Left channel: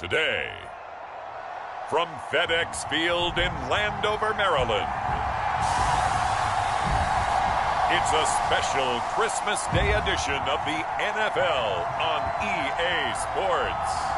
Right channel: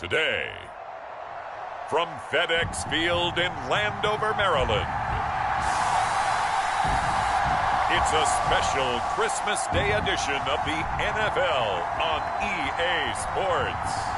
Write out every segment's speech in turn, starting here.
today. From FedEx Field in Landover, Maryland, it's a special Christmas Day edition of the NFL on EA Sports.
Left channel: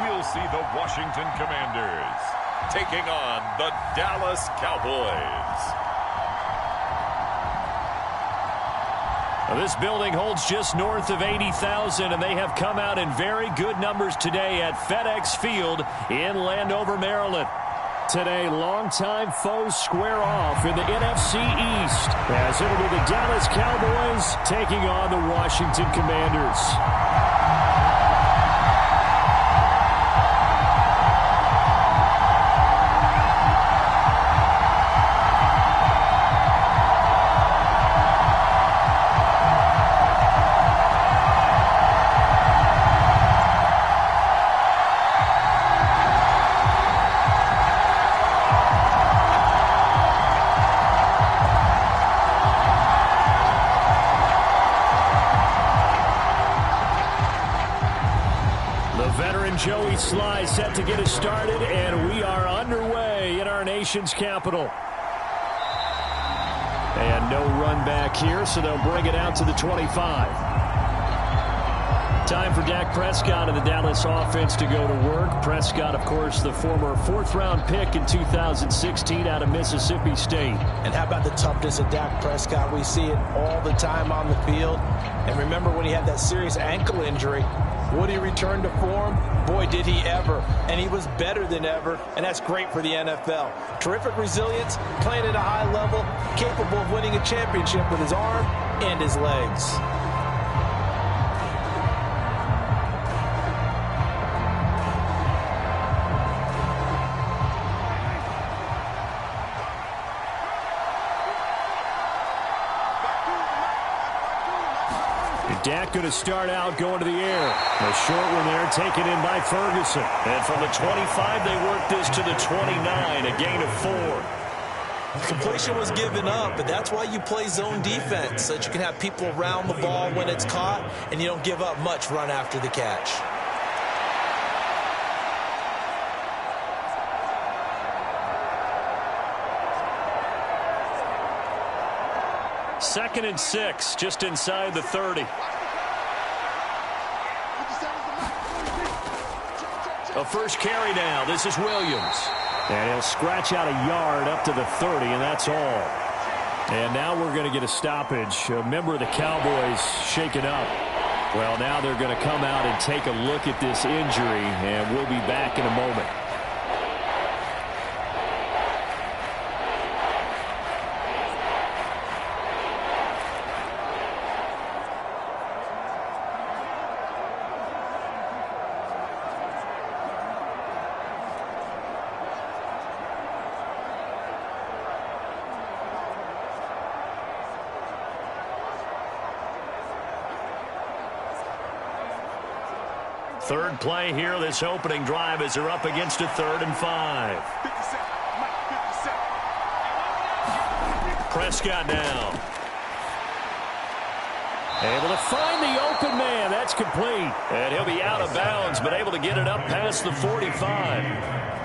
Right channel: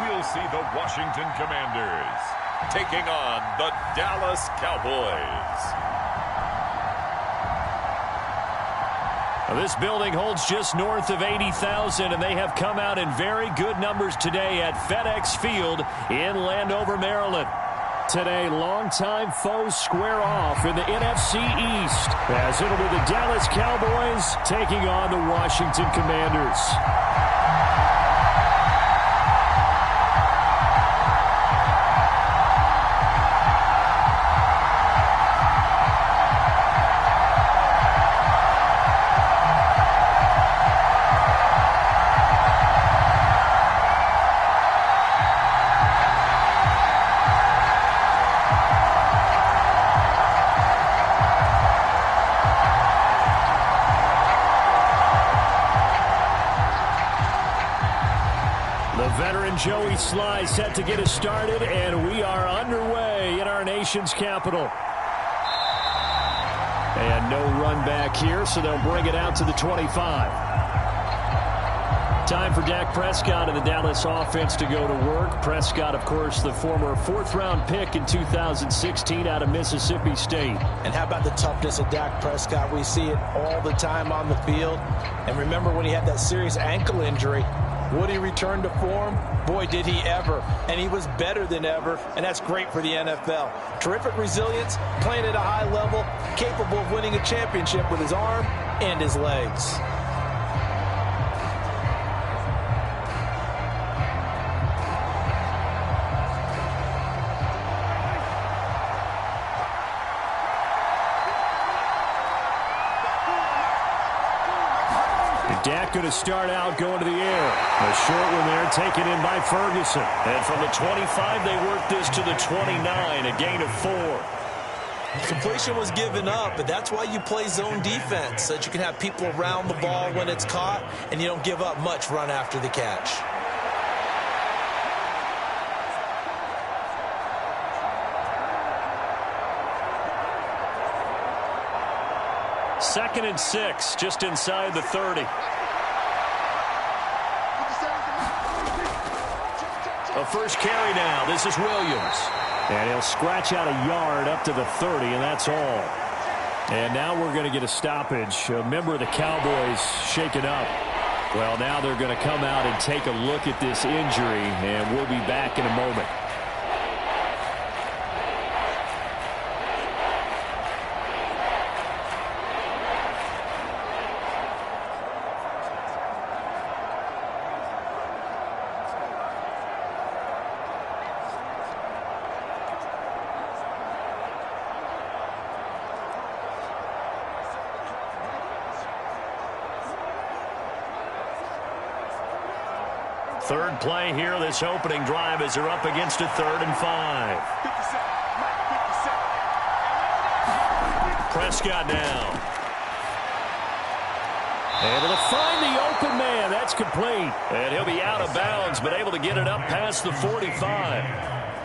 We'll see the Washington Commanders taking on the Dallas Cowboys. Well, this building holds just north of 80,000, and they have come out in very good numbers today at FedEx Field in Landover, Maryland. Today, longtime foes square off in the NFC East, as it'll be the Dallas Cowboys taking on the Washington Commanders. The veteran Joey Sly set to get us started, and we are underway in our nation's capital. And no run back here, so they'll bring it out to the 25. Time for Dak Prescott and the Dallas offense to go to work. Prescott, of course, the former fourth-round pick in 2016 out of Mississippi State. And how about the toughness of Dak Prescott? We see it all the time on the field. And remember when he had that serious ankle injury, would he return to form? Boy, did he ever. And he was better than ever, and that's great for the NFL. Terrific resilience, playing at a high level, capable of winning a championship with his arm and his legs. Dak going to start out going to the air. A short one there taken in by Ferguson. And from the 25, they work this to the 29, a gain of 4. Completion was given up, but that's why you play zone defense, so that you can have people around the ball when it's caught, and you don't give up much run after the catch. Second and 6, just inside the 30. A first carry now. This is Williams. And he'll scratch out a yard up to the 30, and that's all. And now we're going to get a stoppage. A member of the Cowboys shaken up. Well, now they're going to come out and take a look at this injury, and we'll be back in a moment. Third play here, this opening drive, as they're up against a 3rd and 5. Prescott now. Able to find the open man. That's complete. And he'll be out of bounds, but able to get it up past the 45.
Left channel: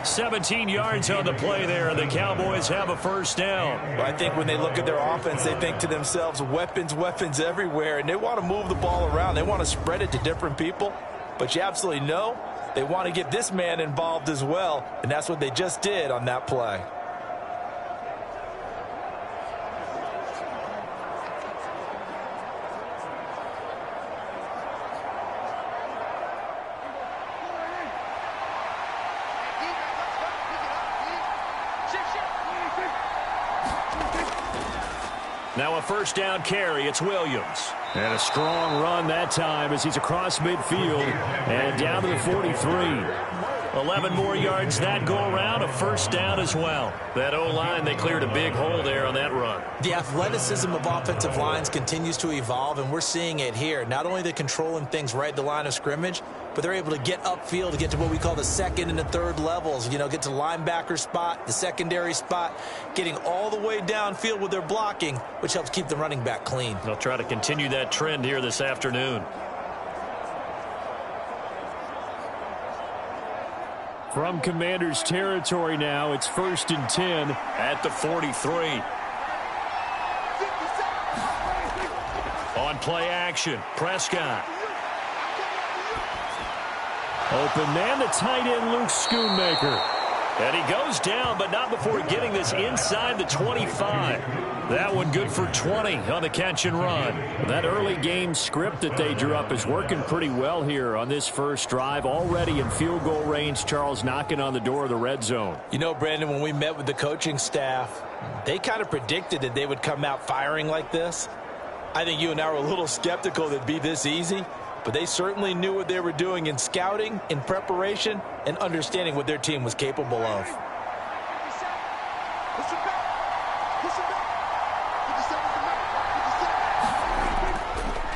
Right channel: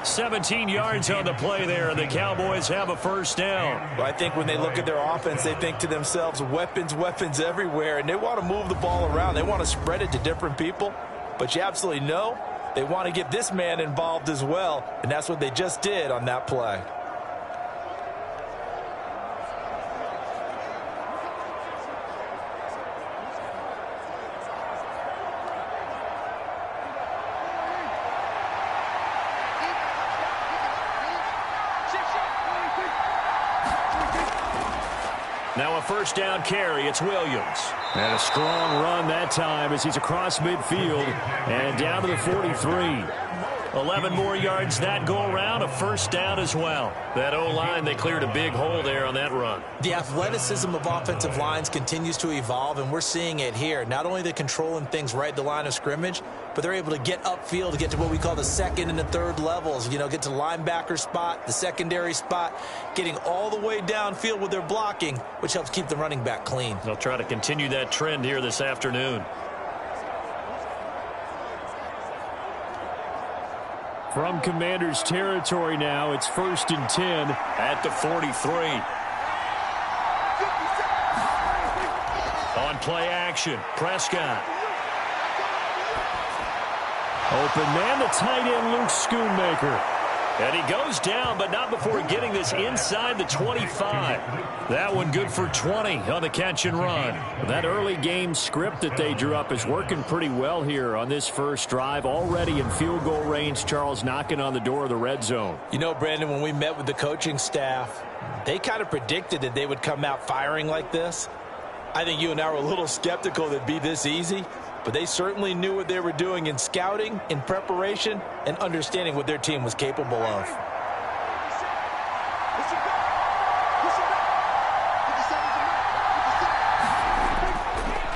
17 yards on the play there, and the Cowboys have a first down. Well, I think when they look at their offense, they think to themselves, weapons, weapons everywhere, and they want to move the ball around. They want to spread it to different people. But you absolutely know they want to get this man involved as well, and that's what they just did on that play. Now a first down carry. It's Williams. And a strong run that time as he's across midfield and down to the 43. 11 more yards that go around, a first down as well. That O-line, they cleared a big hole there on that run. The athleticism of offensive lines continues to evolve, and we're seeing it here. Not only they're controlling things right at the line of scrimmage, but they're able to get upfield to get to what we call the second and the third levels. You know, get to the linebacker spot, the secondary spot, getting all the way downfield with their blocking, which helps keep the running back clean. They'll try to continue that trend here this afternoon. From Commanders territory now, it's 1st and 10 at the 43. On play action, Prescott. Open man, the tight end, Luke Schoonmaker. And he goes down, but not before getting this inside the 25. That one good for 20 on the catch and run. That early game script that they drew up is working pretty well here on this first drive. Already in field goal range, Charles knocking on the door of the red zone. You know, Brandon, when we met with the coaching staff, they kind of predicted that they would come out firing like this. I think you and I were a little skeptical that it'd be this easy. But they certainly knew what they were doing in scouting, in preparation, and understanding what their team was capable of.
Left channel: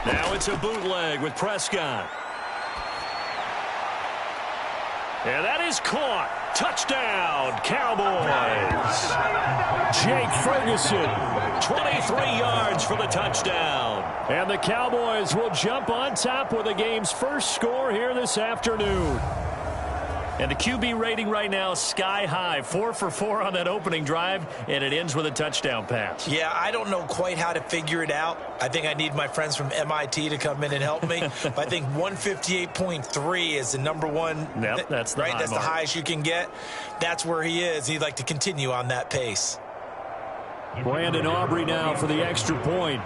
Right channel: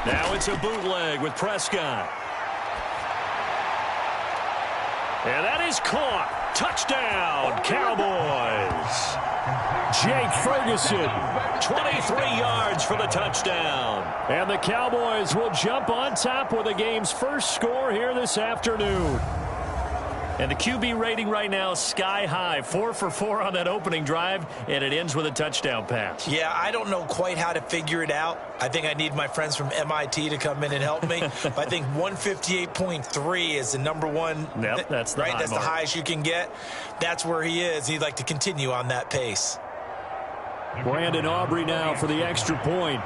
Now it's a bootleg with Prescott. And that is caught. Touchdown, Cowboys. Jake Ferguson, 23 yards for the touchdown. And the Cowboys will jump on top with the game's first score here this afternoon. And the QB rating right now, sky high. 4 for 4 on that opening drive, and it ends with a touchdown pass. Yeah, I don't know quite how to figure it out. I think I need my friends from MIT to come in and help me. But I think 158.3 is the number one. Yep, that's the right. High That's mark. the highest you can get. That's where he is. He'd like to continue on that pace. Brandon Aubrey now for the extra point.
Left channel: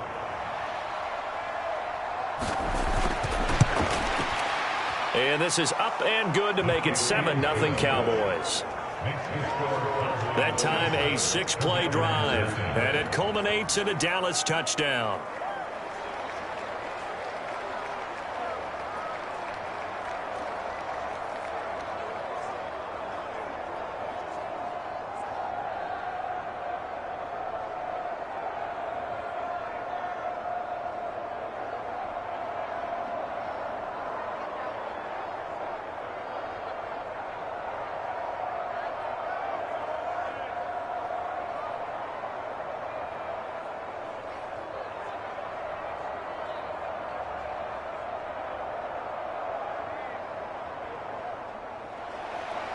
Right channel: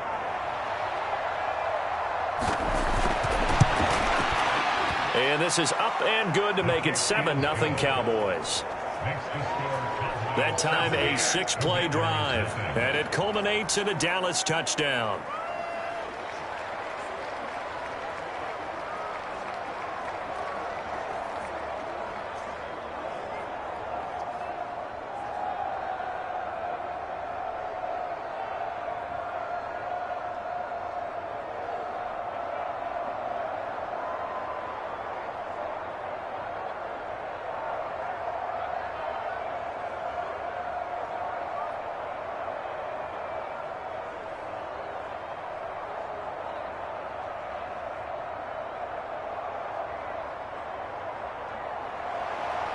And this is up and good to make it 7-0 Cowboys. That time a 6-play drive, and it culminates in a Dallas touchdown.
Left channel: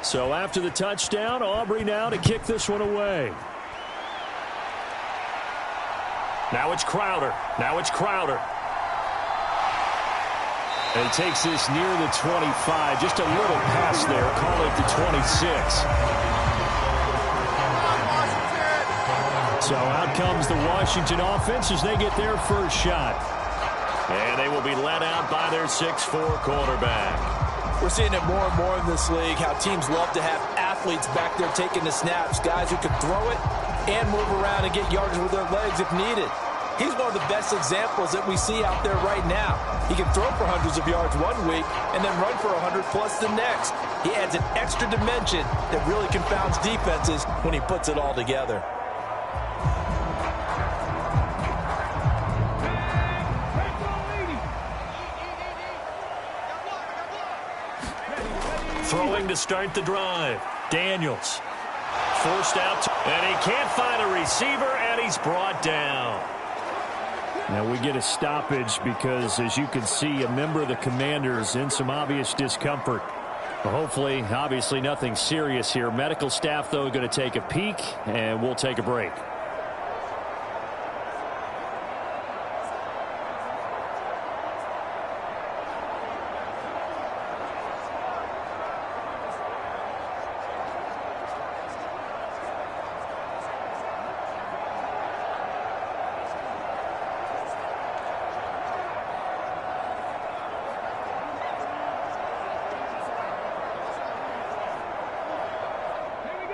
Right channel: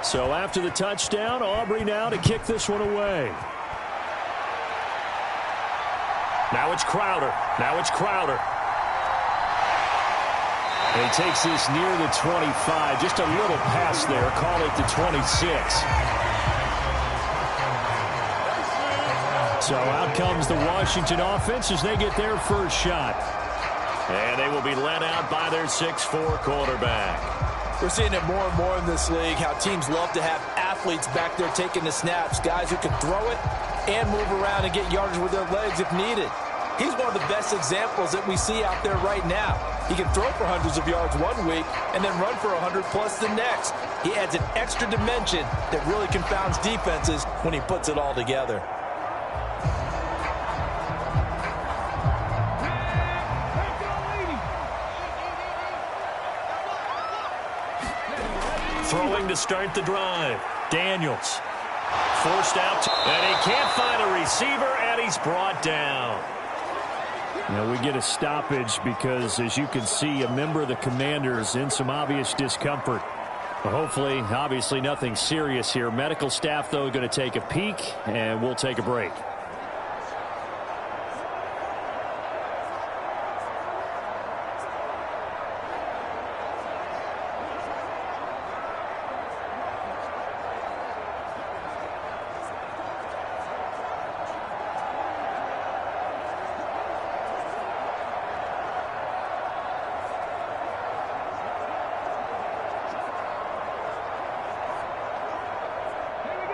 So after the touchdown, Aubrey now to kick this one away. Now it's Crowder. And he takes this near the 25. Just a little pass there. Call it the 26. So out comes the Washington offense as they get their first shot. And they will be led out by their 6'4 quarterback. We're seeing it more and more in this league, how teams love to have athletes back there taking the snaps, guys who can throw it and move around and get yardage with their legs if needed. He's one of the best examples that we see out there right now. He can throw for hundreds of yards one week and then run for 100+ the next. He adds an extra dimension that really confounds defenses when he puts it all together. Throwing to start the drive. Daniels. Forced out. And he can't find a receiver, and he's brought down. Now we get a stoppage because, as you can see, a member of the Commanders in some obvious discomfort. Well, hopefully, obviously, nothing serious here. Medical staff, though, going to take a peek, and we'll take a break.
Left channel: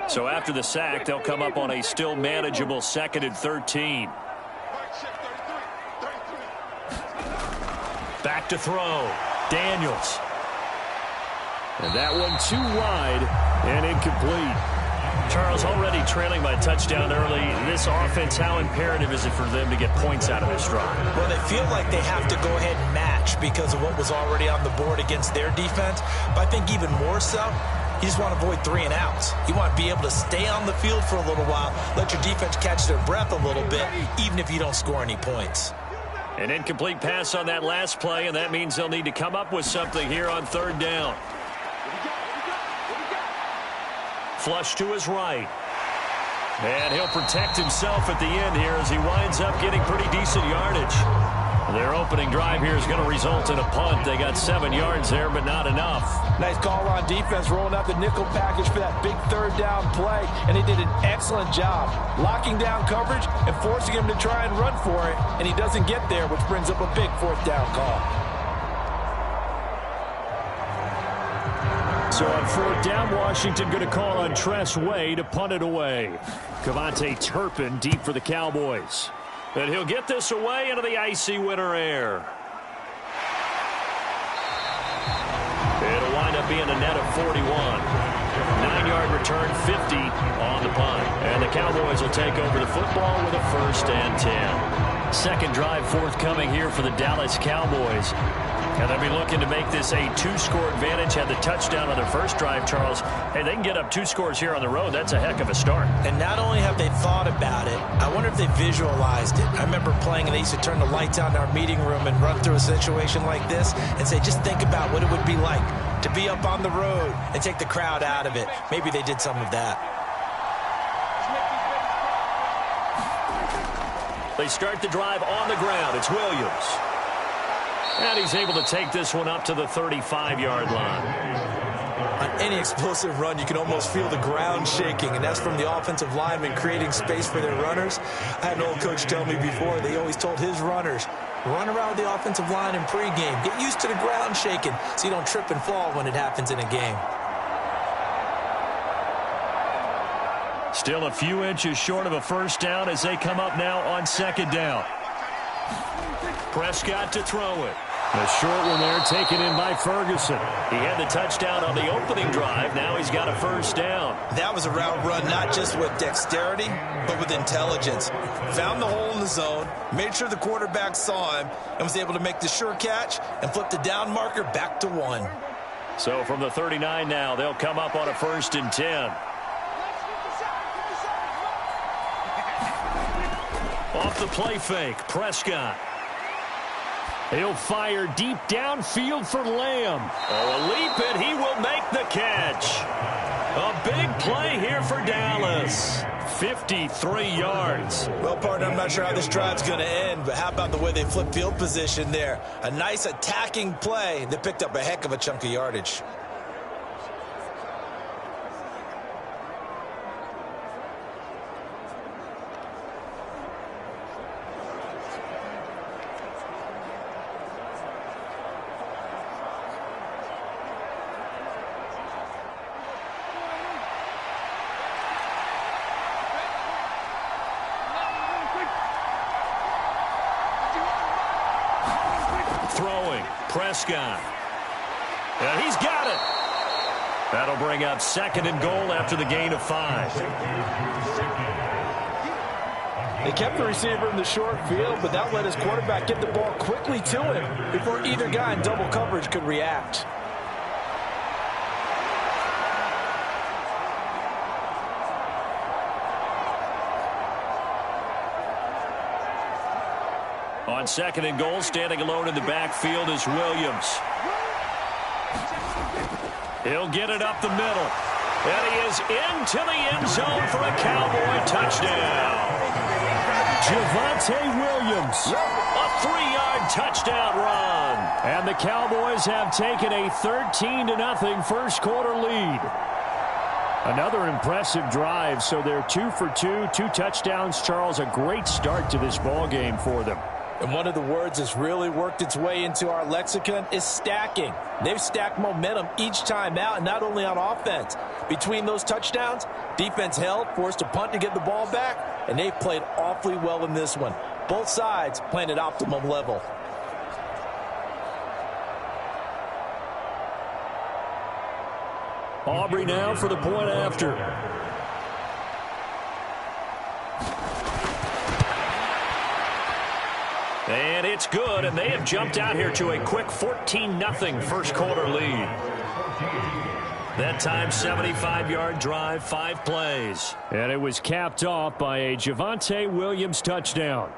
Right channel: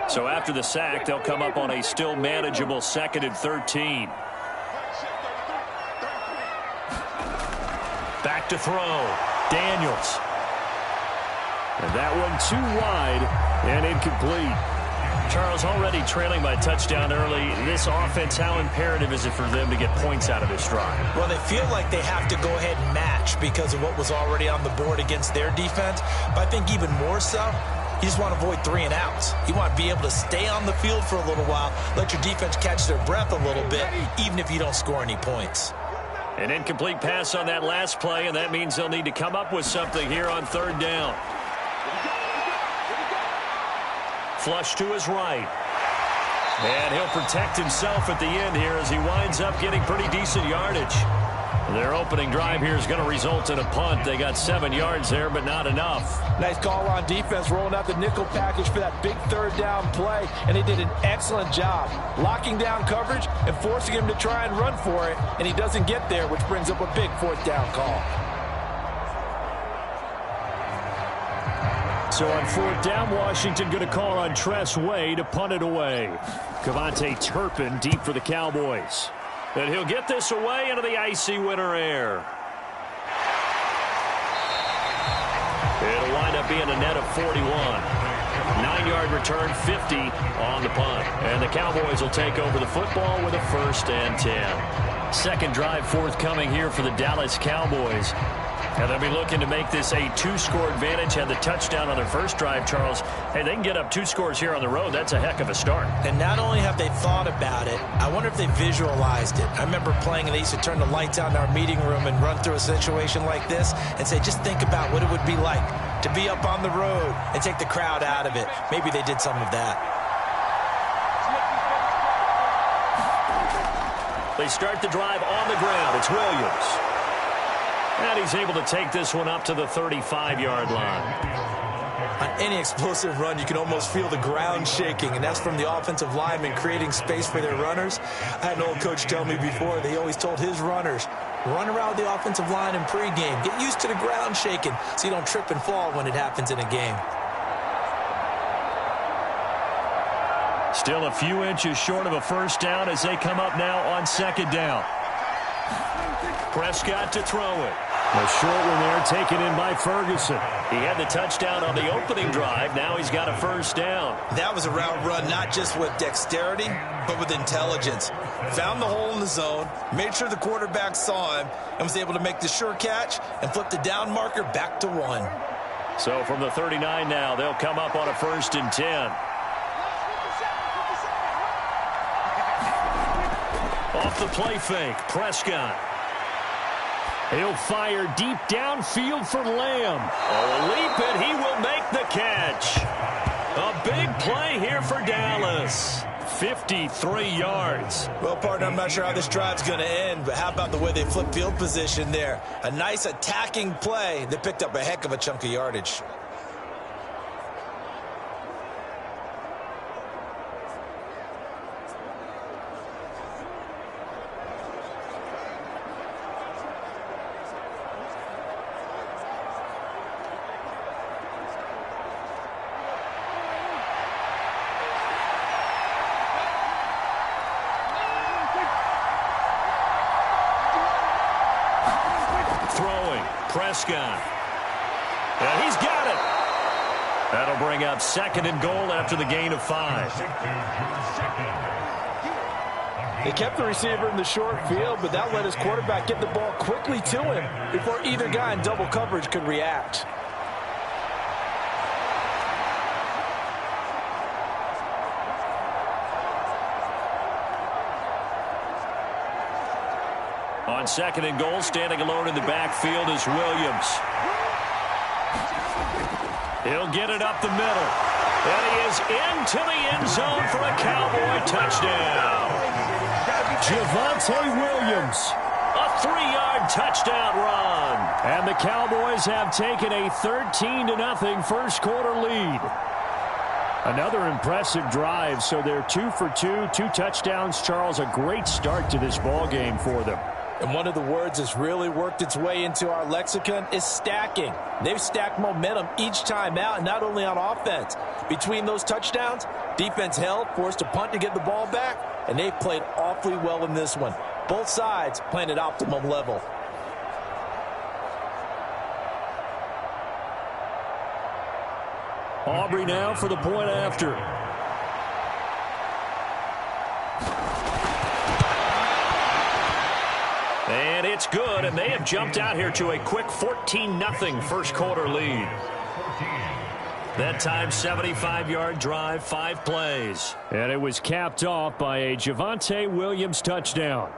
So after the sack, they'll come up on a still manageable 2nd and 13. Back to throw. Daniels. And that one too wide and incomplete. Charles, already trailing by a touchdown early. This offense, how imperative is it for them to get points out of this drive? Well, they feel like they have to go ahead and match because of what was already on the board against their defense. But I think even more so, you just want to avoid 3 and outs. You want to be able to stay on the field for a little while, let your defense catch their breath a little bit, even if you don't score any points. An incomplete pass on that last play, and that means they'll need to come up with something here on 3rd down. Flush to his right. And he'll protect himself at the end here as he winds up getting pretty decent yardage. Their opening drive here is going to result in a punt. They got 7 yards there, but not enough. Nice call on defense, rolling out the nickel package for that big 3rd down play, and they did an excellent job locking down coverage and forcing him to try and run for it, and he doesn't get there, which brings up a big 4th down call. So on 4th down, Washington going to call on Tress Way to punt it away. Cavante Turpin deep for the Cowboys. And he'll get this away into the icy winter air. It'll wind up being a net of 41. 9-yard return, 50 on the punt. And the Cowboys will take over the football with a 1st and 10. Second drive forthcoming here for the Dallas Cowboys. And they'll be looking to make this a 2-score advantage. Had the touchdown on their first drive, Charles. Hey, they can get up 2 scores here on the road. That's a heck of a start. And not only have they thought about it, I wonder if they visualized it. I remember playing, and they used to turn the lights on in our meeting room and run through a situation like this and say, just think about what it would be like to be up on the road and take the crowd out of it. Maybe they did some of that. They start the drive on the ground. It's Williams. And he's able to take this one up to the 35-yard line. On any explosive run, you can almost feel the ground shaking, and that's from the offensive linemen creating space for their runners. I had an old coach tell me before, they always told his runners, run around the offensive line in pregame. Get used to the ground shaking so you don't trip and fall when it happens in a game. Still a few inches short of a 1st down as they come up now on 2nd down. Prescott to throw it. A short one there taken in by Ferguson. He had the touchdown on the opening drive. Now he's got a 1st down. That was a route run not just with dexterity, but with intelligence. Found the hole in the zone, made sure the quarterback saw him, and was able to make the sure catch and flip the down marker back to 1. So from the 39 now, they'll come up on a 1st and 10. Off the play fake, Prescott. He'll fire deep downfield for Lamb. Oh, a leap it. He will make the catch. A big play here for Dallas. 53 yards. Well, partner, I'm not sure how this drive's going to end, but how about the way they flip field position there? A nice attacking play that picked up a heck of a chunk of yardage. Throwing, Prescott. And he's got it. That'll bring up 2nd and goal after the gain of 5. They kept the receiver in the short field, but that let his quarterback get the ball quickly to him before either guy in double coverage could react. On 2nd and goal, standing alone in the backfield is Williams. He'll get it up the middle. And he is into the end zone for a Cowboy touchdown. Javonte Williams. A 3-yard touchdown run. And the Cowboys have taken a 13-0 first quarter lead. Another impressive drive, so they're 2 for 2, 2 touchdowns. Charles, a great start to this ball game for them. And one of the words that's really worked its way into our lexicon is stacking. They've stacked momentum each time out, and not only on offense. Between those touchdowns, defense held, forced a punt to get the ball back, and they played awfully well in this one. Both sides playing at optimum level. Aubrey now for the point after. And it's good, and they have jumped out here to a quick 14-0 first quarter lead. That time, 75-yard drive, 5 plays. And it was capped off by a Javonte Williams touchdown.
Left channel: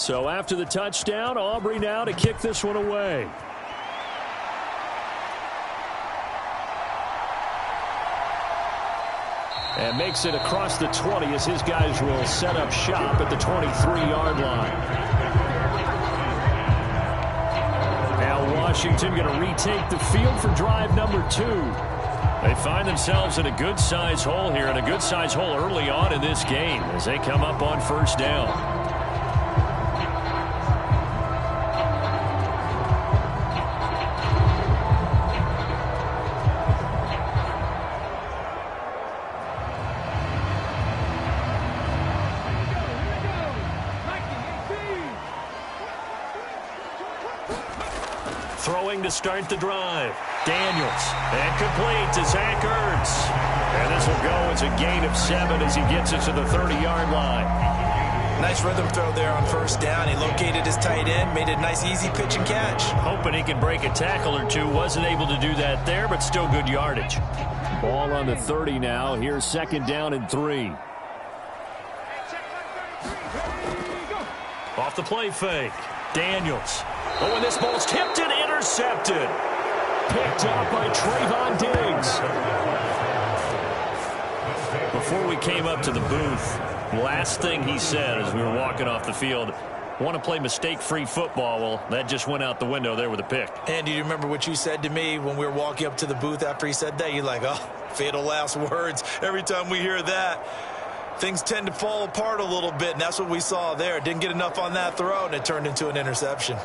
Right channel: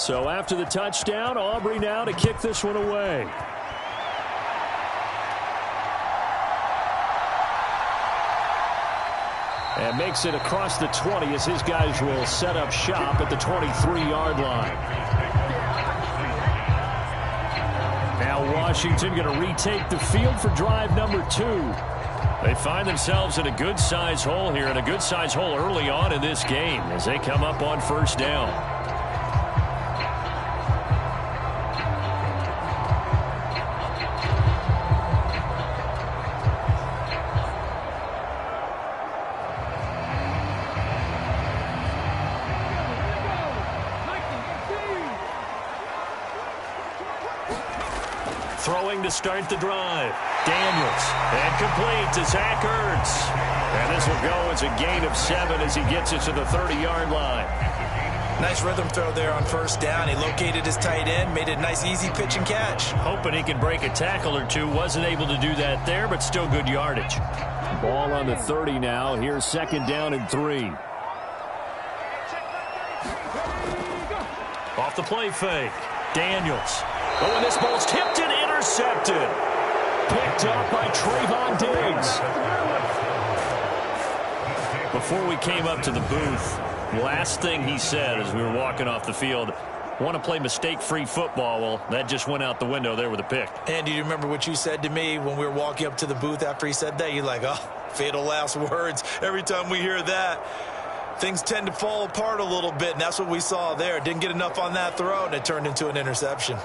So after the touchdown, Aubrey now to kick this one away. And makes it across the 20 as his guys will set up shop at the 23-yard line. Now Washington going to retake the field for drive number 2. They find themselves in a good-size hole here, and a good-size hole early on in this game as they come up on first down. Throwing to start the drive. Daniels. And complete to Zach Ertz. And this will go as a gain of 7 as he gets it to the 30-yard line. Nice rhythm throw there on first down. He located his tight end, made a nice easy pitch and catch. Hoping he can break a tackle or two. Wasn't able to do that there, but still good yardage. Ball on the 30 now. Here's second down and 3. Off the play fake. Daniels. Oh, and this ball's tipped and intercepted. Picked up by Trayvon Diggs. Before we came up to the booth, last thing he said as we were walking off the field, want to play mistake-free football. Well, that just went out the window there with a pick. And do you remember what you said to me when we were walking up to the booth after he said that? You're like, oh, fatal last words. Every time we hear that, things tend to fall apart a little bit, and that's what we saw there. Didn't get enough on that throw, and it turned into an interception.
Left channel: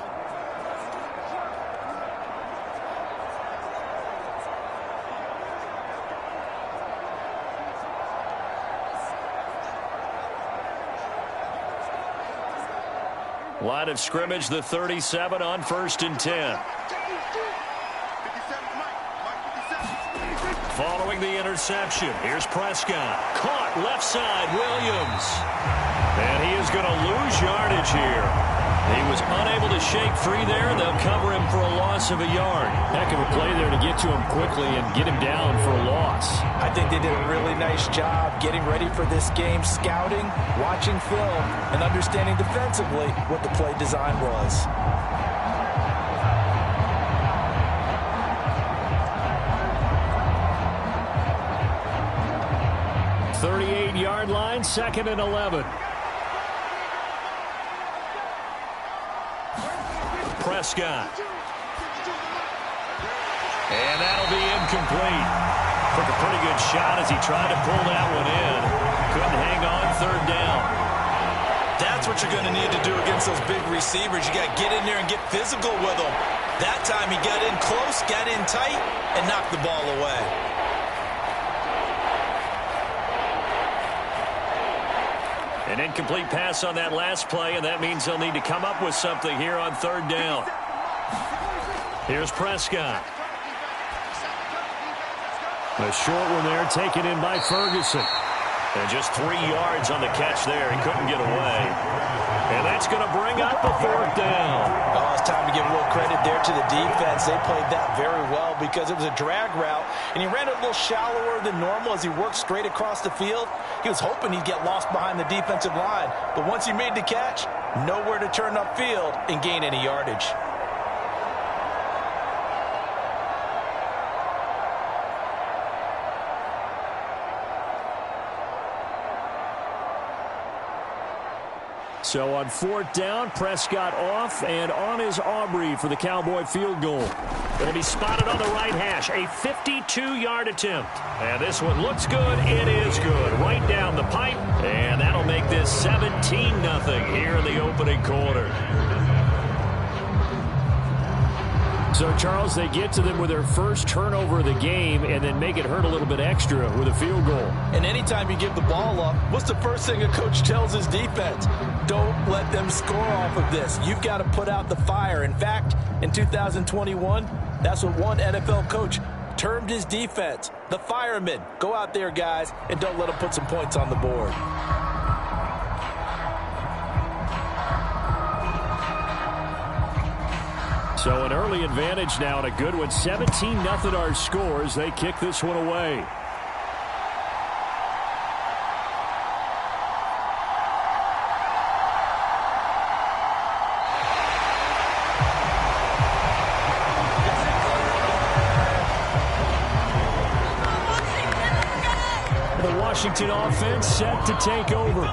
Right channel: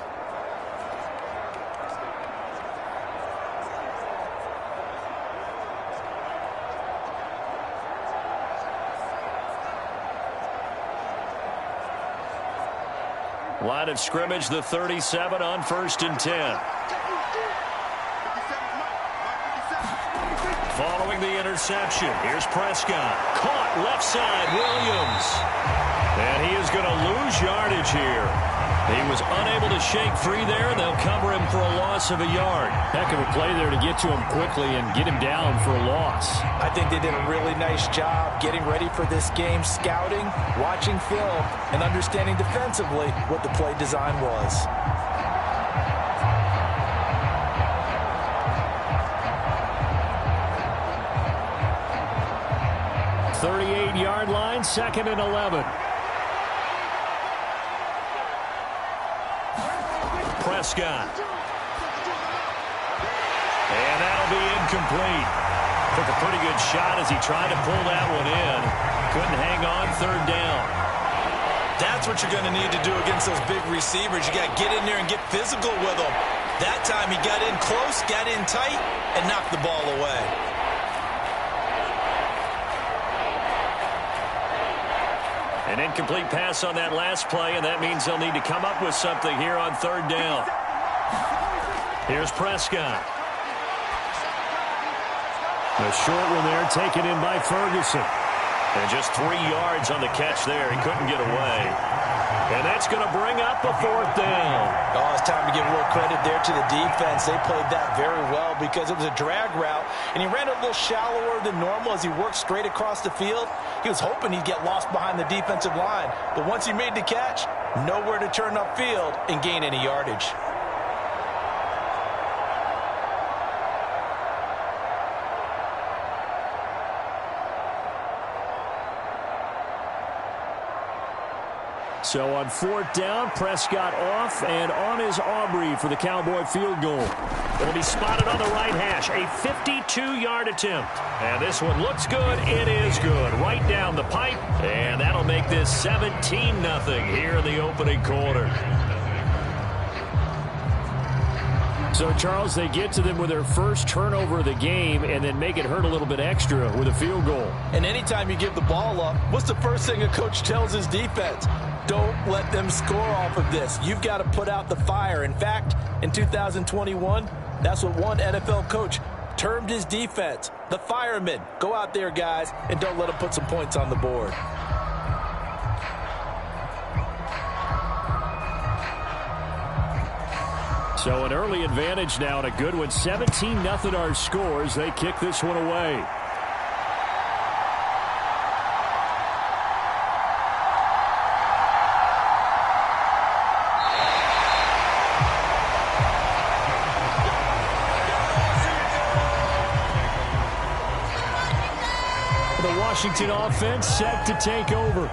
Line of scrimmage, the 37 on 1st and 10. Following the interception, here's Prescott. Caught left side, Williams. And he is going to lose yardage here. He was unable to shake free there, and they'll cover him for a loss of a yard. Heck of a play there to get to him quickly and get him down for a loss. I think they did a really nice job getting ready for this game, scouting, watching film, and understanding defensively what the play design was. .38-yard line, 2nd and 11. Prescott. And that'll be incomplete. Took a pretty good shot as he tried to pull that one in. Couldn't hang on 3rd down. That's what you're going to need to do against those big receivers. You got to get in there and get physical with them. That time he got in close, got in tight, and knocked the ball away. An incomplete pass on that last play, and that means they'll need to come up with something here on 3rd down. Here's Prescott. A short one there, taken in by Ferguson. And just 3 yards on the catch there. He couldn't get away. And that's going to bring up a 4th down. Oh, it's time to give a little credit there to the defense. They played that very well because it was a drag route, and he ran it a little shallower than normal as he worked straight across the field. He was hoping he'd get lost behind the defensive line, but once he made the catch, nowhere to turn upfield and gain any yardage. So on 4th down, Prescott off, and on is Aubrey for the Cowboy field goal. It'll be spotted on the right hash, a 52-yard attempt. And this one looks good. It is good. Right down the pipe, and that'll make this 17-0 here in the opening quarter. So, Charles, they get to them with their first turnover of the game and then make it hurt a little bit extra with a field goal. And anytime you give the ball up, what's the first thing a coach tells his defense? Don't let them score off of this. You've got to put out the fire. In fact, in 2021, that's what one NFL coach termed his defense, the firemen. Go out there, guys, and don't let them put some points on the board. So an early advantage now and a good one. 17-0 our scores. They kick this one away. The Washington offense set to take over.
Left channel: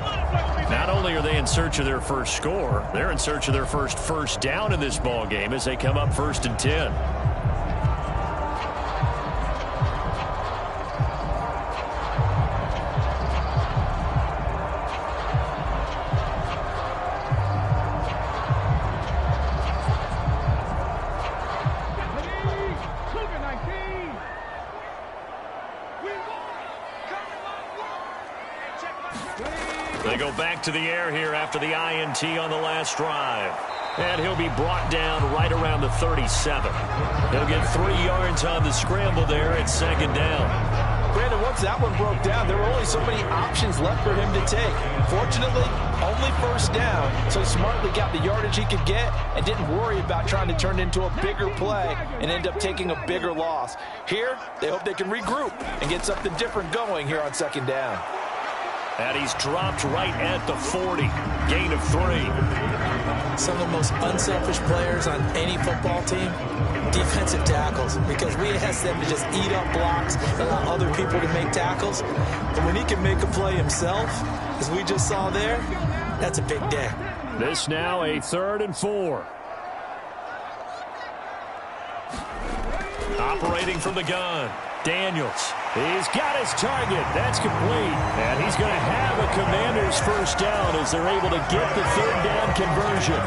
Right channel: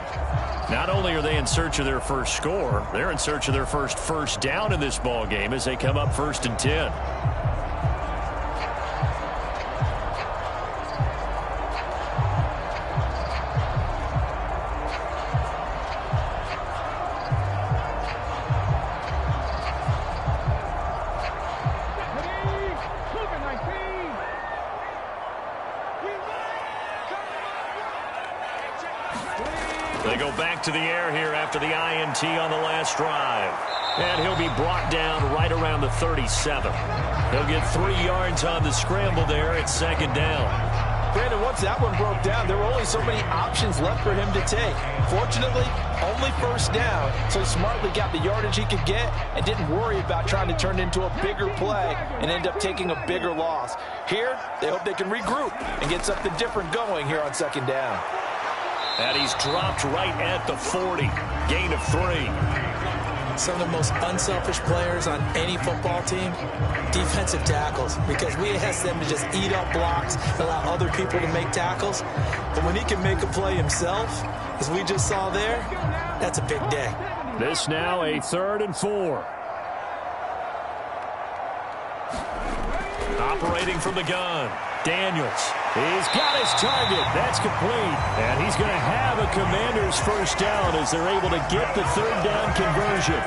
Not only are they in search of their first score, they're in search of their first down in this ball game as they come up 1st and 10. They go back to the air here after the INT on the last drive. And he'll be brought down right around the 37. He'll get 3 yards on the scramble there at 2nd down. Brandon, once that one broke down, there were only so many options left for him to take. Fortunately, only 1st down, so he smartly got the yardage he could get and didn't worry about trying to turn it into a bigger play and end up taking a bigger loss. Here, they hope they can regroup and get something different going here on 2nd down. And he's dropped right at the 40. Gain of 3. Some of the most unselfish players on any football team, defensive tackles, because we ask them to just eat up blocks, allow other people to make tackles. But when he can make a play himself, as we just saw there, that's a big day. This now a 3rd and 4. Operating from the gun. Daniels. He's got his target. That's complete. And he's going to have a Commanders 1st down as they're able to get the 3rd down conversion.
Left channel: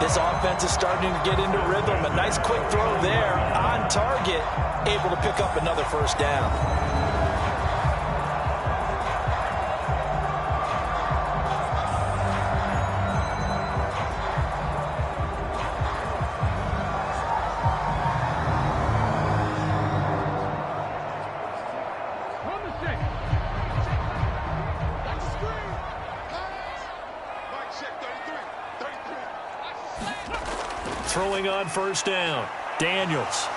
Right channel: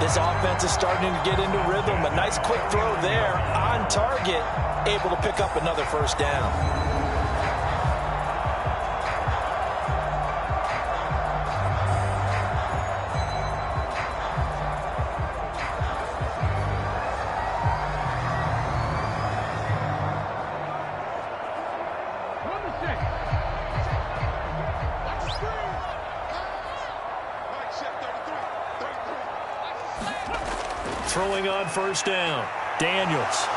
This offense is starting to get into rhythm. A nice quick throw there on target. Able to pick up another 1st down. Throwing on 1st down. Daniels.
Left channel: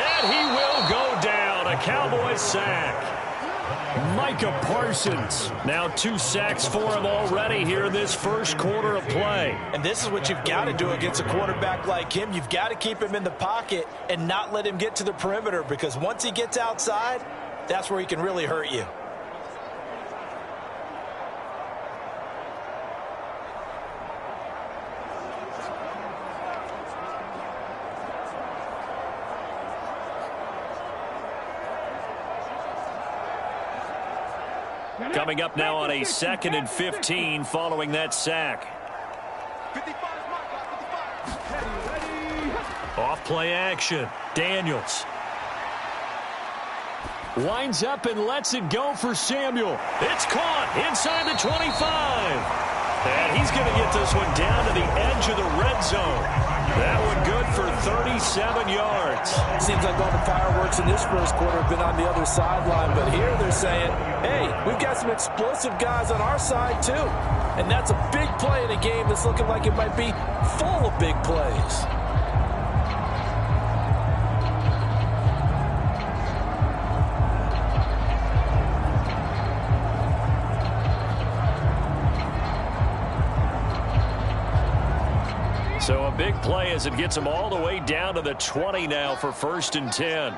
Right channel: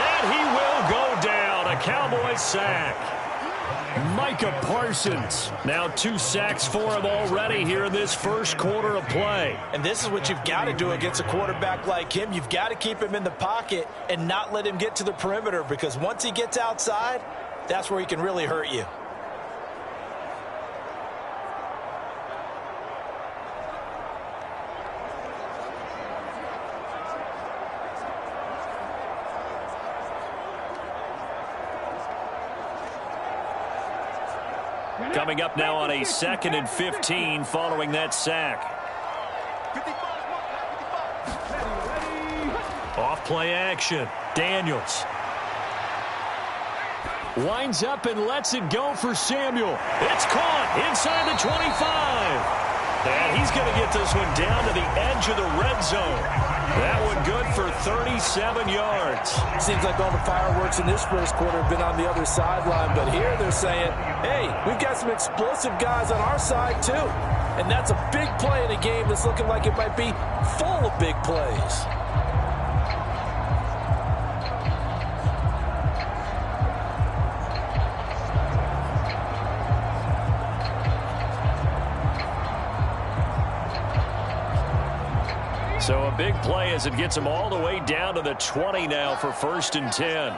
And he will go down. A Cowboys sack. Micah Parsons. Now 2 sacks for him already here in this 1st quarter of play. And this is what you've got to do against a quarterback like him. You've got to keep him in the pocket and not let him get to the perimeter, because once he gets outside, that's where he can really hurt you. Coming up now on a 2nd and 15 following that sack. Off play action. Daniels. Winds up and lets it go for Samuel. It's caught inside the 25. And he's going to get this one down to the edge of the red zone. That one good for 37 yards. Seems like all the fireworks in this 1st quarter have been on the other sideline, but here they're saying, hey, we've got some explosive guys on our side too. And that's a big play in a game that's looking like it might be full of big plays. So a big play as it gets them all the way down to the 20 now for 1st and 10.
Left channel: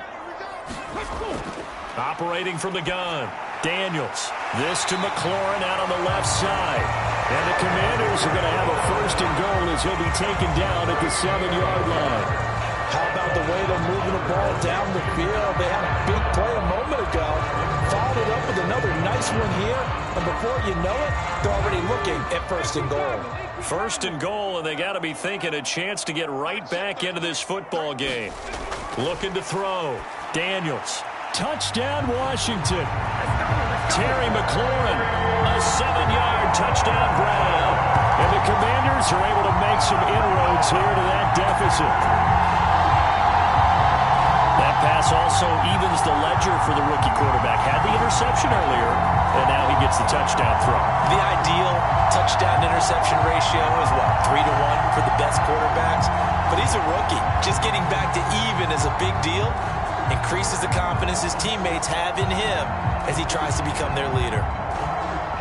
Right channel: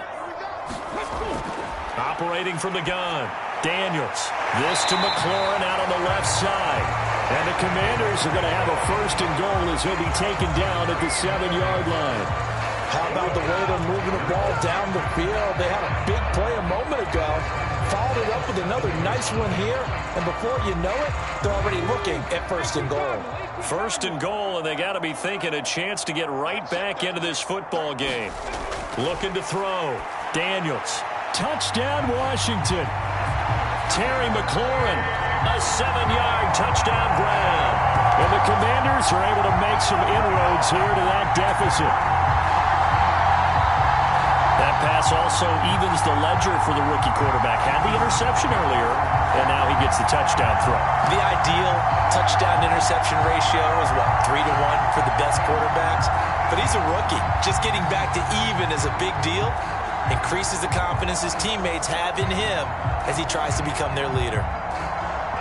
Operating from the gun. Daniels. This to McLaurin out on the left side. And the Commanders are going to have a 1st and goal as he'll be taken down at the 7-yard line. How about the way they're moving the ball down the field? They had a big play a moment ago, followed it up with another nice one here, and before you know it, they're already looking at 1st and goal. 1st and goal, and they got to be thinking a chance to get right back into this football game. Looking to throw. Daniels. Touchdown, Washington. Terry McLaurin, a 7-yard touchdown grab. And the Commanders are able to make some inroads here to that deficit. That pass also evens the ledger for the rookie quarterback. Had the interception earlier, and now he gets the touchdown throw. The ideal touchdown-interception ratio is, what, 3-to-1 for the best quarterbacks? But he's a rookie. Just getting back to even is a big deal. Increases the confidence his teammates have in him as he tries to become their leader.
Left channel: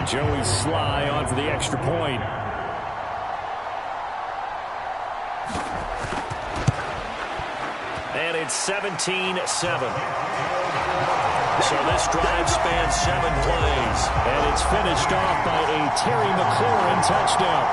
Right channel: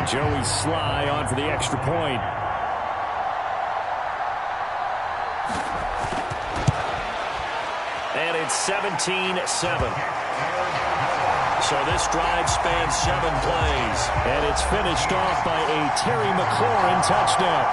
Joey Sly on for the extra point. And it's 17-7. So this drive spans 7 plays. And it's finished off by a Terry McLaurin touchdown.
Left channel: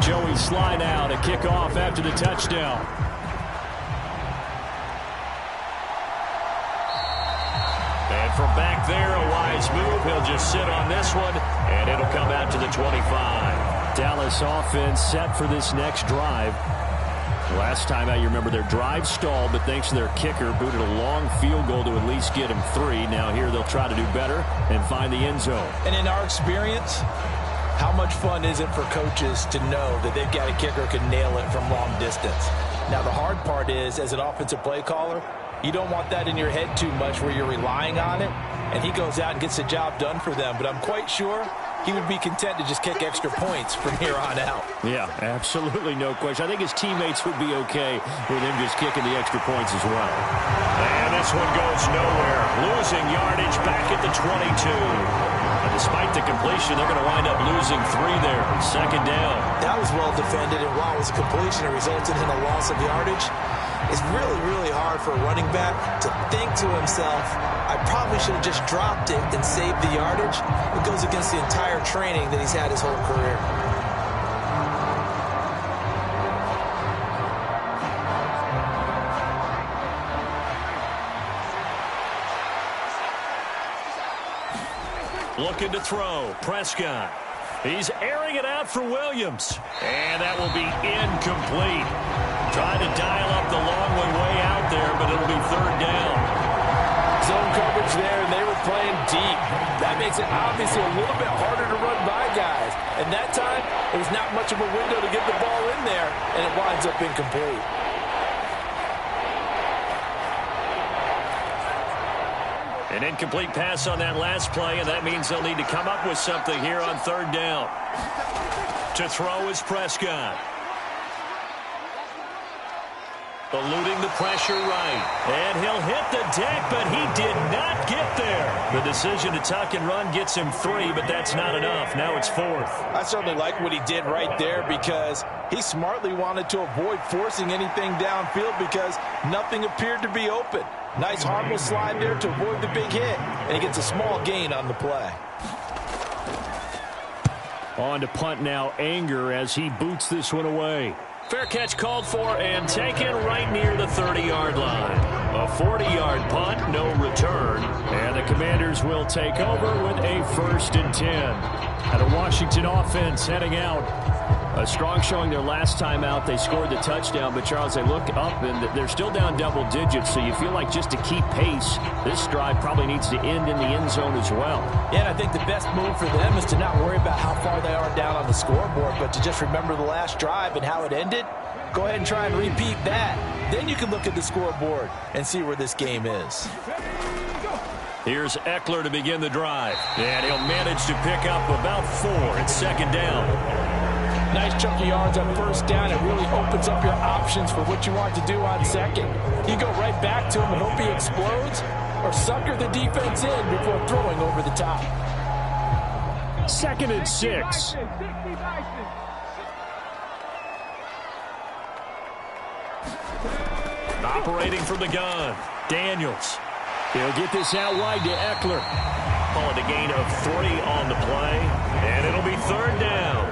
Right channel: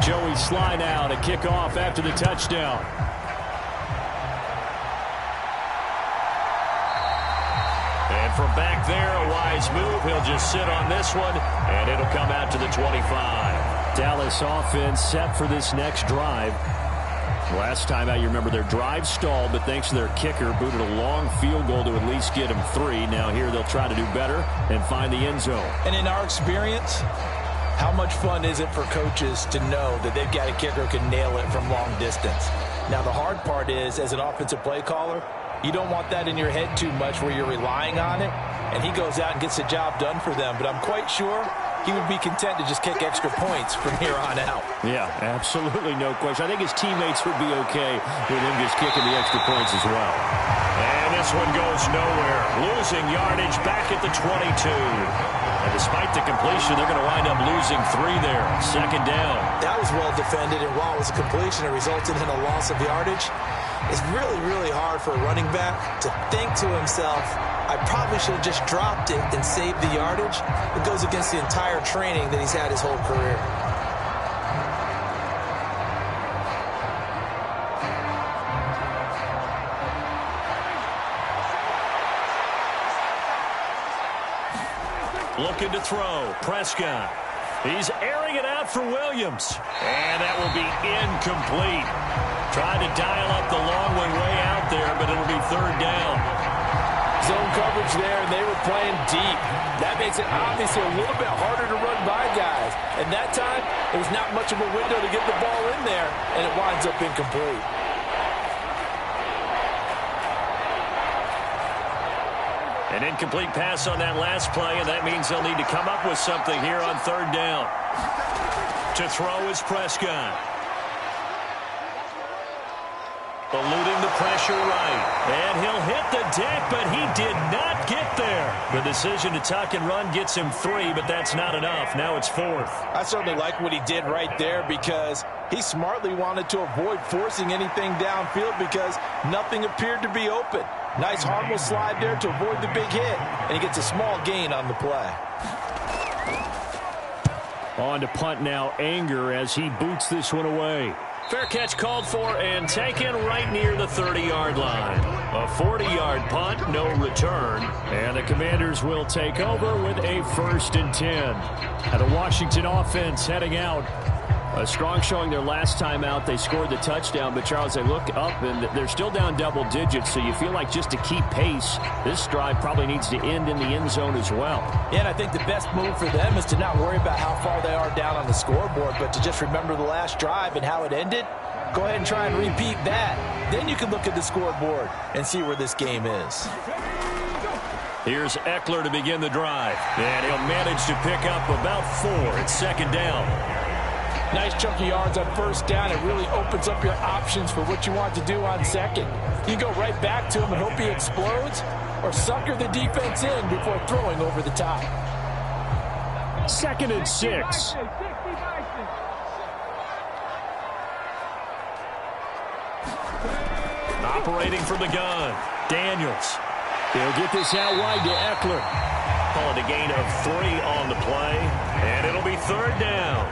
Joey Sly now to kick off after the touchdown. And from back there, a wise move. He'll just sit on this one, and it'll come out to the 25. Dallas offense set for this next drive. Last time out, you remember their drive stalled, but thanks to their kicker, booted a long field goal to at least get them 3. Now here they'll try to do better and find the end zone. And in our experience, how much fun is it for coaches to know that they've got a kicker who can nail it from long distance? Now, the hard part is, as an offensive play caller, you don't want that in your head too much where you're relying on it, and he goes out and gets the job done for them. But I'm quite sure he would be content to just kick extra points from here on out. Yeah, absolutely no question. I think his teammates would be okay with him just kicking the extra points as well. And this one goes nowhere. Losing yardage back at the 22. And despite the completion, they're going to wind up losing 3 there. 2nd down. That was well defended, and while it was a completion, it resulted in a loss of yardage. It's really, really hard for a running back to think to himself, I probably should have just dropped it and saved the yardage. It goes against the entire training that he's had his whole career. Looking to throw. Prescott. He's airing it out for Williams. And that will be incomplete. Trying to dial up the long way out there, but it'll be 3rd down. Zone coverage there, and they were playing deep. That makes it obviously a little bit harder to run by guys. And that time, there was not much of a window to get the ball in there, and it winds up incomplete. An incomplete pass on that last play, and that means they'll need to come up with something here on 3rd down. To throw is Prescott. Eluding the pressure right. And he'll hit the deck, but he did not get there. The decision to tuck and run gets him 3, but that's not enough. Now it's 4th. I certainly like what he did right there because he smartly wanted to avoid forcing anything downfield because nothing appeared to be open. Nice harmless slide there to avoid the big hit, and he gets a small gain on the play. On to punt now, Anger, as he boots this one away. Fair catch called for and taken right near the 30-yard line. A 40-yard punt, no return. And the Commanders will take over with a 1st and 10. And the Washington offense heading out. A strong showing their last time out. They scored the touchdown, but Charles, they look up and they're still down double digits, so you feel like just to keep pace, this drive probably needs to end in the end zone as well. Yeah, and I think the best move for them is to not worry about how far they are down on the scoreboard, but to just remember the last drive and how it ended. Go ahead and try and repeat that. Then you can look at the scoreboard and see where this game is. Here's Eckler to begin the drive, and he'll manage to pick up about 4 at 2nd down. Nice chunk of yards on first down. It really opens up your options for what you want to do on second. You go right back to him and hope he explodes, or sucker the defense in before throwing over the top. 2nd and 6. Operating from the gun, Daniels. He'll get this out wide to Eckler. Call it a gain of 3 on the play, and it'll be 3rd down.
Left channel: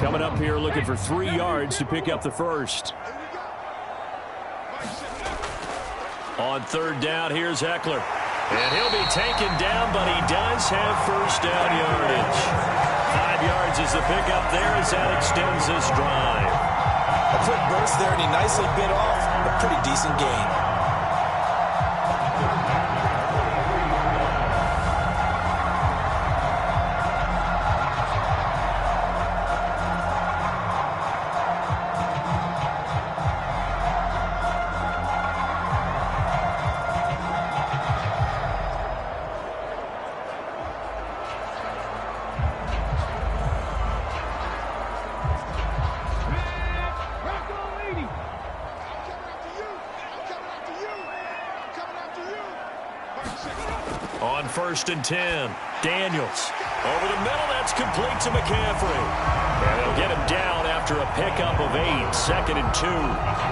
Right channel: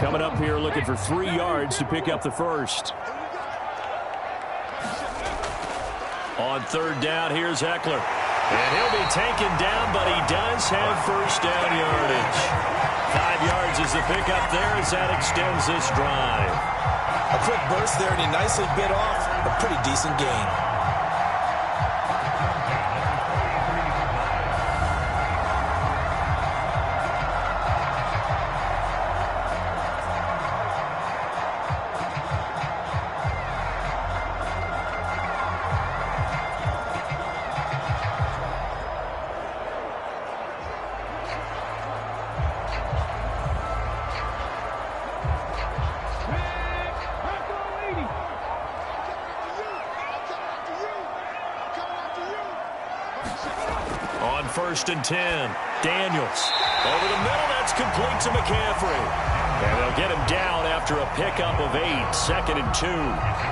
Coming up here looking for 3 yards to pick up the first. On 3rd down, here's Eckler. And he'll be taken down, but he does have first down yardage. 5 yards is the pickup there as that extends this drive. A quick burst there, and he nicely bit off a pretty decent gain. On 1st and 10, Daniels. Over the middle, that's complete to McCaffrey. And they'll get him down after a pickup of 8, 2nd and 2.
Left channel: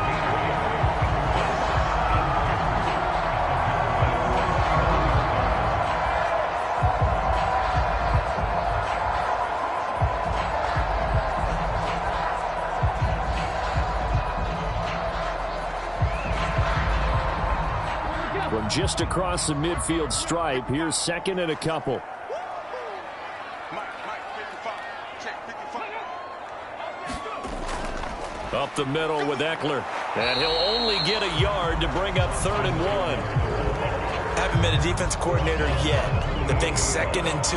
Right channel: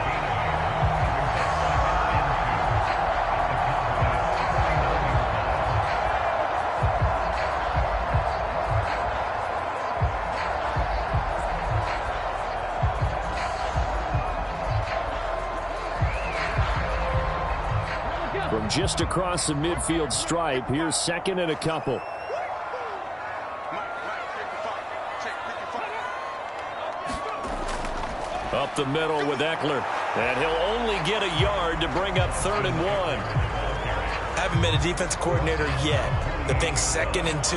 From just across the midfield stripe, here's 2nd and a couple. Up the middle with Eckler. And he'll only get a yard to bring up 3rd and 1. Haven't been a defense coordinator yet that thinks 2nd and 2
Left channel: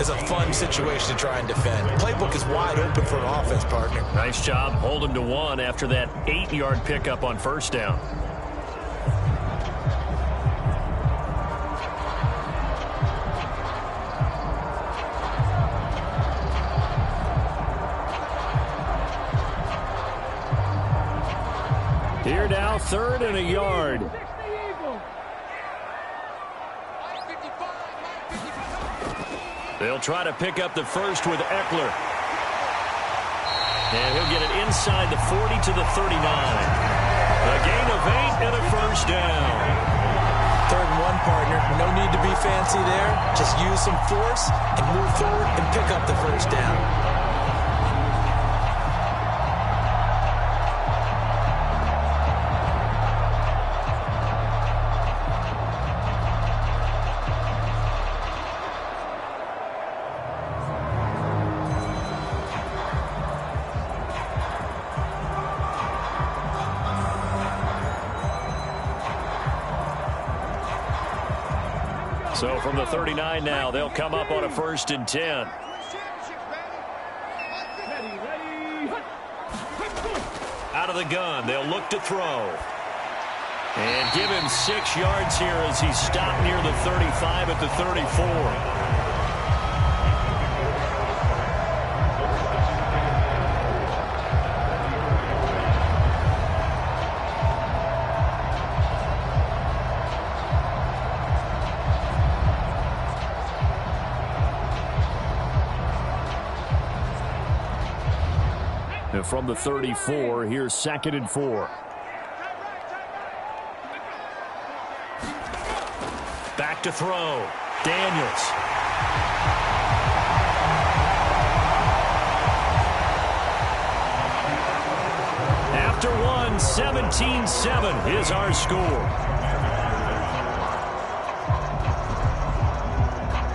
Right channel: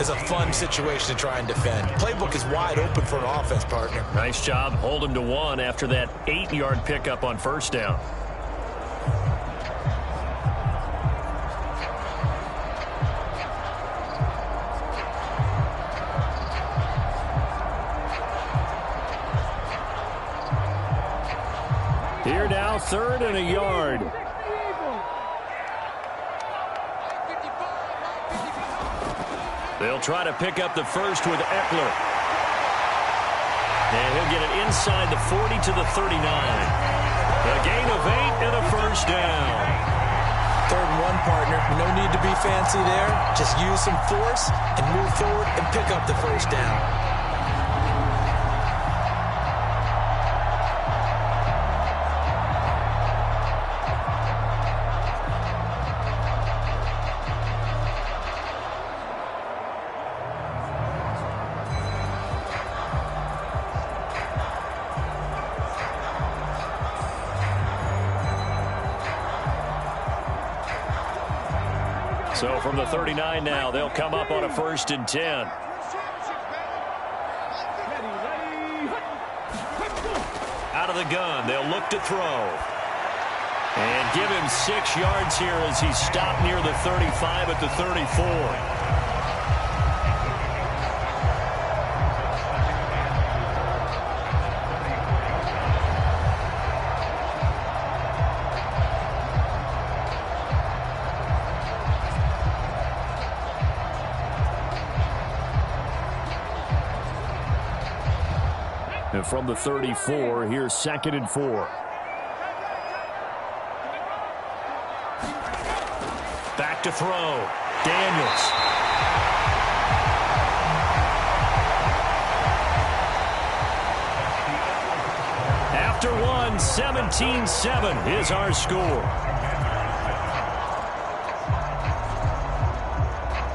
is a fun situation to try and defend. Playbook is wide open for an offense, partner. Nice job. Hold him to 1 after that 8-yard pickup on first down. Here now, 3rd and a yard. They'll try to pick up the first with Eckler. And he'll get it inside the 40 to the 39. A gain of 8 and a first down. 3rd and 1, partner. No need to be fancy there. Just use some force and move forward and pick up the first down. So from the 39 now, they'll come up on a 1st and 10. Out of the gun, they'll look to throw. And give him 6 yards here as he stopped near the 35 at the 34. And from the 34, here's 2nd and 4. Back to throw. Daniels. After 1, 17-7 is our score.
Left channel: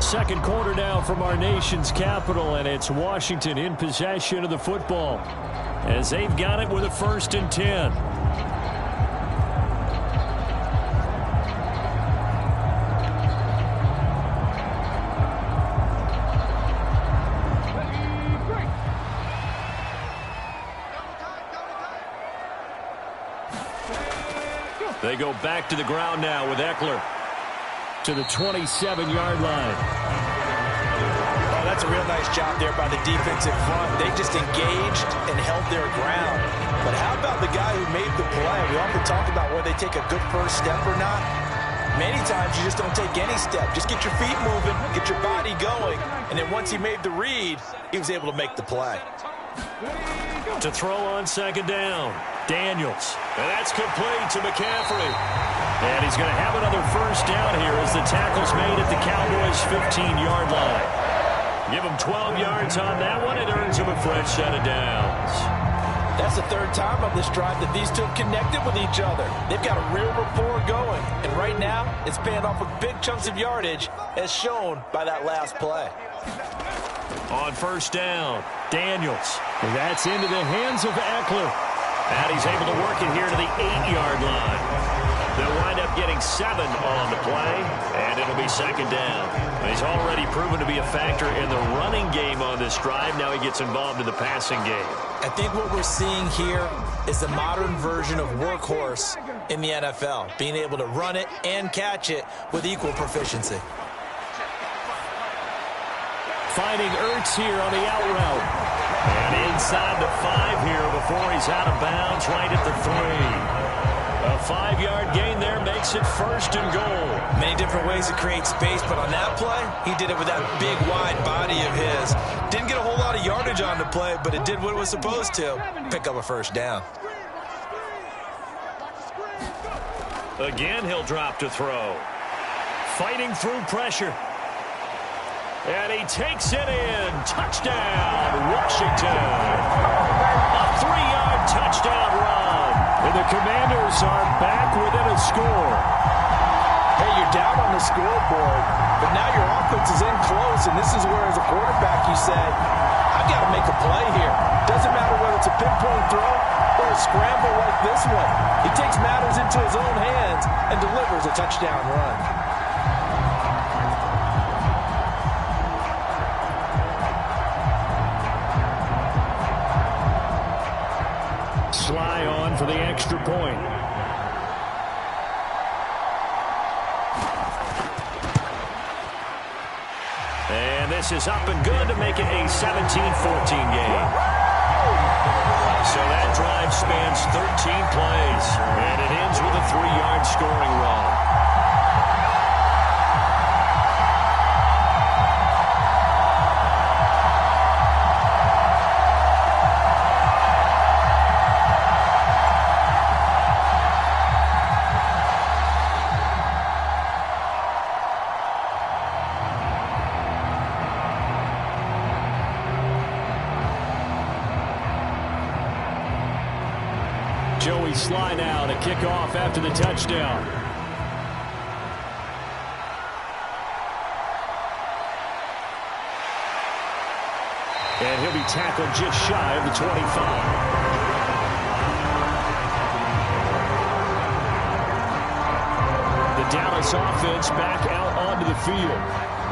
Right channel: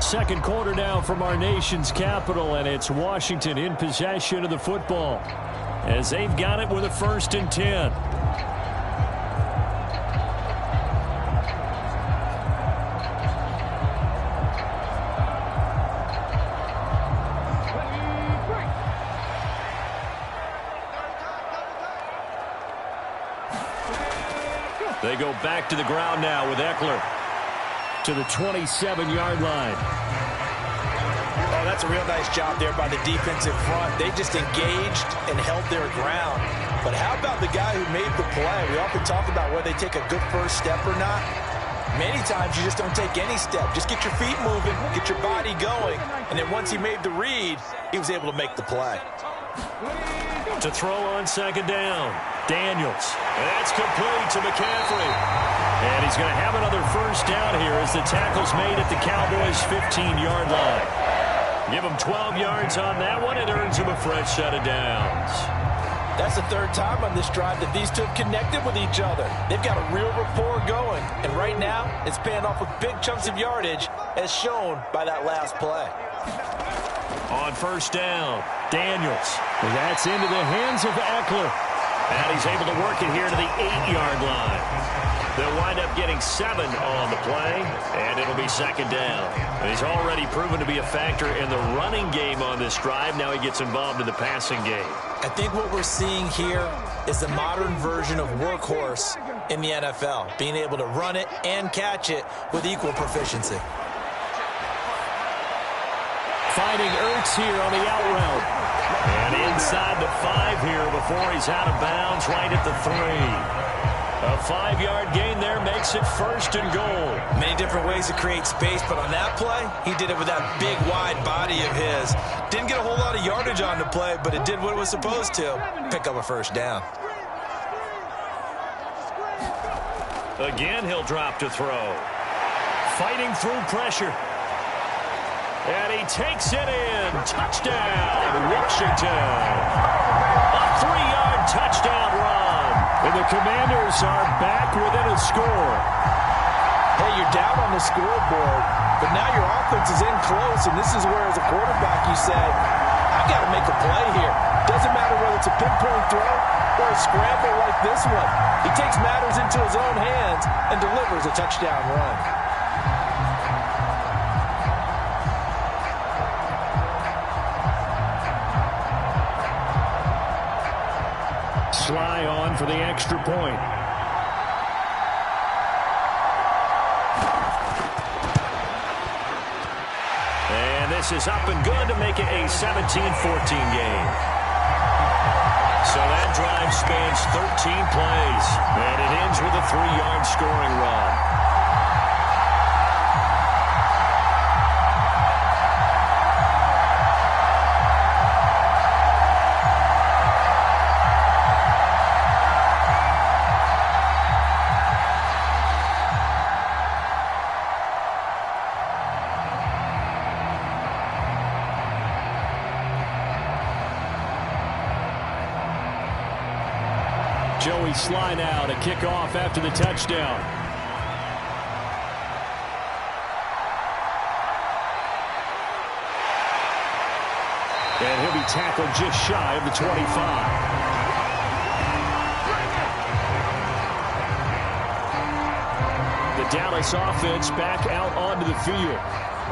Second quarter now from our nation's capital, and it's Washington in possession of the football as they've got it with a 1st and 10. They go back to the ground now with Eckler. To the 27-yard line. Oh, that's a real nice job there by the defensive front. They just engaged and held their ground. But how about the guy who made the play? We often talk about whether they take a good first step or not. Many times you just don't take any step. Just get your feet moving, get your body going, and then once he made the read, he was able to make the play. To throw on second down, Daniels. And that's complete to McCaffrey. And he's going to have another first down here as the tackle's made at the Cowboys' 15-yard line. Give him 12 yards on that one. It earns him a fresh set of downs. That's the third time on this drive that these two have connected with each other. They've got a real rapport going. And right now, it's paying off with big chunks of yardage, as shown by that last play. On first down, Daniels. And that's into the hands of Eckler. And he's able to work it here to the 8-yard line. They'll wind up getting 7 on the play, and it'll be second down. And he's already proven to be a factor in the running game on this drive. Now he gets involved in the passing game. I think what we're seeing here is the modern version of workhorse in the NFL, being able to run it and catch it with equal proficiency. Finding Ertz here on the out route. And inside the 5 here before he's out of bounds right at the 3. A 5-yard gain there makes it first and goal. Many different ways to create space, but on that play, he did it with that big, wide body of his. Didn't get a whole lot of yardage on the play, but it did what it was supposed to, pick up a first down. Again, he'll drop to throw. Fighting through pressure. And he takes it in. Touchdown, Washington. A 3-yard touchdown run. And the Commanders are back within a score. Hey, you're down on the scoreboard, but now your offense is in close, and this is where, as a quarterback, you say, I've got to make a play here. Doesn't matter whether it's a pinpoint throw or a scramble like this one. He takes matters into his own hands and delivers a touchdown run. Sly on for the extra point. And this is up and good to make it a 17-14 game. So that drive spans 13 plays, and it ends with a 3-yard scoring run. Joey Sly now to kick off after the touchdown. And he'll be tackled just shy of the 25. The Dallas offense back out onto the field.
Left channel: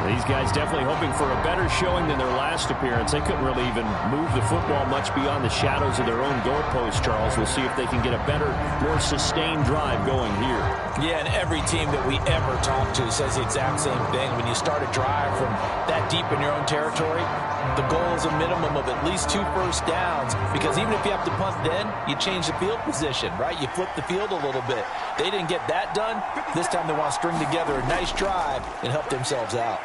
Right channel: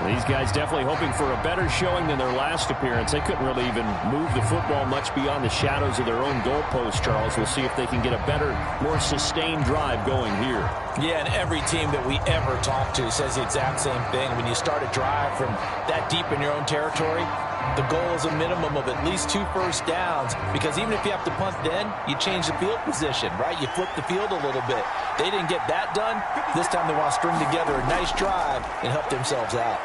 These guys definitely hoping for a better showing than their last appearance. They couldn't really even move the football much beyond the shadows of their own goalpost, Charles. We'll see if they can get a better, more sustained drive going here. Yeah, and every team that we ever talk to says the exact same thing. When you start a drive from that deep in your own territory, the goal is a minimum of at least 2 first downs, because even if you have to punt then, you change the field position, right? You flip the field a little bit. They didn't get that done. This time they want to string together a nice drive and help themselves out.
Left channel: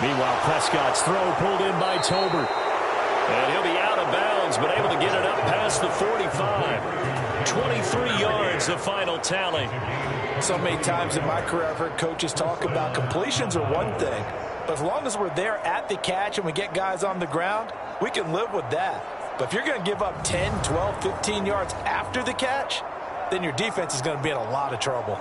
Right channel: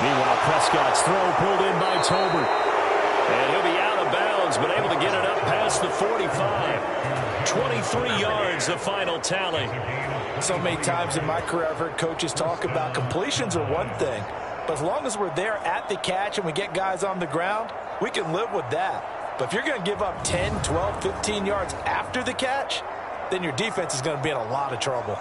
Meanwhile, Prescott's throw pulled in by Tolbert. And he'll be out of bounds, but able to get it up past the 45. 23 yards, the final tally. So many times in my career, I've heard coaches talk about completions are one thing, but as long as we're there at the catch and we get guys on the ground, we can live with that. But if you're going to give up 10, 12, 15 yards after the catch, then your defense is going to be in a lot of trouble.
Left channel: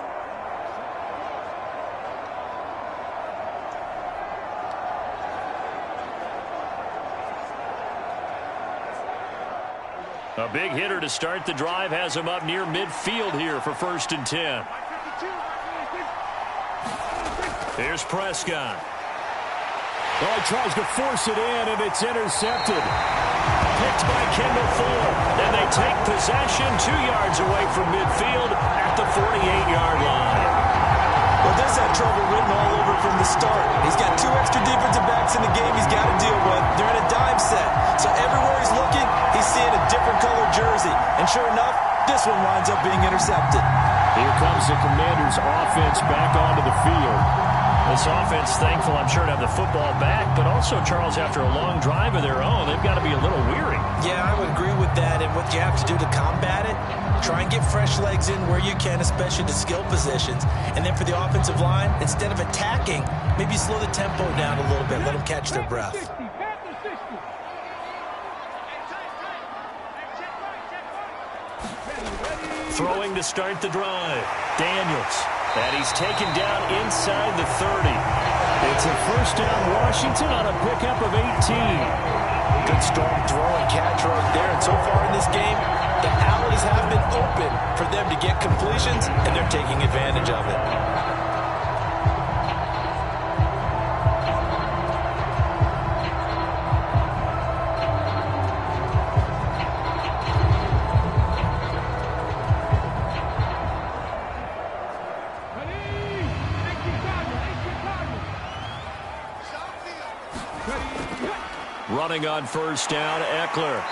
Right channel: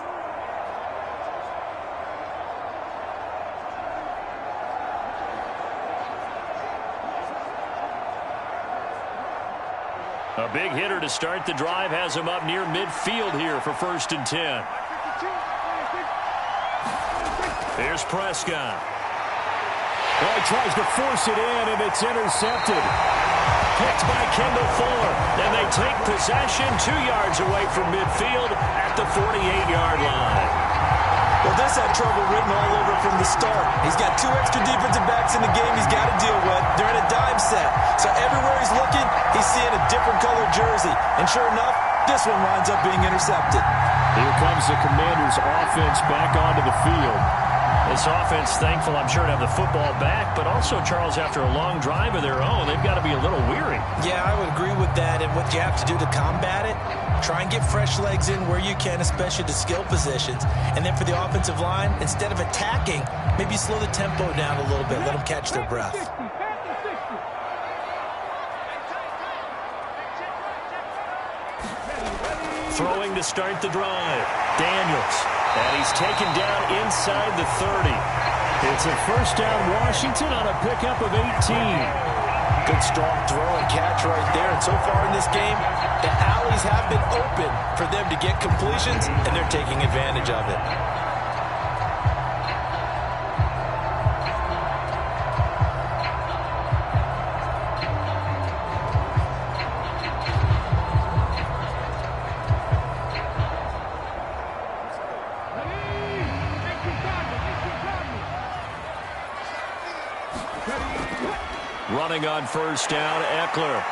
A big hitter to start the drive has him up near midfield here for 1st and 10. Here's Prescott. Well, he tries to force it in, and it's intercepted. Picked by Kendall Fuller. And they take possession 2 yards away from midfield at the 48-yard line. Well, this had trouble written all over from the start. He's got 2 extra defensive backs in the game he's got to deal with. They're in a dime set. So everywhere he's looking, he's seeing a different colored jersey. And sure enough, this one winds up being intercepted. Here comes the Commanders' offense back onto the field. This offense, thankful, I'm sure, to have the football back, but also, Charles, after a long drive of their own, they've got to be a little weary. Yeah, I would agree with that, and what you have to do to combat it, try and get fresh legs in where you can, especially to skill positions, and then for the offensive line, instead of attacking, maybe slow the tempo down a little bit, let them catch their breath. Throwing to start the drive, Daniels. And he's taken down inside the 30. It's a first down, Washington, on a pickup of 18. Good strong throw and catch right there. And so far in this game, the alleys have been open for them to get completions, and they're taking advantage of it. Running on first down, Eckler.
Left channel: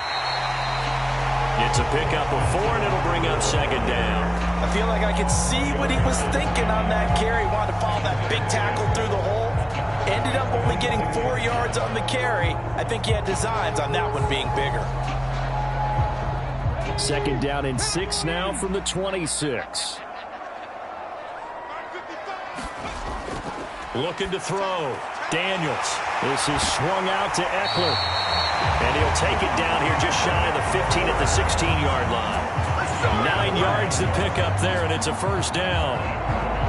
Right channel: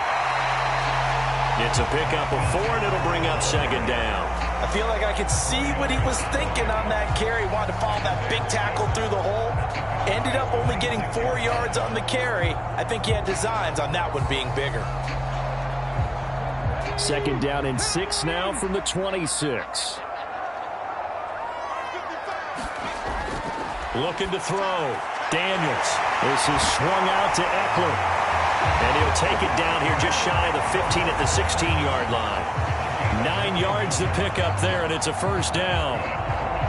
It's a pickup of 4, and it'll bring up second down. I feel like I could see what he was thinking on that carry. Wanted to follow that big tackle through the hole. Ended up only getting 4 yards on the carry. I think he had designs on that one being bigger. Second down and 6 now from the 26. Looking to throw. Daniels. This is swung out to Eckler. And he'll take it down here just shy of the 15 at the 16-yard line. 9 yards to pick up there, and it's a first down.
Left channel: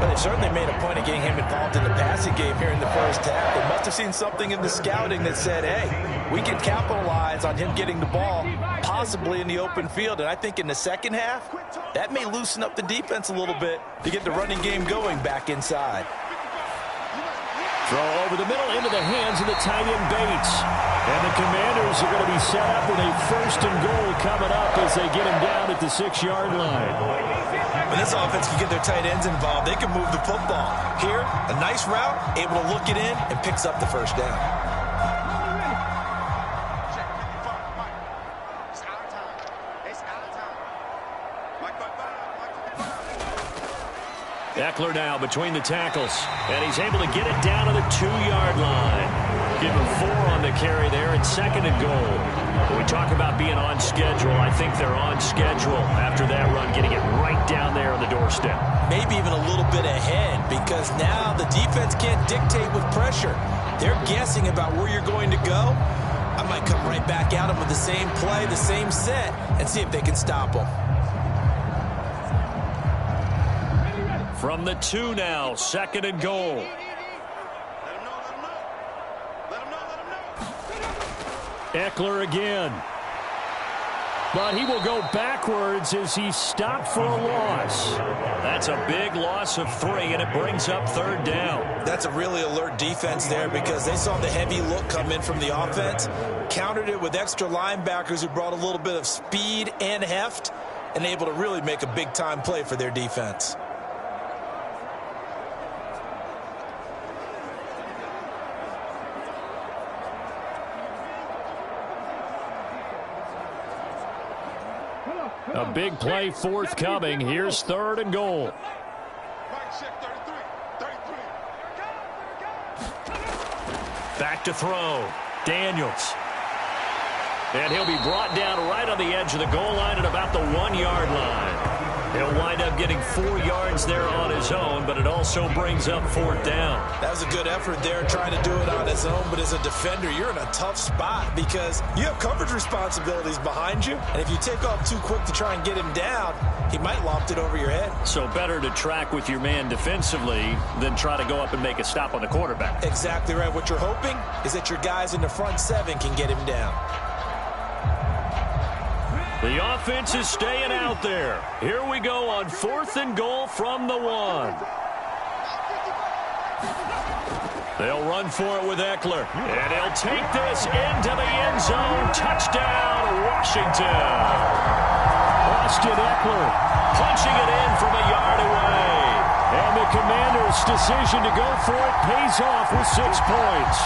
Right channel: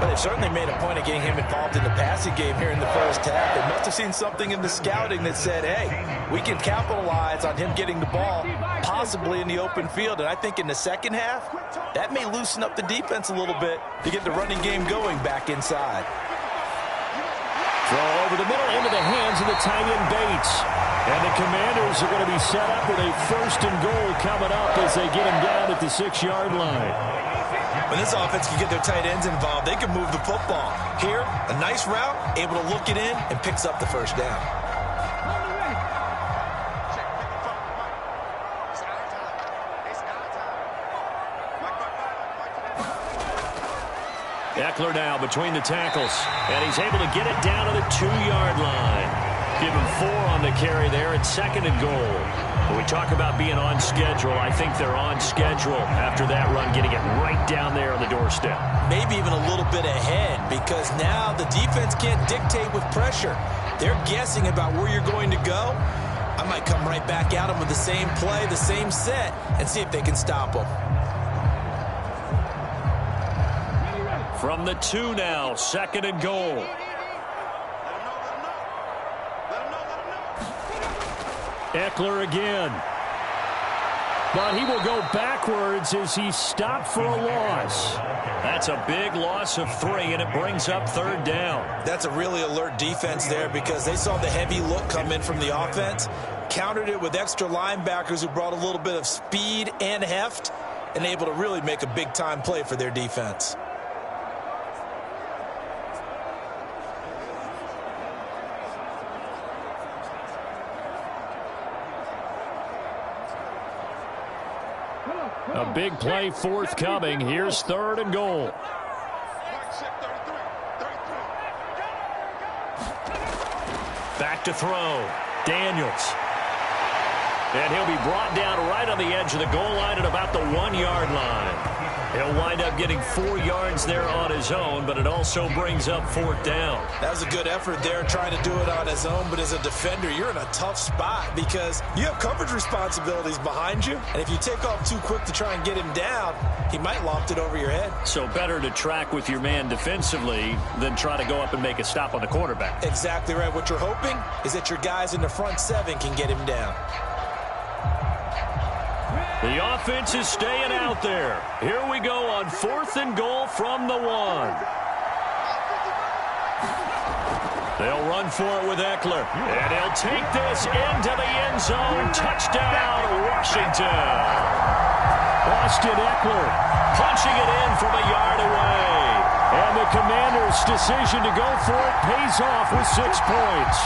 But they've certainly made a point of getting him involved in the passing game here in the first half. They must have seen something in the scouting that said, hey, we can capitalize on him getting the ball, possibly in the open field. And I think in the second half, that may loosen up the defense a little bit to get the running game going back inside. Throw over the middle into the hands of the tight end Bates. And the Commanders are going to be set up with a first and goal coming up as they get him down at the 6-yard line. When this offense can get their tight ends involved, they can move the football. Here, a nice route, able to look it in, and picks up the first down. Eckler now between the tackles, and he's able to get it down to the 2-yard line. Give him 4 on the carry there at second and goal. When we talk about being on schedule, I think they're on schedule after that run, getting it right down there on the doorstep. Maybe even a little bit ahead, because now the defense can't dictate with pressure. They're guessing about where you're going to go. I might come right back at them with the same play, the same set, and see if they can stop them. From the 2 now, second and goal. Eckler again. But he will go backwards as he stopped for a loss. That's a big loss of 3, and it brings up third down. That's a really alert defense there because they saw the heavy look come in from the offense, countered it with extra linebackers who brought a little bit of speed and heft, and able to really make a big-time play for their defense. A big play forthcoming. Here's third and goal. Back to throw. Daniels. And he'll be brought down right on the edge of the goal line at about the 1-yard line. He'll wind up getting 4 yards there on his own, but it also brings up fourth down. That was a good effort there trying to do it on his own, but as a defender, you're in a tough spot because you have coverage responsibilities behind you, and if you take off too quick to try and get him down, he might loft it over your head. So better to track with your man defensively than try to go up and make a stop on the quarterback. Exactly right. What you're hoping is that your guys in the front 7 can get him down. The offense is staying out there. Here we go on 4th and goal from the 1. They'll run for it with Eckler. And he'll take this into the end zone. Touchdown, Washington. Austin Eckler punching it in from a yard away. And the Commanders' decision to go for it pays off with 6 points.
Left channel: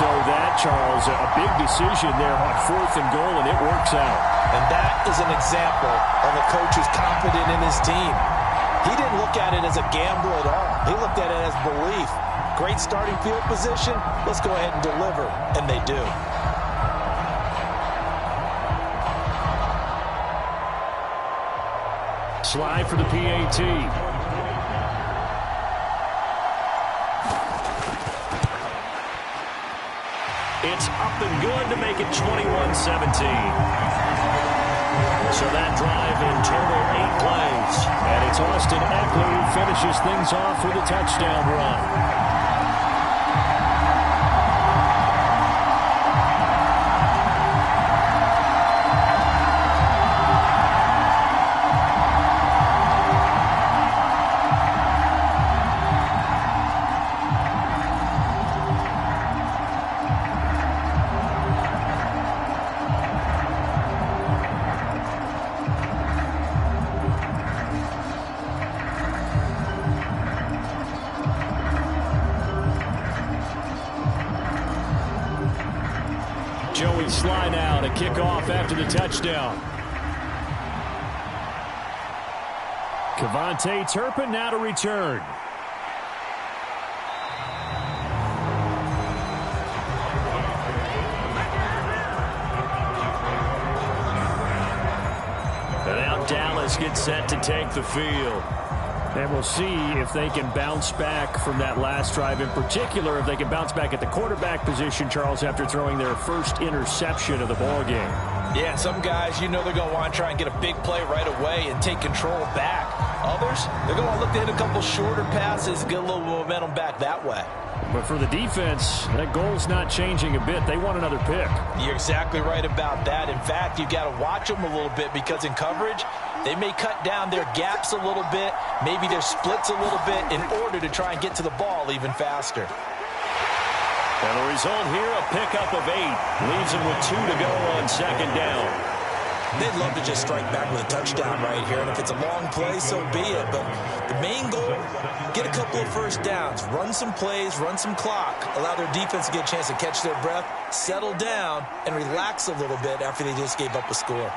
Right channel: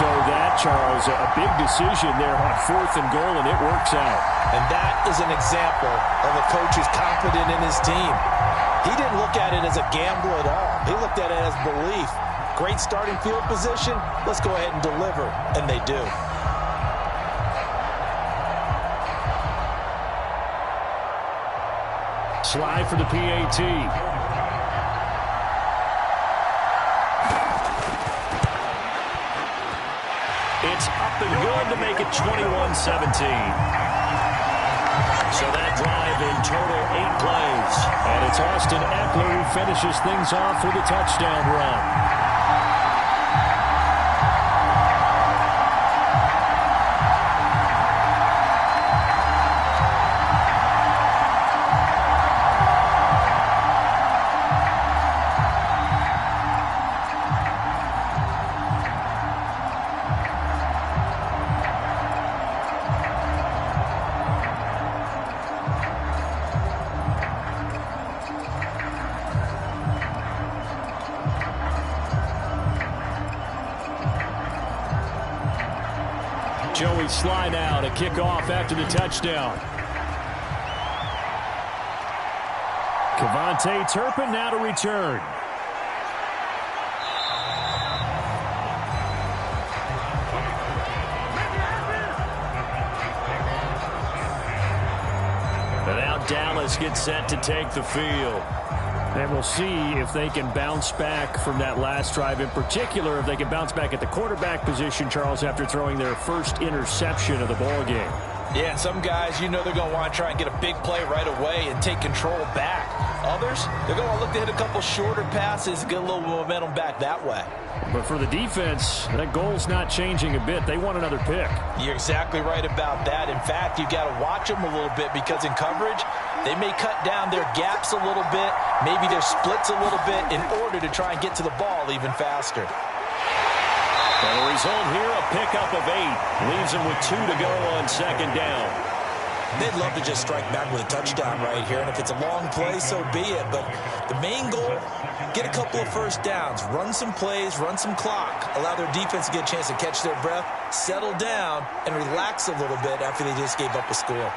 So that, Charles, a big decision there on 4th and goal, and it works out. And that is an example of a coach who's confident in his team. He didn't look at it as a gamble at all. He looked at it as belief. Great starting field position. Let's go ahead and deliver. And they do. Slide for the PAT. It's up and good to make it 21-17. So that drive in total 8 plays. And it's Austin Eckler who finishes things off with a touchdown run. Joey slide out, a kickoff after the touchdown. Kevontae Turpin now to return. And now Dallas gets set to take the field. And we'll see if they can bounce back from that last drive. In particular, if they can bounce back at the quarterback position, Charles, after throwing their first interception of the ball game. Yeah, some guys, you know they're going to want to try and get a big play right away and take control back. Others, they're going to look to hit a couple shorter passes, get a little momentum back that way. But for the defense, that goal's not changing a bit. They want another pick. You're exactly right about that. In fact, you got to watch them a little bit because in coverage, they may cut down their gaps a little bit, maybe their splits a little bit in order to try and get to the ball even faster. And the result here, a pickup of 8. Leaves them with 2 to go on second down. They'd love to just strike back with a touchdown right here, and if it's a long play, so be it. But the main goal, get a couple of first downs, run some plays, run some clock, allow their defense to get a chance to catch their breath, settle down, and relax a little bit after they just gave up a score.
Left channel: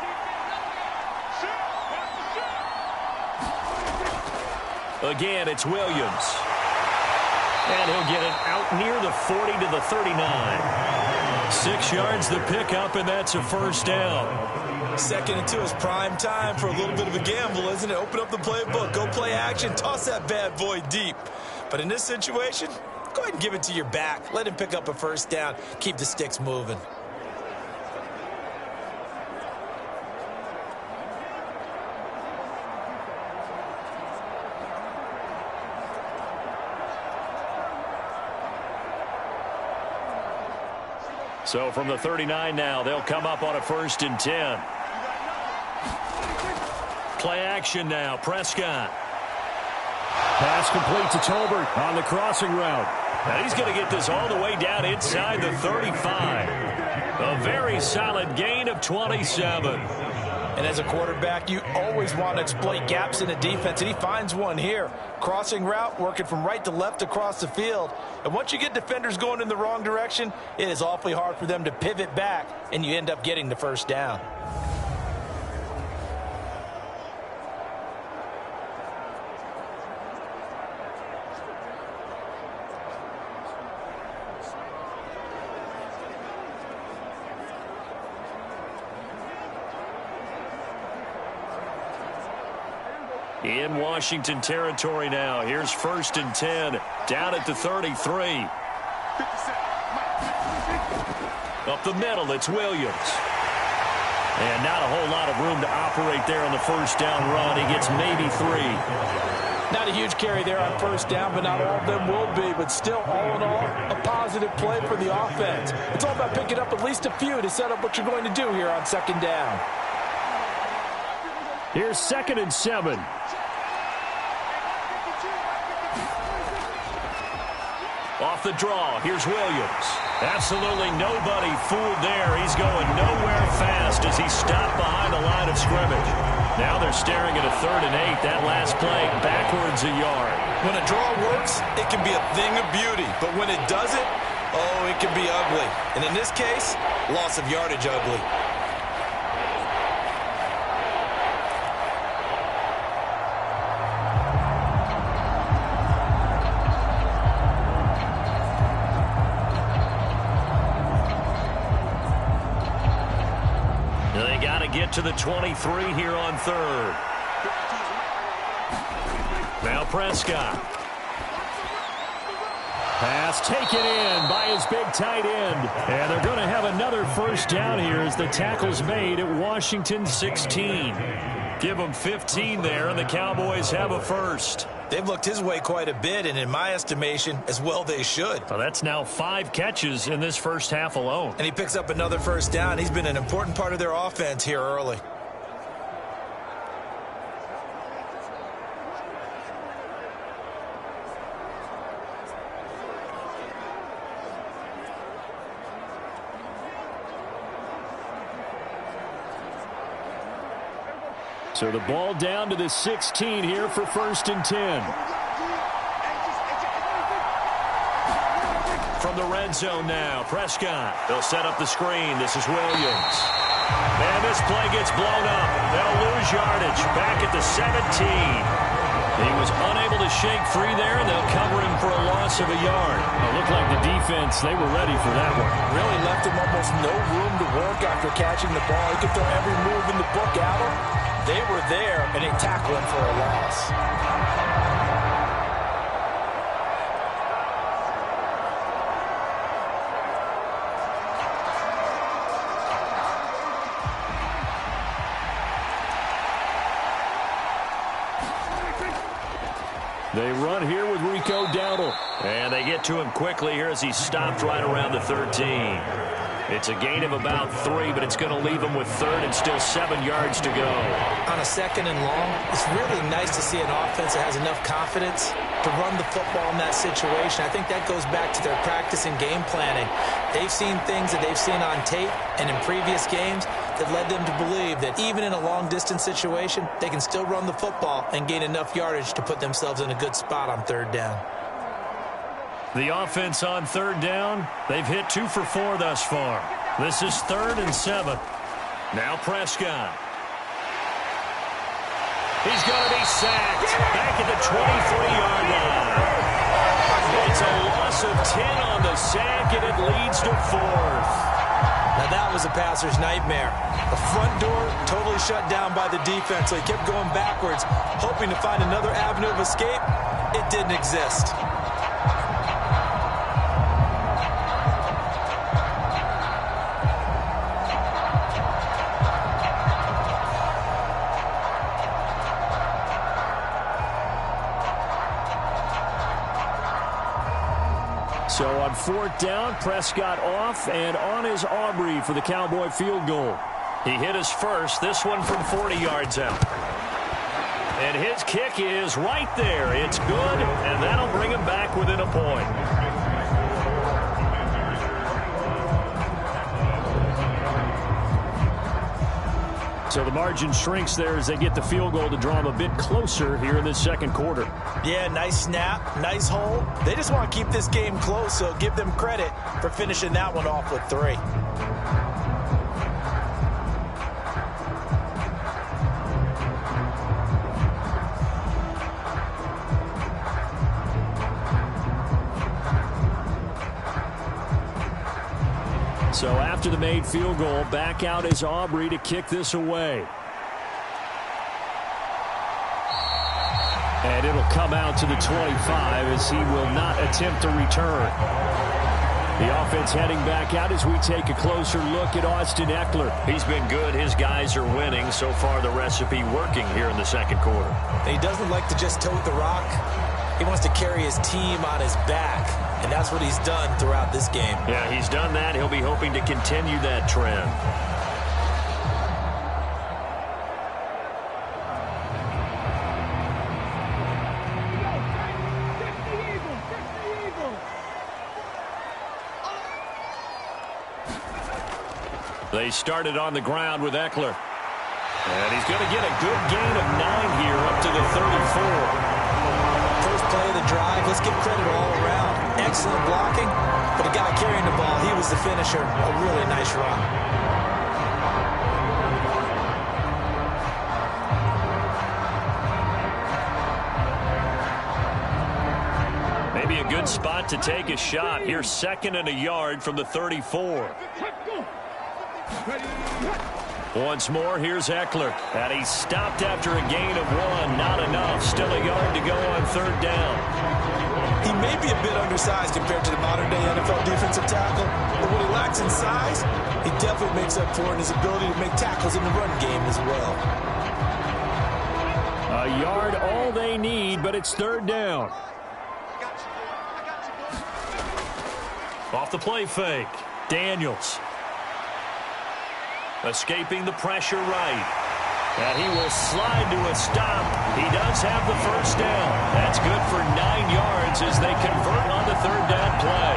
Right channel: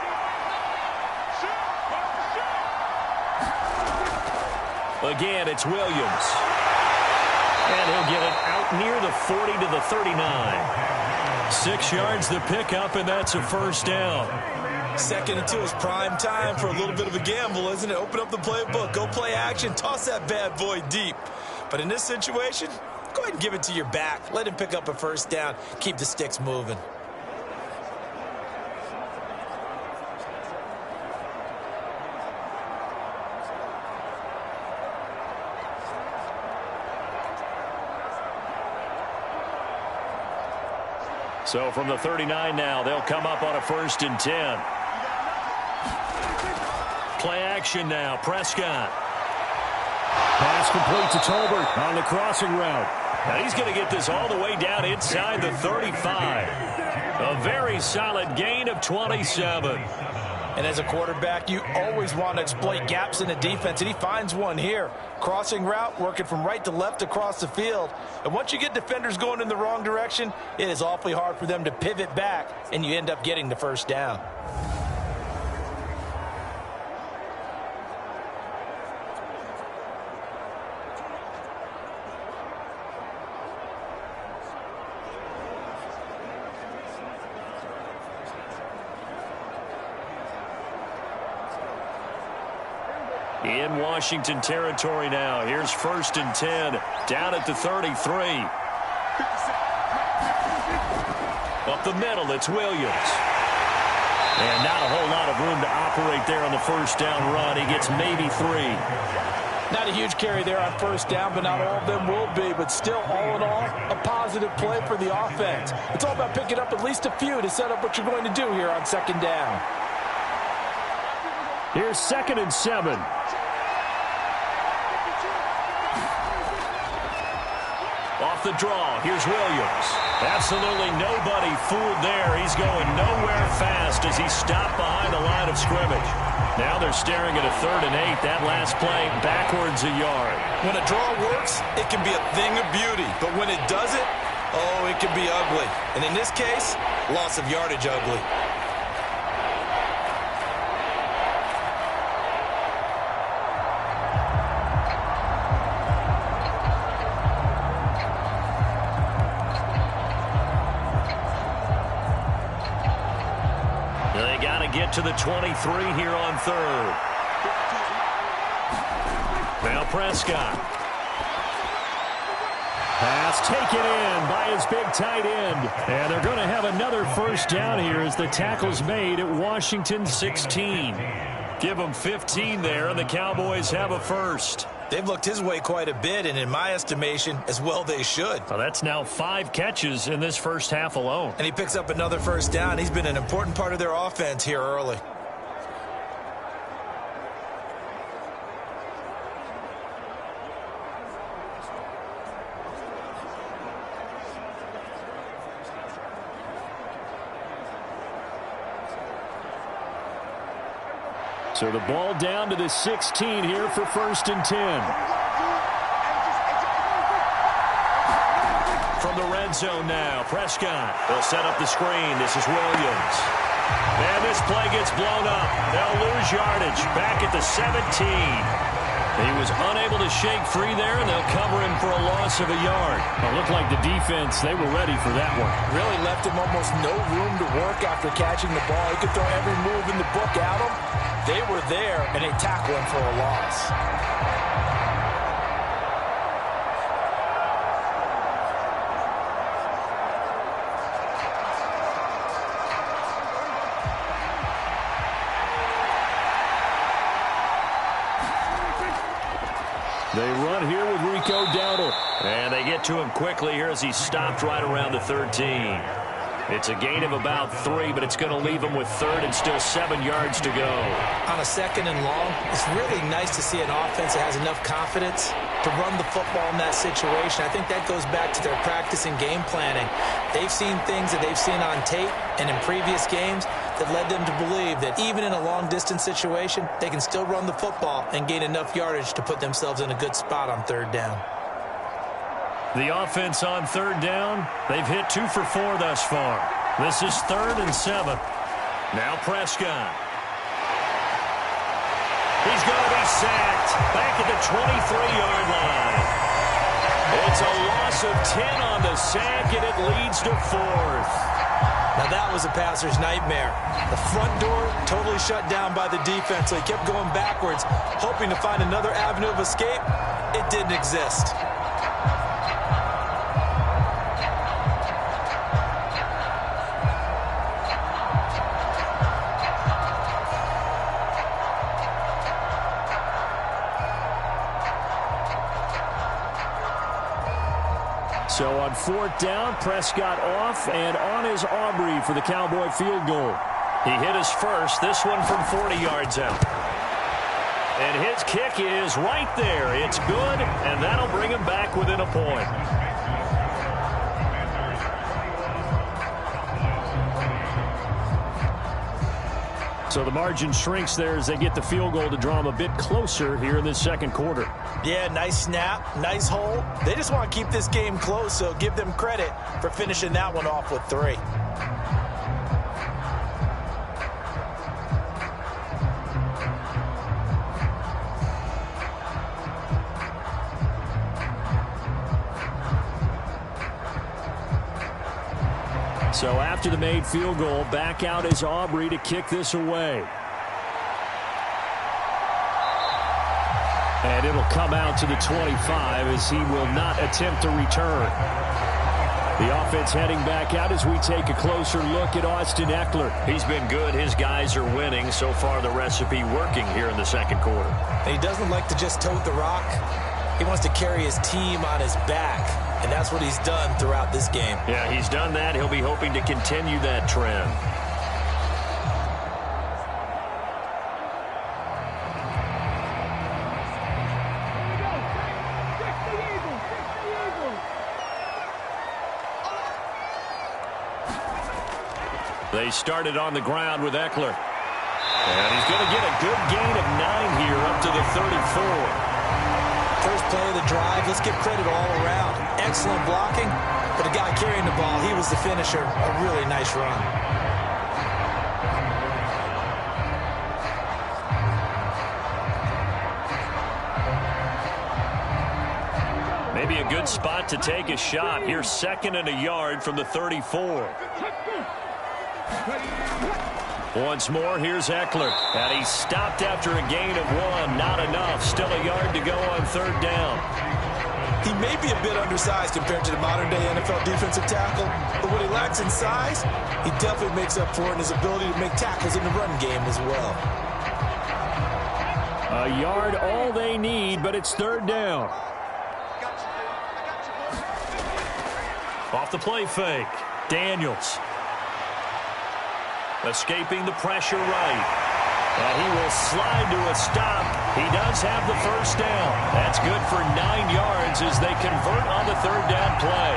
Again, it's Williams. And he'll get it out near the 40 to the 39. 6 yards the pickup, and that's a first down. 2nd and 2 is prime time for a little bit of a gamble, isn't it? Open up the playbook, go play action, toss that bad boy deep. But in this situation, go ahead and give it to your back. Let him pick up a first down. Keep the sticks moving. So from the 39 now, they'll come up on a 1st and 10. Play action now, Prescott. Pass complete to Tolbert on the crossing route. And he's going to get this all the way down inside the 35. A very solid gain of 27. And as a quarterback, you always want to exploit gaps in the defense, and he finds one here. Crossing route, working from right to left across the field. And once you get defenders going in the wrong direction, it is awfully hard for them to pivot back, and you end up getting the first down. In Washington territory now. Here's 1st and 10. Down at the 33. Up the middle, it's Williams. And not a whole lot of room to operate there on the first down run. He gets maybe 3. Not a huge carry there on first down, but not all of them will be. But still, all in all, a positive play for the offense. It's all about picking up at least a few to set up what you're going to do here on 2nd down. Here's 2nd and 7. off the draw. Here's Williams. Absolutely nobody fooled there. He's going nowhere fast as he stopped behind the line of scrimmage. Now they're staring at a 3rd and 8. That last play backwards a yard. When a draw works, it can be a thing of beauty. But when it doesn't, oh, it can be ugly. And in this case, loss of yardage ugly. They got to get to the 23 here on 3rd. Now Prescott. Pass taken in by his big tight end. And they're going to have another first down here as the tackle's made at Washington 16. Give them 15 there, and the Cowboys have a first. They've looked his way quite a bit, and in my estimation, as well they should. Well, that's now 5 catches in this first half alone. And he picks up another first down. He's been an important part of their offense here early. So the ball down to the 16 here for 1st and 10. From the red zone now, Prescott. They'll set up the screen. This is Williams. And this play gets blown up. They'll lose yardage. Back at the 17. He was unable to shake free there, and they'll cover him for a loss of a yard. It looked like the defense, they were ready for that one. Really left him almost no room to work after catching the ball. He could throw every move in the book at him. They were there, and they tackled him for a loss. They run here with Rico Dowdle. And they get to him quickly here as he stopped right around the 13. It's a gain of about 3, but it's going to leave him with 3rd and still 7 yards to go. On a 2nd and long, it's really nice to see an offense that has enough confidence to run the football in that situation. I think that goes back to their practice and game planning. They've seen things that they've seen on tape and in previous games that led them to believe that even in a long-distance situation, they can still run the football and gain enough yardage to put themselves in a good spot on 3rd down. The offense on 3rd down, they've hit 2 for 4 thus far. This is 3rd and 7. Now Prescott. He's going to be sacked back at the 23-yard line. It's a loss of 10 on the sack, and it leads to 4th. Now that was a passer's nightmare. The front door totally shut down by the defense, so he kept going backwards, hoping to find another avenue of escape. It didn't exist. So on 4th down, Prescott off and on is Aubrey for the Cowboy field goal. He hit his first, this one from 40 yards out. And his kick is right there. It's good, and that'll bring him back within a point. So the margin shrinks there as they get the field goal to draw them a bit closer here in this 2nd quarter. Yeah, nice snap, nice hold. They just want to keep this game close, so give them credit for finishing that one off with 3. So after the made field goal, back out is Aubrey to kick this away. And it'll come out to the 25 as he will not attempt to return. The offense heading back out as we take a closer look at Austin Eckler. He's been good. His guys are winning. So far, the recipe working here in the 2nd quarter. And he doesn't like to just tote the rock. He wants to carry his team on his back. And that's what he's done throughout this game. Yeah, he's done that. He'll be hoping to continue that trend. They started on the ground with Eckler. And he's going to get a good gain of 9 here up to the 34. First play of the drive, let's give credit all around. Excellent blocking, but the guy carrying the ball, he was the finisher. A really nice run. Maybe a good spot to take a shot. Here's 2nd and a yard from the 34. Once more, here's Eckler. And he's stopped after a gain of 1. Not enough. Still a yard to go on 3rd down. He may be a bit undersized compared to the modern-day NFL defensive tackle, but what he lacks in size, he definitely makes up for in his ability to make tackles in the run game as well. A yard all they need, but it's 3rd down. Off the play fake. Daniels. Escaping the pressure right. And he will slide to a stop. He does have the 1st down. That's good for 9 yards as they convert on the 3rd down play.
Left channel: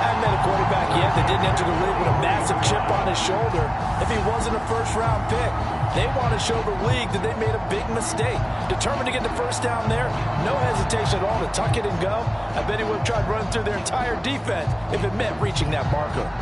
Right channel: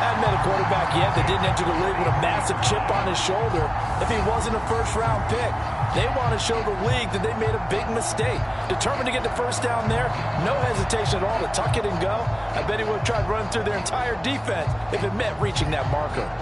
Hadn't met a quarterback yet that didn't enter the league with a massive chip on his shoulder if he wasn't a first-round pick. They want to show the league that they made a big mistake. Determined to get the 1st down there, no hesitation at all to tuck it and go. I bet he would have tried running through their entire defense if it meant reaching that marker.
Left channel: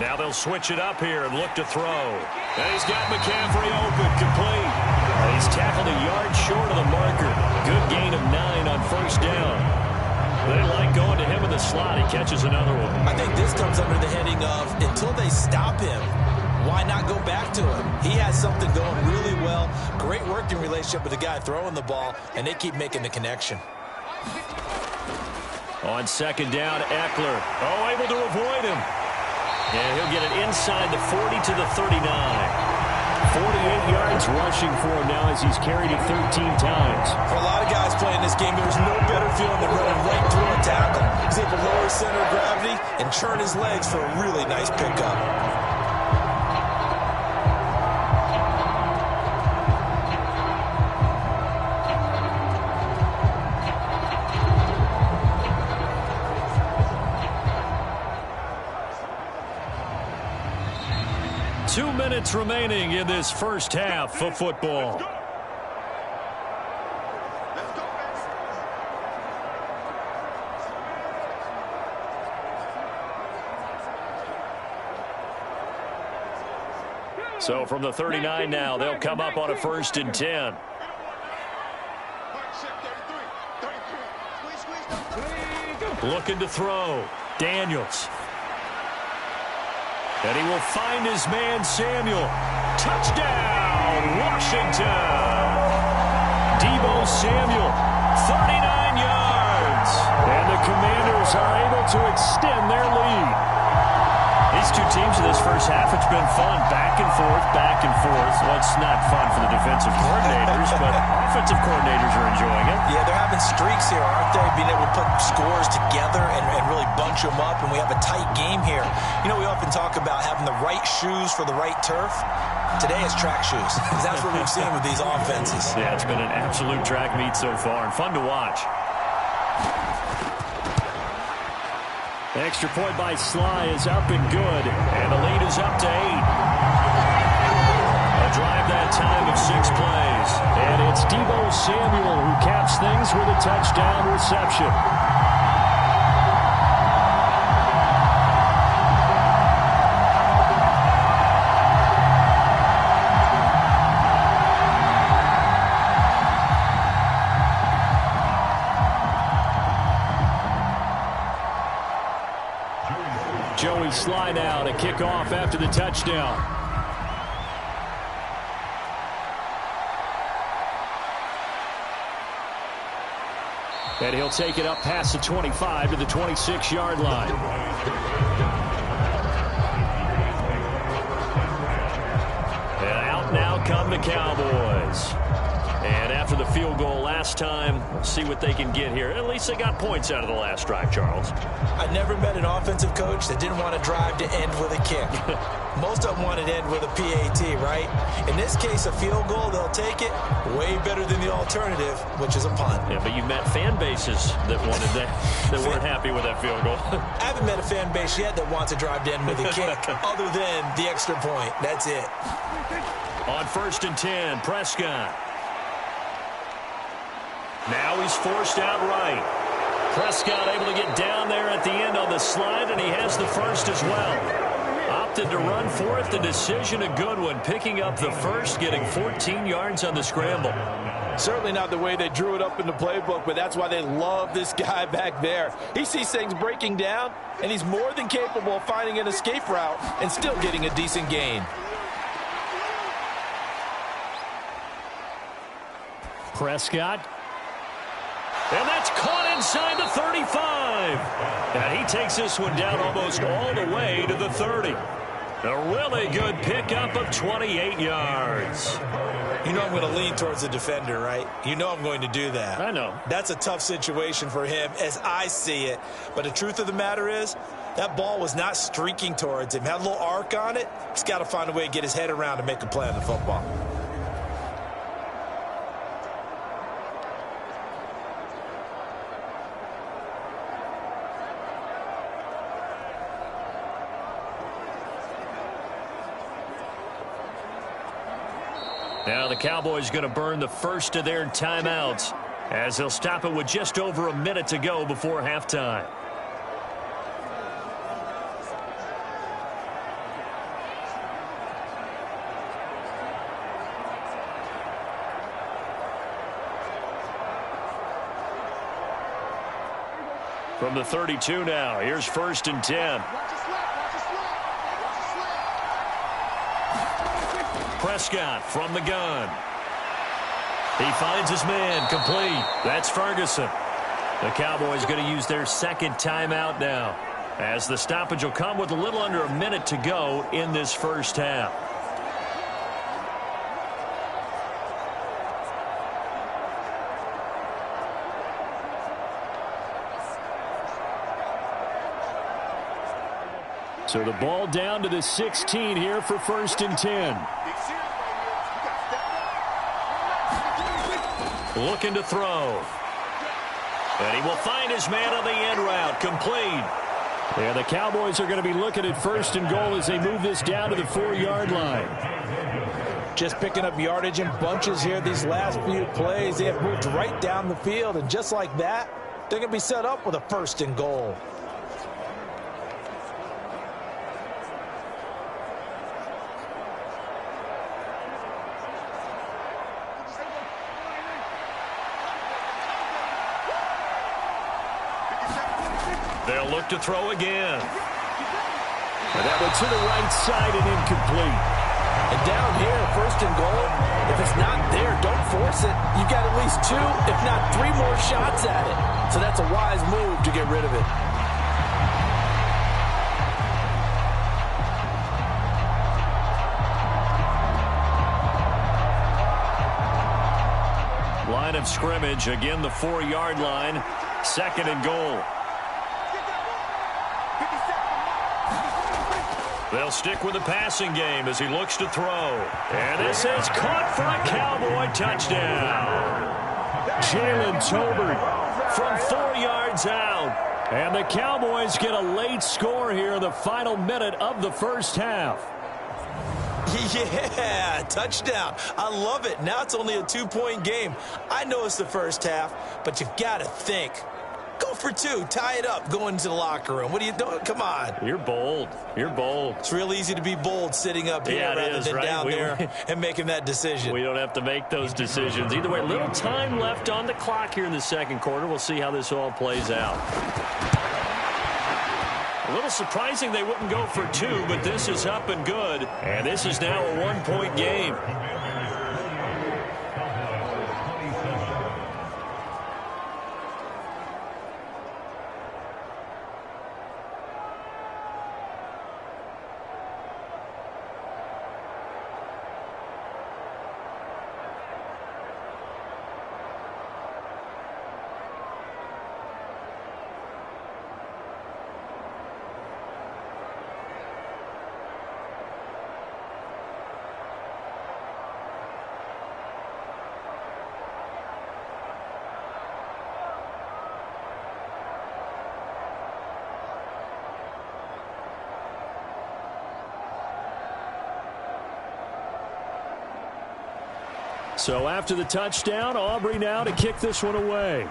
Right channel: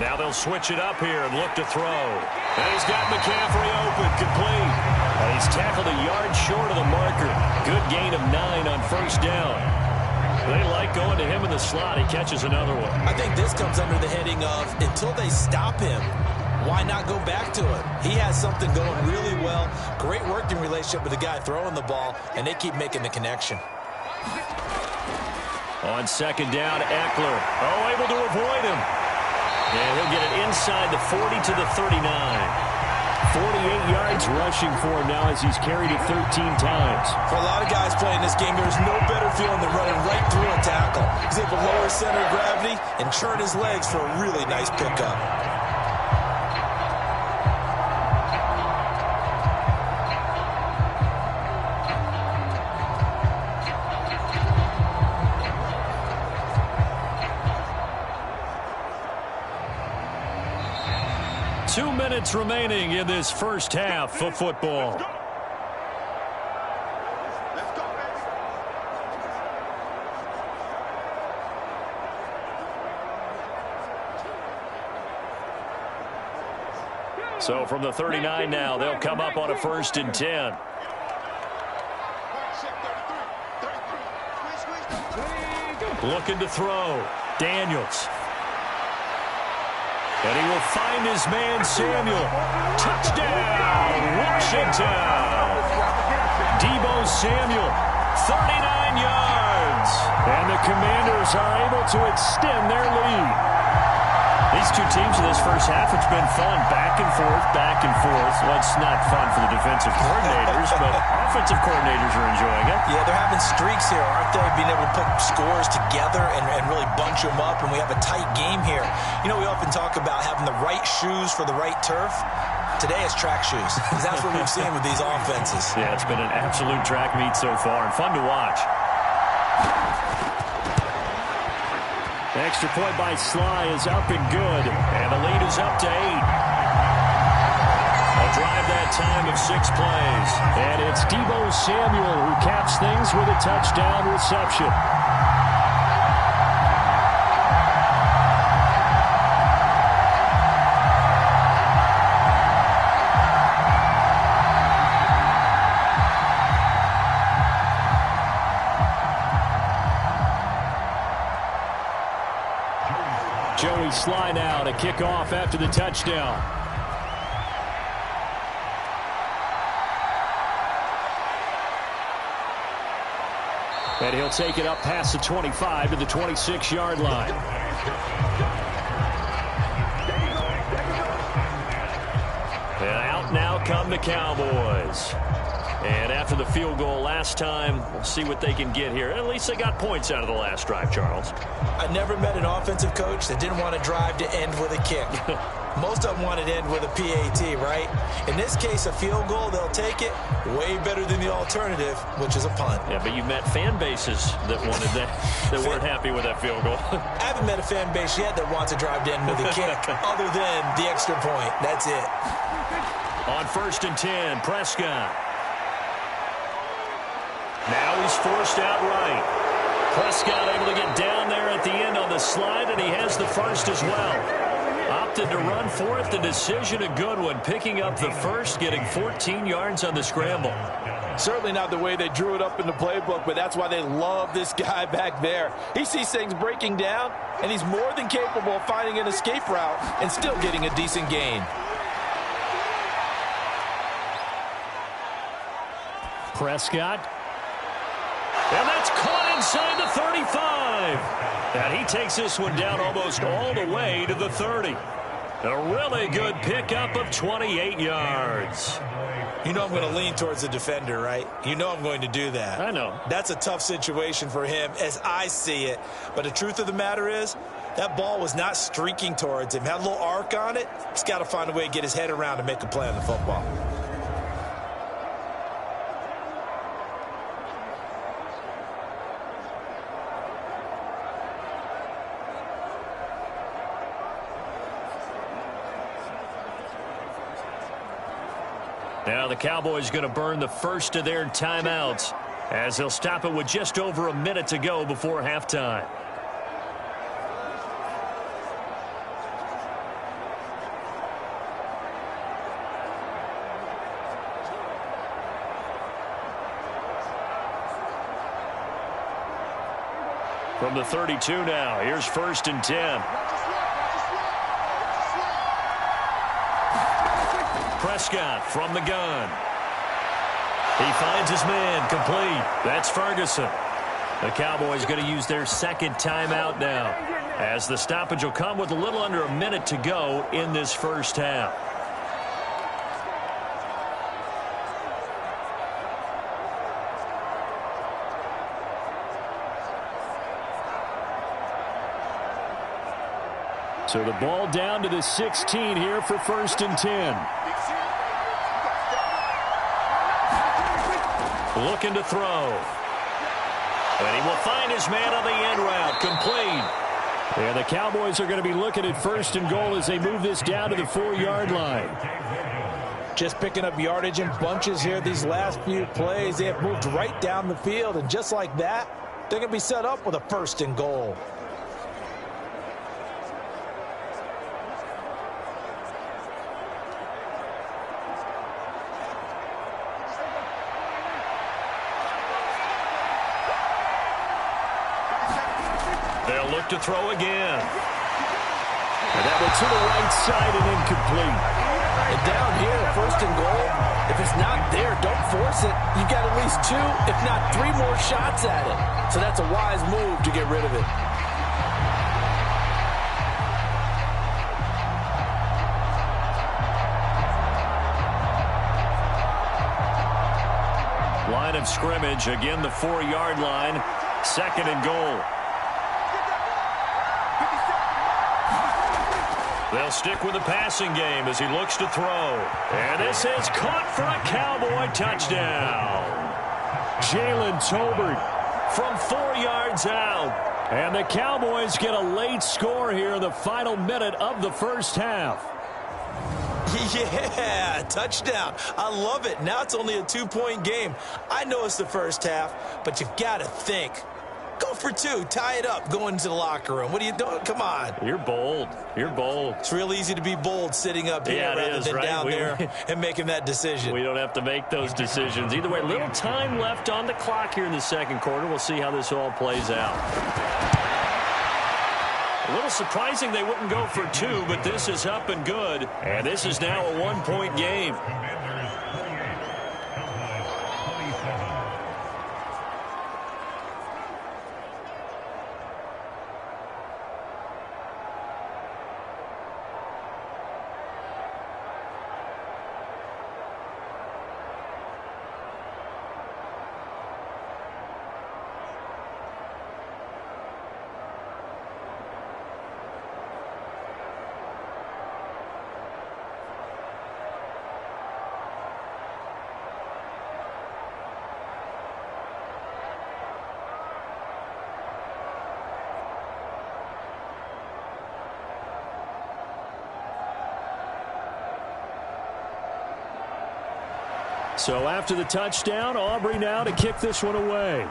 Now they'll switch it up here and look to throw. And he's got McCaffrey open, complete. And he's tackled a yard short of the marker. Good gain of 9 on 1st down. They like going to him in the slot. He catches another one. I think this comes under the heading of until they stop him, why not go back to him? He has something going really well. Great working relationship with the guy throwing the ball, and they keep making the connection. On 2nd down, Eckler. Oh, able to avoid him. And he'll get it inside the 40 to the 39. 48 yards rushing for him now as he's carried it 13 times. For a lot of guys playing this game, there's no better feeling than running right through a tackle. He's able to lower his center of gravity and churn his legs for a really nice pickup. Two minutes remaining in this first half of football. Let's go, baby. So from the 39 now, they'll come up on a 1st and 10. Looking to throw. Daniels. And he will find his man, Samuel. Touchdown, Washington. Deebo Samuel, 39 yards. And the Commanders are able to extend their lead. These two teams in this first half, it's been fun. Back and forth, back and forth. Well, it's not fun for the defensive coordinators, but offensive coordinators are enjoying it. Yeah, they're having streaks here, aren't they? Being able to put scores together and really bunch them up, and we have a tight game here. You know, we often talk about having the right shoes for the right turf. Today it's track shoes, because that's what we've seen with these offenses. Yeah, it's been an absolute track meet so far, and fun to watch. The extra point by Sly is up and good, and the lead is up to 8. A drive that time of 6 plays, and it's Deebo Samuel who caps things with a touchdown reception. Joey Sly now to kick off after the touchdown. And he'll take it up past the 25 to the 26-yard line. And out now come the Cowboys. And after the field goal last time, we'll see what they can get here. At least they got points out of the last drive, Charles. I never met an offensive coach that didn't want to drive to end with a kick. Most of them wanted to end with a PAT, right? In this case, a field goal, they'll take it. Way better than the alternative, which is a punt. Yeah, but you've met fan bases that wanted that, that weren't happy with that field goal. I haven't met a fan base yet that wants to drive to end with a kick other than the extra point. That's it. On 1st and 10, Prescott. Now he's forced out right. Prescott able to get down there at the end on the slide, and he has the first as well. Opted to run for it. The decision a good one. Picking up the first, getting 14 yards on the scramble. Certainly not the way they drew it up in the playbook, but that's why they love this guy back there. He sees things breaking down, and he's more than capable of finding an escape route and still getting a decent gain. Prescott. And that's caught inside the 35. And he takes this one down almost all the way to the 30. A really good pickup of 28 yards. You know I'm going to lean towards the defender, right? You know I'm going to do that. I know. That's a tough situation for him as I see it. But the truth of the matter is, that ball was not streaking towards him. Had a little arc on it. He's got to find a way to get his head around and make a play on the football. Now the Cowboys going to burn the first of their timeouts as they'll stop it with just over a minute to go before halftime. From the 32 now, here's 1st and 10. Prescott from the gun. He finds his man, complete. That's Ferguson. The Cowboys going to use their second timeout now, as the stoppage will come with a little under a minute to go in this first half. So the ball down to the 16 here for 1st and 10. Looking to throw. And he will find his man on the end route. Complete. Yeah, the Cowboys are going to be looking at 1st and goal as they move this down to the 4-yard line. Just picking up yardage in bunches here these last few plays. They have moved right down the field, and just like that, they're going to be set up with a 1st and goal. They'll look to throw again. And that one to the right side and incomplete. And down here, 1st and goal, if it's not there, don't force it. You've got at least 2, if not 3 more shots at it. So that's a wise move to get rid of it. Line of scrimmage, again the 4-yard line. 2nd and goal. They'll stick with the passing game as he looks to throw. And this is caught for a Cowboy touchdown. Jalen Tolbert from 4 yards out. And the Cowboys get a late score here in the final minute of the first half. Yeah, touchdown. I love it. Now it's only a 2-point game. I know it's the first half, but you've got to think. Go for 2. Tie it up. Go into the locker room. What are you doing? Come on. You're bold. You're bold. It's real easy to be bold sitting up here rather than right? down there and making that decision. We don't have to make those decisions. Either way, little time left on the clock here in the second quarter. We'll see how this all plays out. A little surprising they wouldn't go for 2, but this is up and good. And this is now a 1-point game. So after the touchdown, Aubrey now to kick this one away.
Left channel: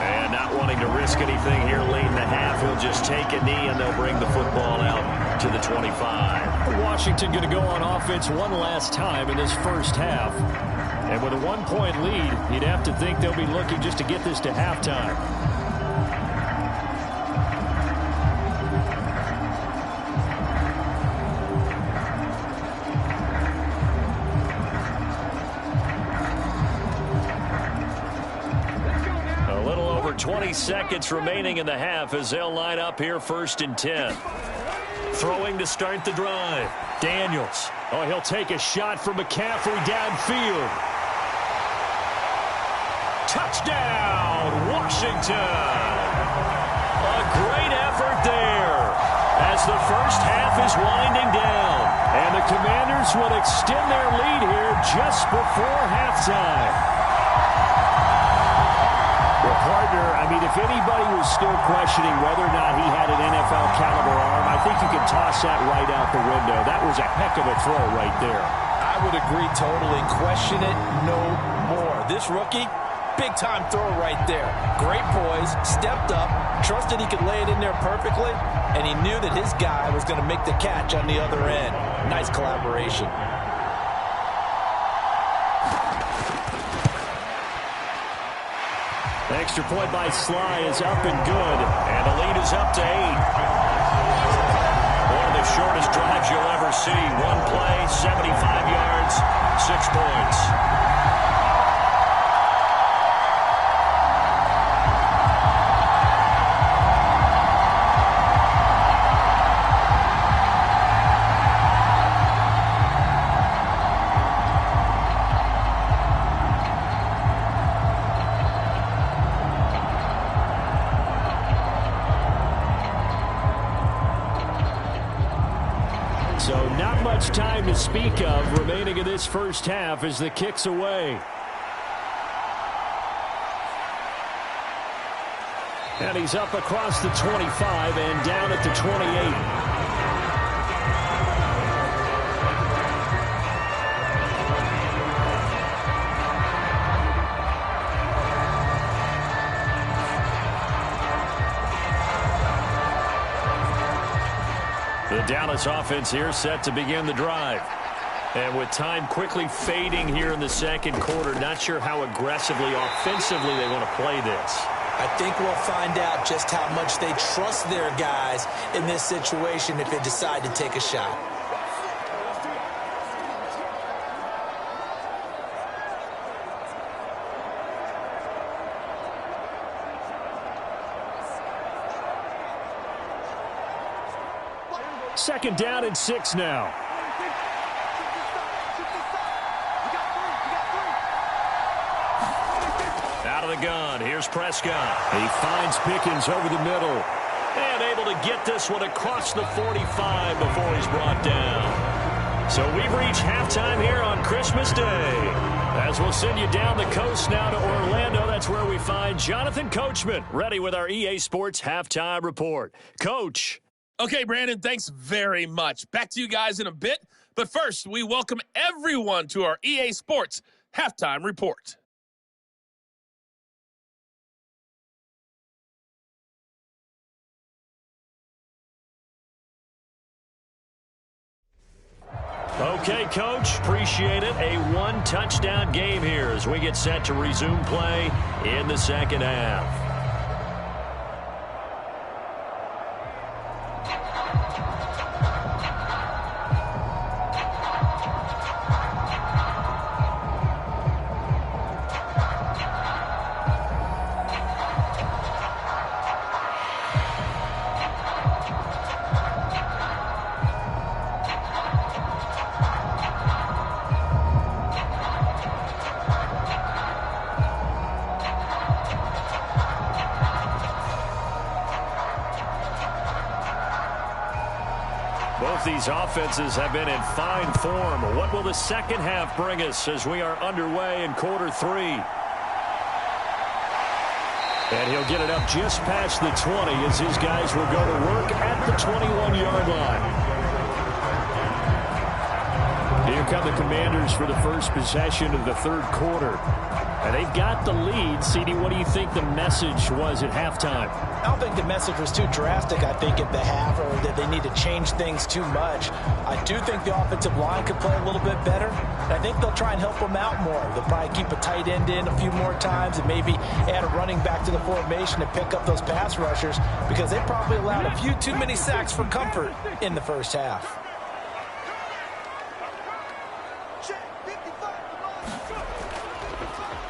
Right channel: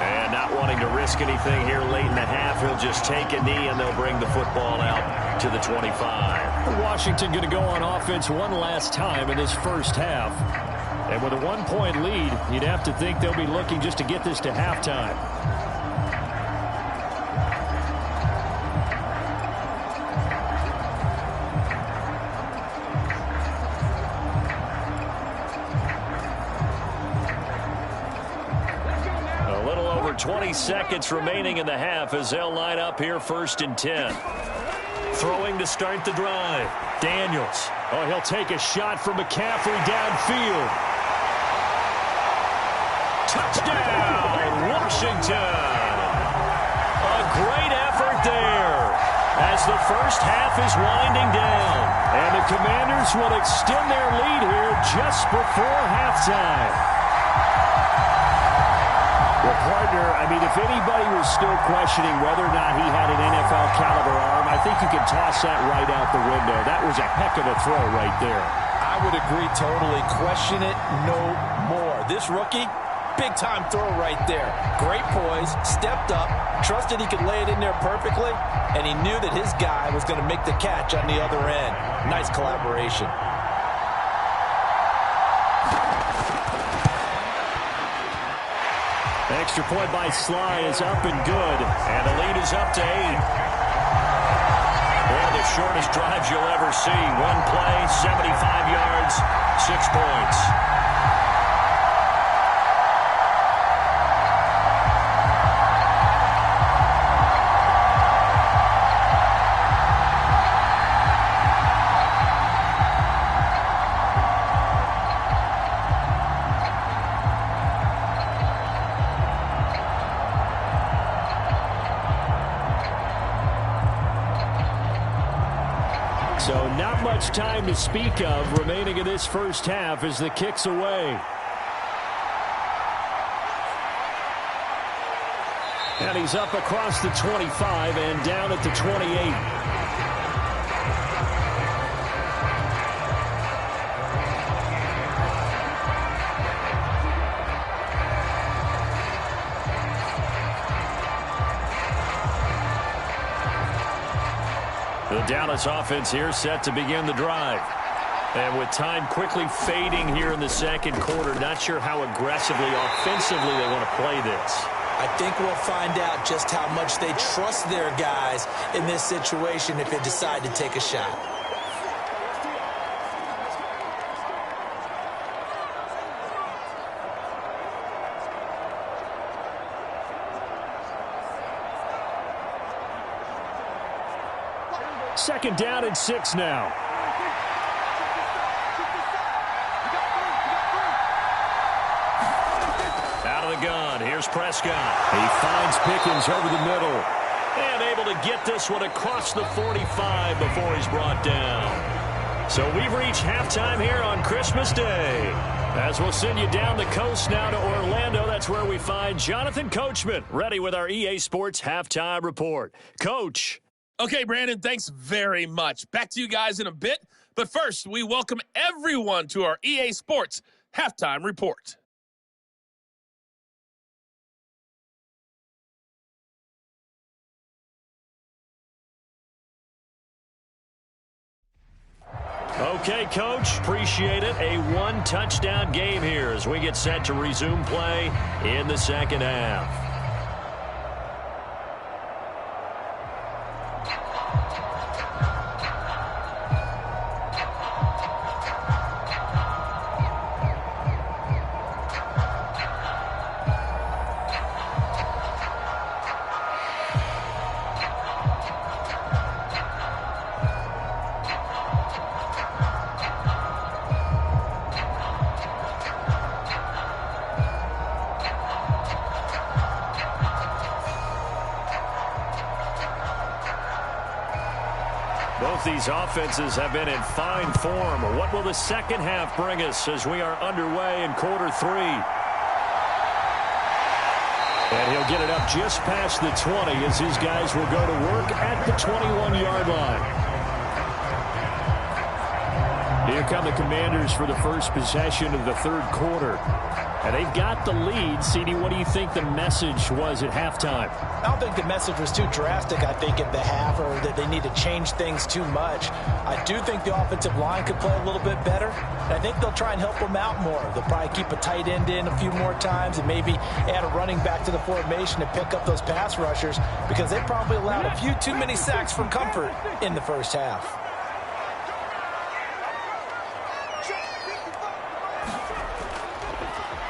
And not wanting to risk anything here late in the half, he'll just take a knee and they'll bring the football out to the 25. Washington going to go on offense one last time in this first half. And with a 1-point lead, you'd have to think they'll be looking just to get this to halftime. A little over 20 seconds remaining in the half as they'll line up here 1st and 10. Throwing to start the drive. Daniels. Oh, he'll take a shot from McCaffrey downfield. Touchdown, Washington. A great effort there as the first half is winding down. And the Commanders will extend their lead here just before halftime. Well, partner, I mean, if anybody was still questioning whether or not he had an NFL-caliber arm, I think you can toss that right out the window. That was a heck of a throw right there. I would agree totally. Question it no more. This rookie, big-time throw right there. Great poise, stepped up, trusted he could lay it in there perfectly, and he knew that his guy was going to make the catch on the other end. Nice collaboration. Extra point by Sly is up and good, and the lead is up to 8. One of the shortest drives you'll ever see. One play, 75 yards, 6 points. So not much time to speak of remaining in this first half as the kick's away. And he's up across the 25 and down at the 28. The Dallas offense here set to begin the drive. And with time quickly fading here in the second quarter, not sure how aggressively, offensively they want to play this. I think we'll find out just how much they trust their guys in this situation if they decide to take a shot. Second down and 6 now. Out of the gun. Here's Prescott. He finds Pickens over the middle. And able to get this one across the 45 before he's brought down. So we've reached halftime here on Christmas Day. As we'll send you down the coast now to Orlando, that's where we find Jonathan Coachman, ready with our EA Sports Halftime Report. Coach. Okay, Brandon, thanks very much. Back to you guys in a bit. But first, we welcome everyone to our EA Sports Halftime Report. Okay, Coach, appreciate it. A one-touchdown game here as we get set to resume play in the second half. Both these offenses have been in fine form. What will the second half bring us as we are underway in quarter 3? And he'll get it up just past the 20 as his guys will go to work at the 21-yard line. Here come the Commanders for the first possession of the third quarter. And they've got the lead. CD, what do you think the message was at halftime? I don't think the message was too drastic, I think, at the half, or that they need to change things too much. I do think the offensive line could play a little bit better. And I think they'll try and help them out more. They'll probably keep a tight end in a few more times and maybe add a running back to the formation to pick up those pass rushers, because they probably allowed a few too many sacks for comfort in the first half.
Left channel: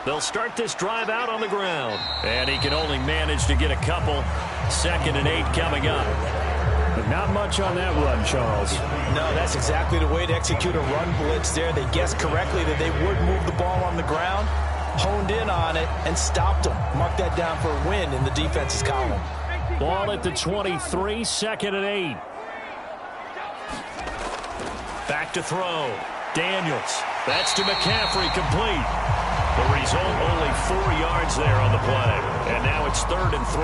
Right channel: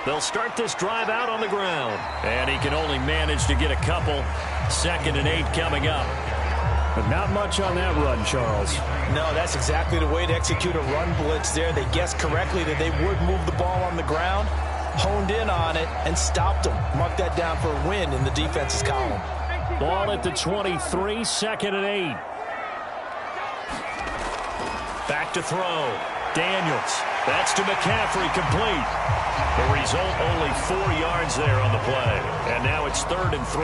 They'll start this drive out on the ground. And he can only manage to get a couple. 2nd and 8 coming up. But not much on that run, Charles. No, that's exactly the way to execute a run blitz there. They guessed correctly that they would move the ball on the ground, honed in on it, and stopped them. Mark that down for a win in the defense's column. Ball at the 23, 2nd and 8. Back to throw. Daniels. That's to McCaffrey, complete. The result, only 4 yards there on the play. And now it's 3rd and 3.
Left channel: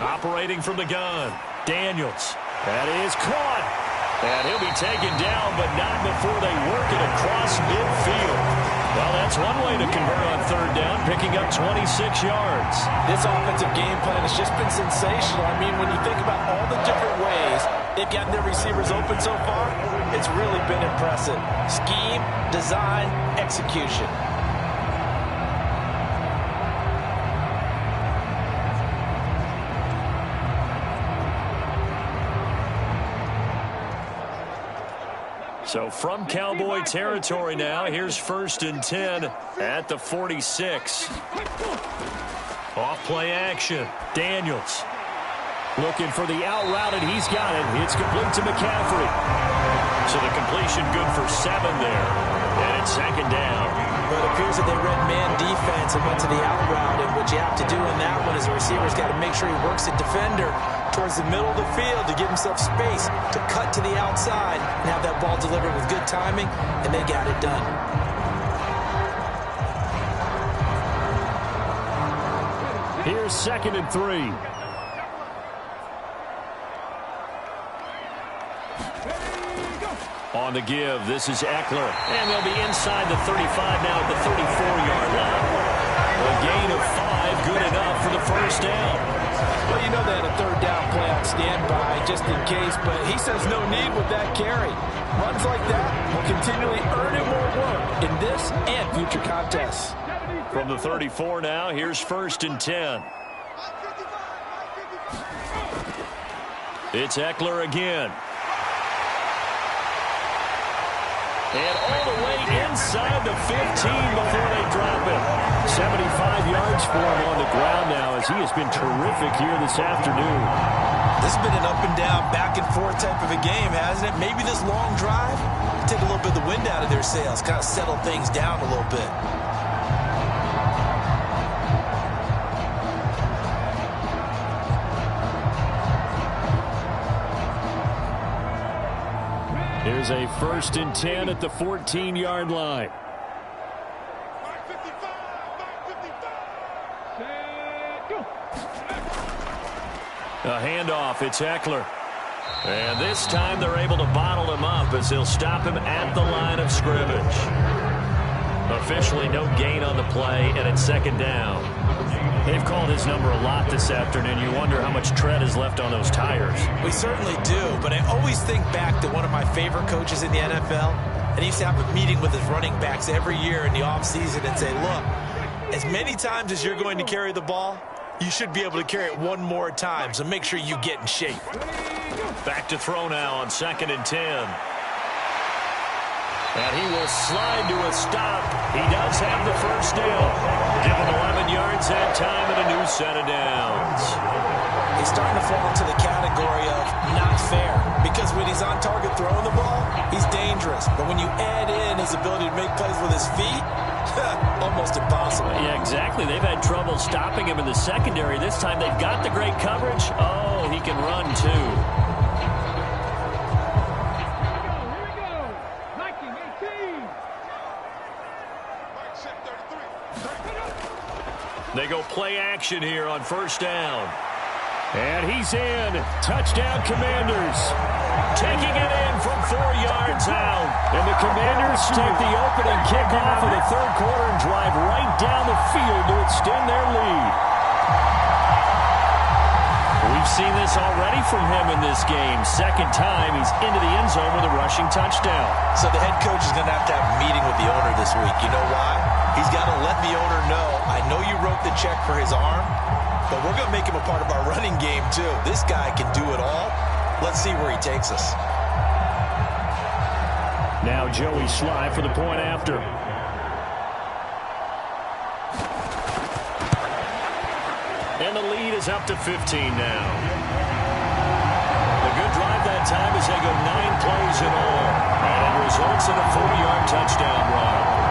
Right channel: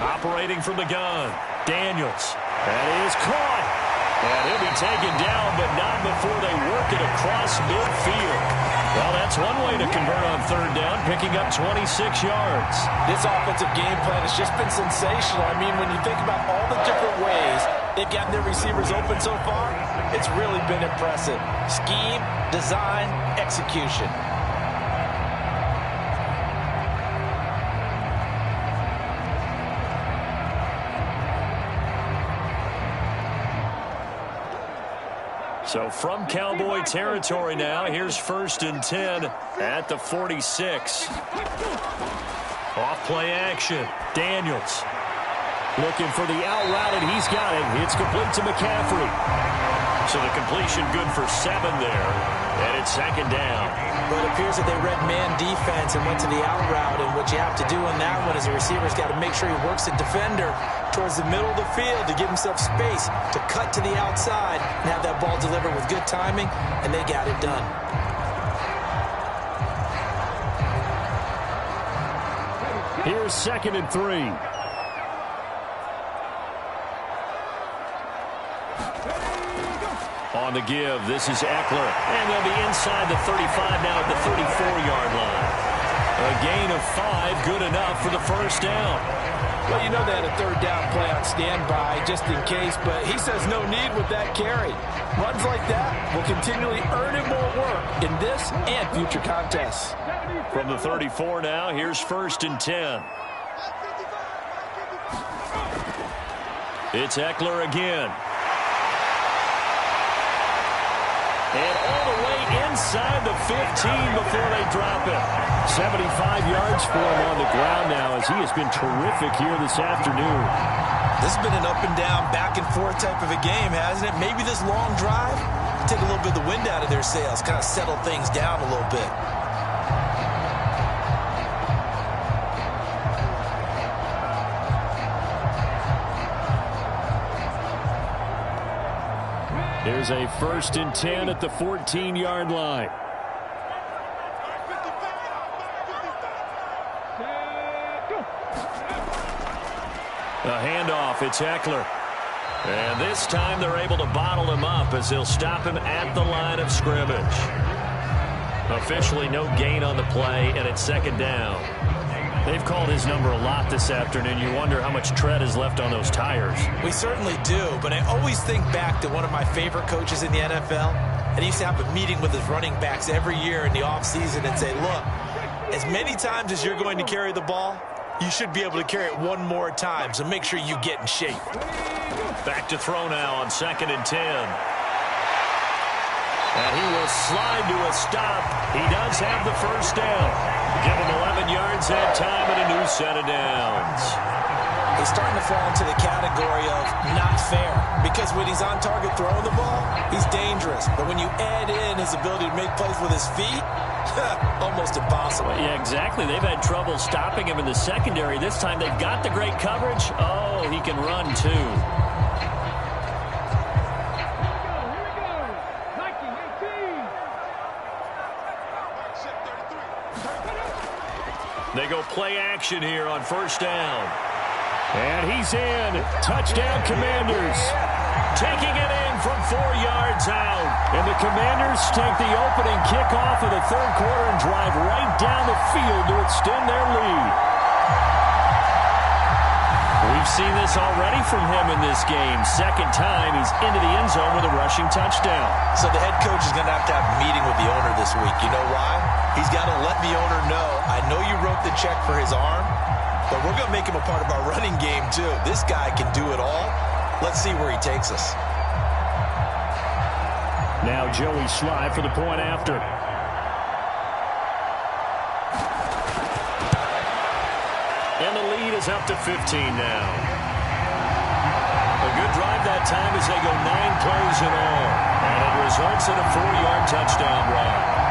Operating from the gun. Daniels. That is caught. And he'll be taken down, but not before they work it across midfield. Well, that's one way to convert on 3rd down, picking up 26 yards. This offensive game plan has just been sensational. I mean, when you think about all the different ways they've gotten their receivers open so far, it's really been impressive. Scheme, design, execution. So from Cowboy territory now, here's 1st and 10 at the 46. Off play action. Daniels looking for the out route, and he's got it. It's complete to McCaffrey. So the completion good for 7 there, and it's 2nd down. But it appears that they read man defense and went to the out route, and what you have to do in that one is the receiver's got to make sure he works the defender towards the middle of the field to give himself space to cut to the outside and have that ball delivered with good timing, and they got it done. Here's 2nd and 3. On the give, this is Eckler. And they'll be inside the 35 now at the 34-yard line. A gain of 5, good enough for the 1st down. Well, you know they had a 3rd down play on standby just in case, but he says no need with that carry. Runs like that will continually earn him more work in this and future contests. From the 34 now, here's 1st and 10. It's Eckler again. And all the way inside the 15 before they drop him. 75 yards for him on the ground now, as he has been terrific here this afternoon. This has been an up and down, back and forth type of a game, hasn't it? Maybe this long drive take a little bit of the wind out of their sails, kind of settle things down a little bit. There's a 1st and 10 at the 14-yard line. A handoff, it's Eckler. And this time they're able to bottle him up as they'll stop him at the line of scrimmage. Officially no gain on the play, and it's 2nd down. They've called his number a lot this afternoon. You wonder how much tread is left on those tires. We certainly do, but I always think back to one of my favorite coaches in the NFL, and he used to have a meeting with his running backs every year in the offseason and say, look, as many times as you're going to carry the ball, you should be able to carry it one more time, so make sure you get in shape. Back to throw now on 2nd and 10. And he will slide to a stop. He does have the 1st down. Give him 11 yards that time and a new set of downs. He's starting to fall into the category of not fair, because when he's on target throwing the ball, he's dangerous. But when you add in his ability to make plays with his feet, almost impossible. Yeah, exactly. They've had trouble stopping him in the secondary. This time they've got the great coverage. Oh, he can run too. They go play action here on first down. And he's in. Touchdown, Commanders. Taking it in from 4 yards out. And the Commanders take the opening kickoff of the third quarter and drive right down the field to extend their lead. We've seen this already from him in this game. Second time he's into the end zone with a rushing touchdown. So the head coach is going to have a meeting with the owner this week. You know why? He's got to let the owner know, I know you wrote the check for his arm, but we're going to make him a part of our running game too. This guy can do it all. Let's see where he takes us. Now Joey Sly for the point after. And the lead is up to 15 now. A good drive that time as they go 9 plays in all. And it results in a 4-yard touchdown run.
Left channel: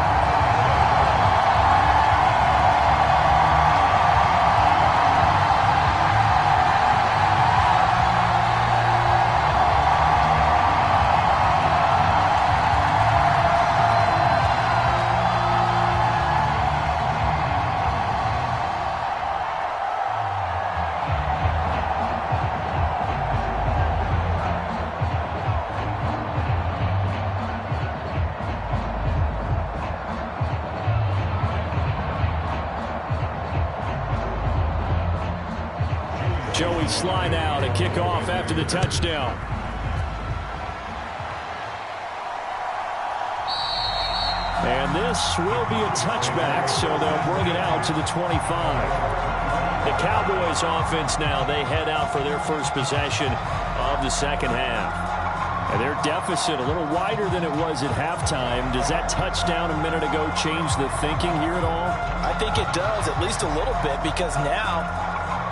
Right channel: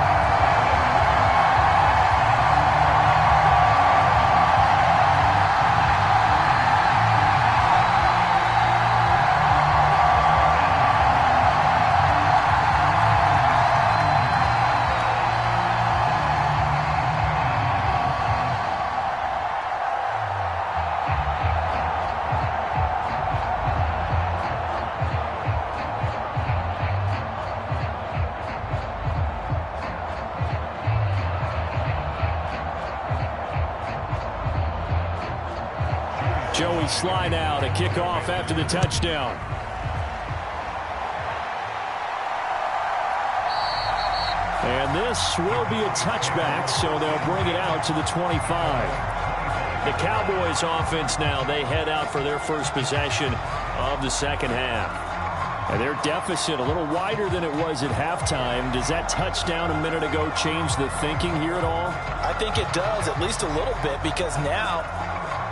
Joey Sly now to kick off after the touchdown. And this will be a touchback, so they'll bring it out to the 25. The Cowboys offense now, they head out for their first possession of the second half. And their deficit a little wider than it was at halftime. Does that touchdown a minute ago change the thinking here at all? I think it does, at least a little bit, because now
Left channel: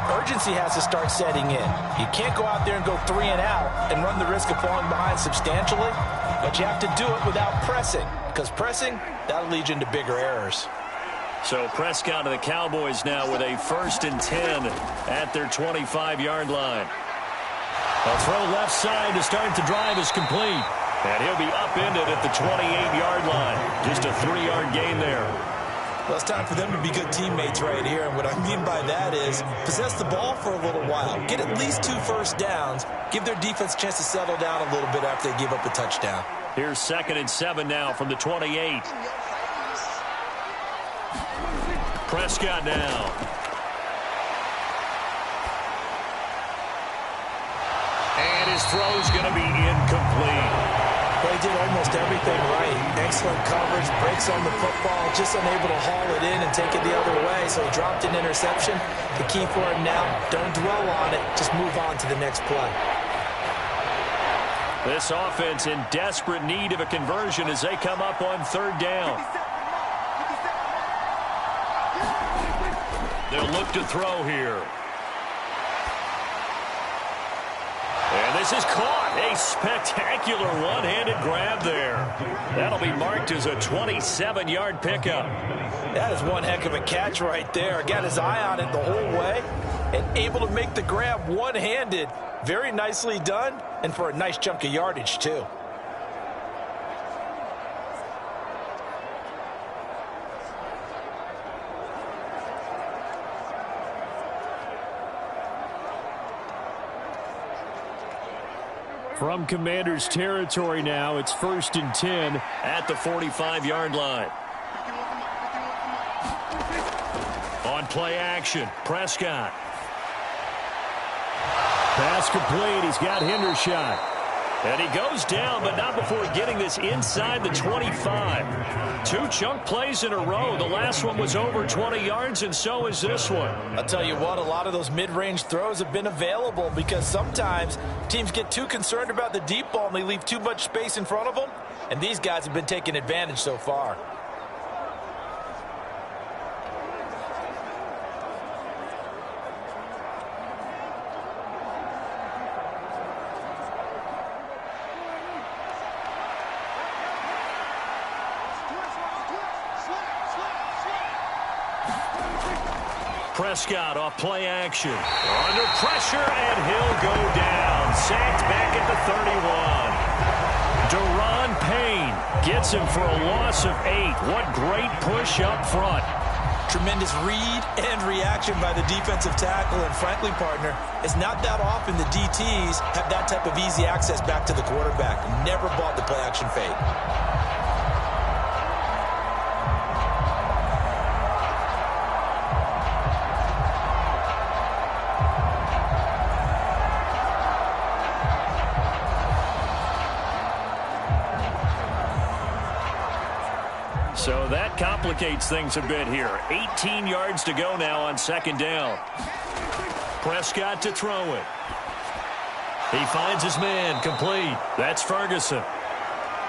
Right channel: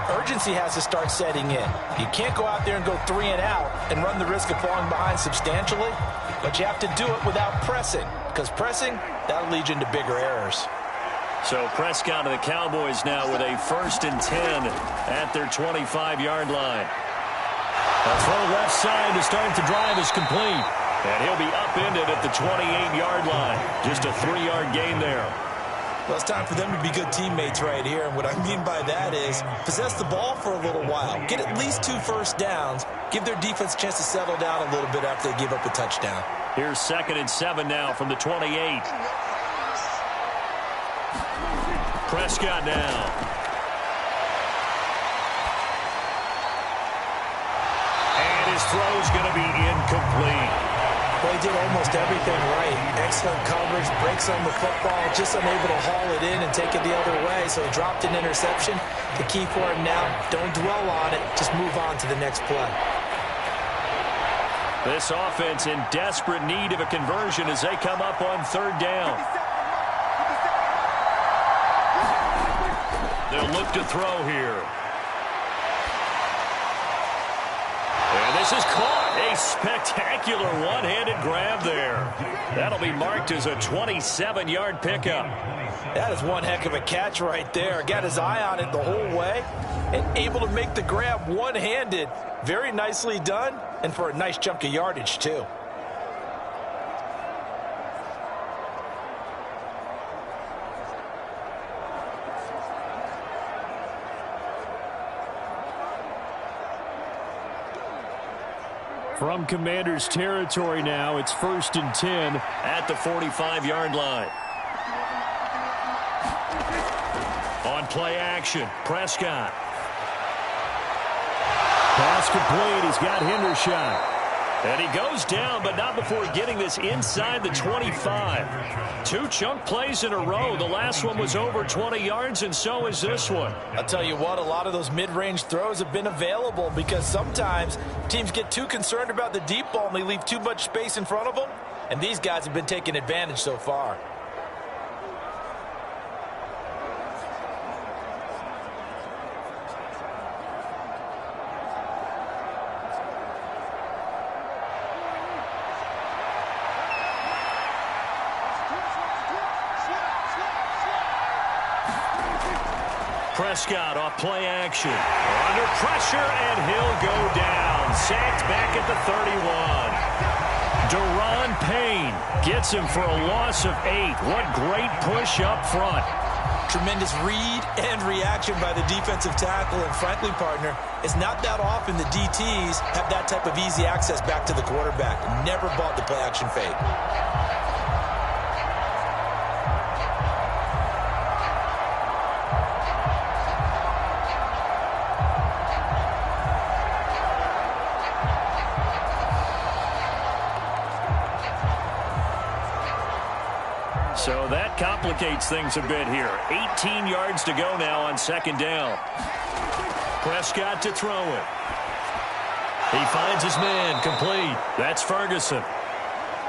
urgency has to start setting in. You can't go out there and go 3 and out and run the risk of falling behind substantially, but you have to do it without pressing, because pressing, that'll lead you into bigger errors. So Prescott of the Cowboys now with a 1st and 10 at their 25-yard line. A throw left side to start the drive is complete. And he'll be upended at the 28-yard line. Just a 3-yard gain there. Well, it's time for them to be good teammates right here. And what I mean by that is possess the ball for a little while. Get at least 2 first downs. Give their defense a chance to settle down a little bit after they give up a touchdown. Here's 2nd and 7 now from the 28. Prescott now. And his throw's going to be incomplete. Well, he did almost everything right. Excellent coverage, breaks on the football, just unable to haul it in and take it the other way, so he dropped an interception. The key for him now, don't dwell on it, just move on to the next play. This offense in desperate need of a conversion as they come up on 3rd down. They'll look to throw here. And this is caught. A spectacular one-handed grab there. That'll be marked as a 27-yard pickup. That is one heck of a catch right there. Got his eye on it the whole way and able to make the grab one-handed. Very nicely done, and for a nice chunk of yardage, too. From Commanders territory now, it's 1st and 10 at the 45-yard line. On play action, Prescott. Pass complete. He's got Hendershot. And he goes down, but not before getting this inside the 25. 2 chunk plays in a row. The last one was over 20 yards, and so is this one. I'll tell you what, a lot of those mid-range throws have been available because sometimes teams get too concerned about the deep ball and they leave too much space in front of them, and these guys have been taking advantage so far. Prescott off play action. Under pressure, and he'll go down. Sacked back at the 31. Daron Payne gets him for a loss of 8. What great push up front. Tremendous read and reaction by the defensive tackle. And frankly, partner, it's not that often the DTs have that type of easy access back to the quarterback. Never bought the play-action fake. So that complicates things a bit here. 18 yards to go now on second down. Prescott to throw it. He finds his man, complete. That's Ferguson.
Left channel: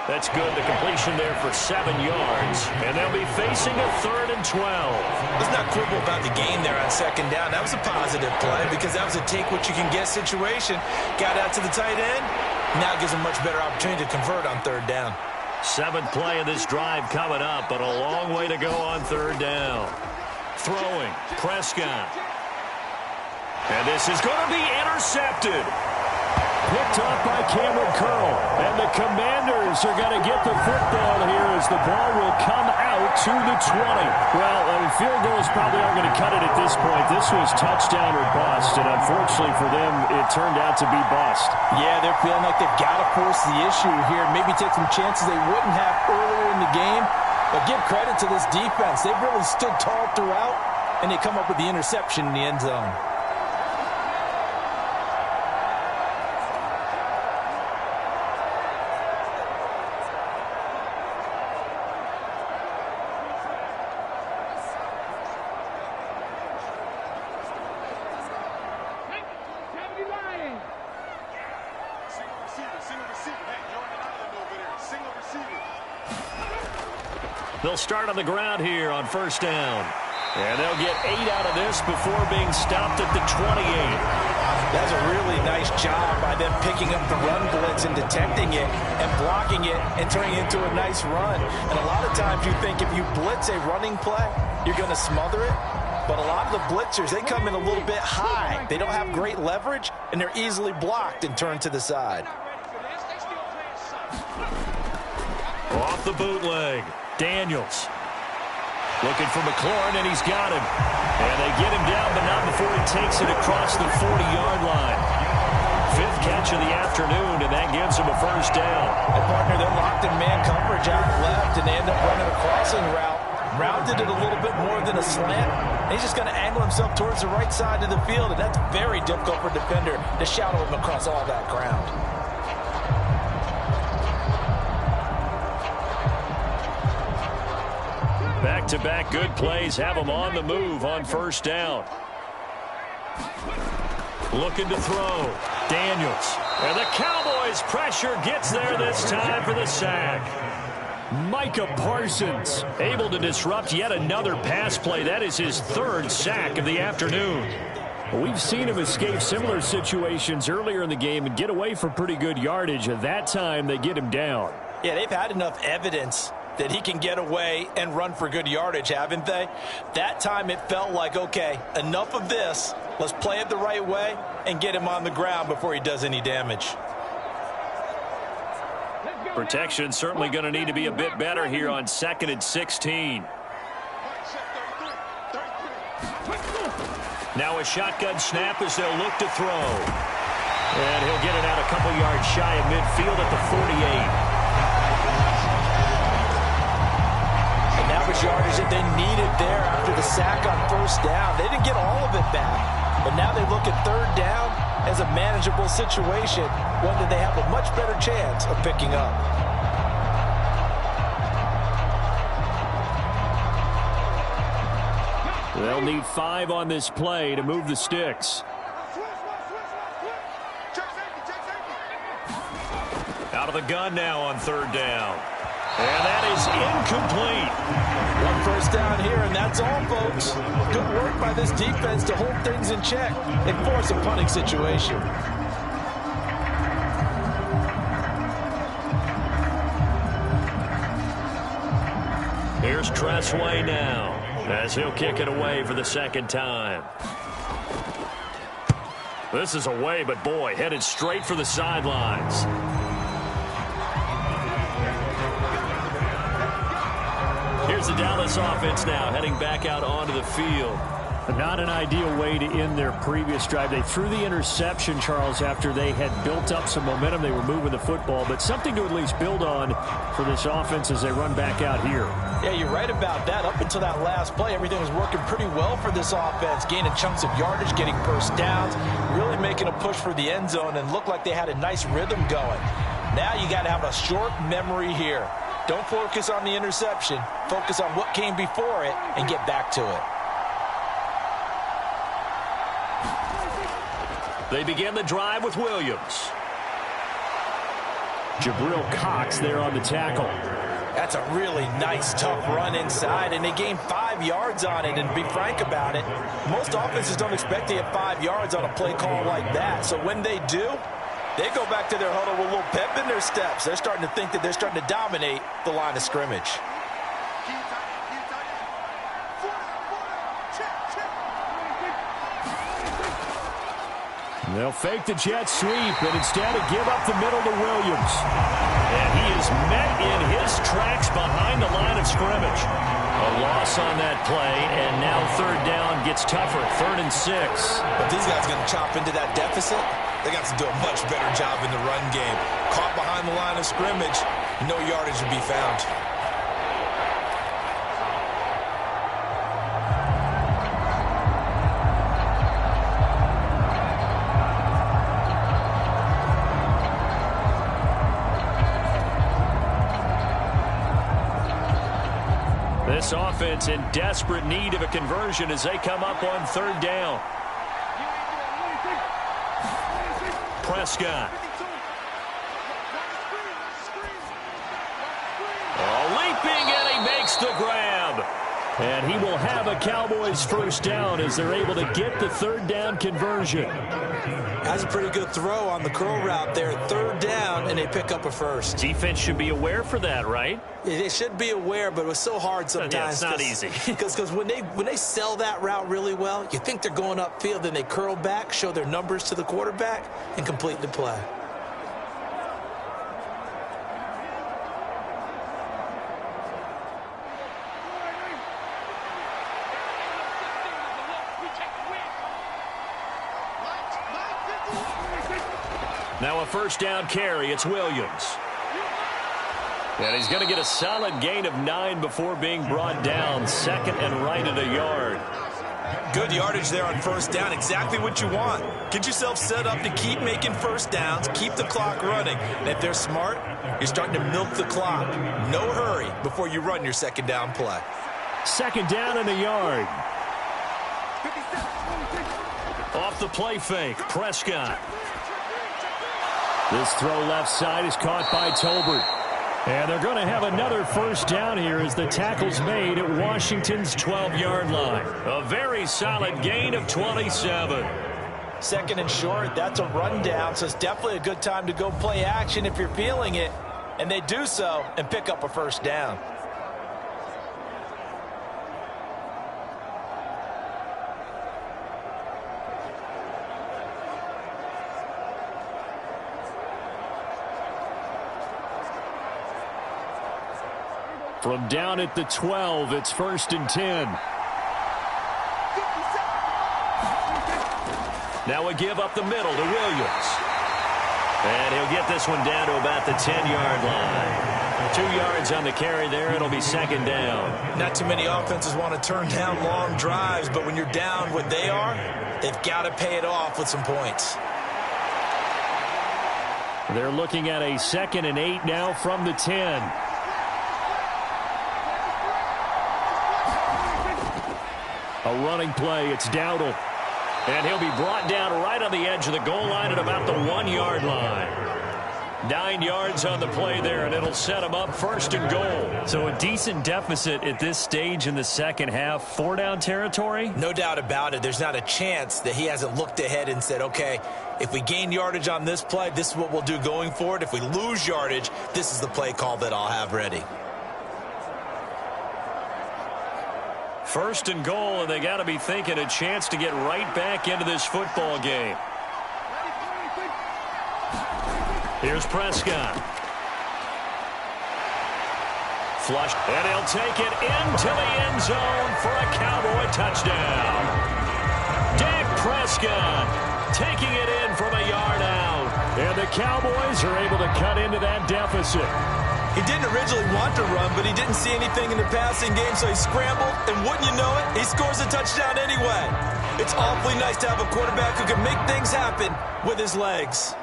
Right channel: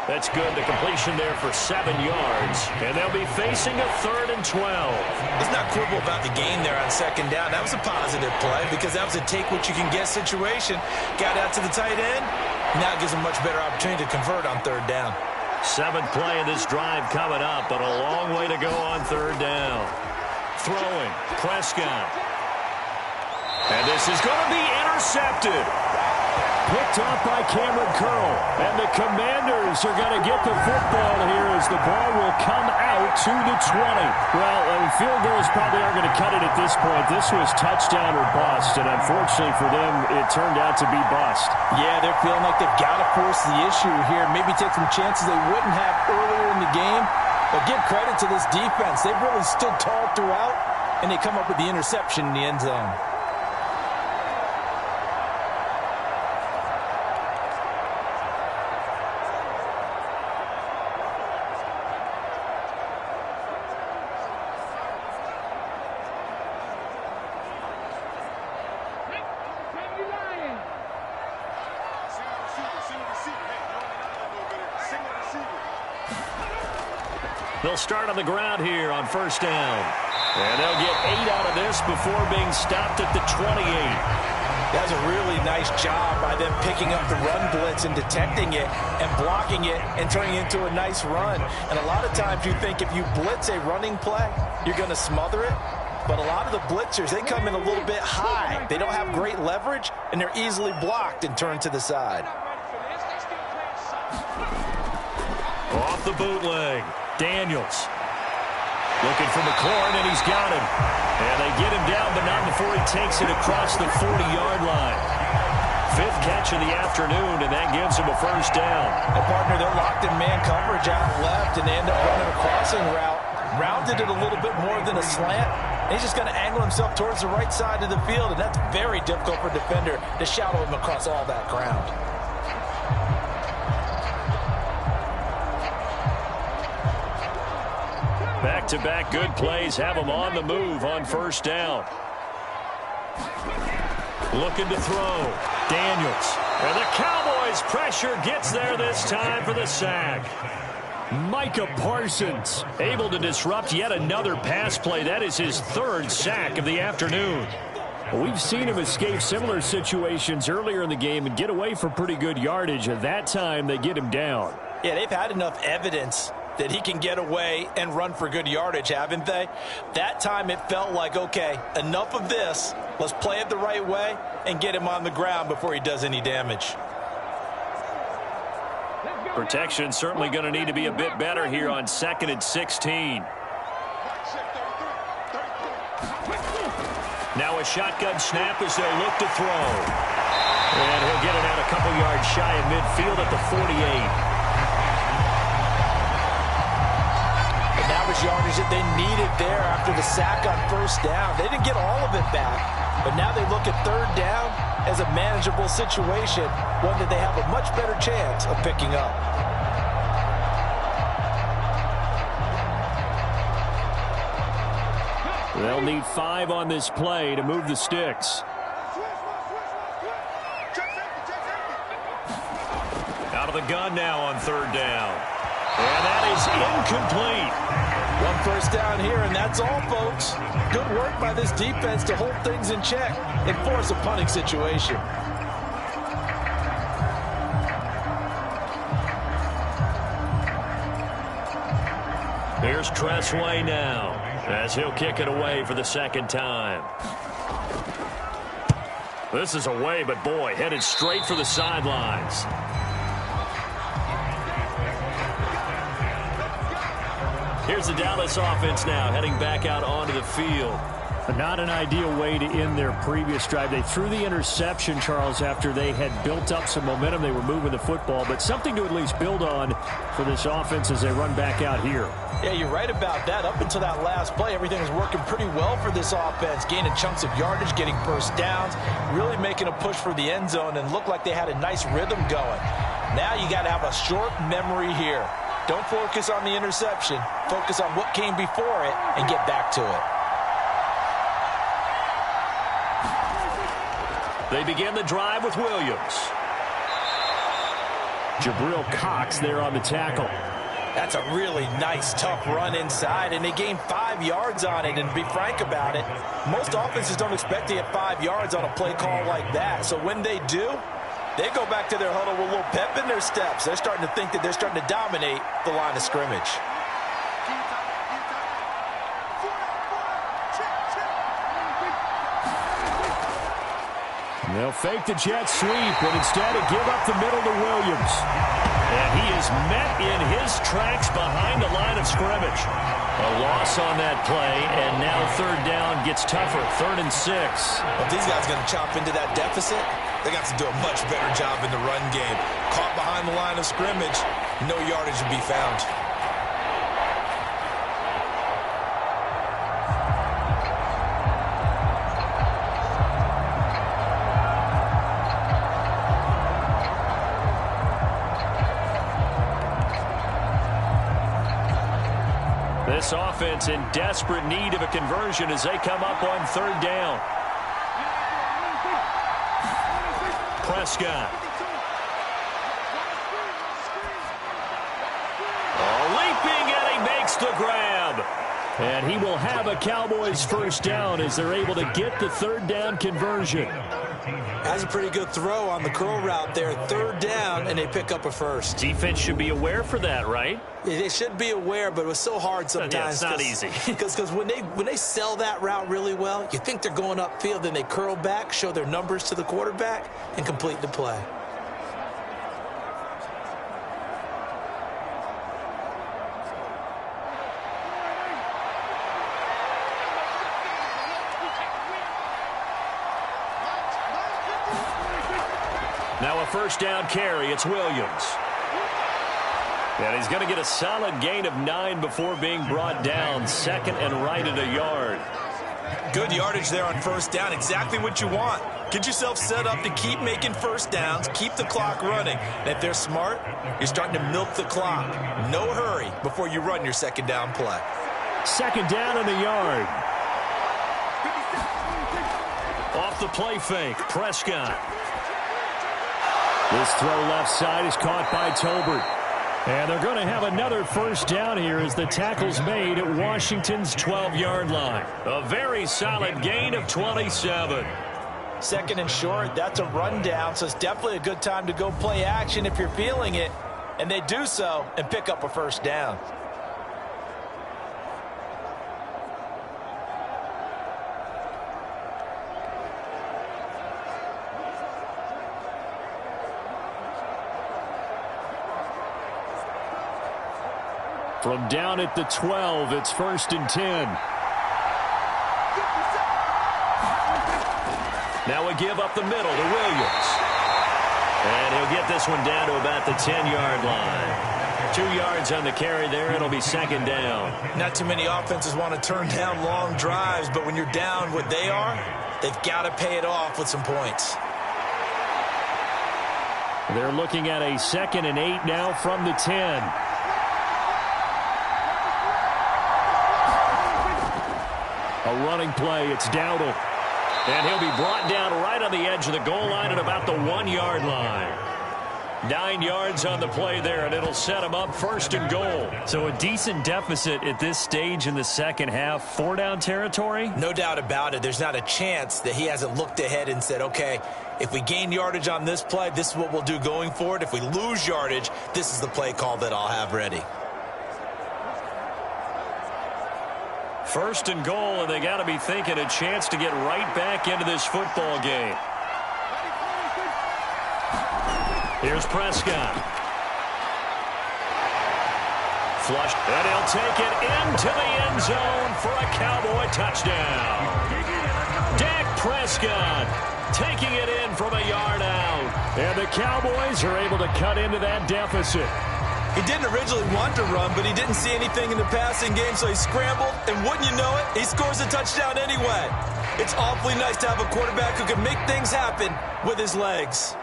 That's good. The completion there for 7 yards. And they'll be facing a 3rd and 12. Let's not quibble about the gain there on second down. That was a positive play because that was a take-what-you-can-get situation. Got out to the tight end. Now it gives him a much better opportunity to convert on 3rd down. 7th play of this drive coming up, but a long way to go on 3rd down. Throwing, Prescott. And this is going to be intercepted. Picked off by Cameron Curl. And the Commanders are going to get the football here as the ball will come out to the 20. Well, I mean, field goals probably aren't going to cut it at this point. This was touchdown or bust, and unfortunately for them, it turned out to be bust. Yeah, they're feeling like they've got to force the issue here. Maybe take some chances they wouldn't have earlier in the game. But give credit to this defense. They've really stood tall throughout, and they come up with the interception in the end zone. They'll start on the ground here on 1st down. And they'll get 8 out of this before being stopped at the 28. That's a really nice job by them picking up the run blitz and detecting it and blocking it and turning it into a nice run. And a lot of times you think if you blitz a running play, you're going to smother it. But a lot of the blitzers, they come in a little bit high. They don't have great leverage, and they're easily blocked and turned to the side. Off the bootleg. Daniels looking for McLaurin, and he's got him. And they get him down, but not before he takes it across the 40-yard line. 5th catch of the afternoon, and that gives him a 1st down. And, partner, they're locked in man coverage out left, and they end up running a crossing route. Rounded it a little bit more than a slant. And he's just going to angle himself towards the right side of the field, and that's very difficult for a defender to shadow him across all that ground. Back-to-back good plays have him on the move on 1st down. Looking to throw. Daniels. And the Cowboys' pressure gets there this time for the sack. Micah Parsons able to disrupt yet another pass play. That is his 3rd sack of the afternoon. We've seen him escape similar situations earlier in the game and get away for pretty good yardage. At that time, they get him down. Yeah, they've had enough evidence that he can get away and run for good yardage, haven't they? That time it felt like, okay, enough of this. Let's play it the right way and get him on the ground before he does any damage. Protection certainly going to need to be a bit better here on 2nd and 16. Now a shotgun snap as they'll look to throw. And he'll get it out a couple yards shy of midfield at the 48. And that was yardage that they needed there after the sack on 1st down. They didn't get all of it back, but now they look at 3rd down as a manageable situation, one that they have a much better chance of picking up. They'll need 5 on this play to move the sticks. Out of the gun now on 3rd down. And that is incomplete. 1 first down here, and that's all, folks. Good work by this defense to hold things in check and force a punting situation. Here's Tressway now as he'll kick it away for the 2nd time. This is away, but boy, headed straight for the sidelines. Here's Here's the Dallas offense now heading back out onto the field. Not an ideal way to end their previous drive. They threw the interception, Charles, after they had built up some momentum. They were moving the football, but something to at least build on for this offense as they run back out here. Yeah, you're right about that. Up until that last play, everything was working pretty well for this offense, gaining chunks of yardage, getting first downs, really making a push for the end zone, and looked like they had a nice rhythm going. Now you got to have a short memory here. Don't focus on the interception. Focus on what came before it and get back to it. They begin the drive with Williams. Jabril Cox there on the tackle. That's a really nice, tough run inside, and they gained 5 yards on it. And to be frank about it, most offenses don't expect to get 5 yards on a play call like that. So when they do, they go back to their huddle with a little pep in their steps. They're starting to think that they're starting to dominate the line of scrimmage. They'll fake the jet sweep, and instead give up the middle to Williams. And he is met in his tracks behind the line of scrimmage. A loss on that play, and now third down gets tougher, 3rd and 6. But these guys are going to chop into that deficit. They got to do a much better job in the run game. Caught behind the line of scrimmage, no yardage would be found. This offense in desperate need of a conversion as they come up on 3rd down. Prescott. Leaping, and he makes the grab. And he will have a Cowboys first down as they're able to get the 3rd down conversion. That's a pretty good throw on the curl route there. 3rd down, and they pick up a first. Defense should be aware for that, right? They should be aware, but it was so hard sometimes. Yeah, it's not easy. Because when they sell that route really well, you think they're going upfield, then they curl back, show their numbers to the quarterback, and complete the play. Now a first down carry. It's Williams. And he's going to get a solid gain of 9 before being brought down. 2nd and right at a yard. Good yardage there on first down. Exactly what you want. Get yourself set up to keep making first downs, keep the clock running. And if they're smart, you're starting to milk the clock. No hurry before you run your 2nd down play. 2nd down and a yard. Off the play fake, Prescott. This throw left side is caught by Tolbert. And they're going to have another first down here as the tackle's made at Washington's 12-yard line. A very solid gain of 27. 2nd and short, that's a rundown, so it's definitely a good time to go play action if you're feeling it. And they do so and pick up a first down. From down at the 12, it's 1st and 10. Now a give up the middle to Williams. And he'll get this one down to about the 10-yard line. 2 yards on the carry there. It'll be 2nd down. Not too many offenses want to turn down long drives, but when you're down what they are, they've got to pay it off with some points. They're looking at a 2nd and 8 now from the 10. A running play, it's Dowdle. And he'll be brought down right on the edge of the goal line at about the 1-yard line. 9 yards on the play there, and it'll set him up 1st and goal. So a decent deficit at this stage in the second half. 4-down territory? No doubt about it. There's not a chance that he hasn't looked ahead and said, okay, if we gain yardage on this play, this is what we'll do going forward. If we lose yardage, this is the play call that I'll have ready. 1st and goal, and they got to be thinking a chance to get right back into this football game. Here's Prescott. Flushed, and he'll take it into the end zone for a Cowboy touchdown. Dak Prescott taking it in from a yard out. And the Cowboys are able to cut into that deficit. He didn't originally want to run, but he didn't see anything in the passing game, so he scrambled, and wouldn't you know it, he scores a touchdown anyway. It's awfully nice to have a quarterback who can make things happen with his legs.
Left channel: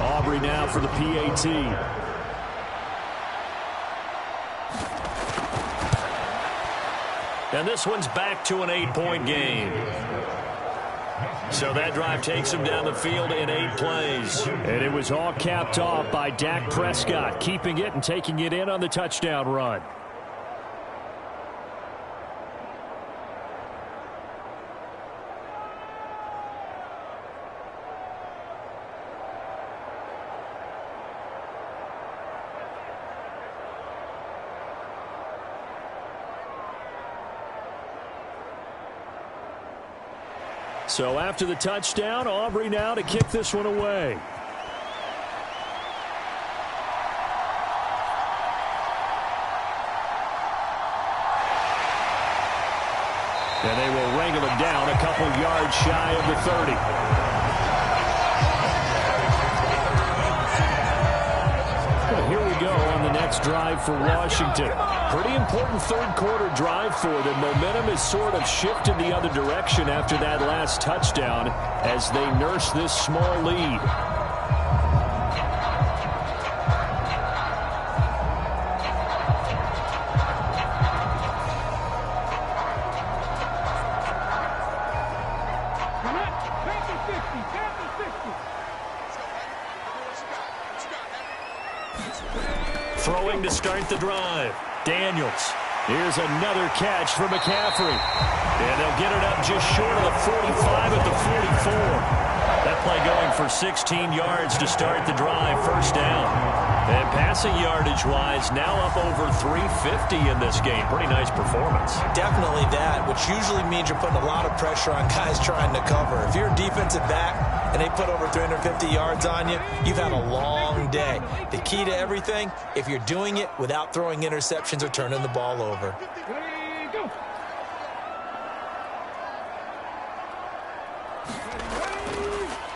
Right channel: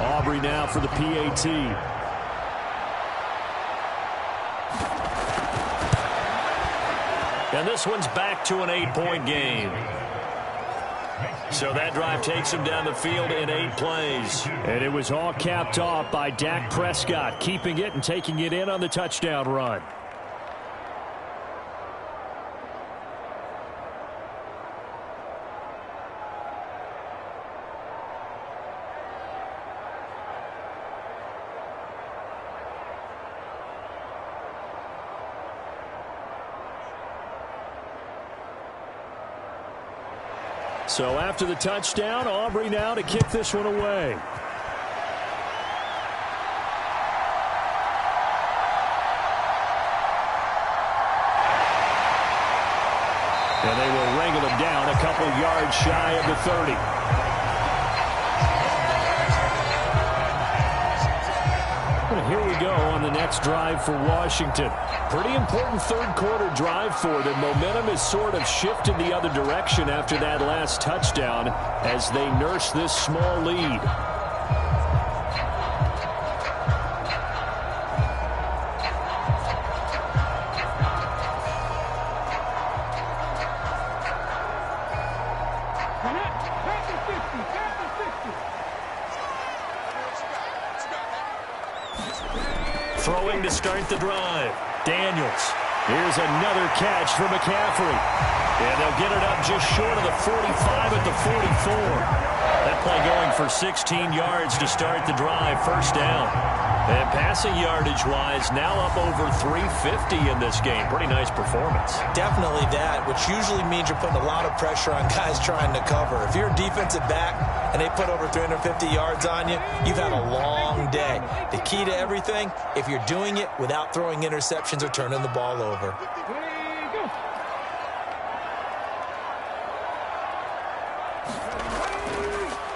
Aubrey now for the PAT. And this one's back to an 8-point game. So that drive takes him down the field in 8 plays. And it was all capped off by Dak Prescott, keeping it and taking it in on the touchdown run. So after the touchdown, Aubrey now to kick this one away. And they will wrangle him down a couple yards shy of the 30. Well, here we go on the next drive for Washington. Pretty important third-quarter drive for them. Momentum has sort of shifted the other direction after that last touchdown as they nurse this small lead. Throwing to start the drive. Daniels. Here's another catch for McCaffrey. And they'll get it up just short of the 45 at the 44. That play going for 16 yards to start the drive. First down. And passing yardage-wise, now up over 350 in this game. Pretty nice performance. Definitely that, which usually means you're putting a lot of pressure on guys trying to cover. If you're a defensive back and they put over 350 yards on you, you've had a long day. The key to everything, if you're doing it without throwing interceptions or turning the ball over.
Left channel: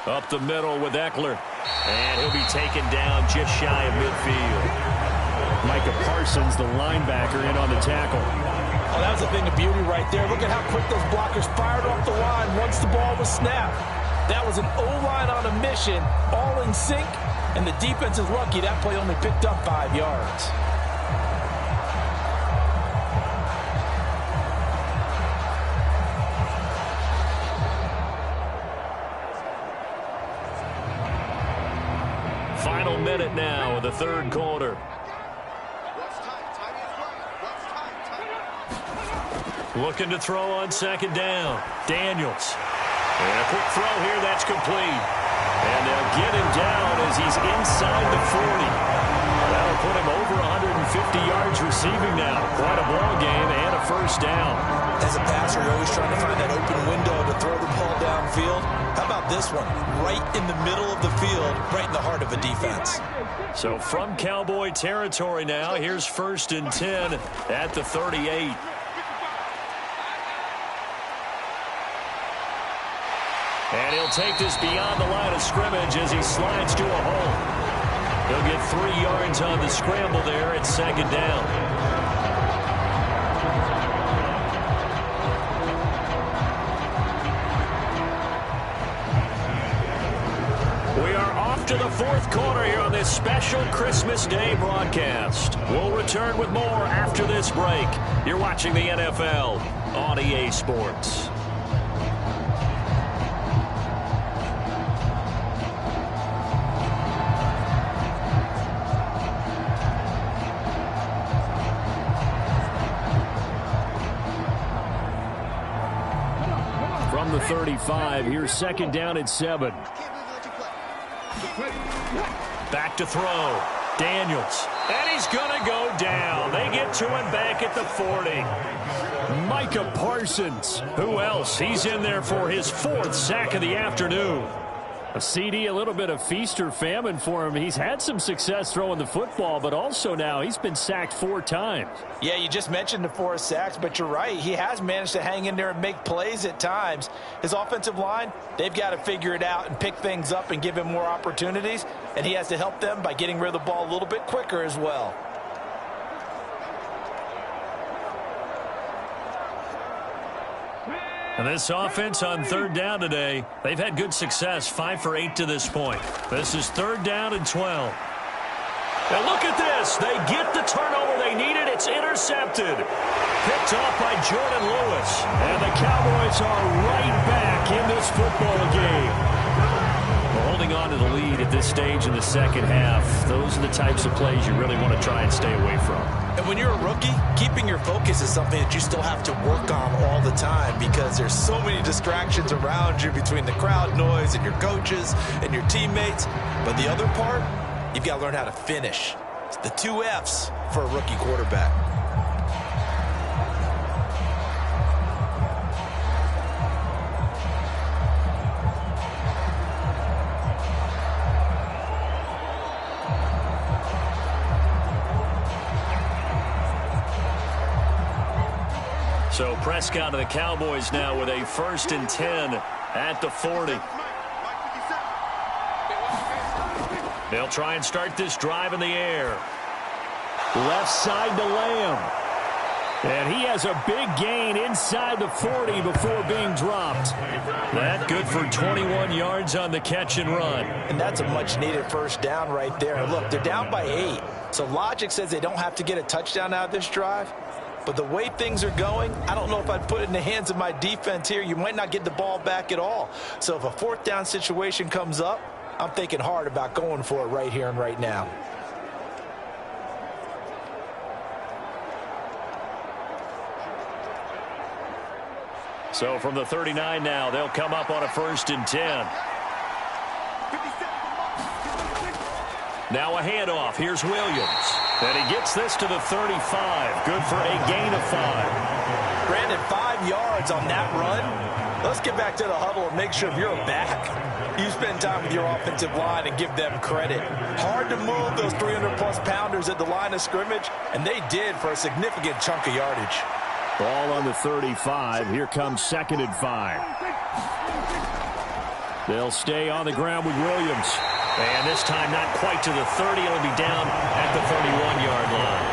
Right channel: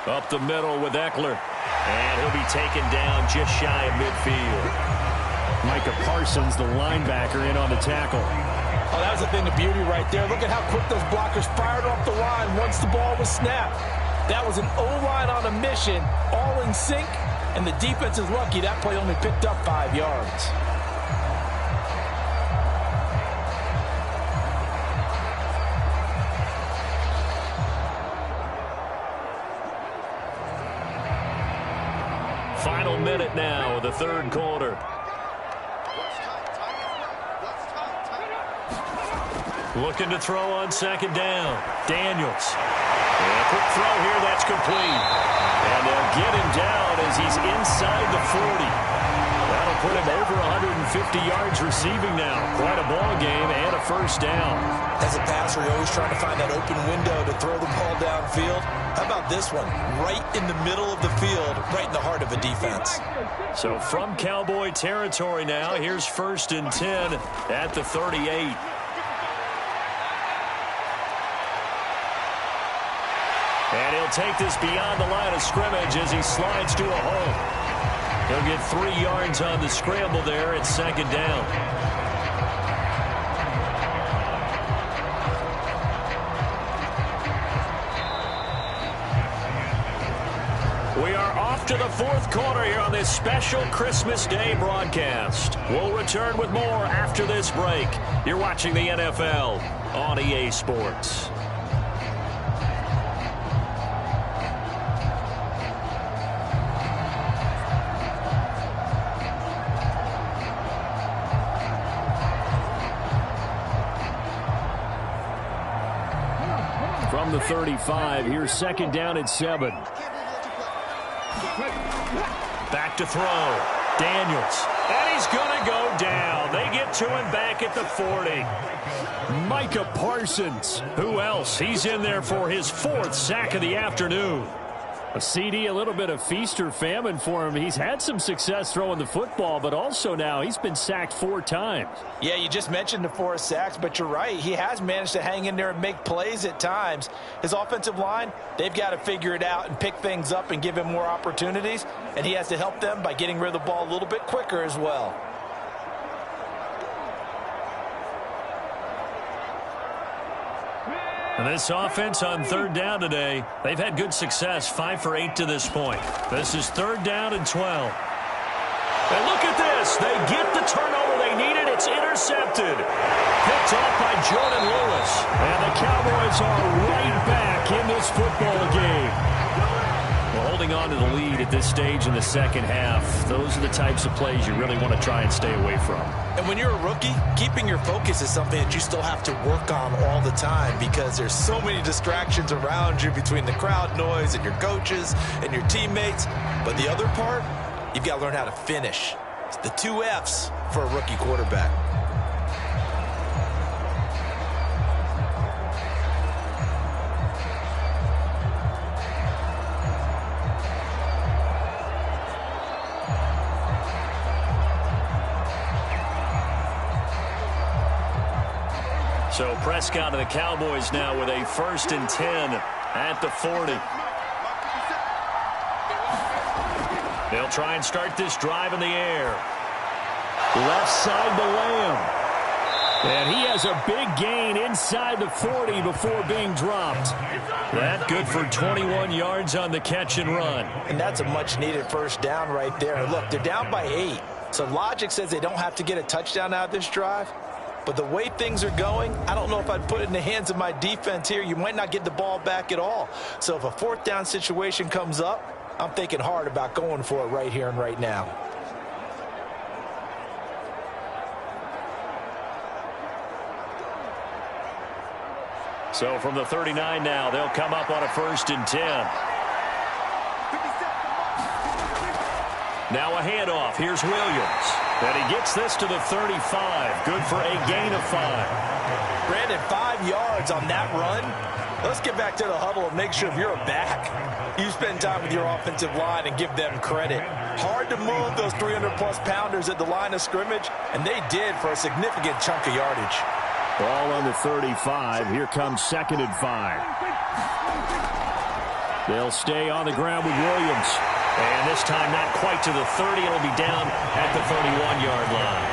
Up the middle with Eckler. And he'll be taken down just shy of midfield. Micah Parsons, the linebacker, in on the tackle. Oh, that was a thing of beauty right there. Look at how quick those blockers fired off the line once the ball was snapped. That was an O-line on a mission, all in sync, and the defense is lucky that play only picked up 5 yards. Final minute now of the third quarter. Looking to throw on second down. Daniels. And a quick throw here, that's complete. And they'll get him down as he's inside the 40. That'll put him over 150 yards receiving now. Quite a ball game and a first down. As a passer, you're always trying to find that open window to throw the ball downfield. How about this one? Right in the middle of the field, right in the heart of a defense. So from Cowboy territory now, here's 1st and 10 at the 38. And he'll take this beyond the line of scrimmage as he slides to a hole. He'll get 3 yards on the scramble there at second down. We are off to the fourth quarter here on this special Christmas Day broadcast. We'll return with more after this break. You're watching the NFL on EA Sports. From the 35, here's second down and 7. Back to throw. Daniels. And he's going to go down. They get to him back at the 40. Micah Parsons. Who else? He's in there for his 4th sack of the afternoon. A CD, a little bit of feast or famine for him. He's had some success throwing the football, but also now he's been sacked 4 times. Yeah, you just mentioned the 4 sacks, but you're right. He has managed to hang in there and make plays at times. His offensive line, they've got to figure it out and pick things up and give him more opportunities, and he has to help them by getting rid of the ball a little bit quicker as well. And this offense on 3rd down today, they've had good success, 5 for 8 to this point. This is 3rd down and 12. And look at this. They get the turnover they needed. It's intercepted. Picked off by Jordan Lewis. And the Cowboys are right back in this football game. Well, holding on to the lead at this stage in the second half, those are the types of plays you really want to try and stay away from. And when you're a rookie, keeping your focus is something that you still have to work on all the time because there's so many distractions around you between the crowd noise and your coaches and your teammates. But the other part, you've got to learn how to finish. It's the 2 F's for a rookie quarterback. So Prescott and the Cowboys now with a 1st and 10 at the 40. They'll try and start this drive in the air. Left side to Lamb. And he has a big gain inside the 40 before being dropped. That good for 21 yards on the catch and run. And that's a much-needed 1st down right there. Look, they're down by 8. So logic says they don't have to get a touchdown out of this drive. But the way things are going, I don't know if I'd put it in the hands of my defense here. You might not get the ball back at all. So if a 4th down situation comes up, I'm thinking hard about going for it right here and right now. So from the 39 now, they'll come up on a 1st and 10. Now a handoff. Here's Williams. And he gets this to the 35. Good for a gain of 5. Brandon, 5 yards on that run. Let's get back to the huddle and make sure if you're a back, you spend time with your offensive line and give them credit. Hard to move those 300-plus pounders at the line of scrimmage, and they did for a significant chunk of yardage. Ball on the 35. Here comes 2nd and 5. They'll stay on the ground with Williams. And this time not quite to the 30. It'll be down at the 31-yard line.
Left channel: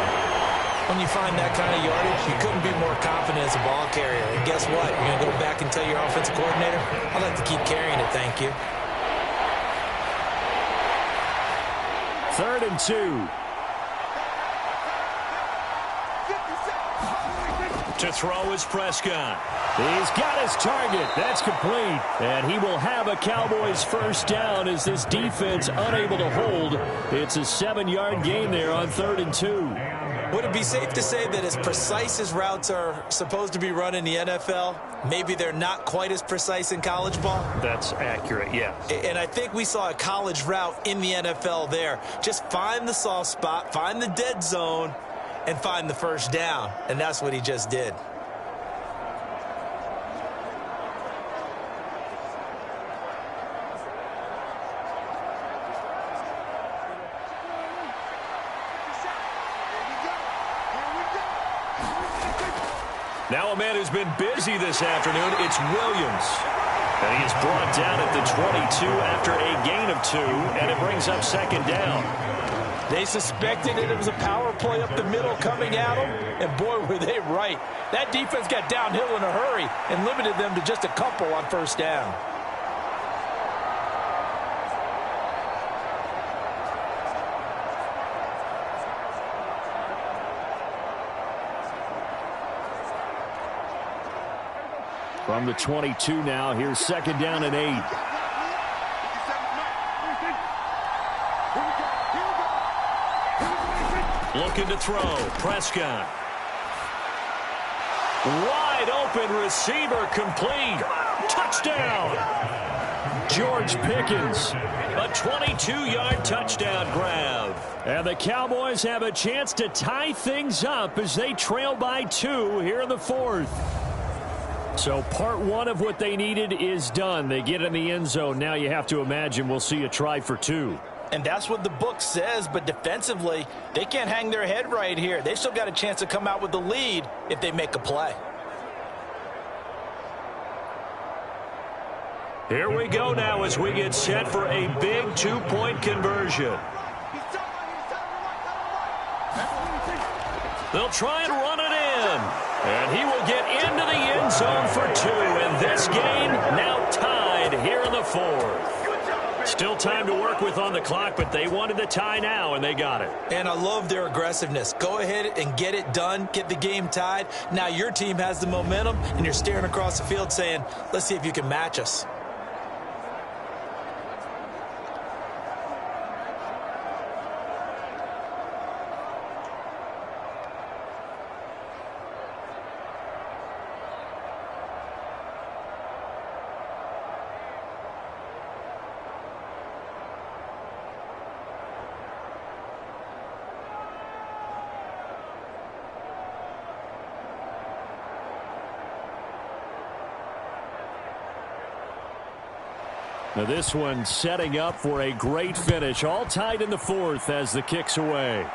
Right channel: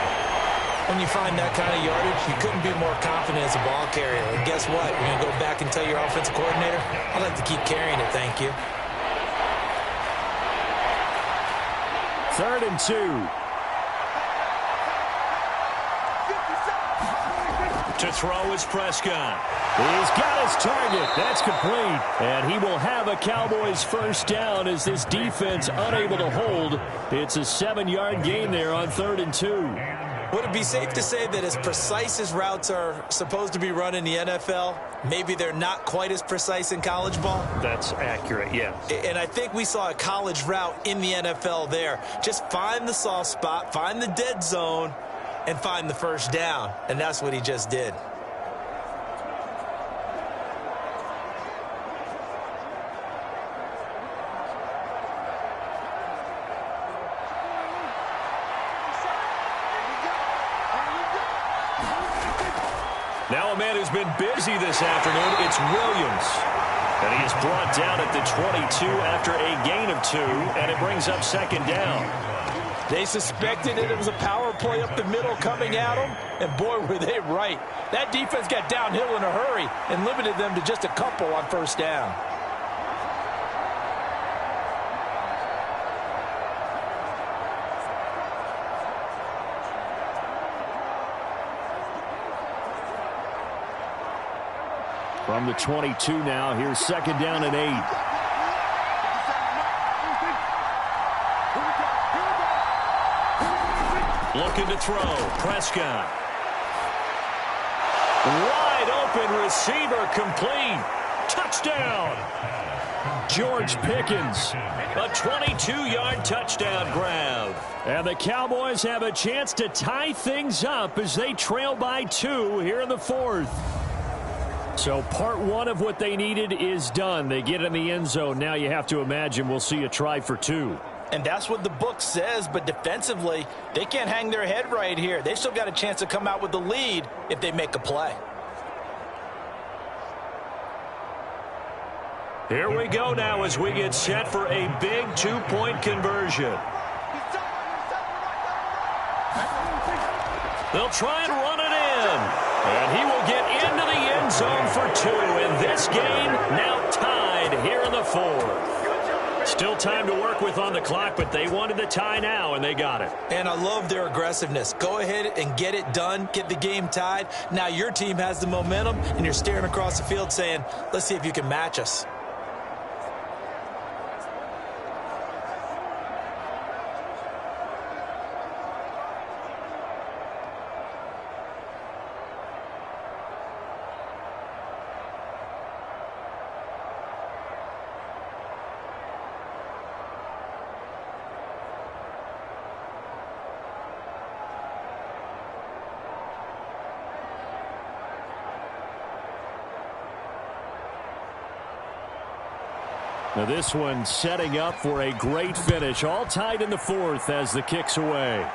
When you find that kind of yardage, you couldn't be more confident as a ball carrier. And guess what? You're going to go back and tell your offensive coordinator, I'd like to keep carrying it, thank you. 3rd and 2. To throw is Prescott. He's got his target. That's complete. And he will have a Cowboys 1st down as this defense unable to hold. It's a 7-yard gain there on 3rd and 2. Would it be safe to say that as precise as routes are supposed to be run in the NFL, maybe they're not quite as precise in college ball? That's accurate, yeah. And I think we saw a college route in the NFL there. Just find the soft spot, find the dead zone, and find the 1st down. And that's what he just did. Now a man who's been busy this afternoon, it's Williams. And he is brought down at the 22 after a gain of 2, and it brings up 2nd down. They suspected that it was a power play up the middle coming at them, and boy, were they right. That defense got downhill in a hurry and limited them to just a couple on 1st down. From the 22 now, here's 2nd down and 8. Looking to throw. Prescott. Wide open receiver complete. Touchdown. George Pickens. A 22-yard touchdown grab. And the Cowboys have a chance to tie things up as they trail by 2 here in the 4th. So part 1 of what they needed is done. They get in the end zone. Now you have to imagine we'll see a try for 2. And that's what the book says, but defensively, they can't hang their head right here. They've still got a chance to come out with the lead if they make a play. Here we go now as we get set for a big 2-point conversion. They'll try and run it in. And he will get into the end zone for 2. And this game now tied here in the 4th. Still time to work with on the clock, but they wanted the tie now, and they got it. And I love their aggressiveness. Go ahead and get it done, get the game tied. Now your team has the momentum, and you're staring across the field saying, let's see if you can match us. Now this one setting up for a great finish. All tied in the 4th as the kick's away.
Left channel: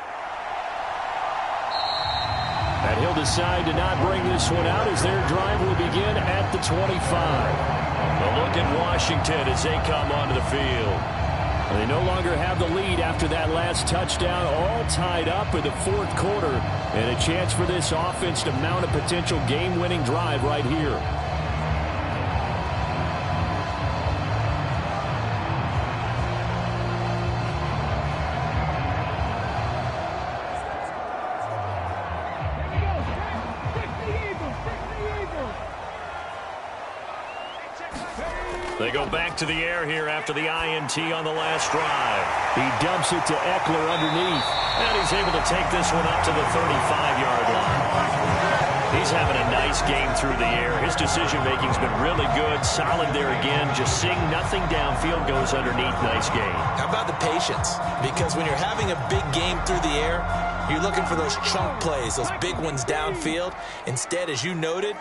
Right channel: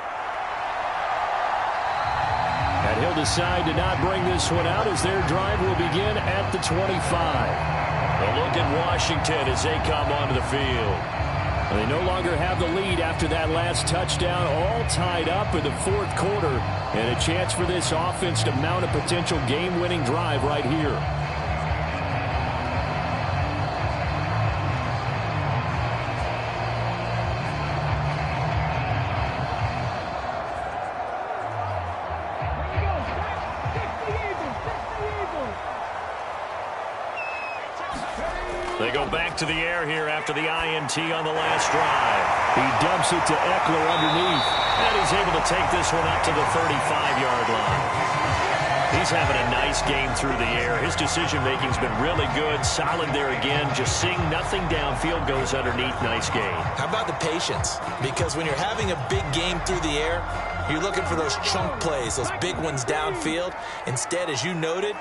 And he'll decide to not bring this one out as their drive will begin at the 25. A look at Washington as they come onto the field. They no longer have the lead after that last touchdown. All tied up in the 4th quarter. And a chance for this offense to mount a potential game-winning drive right here. They go back to the air here after the INT on the last drive. He dumps it to Eckler underneath. And he's able to take this one up to the 35-yard line. He's having a nice game through the air. His decision-making's been really good. Solid there again. Just seeing nothing downfield goes underneath. Nice game. How about the patience? Because when you're having a big game through the air, you're looking for those chunk plays, those big ones downfield. Instead, as you noted,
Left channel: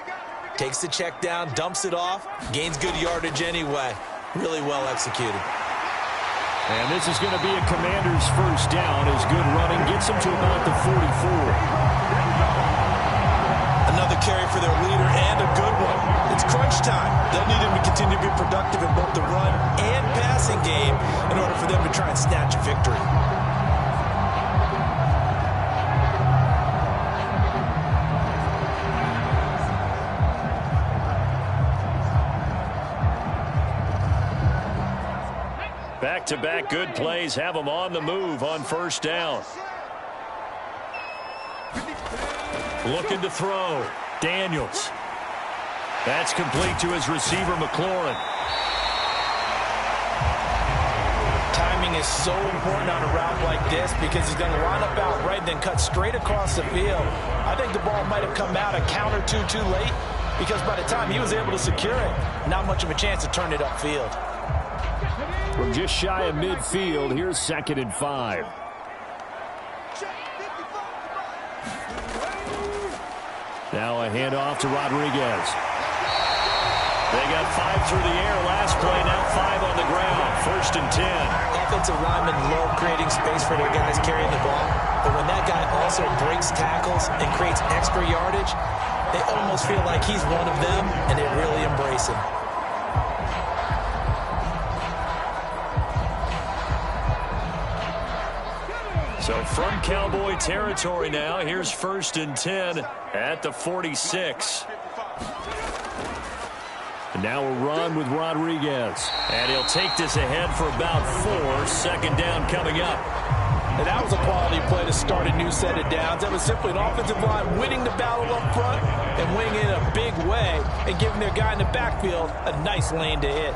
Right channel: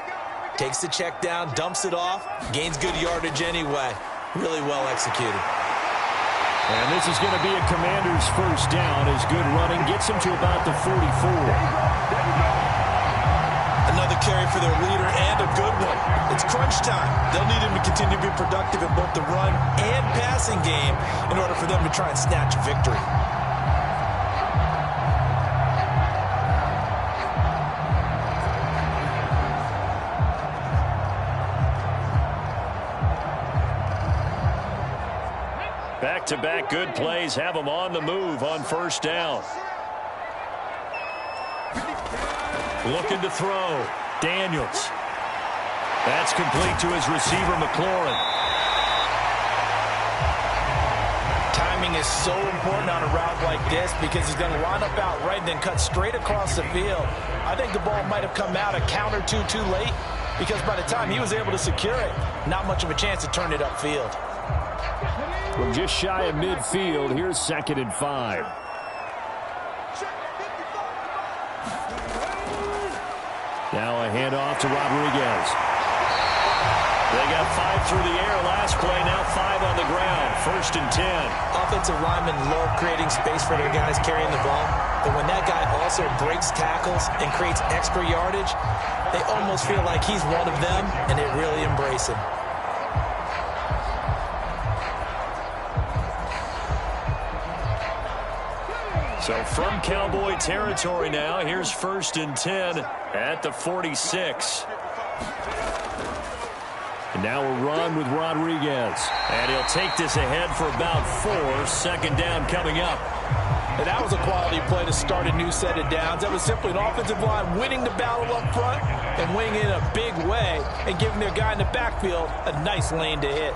takes the check down, dumps it off, gains good yardage anyway. Really well executed. And this is going to be a Commander's first down as good running gets him to about the 44. Another carry for their leader and a good one. It's crunch time. They'll need him to continue to be productive in both the run and passing game in order for them to try and snatch a victory. Back-to-back good plays have them on the move on first down. Looking to throw. Daniels. That's complete to his receiver, McLaurin. Timing is so important on a route like this because he's going to line up out right and then cut straight across the field. I think the ball might have come out a count or two too late because by the time he was able to secure it, not much of a chance to turn it upfield. From just shy of midfield, here's 2nd and 5. Now a handoff to Rodriguez. They got 5 through the air last play, now 5 on the ground. 1st and 10. Offensive linemen love creating space for their guys carrying the ball. But when that guy also breaks tackles and creates extra yardage, they almost feel like he's one of them, and they really embrace him. So from Cowboy territory now, here's 1st and 10 at the 46. And now a run with Rodriguez. And he'll take this ahead for about 4. 2nd down coming up. And that was a quality play to start a new set of downs. That was simply an offensive line winning the battle up front and winning it in a big way and giving their guy in the backfield a nice lane to hit.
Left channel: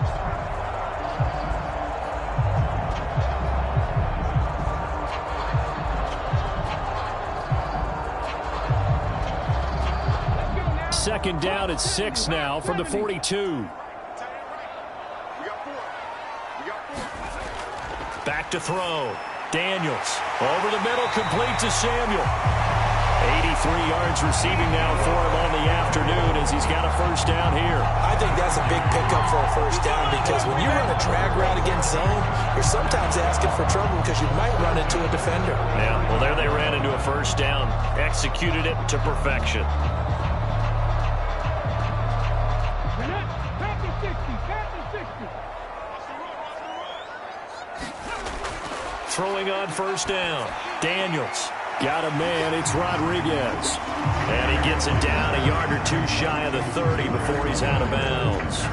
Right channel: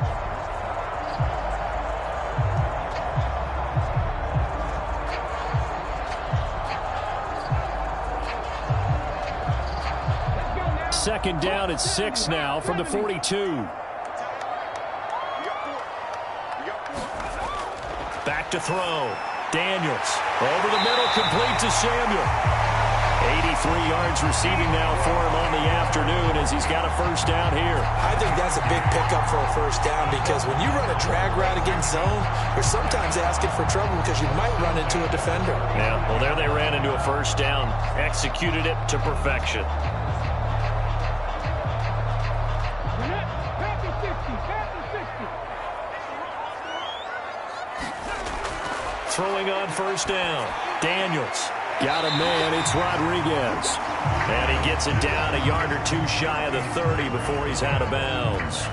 Second down at 6 now from the 42. back to throw. Daniels over the middle, complete to Samuel. 83 yards receiving now for him on the afternoon as he's got a first down here. I think that's a big pickup for a first down because when you run a drag route against zone, you're sometimes asking for trouble because you might run into a defender. Yeah, well, there they ran into a first down. Executed it to perfection. Throwing on first down. Daniels. Got a man. It's Rodriguez. And he gets it down a yard or two shy of the 30 before he's out of bounds.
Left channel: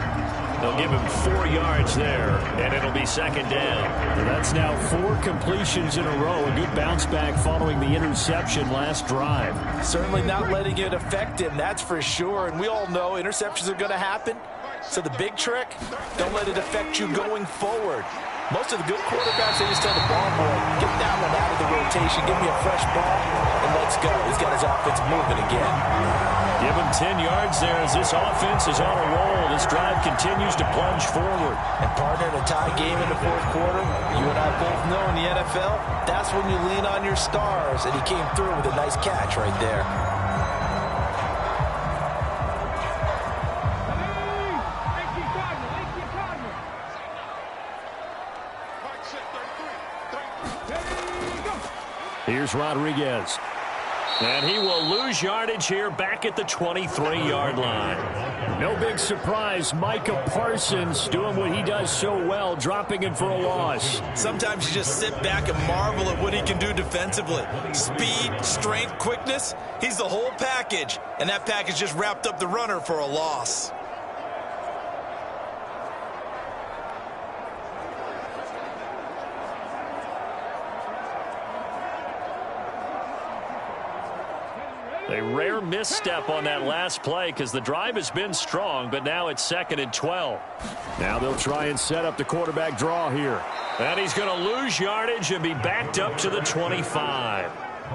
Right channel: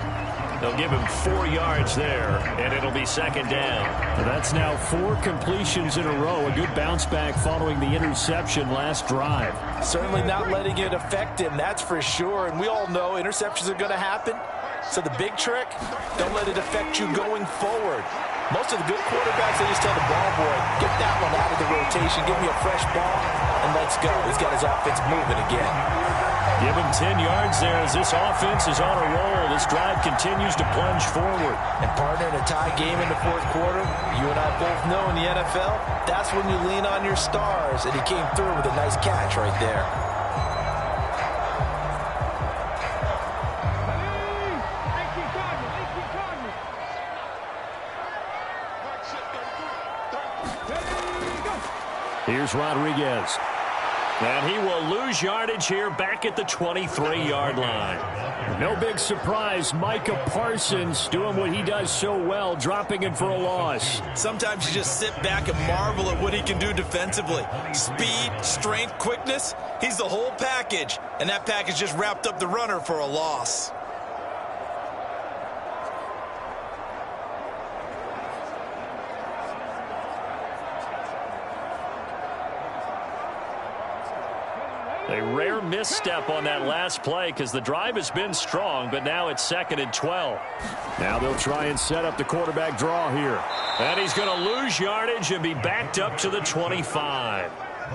They'll give him 4 yards there, and it'll be second down. That's now 4 completions in a row. A good bounce back following the interception last drive. Certainly not letting it affect him, that's for sure. And we all know interceptions are going to happen. So the big trick, don't let it affect you going forward. Most of the good quarterbacks, they just tell the ball boy, get that one out of the rotation, give me a fresh ball, and let's go. He's got his offense moving again. Give him 10 yards there as this offense is on a roll. This drive continues to plunge forward. And partner, in a tie game in the fourth quarter, you and I both know in the NFL, that's when you lean on your stars, and he came through with a nice catch right there. Here's Rodriguez. And he will lose yardage here back at the 23-yard line. No big surprise. Micah Parsons doing what he does so well, dropping him for a loss. Sometimes you just sit back and marvel at what he can do defensively. Speed, strength, quickness, he's the whole package. And that package just wrapped up the runner for a loss. A rare misstep on that last play because the drive has been strong, but now it's 2nd and 12. Now they'll try and set up the quarterback draw here. And he's going to lose yardage and be backed up to the 25.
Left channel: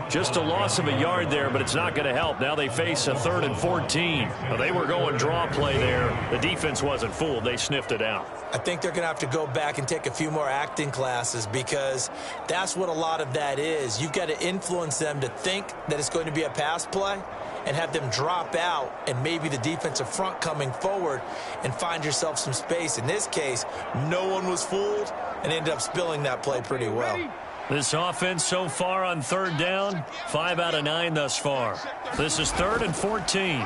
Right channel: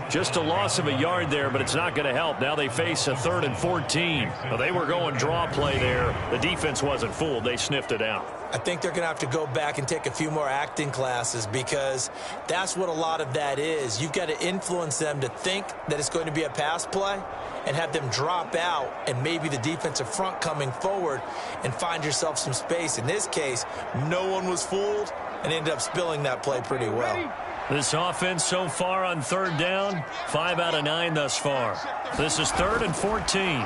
Just a loss of a yard there, but it's not going to help. Now they face a 3rd and 14. Well, they were going draw play there. The defense wasn't fooled. They sniffed it out. I think they're going to have to go back and take a few more acting classes because that's what a lot of that is. You've got to influence them to think that it's going to be a pass play and have them drop out and maybe the defensive front coming forward and find yourself some space. In this case, no one was fooled and ended up spilling that play pretty well. This offense so far on 3rd down, 5 out of 9 thus far. This is 3rd and 14.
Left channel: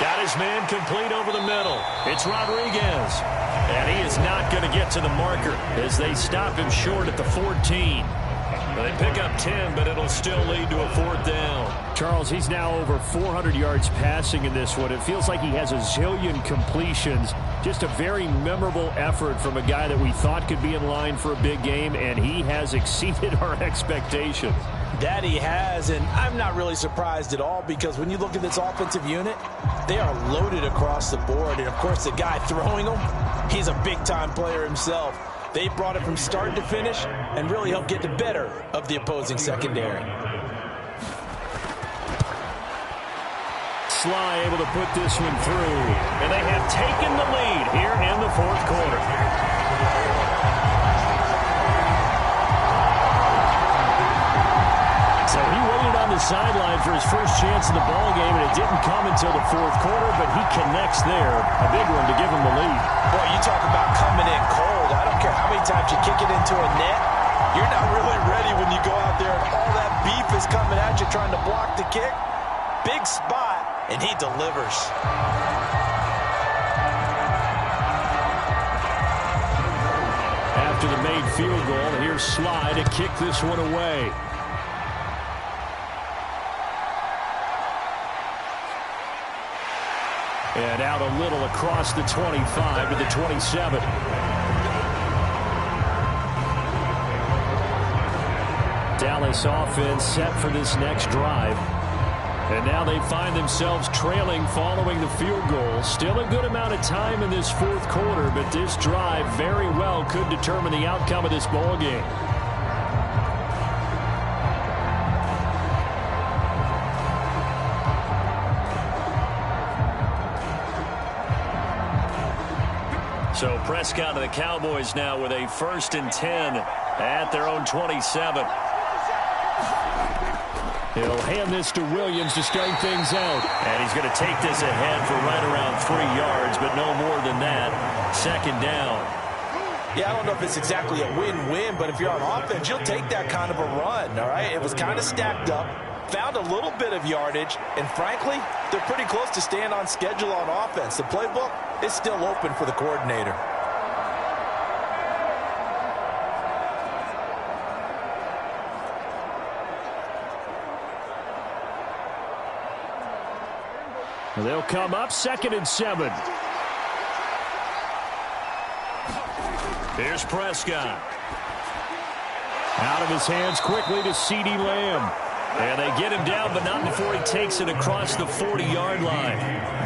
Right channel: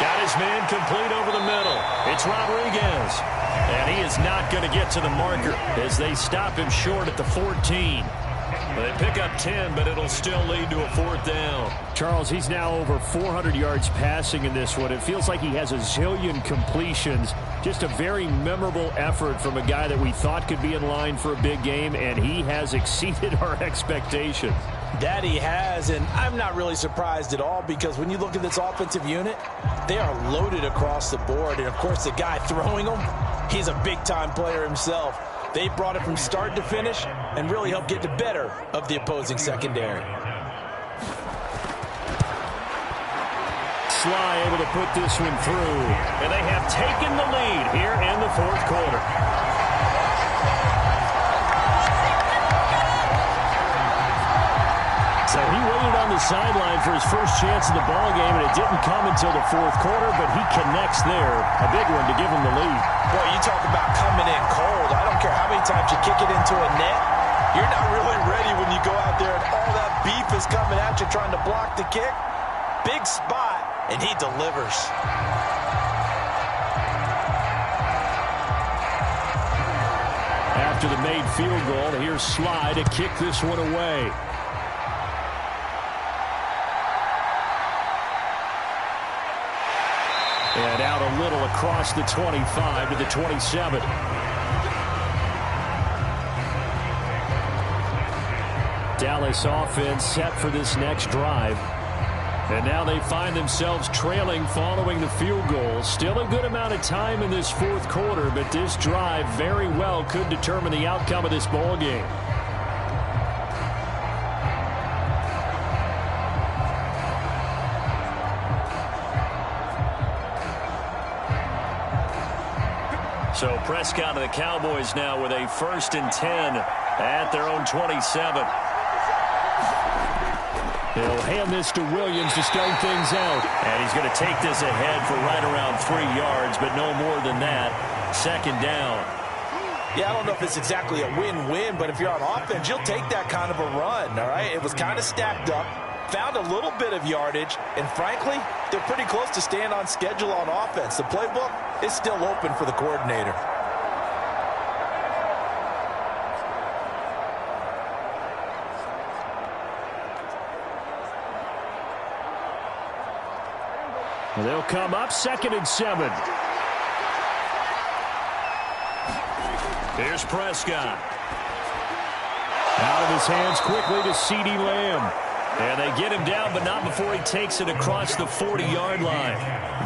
Got his man complete over the middle. It's Rodriguez. And he is not going to get to the marker as they stop him short at the 14. They pick up 10, but it'll still lead to a 4th down. Charles, he's now over 400 yards passing in this one. It feels like he has a zillion completions. Just a very memorable effort from a guy that we thought could be in line for a big game, and he has exceeded our expectations. That he has, and I'm not really surprised at all because when you look at this offensive unit, they are loaded across the board. And, of course, the guy throwing them, he's a big-time player himself. They brought it from start to finish and really helped get the better of the opposing secondary. Sly able to put this one through. And they have taken the lead here in the 4th quarter. So he waited on the sideline for his first chance in the ball game, and it didn't come until the 4th quarter, but he connects there. A big one to give him the lead. Boy, you talk about coming in cold. I don't care how many times you kick it into a net. You're not really ready when you go out there and all that beef is coming at you trying to block the kick. Big spot, and he delivers. After the made field goal, here's Sly to kick this one away. And out a little across the 25 to the 27. Dallas offense set for this next drive. And now they find themselves trailing following the field goal. Still a good amount of time in this 4th quarter, but this drive very well could determine the outcome of this ball game. So Prescott and the Cowboys now with a 1st and 10 at their own 27. He'll hand this to Williams to start things out. And he's going to take this ahead for right around 3 yards, but no more than that. 2nd down. Yeah, I don't know if it's exactly a win-win, but if you're on offense, you'll take that kind of a run, all right? It was kind of stacked up, found a little bit of yardage, and frankly, they're pretty close to staying on schedule on offense. The playbook is still open for the coordinator. They'll come up 2nd and 7. Here's Prescott. Out of his hands quickly to CeeDee Lamb. And they get him down, but not before he takes it across the 40-yard line.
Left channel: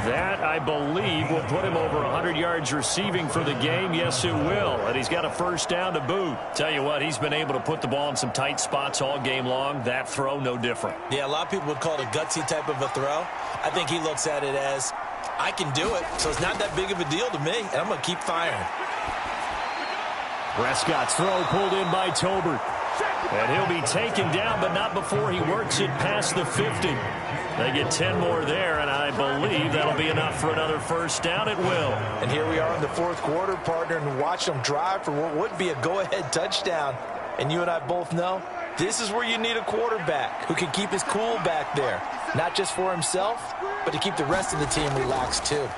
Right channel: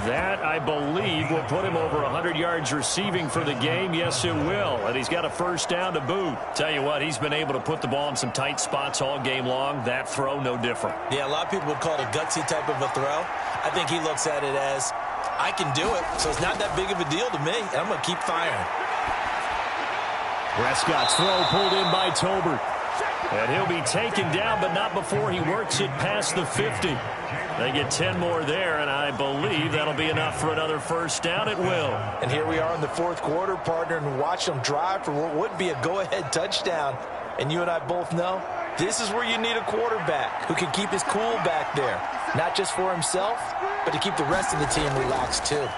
That, I believe, will put him over 100 yards receiving for the game. Yes, it will. And he's got a 1st down to boot. Tell you what, he's been able to put the ball in some tight spots all game long. That throw, no different. Yeah, a lot of people would call it a gutsy type of a throw. I think he looks at it as, I can do it, so it's not that big of a deal to me, and I'm going to keep firing. Prescott's throw pulled in by Tolbert. And he'll be taken down, but not before he works it past the 50. They get 10 more there, and I believe that'll be enough for another 1st down. It will. And here we are in the 4th quarter, partner, and watch them drive for what would be a go-ahead touchdown. And you and I both know this is where you need a quarterback who can keep his cool back there. Not just for himself, but to keep the rest of the team relaxed too.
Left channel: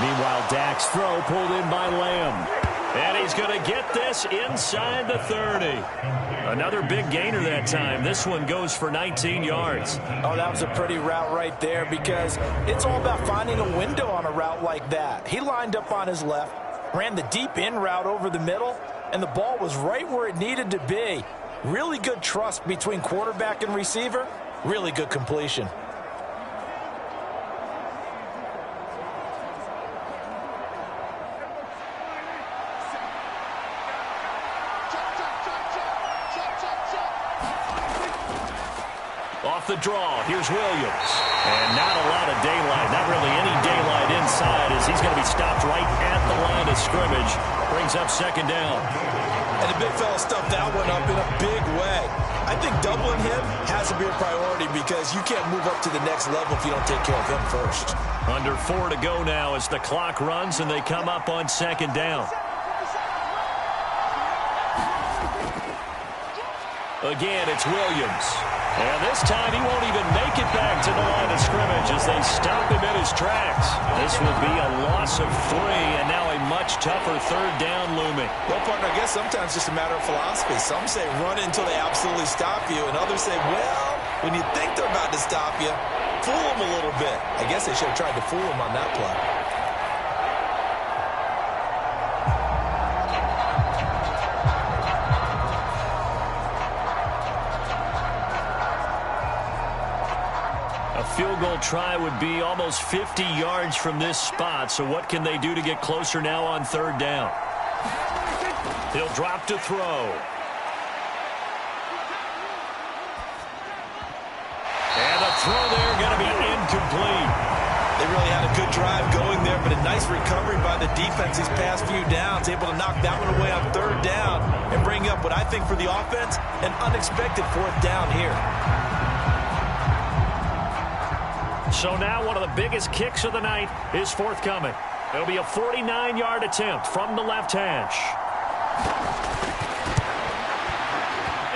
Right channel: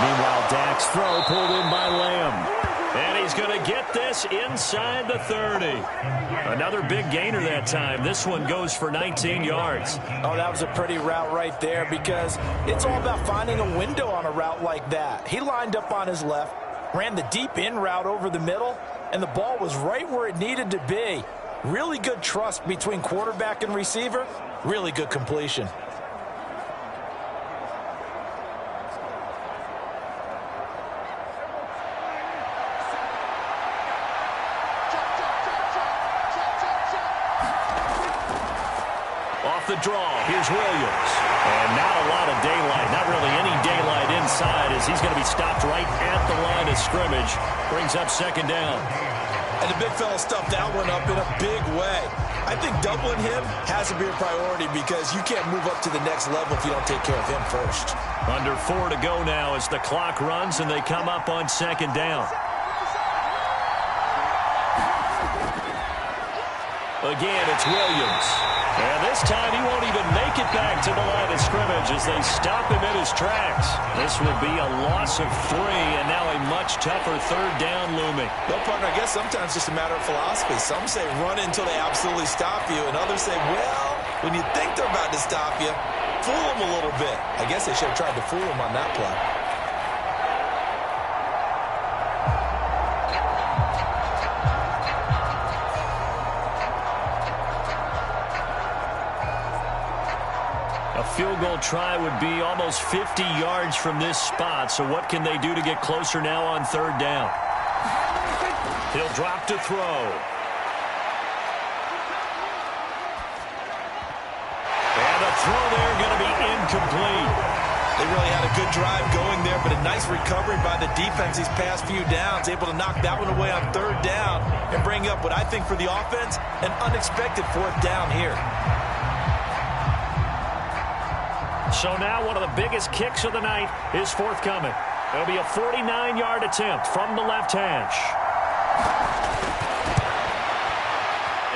Meanwhile, Dak's throw pulled in by Lamb. And he's going to get this inside the 30. Another big gainer that time. This one goes for 19 yards. Oh, that was a pretty route right there because it's all about finding a window on a route like that. He lined up on his left, ran the deep in route over the middle, and the ball was right where it needed to be. Really good trust between quarterback and receiver. Really good completion. Off the draw, here's Williams. And not a lot of daylight, not really any daylight inside as he's going to be stopped right at the line of scrimmage. Brings up 2nd down. And the big fella stuffed that one up in a big way. I think doubling him has to be a priority because you can't move up to the next level if you don't take care of him first. Under 4 to go now as the clock runs and they come up on 2nd down. Again, it's Williams. And this time he won't even make it back to the line of scrimmage as they stop him in his tracks. This will be a loss of 3 and now a much tougher 3rd down looming. Well, partner, I guess sometimes it's just a matter of philosophy. Some say run until they absolutely stop you, and others say, well, when you think they're about to stop you, fool them a little bit. I guess they should have tried to fool him on that play. A field goal try would be almost 50 yards from this spot, so what can they do to get closer now on 3rd down? He'll drop to throw. And the throw there going to be incomplete. They really had a good drive going there, but a nice recovery by the defense these past few downs, able to knock that one away on 3rd down and bring up what I think for the offense, an unexpected 4th down here. So now one of the biggest kicks of the night is forthcoming. It'll be a 49-yard attempt from the left hash.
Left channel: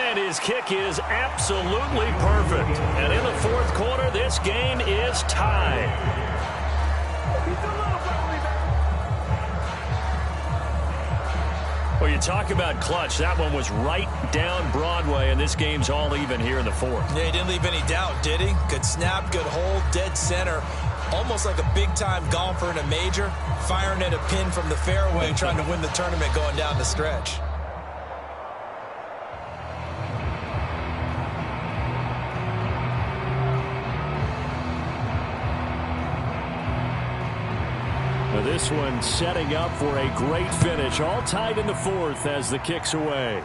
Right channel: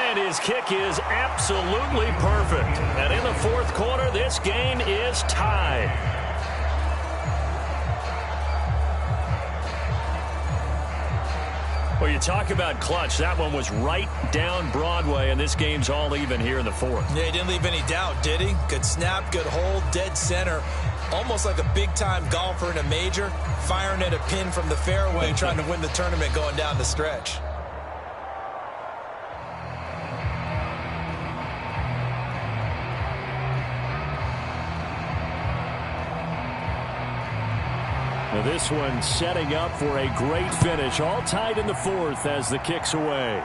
And his kick is absolutely perfect. And in the 4th quarter, this game is tied. Well, you talk about clutch. That one was right down Broadway, and this game's all even here in the 4th. Yeah, he didn't leave any doubt, did he? Good snap, good hold, dead center. Almost like a big-time golfer in a major, firing at a pin from the fairway, trying to win the tournament going down the stretch. Now this one setting up for a great finish. All tied in the 4th as the kick's away.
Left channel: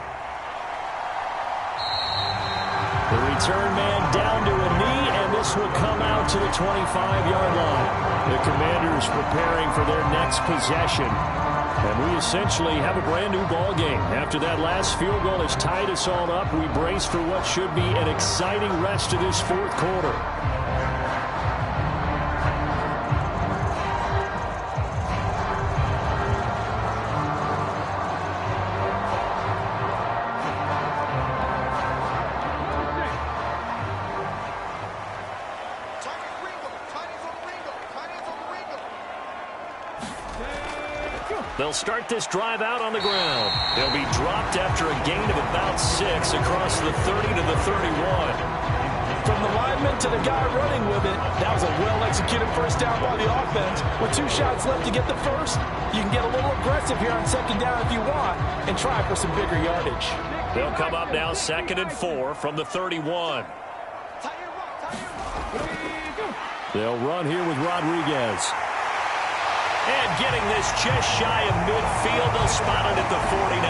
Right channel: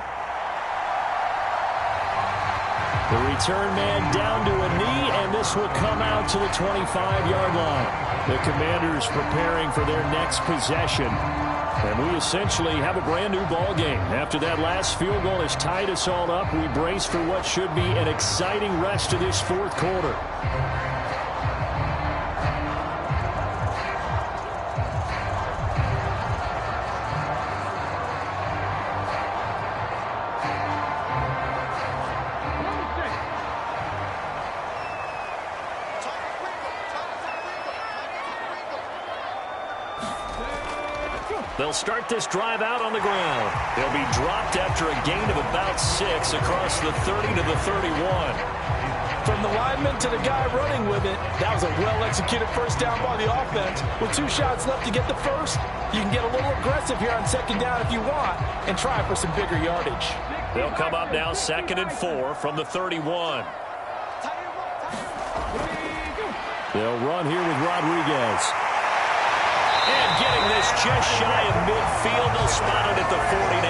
The return man down to a knee, and this will come out to the 25-yard line. The Commanders preparing for their next possession. And we essentially have a brand-new ball game. After that last field goal has tied us all up, we brace for what should be an exciting rest of this fourth quarter. They'll start this drive out on the ground. They'll be dropped after a gain of about 6 across the 30 to the 31. From the lineman to the guy running with it, that was a well-executed first down by the offense. With 2 shots left to get the first, you can get a little aggressive here on second down if you want and try for some bigger yardage. They'll come up now 2nd and 4 from the 31. They'll run here with Rodriguez. And getting this just shy of midfield, they'll spot it at the 49.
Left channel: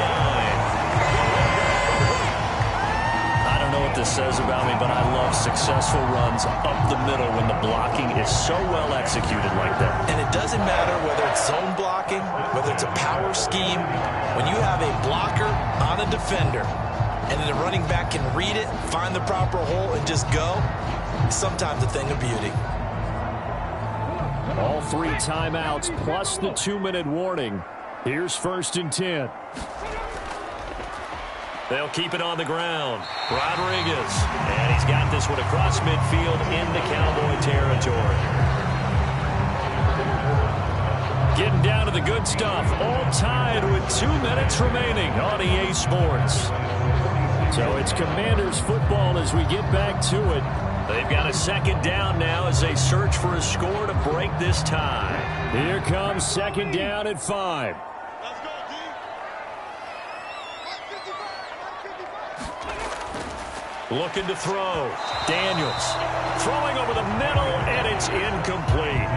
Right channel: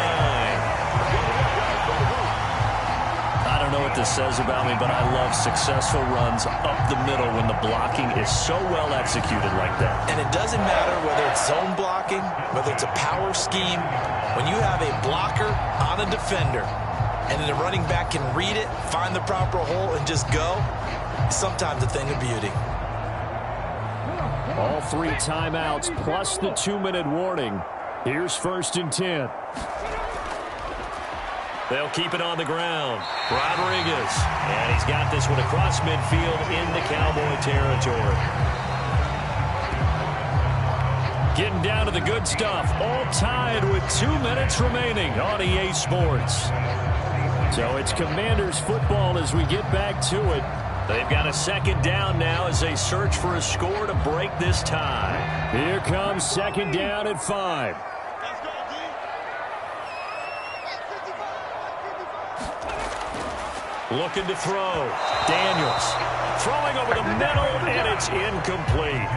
I don't know what this says about me, but I love successful runs up the middle when the blocking is so well executed like that. And it doesn't matter whether it's zone blocking, whether it's a power scheme. When you have a blocker on a defender and then the running back can read it, find the proper hole, and just go, it's sometimes a thing of beauty. All 3 timeouts plus the 2-minute warning. Here's 1st and 10. They'll keep it on the ground. Rodriguez. And he's got this one across midfield into Cowboy territory. Getting down to the good stuff. All tied with 2 minutes remaining on EA Sports. So it's Commanders football as we get back to it. They've got a 2nd down now as they search for a score to break this tie. Here comes 2nd down at 5. Let's go, D. 155. Looking to throw. Daniels throwing over the middle, and it's incomplete.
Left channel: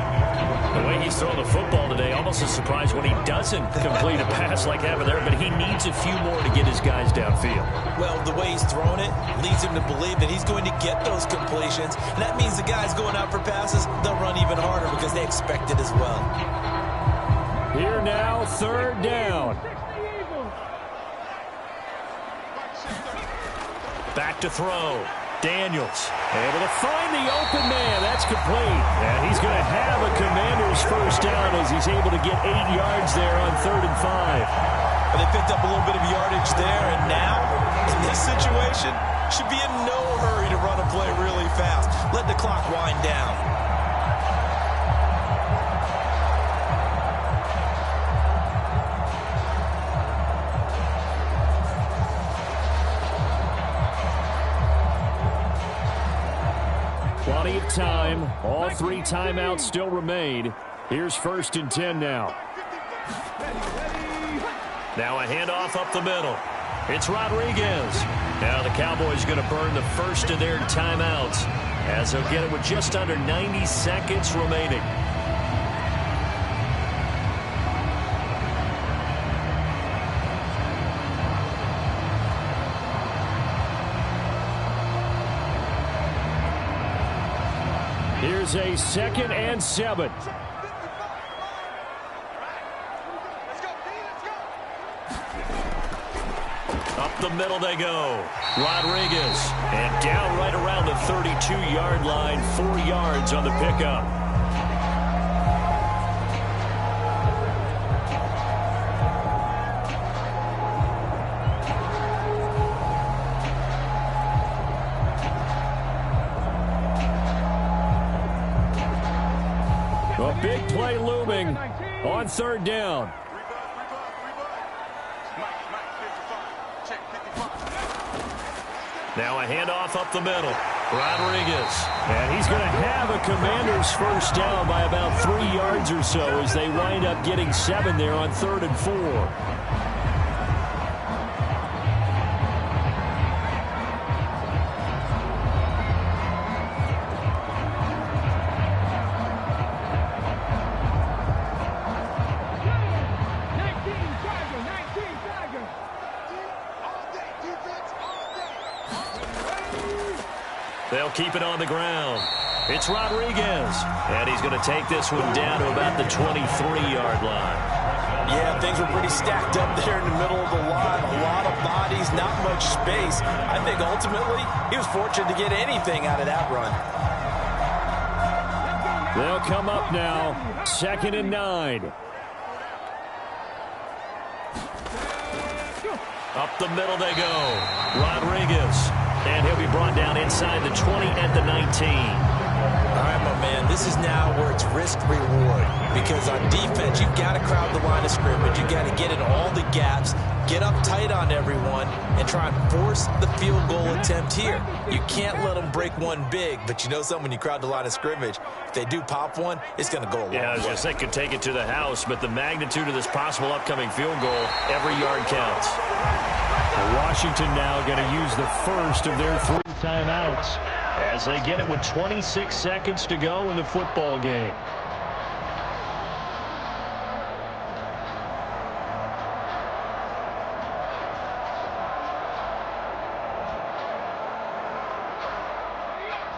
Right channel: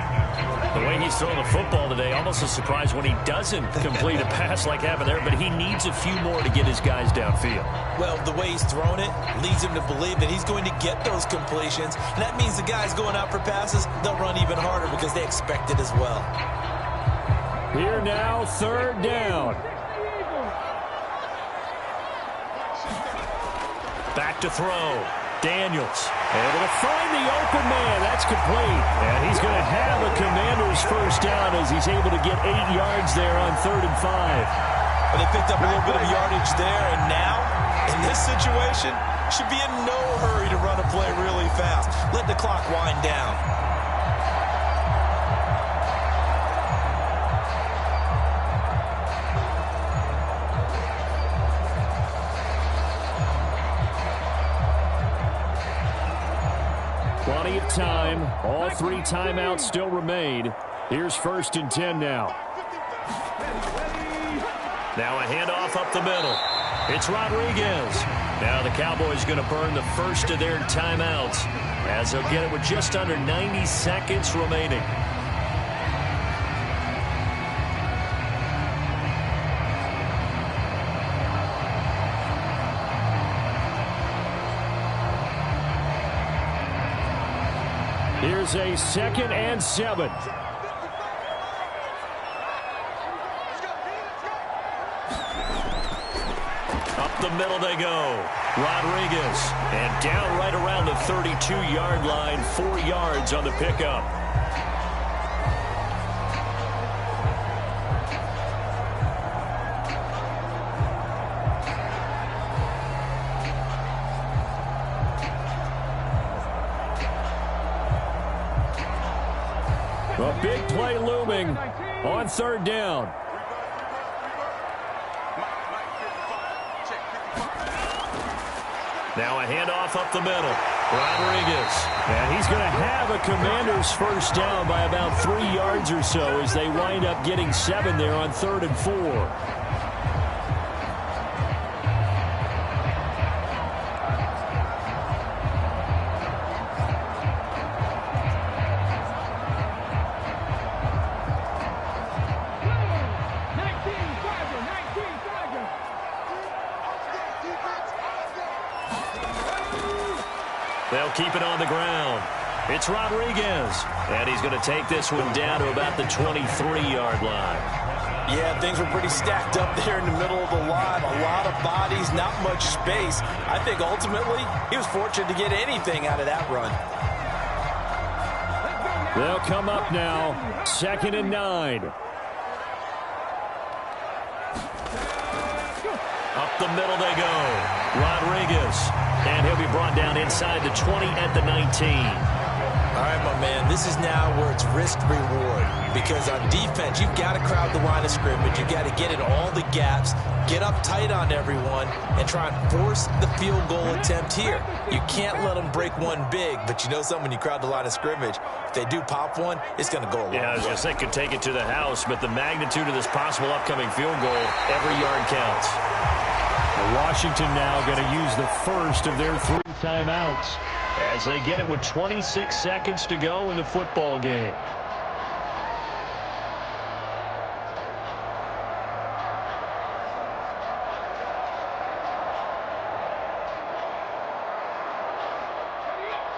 The way he's throwing the football today, almost a surprise when he doesn't complete a pass like having there, but he needs a few more to get his guys downfield. Well, the way he's thrown it leads him to believe that he's going to get those completions, and that means the guys going out for passes, they'll run even harder because they expect it as well. Here now, 3rd down. Back to throw. Daniels. Able to find the open man. That's complete. And he's going to have a Commander's first down as he's able to get 8 yards there on 3rd and 5. But they picked up a little bit of yardage there, and now, in this situation, should be in no hurry to run a play really fast. Let the clock wind down. Plenty of time. All 3 timeouts still remain. Here's 1st and 10 now. Now a handoff up the middle. It's Rodriguez. Now the Cowboys going to burn the first of their timeouts as they'll get it with just under 90 seconds remaining. Here's a 2nd and 7. Up the middle they go. Rodriguez. And down right around the 32-yard line. 4 yards on the pickup. A big play looming on 3rd down. Now a handoff up the middle. Rodriguez. And he's going to have a Commander's first down by about 3 yards or so as they wind up getting 7 there on 3rd and 4. They'll keep it on the ground. It's Rodriguez, and he's going to take this one down to about the 23-yard line. Yeah, things were pretty stacked up there in the middle of the line. A lot of bodies, not much space. I think ultimately he was fortunate to get anything out of that run. They'll come up now, 2nd and 9. Up the middle they go. Rodriguez. And he'll be brought down inside the 20 at the 19. All right, my man, this is now where it's risk-reward. Because on defense, you've got to crowd the line of scrimmage. You've got to get in all the gaps, get up tight on everyone, and try and force the field goal attempt here. You can't let them break one big, but you know something, when you crowd the line of scrimmage, if they do pop one, it's going to go a long way. Yeah, I was going to say could take it to the house, but the magnitude of this possible upcoming field goal, every yard counts. Washington now going to use the first of their 3 timeouts as they get it with 26 seconds to go in the football game.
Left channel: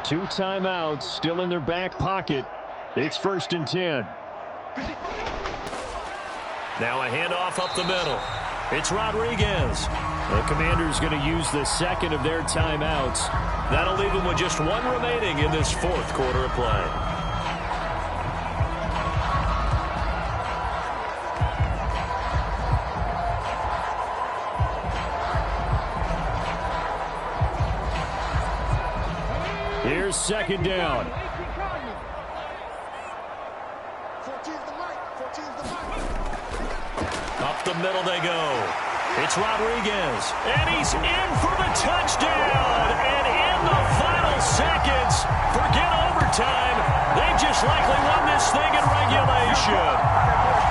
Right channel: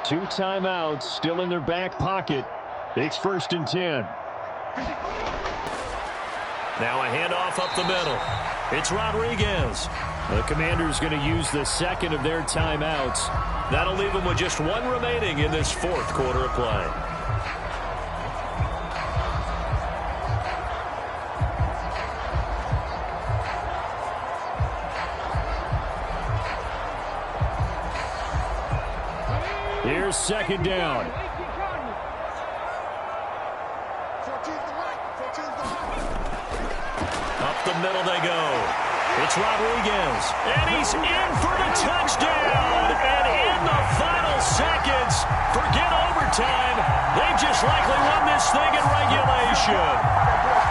Two timeouts still in their back pocket. It's 1st and 10. Now a handoff up the middle. It's Rodriguez. The Commanders going to use the second of their timeouts. That'll leave them with just one remaining in this 4th quarter of play. Here's 2nd down. 14's the mic. 14's the mic. Up the middle they go. It's Rodriguez, and he's in for the touchdown. And in the final seconds, forget overtime. They've just likely won this thing in regulation.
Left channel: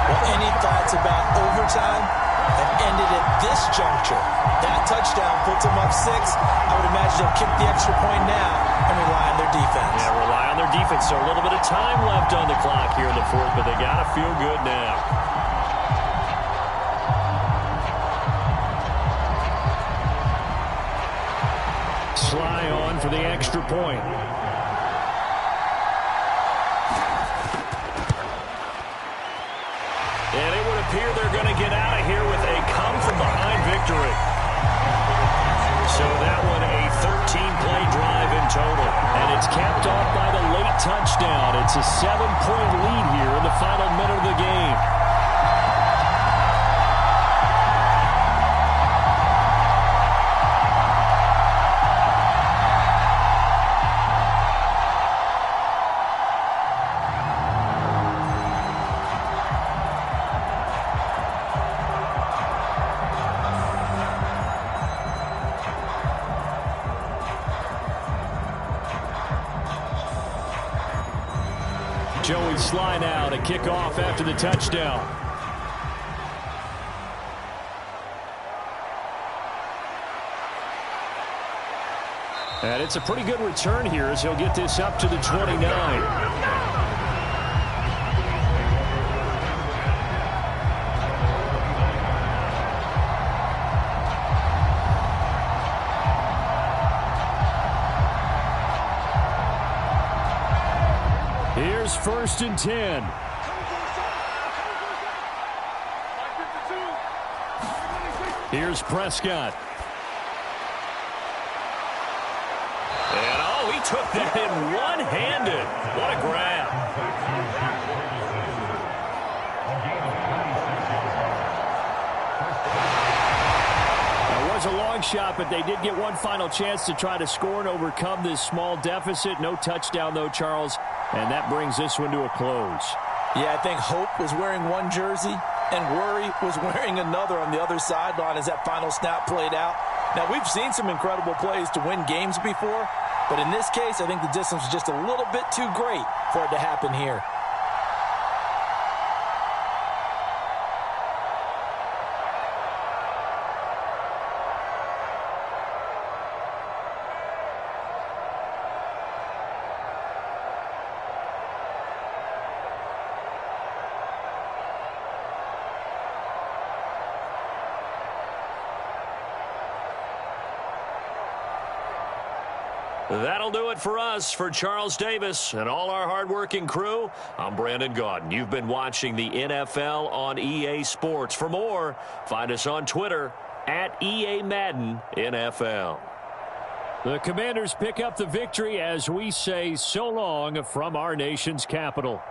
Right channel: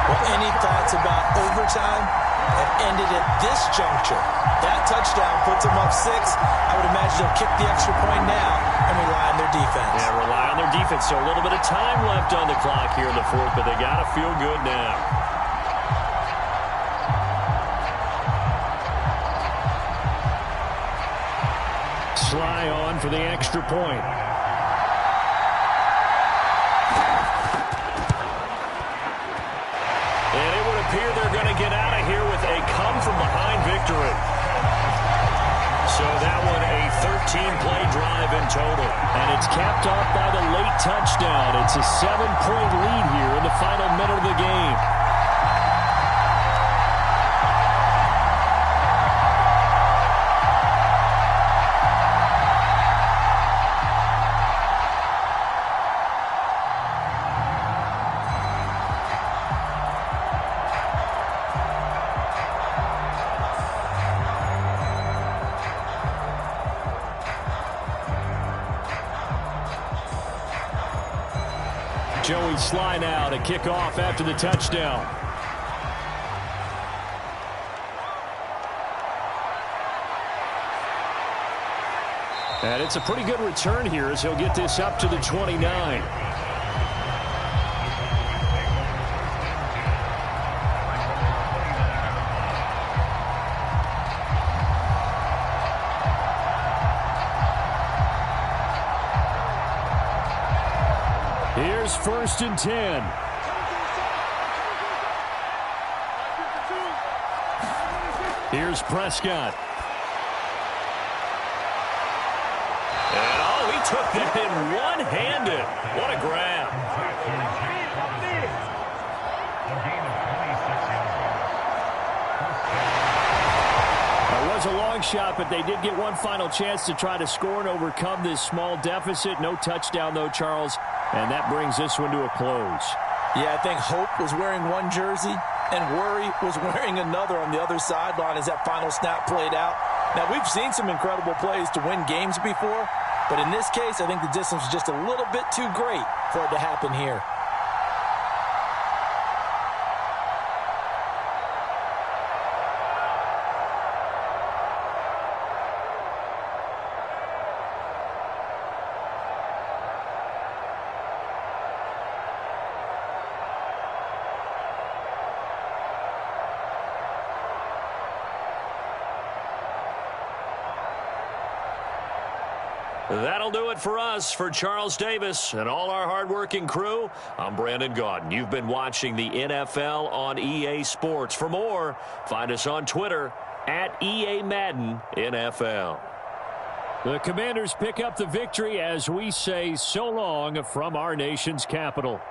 Well, any thoughts about overtime have ended at this juncture. That touchdown puts them up 6. I would imagine they'll kick the extra point now and rely on their defense. Yeah, rely on their defense. So a little bit of time left on the clock here in the 4th, but they got to feel good now. Sly on for the extra point. And it would appear they're going to get out of here with a come-from-behind victory. So that one a 13-play drive in total. And it's capped off by the late touchdown. It's a 7-point lead here in the final minute of the game. Joey Sly now to kick off after the touchdown. And it's a pretty good return here as he'll get this up to the 29. Here's 1st and 10. Here's Prescott. And oh, he took that in one-handed. What a grab. That was a long shot, but they did get one final chance to try to score and overcome this small deficit. No touchdown, though, Charles. And that brings this one to a close. Yeah, I think Hope was wearing one jersey and Worry was wearing another on the other sideline as that final snap played out. Now, we've seen some incredible plays to win games before, but in this case, I think the distance was just a little bit too great for it to happen here. That'll do it for us. For Charles Davis and all our hardworking crew, I'm Brandon Gaudin. You've been watching the NFL on EA Sports. For more, find us on Twitter at EA Madden NFL. The Commanders pick up the victory as we say so long from our nation's capital.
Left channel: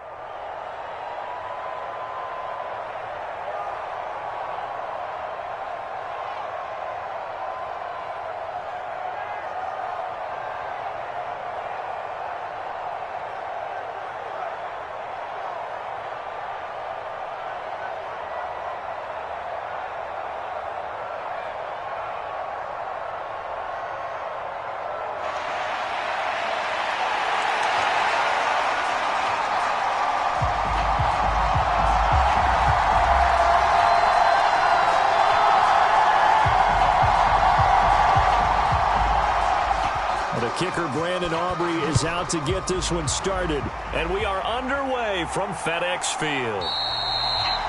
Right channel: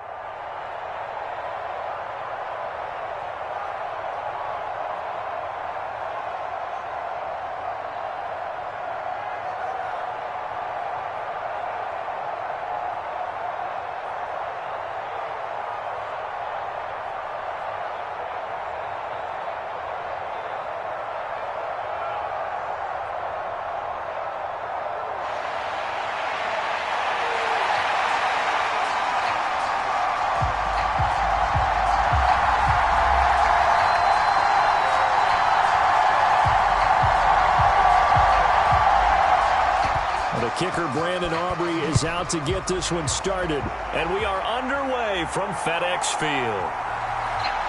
The kicker, Brandon Aubrey, is out to get this one started. And we are underway from FedEx Field.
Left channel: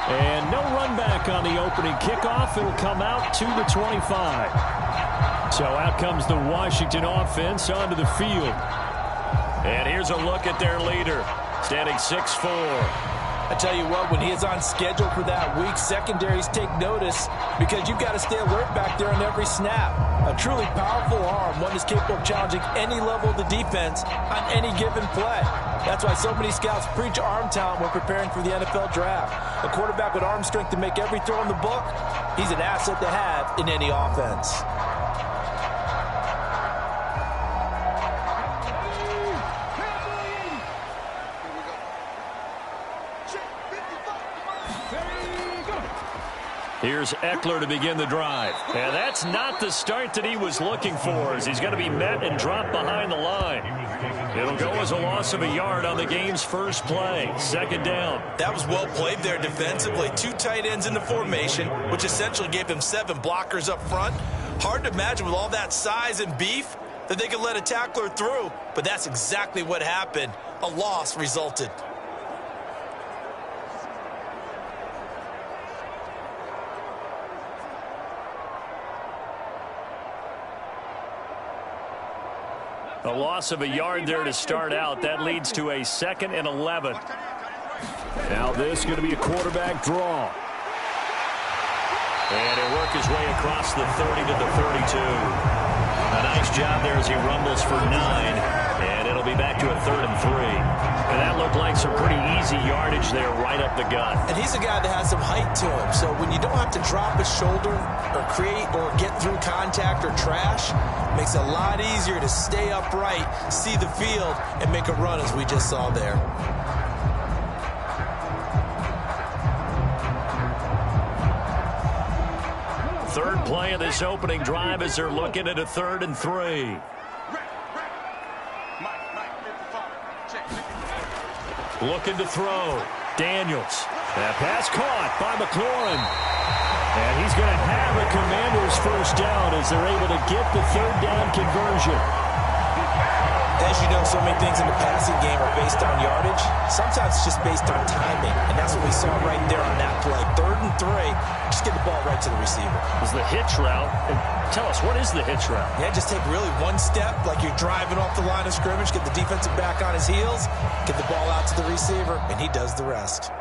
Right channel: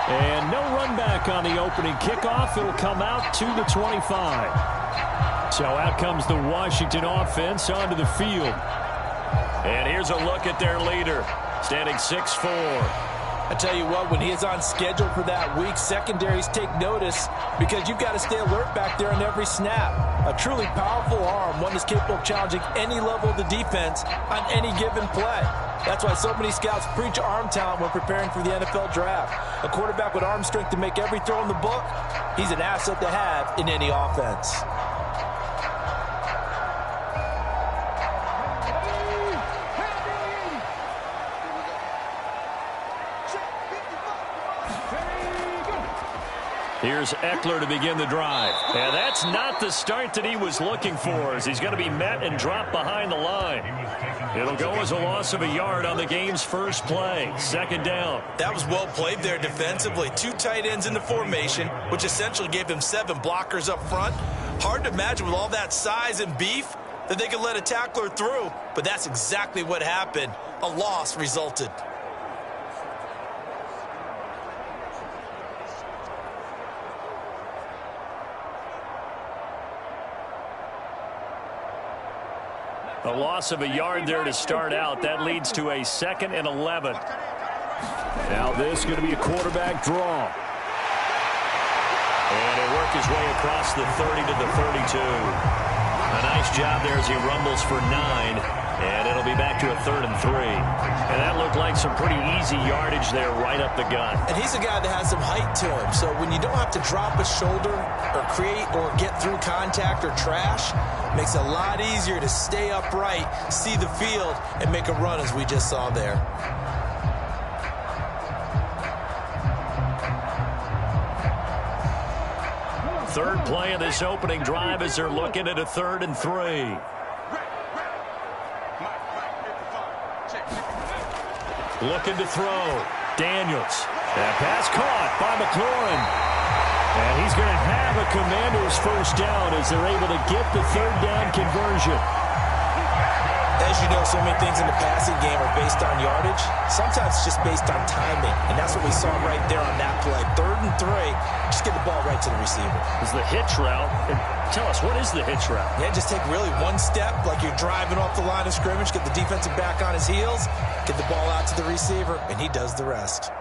And no run back on the opening kickoff. It'll come out to the 25. So out comes the Washington offense onto the field. And here's a look at their leader, standing 6'4". I tell you what, when he is on schedule for that week, secondaries take notice because you've got to stay alert back there on every snap. A truly powerful arm, one that's capable of challenging any level of the defense on any given play. That's why so many scouts preach arm talent when preparing for the NFL draft. A quarterback with arm strength to make every throw in the book, he's an asset to have in any offense. Here's Eckler to begin the drive. And that's not the start that he was looking for, as he's going to be met and dropped behind the line. It'll go as a loss of a yard on the game's first play. Second down. That was well played there defensively. Two tight ends in the formation, which essentially gave them 7 blockers up front. Hard to imagine with all that size and beef that they could let a tackler through, but that's exactly what happened. A loss resulted. A loss of a yard there to start out. That leads to a 2nd and 11. Now this is going to be a quarterback draw. And he'll work his way across the 30 to the 32. A nice job there as he rumbles for 9. And it'll be back to a 3rd and 3. And that looked like some pretty easy yardage there right up the gut. And he's a guy that has some height to him. So when you don't have to drop a shoulder or create or get through contact or trash, makes it a lot easier to stay upright, see the field, and make a run as we just saw there. Third play of this opening drive as they're looking at a 3rd and 3. Looking to throw. Daniels. That pass caught by McLaurin. And he's going to have a Commanders first down as they're able to get the 3rd down conversion. As you know, so many things in the passing game are based on yardage. Sometimes it's just based on timing. And that's what we saw right there on that play. 3rd and 3. Just get the ball right to the receiver. This is the hitch route. And tell us, what is the hitch route? Yeah, just take really one step like you're driving off the line of scrimmage, get the defensive back on his heels, get the ball out to the receiver, and he does the rest.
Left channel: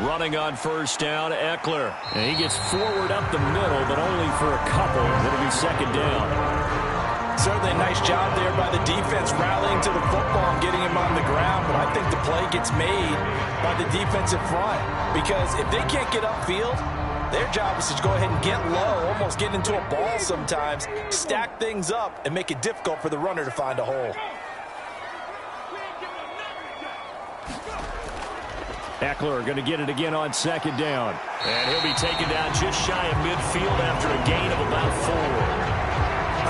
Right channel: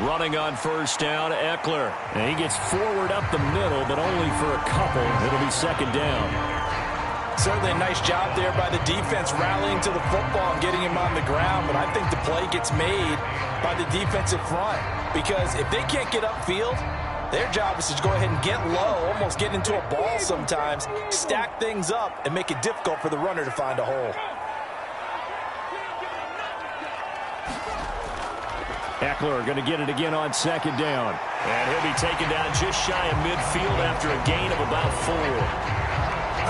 Running on first down, Eckler. And he gets forward up the middle, but only for a couple. It'll be 2nd down. Certainly a nice job there by the defense rallying to the football and getting him on the ground, but I think the play gets made by the defensive front because if they can't get upfield, their job is to go ahead and get low, almost get into a ball sometimes, stack things up, and make it difficult for the runner to find a hole. Eckler going to get it again on 2nd down. And he'll be taken down just shy of midfield after a gain of about 4.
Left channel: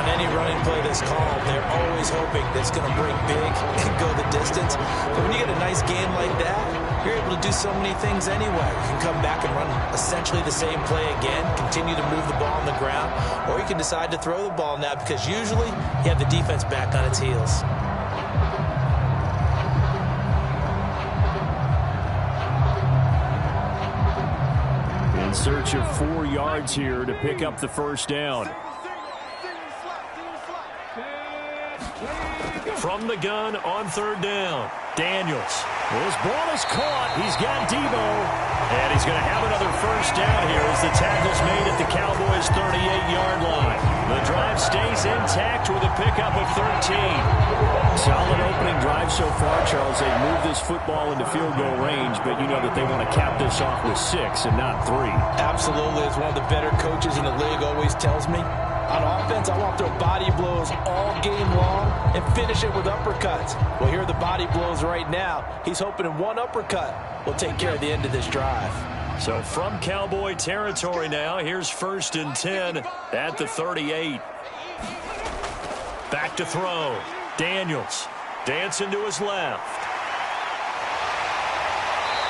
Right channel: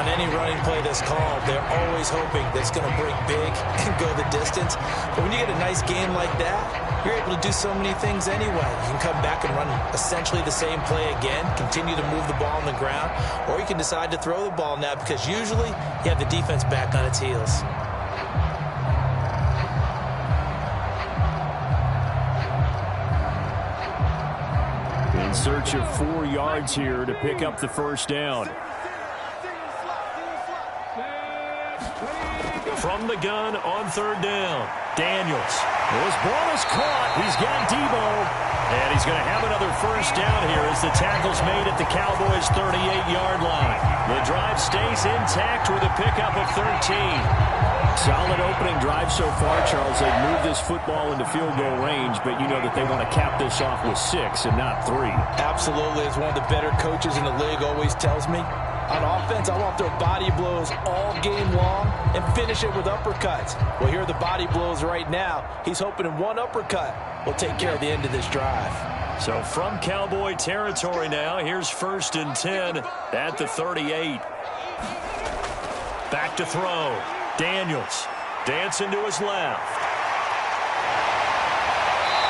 On any running play that's called, they're always hoping that it's going to break big and go the distance. But when you get a nice game like that, you're able to do so many things anyway. You can come back and run essentially the same play again, continue to move the ball on the ground, or you can decide to throw the ball now because usually you have the defense back on its heels. In search of 4 yards here to pick up the first down. From the gun on 3rd down, Daniels. This ball is caught. He's got Debo. And he's going to have another first down here as the tackle's made at the Cowboys' 38-yard line. The drive stays intact with a pickup of 13. Solid opening drive so far, Charles. They've moved this football into field goal range, but you know that they want to cap this off with 6 and not 3. Absolutely. As one of the better coaches in the league always tells me, on offense, I want to throw body blows all game long and finish it with uppercuts. Well, here are the body blows right now. He's hoping in one uppercut will take care of the end of this drive. So from Cowboy territory now, here's 1st and 10 at the 38. Back to throw. Daniels dancing to his left.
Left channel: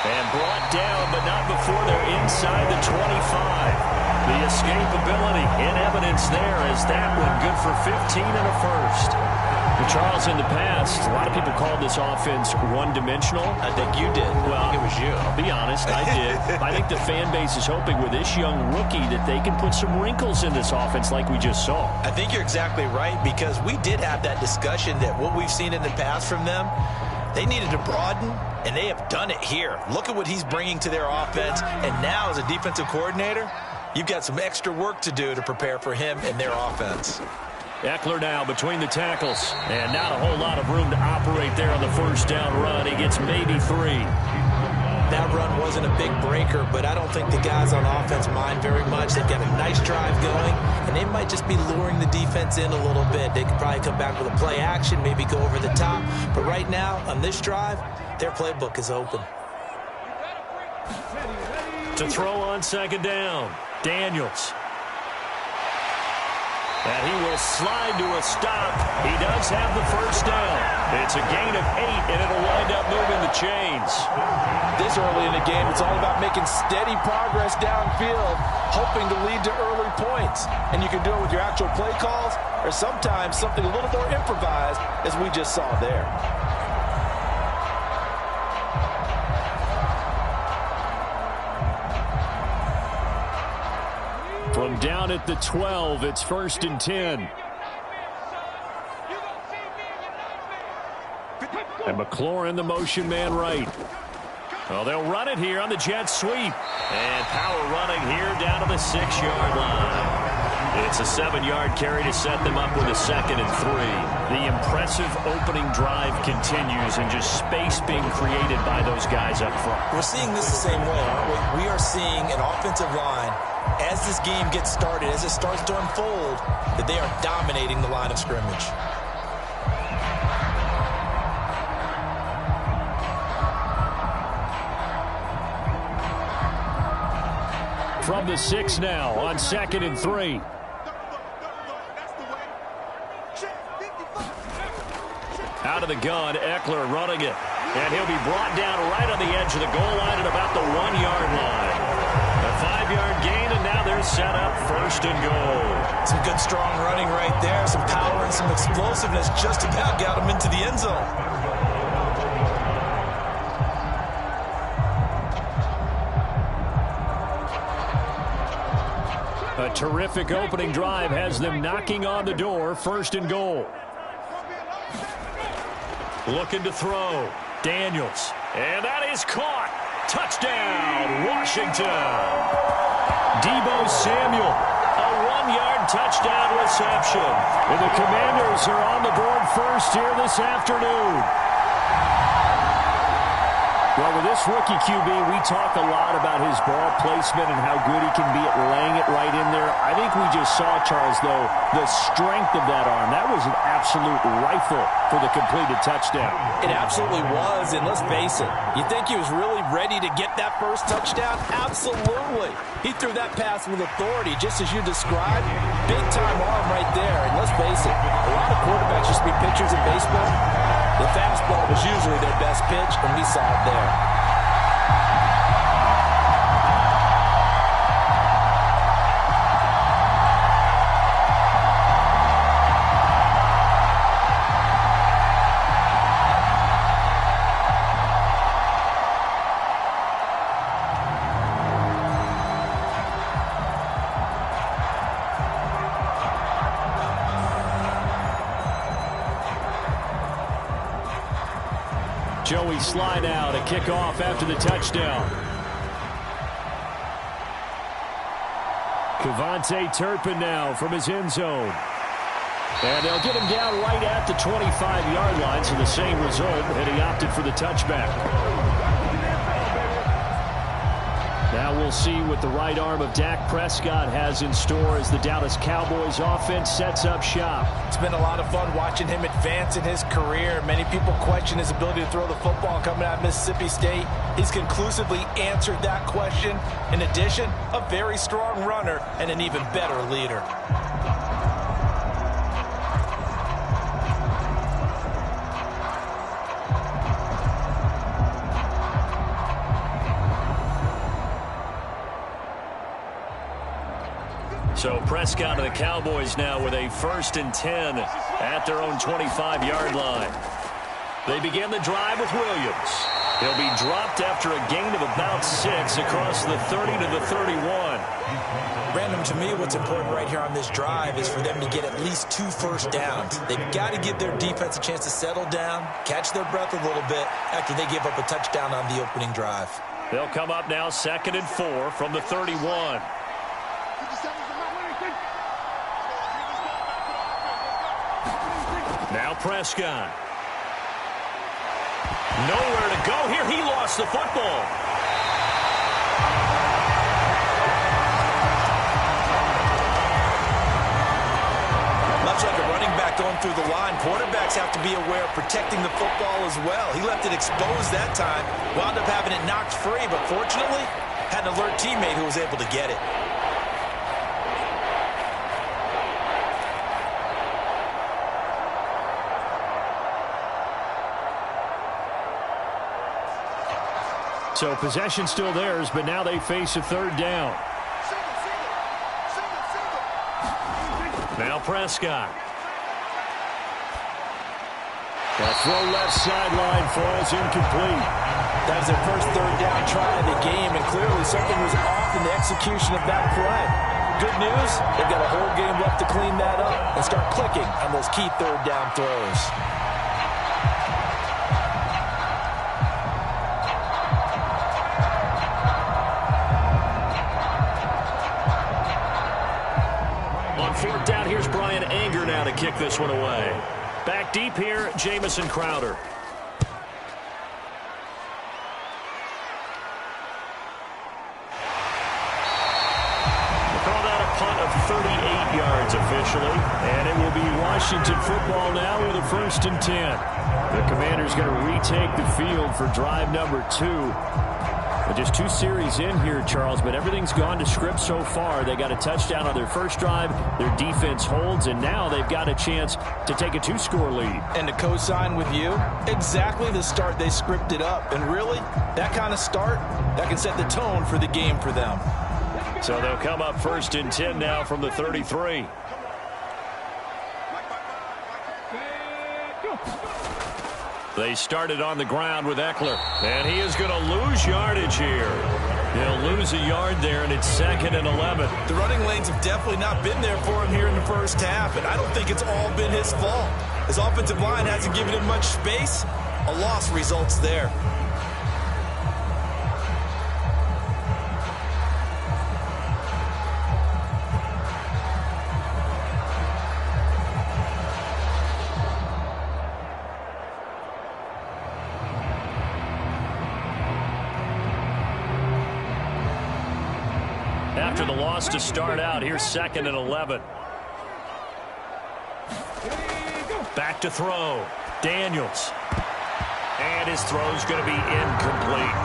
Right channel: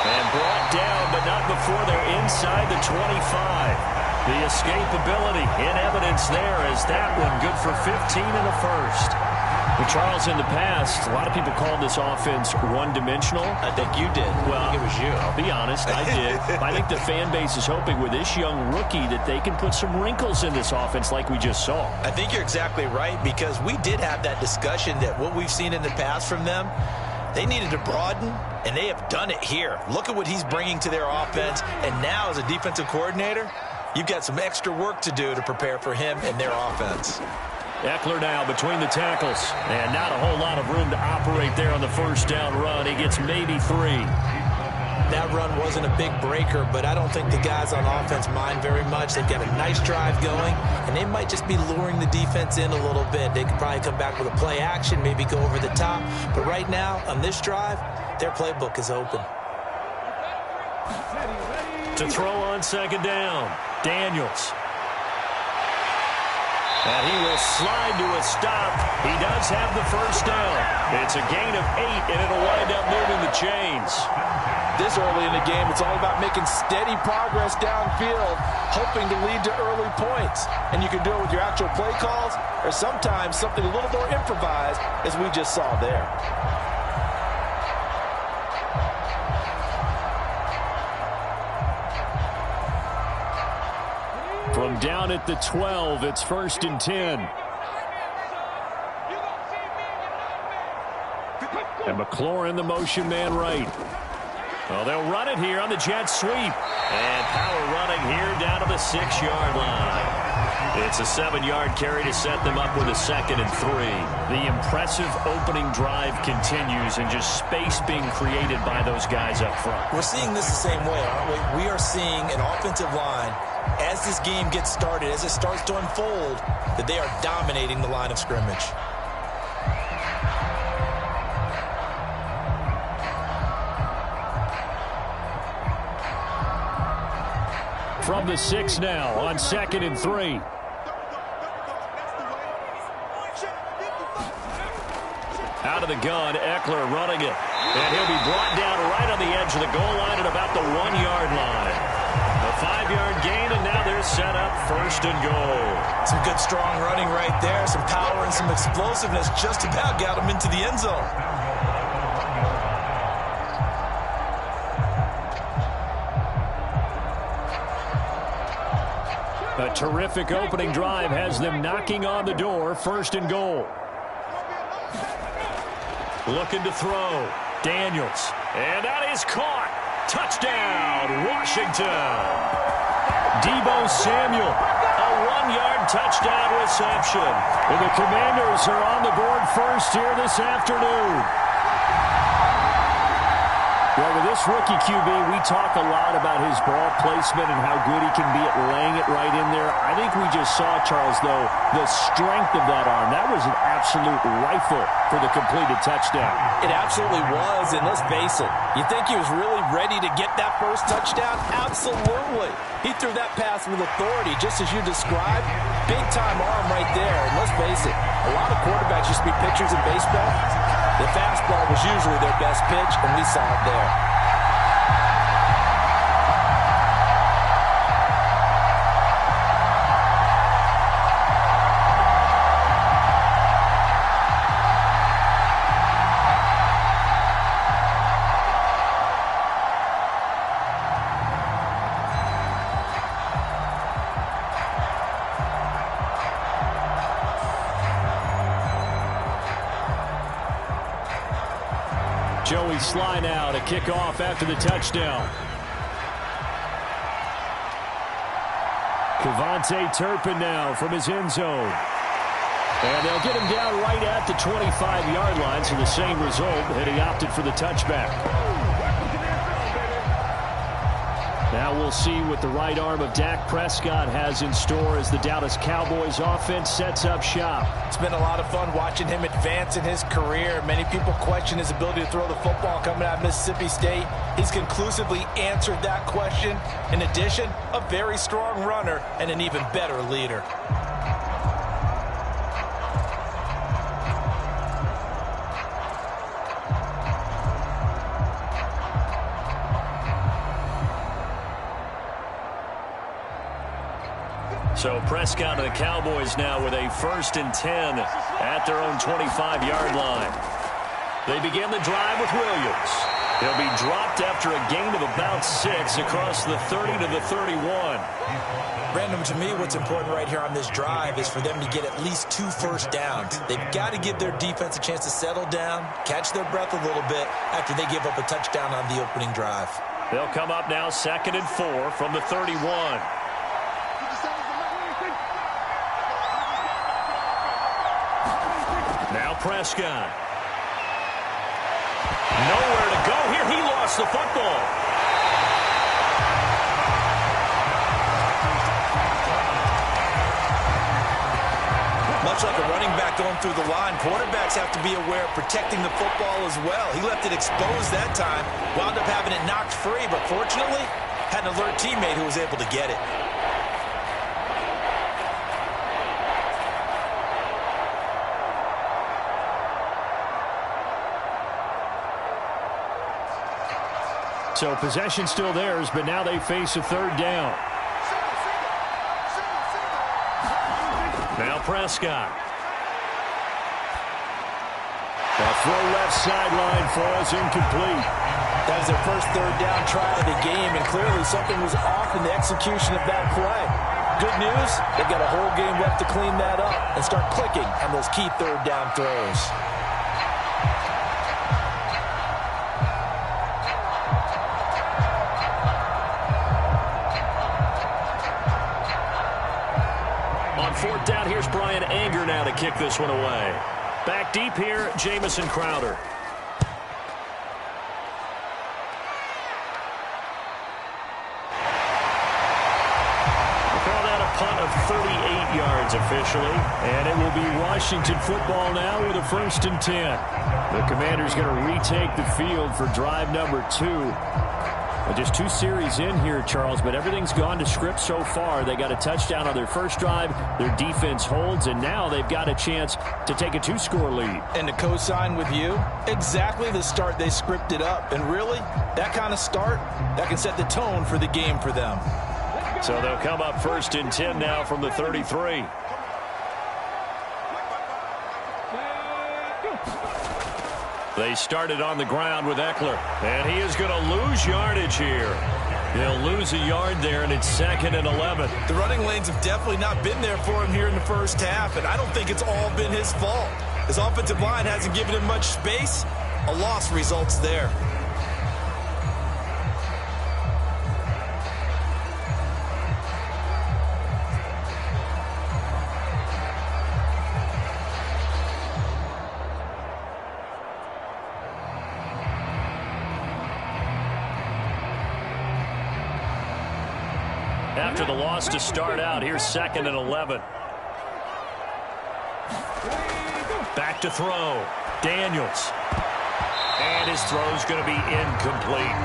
And brought down, but not before they're inside the 25. The escapability in evidence there as that one good for 15 and a first. Well, Charles, in the past, a lot of people called this offense one-dimensional. I think you did. Well, I think it was you. I'll be honest, I did. I think the fan base is hoping with this young rookie that they can put some wrinkles in this offense like we just saw. I think you're exactly right, because we did have that discussion that what we've seen in the past from them, they needed to broaden, and they have done it here. Look at what he's bringing to their offense, and now as a defensive coordinator, you've got some extra work to do to prepare for him and their offense. Eckler now between the tackles, and not a whole lot of room to operate there on the first down run. He gets maybe 3. That run wasn't a big breaker, but I don't think the guys on offense mind very much. They've got a nice drive going, and they might just be luring the defense in a little bit. They could probably come back with a play action, maybe go over the top. But right now, on this drive, their playbook is open. To throw on 2nd down, Daniels. And he will slide to a stop. He does have the first down. It's a gain of 8, and it'll wind up moving the chains. This early in the game, it's all about making steady progress downfield, hoping to lead to early points. And you can do it with your actual play calls, or sometimes something a little more improvised, as we just saw there. From down at the 12, it's 1st and 10. And McLaurin, the motion man right. Well, they'll run it here on the jet sweep. And power running here down to the 6-yard line. It's a 7-yard carry to set them up with a 2nd and 3. The impressive opening drive continues, and just space being created by those guys up front. We're seeing this the same way, aren't we? We are seeing an offensive line, as this game gets started, as it starts to unfold, that they are dominating the line of scrimmage. From the 6 now on 2nd and 3. Out of the gun, Eckler running it. And he'll be brought down right on the edge of the goal line at about the 1-yard line. A 5-yard gain, and now they're set up 1st and goal. Some good, strong running right there. Some power and some explosiveness just about got them into the end zone. A terrific opening drive has them knocking on the door, 1st and goal. Looking to throw. Daniels. And that is caught. Touchdown, Washington. Debo Samuel. A 1-yard touchdown reception. And the Commanders are on the board first here this afternoon. Well, with this rookie QB, we talk a lot about his ball placement and how good he can be at laying it right in there. I think we just saw, Charles, though, the strength of that arm. That was an absolute rifle for the completed touchdown. It absolutely was, and let's face it, you think he was really ready to get that first touchdown? Absolutely. He threw that pass with authority, just as you described. Big-time arm right there, and let's face it, a lot of quarterbacks used to be pitchers in baseball. The fastball was usually their best pitch, and we saw it there. Joey Sly now to kick off after the touchdown. Kevontae Turpin now from his end zone. And they'll get him down right at the 25-yard line, so the same result, and he opted for the touchback. Now we'll see what the right arm of Dak Prescott has in store as the Dallas Cowboys offense sets up shop. It's been a lot of fun watching him advance in his career. Many people question his ability to throw the football coming out of Mississippi State. He's conclusively answered that question. In addition, a very strong runner and an even better leader. So Prescott and the Cowboys now with a 1st and 10 at their own 25-yard line. They begin the drive with Williams. He'll be dropped after a gain of about 6 across the 30 to the 31. Brandon, to me, what's important right here on this drive is for them to get at least 2 first downs. They've got to give their defense a chance to settle down, catch their breath a little bit after they give up a touchdown on the opening drive. They'll come up now 2nd and 4 from the 31. Now Prescott. Nowhere to go here. He lost the football. Much like a running back going through the line, quarterbacks have to be aware of protecting the football as well. He left it exposed that time, wound up having it knocked free, but fortunately had an alert teammate who was able to get it. So possession still theirs, but now they face a 3rd down. Now Prescott. The throw left sideline falls incomplete. That was their first 3rd down try of the game, and clearly something was off in the execution of that play. Good news, they've got a whole game left to clean that up and start clicking on those key 3rd down throws. On 4th down, here's Brian Anger now to kick this one away. Back deep here, Jamison Crowder. We'll call that a punt of 38 yards officially. And it will be Washington football now with a 1st and 10. The Commanders going to retake the field for drive number 2. Well, just 2 series in here, Charles, but everything's gone to script so far. They got a touchdown on their first drive. Their defense holds, and now they've got a chance to take a 2-score lead. And to co-sign with you, exactly the start they scripted up. And really, that kind of start, that can set the tone for the game for them. So they'll come up 1st and 10 now from the 33. They started on the ground with Eckler, and he is going to lose yardage here. He'll lose a yard there, and it's 2nd and 11. The running lanes have definitely not been there for him here in the first half, and I don't think it's all been his fault. His offensive line hasn't given him much space. A loss results there. After the loss to start out, here's 2nd and 11. Back to throw. Daniels. And his throw's going to be incomplete.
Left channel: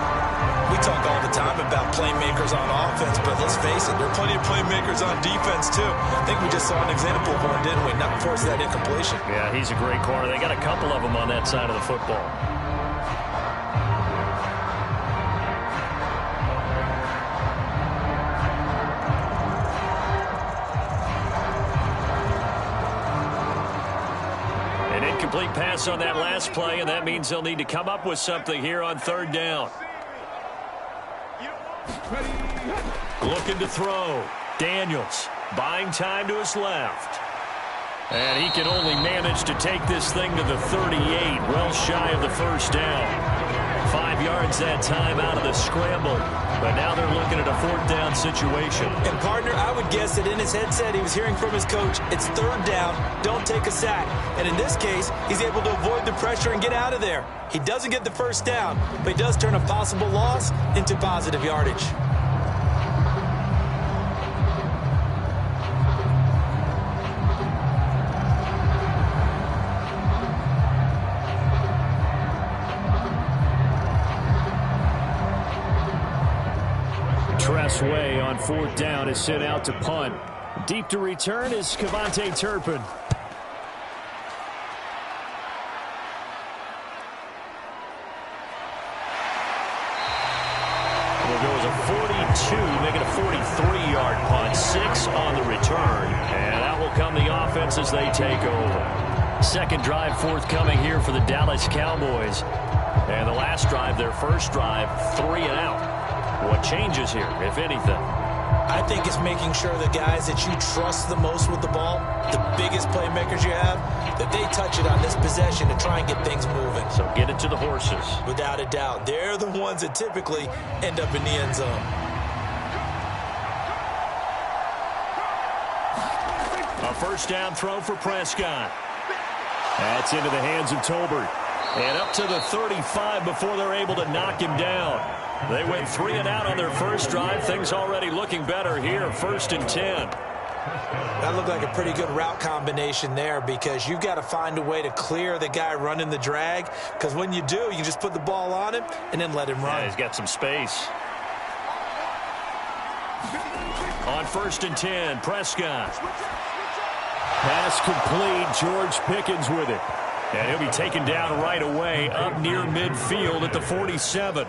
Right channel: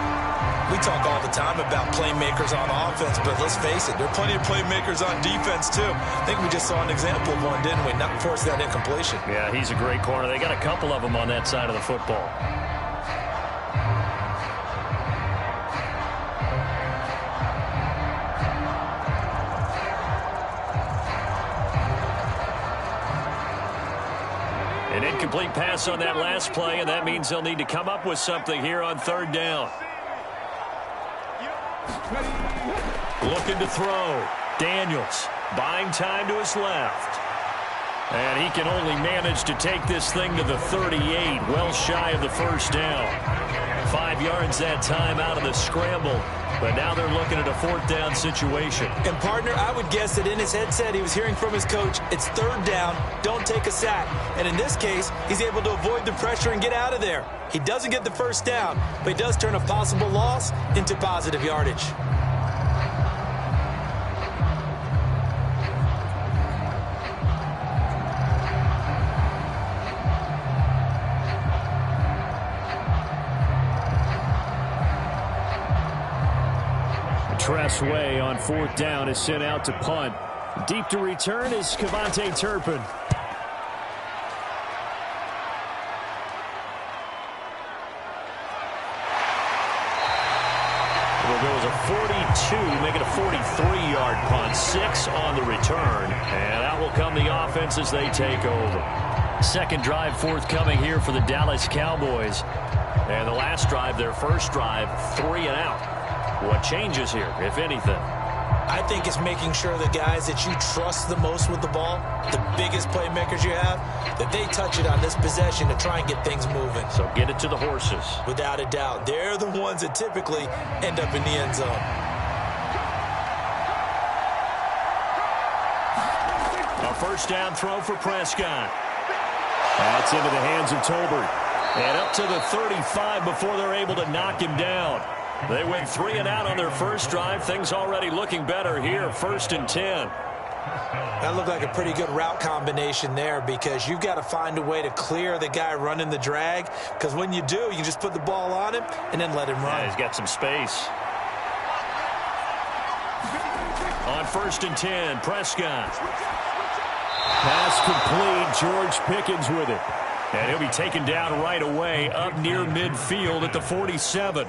We talk all the time about playmakers on offense, but let's face it, there are plenty of playmakers on defense, too. I think we just saw an example of one, didn't we? Not force that incompletion. Yeah, he's a great corner. They got a couple of them on that side of the football. An incomplete pass on that last play, and that means they'll need to come up with something here on 3rd down. Looking to throw. Daniels buying time to his left. And he can only manage to take this thing to the 38, well shy of the 1st down. 5 yards that time out of the scramble. But now they're looking at a 4th down situation. And, partner, I would guess that in his headset he was hearing from his coach, it's 3rd down, don't take a sack. And in this case, he's able to avoid the pressure and get out of there. He doesn't get the 1st down, but he does turn a possible loss into positive yardage. Tressway on 4th down is sent out to punt. Deep to return is Kevontae Turpin. It'll go as a 42, make it a 43-yard punt. 6 on the return. And out will come the offense as they take over. Second drive forthcoming here for the Dallas Cowboys. And the last drive, their first drive, 3 and out. What changes here, if anything? I think it's making sure the guys that you trust the most with the ball, the biggest playmakers you have, that they touch it on this possession to try and get things moving. So get it to the horses. Without a doubt. They're the ones that typically end up in the end zone. A first down throw for Prescott. That's into the hands of Tolbert. And up to the 35 before they're able to knock him down. They went 3 and out on their first drive. Things already looking better here. 1st and 10. That looked like a pretty good route combination there because you've got to find a way to clear the guy running the drag, because when you do, you can just put the ball on him and then let him run. Yeah, he's got some space. On 1st and 10, Prescott. Pass complete. George Pickens with it. And he'll be taken down right away up near midfield at the 47.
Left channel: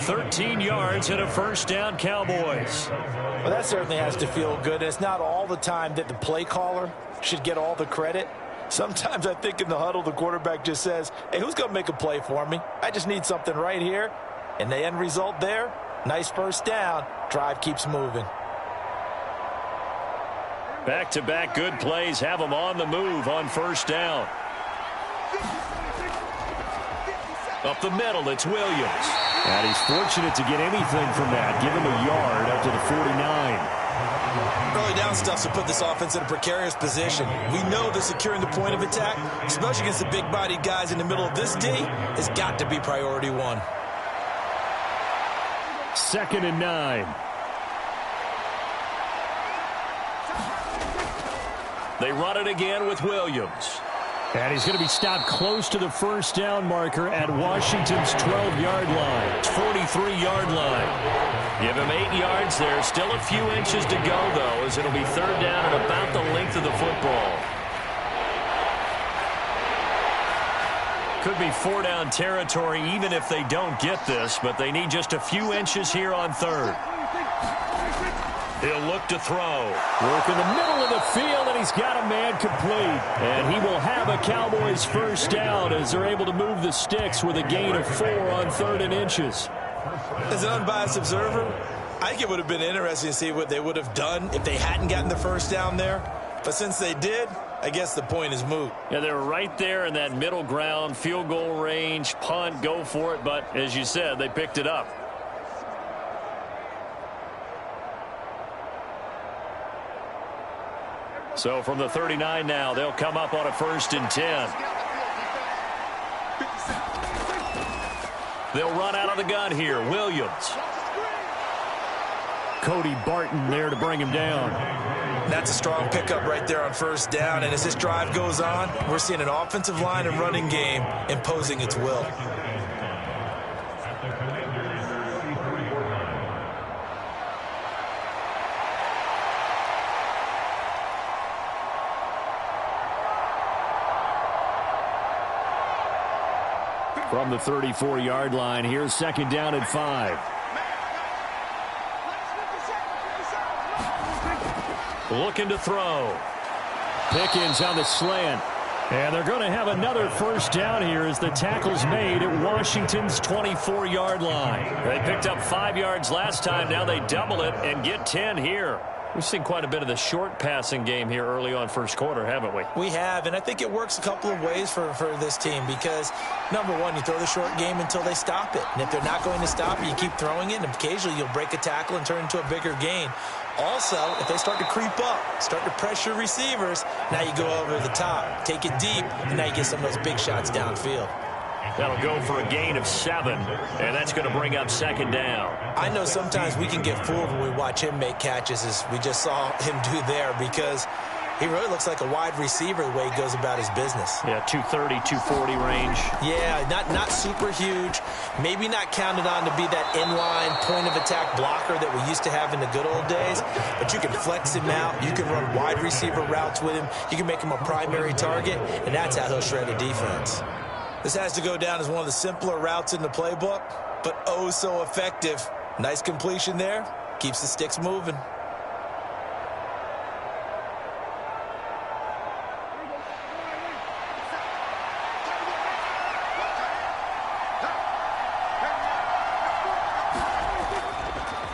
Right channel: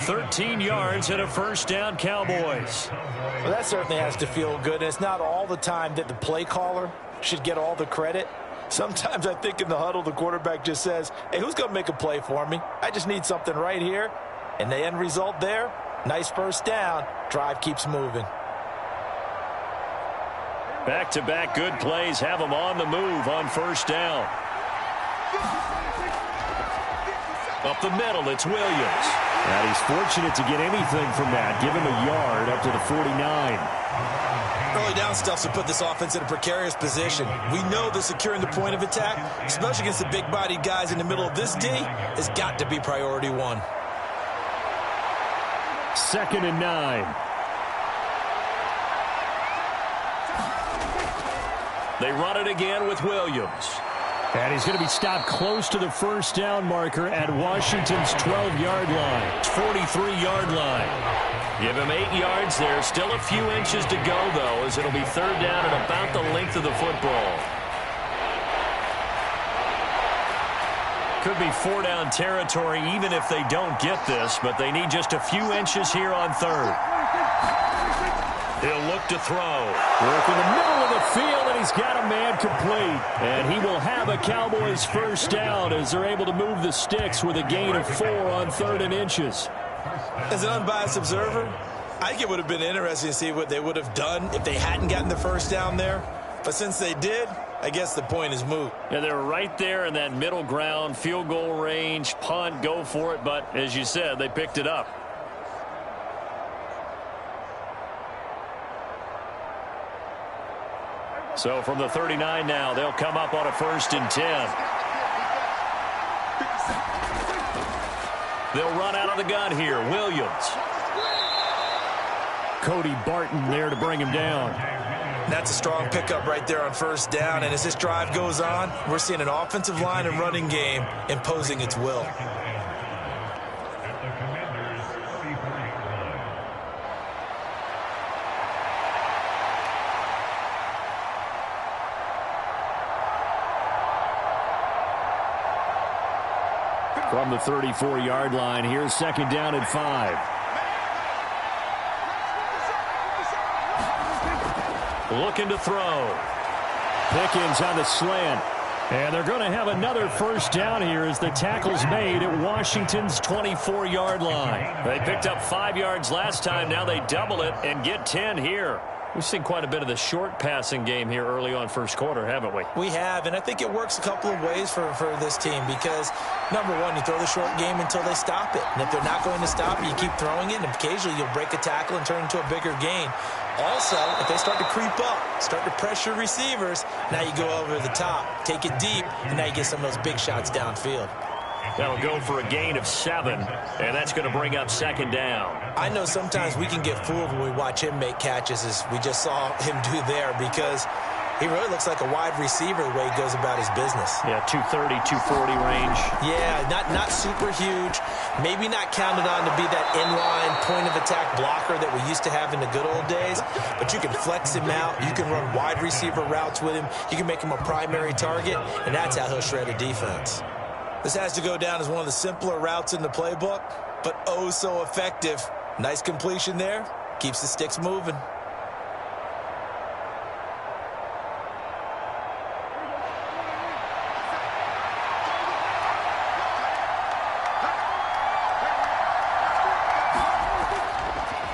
13 yards and a first down, Cowboys. Well, that certainly has to feel good. It's not all the time that the play caller should get all the credit. Sometimes I think in the huddle, the quarterback just says, hey, who's going to make a play for me? I just need something right here. And the end result there, nice first down. Drive keeps moving. Back-to-back good plays have them on the move on first down. Up the middle, it's Williams. And he's fortunate to get anything from that. Give him a yard up to the 49. Early down stuff to put this offense in a precarious position. We know that securing the point of attack, especially against the big-bodied guys in the middle of this D, has got to be priority 1. 2nd and 9. They run it again with Williams. And he's going to be stopped close to the first down marker at Washington's 12-yard line. 43-yard line. Give him 8 yards there. Still a few inches to go, though, as it'll be 3rd down at about the length of the football. Could be 4-down territory even if they don't get this, but they need just a few inches here on 3rd. He'll look to throw. Work in the middle of the field, and he's got a man complete. And he will have a Cowboys first down as they're able to move the sticks with a gain of 4 on 3rd and inches. As an unbiased observer, I think it would have been interesting to see what they would have done if they hadn't gotten the first down there. But since they did, I guess the point is moot. Yeah, they're right there in that middle ground, field goal range, punt, go for it. But as you said, they picked it up. So from the 39 now, they'll come up on a 1st and 10. They'll run out of the gun here. Williams. Cody Barton there to bring him down. That's a strong pickup right there on first down. And as this drive goes on, we're seeing an offensive line and running game imposing its will. From the 34-yard line, here's 2nd down and 5. Looking to throw. Pickens on the slant. And they're going to have another first down here as the tackle's made at Washington's 24-yard line. They picked up 5 yards last time. Now they double it and get 10 here. We've seen quite a bit of the short passing game here early on first quarter, haven't we? We have, and I think it works a couple of ways for this team because, number one, you throw the short game until they stop it. And if they're not going to stop it, you keep throwing it, and occasionally you'll break a tackle and turn into a bigger gain. Also, if they start to creep up, start to pressure receivers, now you go over the top, take it deep, and now you get some of those big shots downfield. That'll go for a gain of 7, and that's going to bring up second down. I know sometimes we can get fooled when we watch him make catches, as we just saw him do there, because he really looks like a wide receiver the way he goes about his business. Yeah, 230, 240 range. Yeah, not super huge. Maybe not counted on to be that inline point-of-attack blocker that we used to have in the good old days, but you can flex him out. You can run wide receiver routes with him. You can make him a primary target, and that's how he'll shred a defense. This has to go down as one of the simpler routes in the playbook, but oh so effective. Nice completion there. Keeps the sticks moving.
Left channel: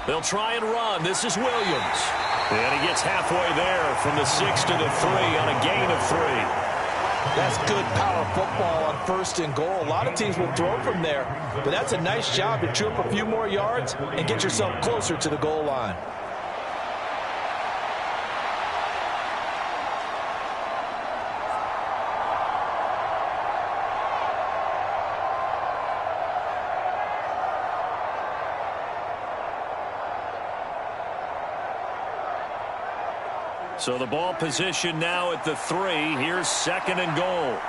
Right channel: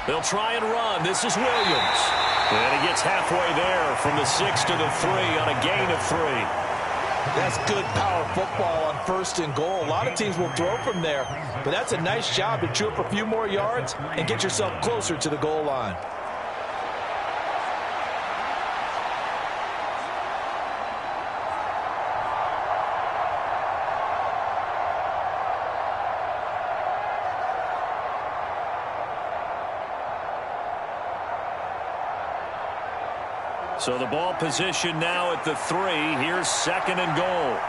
They'll try and run. This is Williams. And he gets halfway there from the 6 to the 3 on a gain of 3. That's good power football on 1st and goal. A lot of teams will throw from there, but that's a nice job to chew up a few more yards and get yourself closer to the goal line. So the ball position now at the 3. Here's 2nd and goal.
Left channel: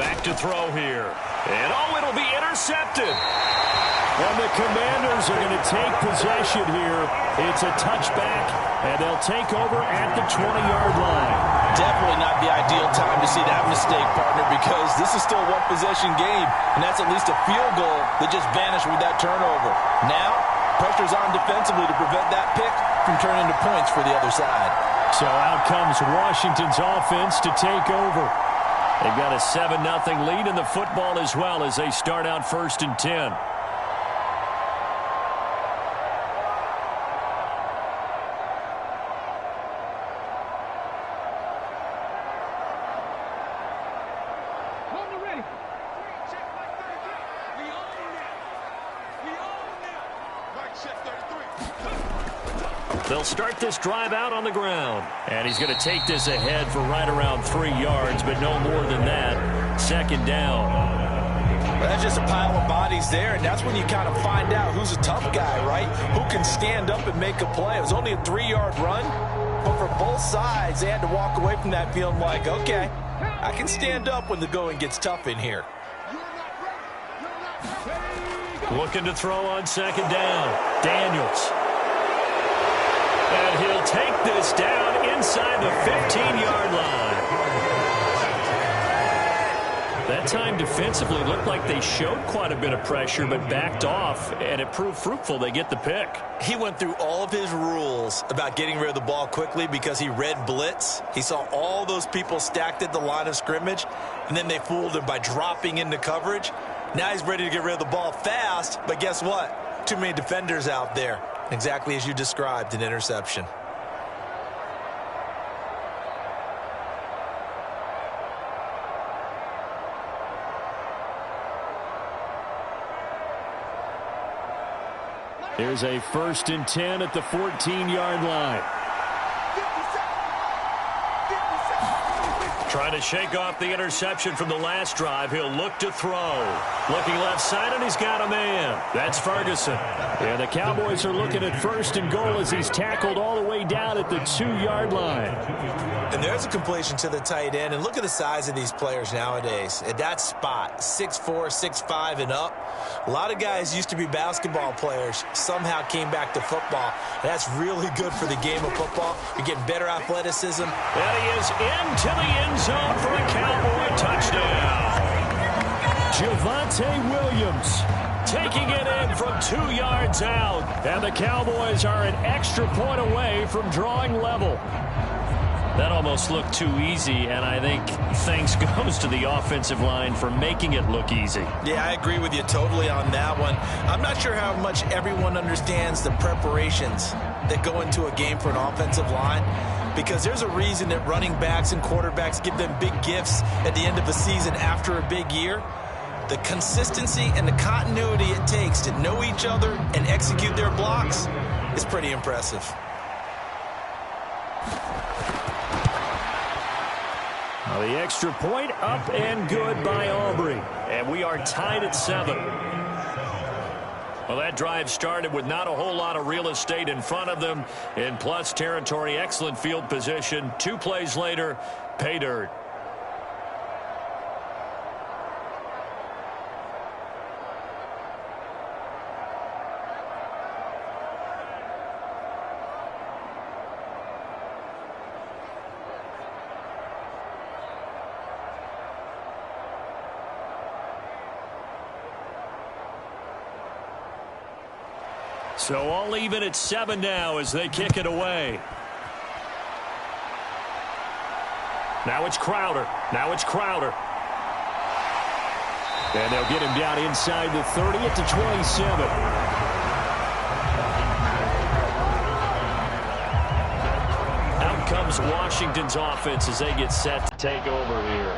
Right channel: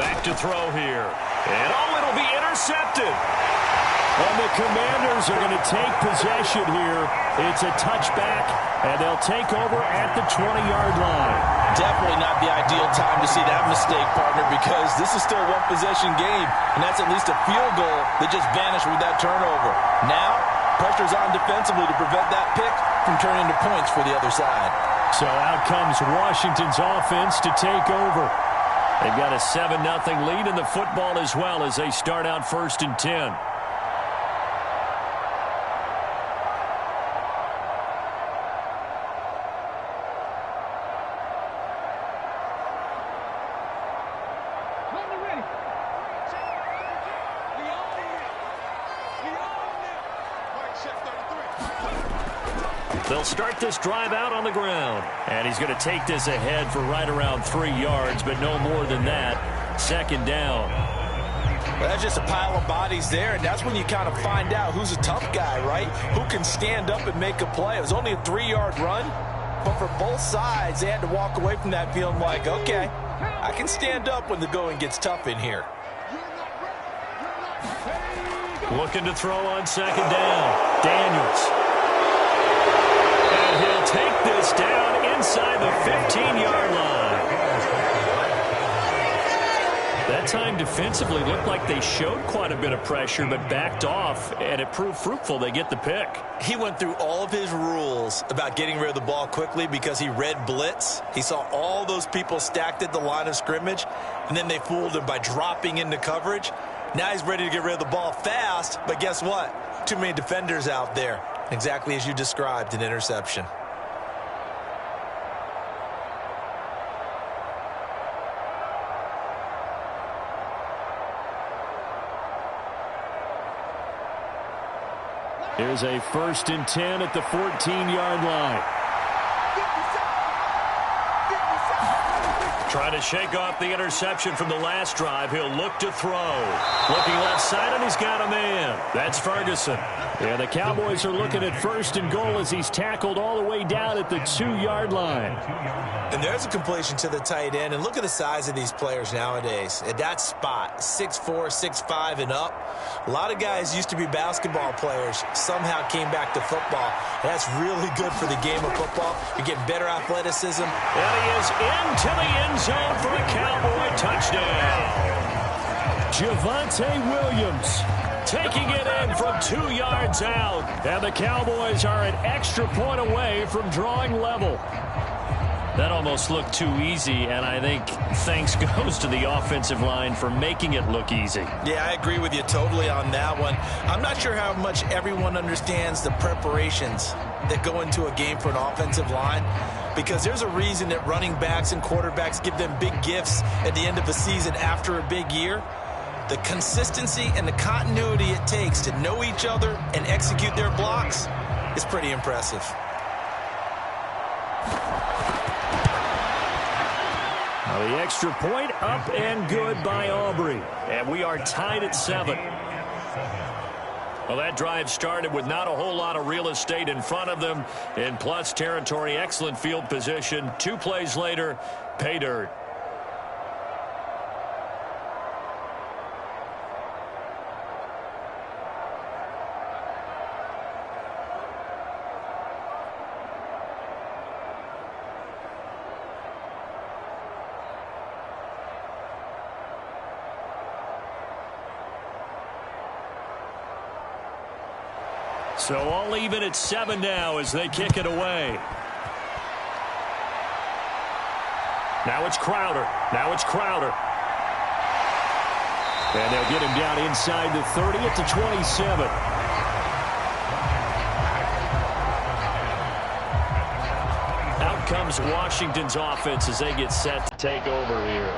Back to throw here. And it'll be intercepted. And the Commanders are going to take possession here. It's a touchback, and they'll take over at the 20-yard line. Definitely not the ideal time to see that mistake, partner, because this is still a one-possession game, and that's at least a field goal that just vanished with that turnover. Now, pressure's on defensively to prevent that pick from turning into points for the other side. So out comes Washington's offense to take over. They've got a 7-0 lead in the football as well as they start out 1st and 10. They'll start this drive out on the ground. And he's going to take this ahead for right around 3 yards, but no more than that. 2nd down. Well, that's just a pile of bodies there, and that's when you kind of find out who's a tough guy, right? Who can stand up and make a play. It was only a 3-yard run, but for both sides, they had to walk away from that feeling like, okay, I can stand up when the going gets tough in here. Looking to throw on 2nd down. Daniels. And he'll take this down inside the 15-yard line. That time defensively looked like they showed quite a bit of pressure but backed off, and it proved fruitful. They get the pick. He went through all of his rules about getting rid of the ball quickly because he read blitz. He saw all those people stacked at the line of scrimmage, and then they fooled him by dropping into coverage. Now he's ready to get rid of the ball fast, but guess what? Too many defenders out there. Exactly as you described, an interception. Here's a 1st and 10 at the 14-yard line. Trying to shake off the interception from the last drive. He'll look to throw. Looking left side, and he's got a man. That's Ferguson. Yeah, the Cowboys are looking at 1st and goal as he's tackled all the way down at the 2-yard line. And there's a completion to the tight end. And look at the size of these players nowadays. At that spot, 6'4", 6'5", and up. A lot of guys used to be basketball players, somehow came back to football. And that's really good for the game of football. You're getting better athleticism. And he is into the end zone for a Cowboy touchdown. Javonte Williams taking it in from 2 yards out. And the Cowboys are an extra point away from drawing level. That almost looked too easy, and I think thanks goes to the offensive line for making it look easy. Yeah, I agree with you totally on that one. I'm not sure how much everyone understands the preparations that go into a game for an offensive line, because there's a reason that running backs and quarterbacks give them big gifts at the end of a season after a big year. The consistency and the continuity it takes to know each other and execute their blocks is pretty impressive. Now the extra point up and good by Aubrey. And we are tied at 7. Well, that drive started with not a whole lot of real estate in front of them. In plus territory, excellent field position. 2 plays later, pay dirt. So all even at 7 now as they kick it away. Now it's Crowder. And they'll get him down inside the 30 at the 27. Out comes Washington's offense as they get set to take over here.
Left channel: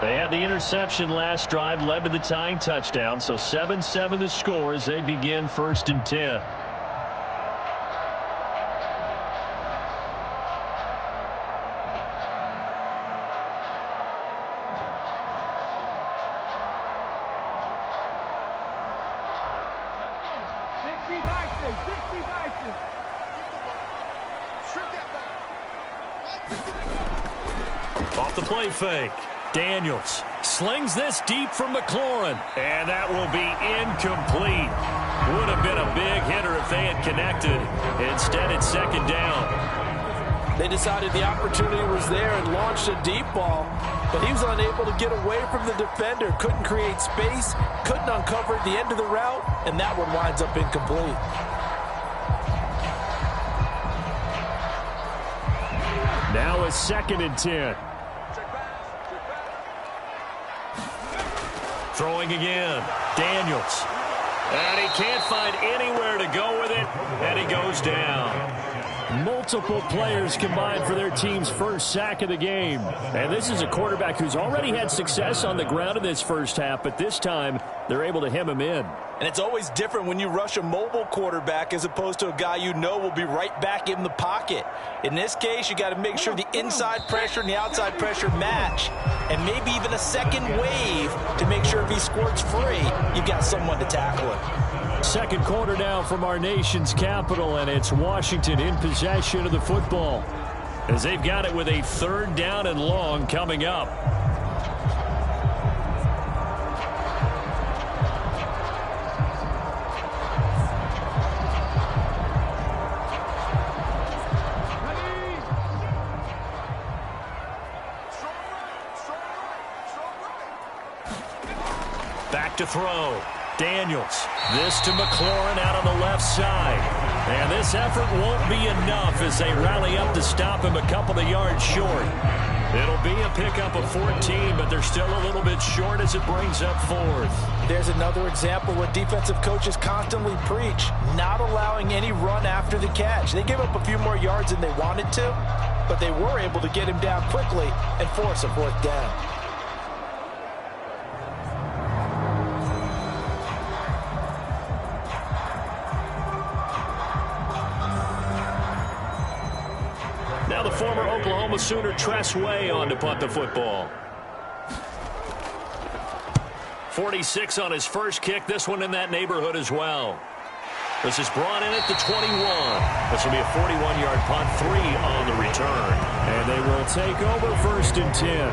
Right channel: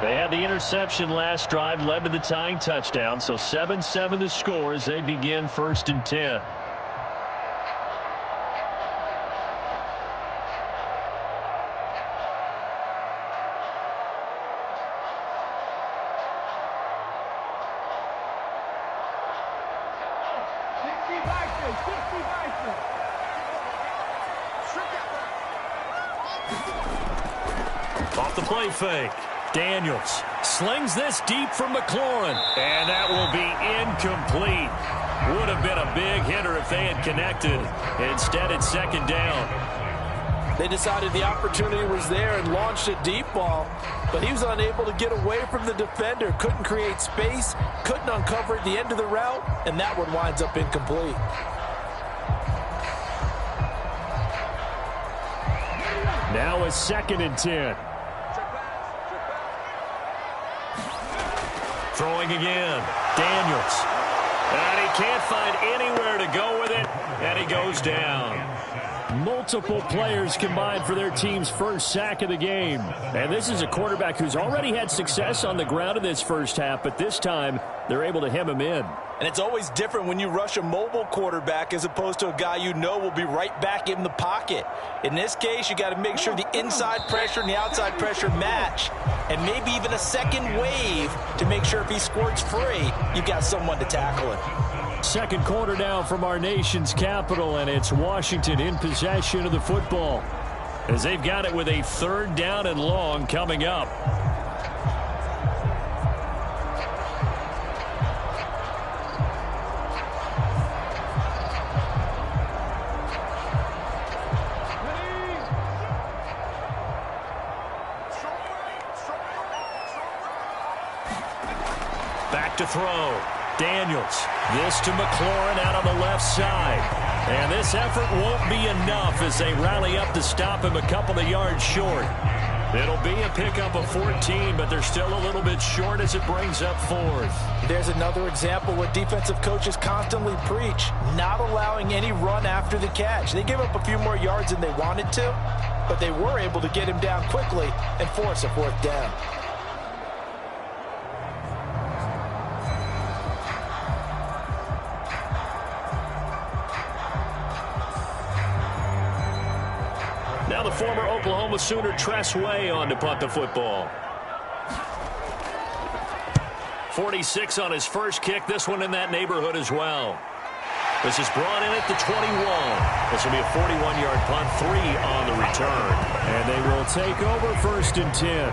They had the interception last drive, led to the tying touchdown. So 7-7 the score as they begin 1st and 10. Off the play fake. Daniels slings this deep from McLaurin. And that will be incomplete. Would have been a big hitter if they had connected. Instead, it's 2nd down. They decided the opportunity was there and launched a deep ball, but he was unable to get away from the defender, couldn't create space, couldn't uncover at the end of the route, and that one winds up incomplete. Now a 2nd and 10. Throwing again. Daniels. And he can't find anywhere to go with it, and he goes down. Multiple players combined for their team's first sack of the game. And this is a quarterback who's already had success on the ground in this first half, but this time they're able to hem him in. And it's always different when you rush a mobile quarterback as opposed to a guy you know will be right back in the pocket. In this case, you got to make sure the inside pressure and the outside pressure match, and maybe even a second wave to make sure if he squirts free, you've got someone to tackle him. Second quarter now from our nation's capital, and it's Washington in possession of the football as they've got it with a 3rd down and long coming up. Back to throw. Daniels. This to McLaurin out on the left side. And this effort won't be enough as they rally up to stop him a couple of yards short. It'll be a pickup of 14, but they're still a little bit short as it brings up 4th. There's another example what defensive coaches constantly preach, not allowing any run after the catch. They gave up a few more yards than they wanted to, but they were able to get him down quickly and force a 4th down. Now the former Oklahoma Sooner Tress Way on to punt the football. 46 on his first kick. This one in that neighborhood as well. This is brought in at the 21. This will be a 41-yard punt, 3 on the return. And they will take over 1st and 10.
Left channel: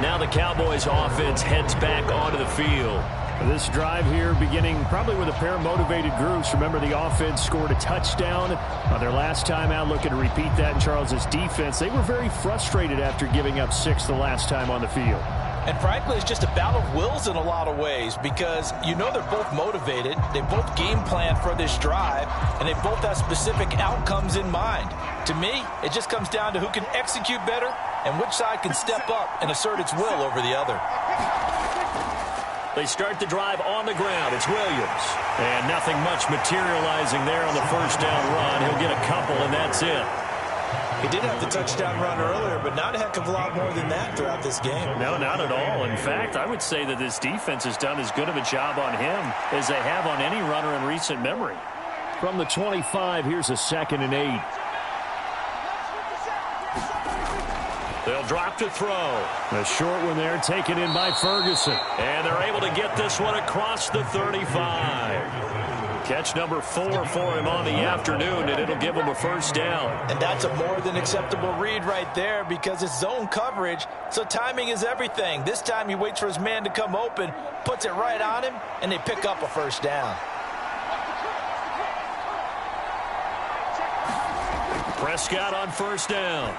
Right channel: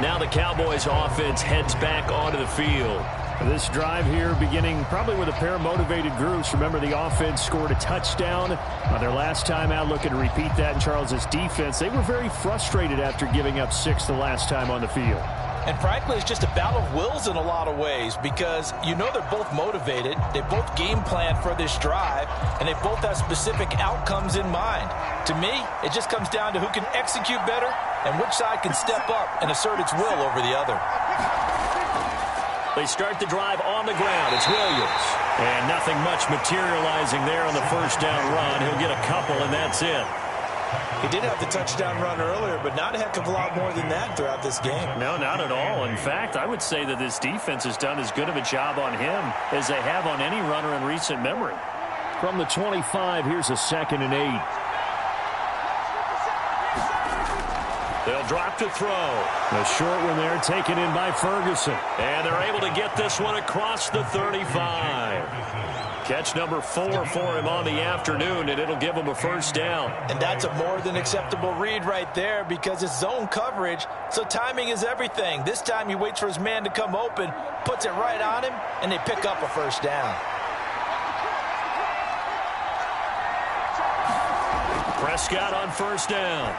Now the Cowboys offense heads back onto the field. This drive here beginning probably with a pair of motivated groups. Remember, the offense scored a touchdown on their last time out, looking to repeat that in Charles's defense. They were very frustrated after giving up 6 the last time on the field. And frankly, it's just a battle of wills in a lot of ways because you know they're both motivated. They both game plan for this drive, and they both have specific outcomes in mind. To me, it just comes down to who can execute better and which side can step up and assert its will over the other. They start the drive on the ground. It's Williams. And nothing much materializing there on the first down run. He'll get a couple, and that's it. He did have the touchdown run earlier, but not a heck of a lot more than that throughout this game. No, not at all. In fact, I would say that this defense has done as good of a job on him as they have on any runner in recent memory. From the 25, here's a 2nd and 8. They'll drop to throw. A short one there taken in by Ferguson. And they're able to get this one across the 35. Catch number 4 for him on the afternoon, and it'll give him a first down. And that's a more than acceptable read right there because it's zone coverage, so timing is everything. This time he waits for his man to come open, puts it right on him, and they pick up a first down. Prescott on first down.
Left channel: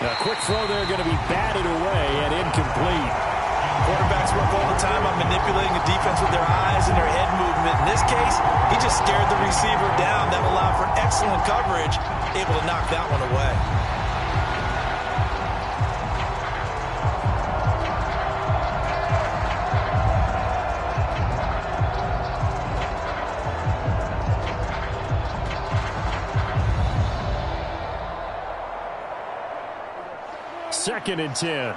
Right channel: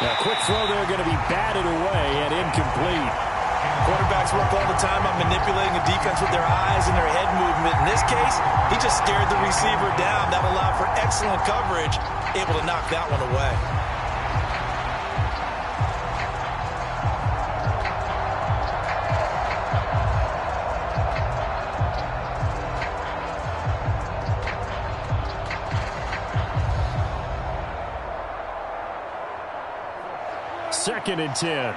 A quick throw there going to be batted away and incomplete. Quarterbacks work all the time on manipulating a defense with their eyes and their head movement. In this case, he just stared the receiver down. That allowed for excellent coverage, able to knock that one away. Second and 10.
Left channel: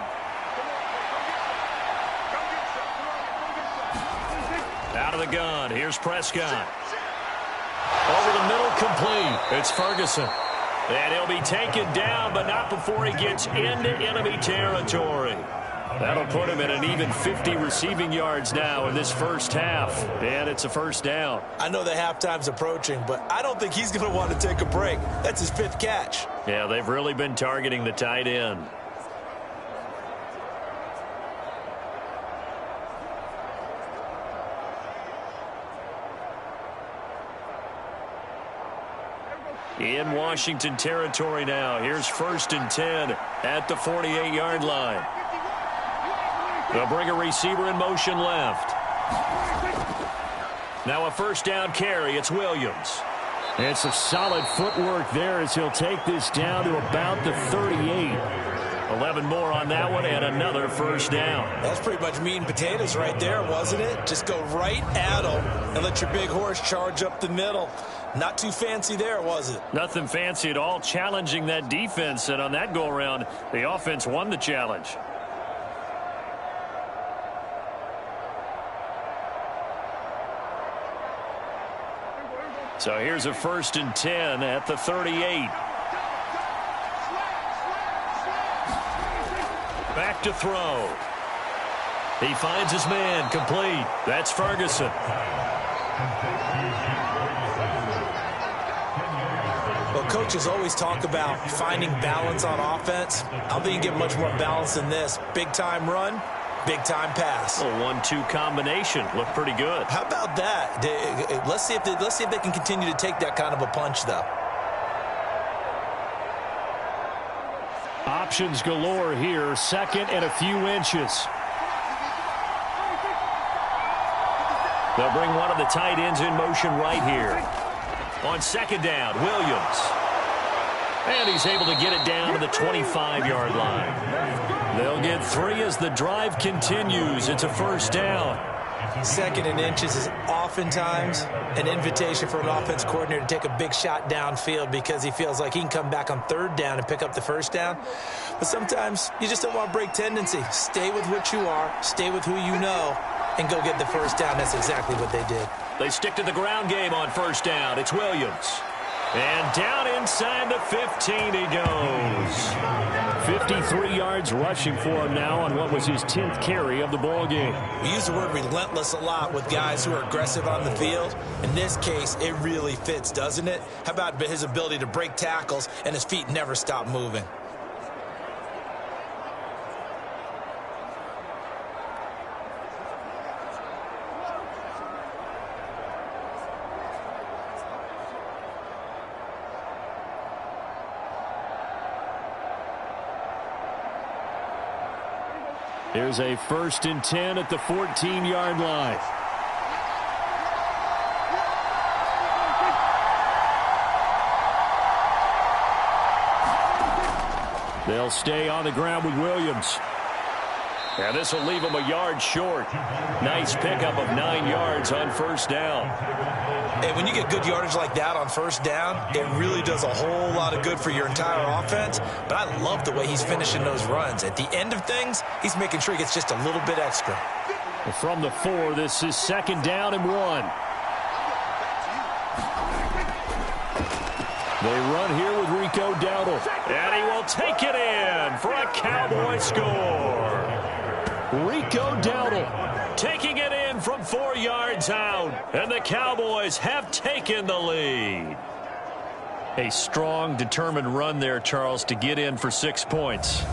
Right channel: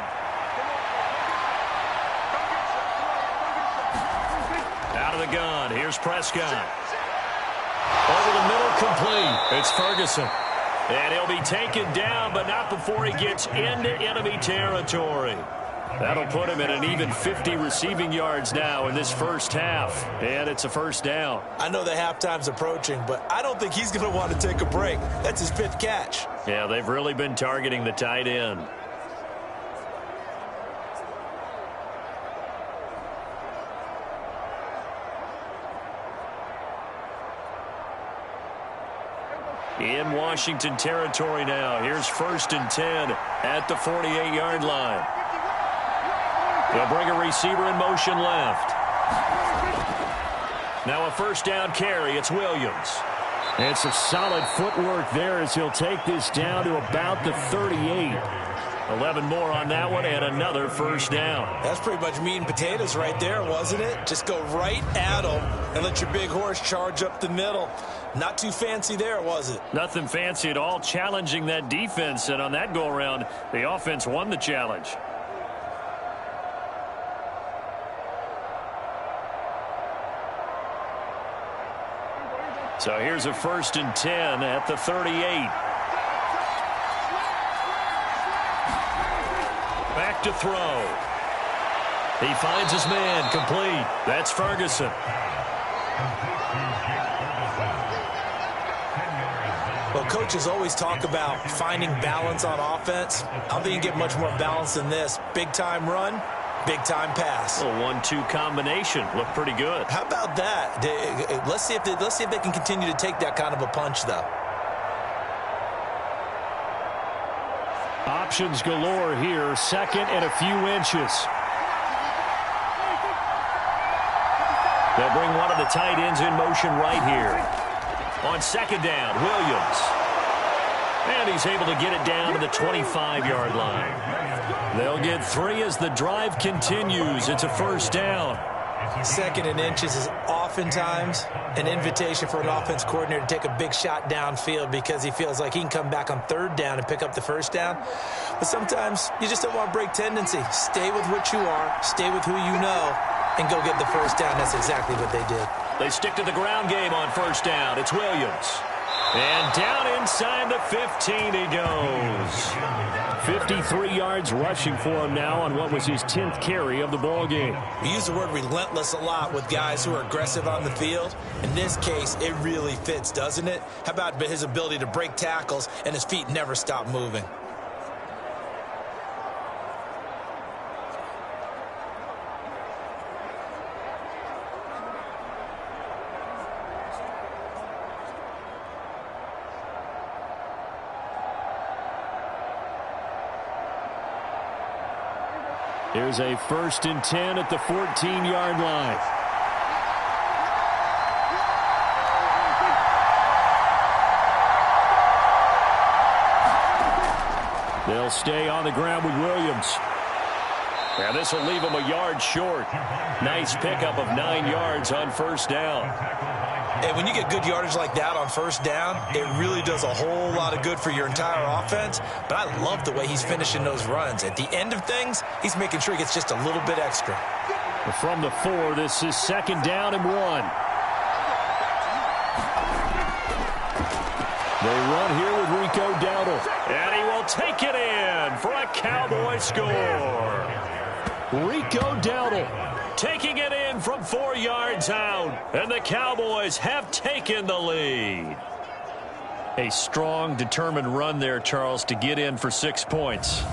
Out of the gun. Here's Prescott. Over the middle, complete. It's Ferguson. And he'll be taken down, but not before he gets into enemy territory. That'll put him at an even 50 receiving yards now in this first half. And it's a first down. I know the halftime's approaching, but I don't think he's going to want to take a break. That's his 5th catch. Yeah, they've really been targeting the tight end. In Washington territory now. Here's 1st and 10 at the 48-yard line. They'll bring a receiver in motion left. Now a first down carry. It's Williams. It's a solid footwork there as he'll take this down to about the 38. 11 more on that one and another first down. That's pretty much meat and potatoes right there, wasn't it? Just go right at him and let your big horse charge up the middle. Not too fancy there, was it? Nothing fancy at all, challenging that defense, and on that go-around, the offense won the challenge. So here's a 1st and 10 at the 38. Back to throw. He finds his man, complete. That's Ferguson. Well, coaches always talk about finding balance on offense. I don't think you get much more balance than this. Big-time run, big-time pass. A 1-2 combination. Looked pretty good. How about that? Let's see if they can continue to take that kind of a punch, though. Options galore here. 2nd and a few inches. They'll bring one of the tight ends in motion right here. On 2nd down, Williams. And he's able to get it down to the 25-yard line. They'll get 3 as the drive continues. It's a first down. 2nd and inches is oftentimes an invitation for an offense coordinator to take a big shot downfield because he feels like he can come back on 3rd down and pick up the first down. But sometimes you just don't want to break tendency. Stay with what you are, stay with who you know, and go get the first down. That's exactly what they did. They stick to the ground game on first down. It's Williams. And down inside the 15 he goes. 53 yards rushing for him now on what was his 10th carry of the ball game. We use the word relentless a lot with guys who are aggressive on the field. In this case, it really fits, doesn't it? How about his ability to break tackles and his feet never stop moving? Here's a 1st and 10 at the 14-yard line. They'll stay on the ground with Williams. And this will leave them a yard short. Nice pickup of 9 yards on 1st down. And when you get good yardage like that on 1st down, it really does a whole lot of good for your entire offense. But I love the way he's finishing those runs. At the end of things, he's making sure he gets just a little bit extra. From the 4, this is 2nd down and 1. They run here with Rico Dowdle. And he will take it in for a Cowboy score. Rico Dowdle taking it in from 4 yards out. And the Cowboys have taken the lead. A strong, determined run there, Charles, to get in for 6 points.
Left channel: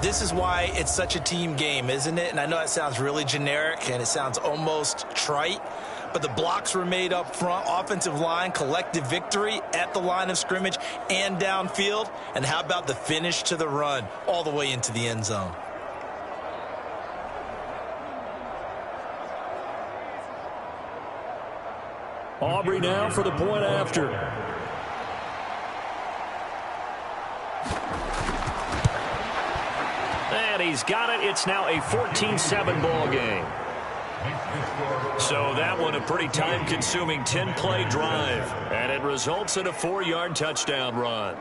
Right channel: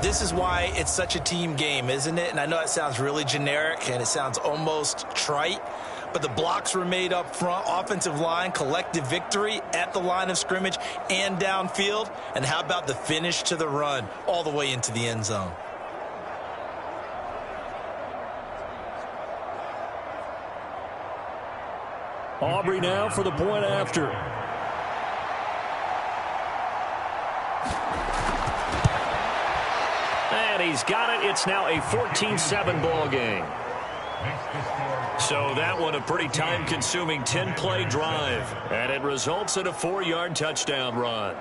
This is why it's such a team game, isn't it? And I know it sounds really generic and it sounds almost trite, but the blocks were made up front, offensive line, collective victory at the line of scrimmage and downfield. And how about the finish to the run all the way into the end zone? Aubrey now for the point after. And he's got it. It's now a 14-7 ball game. So that one a pretty time-consuming 10-play drive. And it results in a 4-yard touchdown run.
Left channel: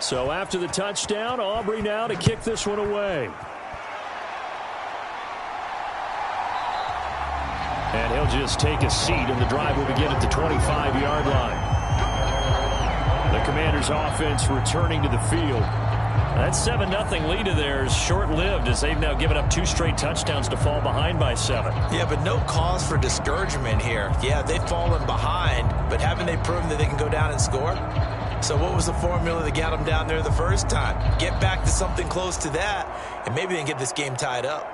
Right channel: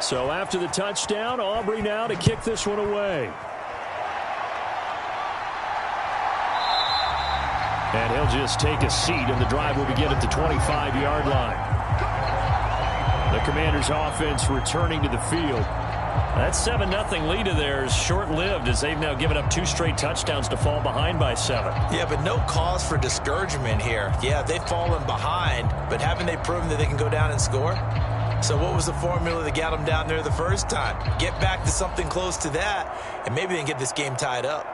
So after the touchdown, Aubrey now to kick this one away. And he'll just take a seat, and the drive will begin at the 25-yard line. The Commanders' offense returning to the field. That 7-0 lead of theirs short-lived as they've now given up 2 straight touchdowns to fall behind by 7. Yeah, but no cause for discouragement here. Yeah, they've fallen behind, but haven't they proven that they can go down and score? So what was the formula that got them down there the first time? Get back to something close to that, and maybe they can get this game tied up.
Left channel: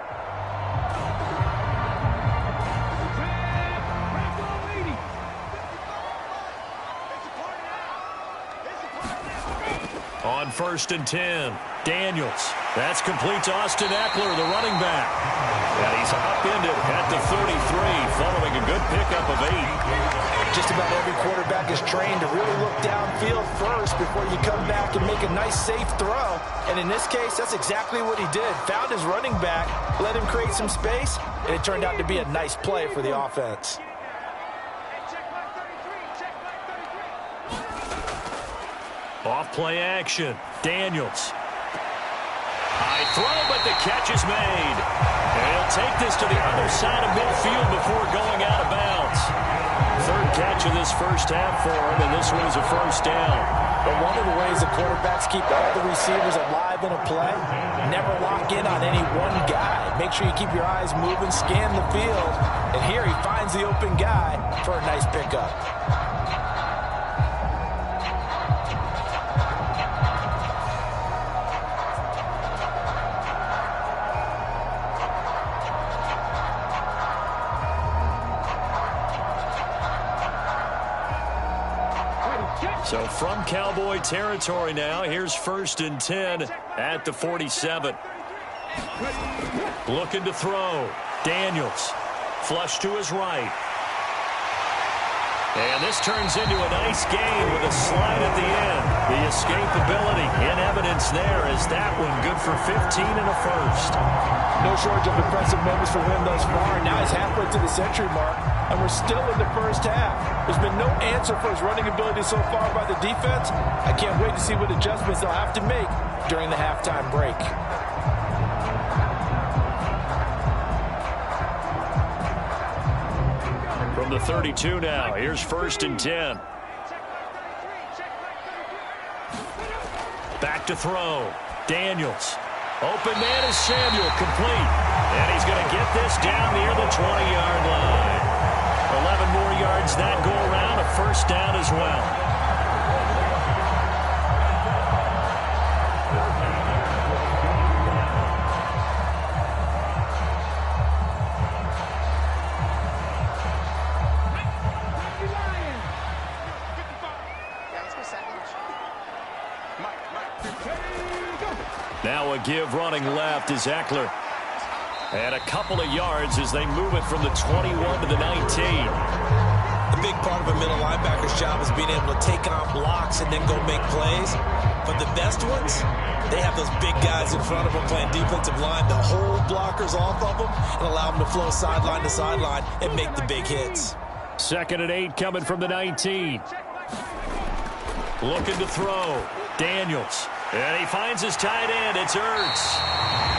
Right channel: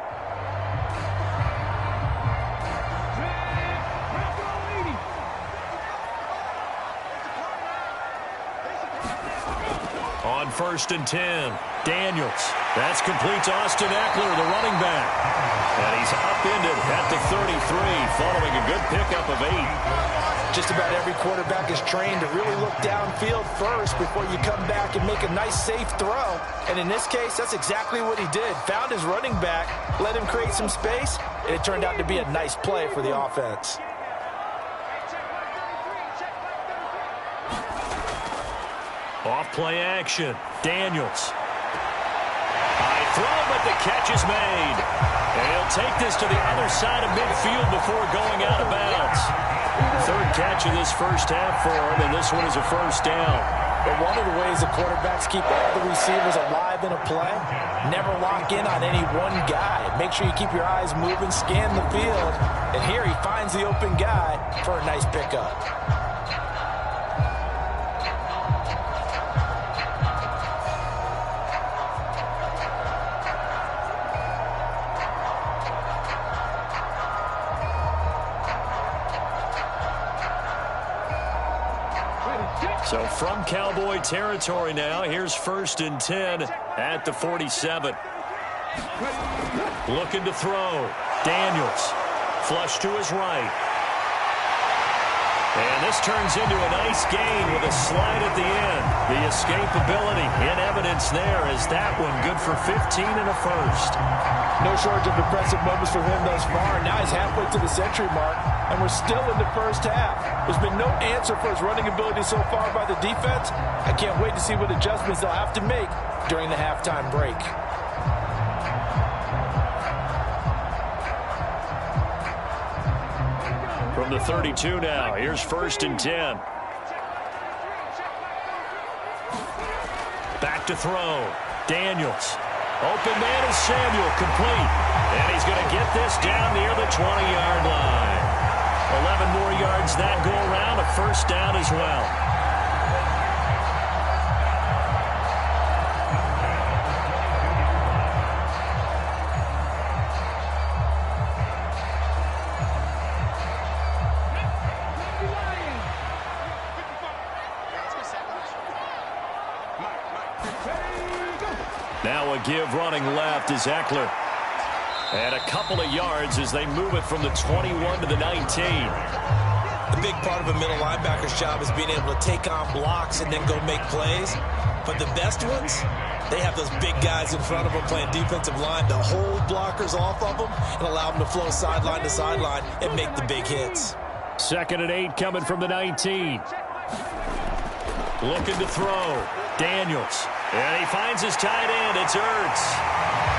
On 1st and 10, Daniels. That's complete to Austin Eckler, the running back. And he's upended at the 33, following a good pickup of 8. Just about every quarterback is trained to really look downfield first before you come back and make a nice, safe throw. And in this case, that's exactly what he did. Found his running back, let him create some space, and it turned out to be a nice play for the offense. Off play action. Daniels. High throw, but the catch is made. And he'll take this to the other side of midfield before going out of bounds. 3rd catch of this first half for him, and this one is a 1st down. But one of the ways the quarterbacks keep all the receivers alive in a play, never lock in on any one guy. Make sure you keep your eyes moving, scan the field, and here he finds the open guy for a nice pickup. So from Cowboy territory now, here's 1st and 10 at the 47. Looking to throw. Daniels. Flush to his right. And this turns into a nice gain with a slide at the end. The escapability in evidence there is that one good for 15 and a 1st. No shortage of impressive moments from him thus far. Now he's halfway to the century mark, and we're still in the first half. There's been no answer for his running ability so far by the defense. I can't wait to see what adjustments they'll have to make during the halftime break. From the 32 now, here's 1st and 10. Back to throw. Daniels. Open man is Samuel, complete. And he's going to get this down near the 20-yard line. 11 more yards that go around, a first down as well. Now a give running left is Eckler. And a couple of yards as they move it from the 21 to the 19. The big part of a middle linebacker's job is being able to take on blocks and then go make plays. But the best ones, they have those big guys in front of them playing defensive line to hold blockers off of them and allow them to flow sideline to sideline and make the big hits. 2nd and 8 coming from the 19. Looking to throw. Daniels. And he finds his tight end. It's Ertz.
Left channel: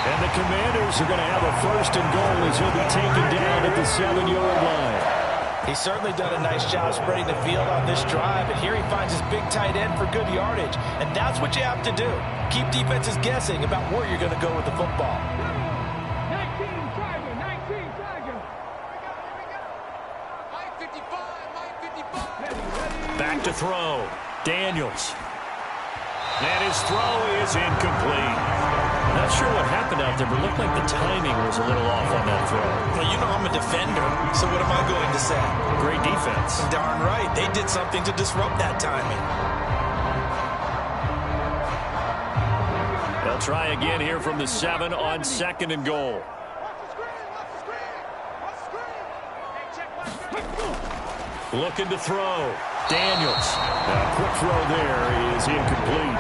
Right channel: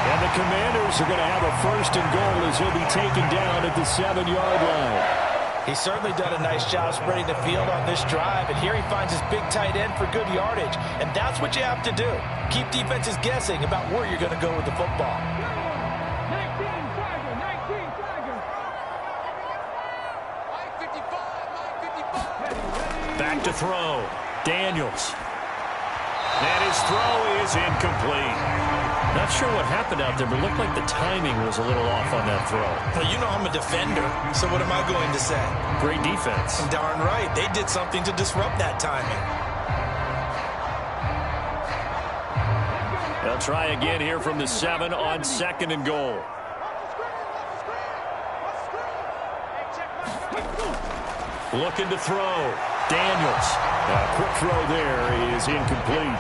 And the Commanders are going to have a 1st and goal as he'll be taken down at the 7-yard line. He's certainly done a nice job spreading the field on this drive, and here he finds his big tight end for good yardage. And that's what you have to do. Keep defenses guessing about where you're going to go with the football. 19 Tiger, 19 Tiger. Mike 55, Mike 55. Back to throw. Daniels. And his throw is incomplete. Not sure what happened out there, but it looked like the timing was a little off on that throw. Well, you know I'm a defender, so what am I going to say? Great defense. Darn right. They did something to disrupt that timing. They'll try again here from the 7 on 2nd and goal. Looking to throw. Daniels. A quick throw there is incomplete.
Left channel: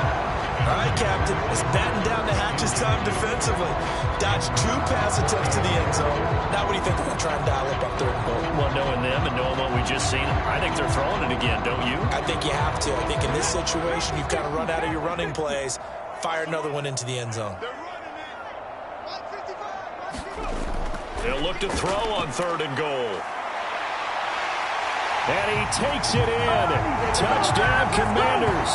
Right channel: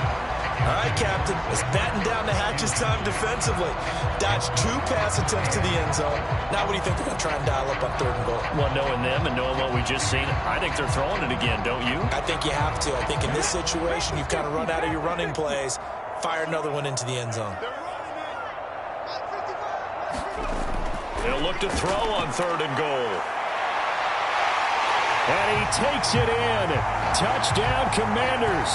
All right, Captain. It's batten down the hatches time defensively. Dodged 2 pass attempts to the end zone. Now what do you think they're going to try and dial up on 3rd and goal? Well, knowing them and knowing what we just seen, I think they're throwing it again, don't you? I think you have to. I think in this situation, you've kind of run out of your running plays. Fire another one into the end zone. They'll look to throw on 3rd and goal. And he takes it in. Touchdown, Commanders.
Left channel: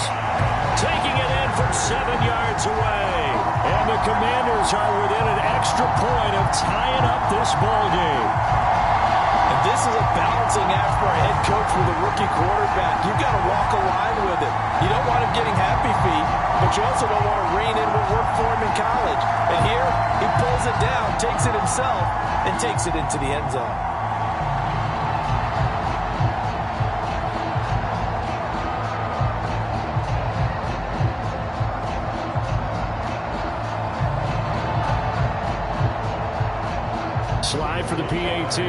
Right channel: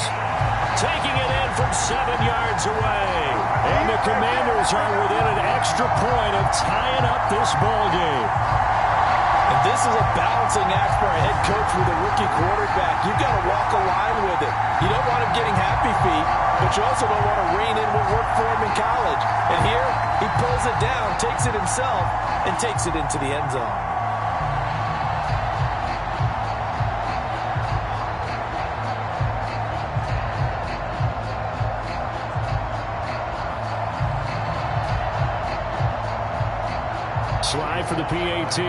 Taking it in from 7 yards away. And the Commanders are within an extra point of tying up this ball game. And this is a balancing act for a head coach with a rookie quarterback. You've got to walk a line with it. You don't want him getting happy feet, but you also don't want to rein in what worked for him in college. And here, he pulls it down, takes it himself, and takes it into the end zone. Slide for the PAT.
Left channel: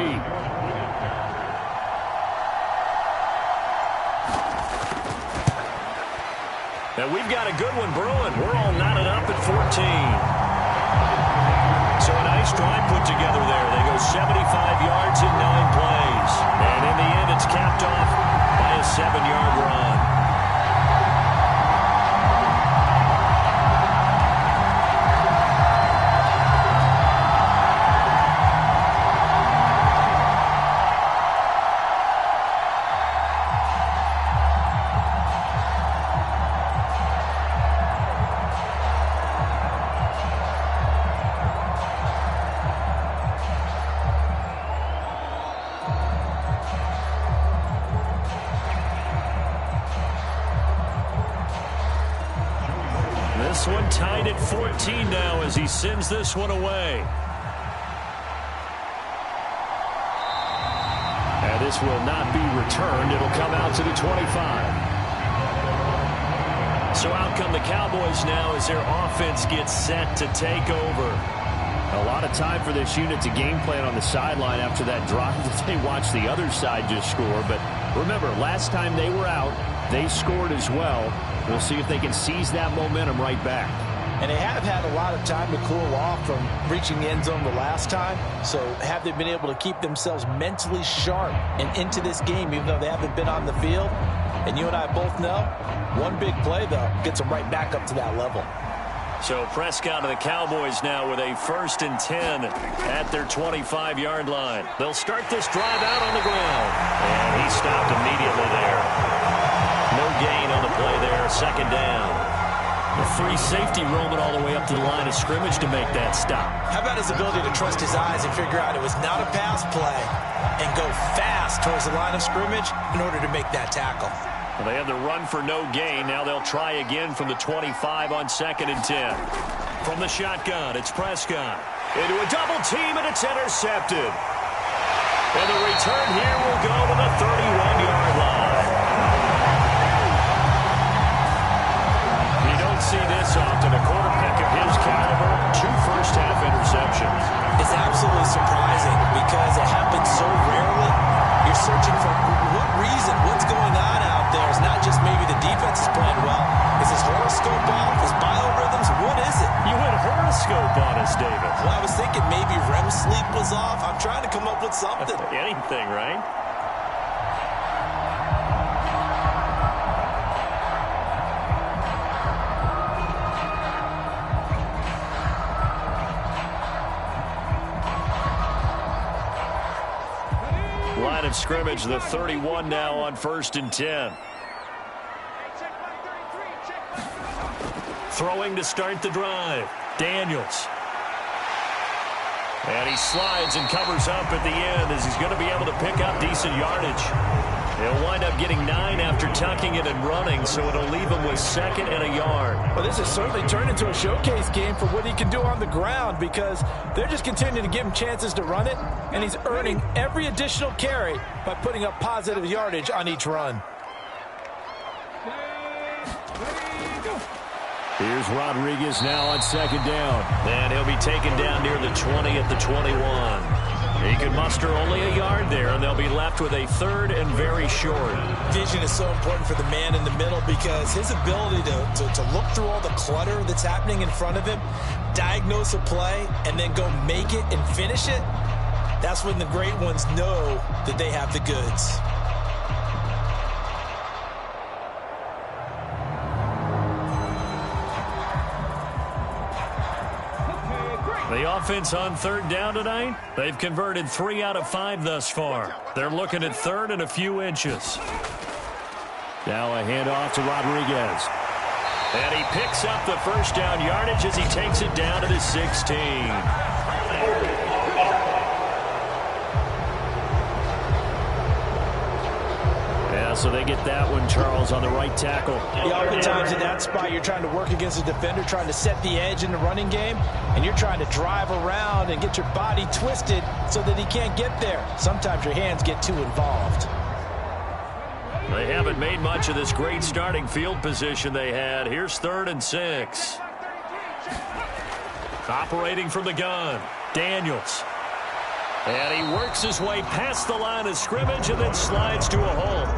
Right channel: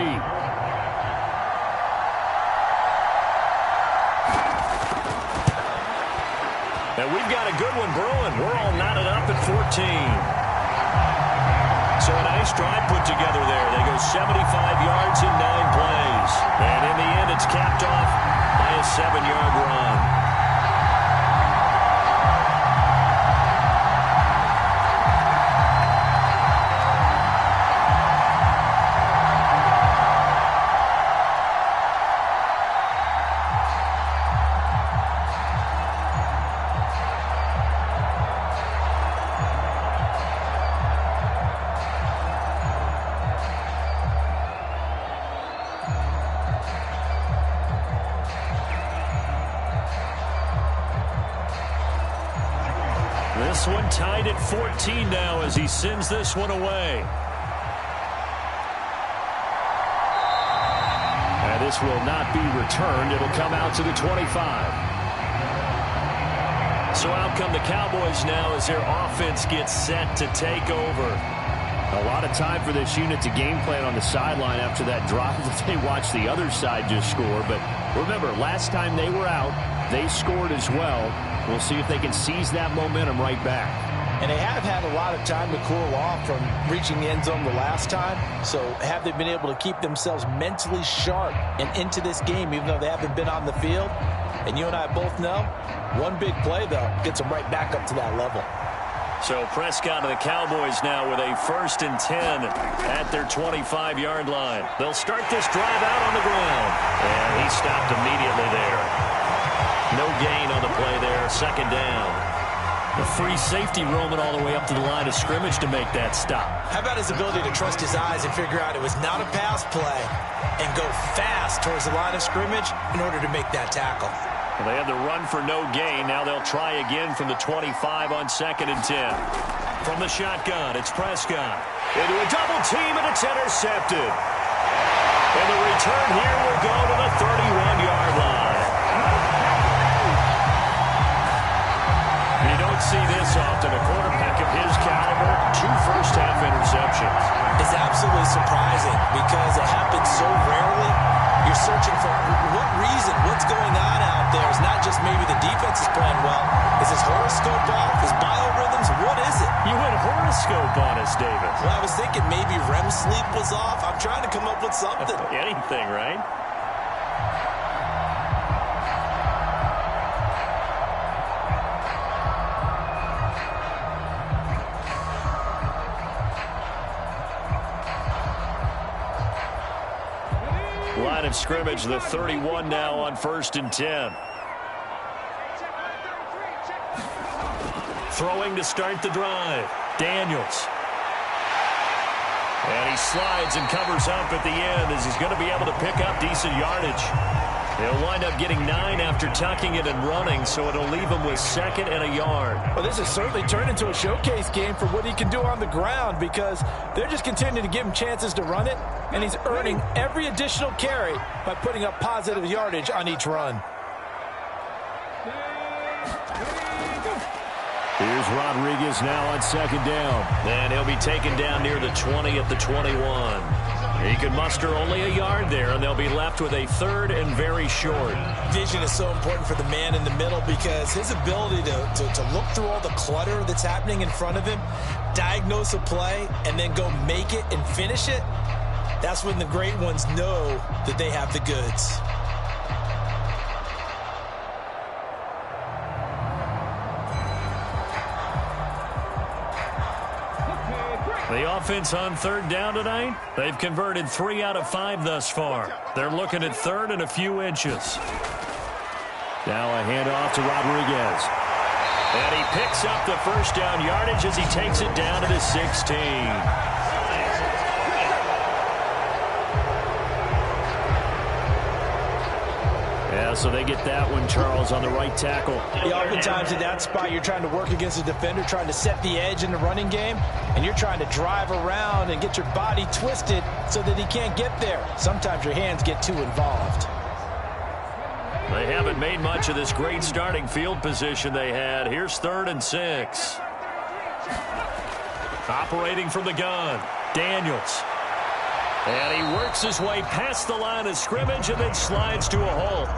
And we've got a good one brewing. We're all knotted up at 14. So a nice drive put together there. They go 75 yards in 9 plays. And in the end, it's capped off by a 7-yard run. This one tied at 14 now as he sends this one away. And this will not be returned. It'll come out to the 25. So out come the Cowboys now as their offense gets set to take over. A lot of time for this unit to game plan on the sideline after that drive that they watched the other side just score. But remember, last time they were out, they scored as well. We'll see if they can seize that momentum right back. And they have had a lot of time to cool off from reaching the end zone the last time. So have they been able to keep themselves mentally sharp and into this game, even though they haven't been on the field? And you and I both know, one big play, though, gets them right back up to that level. So Prescott and the Cowboys now with a 1st and 10 at their 25-yard line. They'll start this drive out on the ground. And he stopped immediately there. No gain on the play there, 2nd down. The free safety roaming all the way up to the line of scrimmage to make that stop. How about his ability to trust his eyes and figure out it was not a pass play and go fast towards the line of scrimmage in order to make that tackle? Well, they have the run for no gain. Now they'll try again from the 25 on 2nd and 10. From the shotgun, it's Prescott. Into a double team, and it's intercepted. And the return here will go to the 31-yard line. You don't see this often. A quarterback of his caliber, 2 first-half interceptions. It's absolutely surprising because it happens so rarely. You're searching for what reason, what's going on out there. It's not just maybe the defense is playing well. Is his horoscope off? His biorhythms? What is it? You went horoscope on us, David. Well, I was thinking maybe REM sleep was off. I'm trying to come up with something. Anything, right? Line of scrimmage, the 31 now on 1st and 10. Throwing to start the drive. Daniels. And he slides and covers up at the end as he's going to be able to pick up decent yardage. He'll wind up getting 9 after tucking it and running, so it'll leave him with 2nd and a yard. Well, this has certainly turned into a showcase game for what he can do on the ground because they're just continuing to give him chances to run it, and he's earning every additional carry by putting up positive yardage on each run. Here's Rodriguez now on 2nd down. And he'll be taken down near the 20 at the 21. He can muster only a yard there, and they'll be left with a 3rd and very short. Vision is so important for the man in the middle because his ability to look through all the clutter that's happening in front of him, diagnose a play, and then go make it and finish it, that's when the great ones know that they have the goods. The offense on 3rd down tonight, they've converted 3 out of 5 thus far. They're looking at 3rd and a few inches. Now a handoff to Rodriguez. And he picks up the 1st down yardage as he takes it down to the 16. Yeah, so they get that one, Charles, on the right tackle. Yeah, oftentimes in that spot, you're trying to work against a defender, trying to set the edge in the running game, and you're trying to drive around and get your body twisted so that he can't get there. Sometimes your hands get too involved. They haven't made much of this great starting field position they had. Here's 3rd and 6. Operating from the gun, Daniels. And he works his way past the line of scrimmage and then slides to a hole.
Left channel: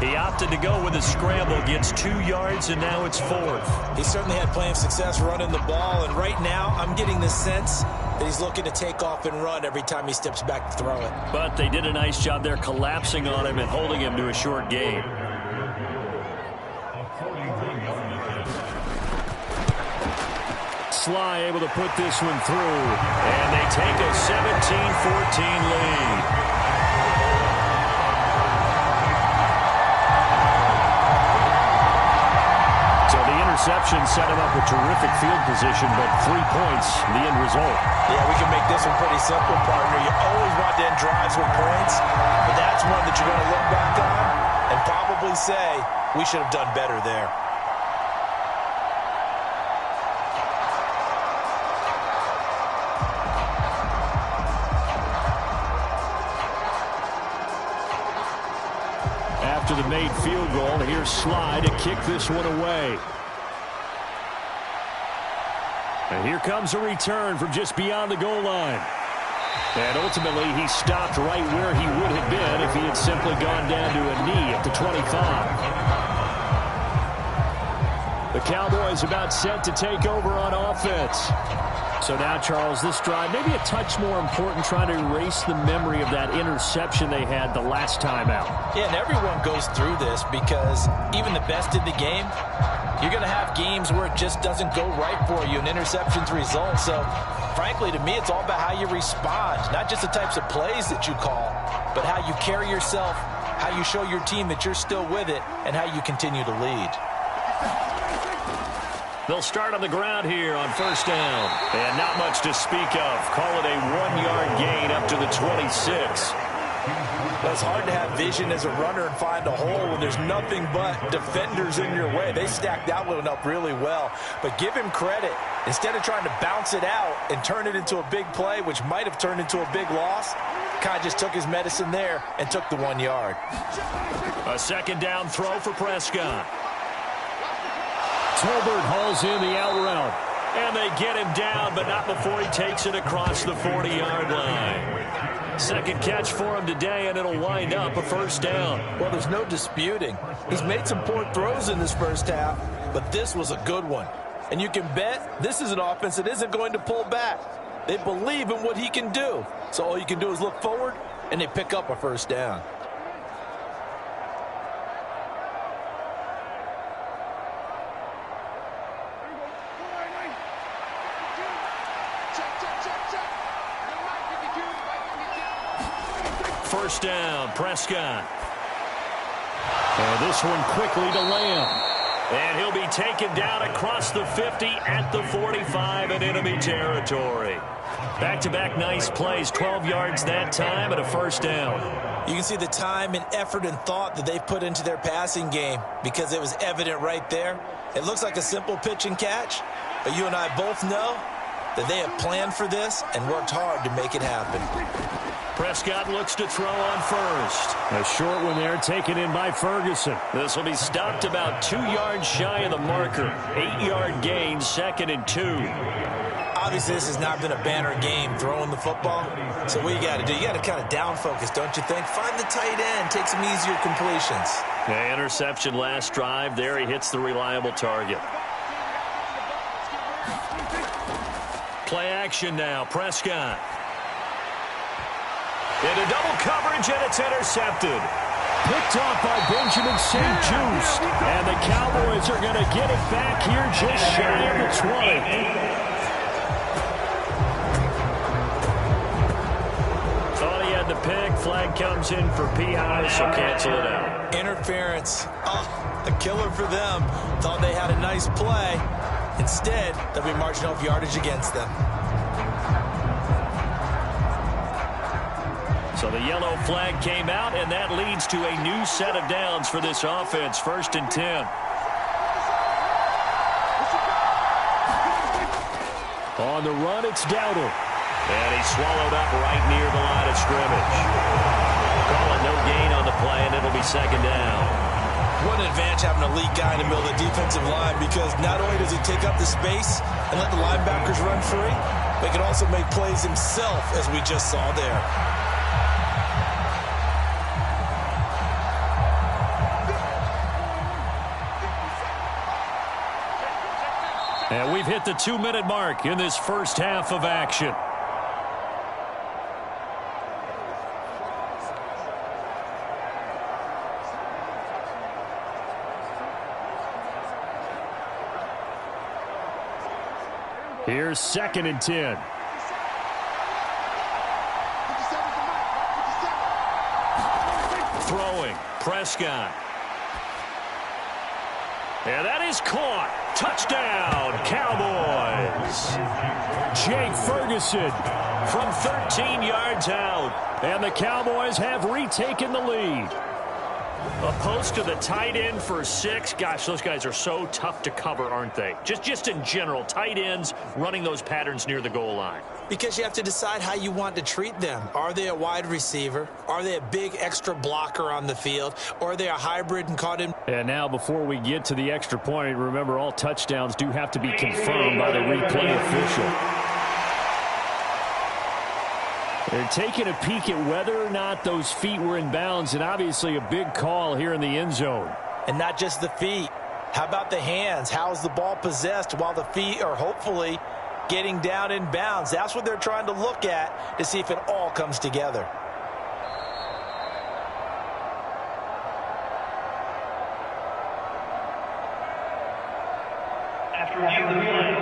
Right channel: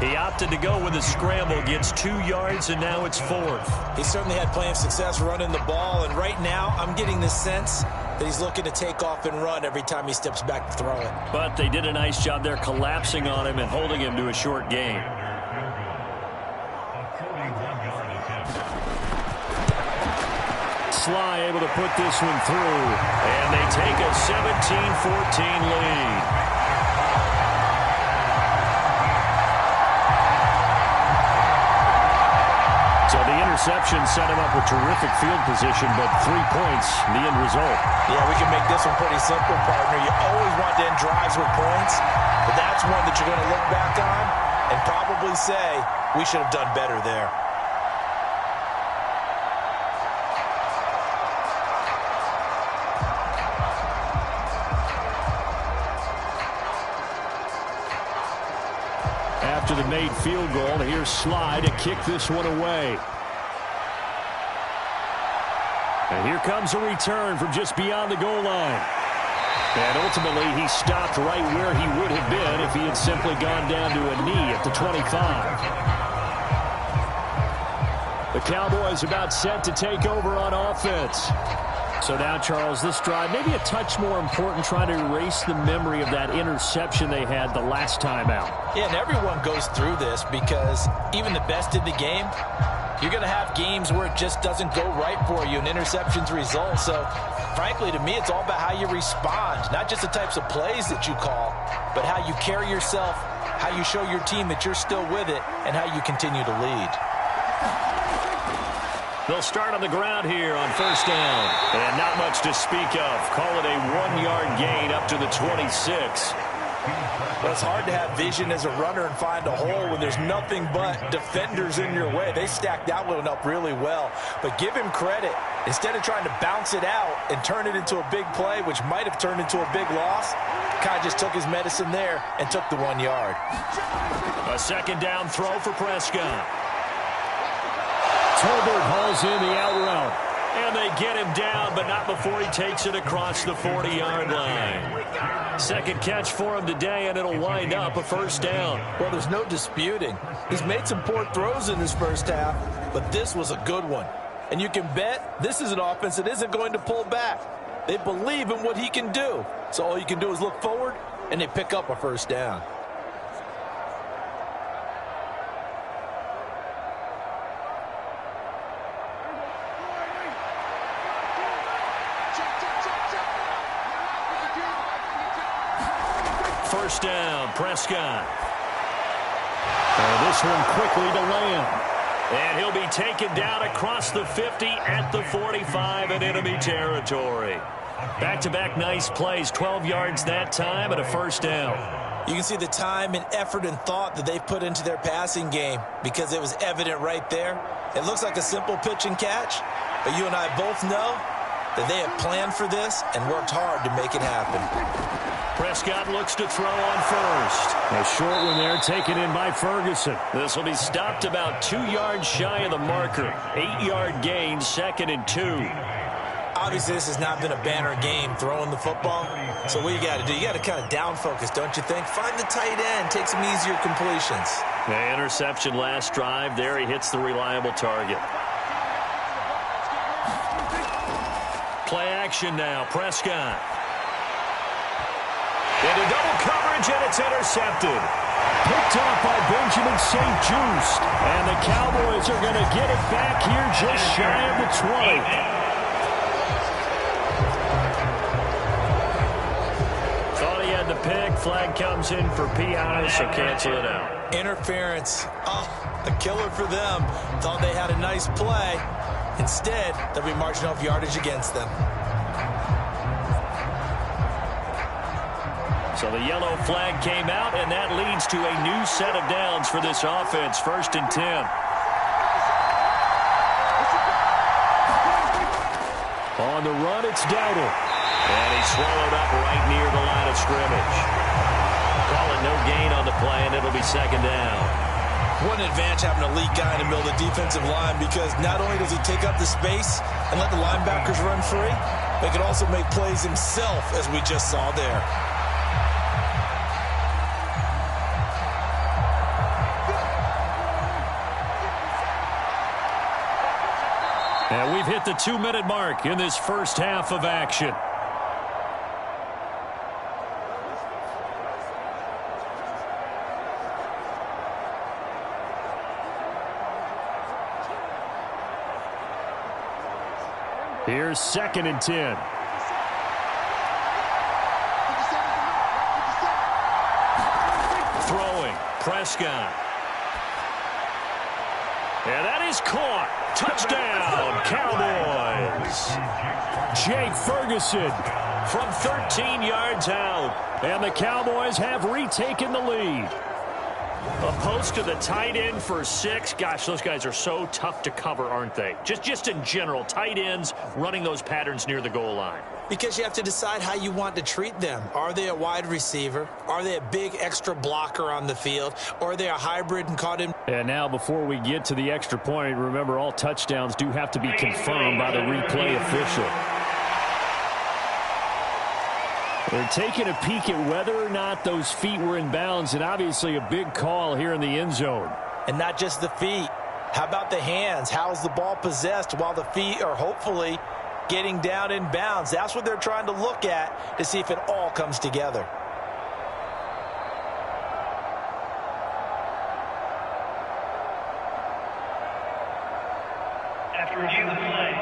He opted to go with a scramble, gets 2 yards, and now it's 4th. He certainly had plenty of success running the ball, and right now I'm getting the sense that he's looking to take off and run every time he steps back to throw it. But they did a nice job there collapsing on him and holding him to a short gain. Sly able to put this one through. And they take a 17-14 lead. So the interception set him up with terrific field position, but 3 points, the end result. Yeah, we can make this one pretty simple, partner. You always want to end drives with points, but that's one that you're going to look back on and probably say, we should have done better there. After the made field goal, here's Sly to kick this one away. And here comes a return from just beyond the goal line. And ultimately, he stopped right where he would have been if he had simply gone down to a knee at the 25. The Cowboys about set to take over on offense. So now, Charles, this drive maybe a touch more important, trying to erase the memory of that interception they had the last time out. Yeah, and everyone goes through this because even the best in the game, you're going to have games where it just doesn't go right for you and interceptions result. So, frankly, to me, it's all about how you respond, not just the types of plays that you call, but how you carry yourself, how you show your team that you're still with it, and how you continue to lead. They'll start on the ground here on first down. And not much to speak of. Call it a 1-yard gain up to the 26. Well, it's hard to have vision as a runner and find a hole when there's nothing but defenders in your way. They stacked that one up really well. But give him credit. Instead of trying to bounce it out and turn it into a big play, which might have turned into a big loss, kind of just took his medicine there and took the 1 yard. A second down throw for Prescott. Tolbert hauls in the out route. And they get him down, but not before he takes it across the 40-yard line. Second catch for him today, and it'll wind up a first down. Well, there's no disputing. He's made some poor throws in this first half, but this was a good one. And you can bet this is an offense that isn't going to pull back. They believe in what he can do. So all you can do is look forward, and they pick up a first down. First down, Prescott. And this one quickly to Lamb. And he'll be taken down across the 50 at the 45 in enemy territory. Back-to-back nice plays, 12 yards that time and a first down. You can see the time and effort and thought that they've put into their passing game because it was evident right there. It looks like a simple pitch and catch, but you and I both know that they have planned for this and worked hard to make it happen. Prescott looks to throw on first. A short one there taken in by Ferguson. This will be stopped about 2 yards shy of the marker. 8-yard gain, 2nd and 2. Obviously, this has not been a banner game throwing the football. So what you got to do, you got to kind of down focus, don't you think? Find the tight end, take some easier completions. Yeah, interception last drive. There he hits the reliable target. Play action now, Prescott. Into double coverage, and it's intercepted. Picked off by Benjamin St. Just. And the Cowboys are going to get it back here just shy of the 20. Thought he had the pick. Flag comes in for PI, so cancel it out. Interference. Oh, a killer for them. Thought they had a nice play. Instead, they'll be marching off yardage against them. So the yellow flag came out, and that leads to a new set of downs for this offense. 1st and 10. On the run, it's Dowdle. And he's swallowed up right near the line of scrimmage. Call it no gain on the play, and it'll be 2nd down. What an advantage having an elite guy in the middle of the defensive line, because not only does he take up the space and let the linebackers run free, but he can also make plays himself, as we just saw there. And we've hit the 2-minute mark in this first half of action. Here's 2nd and 10. Throwing, Prescott. And that is caught. Touchdown, Cowboys. Jake Ferguson from 13 yards out. And the Cowboys have retaken the lead. A post to the tight end for 6. Gosh, those guys are so tough to cover, aren't they? Just in general, tight ends running those patterns near the goal line. Because you have to decide how you want to treat them. Are they a wide receiver? Are they a big extra blocker on the field? Or are they a hybrid and caught in? And now before we get to the extra point, remember all touchdowns do have to be confirmed by the replay official. They're taking a peek at whether or not those feet were in bounds, and obviously a big call here in the end zone. And not just the feet. How about the hands? How's the ball possessed while the feet are hopefully getting down in bounds? That's what they're trying to look at to see if it all comes together. After review of the play,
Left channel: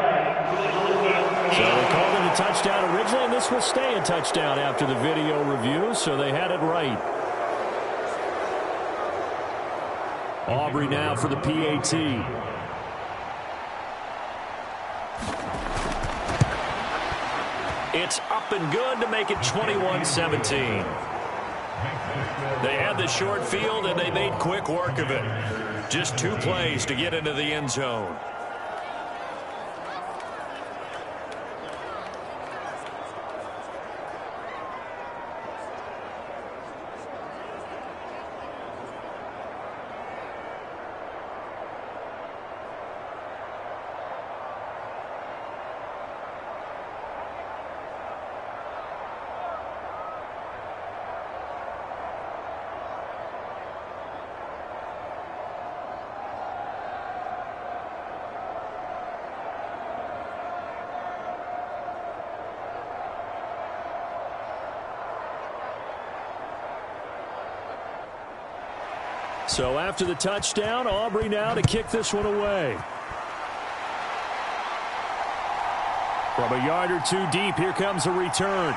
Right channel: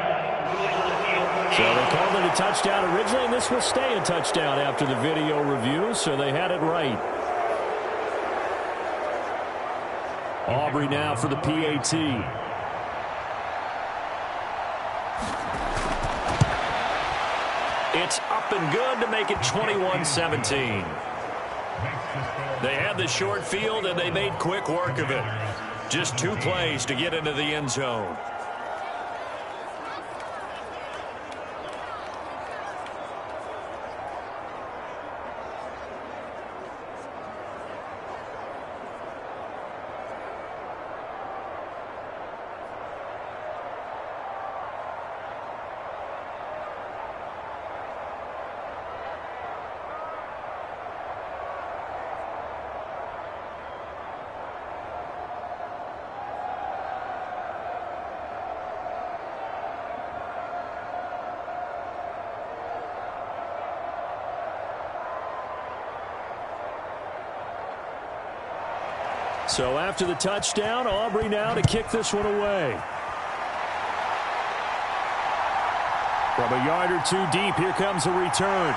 so they called it a touchdown originally, and this will stay a touchdown after the video review, so they had it right. Aubrey now for the PAT. It's up and good to make it 21-17. They had the short field, and they made quick work of it. Just 2 plays to get into the end zone. So after the touchdown, Aubrey now to kick this one away. From a yard or 2 deep, here comes a return.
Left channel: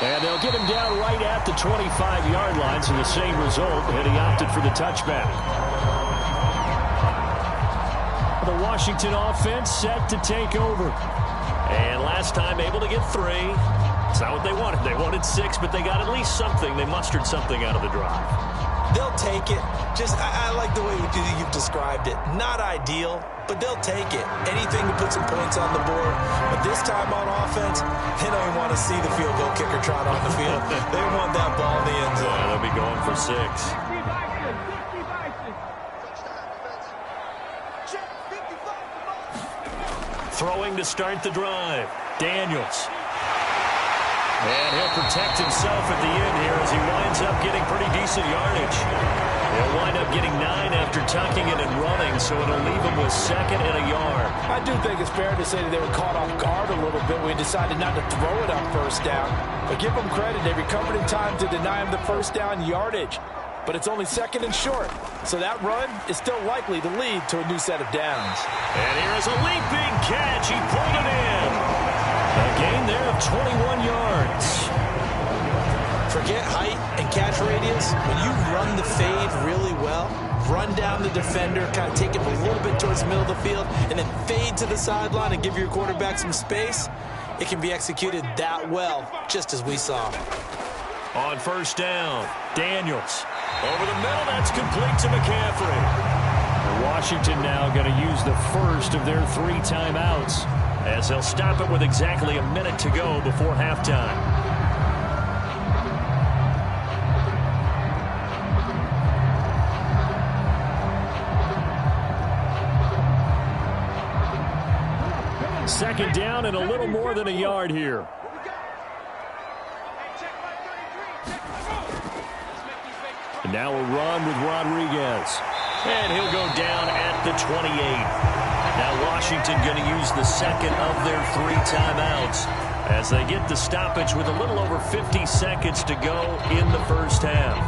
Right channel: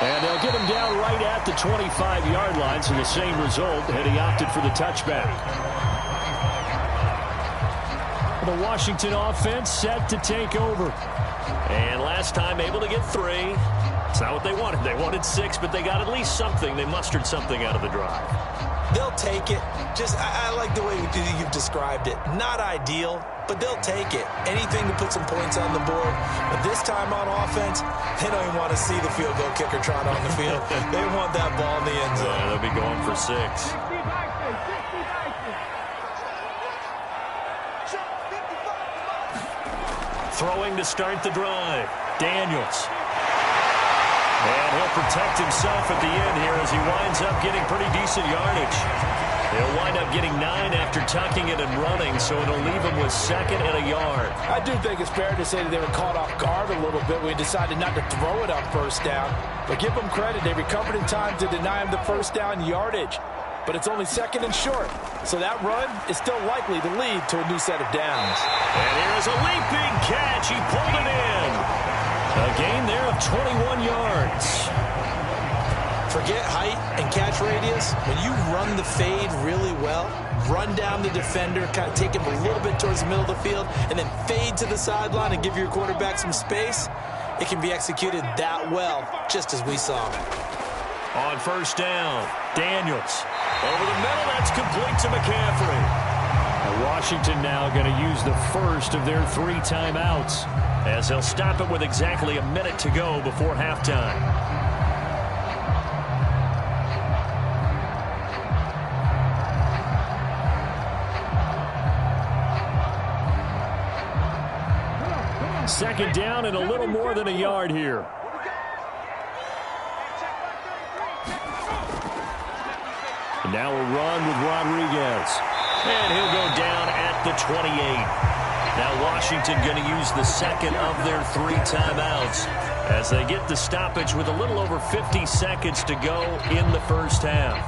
And they'll get him down right at the 25-yard line, so the same result, and he opted for the touchback. The Washington offense set to take over. And last time able to get 3. It's not what they wanted. They wanted 6, but they got at least something. They mustered something out of the drive. They'll take it. I like the way you've described it. Not ideal, but they'll take it. Anything to put some points on the board. But this time on offense, they don't even want to see the field goal kicker trot on the field. They want that ball in the end zone. Yeah, they'll be going for 6. Throwing to start the drive. Daniels. And he'll protect himself at the end here as he winds up getting pretty decent yardage. He'll wind up getting 9 after tucking it and running, so it'll leave him with 2nd and a yard. I do think it's fair to say that they were caught off guard a little bit when he decided not to throw it on first down. But give them credit. They recovered in time to deny him the first down yardage. But it's only 2nd and short. So that run is still likely to lead to a new set of downs. And here is a leaping catch. He pulled it in. A gain there of 21 yards. Forget height and catch radius. When you run the fade really well, run down the defender, kind of take him a little bit towards the middle of the field, and then fade to the sideline and give your quarterback some space, it can be executed that well, just as we saw. On first down, Daniels. Over the middle, that's complete to McCaffrey. And Washington now going to use the first of their 3 timeouts, as they'll stop it with exactly a minute to go before halftime. Second down and a little more than a yard here. And now a run with Rodriguez. And he'll go down at the 28. Now Washington going to use the 2nd of their 3 timeouts as they get the stoppage with a little over 50 seconds to go in the first half.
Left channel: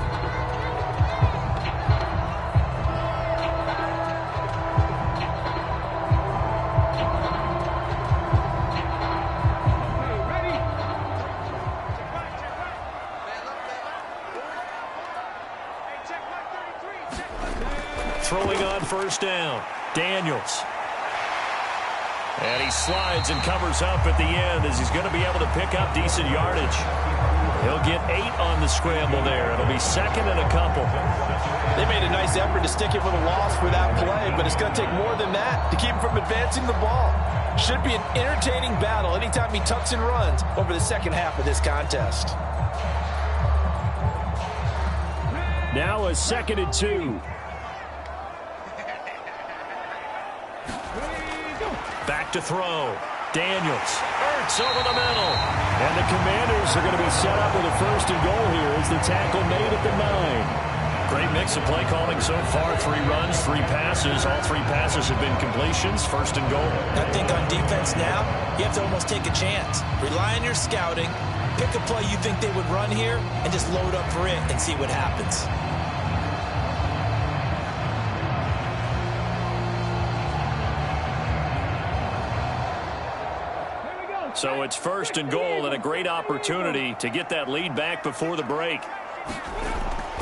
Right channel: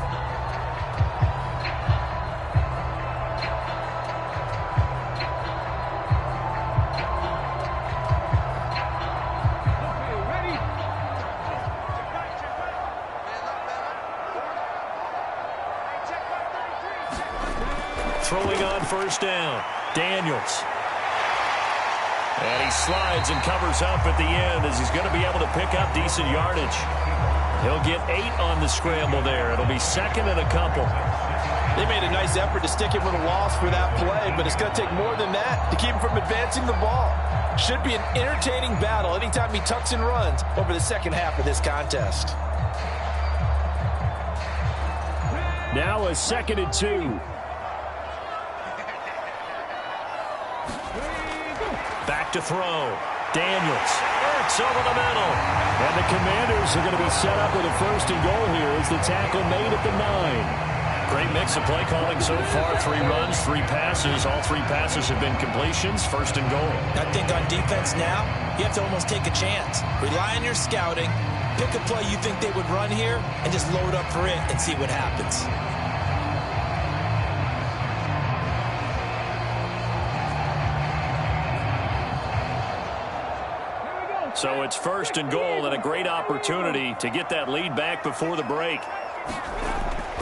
Throwing on first down, Daniels. And he slides and covers up at the end as he's going to be able to pick up decent yardage. He'll get 8 on the scramble there. It'll be 2nd and a couple. They made a nice effort to stick him with a loss for that play, but it's going to take more than that to keep him from advancing the ball. Should be an entertaining battle anytime he tucks and runs over the second half of this contest. Now a 2nd and 2. Back to throw. Daniels. Ertz over the middle. And the Commanders are going to be set up with a 1st and goal here as the tackle made at the 9. Great mix of play calling so far. 3 runs, 3 passes. All 3 passes have been completions. 1st and goal. I think on defense now, you have to almost take a chance. Rely on your scouting. Pick a play you think they would run here and just load up for it and see what happens. So it's 1st and goal and a great opportunity to get that lead back before the break.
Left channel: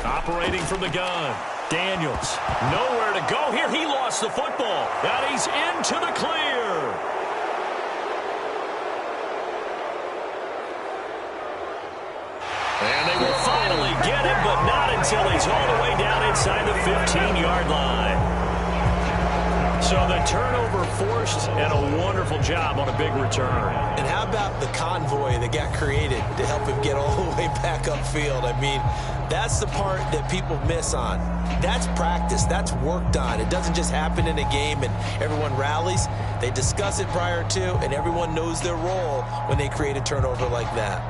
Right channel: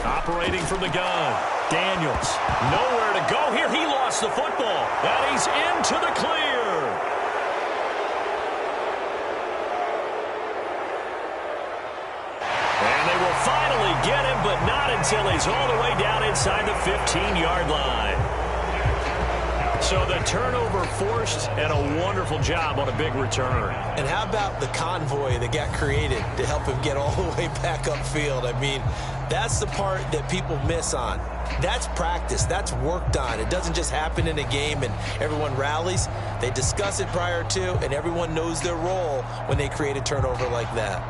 Operating from the gun. Daniels. Nowhere to go here. He lost the football. And he's into the clear. And they will finally get him, but not until he's all the way down inside the 15-yard line. So the turnover forced, and a wonderful job on a big return. And how about the convoy that got created to help him get all the way back upfield? I mean, that's the part that people miss on. That's practice. That's worked on. It doesn't just happen in a game and everyone rallies. They discuss it prior to, and everyone knows their role when they create a turnover like that.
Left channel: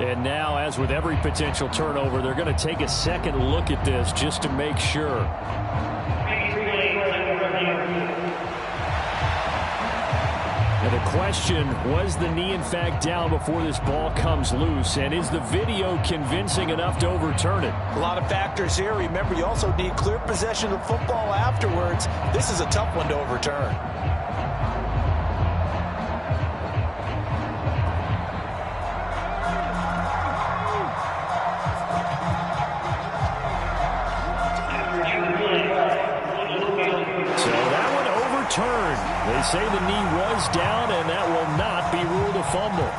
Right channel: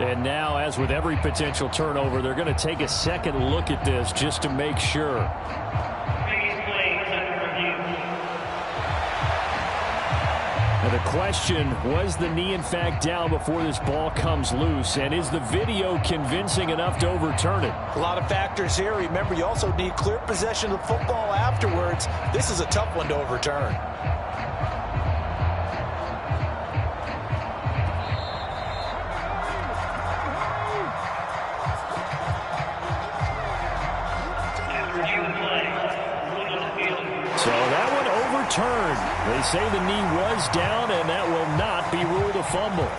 And now, as with every potential turnover, they're going to take a second look at this just to make sure. Now the question, was the knee in fact down before this ball comes loose? And is the video convincing enough to overturn it? A lot of factors here. Remember, you also need clear possession of the football afterwards. This is a tough one to overturn. So that one overturned. They say the knee was down, and that will not be ruled a fumble.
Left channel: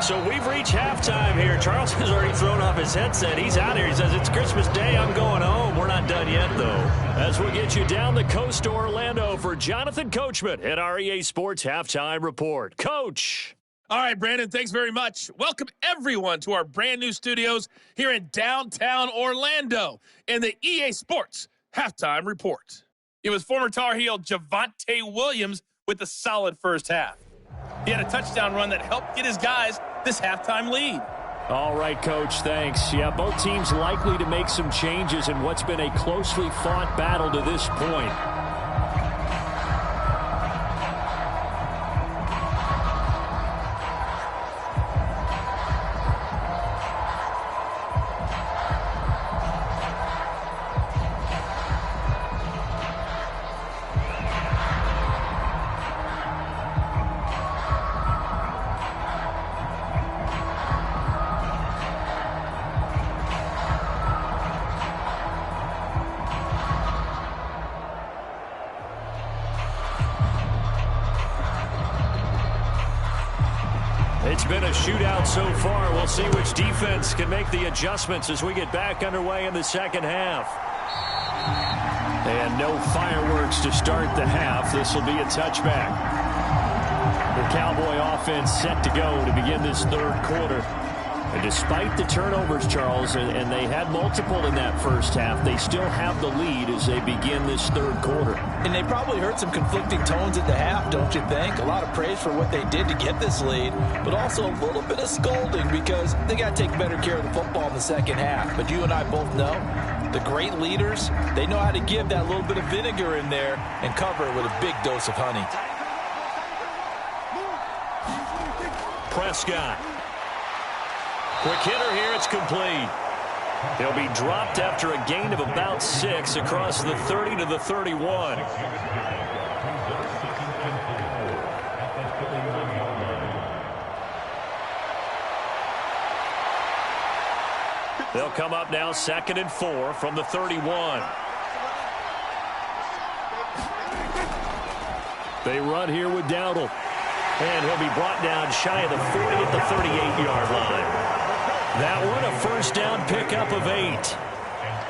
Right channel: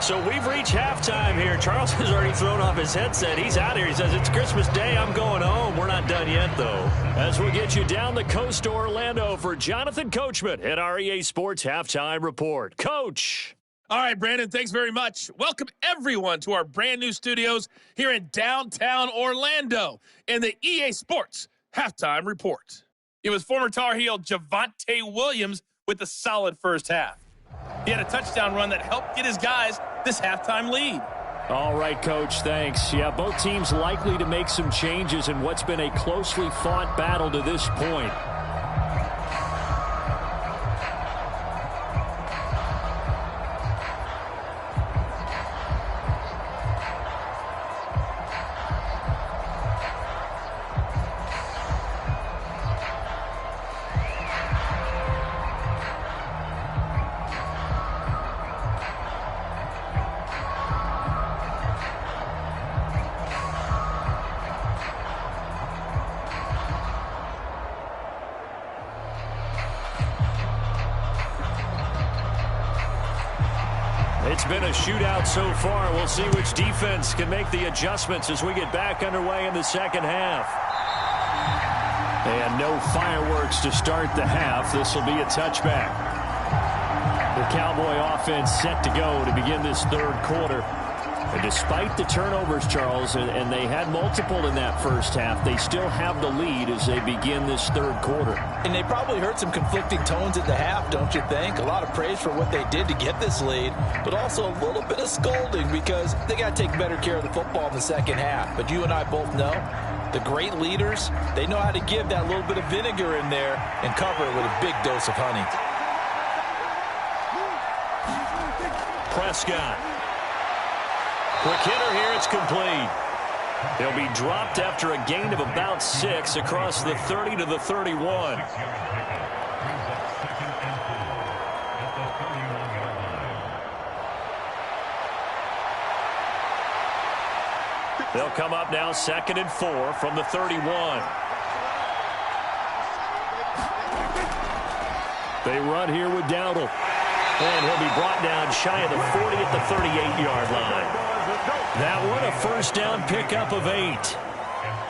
So we've reached halftime here. Charles has already thrown off his headset. He's out here. He says, it's Christmas Day. I'm going home. We're not done yet, though. As we get you down the coast to Orlando for Jonathan Coachman at our EA Sports Halftime Report. Coach. All right, Brandon, thanks very much. Welcome, everyone, to our brand new studios here in downtown Orlando in the EA Sports Halftime Report. It was former Tar Heel Javonte Williams with a solid first half. He had a touchdown run that helped get his guys this halftime lead. All right, Coach, thanks. Yeah, both teams likely to make some changes in what's been a closely fought battle to this point. It's been a shootout so far. We'll see which defense can make the adjustments as we get back underway in the second half. And no fireworks to start the half. This will be a touchback. The Cowboy offense set to go to begin this third quarter. And despite the turnovers, Charles, and they had multiple in that first half, they still have the lead as they begin this third quarter. And they probably heard some conflicting tones at the half, don't you think? A lot of praise for what they did to get this lead, but also a little bit of scolding because they got to take better care of the football in the second half. But you and I both know the great leaders, they know how to give that little bit of vinegar in there and cover it with a big dose of honey. Prescott. Quick hitter here, it's complete. He'll be dropped after a gain of about 6 across the 30 to the 31. They'll come up now 2nd and 4 from the 31. They run here with Dowdle. And he'll be brought down shy of the 40 at the 38-yard line. That one, a first down pickup of 8.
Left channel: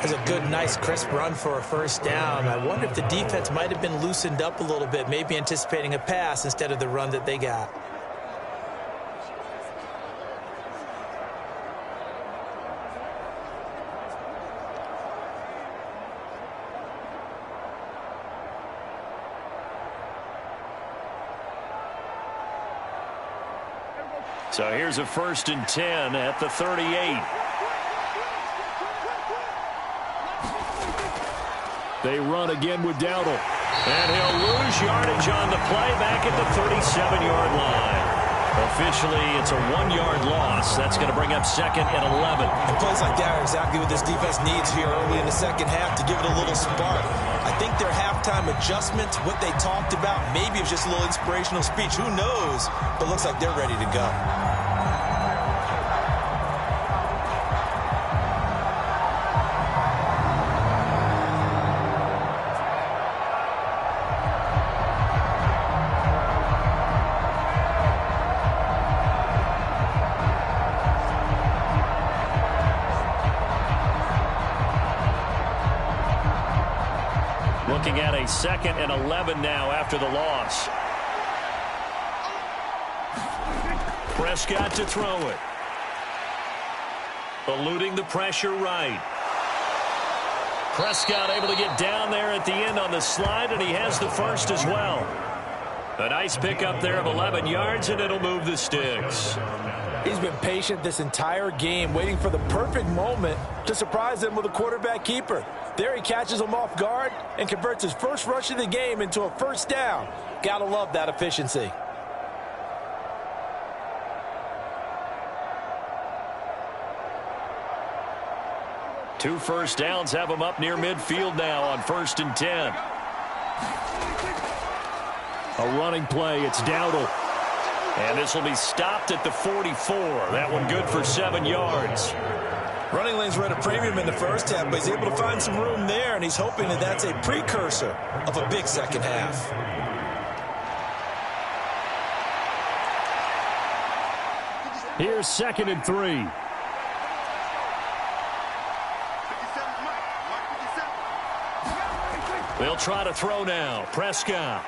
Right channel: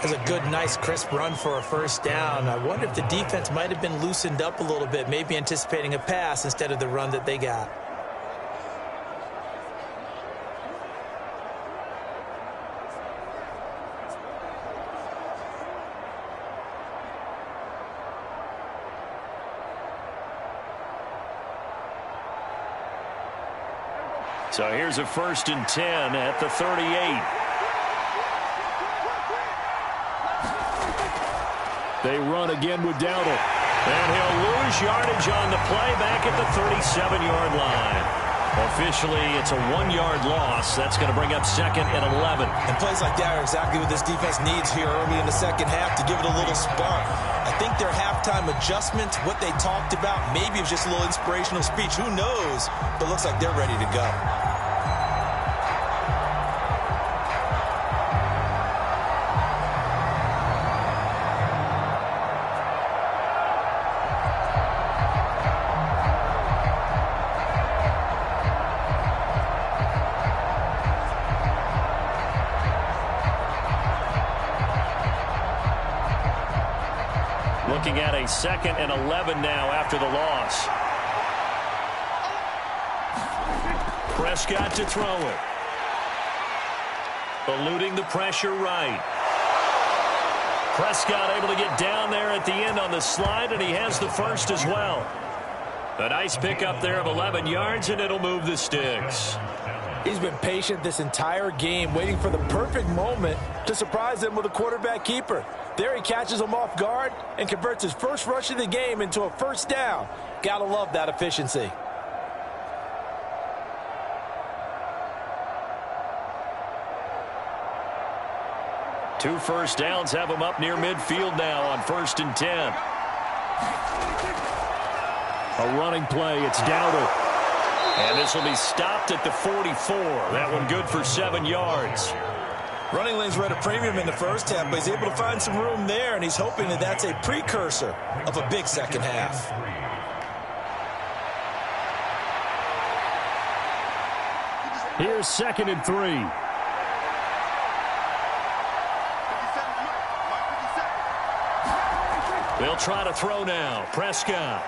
That's a good, nice, crisp run for a first down. I wonder if the defense might have been loosened up a little bit, maybe anticipating a pass instead of the run that they got. So here's a 1st and 10 at the 38. They run again with Dowdle. And he'll lose yardage on the play back at the 37-yard line. Officially, it's a 1-yard loss. That's going to bring up 2nd and 11. And plays like that are exactly what this defense needs here early in the second half to give it a little spark. I think their halftime adjustments, what they talked about, maybe it was just a little inspirational speech. Who knows? But looks like they're ready to go. Looking at a 2nd and 11 now after the loss. Prescott to throw it. Eluding the pressure right. Prescott able to get down there at the end on the slide, and he has the first as well. A nice pickup there of 11 yards, and it'll move the sticks. He's been patient this entire game, waiting for the perfect moment to surprise them with a quarterback keeper. There he catches him off guard and converts his first rush of the game into a first down. Gotta love that efficiency. Two first downs have him up near midfield now on 1st and 10. A running play. It's Dowdle. And this will be stopped at the 44. That one good for 7 yards. Running lanes were at a premium in the first half, but he's able to find some room there, and he's hoping that that's a precursor of a big second half. Here's 2nd and 3. They'll try to throw now. Prescott.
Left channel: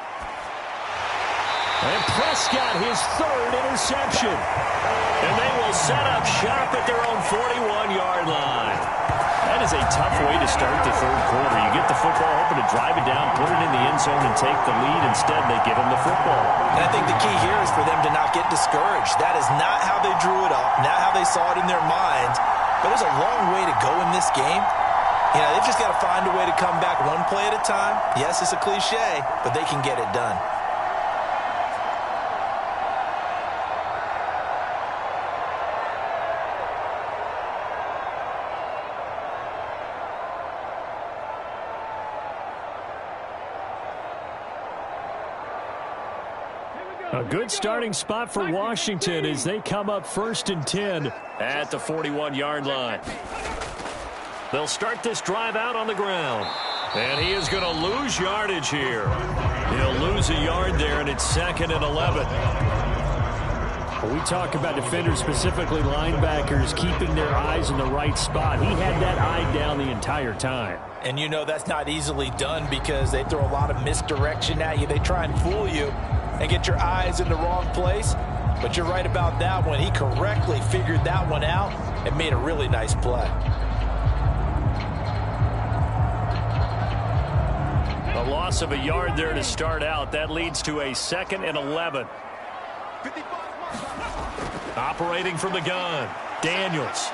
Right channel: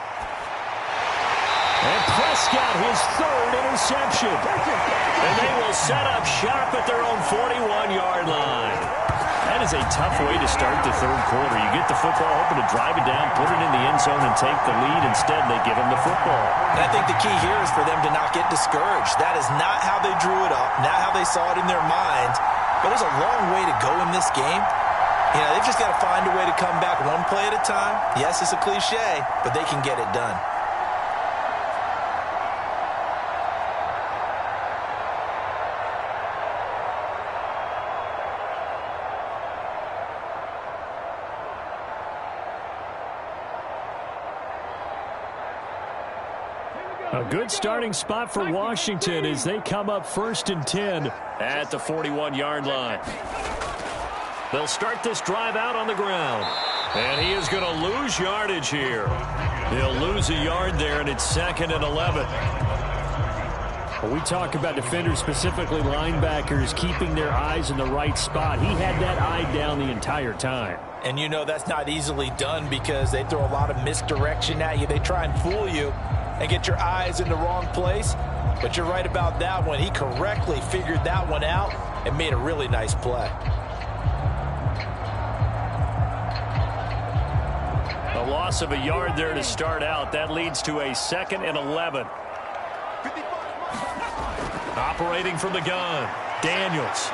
And Prescott, his 3rd interception. And they will set up shop at their own 41-yard line. That is a tough way to start the 3rd quarter. You get the football, hoping to drive it down, put it in the end zone, and take the lead. Instead, they give them the football. And I think the key here is for them to not get discouraged. That is not how they drew it up, not how they saw it in their minds. But there's a long way to go in this game. You know, they've just got to find a way to come back one play at a time. Yes, it's a cliche, but they can get it done. A good starting spot for Washington as they come up 1st and 10 at the 41-yard line. They'll start this drive out on the ground. And he is going to lose yardage here. He'll lose a yard there, and it's 2nd and 11. When we talk about defenders, specifically linebackers, keeping their eyes in the right spot, he had that eye down the entire time. And you know that's not easily done because they throw a lot of misdirection at you. They try and fool you and get your eyes in the wrong place. But you're right about that one. He correctly figured that one out and made a really nice play. A loss of a yard there to start out. That leads to a 2nd and 11. Operating from the gun, Daniels.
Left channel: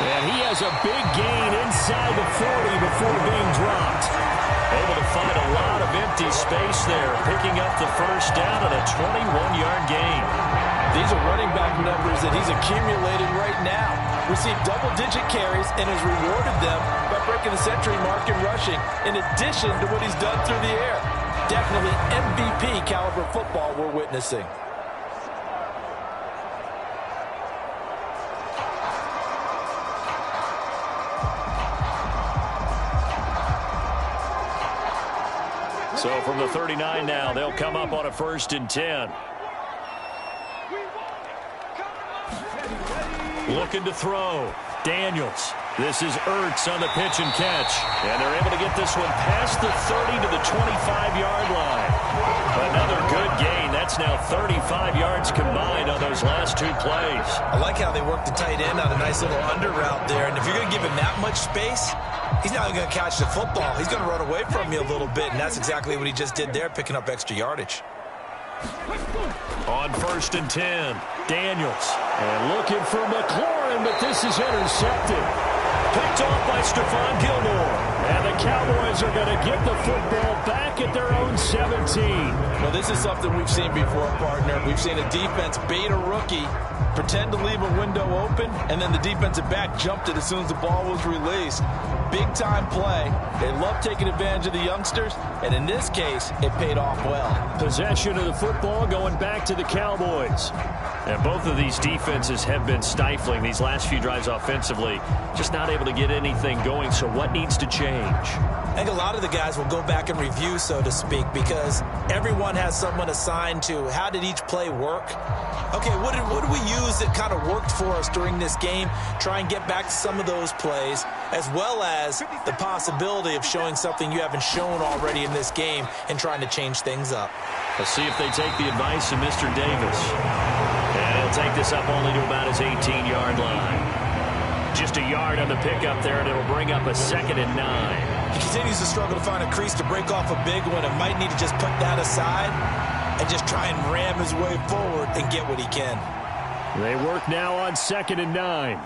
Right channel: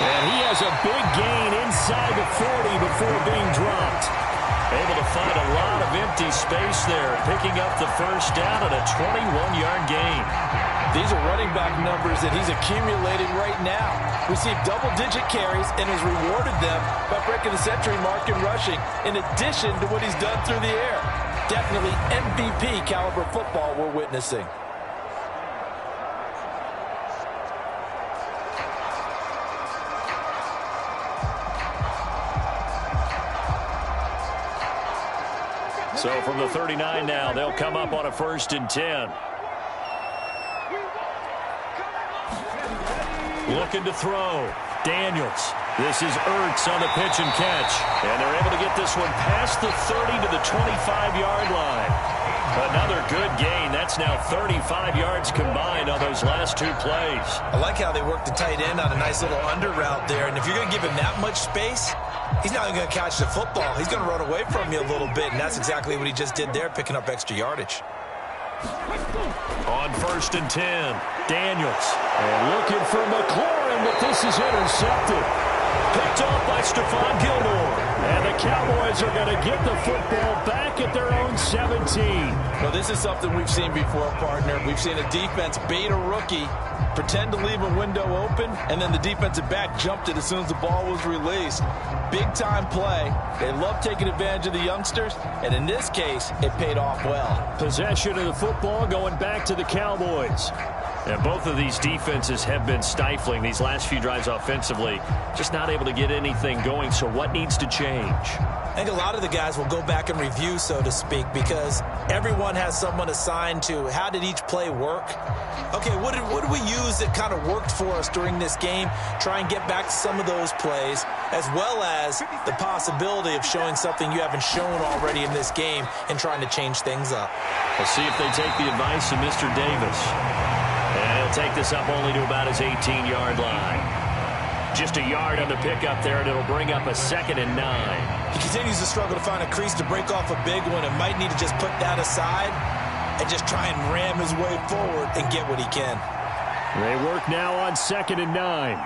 And he has a big gain inside the 40 before being dropped. Able to find a lot of empty space there, picking up the first down and a 21-yard gain. These are running back numbers that he's accumulating right now. Received double-digit carries and has rewarded them by breaking the century mark in rushing, in addition to what he's done through the air. Definitely MVP caliber football we're witnessing. So from the 39 now, they'll come up on a 1st and 10. Looking to throw. Daniels. This is Ertz on the pitch and catch. And they're able to get this one past the 30 to the 25-yard line. Another good gain. That's now 35 yards combined on those last 2 plays. I like how they worked the tight end on a nice little under route there. And if you're going to give him that much space, he's not going to catch the football. He's going to run away from you a little bit. And that's exactly what he just did there, picking up extra yardage. On 1st and 10, Daniels. And looking for McLaurin, but this is intercepted. Picked off by Stephon Gilmore. And the Cowboys are going to get the football back at their own 17. Well, this is something we've seen before, partner. We've seen a defense bait a rookie, pretend to leave a window open, and then the defensive back jumped it as soon as the ball was released. Big-time play. They love taking advantage of the youngsters, and in this case, it paid off well. Possession of the football going back to the Cowboys. And both of these defenses have been stifling these last few drives offensively. Just not able to get anything going, so what needs to change? I think a lot of the guys will go back and review, so to speak, because everyone has someone assigned to how did each play work. Okay, what did we use that kind of worked for us during this game? Try and get back to some of those plays. as well as the possibility of showing something you haven't shown already in this game and trying to change things up. We'll see if they take the advice of Mr. Davis. And he'll take this up only to about his 18-yard line. Just a yard on the pickup there, and it'll bring up a 2nd and 9. He continues to struggle to find a crease to break off a big one and might need to just put that aside and just try and ram his way forward and get what he can. They work now on 2nd and 9.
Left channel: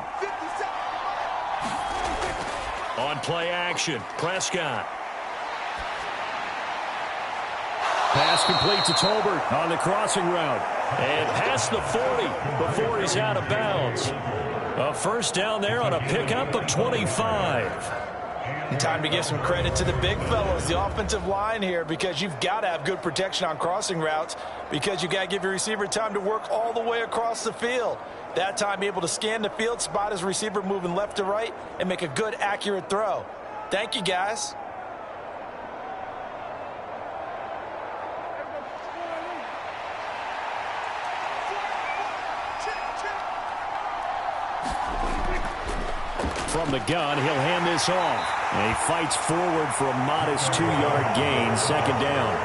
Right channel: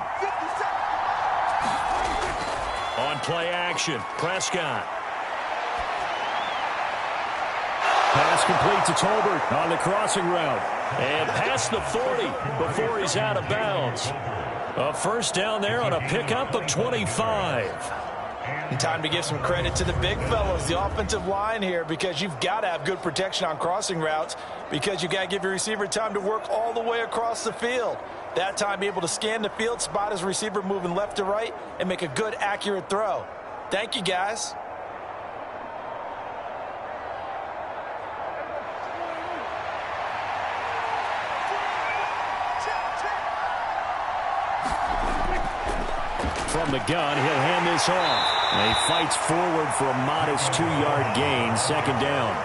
On play action, Prescott. Pass complete to Tolbert on the crossing route. And past the 40 before he's out of bounds. A first down there on a pickup of 25. And time to give some credit to the big fellows, the offensive line here, because you've got to have good protection on crossing routes because you've got to give your receiver time to work all the way across the field. That time, be able to scan the field, spot his receiver moving left to right, and make a good, accurate throw. Thank you, guys. From the gun, he'll hand this off. And he fights forward for a modest 2-yard gain, 2nd down.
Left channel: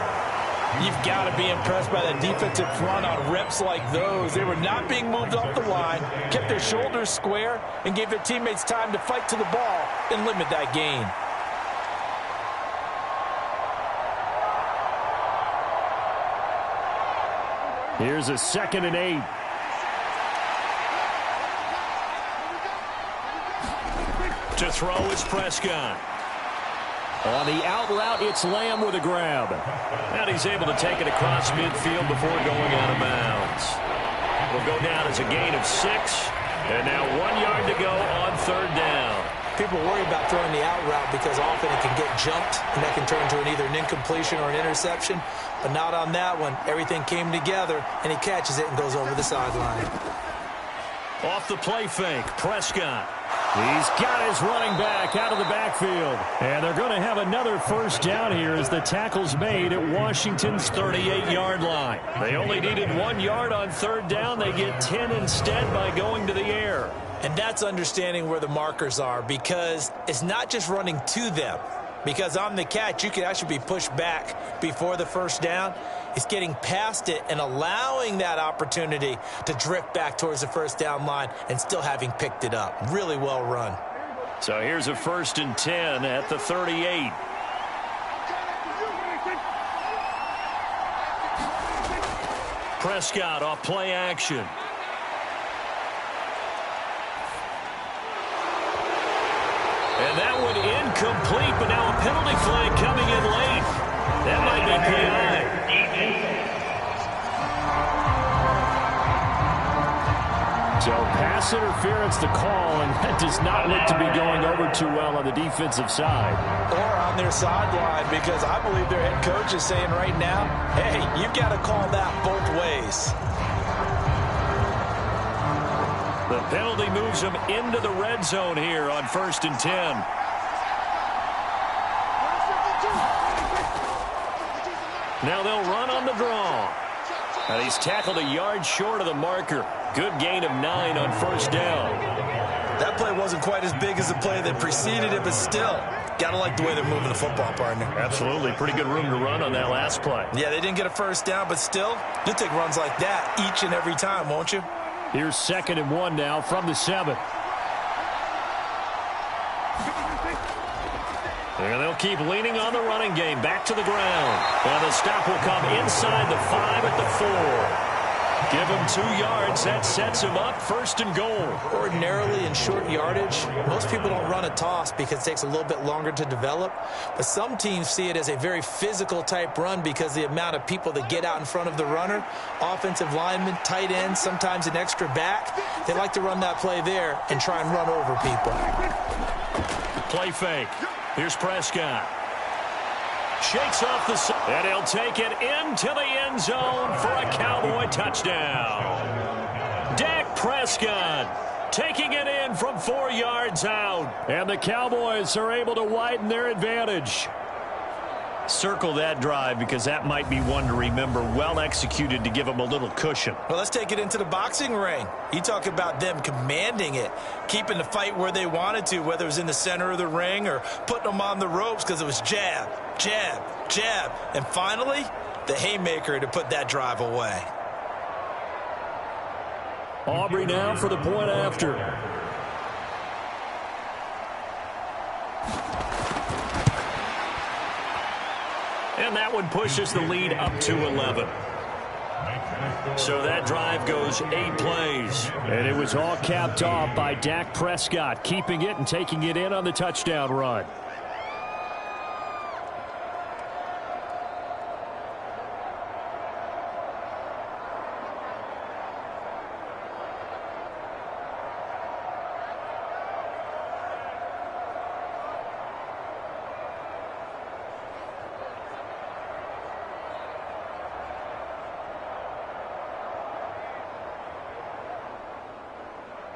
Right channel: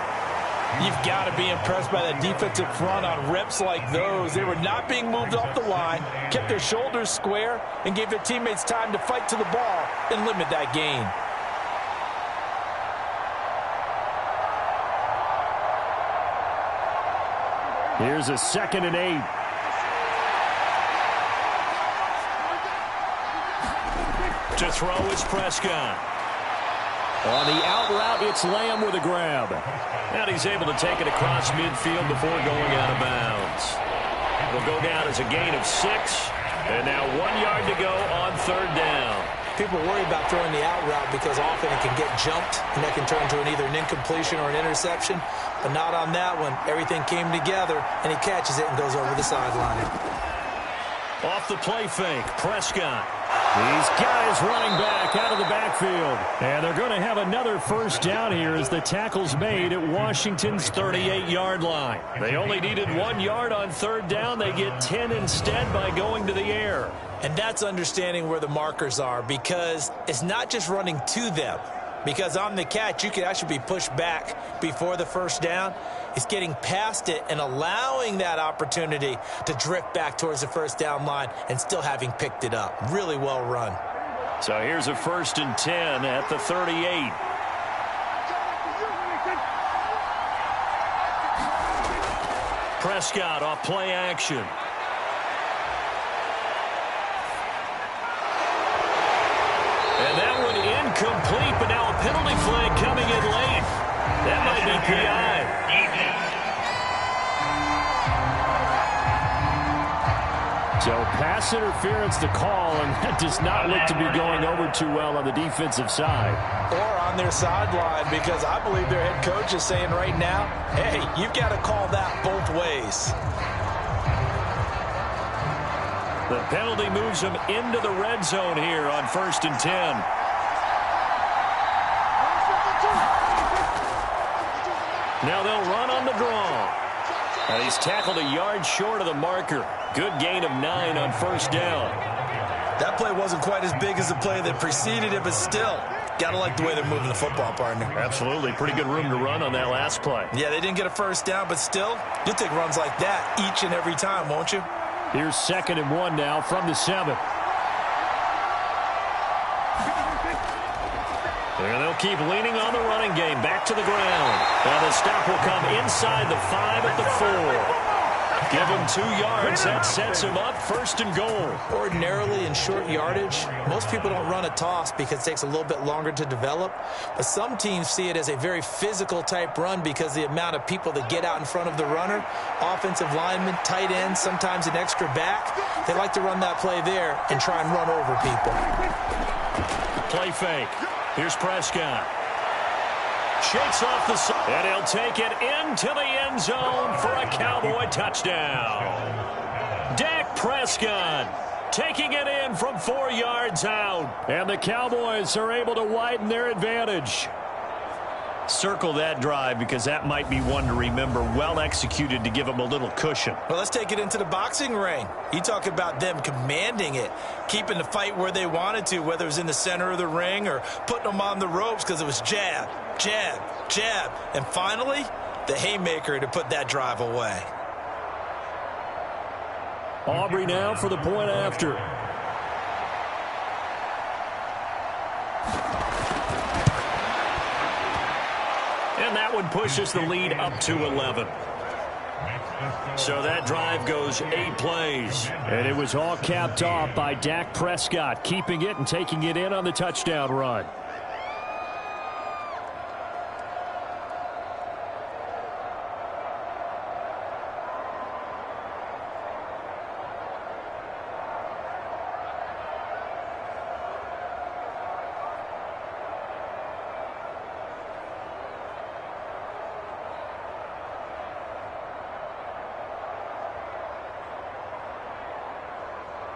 You've got to be impressed by that defensive front on reps like those. They were not being moved off the line, kept their shoulders square, and gave their teammates time to fight to the ball and limit that gain. Here's a 2nd and 8. To throw is Prescott. On the out route, it's Lamb with a grab. And he's able to take it across midfield before going out of bounds. It'll go down as a gain of 6. And now 1 yard to go on 3rd down. People worry about throwing the out route because often it can get jumped, and that can turn to either an incompletion or an interception. But not on that one. Everything came together, and he catches it and goes over the sideline. Off the play fake, Prescott. He's got his running back out of the backfield. And they're going to have another first down here as the tackle's made at Washington's 38-yard line. They only needed 1 yard on 3rd down. They get 10 instead by going to the air. And that's understanding where the markers are, because it's not just running to them. Because on the catch, you could actually be pushed back before the first down. It's getting past it and allowing that opportunity to drift back towards the first down line and still having picked it up. Really well run. So here's a 1st and 10 at the 38. Prescott off play action. And that one incomplete, but now a penalty flag coming in late. That might be PI. So pass interference to call, and that does not look to be going over too well on the defensive side. Or on their sideline, because I believe their head coach is saying right now, hey, you've got to call that both ways. The penalty moves them into the red zone here on 1st and 10. Now they'll run on the draw. And he's tackled a yard short of the marker. Good gain of 9 on 1st down. That play wasn't quite as big as the play that preceded it, but still, got to like the way they're moving the football, partner. Absolutely. Pretty good room to run on that last play. Yeah, they didn't get a first down, but still, you'll take runs like that each and every time, won't you? Here's 2nd and 1 now from the 7. And they'll keep leaning on the running game. Back to the ground. Now the stop will come inside the 5 at the 4. Give him 2 yards. That sets him up 1st and goal. Ordinarily in short yardage, most people don't run a toss because it takes a little bit longer to develop. But some teams see it as a very physical type run because the amount of people that get out in front of the runner, offensive linemen, tight ends, sometimes an extra back, they like to run that play there and try and run over people. Play fake. Here's Prescott. Shakes off the side, and he'll take it into the end zone for a Cowboy touchdown. Dak Prescott taking it in from 4 yards out. And the Cowboys are able to widen their advantage. Circle that drive because that might be one to remember. Well executed to give them a little cushion. Well, let's take it into the boxing ring. You talk about them commanding it, keeping the fight where they wanted to, whether it was in the center of the ring or putting them on the ropes because it was jab, jab, jab. And finally, the haymaker to put that drive away. Aubrey now for the point after. And that one pushes the lead up to 11. So that drive goes 8 plays. And it was all capped off by Dak Prescott, keeping it and taking it in on the touchdown run.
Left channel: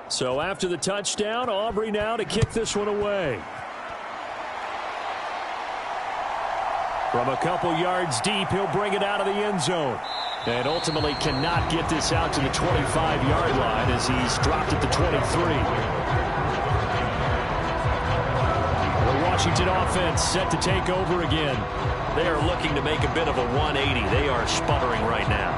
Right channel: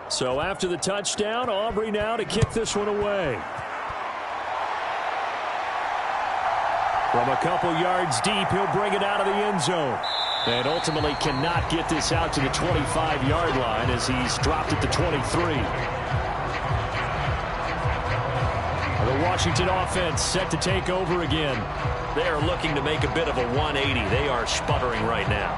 So after the touchdown, Aubrey now to kick this one away. From a couple yards deep, he'll bring it out of the end zone. And ultimately cannot get this out to the 25-yard line as he's dropped at the 23. The Washington offense set to take over again. They are looking to make a bit of a 180. They are sputtering right now.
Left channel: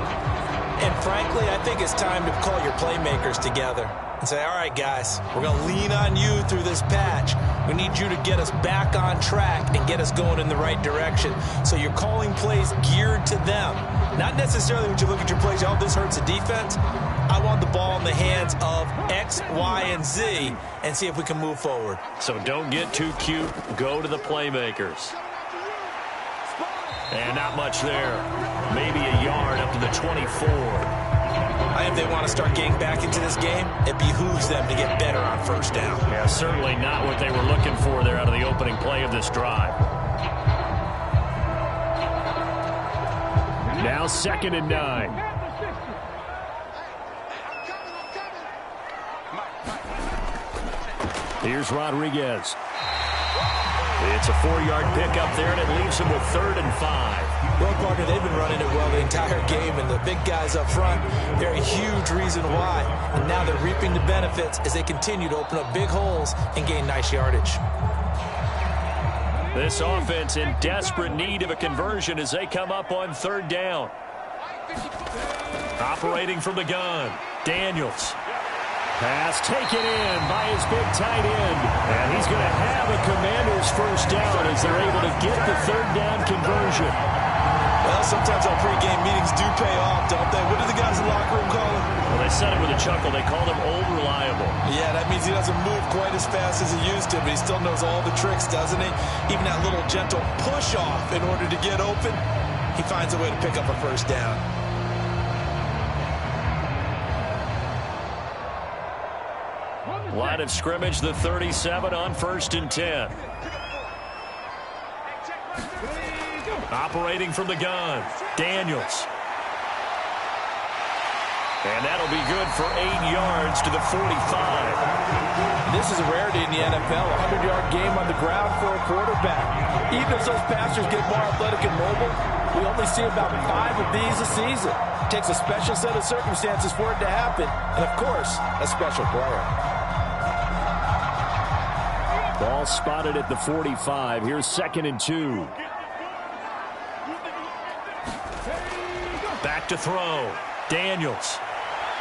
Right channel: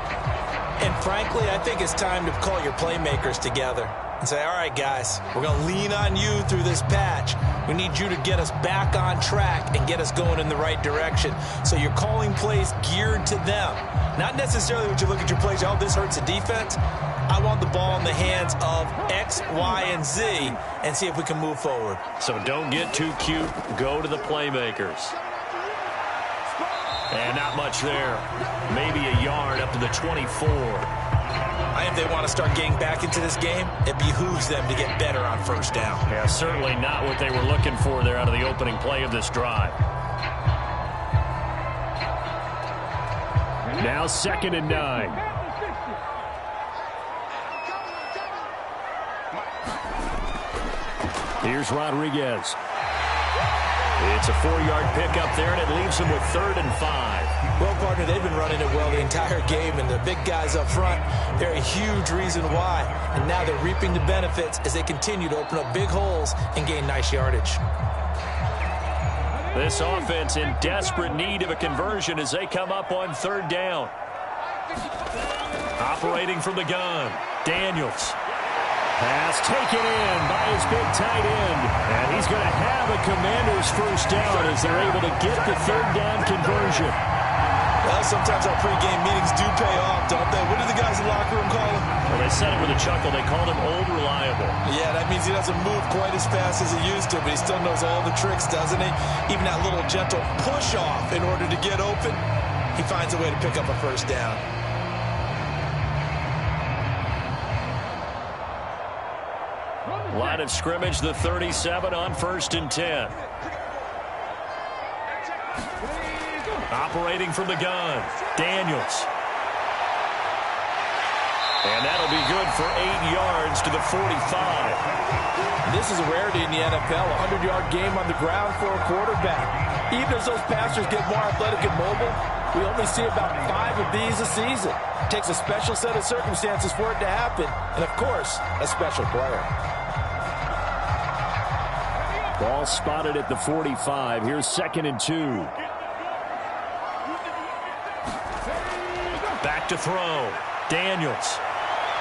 And frankly, I think it's time to call your playmakers together and say, all right, guys, we're going to lean on you through this patch. We need you to get us back on track and get us going in the right direction. So you're calling plays geared to them. Not necessarily when you look at your plays, oh, this hurts the defense. I want the ball in the hands of X, Y, and Z and see if we can move forward. So don't get too cute. Go to the playmakers. And not much there. Maybe a yard up to the 24. I think if they want to start getting back into this game, it behooves them to get better on first down. Yeah, certainly not what they were looking for there out of the opening play of this drive. Now 2nd and 9. Here's Rodriguez. It's a 4-yard pickup there, and it leaves them with 3rd and 5. Well, partner, they've been running it well the entire game, and the big guys up front, they're a huge reason why. And now they're reaping the benefits as they continue to open up big holes and gain nice yardage. This offense in desperate need of a conversion as they come up on 3rd down. Operating from the gun, Daniels. Pass taken in by his big tight end. And he's going to have a Commanders first down as they're able to get the 3rd down conversion. Well, sometimes our pregame meetings do pay off, don't they? What do the guys in the locker room call him? Well, they said it with a chuckle. They called him Old Reliable. Yeah, that means he doesn't move quite as fast as he used to, but he still knows all the tricks, doesn't he? Even that little gentle push-off in order to get open, he finds a way to pick up a first down. Line of scrimmage, the 37 on 1st and 10. Operating from the gun, Daniels. And that'll be good for 8 yards to the 45. This is a rarity in the NFL, a 100-yard game on the ground for a quarterback. Even as those passers get more athletic and mobile, we only see about 5 of these a season. It takes a special set of circumstances for it to happen, and, of course, a special player. Ball spotted at the 45. Here's 2nd and 2. Back to throw. Daniels.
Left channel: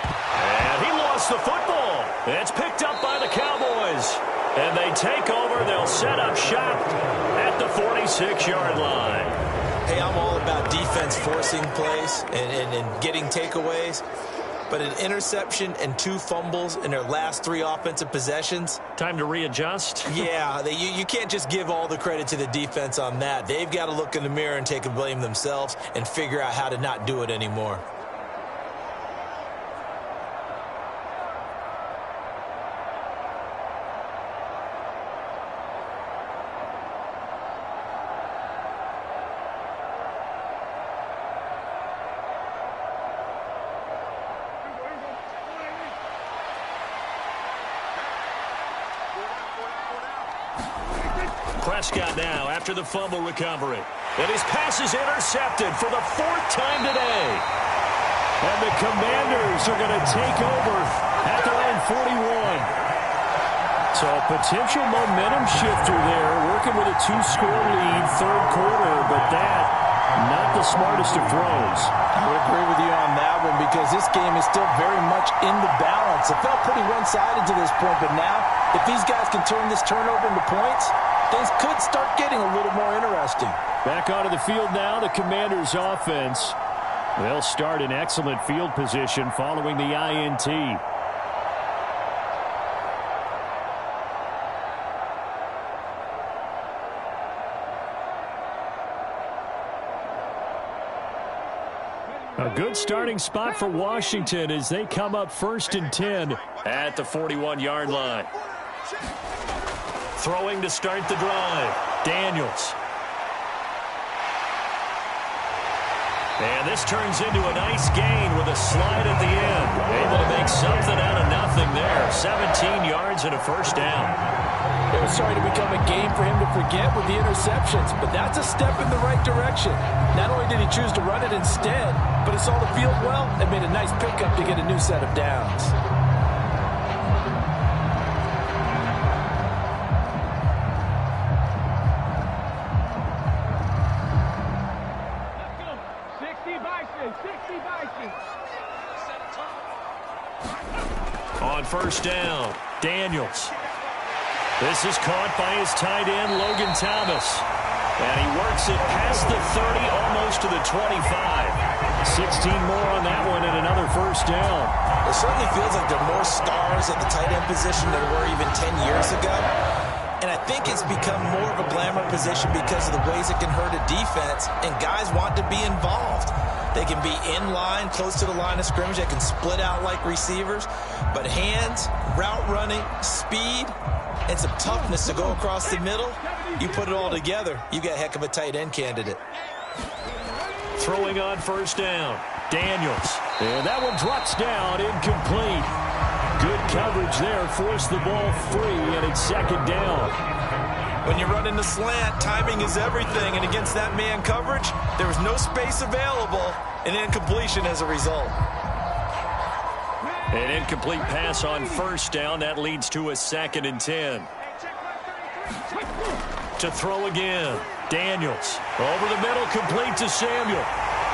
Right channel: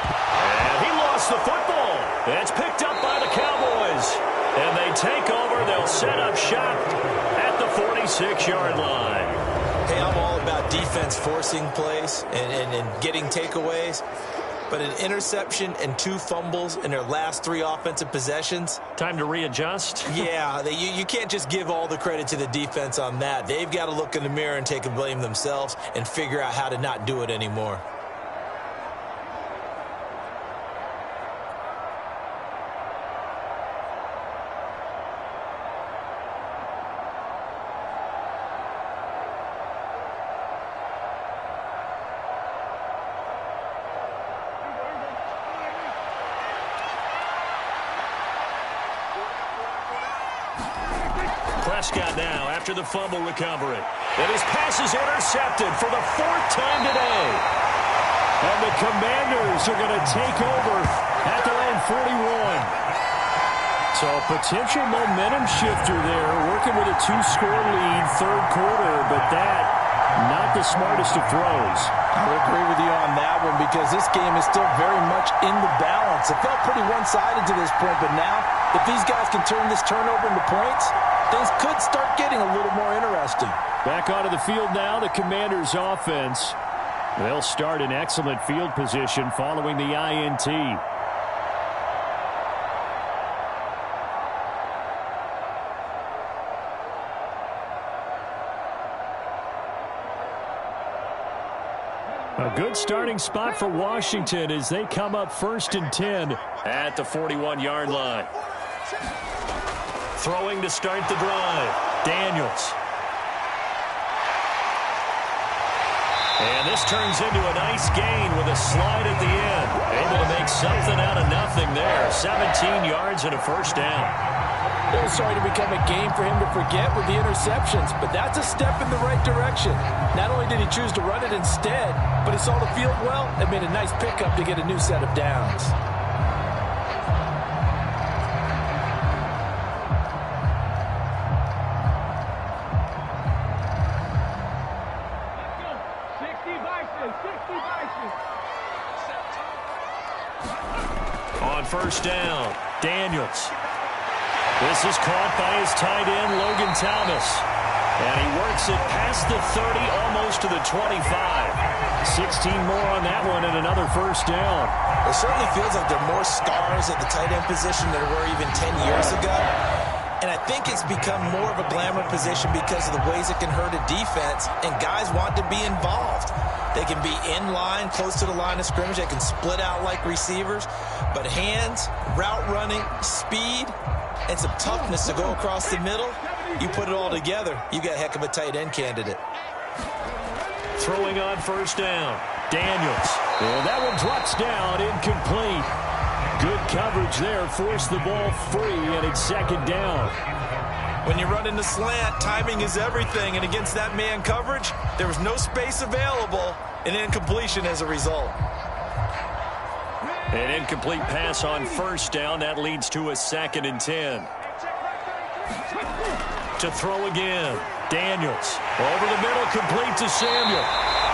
And he lost the football. It's picked up by the Cowboys. And they take over. They'll set up shop at the 46-yard line. Hey, I'm all about defense forcing plays and getting takeaways. But an interception and 2 fumbles in their last 3 offensive possessions. Time to readjust? Yeah, you can't just give all the credit to the defense on that. They've got to look in the mirror and take the blame themselves and figure out how to not do it anymore. Prescott now after the fumble recovery. And his pass is intercepted for the 4th time today. And the Commanders are going to take over at their own 41. So a potential momentum shifter there, working with a 2-score lead, 3rd quarter, but that, not the smartest of throws. I would agree with you on that one because this game is still very much in the balance. It felt pretty one-sided to this point, but now if these guys can turn this turnover into points, things could start getting a little more interesting. Back onto the field now, the Commanders' offense. They'll start in excellent field position following the INT. A good starting spot for Washington as they come up 1st and 10 at the 41-yard line. Throwing to start the drive, Daniels. And this turns into a nice gain with a slide at the end. Able to make something out of nothing there. 17 yards and a 1st down. It was starting to become a game for him to forget with the interceptions, but that's a step in the right direction. Not only did he choose to run it instead, but he saw the field well and made a nice pickup to get a new set of downs. On 1st down, Daniels. This is caught by his tight end, Logan Thomas. And he works it past the 30, almost to the 25. 16 more on that one and another 1st down. It certainly feels like there are more stars at the tight end position than there were even 10 years ago. And I think it's become more of a glamour position because of the ways it can hurt a defense, and guys want to be involved. They can be in line, close to the line of scrimmage. They can split out like receivers. But hands, route running, speed, and some toughness to go across the middle, you put it all together, you got a heck of a tight end candidate. Throwing on 1st down, Daniels. And that one drops down, incomplete. Good coverage there, forced the ball free, and it's 2nd down. When you run in the slant, timing is everything, and against that man coverage, there was no space available, and incompletion as a result. An incomplete pass on 1st down. That leads to a 2nd and 10. To throw again, Daniels. Over the middle, complete to Samuel.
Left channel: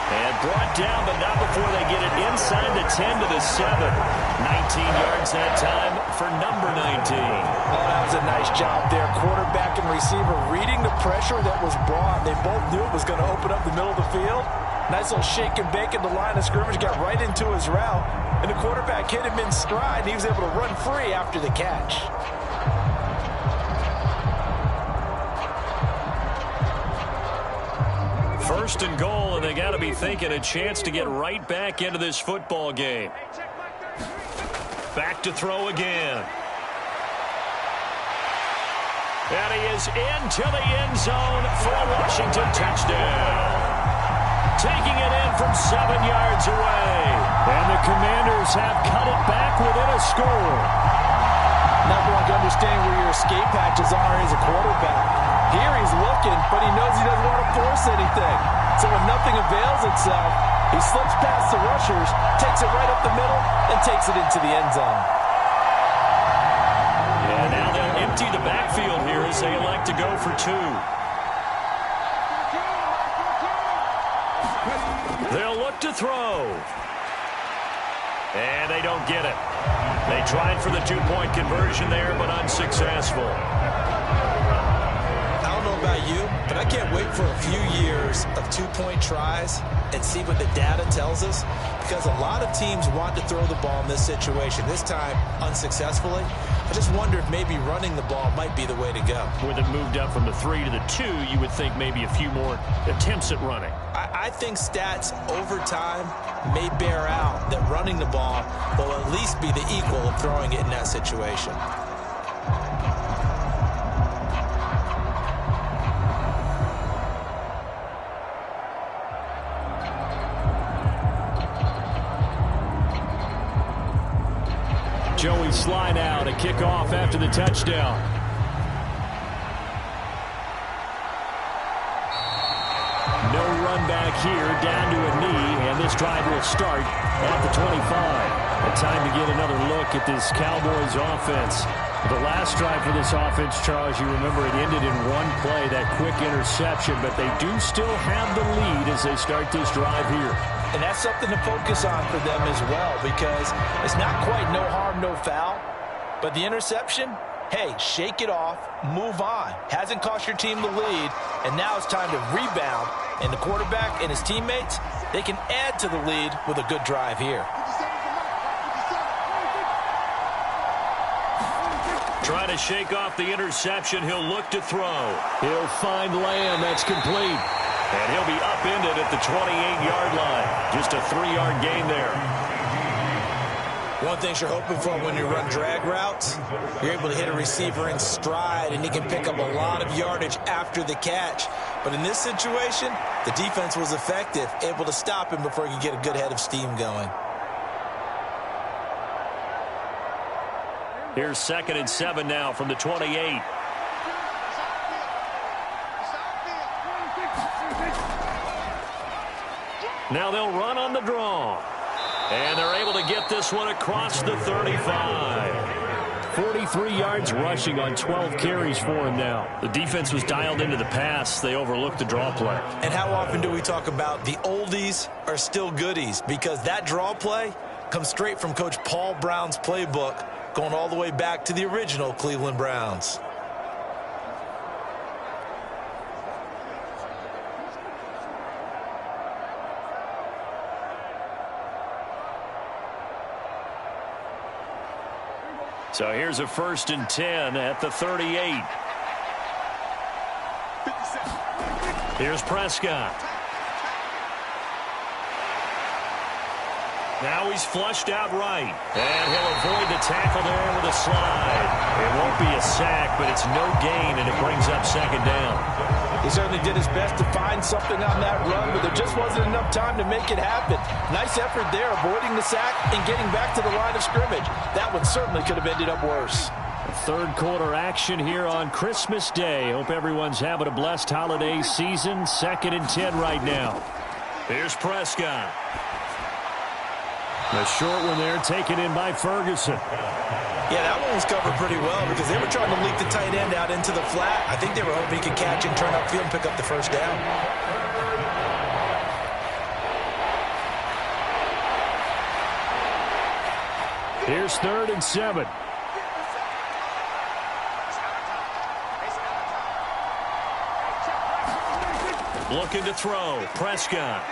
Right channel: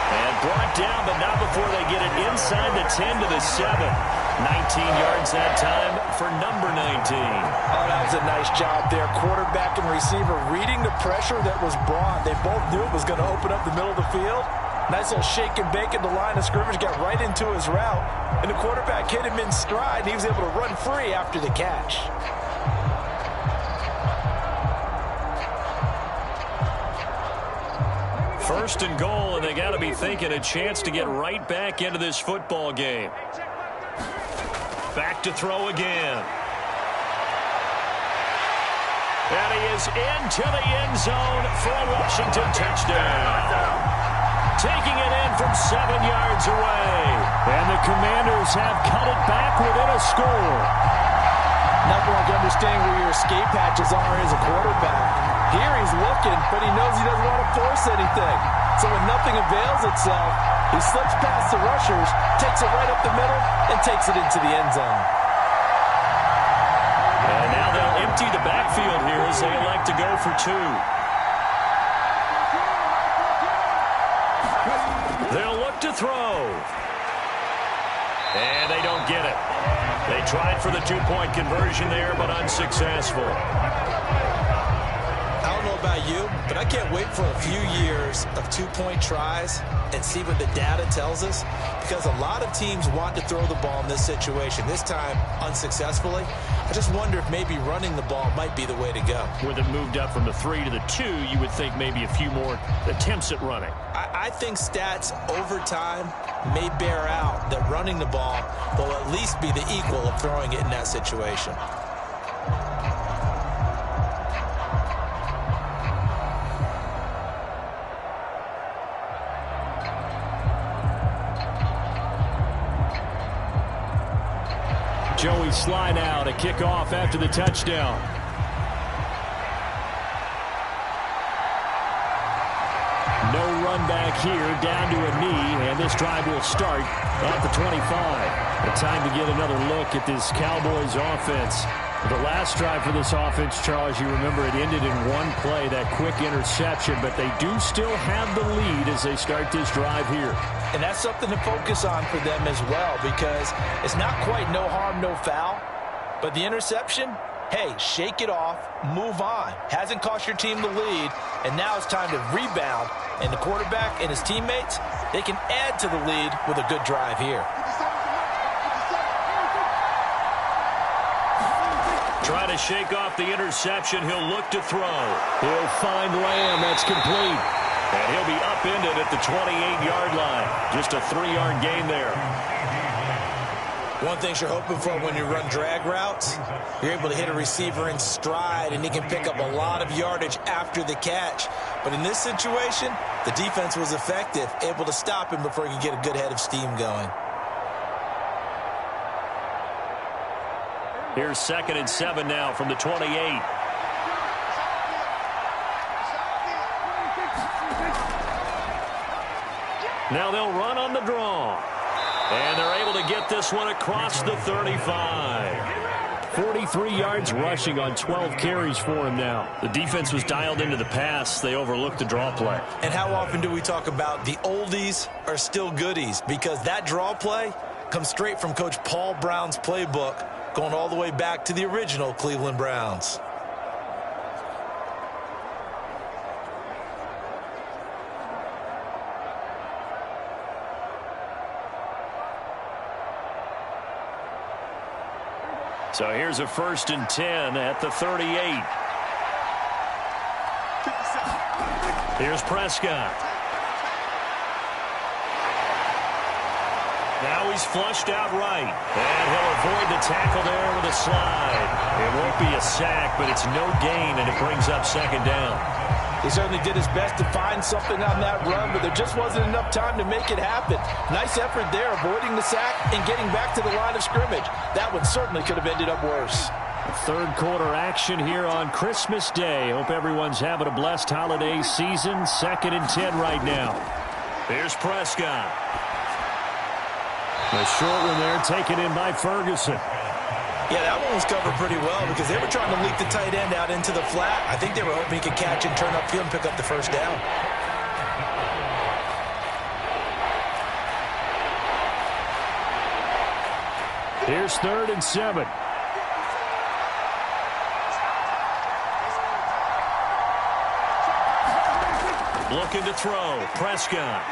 And brought down, but not before they get it inside the 10 to the 7. 19 yards that time for number 19. Oh, that was a nice job there. Quarterback and receiver reading the pressure that was brought. They both knew it was going to open up the middle of the field. Nice little shake and bake at the line of scrimmage, got right into his route. And the quarterback hit him in stride, and he was able to run free after the catch. First and goal, and they got to be thinking a chance to get right back into this football game. Back to throw again. And he is into the end zone for a Washington touchdown. Taking it in from 7 yards away. And the Commanders have cut it back within a score. Nothing like understanding where your escape hatches are as a quarterback. Here he's looking, but he knows he doesn't want to force anything. So when nothing avails itself, he slips past the rushers, takes it right up the middle, and takes it into the end zone. And now they'll empty the backfield here as they elect to go for 2. They'll look to throw. And they don't get it. They tried for the 2-point conversion there, but unsuccessful. I don't know about you, but I can't wait for a few years of 2-point tries and see what the data tells us, because a lot of teams want to throw the ball in this situation. This time, unsuccessfully. I just wonder if maybe running the ball might be the way to go. With it moved up from the 3 to the 2, you would think maybe a few more attempts at running. I think stats over time may bear out that running the ball will at least be the equal of throwing it in that situation. Joey slide out, a kickoff after the touchdown. run back here down to a knee, and this drive will start at the 25. A time to get another look at this Cowboys offense. The last drive for this offense, Charles, you remember it ended in one play, that quick interception, but they do still have the lead as they start this drive here. And that's something to focus on for them as well, because it's not quite no harm, no foul, but the interception, hey, shake it off, move on. Hasn't cost your team the lead, and now it's time to rebound. And the quarterback and his teammates, they can add to the lead with a good drive here. Try to shake off the interception. He'll look to throw. He'll find Lamb. That's complete. And he'll be upended at the 28-yard line. Just a 3-yard gain there. One thing you're hoping for when you run drag routes, you're able to hit a receiver in stride, and he can pick up a lot of yardage after the catch. But in this situation, the defense was effective, able to stop him before he could get a good head of steam going. Here's 2nd and 7 now from the 28. Now they'll run on the draw. And they're able to get this one across the 35. 43 yards rushing on 12 carries for him now. The defense was dialed into the pass. They overlooked the draw play. And how often do we talk about the oldies are still goodies? Because that draw play comes straight from Coach Paul Brown's playbook, going all the way back to the original Cleveland Browns. So here's a 1st and 10 at the 38. Here's Prescott. Now he's flushed out right. And he'll avoid the tackle there with a slide. It won't be a sack, but it's no gain, and it brings up 2nd down. He certainly did his best to find something on that run, but there just wasn't enough time to make it happen. Nice effort there, avoiding the sack and getting back to the line of scrimmage. That one certainly could have ended up worse. Third quarter action here on Christmas Day. Hope everyone's having a blessed holiday season. 2nd and 10 right now. Here's Prescott. The short one there taken in by Ferguson. Yeah, that one was covered pretty well because they were trying to leak the tight end out into the flat. I think they were hoping he could catch and turn upfield and pick up the 1st down. Here's 3rd and 7. Looking to throw. Prescott.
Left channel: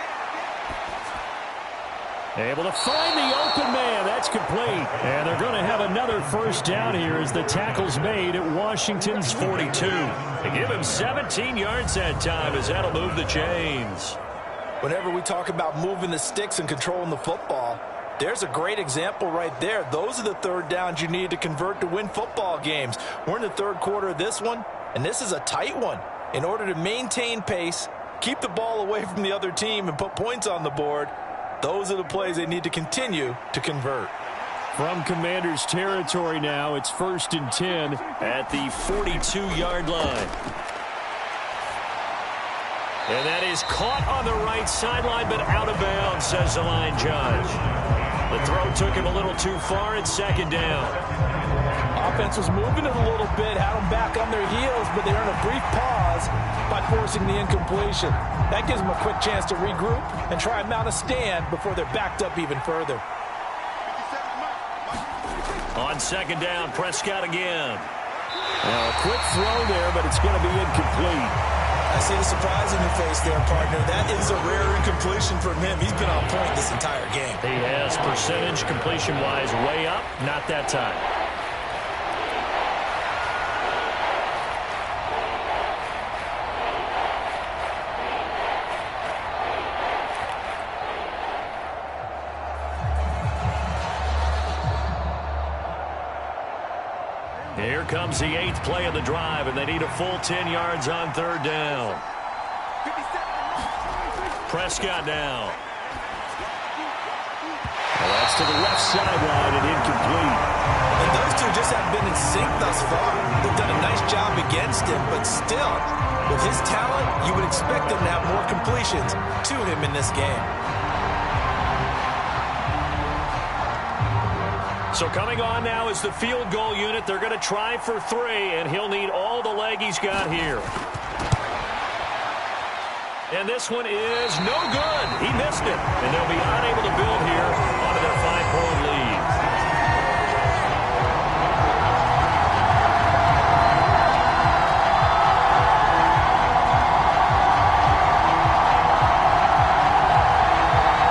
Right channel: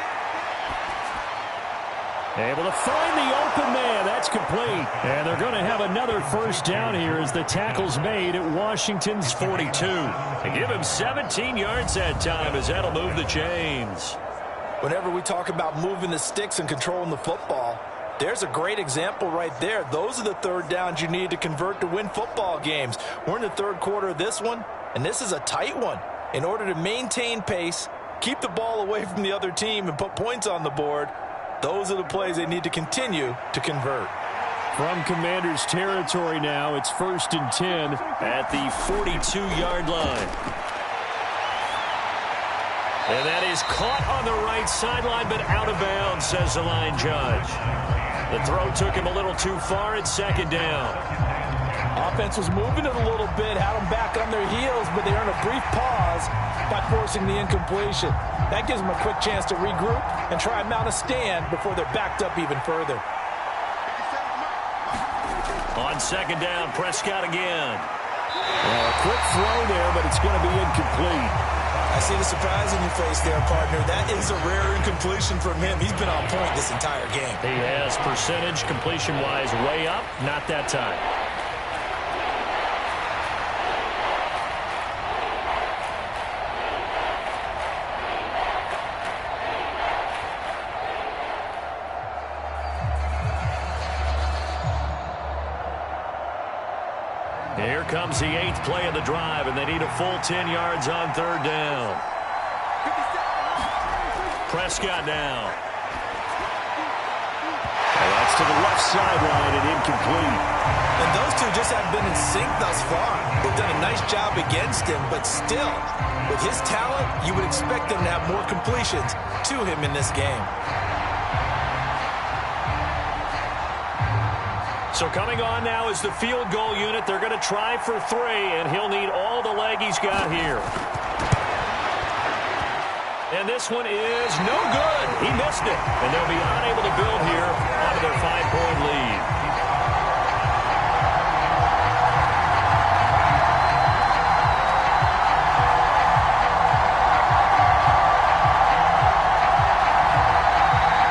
Able to find the open man. That's complete. And they're going to have another 1st down here as the tackle's made at Washington's 42. They give him 17 yards that time as that'll move the chains. Whenever we talk about moving the sticks and controlling the football, there's a great example right there. Those are the 3rd downs you need to convert to win football games. We're in the 3rd quarter of this one, and this is a tight one. In order to maintain pace, keep the ball away from the other team, and put points on the board, those are the plays they need to continue to convert. From Commanders territory now, it's 1st and 10 at the 42-yard line. And that is caught on the right sideline, but out of bounds, says the line judge. The throw took him a little too far at 2nd down. Offense was moving it a little bit, had them back on their heels, but they earned a brief pause by forcing the incompletion. That gives them a quick chance to regroup and try and mount a stand before they're backed up even further. On 2nd down, Prescott again. Now a quick throw there, but it's going to be incomplete. I see the surprise in your face there, partner. That is a rare incompletion from him. He's been on point this entire game. He has percentage completion-wise way up. Not that time. Here comes the 8th play of the drive, and they need a full 10 yards on 3rd down. Prescott now. And that That's to the left sideline and incomplete. And those two just haven't been in sync thus far. They've done a nice job against him, but still, with his talent, you would expect them to have more completions to him in this game. So coming on now is the field goal unit. They're going to try for 3, and he'll need all the leg he's got here. And this one is no good. He missed it, and they'll be unable to build here onto their 5-point lead.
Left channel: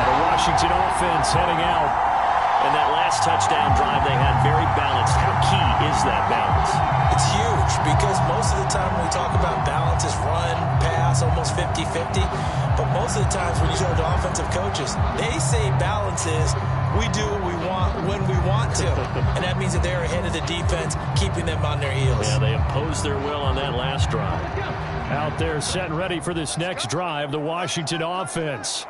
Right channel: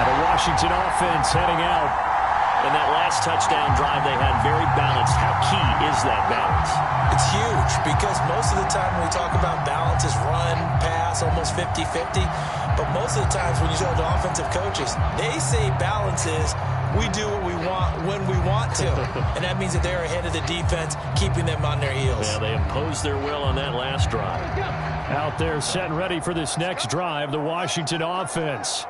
The Washington offense heading out. And that last touchdown drive they had very balanced. How key is that balance? It's huge because most of the time when we talk about balance is run, pass, almost 50-50. But most of the times when you talk to offensive coaches, they say balance is we do what we want when we want to. And that means that they're ahead of the defense, keeping them on their heels. Yeah, they imposed their will on that last drive. Out there set and ready for this next drive, the Washington offense.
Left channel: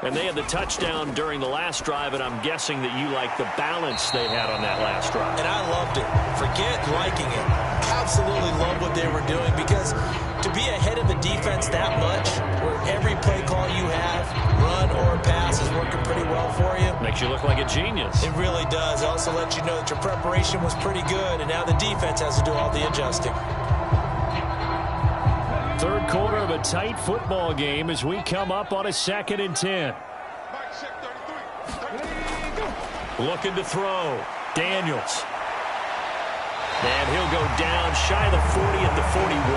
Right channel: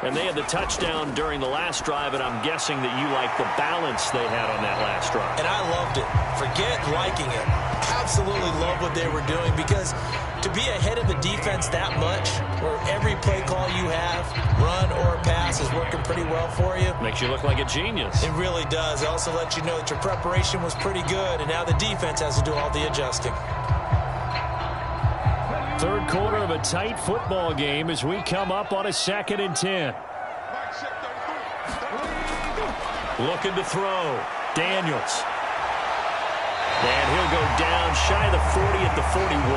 And they had the touchdown during the last drive, and I'm guessing that you like the balance they had on that last drive. And I loved it. Forget liking it. Absolutely love what they were doing because to be ahead of the defense that much, where every play call you have, run or pass, is working pretty well for you. Makes you look like a genius. It really does. It also lets you know that your preparation was pretty good, and now the defense has to do all the adjusting. Third quarter of a tight football game as we come up on a 2nd and 10. Looking to throw. Daniels. And he'll go down shy of the 40 at the 41.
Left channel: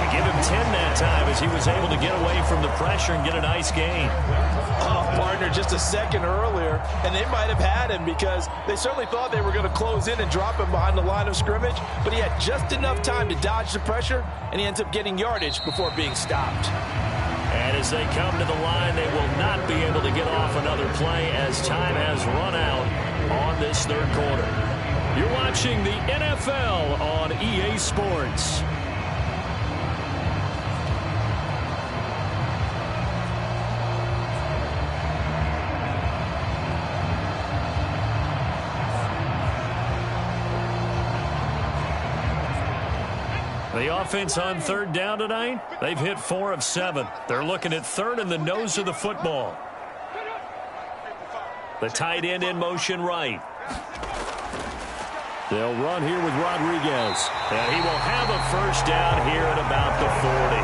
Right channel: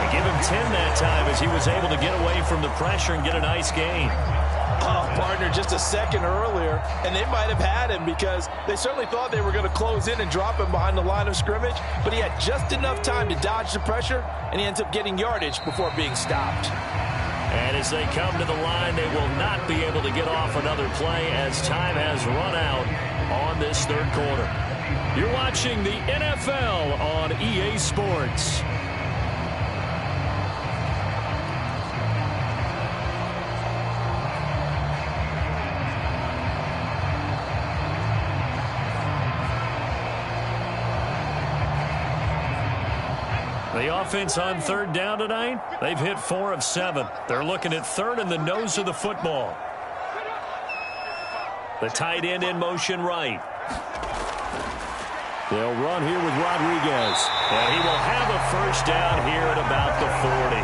And give him 10 that time as he was able to get away from the pressure and get a nice gain. Oh, partner, just a second earlier, and they might have had him because they certainly thought they were going to close in and drop him behind the line of scrimmage, but he had just enough time to dodge the pressure, and he ends up getting yardage before being stopped. And as they come to the line, they will not be able to get off another play as time has run out on this third quarter. You're watching the NFL on EA Sports. The offense on third down tonight, they've hit 4 of 7. They're looking at third in the nose of the football. The tight end in motion right. They'll run here with Rodriguez. And he will have a first down here at about the 40.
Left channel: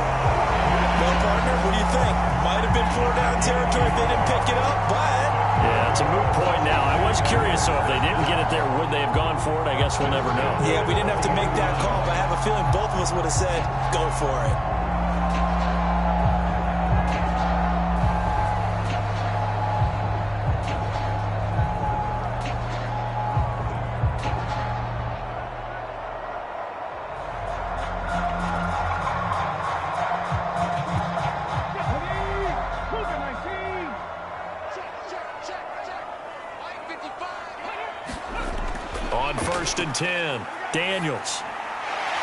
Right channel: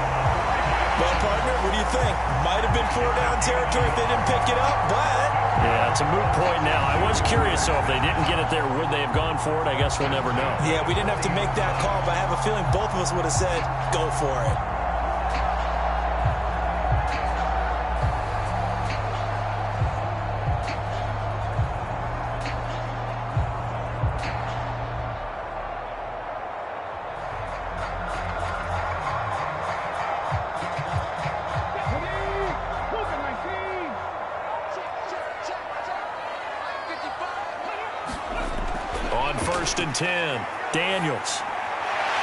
Well, partner, what do you think? Might have been 4-down territory if they didn't pick it up, but... Yeah, it's a moot point now. I was curious, so if they didn't get it there, would they have gone for it? I guess we'll never know. Yeah, we didn't have to make that call, but I have a feeling both of us would have said, go for it. On 1st and 10, Daniels.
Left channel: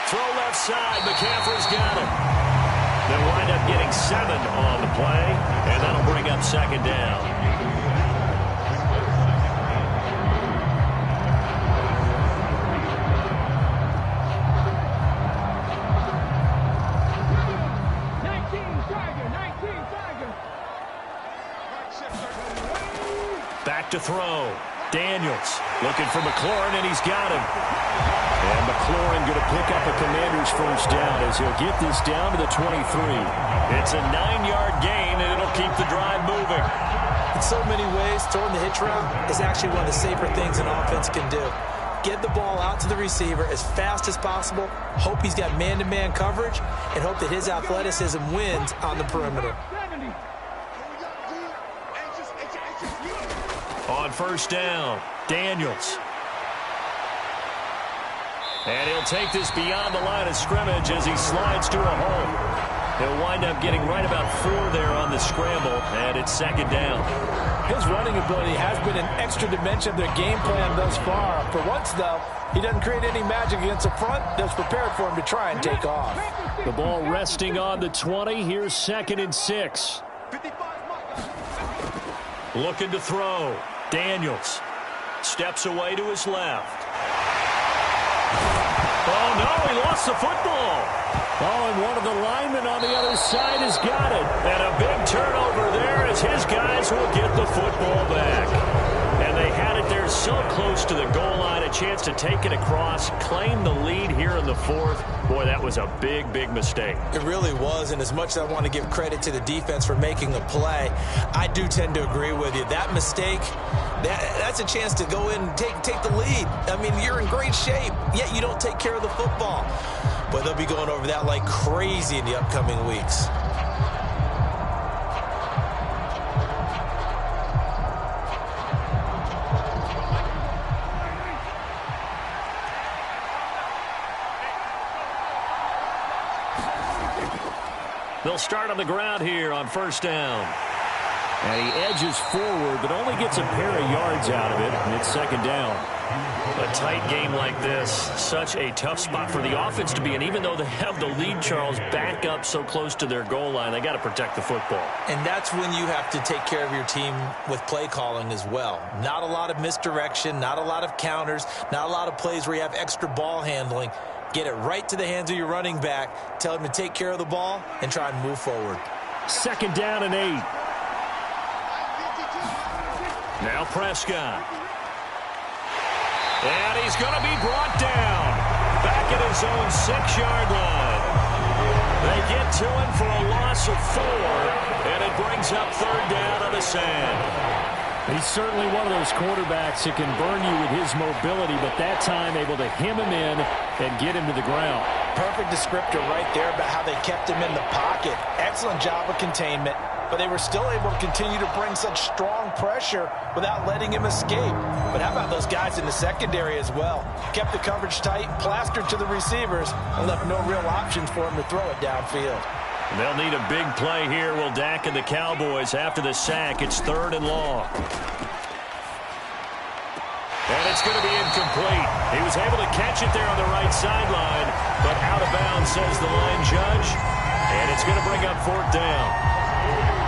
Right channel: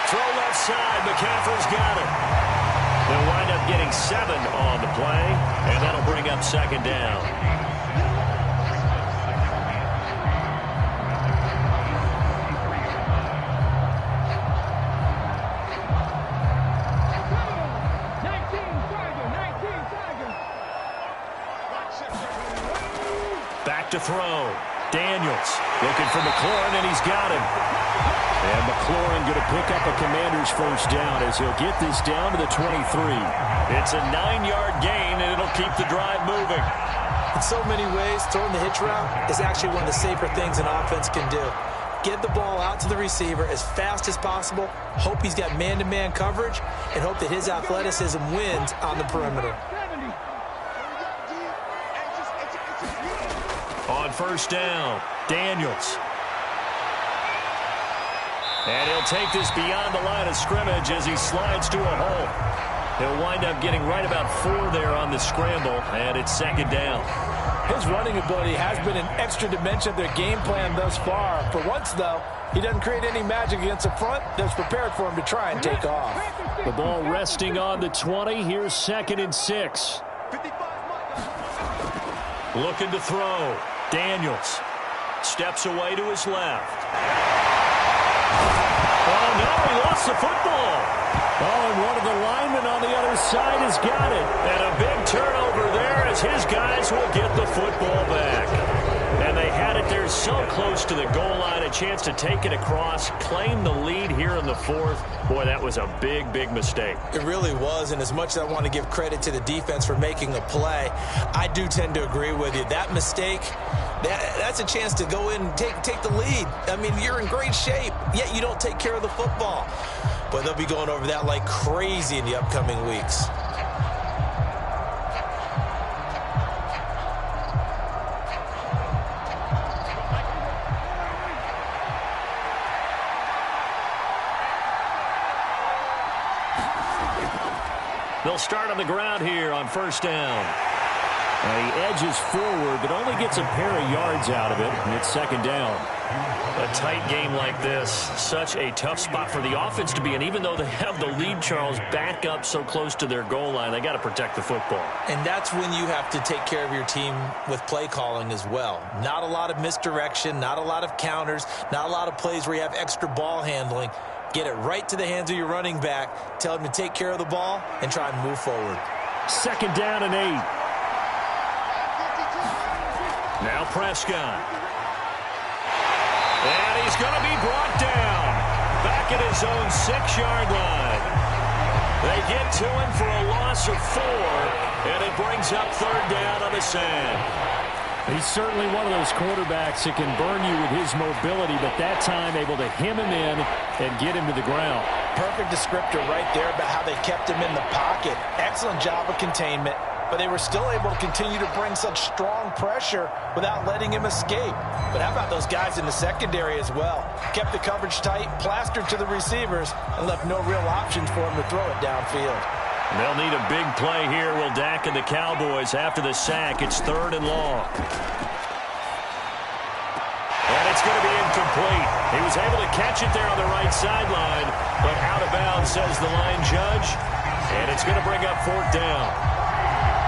Throw left side, McCaffrey's got it. They'll wind up getting 7 on the play, and that'll bring up 2nd down. Back to throw. Daniels looking for McLaurin, and he's got him. And McLaurin going to pick up a Commander's first down as he'll get this down to the 23. It's a 9-yard gain, and it'll keep the drive moving. In so many ways, throwing the hitch route is actually one of the safer things an offense can do. Get the ball out to the receiver as fast as possible, hope he's got man-to-man coverage, and hope that his athleticism wins on the perimeter. On 1st down, Daniels. And he'll take this beyond the line of scrimmage as he slides to a hole. He'll wind up getting right about 4 there on the scramble, and it's 2nd down. His running ability has been an extra dimension of their game plan thus far. For once, though, he doesn't create any magic against the front that's prepared for him to try and take off. The ball resting on the 20. Here's 2nd and 6. Looking to throw. Daniels steps away to his left. Oh, no, he lost the football. Oh, and one of the linemen on the other side has got it. And a big turnover there as his guys will get the football back. And they had it there so close to the goal line, a chance to take it across, claim the lead here in the fourth. Boy, that was a big, big mistake. It really was, and as much as I want to give credit to the defense for making a play, I do tend to agree with you. That mistake, that's a chance to go in and take the lead. I mean, you're in great shape, yet you don't take care of the football. But they'll be going over that like crazy in the upcoming weeks. They'll start on the ground here on first down. And he edges forward, but only gets a pair of yards out of it, and it's second down. A tight game like this, such a tough spot for the offense to be in. Even though they have the lead, Charles, back up so close to their goal line, they got to protect the football. And that's when you have to take care of your team with play calling as well. Not a lot of misdirection, not a lot of counters, not a lot of plays where you have extra ball handling. Get it right to the hands of your running back, tell him to take care of the ball, and try and move forward. Second down and 8. Now Prescott. And he's going to be brought down. Back at his own 6-yard line. They get to him for a loss of 4, and it brings up third down on the sand. He's certainly one of those quarterbacks that can burn you with his mobility, but that time able to hem him in and get him to the ground. Perfect descriptor right there about how they kept him in the pocket. Excellent job of containment, but they were still able to continue to bring such strong pressure without letting him escape. But how about those guys in the secondary as well? Kept the coverage tight, plastered to the receivers, and left no real options for him to throw it downfield. They'll need a big play here, will Dak and the Cowboys after the sack. It's third and long. And it's going to be incomplete. He was able to catch it there on the right sideline, but out of bounds, says the line judge. And it's going to bring up fourth down.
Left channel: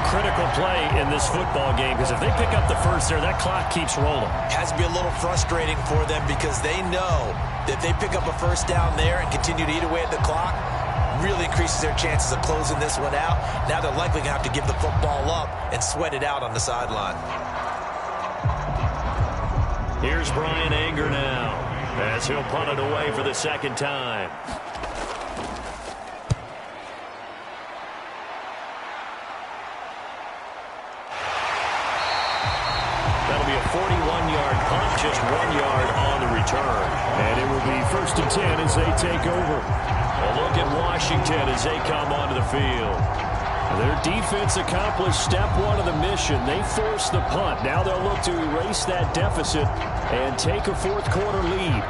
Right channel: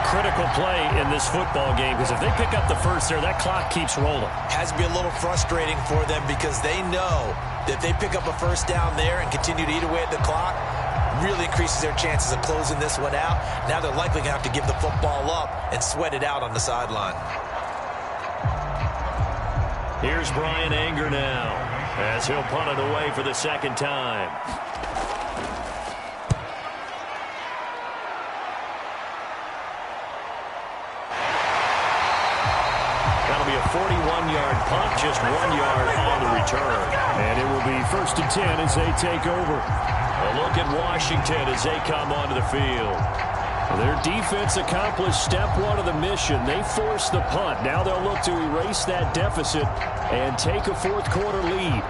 Critical play in this football game, because if they pick up the first there, that clock keeps rolling. Has to be a little frustrating for them because they know that if they pick up a first down there and continue to eat away at the clock, really increases their chances of closing this one out. Now they're likely going to have to give the football up and sweat it out on the sideline. Here's Brian Anger now as he'll punt it away for the second time. That'll be a 41-yard punt, just 1 yard on the return. And it will be first and 10 as they take over. A look at Washington as they come onto the field. Their defense accomplished step one of the mission. They forced the punt. Now they'll look to erase that deficit and take a fourth quarter lead.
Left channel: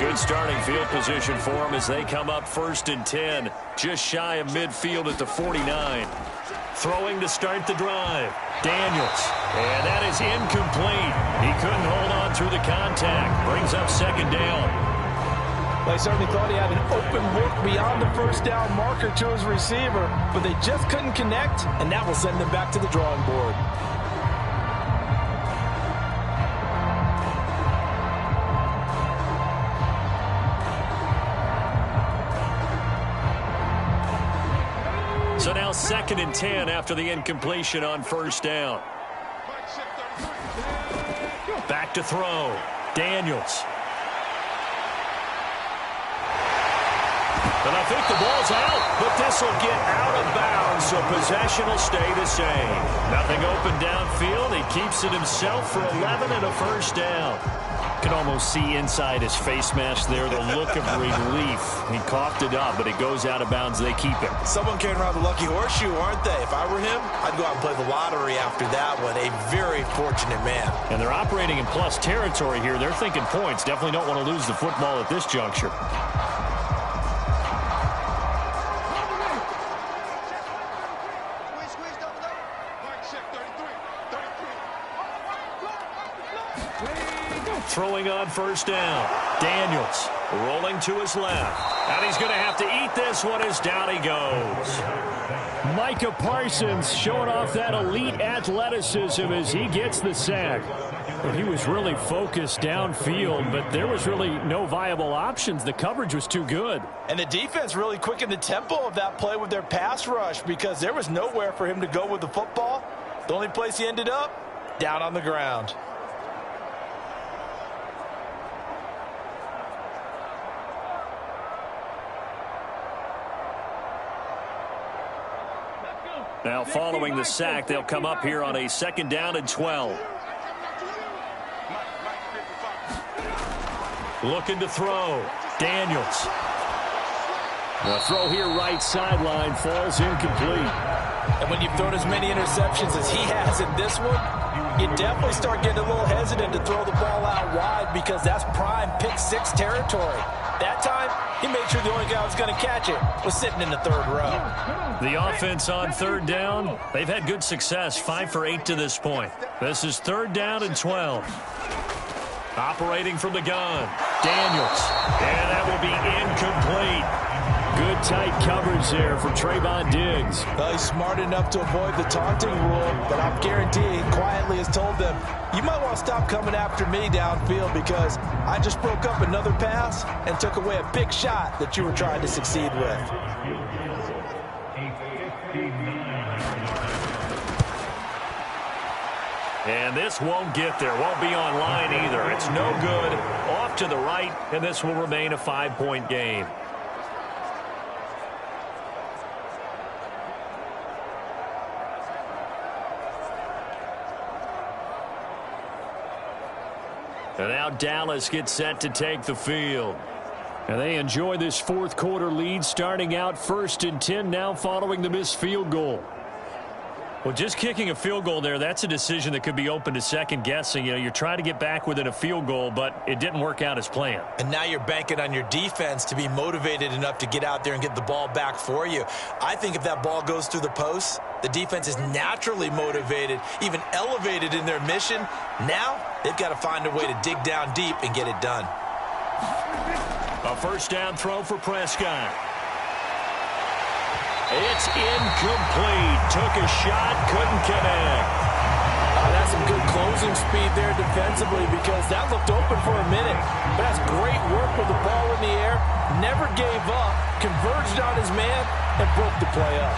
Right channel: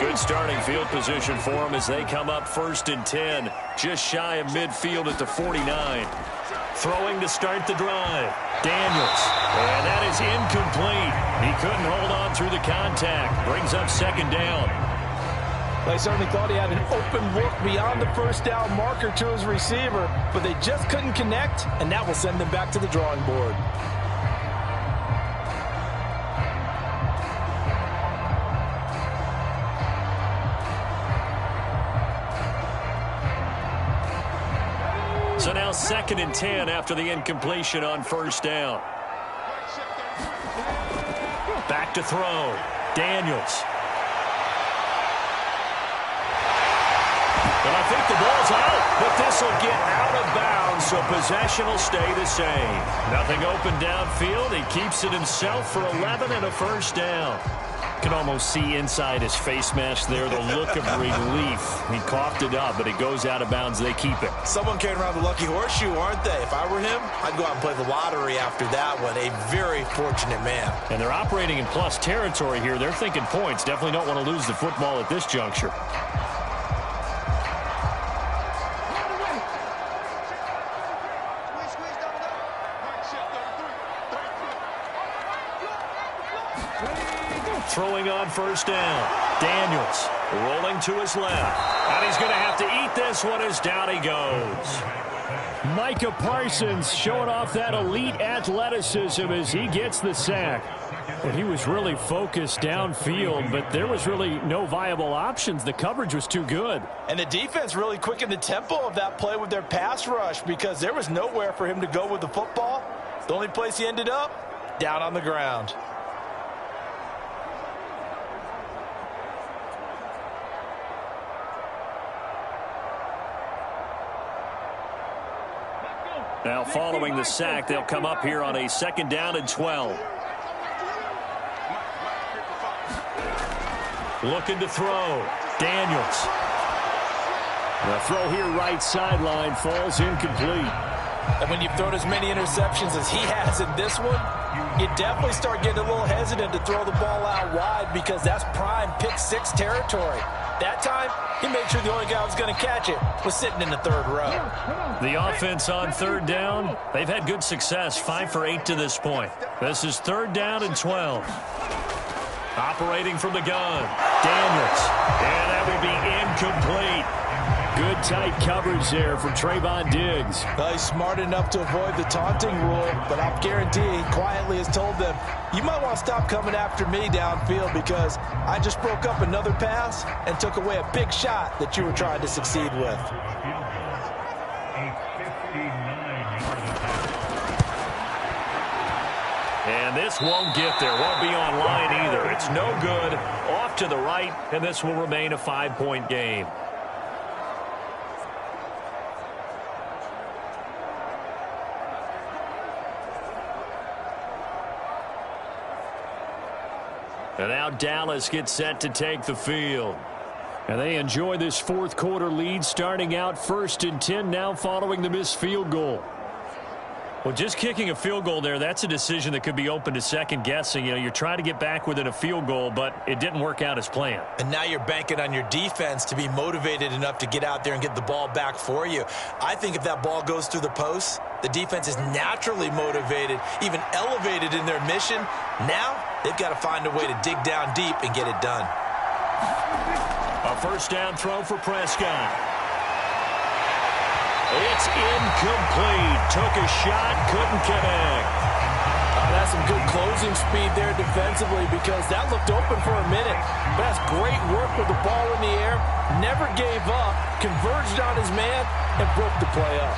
Good starting field position for them as they come up first and 10, just shy of midfield at the 49. Throwing to start the drive. Daniels. And that is incomplete. He couldn't hold on through the contact. Brings up second down. They certainly thought he had an open look beyond the first down marker to his receiver, but they just couldn't connect, and that will send them back to the drawing board. So now second and 10 after the incompletion on first down. Back to throw. Daniels. And I think the ball's out, but this will get out of bounds, so possession will stay the same. Nothing open downfield. He keeps it himself for 11 and a first down. Can almost see inside his face mask there the look of relief. He coughed it up, but it goes out of bounds. They keep it. Someone carrying around the lucky horseshoe, aren't they? If I were him, I'd go out and play the lottery after that one. A very fortunate man. And they're operating in plus territory here. They're thinking points. Definitely don't want to lose the football at this juncture. Throwing on first down. Daniels rolling to his left. And he's going to have to eat this one as down he goes. Micah Parsons showing off that elite athleticism as he gets the sack. Well, he was really focused downfield, but there was really no viable options. The coverage was too good. And the defense really quickened the tempo of that play with their pass rush because there was nowhere for him to go with the football. The only place he ended up, down on the ground. Now following the sack, they'll come up here on a 2nd down and 12. Looking to throw. Daniels. The throw here right sideline falls incomplete. And when you've thrown as many interceptions as he has in this one, you definitely start getting a little hesitant to throw the ball out wide because that's prime pick 6 territory. That time, he made sure the only guy who was going to catch it was sitting in the 3rd row. The offense on 3rd down, they've had good success, 5 for 8 to this point. This is 3rd down and 12. Operating from the gun, Daniels. And that will be incomplete. Good tight coverage there from Trayvon Diggs. Well, he's smart enough to avoid the taunting rule, but I'll guarantee he quietly has told them, you might want to stop coming after me downfield because I just broke up another pass and took away a big shot that you were trying to succeed with. And this won't get there, won't be on line either. It's no good, off to the right, and this will remain a 5-point game. And now Dallas gets set to take the field. And they enjoy this 4th quarter lead, starting out 1st and 10 now following the missed field goal. Well, just kicking a field goal there, that's a decision that could be open to second guessing. You know, you're trying to get back within a field goal, but it didn't work out as planned. And now you're banking on your defense to be motivated enough to get out there and get the ball back for you. I think if that ball goes through the post, the defense is naturally motivated, even elevated in their mission. Now they've got to find a way to dig down deep and get it done. A 1st down throw for Prescott. It's incomplete. Took a shot, couldn't connect. That's some good closing speed there defensively because that looked open for a minute. But that's great work with the ball in the air. Never gave up, converged on his man, and broke the play up.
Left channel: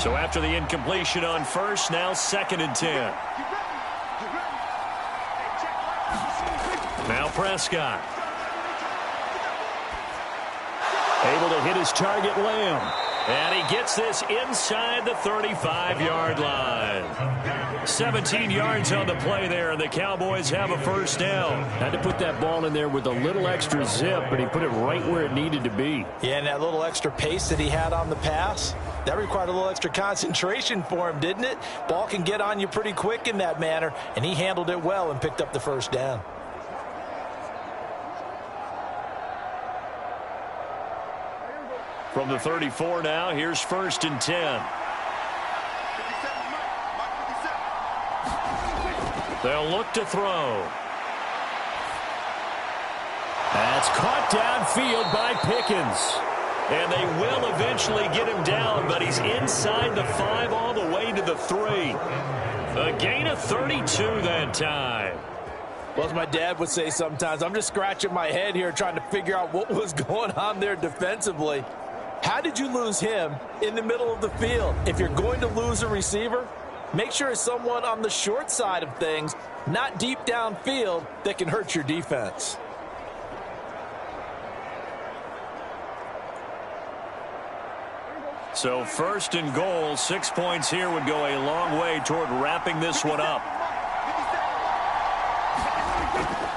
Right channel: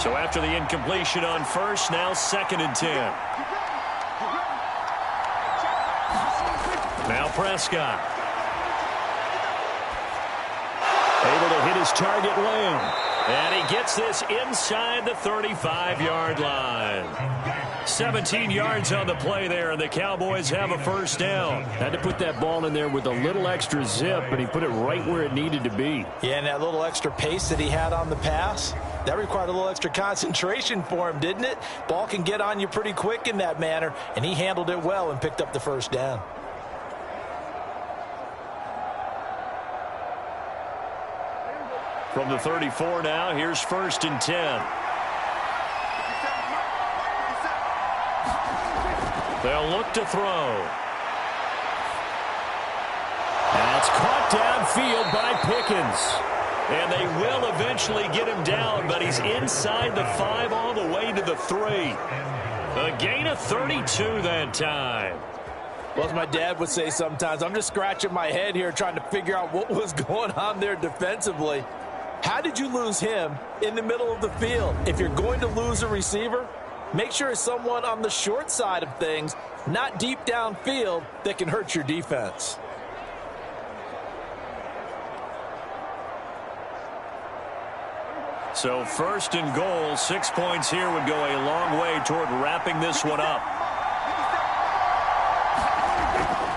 So after the incompletion on 1st, now 2nd and 10. Now Prescott. Able to hit his target, Lamb. And he gets this inside the 35-yard line. 17 yards on the play there, and the Cowboys have a 1st down. Had to put that ball in there with a little extra zip, but he put it right where it needed to be. Yeah, and that little extra pace that he had on the pass, that required a little extra concentration for him, didn't it? Ball can get on you pretty quick in that manner, and he handled it well and picked up the 1st down. From the 34 now, here's 1st and 10. They'll look to throw. That's caught downfield by Pickens. And they will eventually get him down, but he's inside the 5 all the way to the 3. A gain of 32 that time. Well, as my dad would say sometimes, I'm just scratching my head here trying to figure out what was going on there defensively. How did you lose him in the middle of the field? If you're going to lose a receiver, make sure it's someone on the short side of things, not deep downfield, that can hurt your defense. So 1st and goal, 6 points here would go a long way toward wrapping this one up.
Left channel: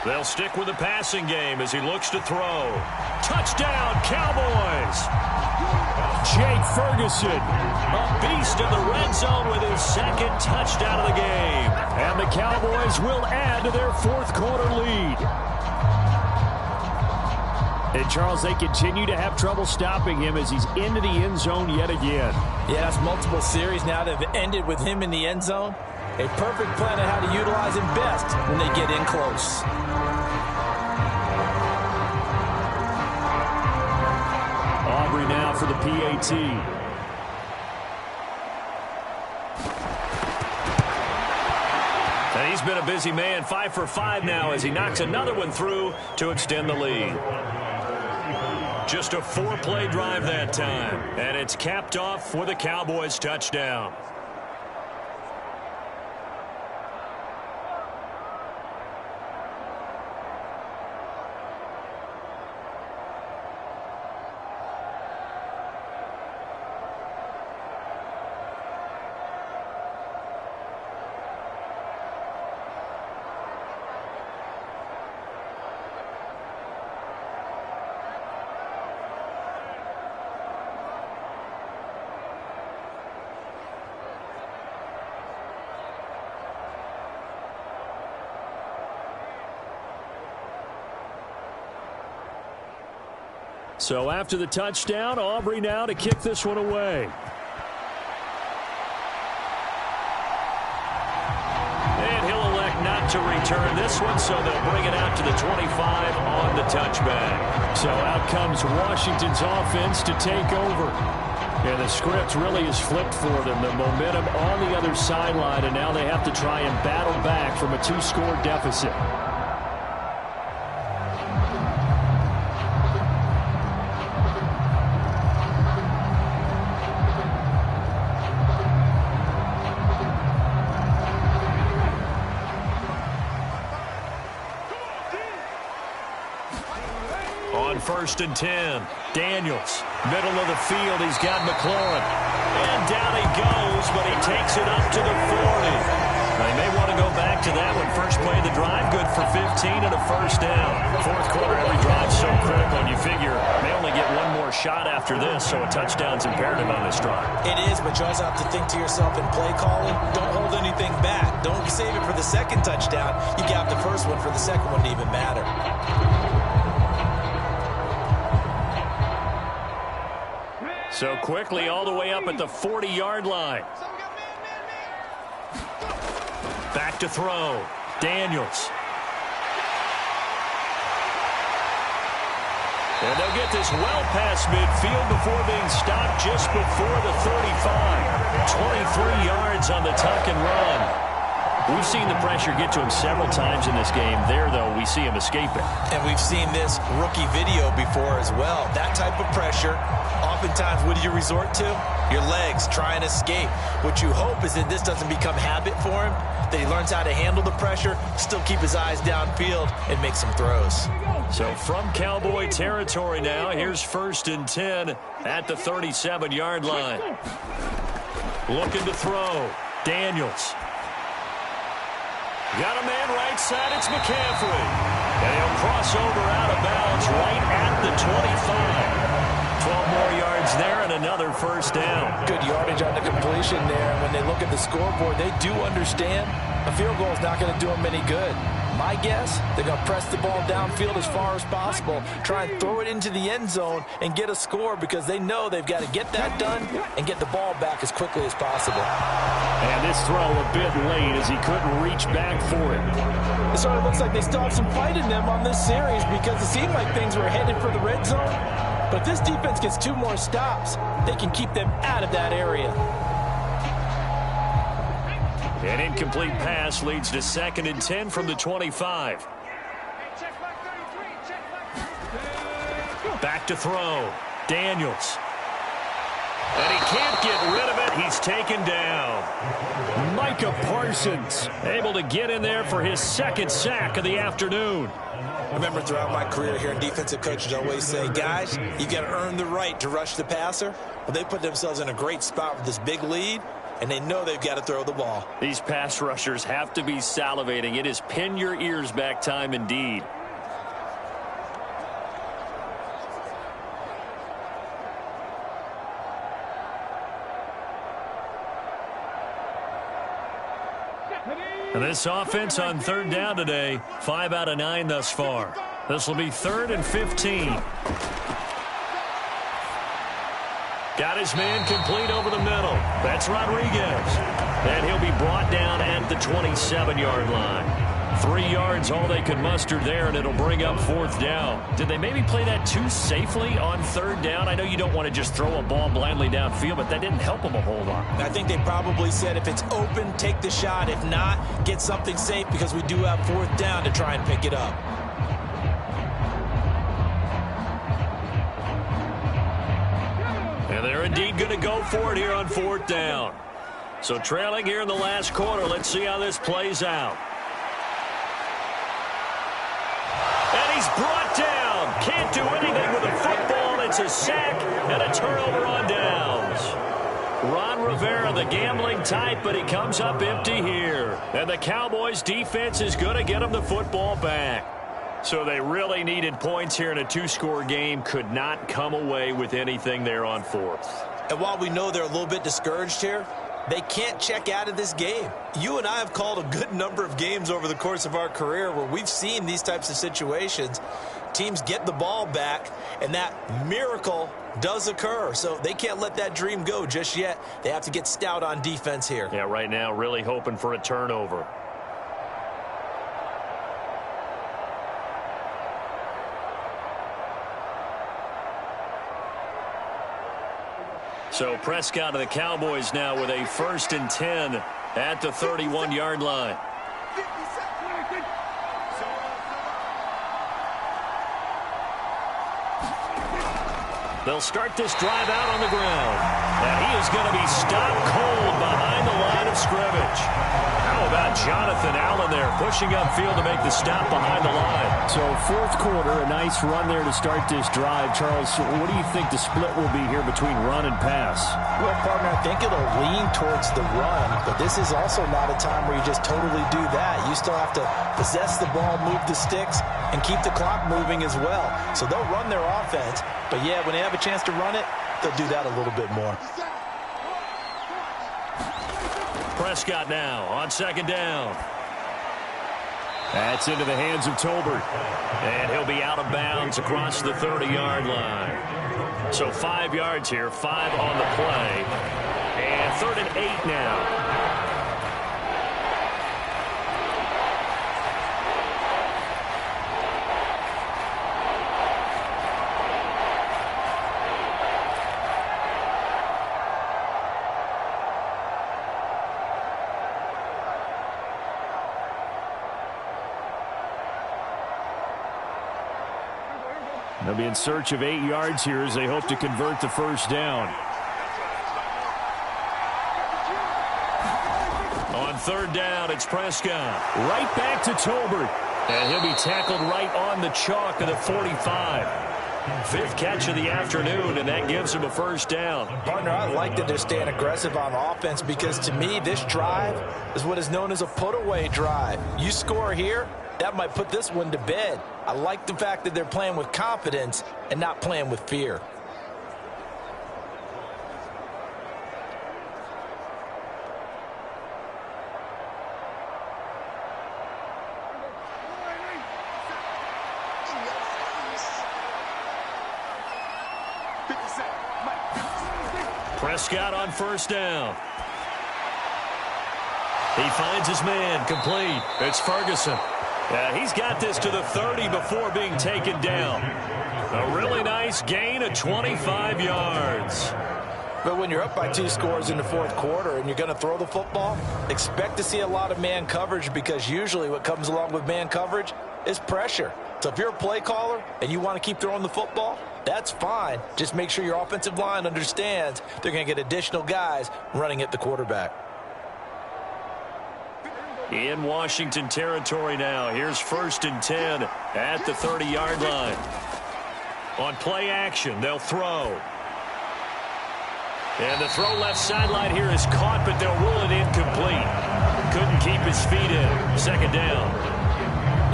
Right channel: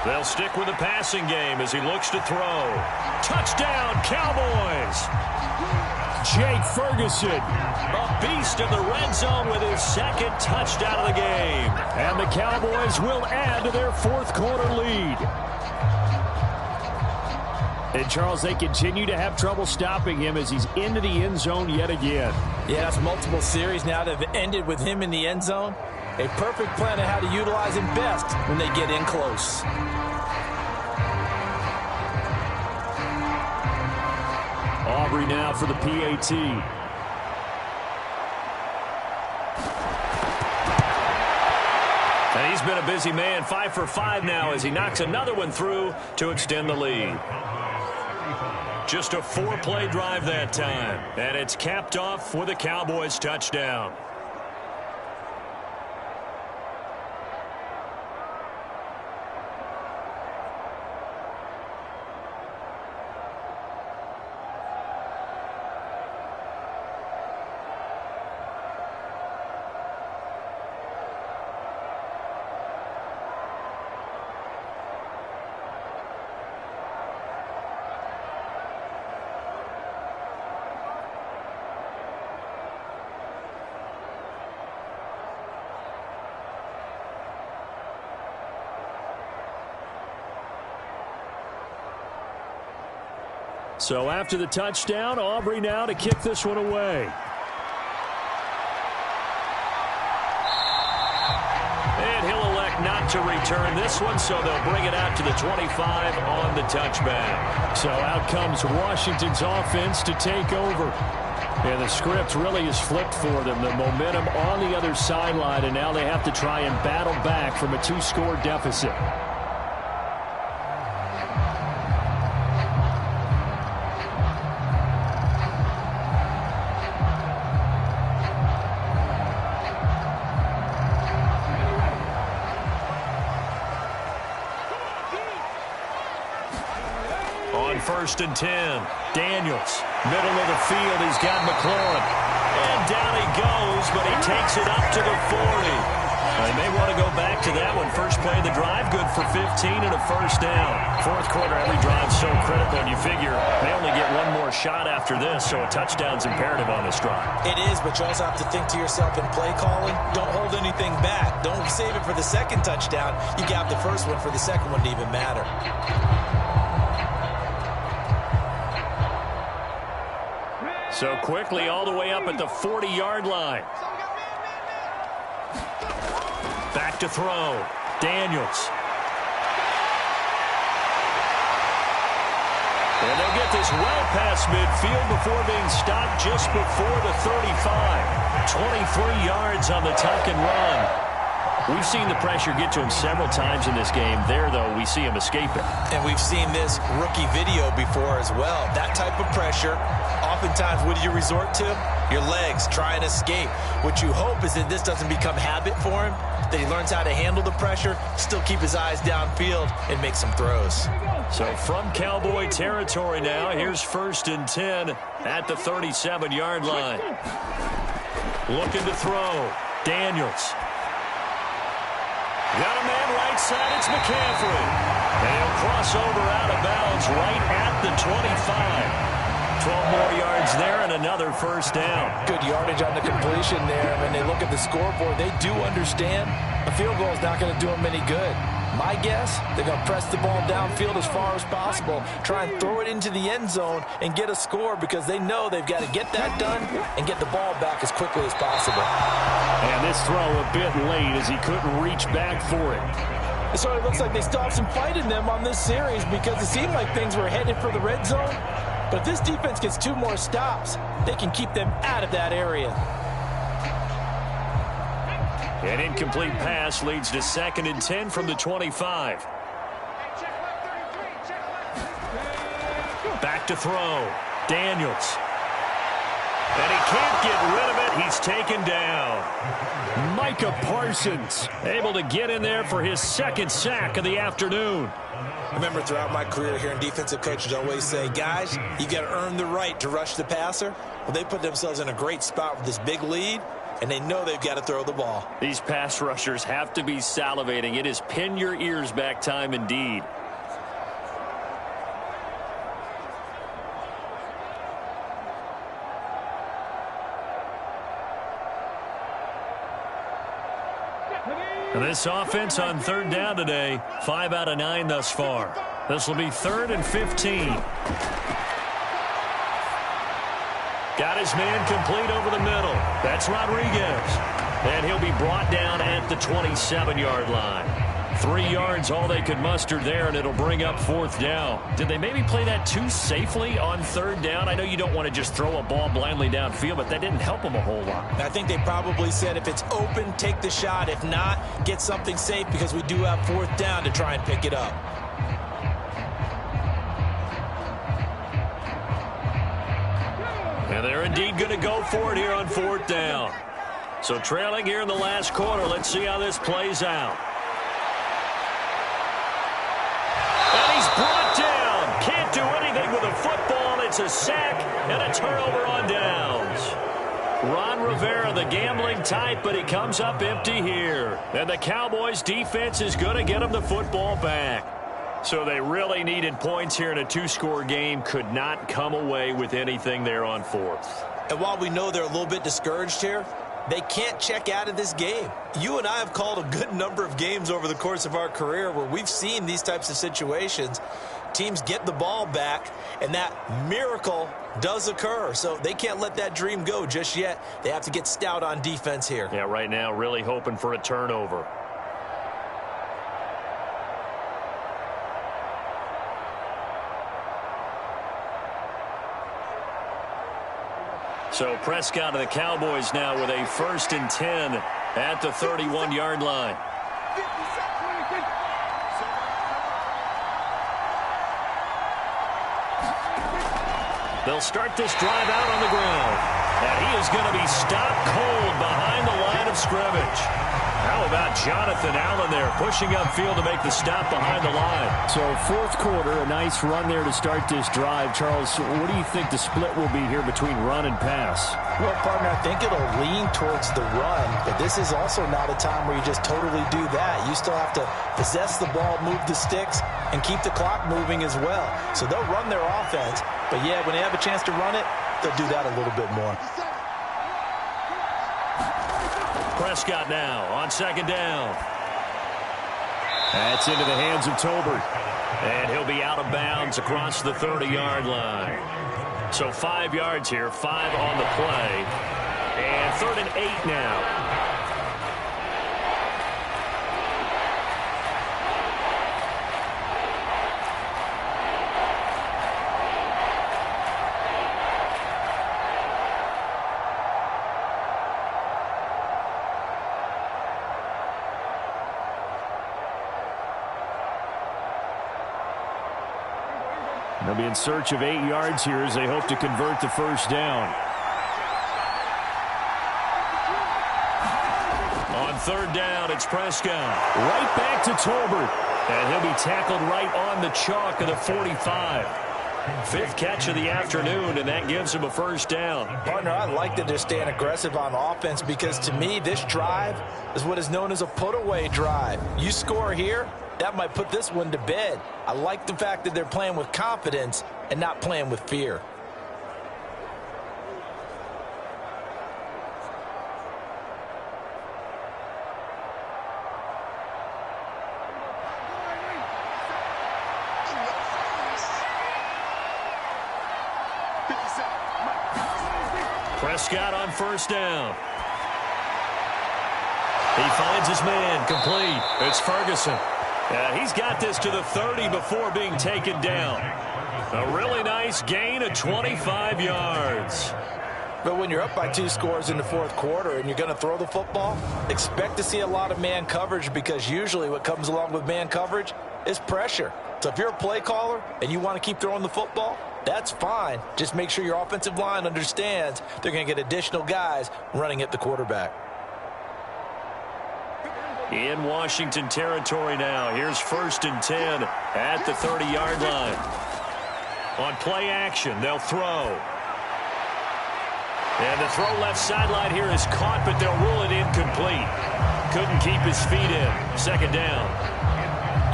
They'll stick with the passing game as he looks to throw. Touchdown, Cowboys! Jake Ferguson. A beast in the red zone with his 2nd touchdown of the game. And the Cowboys will add to their 4th quarter lead. And, Charles, they continue to have trouble stopping him as he's into the end zone yet again. Yeah, that's multiple series now that have ended with him in the end zone. A perfect plan on how to utilize him best when they get in close. Aubrey now for the PAT. And he's been a busy man, 5 for 5 now as he knocks another one through to extend the lead. Just a 4-play drive that time, and it's capped off with a Cowboys touchdown. So after the touchdown, Aubrey now to kick this one away. And he'll elect not to return this one, so they'll bring it out to the 25 on the touchback. So out comes Washington's offense to take over. And the script really is flipped for them. The momentum on the other sideline, and now they have to try and battle back from a 2-score deficit. On 1st and 10, Daniels, middle of the field, he's got McLaurin. And down he goes, but he takes it up to the 40. They may want to go back to that one. First play of the drive, good for 15 and a first down. Fourth quarter, every drive's so critical, and you figure they only get one more shot after this, so a touchdown's imperative on this drive. It is, but you also have to think to yourself in play calling, don't hold anything back. Don't save it for the second touchdown. You got the first one for the second one to even matter. So quickly all the way up at the 40-yard line. Back to throw. Daniels. And they'll get this well past midfield before being stopped just before the 35. 23 yards on the tuck and run. We've seen the pressure get to him several times in this game. There, though, we see him escape it. And we've seen this rookie video before as well. That type of pressure, oftentimes, what do you resort to? Your legs, try and escape. What you hope is that this doesn't become habit for him, that he learns how to handle the pressure, still keep his eyes downfield, and make some throws. So from Cowboy territory now, here's 1st and 10 at the 37-yard line. Looking to throw. Daniels. Got a man right side, it's McCaffrey. And he'll cross over out of bounds right at the 25. 12 more yards there and another first down. Good yardage on the completion there. When they look at the scoreboard, they do understand a field goal is not going to do them any good. My guess, they're going to press the ball downfield as far as possible, try and throw it into the end zone and get a score because they know they've got to get that done and get the ball back as quickly as possible. And this throw a bit late as he couldn't reach back for it. It sort of looks like they still have some fight in them on this series because it seemed like things were headed for the red zone. But if this defense gets 2 more stops, they can keep them out of that area. An incomplete pass leads to 2nd and 10 from the 25. Back to throw. Daniels. And he can't get rid of it. He's taken down. Micah Parsons able to get in there for his 2nd sack of the afternoon. I remember throughout my career hearing defensive coaches always say, guys, you got to earn the right to rush the passer. Well, they put themselves in a great spot with this big lead, and they know they've got to throw the ball. These pass rushers have to be salivating. It is pin your ears back time indeed. And this offense on 3rd down today, 5 out of 9 thus far. This will be 3rd and 15. Got his man complete over the middle. That's Rodriguez. And he'll be brought down at the 27-yard line. 3 yards, all they could muster there, and it'll bring up 4th down. Did they maybe play that too safely on 3rd down? I know you don't want to just throw a ball blindly downfield, but that didn't help them a whole lot. I think they probably said if it's open, take the shot. If not, get something safe because we do have 4th down to try and pick it up. And they're indeed going to go for it here on 4th down. So trailing here in the last quarter, let's see how this plays out. And he's brought down. Can't do anything with a football. It's a sack and a turnover on downs. Ron Rivera, the gambling type, but he comes up empty here. And the Cowboys defense is going to get him the football back. So they really needed points here in a 2-score game. Could not come away with anything there on 4th. And while we know they're a little bit discouraged here, they can't check out of this game. You and I have called a good number of games over the course of our career where we've seen these types of situations. Teams get the ball back, and that miracle does occur. So they can't let that dream go just yet. They have to get stout on defense here. Yeah, right now really hoping for a turnover. So Prescott of the Cowboys now with a 1st and 10 at the 31-yard line. They'll start this drive out on the ground. And he is going to be stopped cold behind the line of scrimmage. How about Jonathan Allen there pushing upfield to make the stop behind the line? So 4th quarter, a nice run there to start this drive. Charles, what do you think the split will be here between run and pass? Well, partner, I think it'll lean towards the run, but this is also not a time where you just totally do that. You still have to possess the ball, move the sticks, and keep the clock moving as well. So they'll run their offense, but yeah, when they have a chance to run it, they'll do that a little bit more. Prescott now on 2nd down. That's into the hands of Tolbert. And he'll be out of bounds across the 30-yard line. So 5 yards here, 5 on the play. And 3rd and 8 now. They'll be in search of 8 yards here as they hope to convert the 1st down. On 3rd down, it's Prescott. Right back to Tolbert. And he'll be tackled right on the chalk of the 45. 5th catch of the afternoon, and that gives him a 1st down. Partner, I like that they're staying aggressive on offense because to me, this drive is what is known as a put-away drive. You score here, that might put this one to bed. I like the fact that they're playing with confidence and not playing with fear. Prescott on 1st down. He finds his man complete. It's Ferguson. He's got this to the 30 before being taken down. A really nice gain of 25 yards. But when you're up by 2 scores in the 4th quarter and you're going to throw the football, expect to see a lot of man coverage because usually what comes along with man coverage is pressure. So if you're a play caller and you want to keep throwing the football, that's fine. Just make sure your offensive line understands they're going to get additional guys running at the quarterback. In Washington territory now. Here's 1st and 10 at the 30-yard line. On play action, they'll throw. And the throw left sideline here is caught, but they'll rule it incomplete. Couldn't keep his feet in. 2nd down.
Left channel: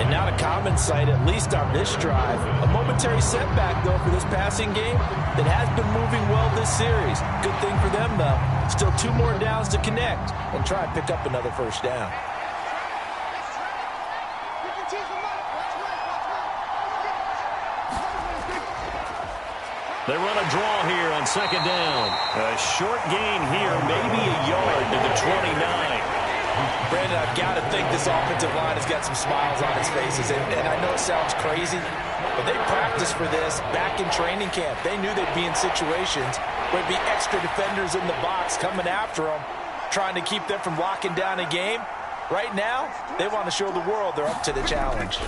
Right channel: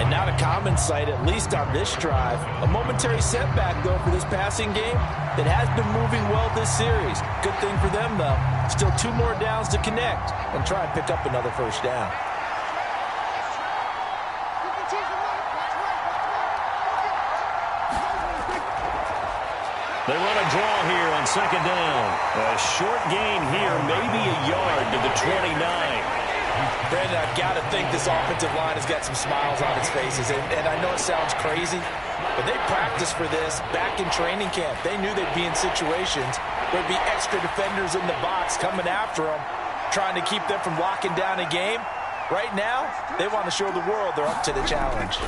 And not a common sight, at least on this drive. A momentary setback, though, for this passing game that has been moving well this series. Good thing for them, though. Still 2 more downs to connect and try and pick up another 1st down. They run a draw here on second down. A short gain here, maybe a yard to the 29. Brandon, I've got to think this offensive line has got some smiles on its faces. And I know it sounds crazy, but they practiced for this back in training camp. They knew they'd be in situations where there'd be extra defenders in the box coming after them, trying to keep them from locking down a game. Right now, they want to show the world they're up to the challenge.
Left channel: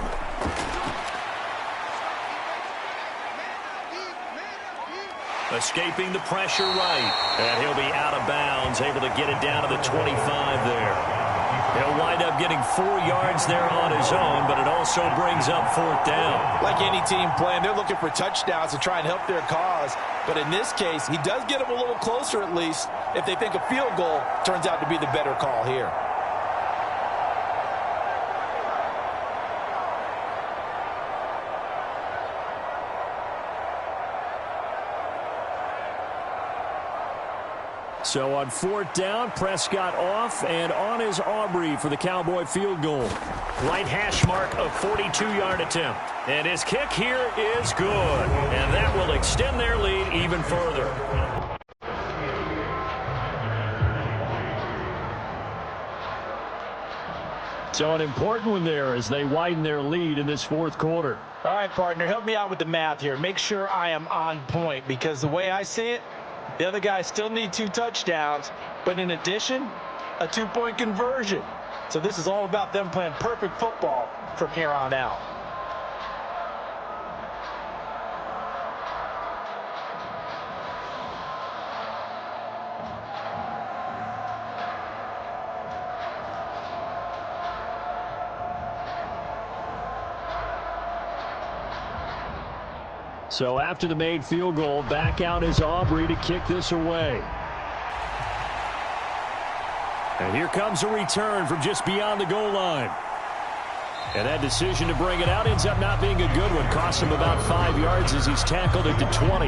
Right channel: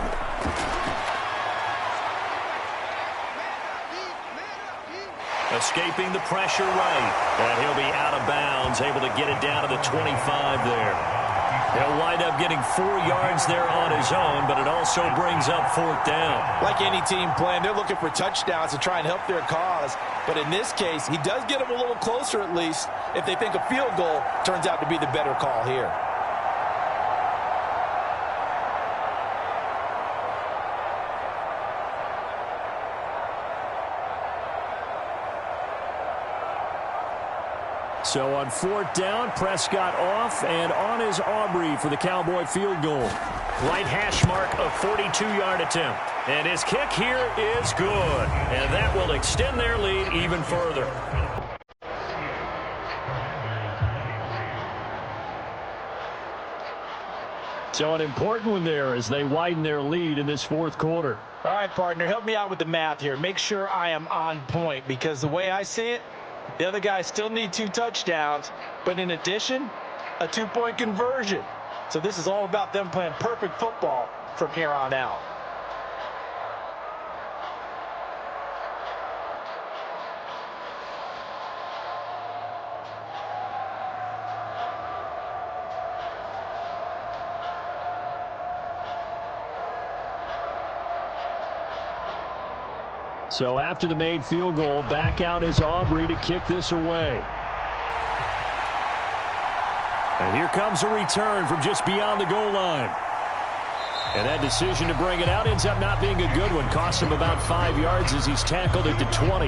Escaping the pressure right. And he'll be out of bounds, able to get it down to the 25 there. He'll wind up getting 4 yards there on his own, but it also brings up 4th down. Like any team playing, they're looking for touchdowns to try and help their cause. But in this case, he does get them a little closer at least if they think a field goal turns out to be the better call here. So on 4th down, Prescott off and on is Aubrey for the Cowboy field goal. Right hash mark of 42-yard attempt. And his kick here is good. And that will extend their lead even further. So an important one there as they widen their lead in this 4th quarter. All right, partner, help me out with the math here. Make sure I am on point because the way I see it, the other guys still need 2 touchdowns, but in addition, a 2-point conversion. So this is all about them playing perfect football from here on out. So after the made field goal, back out is Aubrey to kick this away. And here comes a return from just beyond the goal line. And that decision to bring it out ends up not being a good one. Cost him about 5 yards as he's tackled at the 20.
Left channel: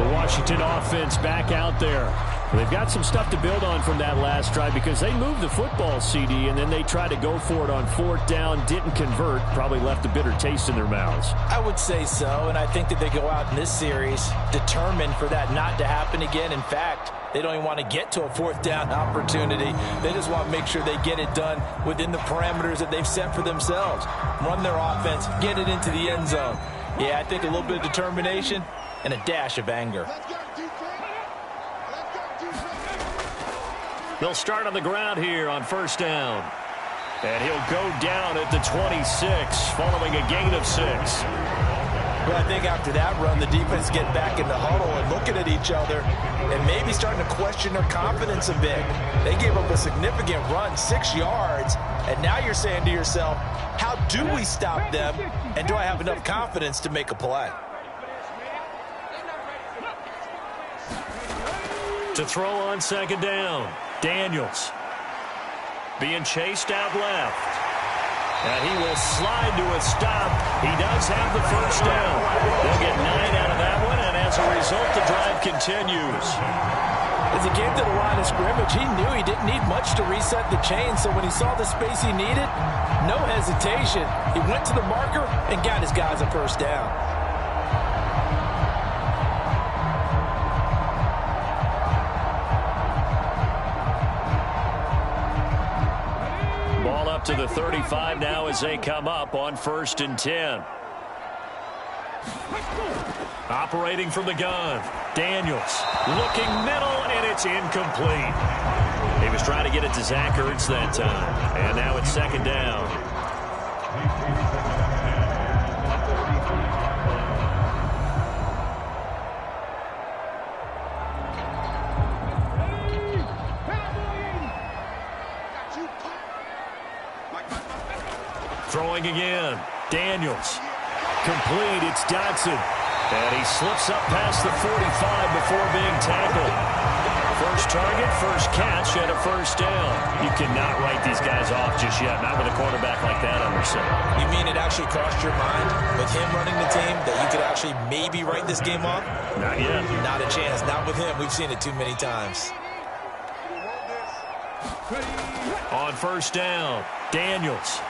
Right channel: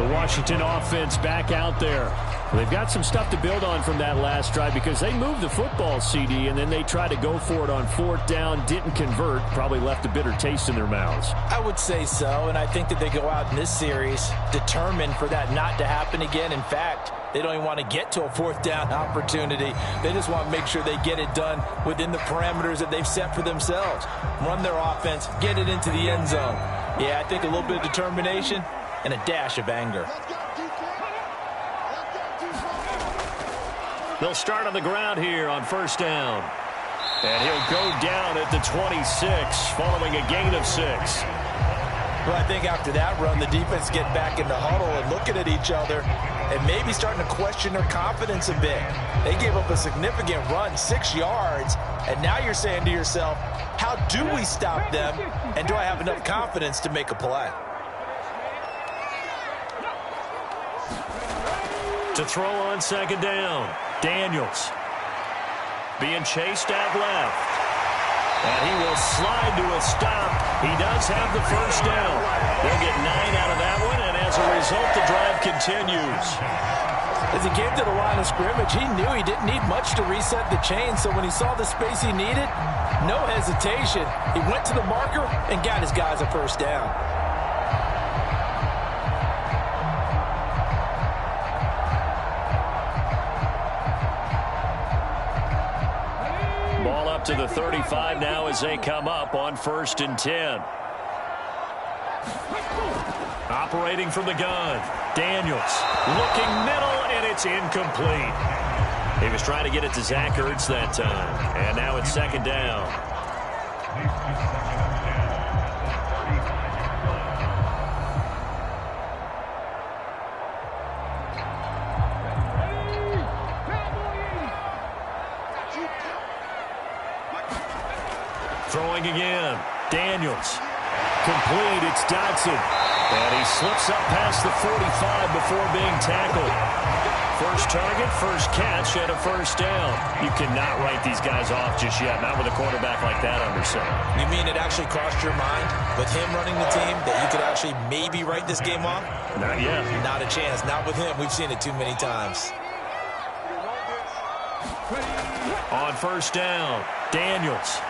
The Washington offense back out there. They've got some stuff to build on from that last drive because they moved the football, CD, and then they tried to go for it on 4th down, didn't convert, probably left a bitter taste in their mouths. I would say so, and I think that they go out in this series determined for that not to happen again. In fact, they don't even want to get to a 4th down opportunity. They just want to make sure they get it done within the parameters that they've set for themselves. Run their offense, get it into the end zone. Yeah, I think a little bit of determination and a dash of anger. They'll start on the ground here on 1st down. And he'll go down at the 26 following a gain of 6. Well, I think after that run, the defense get back in the huddle and looking at each other and maybe starting to question their confidence a bit. They gave up a significant run, 6 yards, and now you're saying to yourself, how do we stop them, and do I have enough confidence to make a play? To throw on 2nd down, Daniels being chased out left. And he will slide to a stop. He does have the 1st down. They'll get 9 out of that one, and as a result, the drive continues. As he came to the line of scrimmage, he knew he didn't need much to reset the chain, so when he saw the space he needed, no hesitation. He went to the marker and got his guys a 1st down. Ball up to the 35 now as they come up on 1st and 10. Operating from the gun, Daniels looking middle, and it's incomplete. He was trying to get it to Zach Ertz that time, and now it's 2nd down. Throwing again. Daniels. Complete. It's Dodson. And he slips up past the 45 before being tackled. First target, first catch, and a 1st down. You cannot write these guys off just yet. Not with a quarterback like that under center. You mean it actually crossed your mind with him running the team that you could actually maybe write this game off? Not yet. Not a chance. Not with him. We've seen it too many times. On 1st down, Daniels.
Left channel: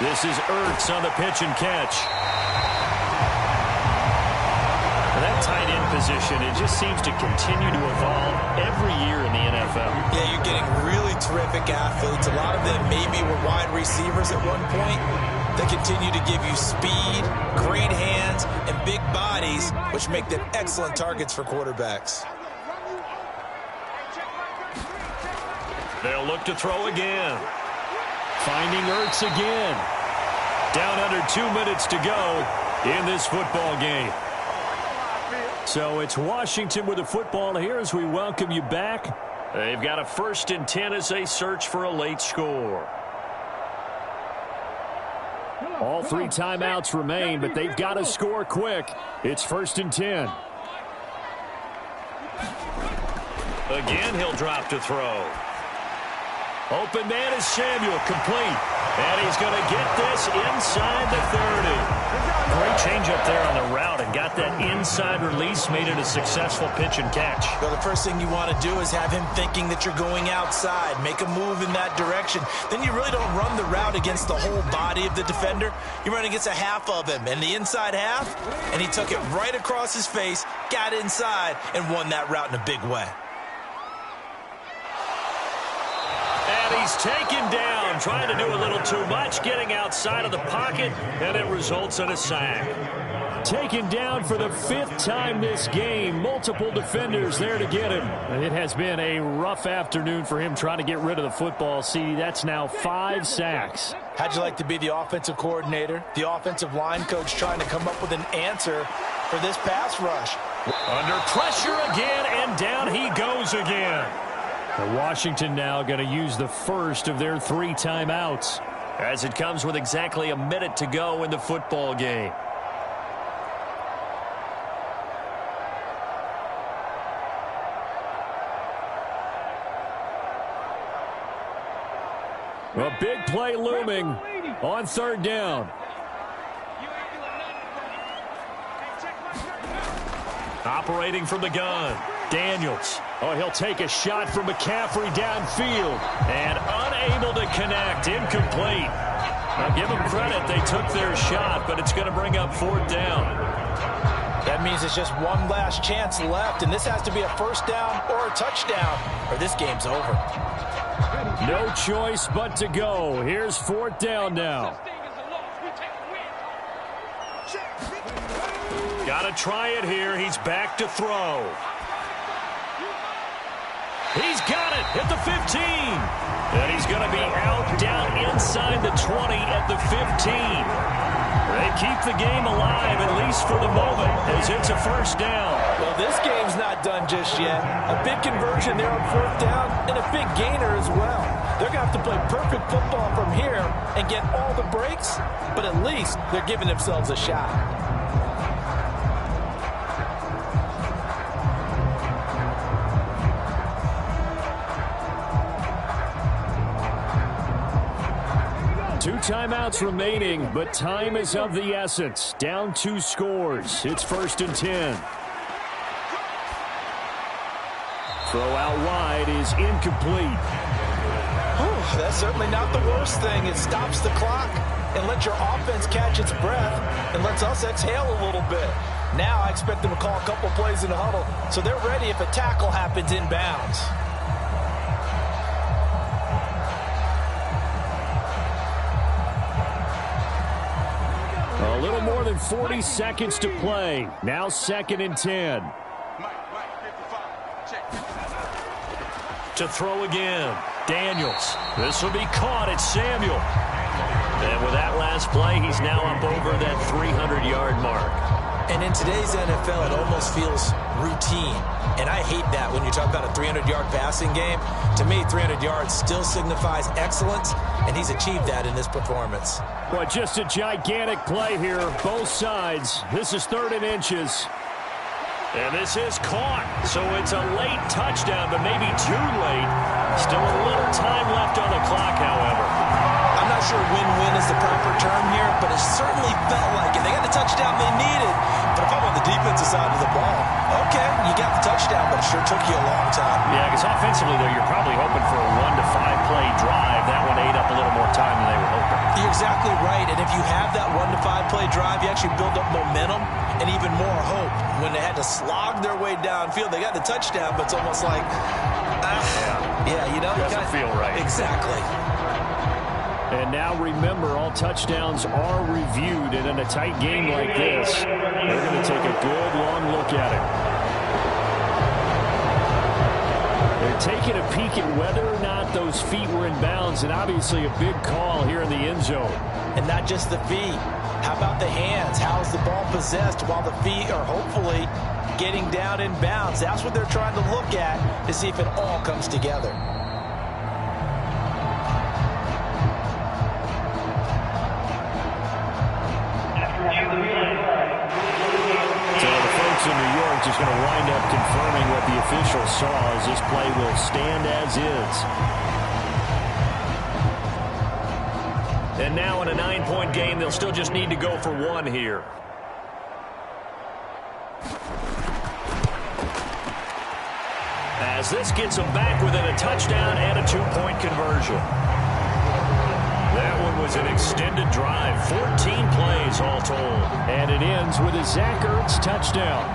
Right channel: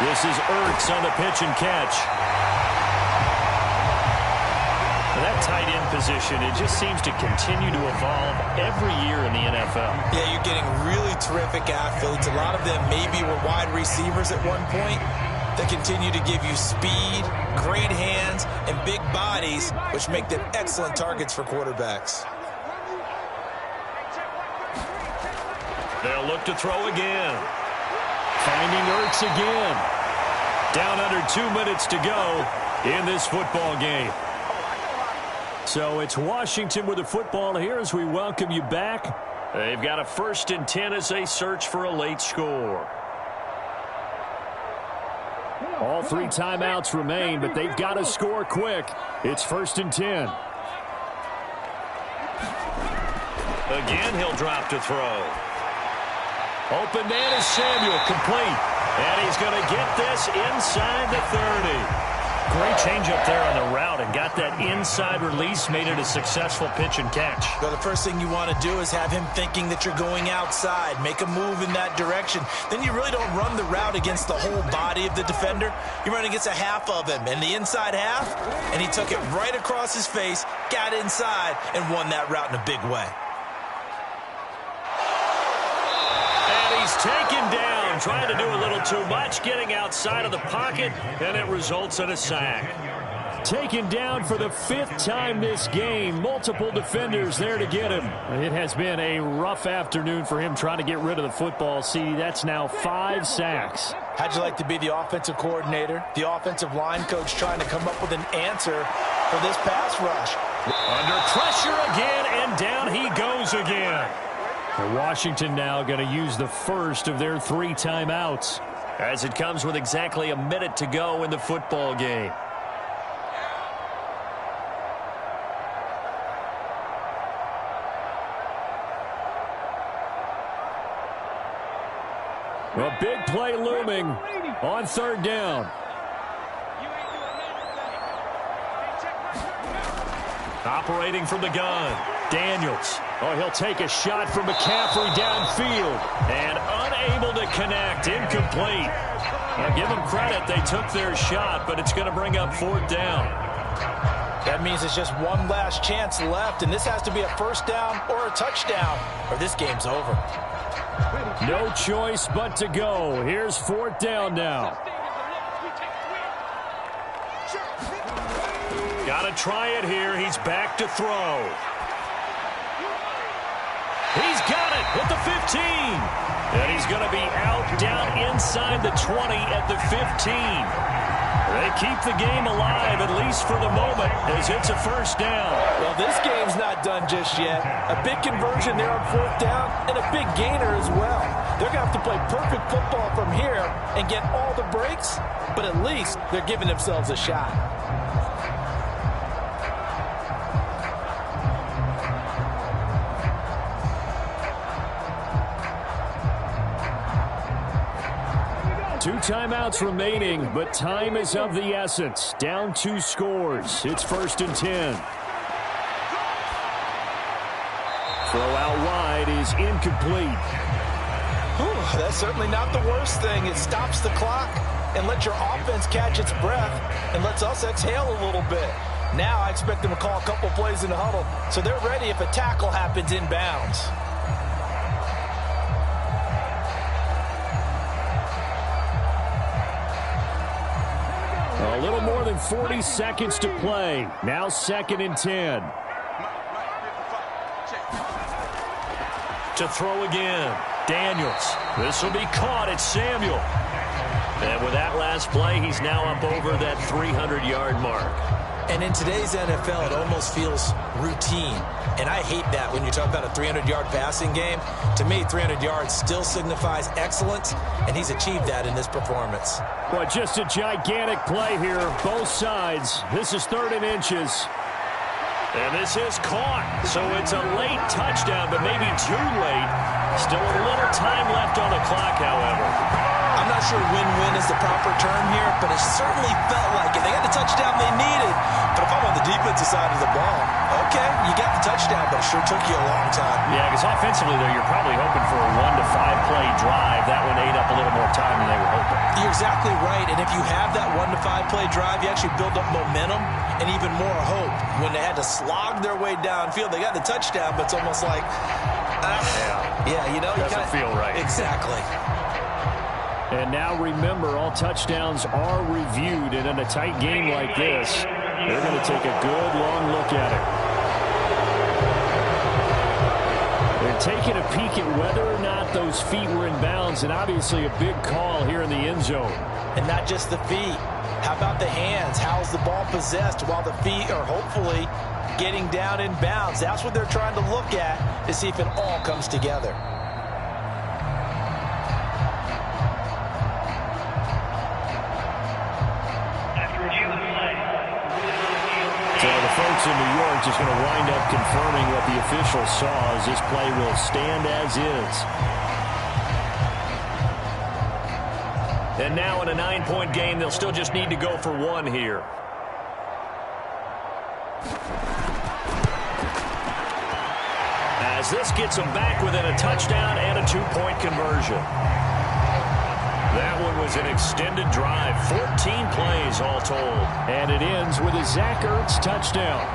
This is Ertz on the pitch and catch. tight end position, it just seems to continue to evolve every year in the NFL. Yeah, you're getting really terrific athletes. A lot of them maybe were wide receivers at one point. They continue to give you speed, great hands, and big bodies, which make them excellent targets for quarterbacks. They'll look to throw again. Finding Ertz again. Down under 2 minutes to go in this football game. So it's Washington with the football here as we welcome you back. They've got a 1st and 10 as they search for a late score. All 3 timeouts remain, but they've got to score quick. It's 1st and 10. Again, he'll drop to throw. Open man is Samuel, complete. And he's going to get this inside the 30. Great change up there on the route and got that inside release, made it a successful pitch and catch. Well, the first thing you want to do is have him thinking that you're going outside, make a move in that direction. Then you really don't run the route against the whole body of the defender. You run against a half of him, and the inside half, and he took it right across his face, got inside, and won that route in a big way. And he's taken down, trying to do a little too much, getting outside of the pocket, and it results in a sack. Taken down for the 5th time this game. Multiple defenders there to get him. It has been a rough afternoon for him trying to get rid of the football. See, that's now 5 sacks. How'd you like to be the offensive coordinator, the offensive line coach trying to come up with an answer for this pass rush? Under pressure again, and down he goes again. And Washington now going to use the first of their 3 timeouts. As it comes with exactly a minute to go in the football game. A big play looming on 3rd down. Operating from the gun, Daniels. Oh, he'll take a shot from McCaffrey downfield. And unable to connect, incomplete. Now give them credit, they took their shot, but it's going to bring up 4th down. That means it's just one last chance left, and this has to be a 1st down or a touchdown, or this game's over. No choice but to go. Here's 4th down now. Got to try it here. He's back to throw. He's got it at the 15. And he's going to be out down inside the 20 at the 15. They keep the game alive, at least for the moment, as it's a 1st down. Well, this game's not done just yet. A big conversion there on 4th down and a big gainer as well. They're going to have to play perfect football from here and get all the breaks, but at least they're giving themselves a shot. Two timeouts remaining, but time is of the essence. Down 2 scores. It's 1st and 10. Throw out wide is incomplete. Whew, that's certainly not the worst thing. It stops the clock and lets your offense catch its breath and lets us exhale a little bit. Now I expect them to call a couple plays in the huddle so they're ready if a tackle happens inbounds. A little more than 40 seconds to play. Now 2nd and 10. To throw again, Daniels. This will be caught. It's Samuel. And with that last play, he's now up over that 300-yard mark. And in today's NFL, it almost feels routine. And I hate that when you talk about a 300-yard passing game. To me, 300 yards still signifies excellence, and he's achieved that in this performance. Well, just a gigantic play here, both sides. This is 3rd and inches. And this is caught. So it's a late touchdown, but maybe too late. Still a little time left on the clock, however. I'm not sure win-win is the proper term here, but it certainly felt like it. They got the touchdown they needed. But if I'm on the defensive side of the ball, okay, you got the touchdown, but it sure took you a long time. Yeah, because offensively, though, you're probably hoping for a 1 to 5 play drive. That one ate up a little more time than they were hoping. You're exactly right. And if you have that 1 to 5 play drive, you actually build up momentum and even more hope. When they had to slog their way downfield, they got the touchdown, but it's almost like, you know, doesn't feel right. Exactly. And now remember, all touchdowns are reviewed, and in a tight game like this, they're going to take a good long look at it. They're taking a peek at whether or not those feet were in bounds, and obviously a big call here in the end zone. And not just the feet. How about the hands? How's the ball possessed while the feet are hopefully getting down in bounds? That's what they're trying to look at to see if it all comes together. So the folks in New York just going to wind up confirming what the official saw, as this play will stand as is. And now in a 9-point game, they'll still just need to go for 1 here. As this gets them back within a touchdown and a 2-point conversion. That one was an extended drive, 14 plays all told. And it ends with a Zach Ertz touchdown.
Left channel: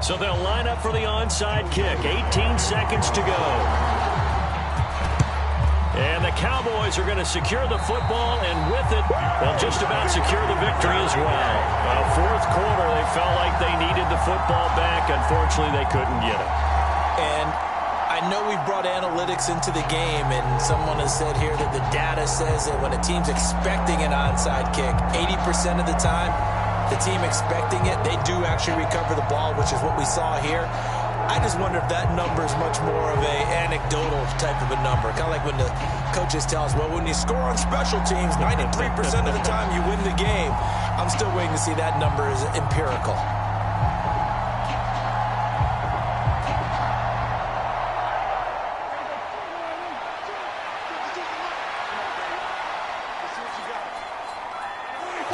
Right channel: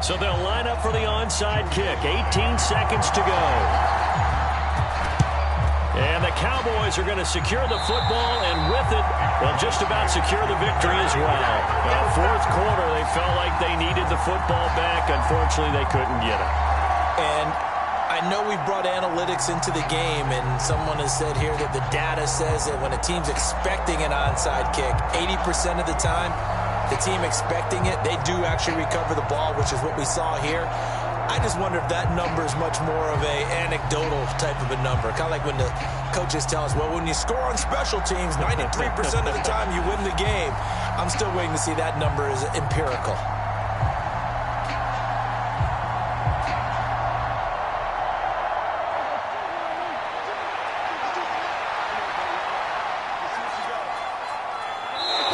So they'll line up for the onside kick. 18 seconds to go. And the Cowboys are going to secure the football, and with it, they'll just about secure the victory as well. Well, fourth quarter, they felt like they needed the football back. Unfortunately, they couldn't get it. And I know we've brought analytics into the game, and someone has said here that the data says that when a team's expecting an onside kick, 80% of the time, the team expecting it, they do actually recover the ball, which is what we saw here. I just wonder if that number is much more of a anecdotal type of a number. Kind of like when the coaches tell us, well, when you score on special teams, 93% of the time you win the game. I'm still waiting to see that number is empirical.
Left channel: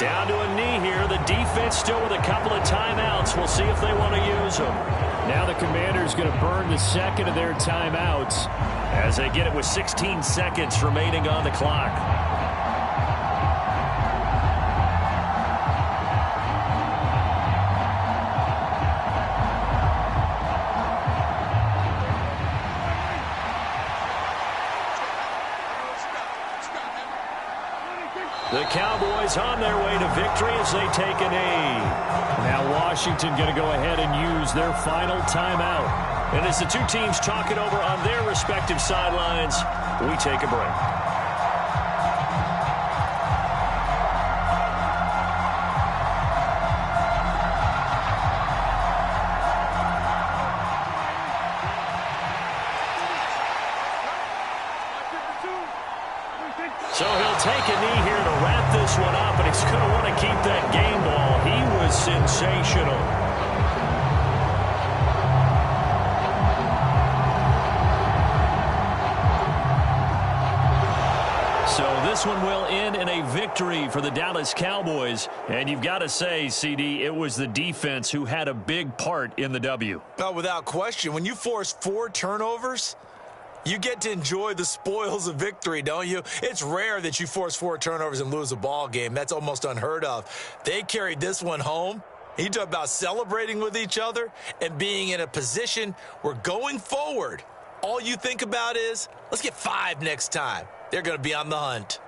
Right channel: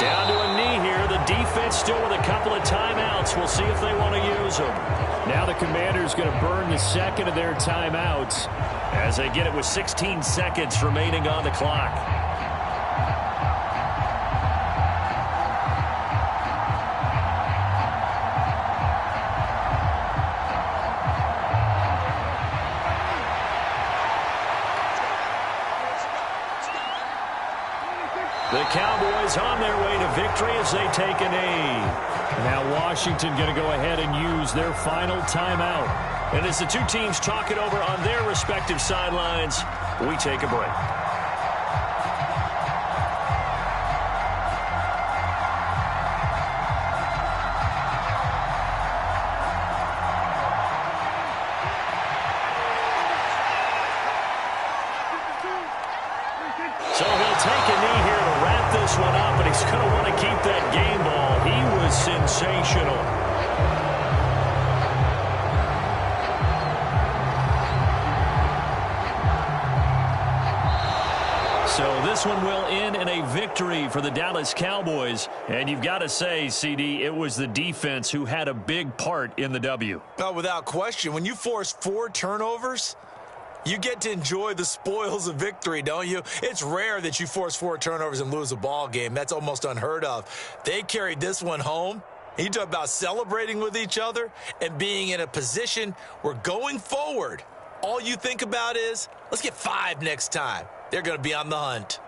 Down to a knee here. The defense still with a couple of timeouts. We'll see if they want to use them. Now the Commanders going to burn the second of their timeouts as they get it with 16 seconds remaining on the clock. The Cowboys on their way to victory as they take a knee. Now Washington going to go ahead and use their final timeout. And as the two teams talk it over on their respective sidelines, we take a break. So he'll take a knee here to wrap this one up, and he's going to want to keep that game ball. He was sensational. So this one will end in a victory for the Dallas Cowboys. And you've got to say, CD, it was the defense who had a big part in the W. Oh, without question. When you force 4 turnovers, you get to enjoy the spoils of victory, don't you? It's rare that you force 4 turnovers and lose a ball game. That's almost unheard of. They carried this one home. You talk about celebrating with each other and being in a position where going forward, all you think about is, let's get 5 next time. They're going to be on the hunt.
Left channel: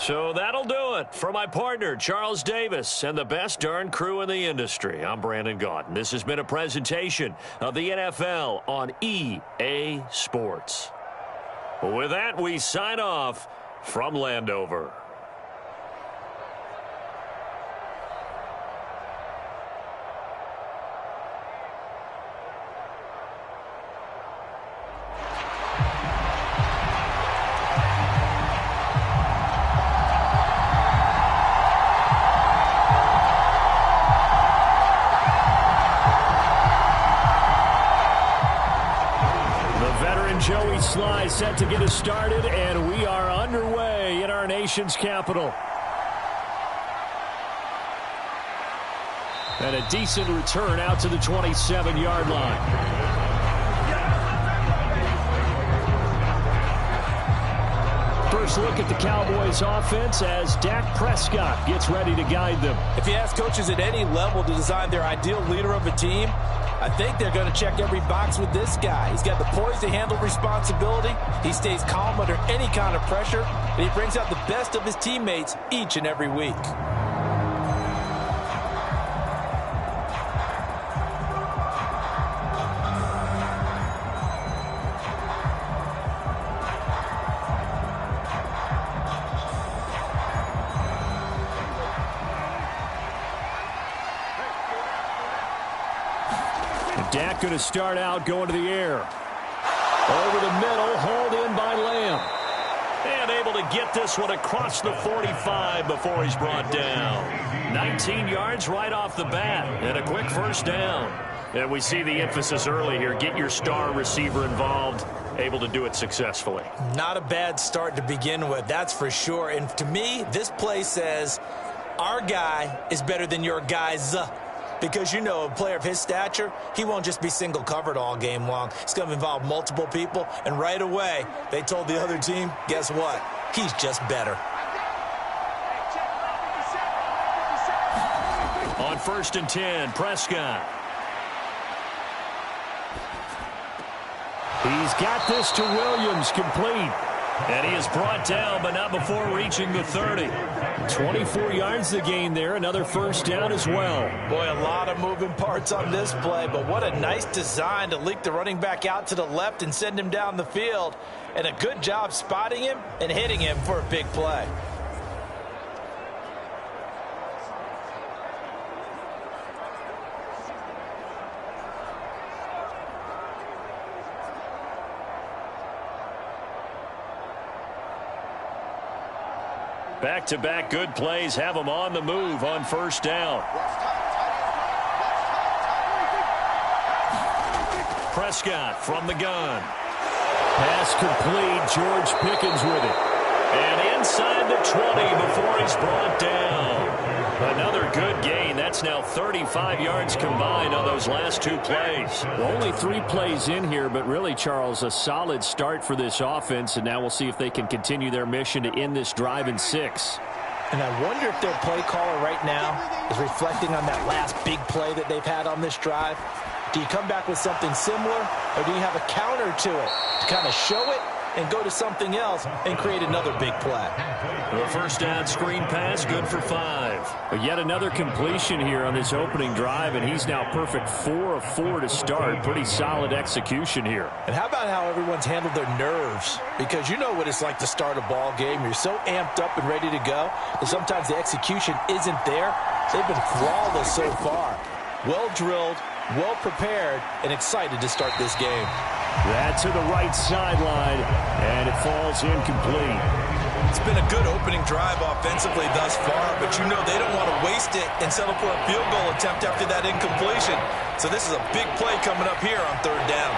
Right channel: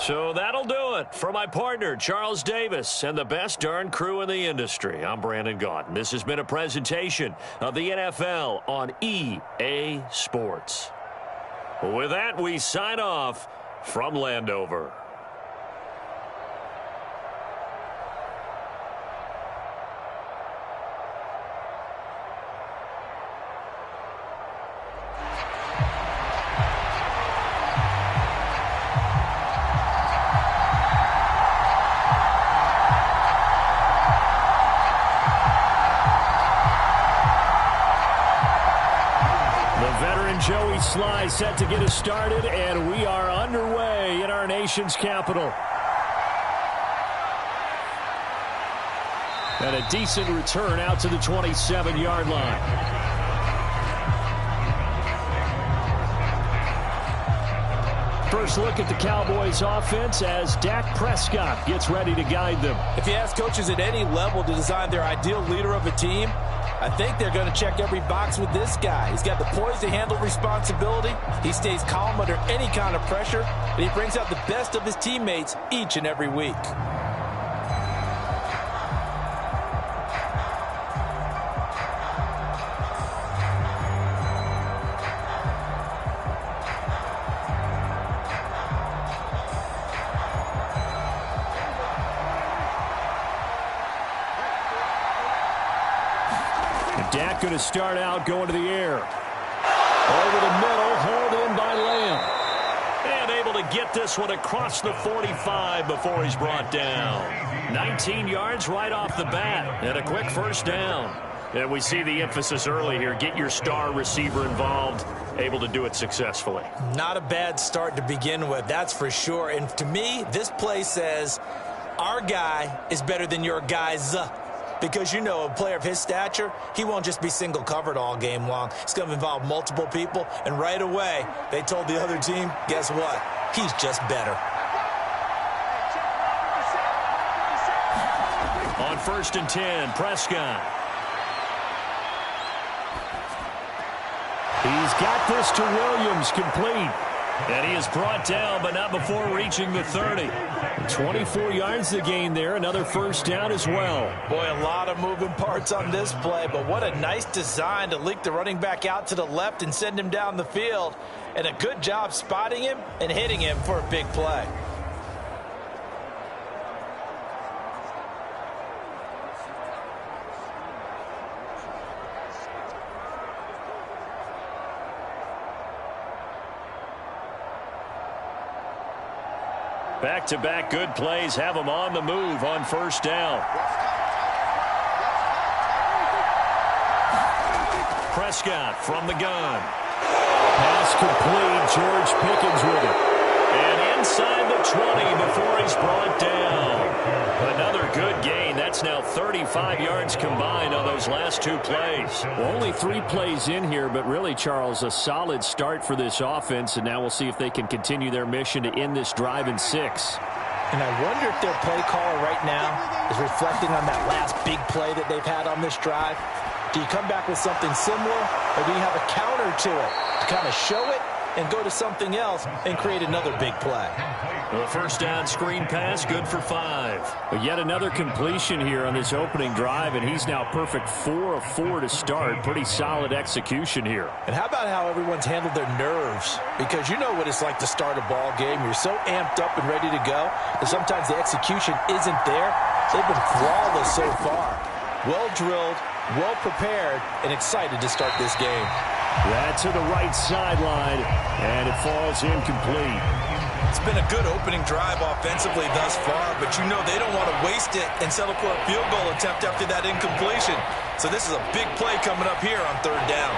So that'll do it for my partner, Charles Davis, and the best darn crew in the industry. I'm Brandon Gaudin. This has been a presentation of the NFL on EA Sports. With that, we sign off from Landover. Joey Sly set to get us started, and we are underway in our nation's capital. And a decent return out to the 27-yard line. First look at the Cowboys offense as Dak Prescott gets ready to guide them. If you ask coaches at any level to design their ideal leader of a team, I think they're going to check every box with this guy. He's got the poise to handle responsibility. He stays calm under any kind of pressure, and he brings out the best of his teammates each and every week. Dak going to start out going to the air. Over the middle, hauled in by Lamb. And able to get this one across the 45 before he's brought down. 19 yards right off the bat, and a quick first down. And we see the emphasis early here. Get your star receiver involved. Able to do it successfully. Not a bad start to begin with, that's for sure. And to me, this play says our guy is better than your guys. Because, you know, a player of his stature, he won't just be single covered all game long. It's going to involve multiple people. And right away, they told the other team, guess what? He's just better. On 1st and 10, Prescott. He's got this to Williams, complete. And he is brought down, but not before reaching the 30. 24 yards to gain there. Another first down as well. Boy, a lot of moving parts on this play, but what a nice design to leak the running back out to the left and send him down the field. And a good job spotting him and hitting him for a big play. Back-to-back good plays have them on the move on first down. Prescott from the gun. Pass complete. George Pickens with it. And inside the 20 before he's brought down. Another good gain. That's now 35 yards combined on those last two plays. Well, only 3 plays in here, but really, Charles, a solid start for this offense. And now we'll see if they can continue their mission to end this drive in 6. And I wonder if their play caller right now is reflecting on that last big play that they've had on this drive. Do you come back with something similar, or do you have a counter to it to kind of show it and go to something else and create another big play? The first down screen pass, good for 5. But yet another completion here on this opening drive, and he's now perfect 4 of 4 to start. Pretty solid execution here. And how about how everyone's handled their nerves? Because you know what it's like to start a ball game. You're so amped up and ready to go that sometimes the execution isn't there. They've been flawless so far. Well drilled, well prepared, and excited to start this game. That to the right sideline, and it falls incomplete. It's been a good opening drive offensively thus far, but you know they don't want to waste it and settle for a field goal attempt after that incompletion. So this is a big play coming up here on 3rd down.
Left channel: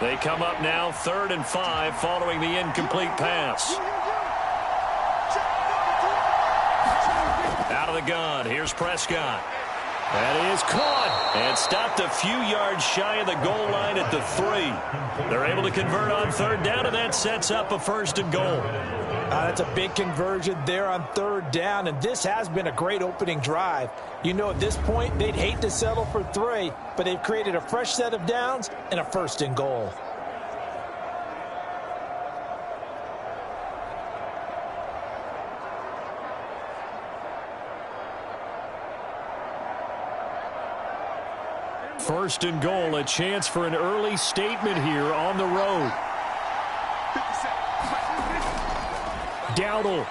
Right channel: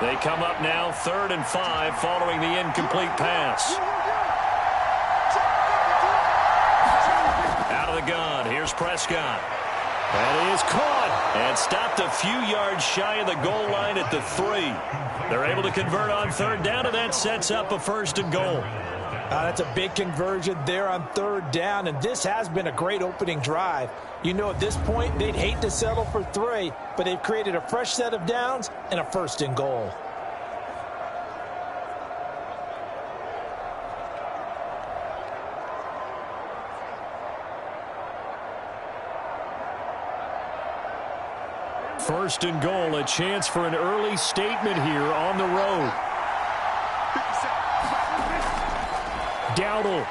They come up now 3rd and 5 following the incomplete pass. Out of the gun, here's Prescott. That is caught. And stopped a few yards shy of the goal line at the 3. They're able to convert on 3rd down, and that sets up a 1st and goal. That's a big conversion there on third down, and this has been a great opening drive. You know, at this point, they'd hate to settle for 3, but they've created a fresh set of downs and a 1st and goal. First and goal, a chance for an early statement here on the road. Dowdle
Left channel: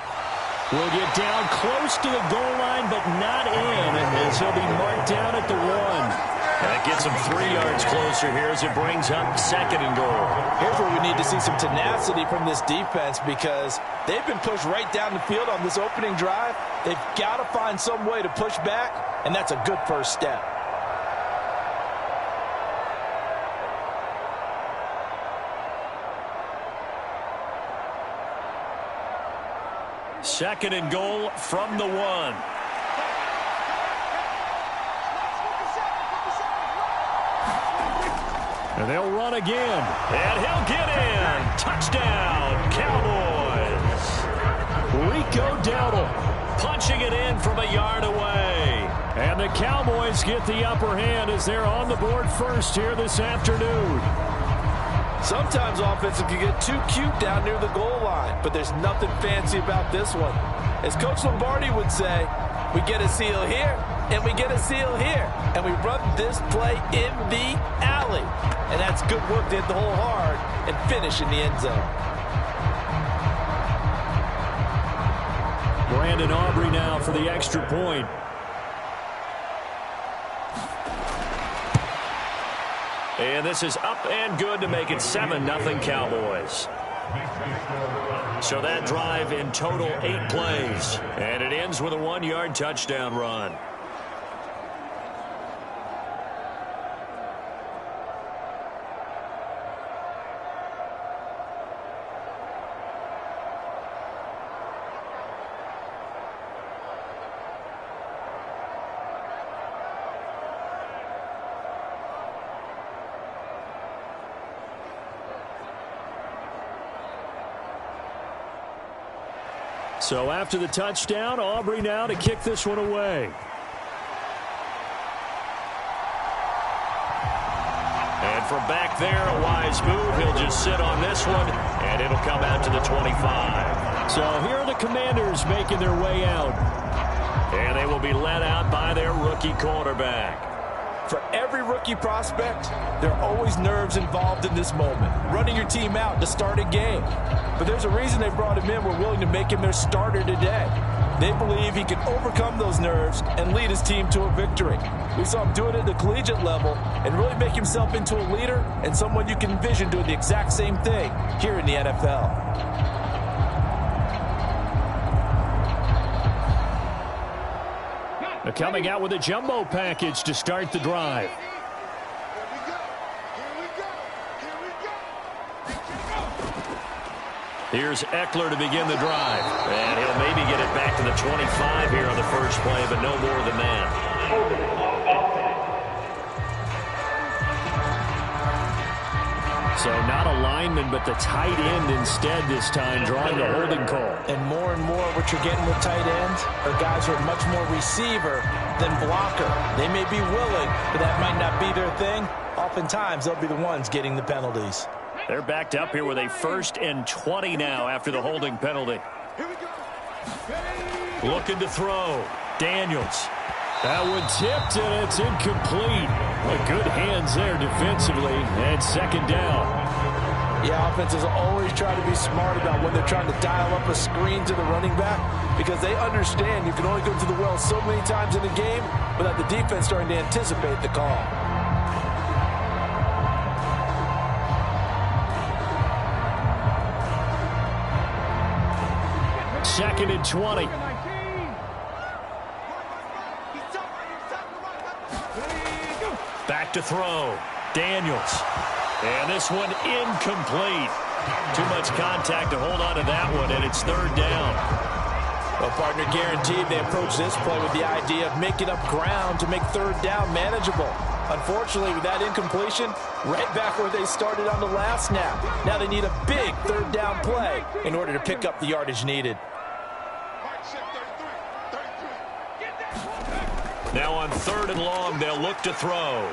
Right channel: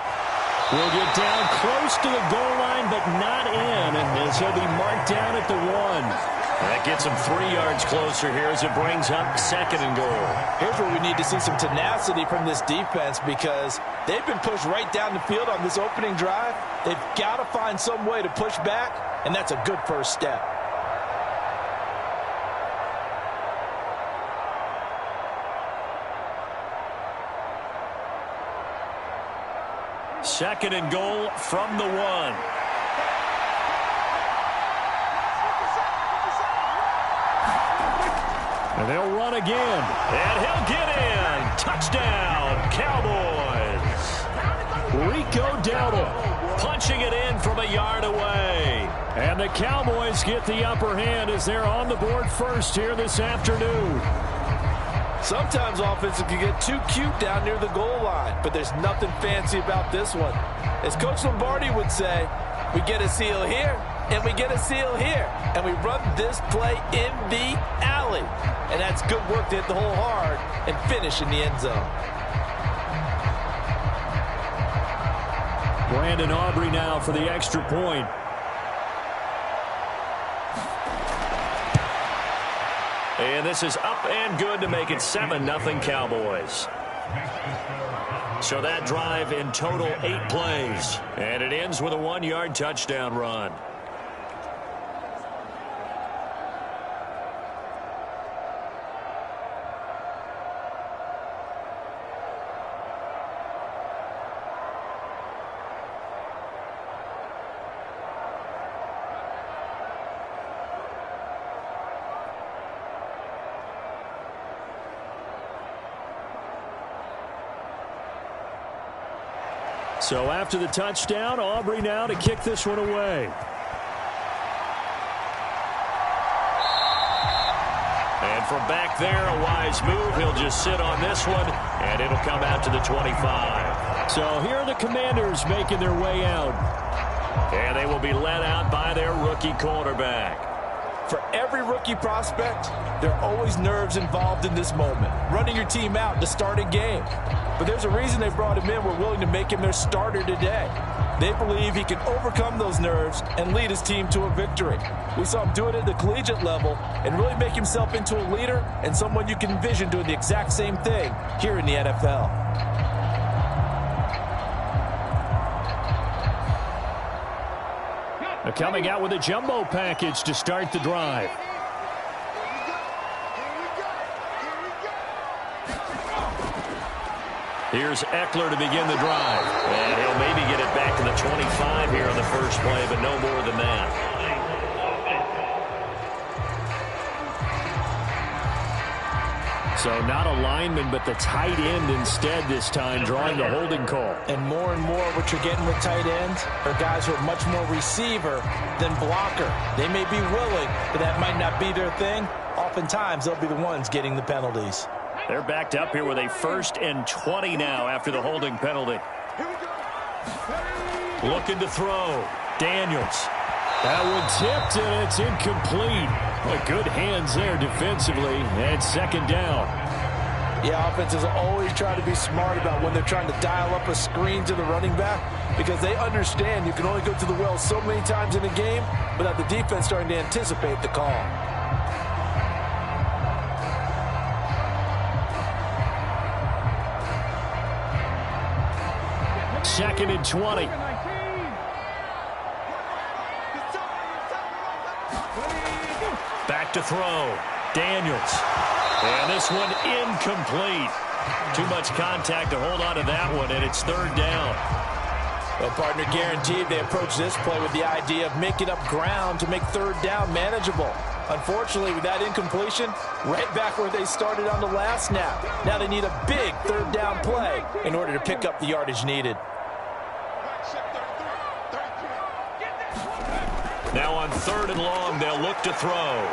will get down close to the goal line, but not in, as he'll be marked down at the 1. That gets him 3 yards closer here as it brings up 2nd and goal. Here's where we need to see some tenacity from this defense, because they've been pushed right down the field on this opening drive. They've got to find some way to push back, and that's a good first step. Second and goal from the 1. And they'll run again. And he'll get in. Touchdown, Cowboys. Rico Dowdle punching it in from a yard away. And the Cowboys get the upper hand as they're on the board first here this afternoon. Sometimes offenses can get too cute down near the goal line, but there's nothing fancy about this one. As Coach Lombardi would say, we get a seal here, and we get a seal here, and we run this play in the alley. And that's good work to hit the hole hard and finish in the end zone. Brandon Aubrey now for the extra point. And this is up and good to make it 7-0 Cowboys. So that drive in total 8 plays. And it ends with a 1-yard touchdown run. So after the touchdown, Aubrey now to kick this one away. And from back there, a wise move. He'll just sit on this one, and it'll come out to the 25. So here are the Commanders making their way out. And they will be led out by their rookie quarterback. For every rookie prospect, there are always nerves involved in this moment. Running your team out to start a game. But there's a reason they brought him in. We're willing to make him their starter today. They believe he can overcome those nerves and lead his team to a victory. We saw him do it at the collegiate level and really make himself into a leader and someone you can envision doing the exact same thing here in the NFL. They're coming out with a jumbo package to start the drive. Here's Eckler to begin the drive. And he'll maybe get it back to the 25 here on the first play, but no more than that. So not a lineman, but the tight end instead this time, drawing the holding call. And more what you're getting with tight ends are guys who are much more receiver than blocker. They may be willing, but that might not be their thing. Oftentimes, they'll be the ones getting the penalties. They're backed up here with a 1st and 20 now after the holding penalty. Looking to throw. Daniels. That one tipped, and it's incomplete. Well, good hands there defensively, and 2nd down. Yeah, offenses always try to be smart about when they're trying to dial up a screen to the running back, because they understand you can only go to the well so many times in a game without the defense starting to anticipate the call. Second and 20. Back to throw. Daniels. And this one incomplete. Too much contact to hold on to that one, and it's 3rd down. Well, partner, guaranteed they approach this play with the idea of making up ground to make 3rd down manageable. Unfortunately, with that incompletion, right back where they started on the last snap. Now they need a big third down play in order to pick up the yardage needed. Now on 3rd and long, they'll look to throw.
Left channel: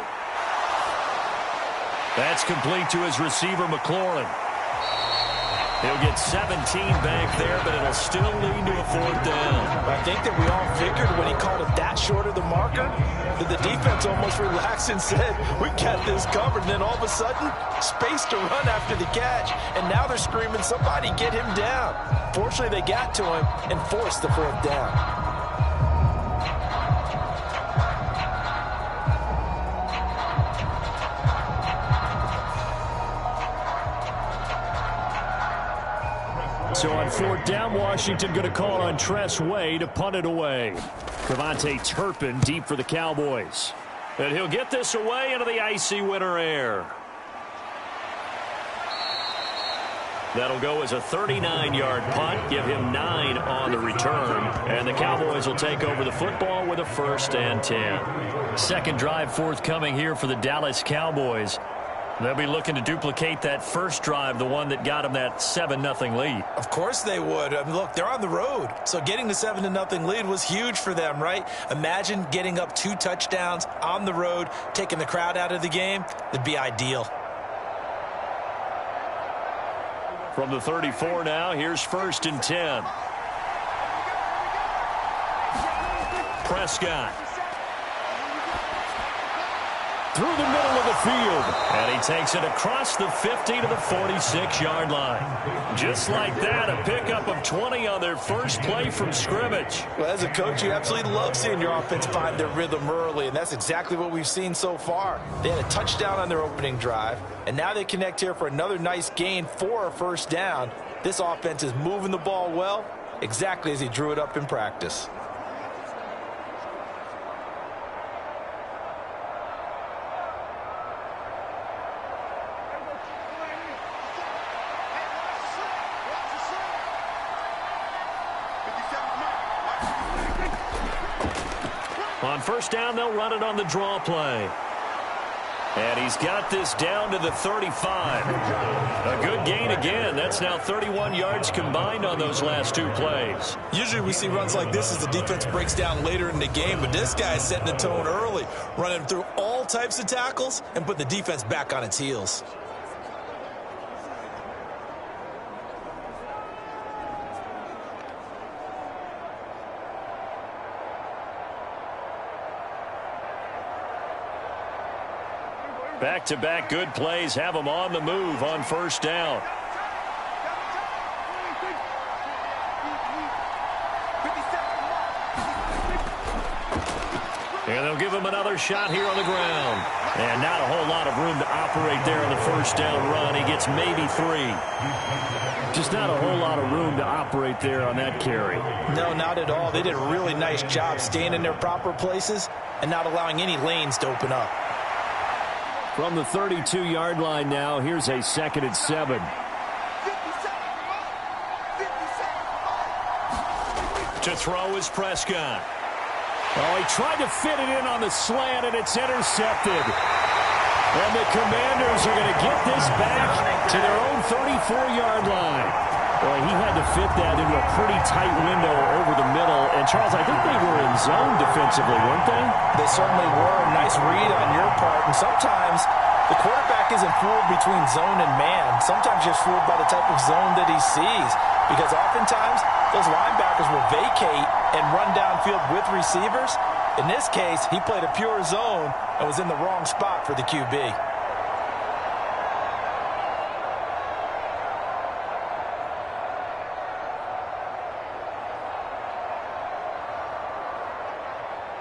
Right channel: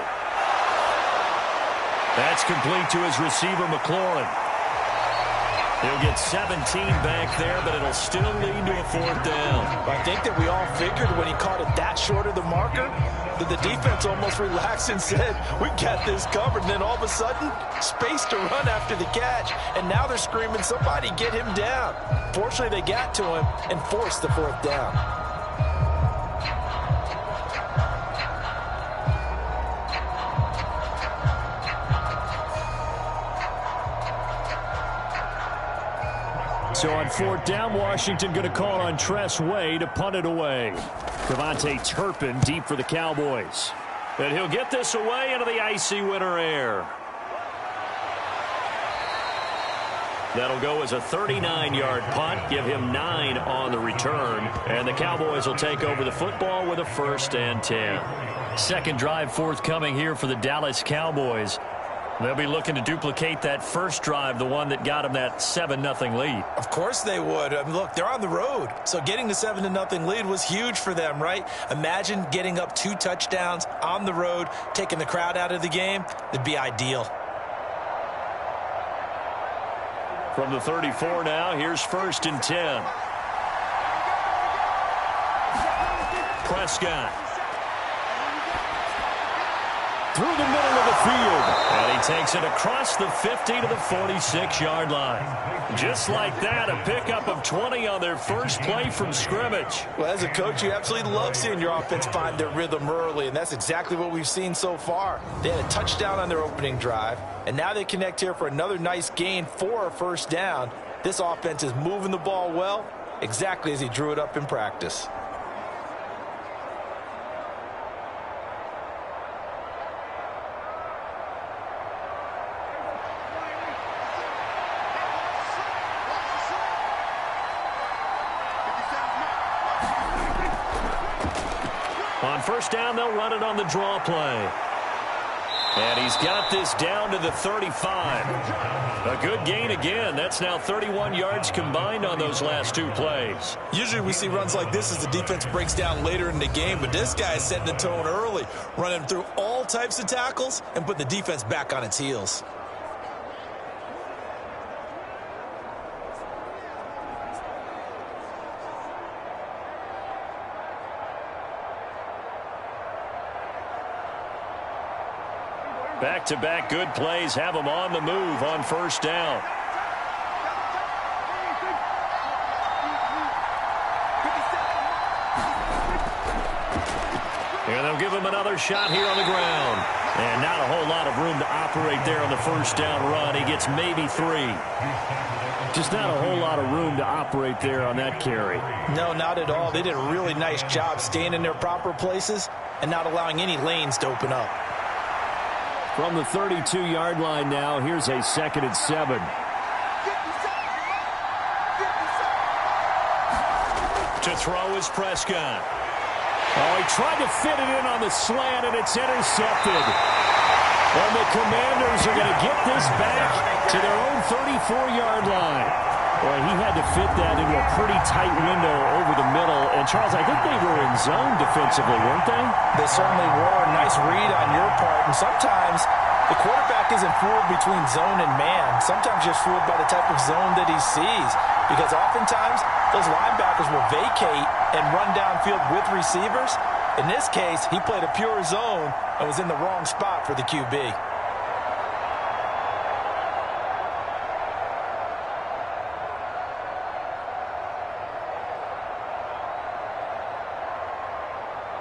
That's complete to his receiver, McLaurin. He'll get 17 back there, but it'll still lead to a 4th down. I think that we all figured when he caught it that short of the marker that the defense almost relaxed and said, we got this covered. And then all of a sudden, space to run after the catch. And now they're screaming, somebody get him down. Fortunately, they got to him and forced the 4th down. So on 4th down, Washington going to call on Tress Way to punt it away. Devontae Turpin deep for the Cowboys. And he'll get this away into the icy winter air. That'll go as a 39-yard punt, give him 9 on the return, and the Cowboys will take over the football with a 1st and 10. Second drive forthcoming here for the Dallas Cowboys. They'll be looking to duplicate that first drive, the one that got them that 7-0 lead. Of course they would. I mean, look, they're on the road. So getting the 7-0 lead was huge for them, right? Imagine getting up 2 touchdowns on the road, taking the crowd out of the game. It'd be ideal. From the 34 now, here's 1st and 10. Prescott. Through the middle of the field. And he takes it across the 50 to the 46-yard line. Just like that, a pickup of 20 on their first play from scrimmage. Well, as a coach, you absolutely love seeing your offense find their rhythm early, and that's exactly what we've seen so far. They had a touchdown on their opening drive, and now they connect here for another nice gain for a 1st down. This offense is moving the ball well, exactly as he drew it up in practice. On 1st down, they'll run it on the draw play. And he's got this down to the 35. A good gain again. That's now 31 yards combined on those last 2 plays. Usually we see runs like this as the defense breaks down later in the game, but this guy is setting the tone early, running through all types of tackles and putting the defense back on its heels. Back-to-back good plays have them on the move on 1st down. And they'll give him another shot here on the ground. And not a whole lot of room to operate there on the 1st down run. He gets maybe 3. Just not a whole lot of room to operate there on that carry. No, not at all. They did a really nice job staying in their proper places and not allowing any lanes to open up. From the 32-yard line now, here's a 2nd and 7. To throw is Prescott. Oh, he tried to fit it in on the slant, and it's intercepted. And the Commanders are going to get this back to their own 34-yard line. Boy, he had to fit that into a pretty tight window over the middle. And, Charles, I think they were in zone defensively, weren't they? They certainly were. Nice read on your part. And sometimes the quarterback isn't fooled between zone and man. Sometimes you're fooled by the type of zone that he sees. Because oftentimes those linebackers will vacate and run downfield with receivers. In this case, he played a pure zone and was in the wrong spot for the QB.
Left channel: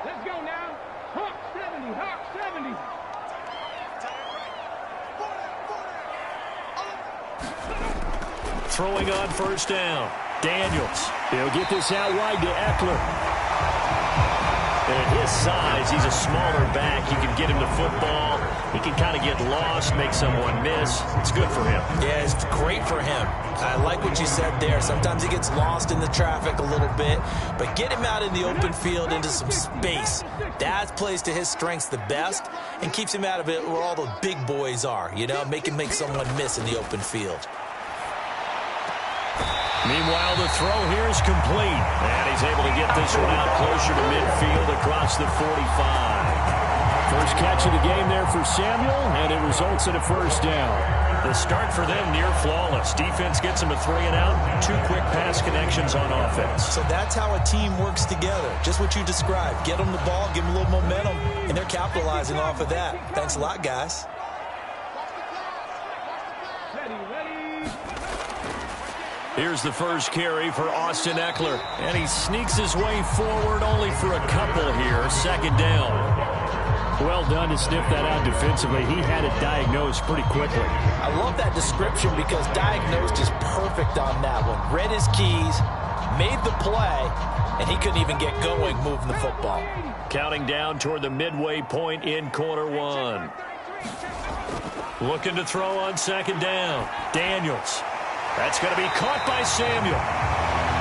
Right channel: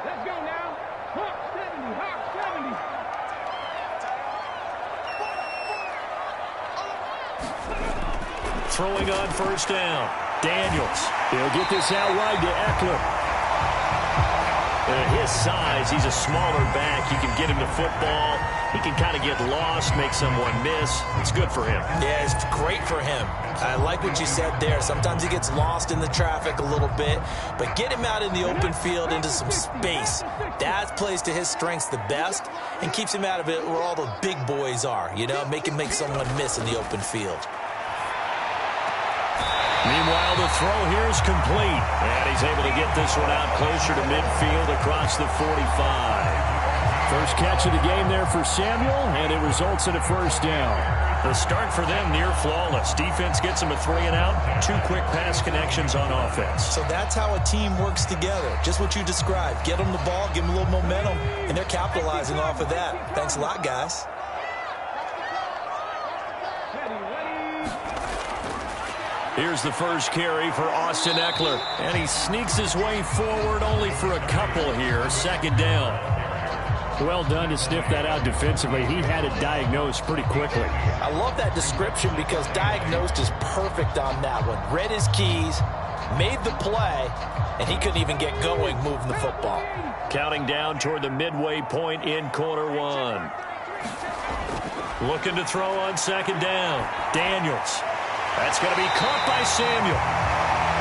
Let's go now. Hawk 70, Hawk 70. Throwing on 1st down. Daniels. He'll get this out wide to Eckler. And at his size, he's a smaller back. You can get him the football he can kind of get lost, make someone miss. It's good for him. Yeah, it's great for him. I like what you said there. Sometimes he gets lost in the traffic a little bit, but get him out in the open field into some space. That plays to his strengths the best and keeps him out of it where all the big boys are, you know, make him make someone miss in the open field. Meanwhile, the throw here is complete, and he's able to get this one out closer to midfield across the 45. First catch of the game there for Samuel, and it results in a first down. The start for them near flawless. Defense gets them a 3-and-out. 2 quick pass connections on offense. So that's how a team works together. Just what you described. Get them the ball, give them a little momentum, and they're capitalizing off of that. Thanks a lot, guys. Here's the first carry for Austin Eckler, and he sneaks his way forward only for a couple here. Second down. Well done to sniff that out defensively. He had it diagnosed pretty quickly. I love that description because diagnosed is perfect on that one. Read his keys, made the play, and he couldn't even get going moving the football. Counting down toward the midway point in quarter one. Looking to throw on second down. Daniels. That's going to be caught by Samuel.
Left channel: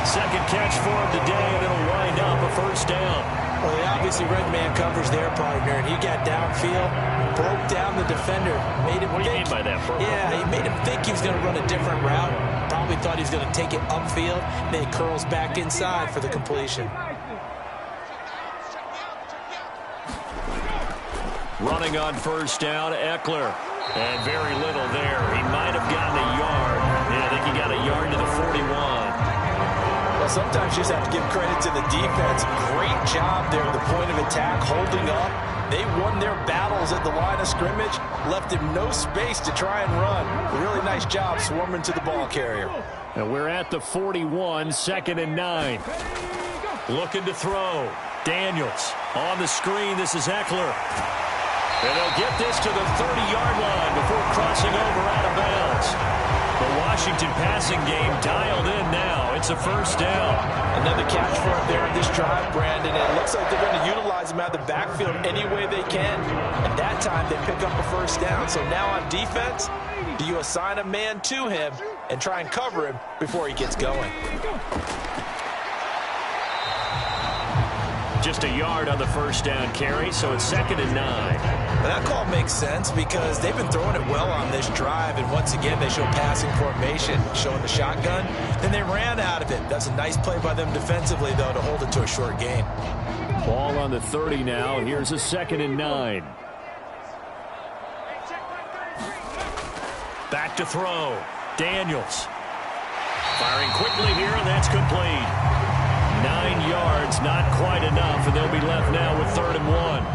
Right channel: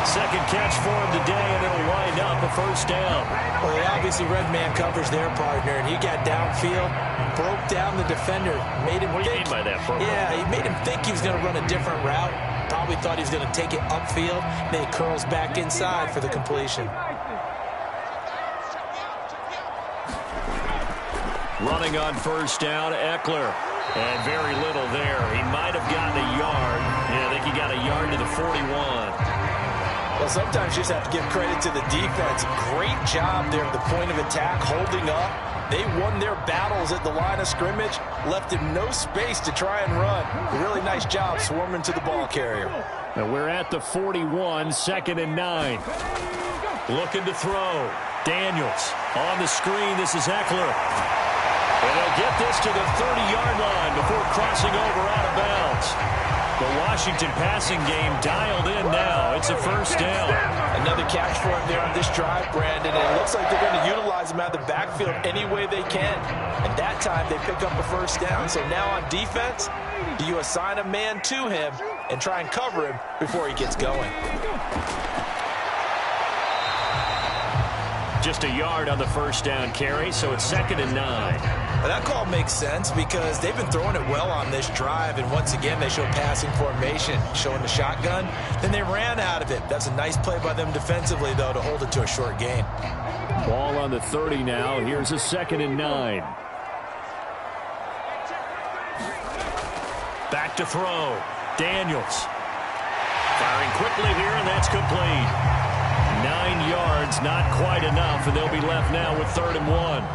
Second catch for him today, and it'll wind up a first down. Well, they obviously read man coverage their partner, and he got downfield, broke down the defender, made him What do you mean by that, Burrow? Yeah, he made him think he was going to run a different route. Probably thought he was going to take it upfield. Then he curls back inside for the completion. Running on first down, Eckler. And very little there. He might have gotten a yard. Yeah, I think he got a yard to the 41. Well, sometimes you just have to give credit to the defense. Great job there at the point of attack, holding up. They won their battles at the line of scrimmage, left him no space to try and run. A really nice job swarming to the ball carrier. And we're at the 41, 2nd and 9. Looking to throw. Daniels on the screen. This is Eckler. And they'll get this to the 30-yard line before crossing over out of bounds. The Washington passing game dialed in now. It's a first down. Another catch for him there on this drive, Brandon. And it looks like they're going to utilize him out of the backfield any way they can. And that time they pick up a first down. So now on defense, do you assign a man to him and try and cover him before he gets going? Just a yard on the first down carry, so it's 2nd and 9. But that call makes sense because they've been throwing it well on this drive, and once again they show passing formation, showing the shotgun. Then they ran out of it. That's a nice play by them defensively, though, to hold it to a short gain. Ball on the 30 now. Here's a 2nd and 9. Back to throw. Daniels. Firing quickly here, and that's complete. 9 yards, not quite enough, and they'll be left now with 3rd and 1.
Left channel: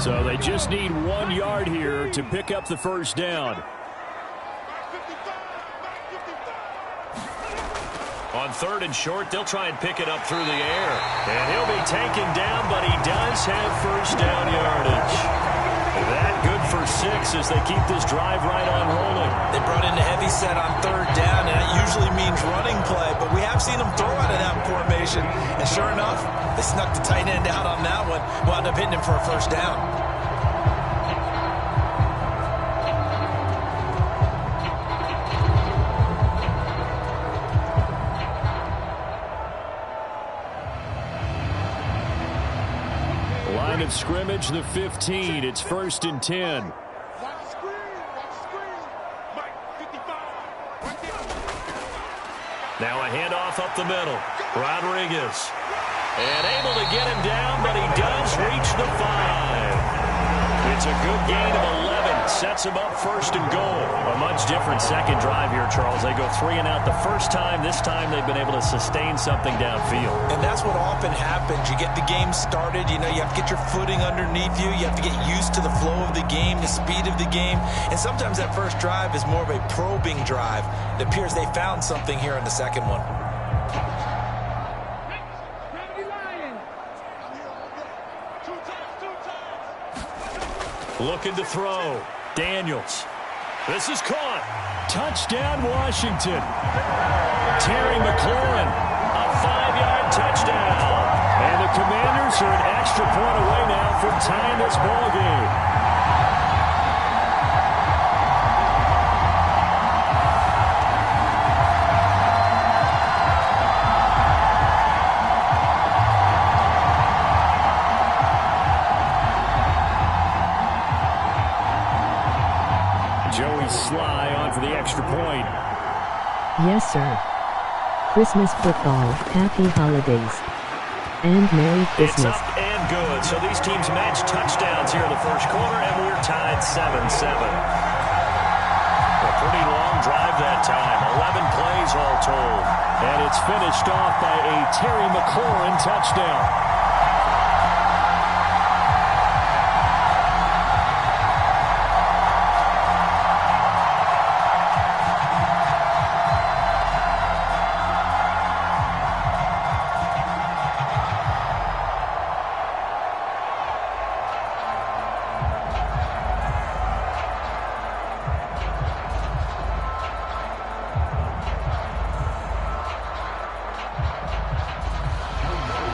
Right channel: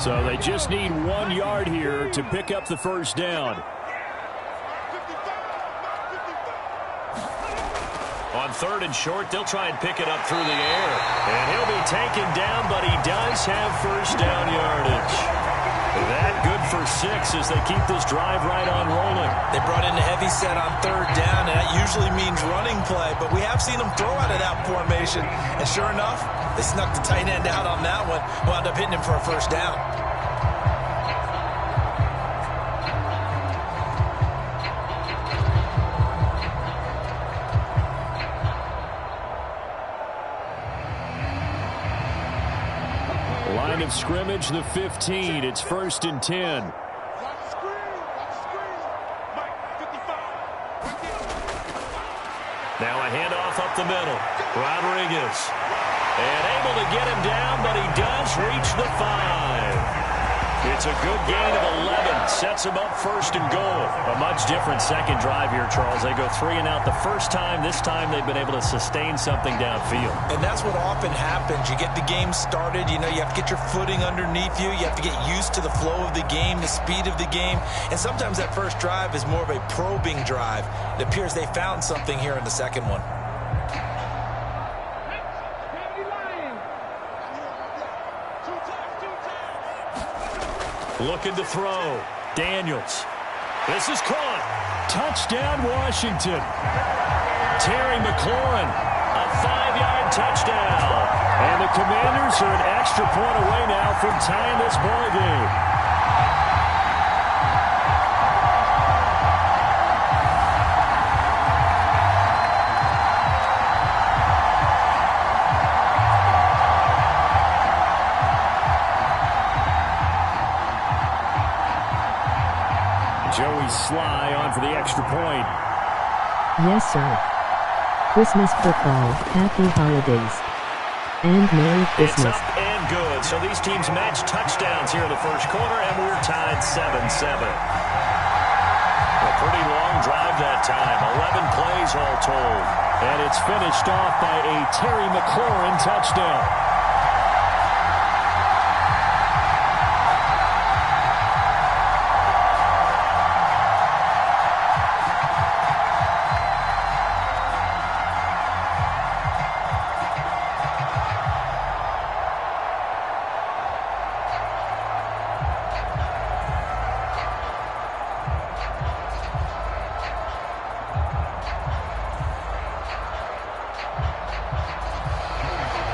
So they just need 1 yard here to pick up the first down. On 3rd and short, they'll try and pick it up through the air. And he'll be taken down, but he does have first down yardage. That good for 6 as they keep this drive right on rolling. They brought in a heavy set on 3rd down, and that usually means running play, but we have seen them throw out of that formation. And sure enough, they snuck the tight end out on that one, wound up hitting him for a first down. Line of scrimmage, the 15. It's 1st and 10. Watch the screen. Watch the screen. Mike, 55. Right there. Now a handoff up the middle. Rodriguez. And able to get him down, but he does reach the 5. It's a good gain of 11. Sets him up 1st and goal. A much different second drive here, Charles. They go 3 and out the first time. This time they've been able to sustain something downfield. And that's what often happens. You get the game started. You know, you have to get your footing underneath you. You have to get used to the flow of the game, the speed of the game. And sometimes that first drive is more of a probing drive. It appears they found something here in the second one. Looking to throw. Daniels. This is caught. Touchdown, Washington. Terry McLaurin, a 5-yard touchdown. And the Commanders are an extra point away now from tying this ball game. Joey Sly on for the extra point. Yes, sir. Christmas football, happy holidays, and Merry Christmas. It's up and good. So these teams match touchdowns here in the first quarter, and we're tied 7-7. A pretty long drive that time. 11 plays all told. And it's finished off by a Terry McLaurin touchdown.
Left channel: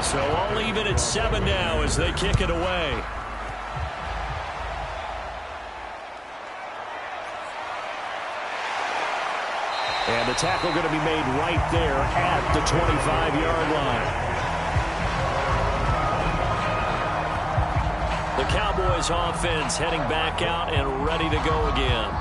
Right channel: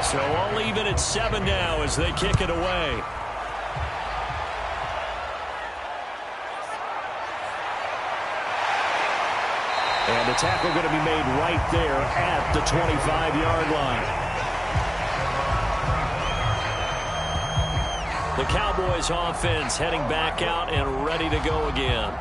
So all even at 7 now as they kick it away. And the tackle going to be made right there at the 25-yard line. The Cowboys offense heading back out and ready to go again.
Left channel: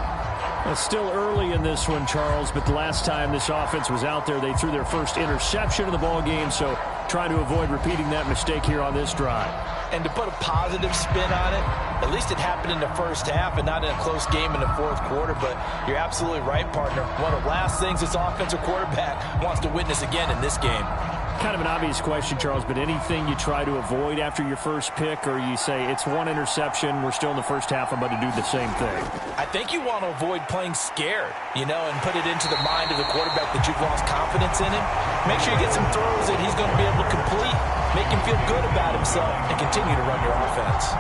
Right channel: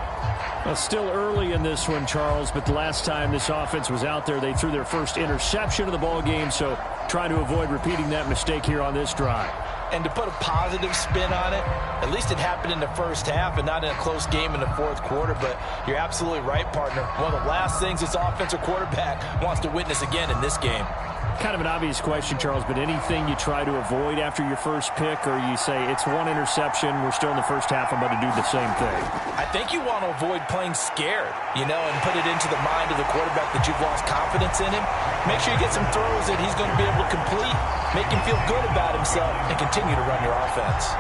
Well, still early in this one, Charles, but the last time this offense was out there, they threw their first interception of the ball game, so trying to avoid repeating that mistake here on this drive. And to put a positive spin on it, at least it happened in the first half and not in a close game in the fourth quarter. But you're absolutely right, partner. One of the last things this offensive quarterback wants to witness again in this game. Kind of an obvious question, Charles, but anything you try to avoid after your first pick, or you say it's one interception, we're still in the first half, I'm about to do the same thing? I think you want to avoid playing scared, and put it into the mind of the quarterback that you've lost confidence in him. Make sure you get some throws that he's going to be able to complete, make him feel good about himself, and continue to run your offense.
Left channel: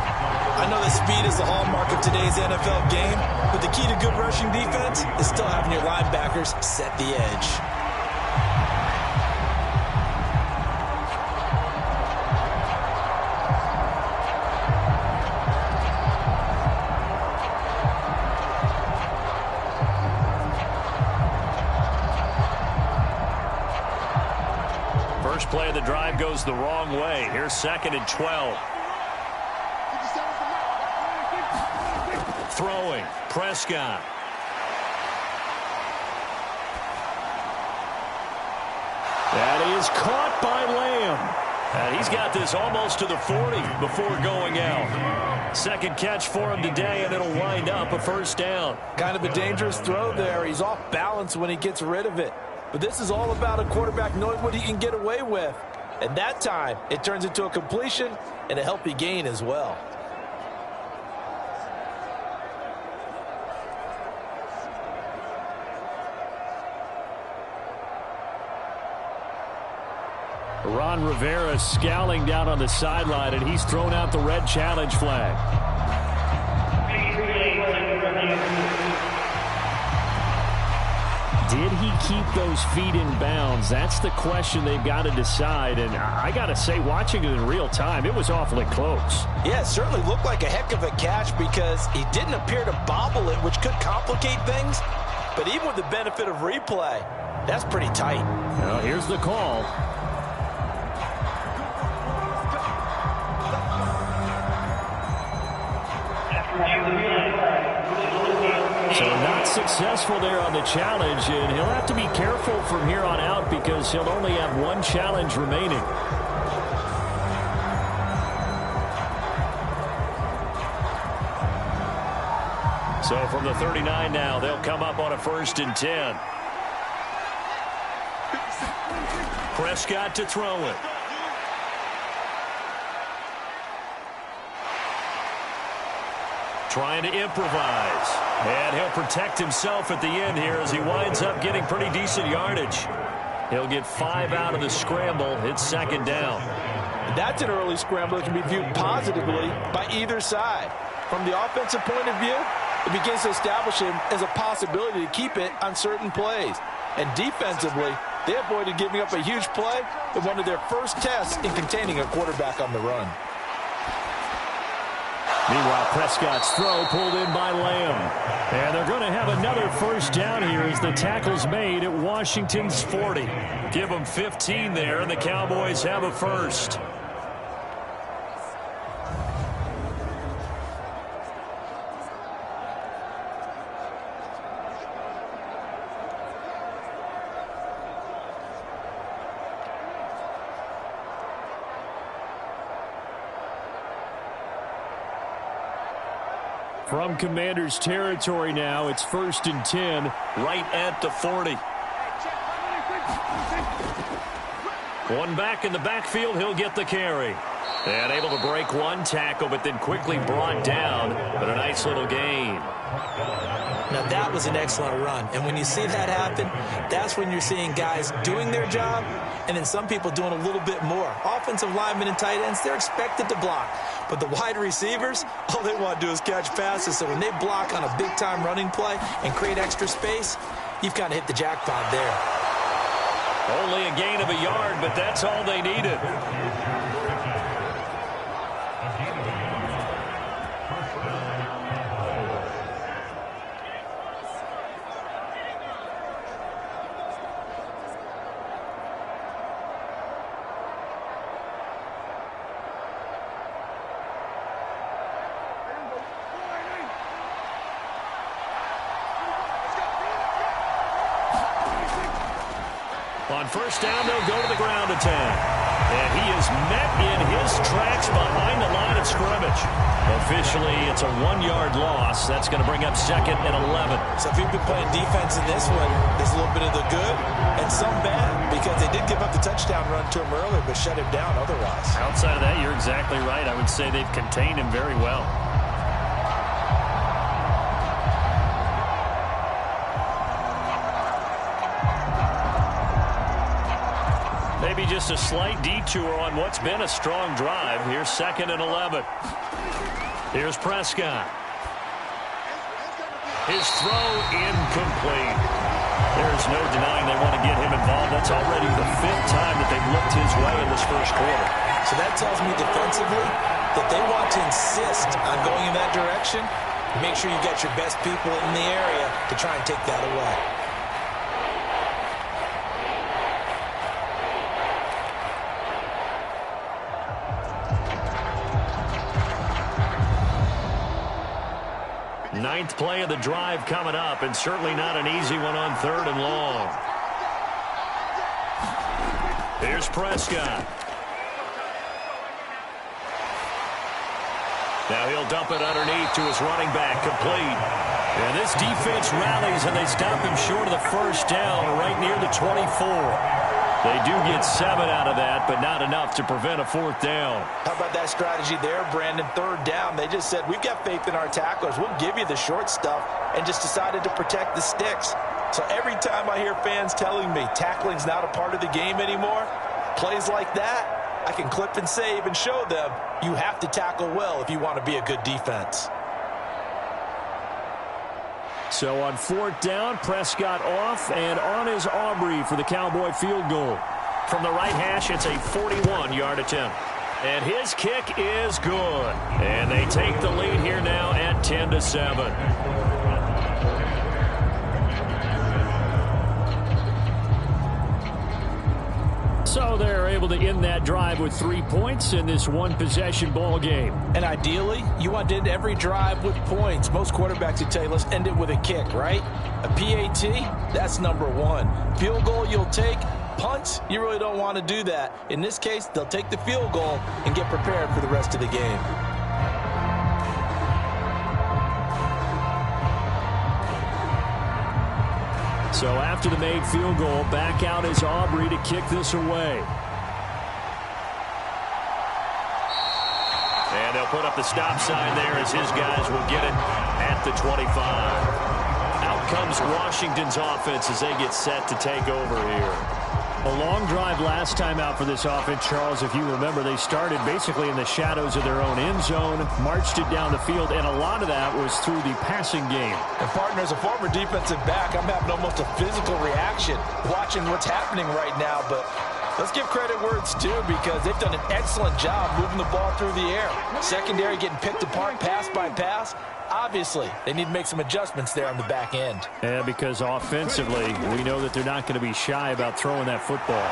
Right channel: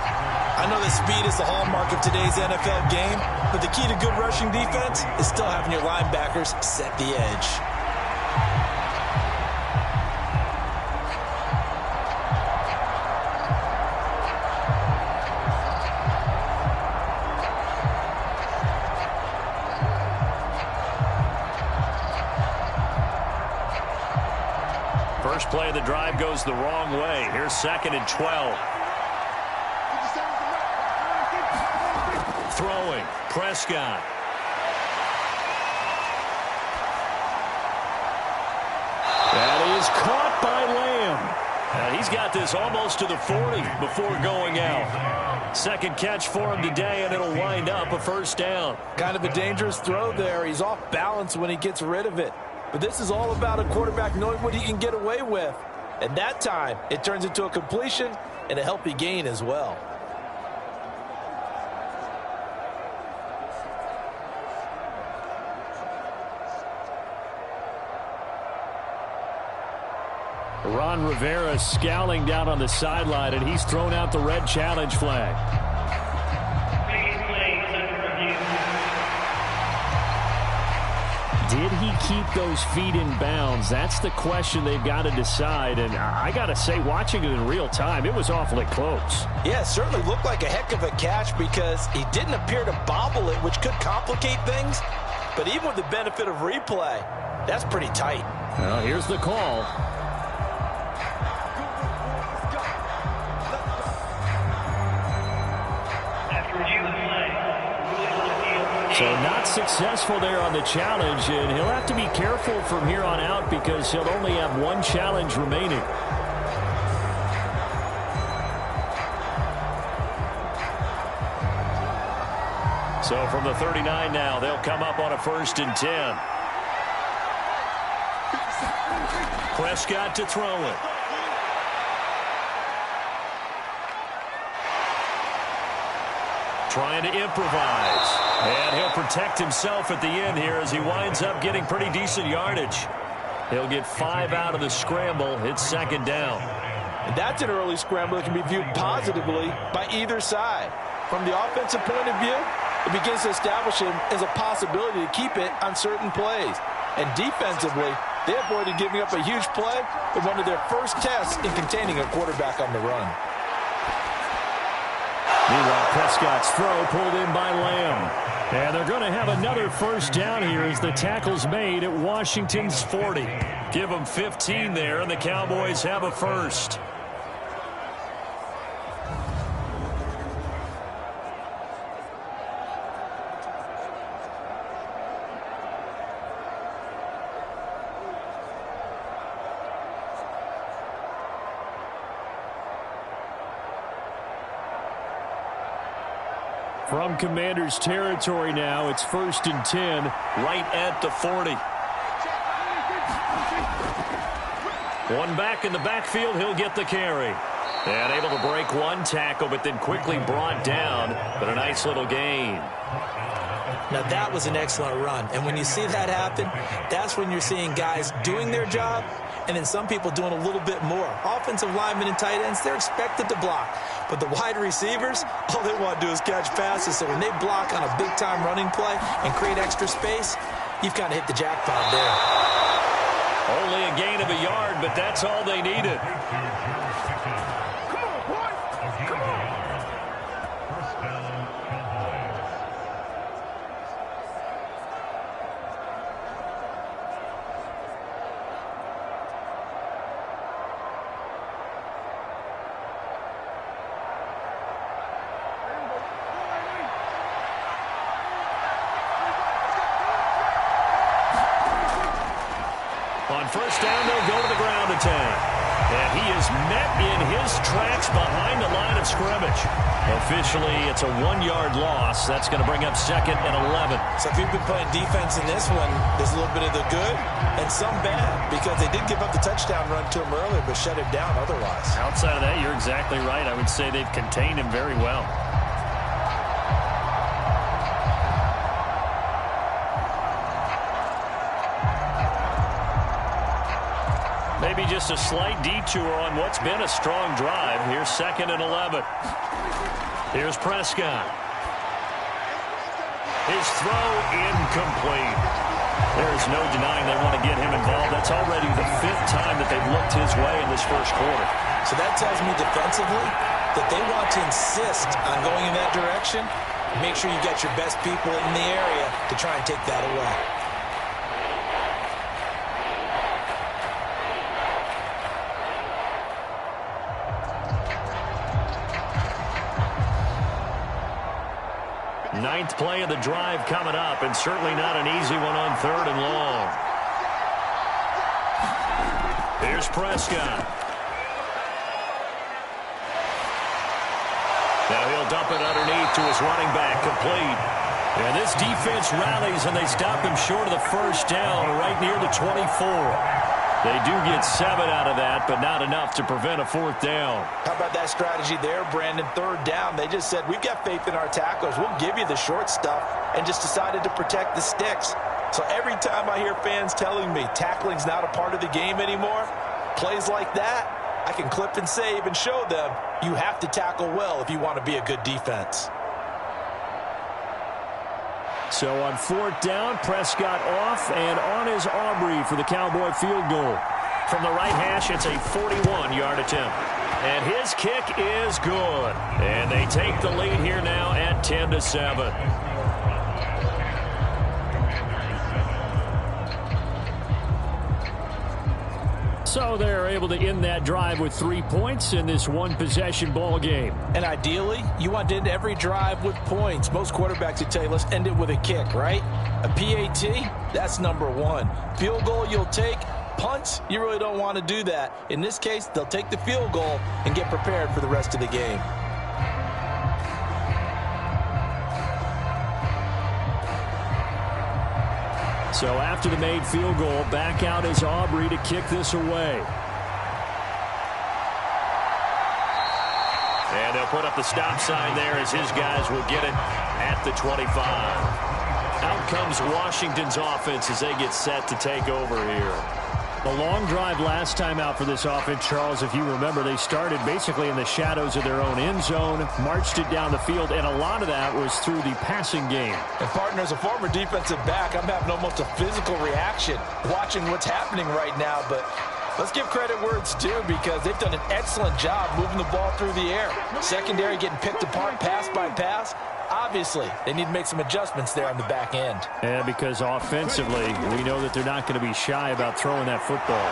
I know that speed is the hallmark of today's NFL game, but the key to good rushing defense is still having your linebackers set the edge. First play of the drive goes the wrong way. Here's 2nd and 12. Throwing, Prescott. That is caught by Lamb. And he's got this almost to the 40 before going out. Second catch for him today, and it'll wind up a first down. Kind of a dangerous throw there. He's off balance when he gets rid of it. But this is all about a quarterback knowing what he can get away with. And that time, it turns into a completion and a healthy gain as well. Ron Rivera scowling down on the sideline, and he's thrown out the red challenge flag. Did he keep those feet in bounds? That's the question they've got to decide. And I got to say, watching it in real time, it was awfully close. Yeah, it certainly looked like a heck of a catch because he didn't appear to bobble it, which could complicate things. But even with the benefit of replay, that's pretty tight. Well, here's the call. So not successful there on the challenge, and he'll have to be careful from here on out because he'll only have one challenge remaining. So from the 39 now, they'll come up on a 1st and 10. Prescott to throw it. Trying to improvise. And he'll protect himself at the end here as he winds up getting pretty decent yardage. He'll get 5 out of the scramble. It's 2nd down. And that's an early scramble that can be viewed positively by either side. From the offensive point of view, it begins to establish him as a possibility to keep it on certain plays. And defensively, They avoided giving up a huge play in one of their first tests in containing a quarterback on the run. Meanwhile, Prescott's throw pulled in by Lamb. And they're going to have another first down here as the tackle's made at Washington's 40. Give them 15 there, and the Cowboys have a first. From Commanders territory now, it's 1st and 10, right at the 40. One back in the backfield, he'll get the carry. And able to break one tackle, but then quickly brought down, but a nice little gain. Now, that was an excellent run. And when you see that happen, that's when you're seeing guys doing their job and then some people doing a little bit more. Offensive linemen and tight ends, they're expected to block. But the wide receivers, all they want to do is catch passes. So when they block on a big-time running play and create extra space, you've kind of hit the jackpot there. Only a gain of a yard, but that's all they needed. On first down, they'll go to the ground attack. And he is met in his tracks behind the line of scrimmage. Officially, it's a 1-yard loss. That's going to bring up 2nd and 11. So if you've been playing defense in this one, there's a little bit of the good and some bad, because they did give up the touchdown run to him earlier, but shut him down otherwise. Outside of that, you're exactly right. I would say they've contained him very well. Maybe just a slight detour on what's been a strong drive. Here's 2nd and 11. Here's Prescott. His throw incomplete. There's no denying they want to get him involved. That's already the 5th time that they've looked his way in this first quarter. So that tells me defensively that they want to insist on going in that direction. Make sure you get your best people in the area to try and take that away. Ninth play of the drive coming up, and certainly not an easy one on 3rd and long. Here's Prescott. Now he'll dump it underneath to his running back, complete. And this defense rallies, and they stop him short of the first down right near the 24. They do get 7 out of that, but not enough to prevent a 4th down. How about that strategy there, Brandon? 3rd down, they just said, we've got faith in our tacklers. We'll give you the short stuff, and just decided to protect the sticks. So every time I hear fans telling me tackling's not a part of the game anymore, plays like that, I can clip and save and show them you have to tackle well if you want to be a good defense. So on 4th down, Prescott off, and on is Aubrey for the Cowboy field goal. From the right hash, it's a 41-yard attempt. And his kick is good. And they take the lead here now at 10-7. So they're able to end that drive with 3 points in this one-possession ball game. And ideally, you want to end every drive with points. Most quarterbacks would tell you, let's end it with a kick, right? A PAT, that's number 1. Field goal you'll take. Punts, you really don't want to do that. In this case, they'll take the field goal and get prepared for the rest of the game. So after the made field goal, back out is Aubrey to kick this away. And they'll put up the stop sign there as his guys will get it at the 25. Out comes Washington's offense as they get set to take over here. A long drive last time out for this offense, Charles. If you remember, they started basically in the shadows of their own end zone, marched it down the field, and a lot of that was through the passing game. And, partner, as a former defensive back, I'm having almost a physical reaction watching what's happening right now. But let's give credit where it's due, because they've done an excellent job moving the ball through the air. Secondary getting picked apart pass by pass. Obviously, they need to make some adjustments there on the back end. Yeah, because offensively, we know that they're not going to be shy about throwing that football.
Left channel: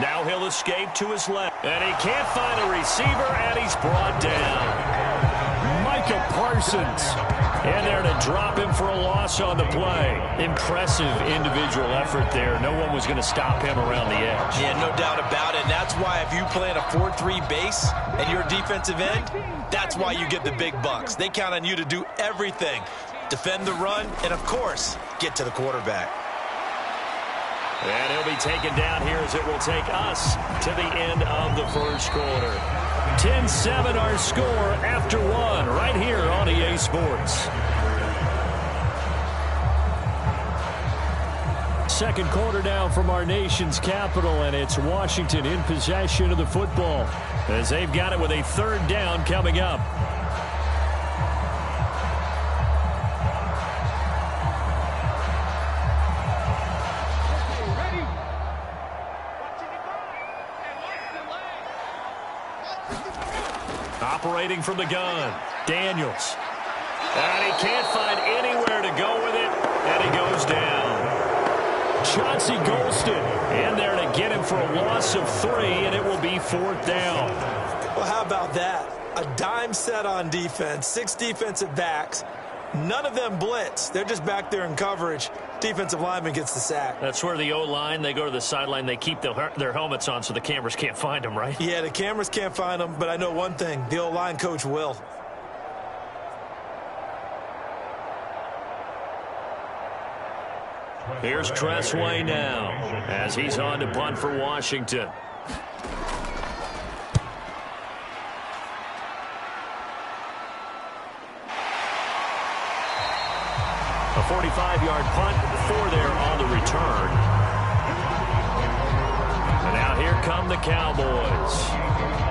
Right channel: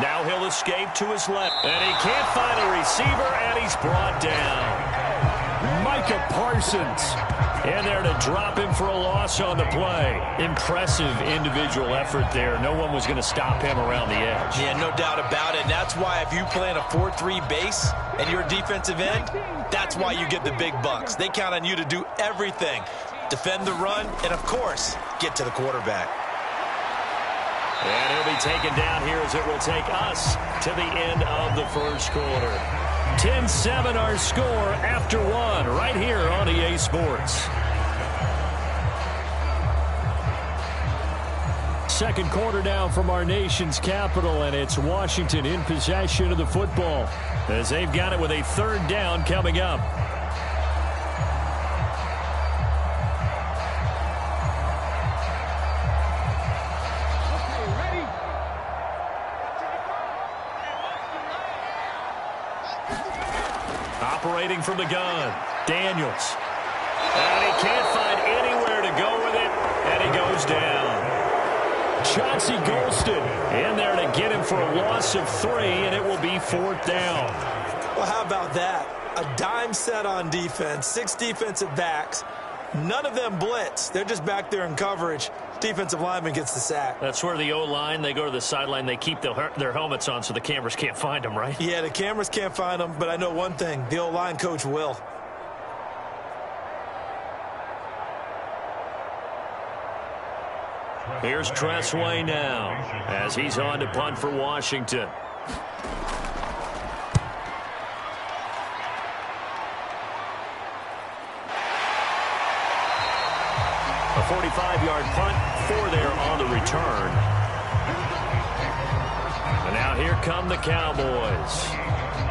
Now he'll escape to his left. And he can't find a receiver, and he's brought down. Micah Parsons in there to drop him for a loss on the play. Impressive individual effort there. No one was going to stop him around the edge. Yeah, no doubt about it. And that's why if you play in a 4-3 base and you're a defensive end, that's why you get the big bucks. They count on you to do everything. Defend the run and, of course, get to the quarterback. And he'll be taken down here as it will take us to the end of the first quarter. 10-7 our score after one right here on EA Sports. Second quarter now from our nation's capital, and it's Washington in possession of the football as they've got it with a third down coming up. Operating from the gun, Daniels. And he can't find anywhere to go with it, and he goes down. Chauncey Golston in there to get him for a loss of 3, and it will be fourth down. Well, how about that? A dime set on defense, 6 defensive backs. None of them blitz. They're just back there in coverage. Defensive lineman gets the sack. That's where the O-line, they go to the sideline, they keep their helmets on so the cameras can't find them, right? Yeah, the cameras can't find them, but I know one thing. The O-line coach will. Here's Tressway now as he's on to punt for Washington. A 45-yard punt, 4 there on the return. And now here come the Cowboys.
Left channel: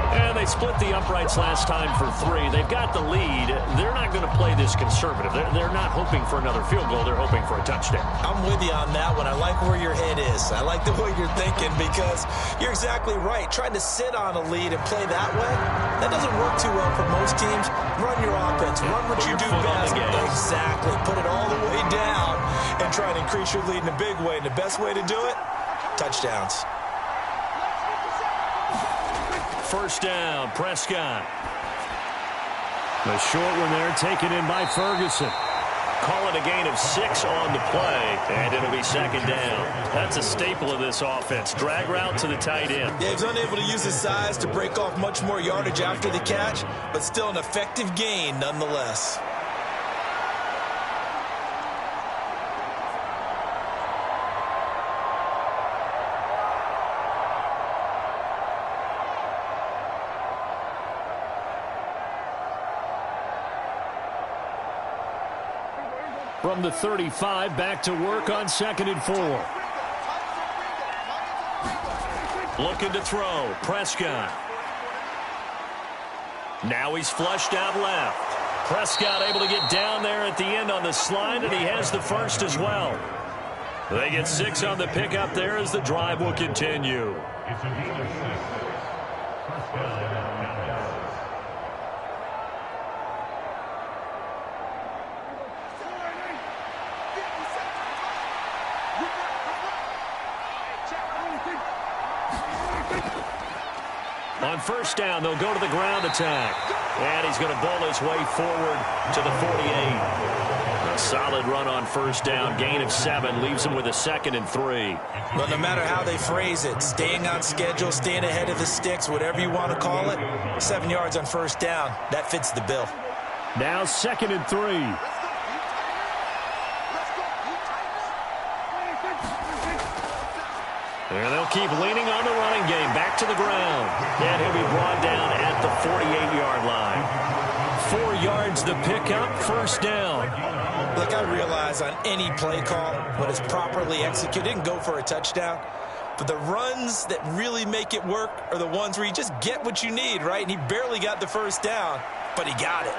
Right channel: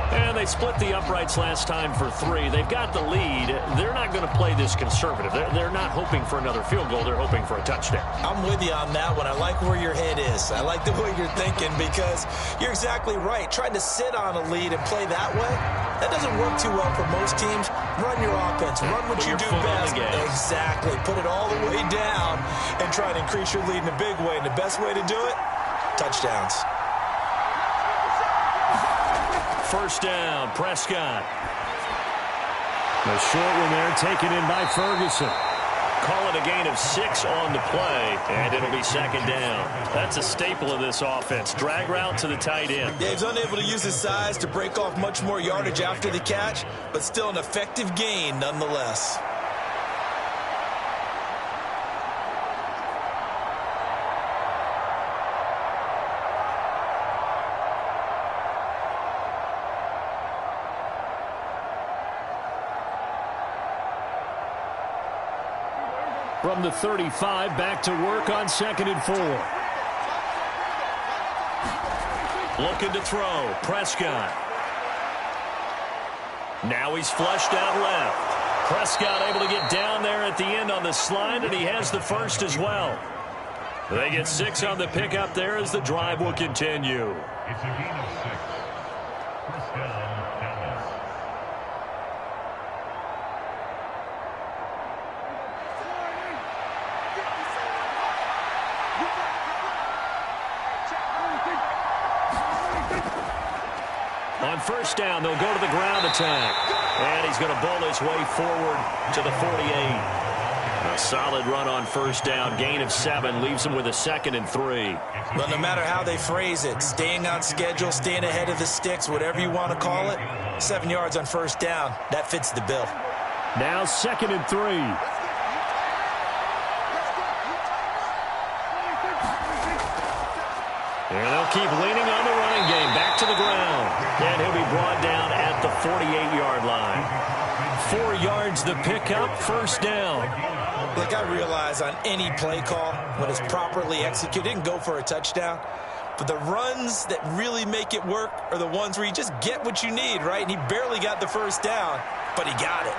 And they split the uprights last time for 3. They've got the lead. They're not going to play this conservative. They're not hoping for another field goal. They're hoping for a touchdown. I'm with you on that one. I like where your head is. I like the way you're thinking, because you're exactly right. Trying to sit on a lead and play that way, that doesn't work too well for most teams. Run your offense. Run what you do best. Exactly. Put it all the way down and try to increase your lead in a big way. And the best way to do it, touchdowns. First down, Prescott. The short one there taken in by Ferguson. Call it a gain of 6 on the play, and it'll be second down. That's a staple of this offense. Drag route to the tight end. Yeah, he's unable to use his size to break off much more yardage after the catch, but still an effective gain nonetheless. From the 35, back to work on 2nd and 4. Looking to throw, Prescott. Now he's flushed out left. Prescott able to get down there at the end on the slide, and he has the first as well. They get 6 on the pickup there as the drive will continue. It's a gain of 6. First down, Dallas. On first down, they'll go to the ground attack. And he's going to bowl his way forward to the 48. A solid run on first down. Gain of 7 leaves him with a 2nd and 3. But no matter how they phrase it, staying on schedule, staying ahead of the sticks, whatever you want to call it, 7 yards on first down, that fits the bill. Now 2nd and 3. And they'll keep leaning on the running game. Back to the ground. And he'll be brought down at the 48-yard line. 4 yards the pickup, first down. Look, I realize on any play call, when it's properly executed, it can go for a touchdown. But the runs that really make it work are the ones where you just get what you need, right? And he barely got the first down, but he got it.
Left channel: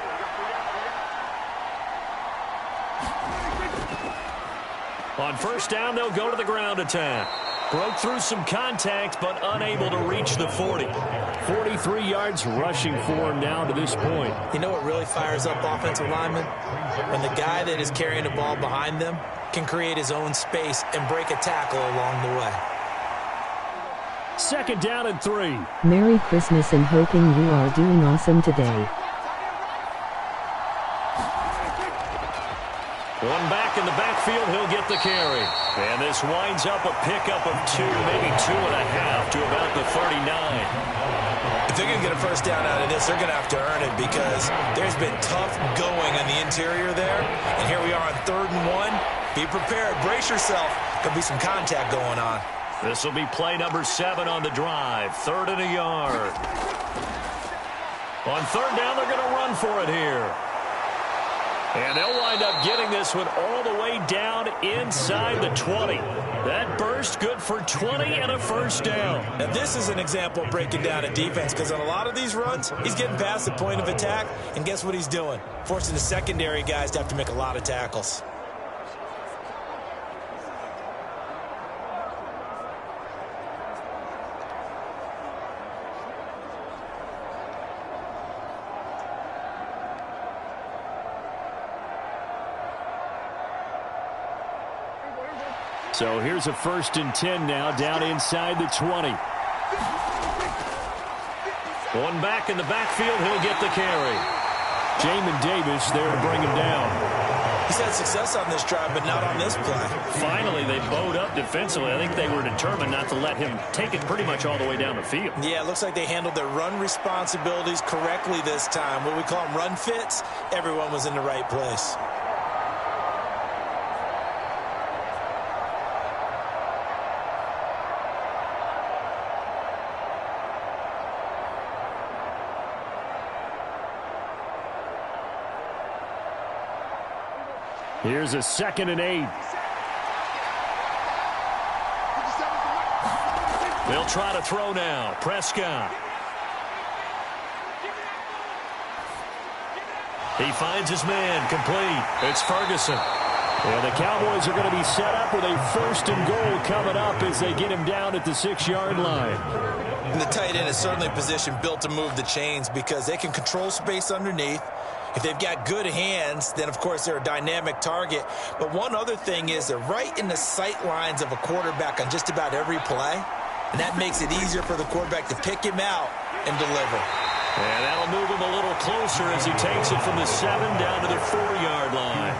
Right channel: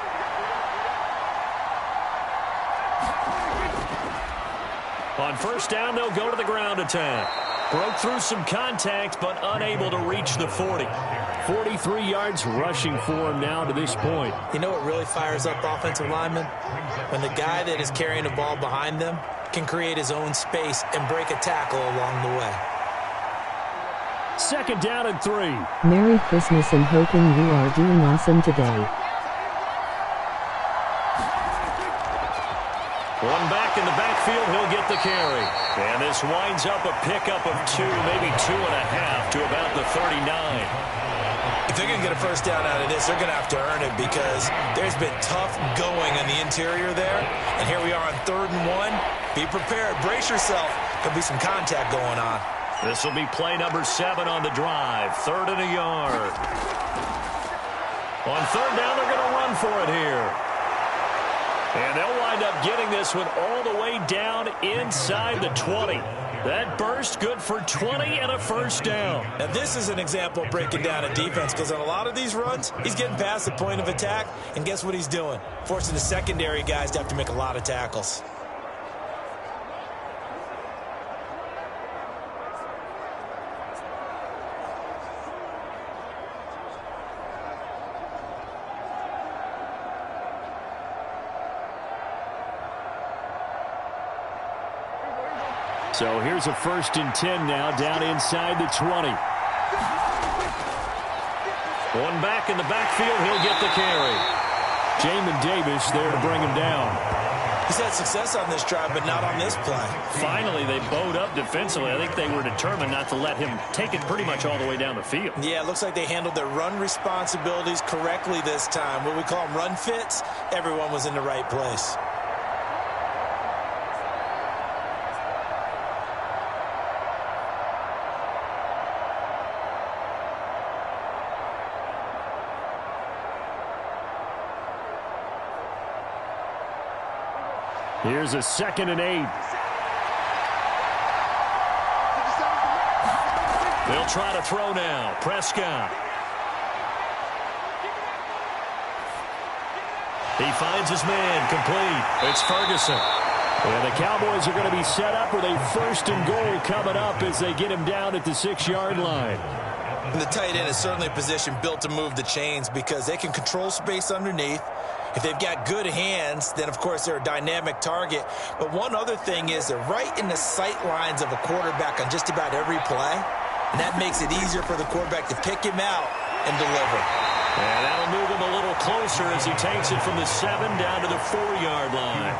On first down, they'll go to the ground attack. Broke through some contact, but unable to reach the 40. 43 yards rushing for him now to this point. You know what really fires up offensive linemen? When the guy that is carrying the ball behind them can create his own space and break a tackle along the way. Second down and 3. Merry Christmas and hoping you are doing awesome today. One back in the backfield, he'll get the carry. And this winds up a pickup of 2, maybe 2.5 to about the 39. If they're going to get a first down out of this, they're going to have to earn it because there's been tough going on the interior there. And here we are on 3rd and 1. Be prepared. Brace yourself. Could be some contact going on. This will be play number 7 on the drive. 3rd and a yard. On 3rd down, they're going to run for it here. And they'll wind up getting this one all the way down inside the 20. That burst good for 20 and a first down. Now, this is an example of breaking down a defense because on a lot of these runs, he's getting past the point of attack, and guess what he's doing? Forcing the secondary guys to have to make a lot of tackles. So here's a 1st and 10 now down inside the 20. One back in the backfield, he'll get the carry. Jamin Davis there to bring him down. He's had success on this drive, but not on this play. Finally, they bowed up defensively. I think they were determined not to let him take it pretty much all the way down the field. Yeah, it looks like they handled their run responsibilities correctly this time. What we call them run fits, everyone was in the right place. Here's a 2nd and 8. They'll try to throw now. Prescott. He finds his man. Complete. It's Ferguson. And the Cowboys are going to be set up with a 1st and goal coming up as they get him down at the 6-yard line. And the tight end is certainly a position built to move the chains because they can control space underneath. If they've got good hands, then, of course, they're a dynamic target. But one other thing is they're right in the sight lines of a quarterback on just about every play. And that makes it easier for the quarterback to pick him out and deliver. And that'll move him a little closer as he takes it from the 7 down to the 4-yard line.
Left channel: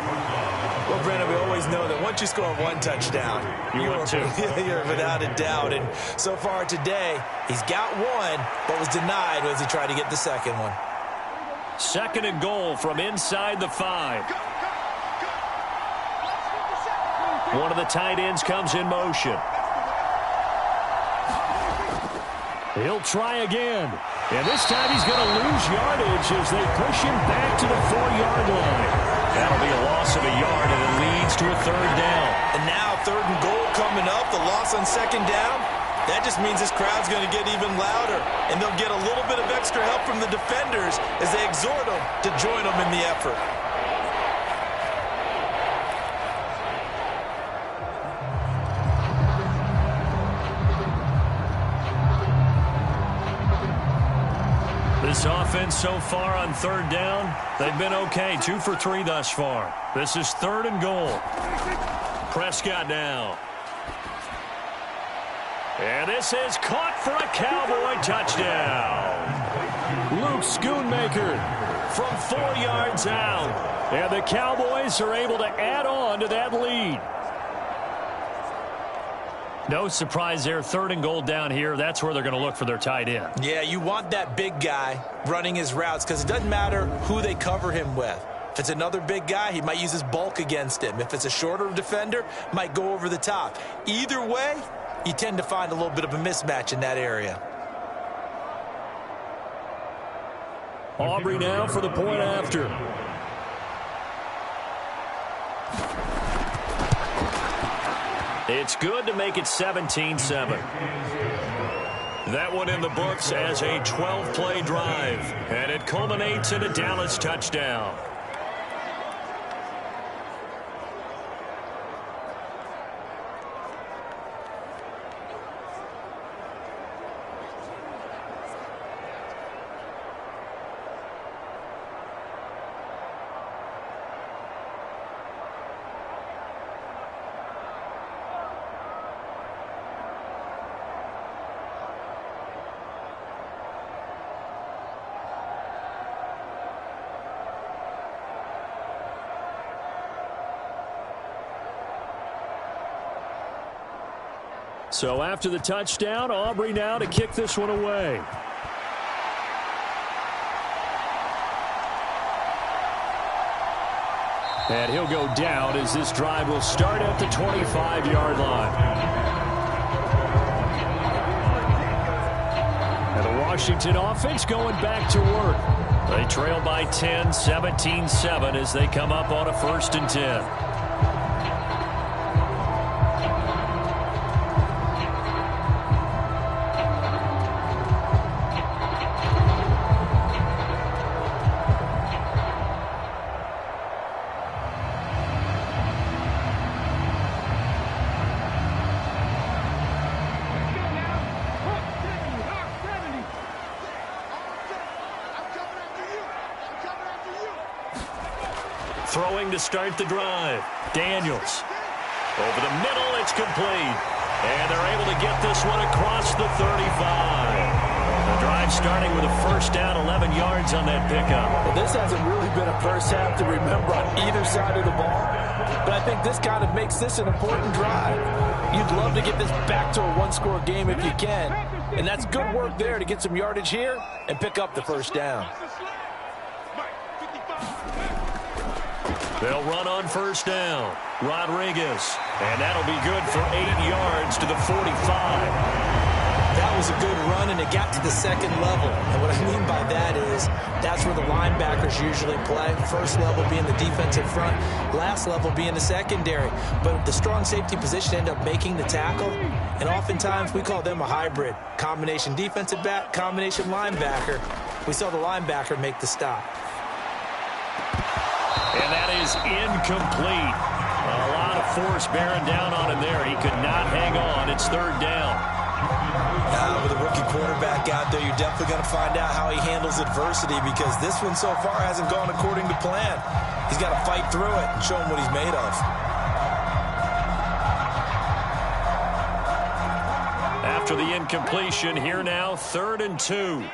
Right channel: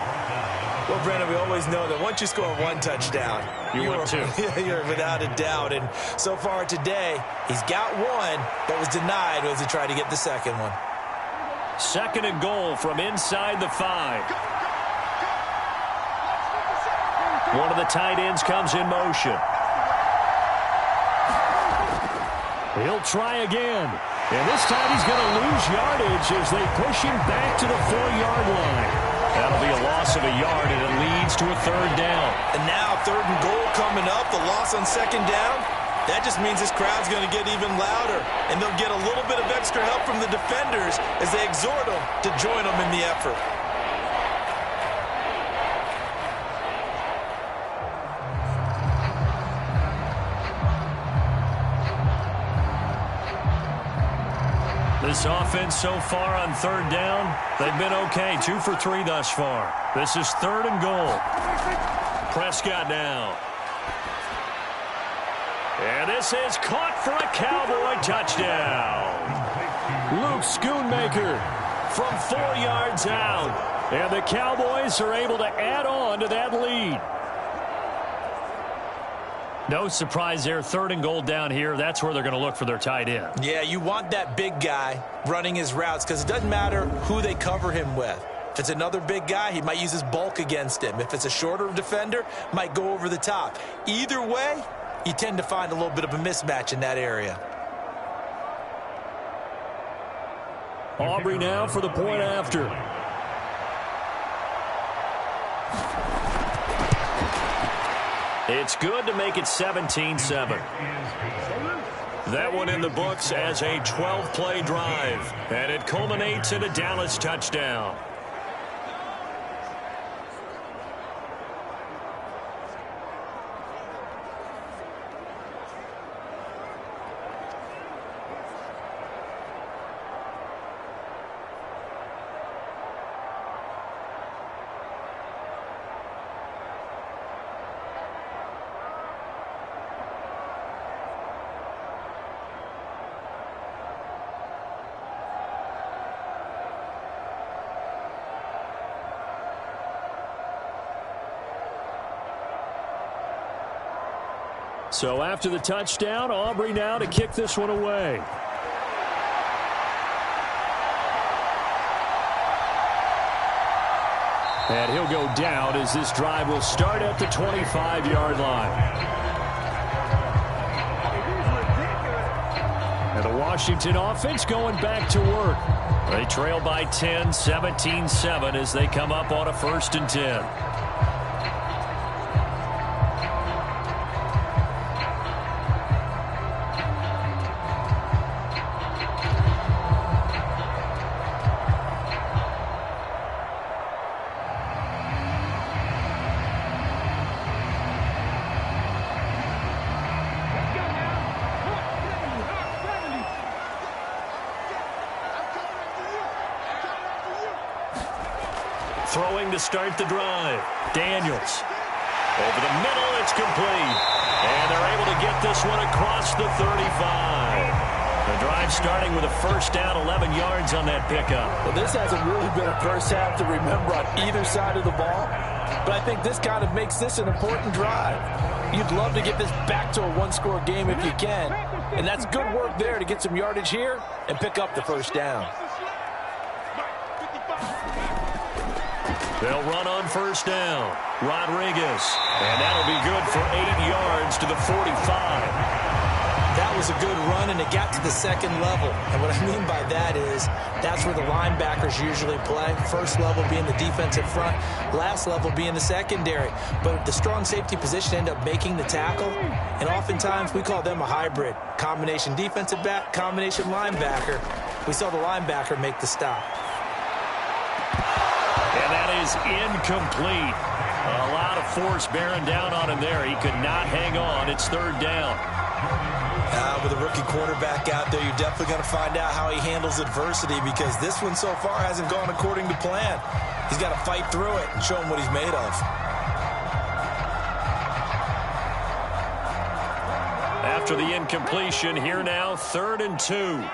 Well, Brennan, we always know that once you score 1 touchdown, you're without a doubt. And so far today, he's got 1, but was denied as he tried to get the 2nd one. 2nd and goal from inside the 5. One of the tight ends comes in motion. He'll try again. And this time he's going to lose yardage as they push him back to the 4-yard line. That'll be a loss of a yard, and it leads to a 3rd down. And now 3rd and goal coming up. The loss on 2nd down. That just means this crowd's going to get even louder, and they'll get a little bit of extra help from the defenders as they exhort them to join them in the effort. This offense so far on 3rd down, they've been okay. 2 for 3 thus far. This is 3rd and goal. Prescott now. And this is caught for a Cowboy touchdown. Luke Schoonmaker from 4 yards out. And the Cowboys are able to add on to that lead. No surprise there. 3rd and goal down here. That's where they're going to look for their tight end. Yeah, you want that big guy running his routes because it doesn't matter who they cover him with. If it's another big guy, he might use his bulk against him. If it's a shorter defender, might go over the top. Either way, you tend to find a little bit of a mismatch in that area. Aubrey now for the point after. It's good to make it 17-7. That one in the books as a 12-play drive, and it culminates in a Dallas touchdown. So after the touchdown, Aubrey now to kick this one away. And he'll go down as this drive will start at the 25-yard line. And the Washington offense going back to work. They trail by 10, 17-7 as they come up on a 1st and 10. Throwing to start the drive. Daniels. Over the middle, it's complete. And they're able to get this one across the 35. The drive starting with a 1st down, 11 yards on that pickup. Well, this hasn't really been a first half to remember on either side of the ball. But I think this kind of makes this an important drive. You'd love to get this back to a one-score game if you can. And that's good work there to get some yardage here and pick up the 1st down. They'll run on 1st down. Rodriguez. And that'll be good for 8 yards to the 45. That was a good run, and it got to the 2nd level. And what I mean by that is that's where the linebackers usually play. 1st level being the defensive front, last level being the secondary. But the strong safety position ended up making the tackle, and oftentimes we call them a hybrid. Combination defensive back, combination linebacker. We saw the linebacker make the stop. And that is incomplete. A lot of force bearing down on him there. He could not hang on. It's 3rd down. With a rookie quarterback out there, you're definitely going to find out how he handles adversity, because this one so far hasn't gone according to plan. He's got to fight through it and show him what he's made of. After the incompletion, here now, 3rd and 2.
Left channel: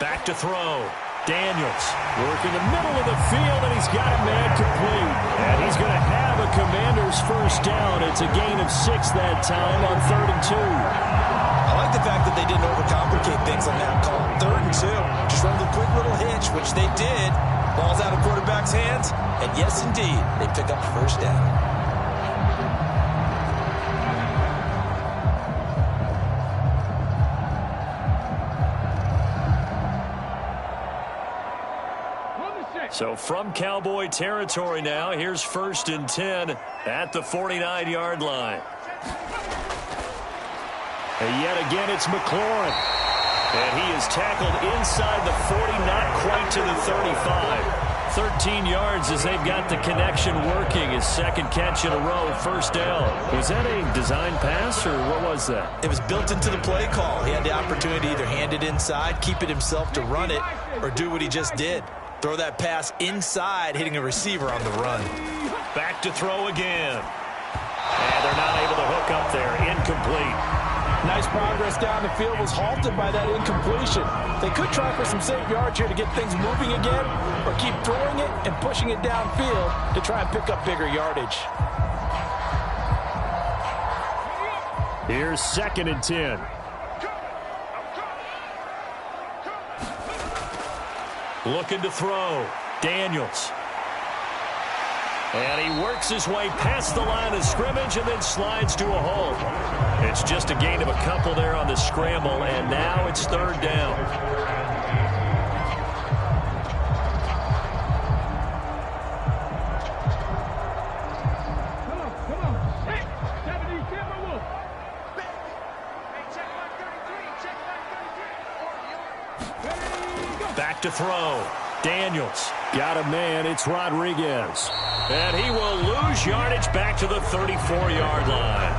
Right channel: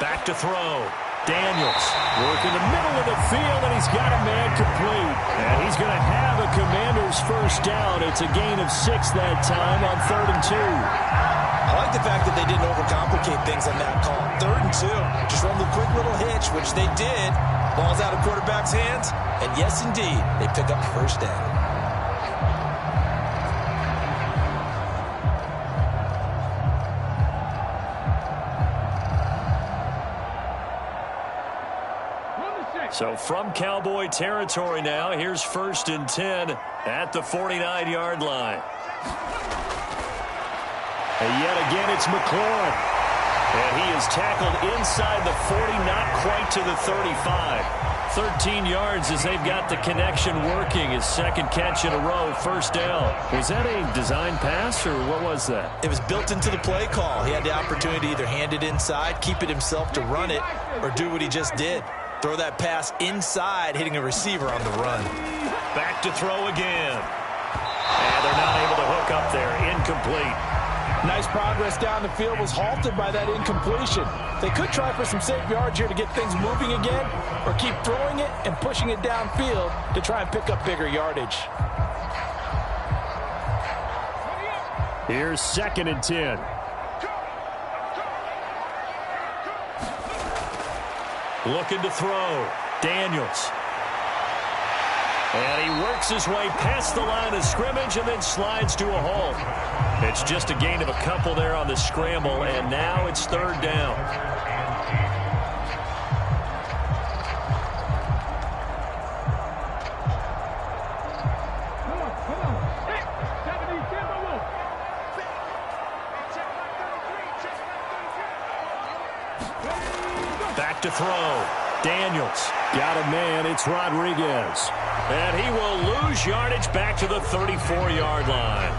Back to throw. Daniels working the middle of the field, and he's got a man complete. And he's going to have a Commanders 1st down. It's a gain of 6 that time on 3rd and 2. I like the fact that they didn't overcomplicate things on that call. 3rd and 2. Just run the quick little hitch, which they did. Ball's out of quarterback's hands. And yes, indeed, they pick up the 1st down. So from Cowboy territory now, here's 1st and 10 at the 49-yard line. And yet again, it's McLaurin. And he is tackled inside the 40, not quite to the 35. 13 yards as they've got the connection working. His 2nd catch in a row, 1st down. Was that a design pass, or what was that? It was built into the play call. He had the opportunity to either hand it inside, keep it himself to run it, or do what he just did. Throw that pass inside, hitting a receiver on the run. Back to throw again. And they're not able to hook up there. Incomplete. Nice progress down the field, was halted by that incompletion. They could try for some safe yards here to get things moving again, or keep throwing it and pushing it downfield to try and pick up bigger yardage. Here's 2nd and 10. Looking to throw. Daniels. And he works his way past the line of scrimmage and then slides to a halt. It's just a gain of a couple there on the scramble, and now it's 3rd down. Back to throw. Daniels. Got a man. It's Rodriguez. And he will lose yardage back to the 34-yard line.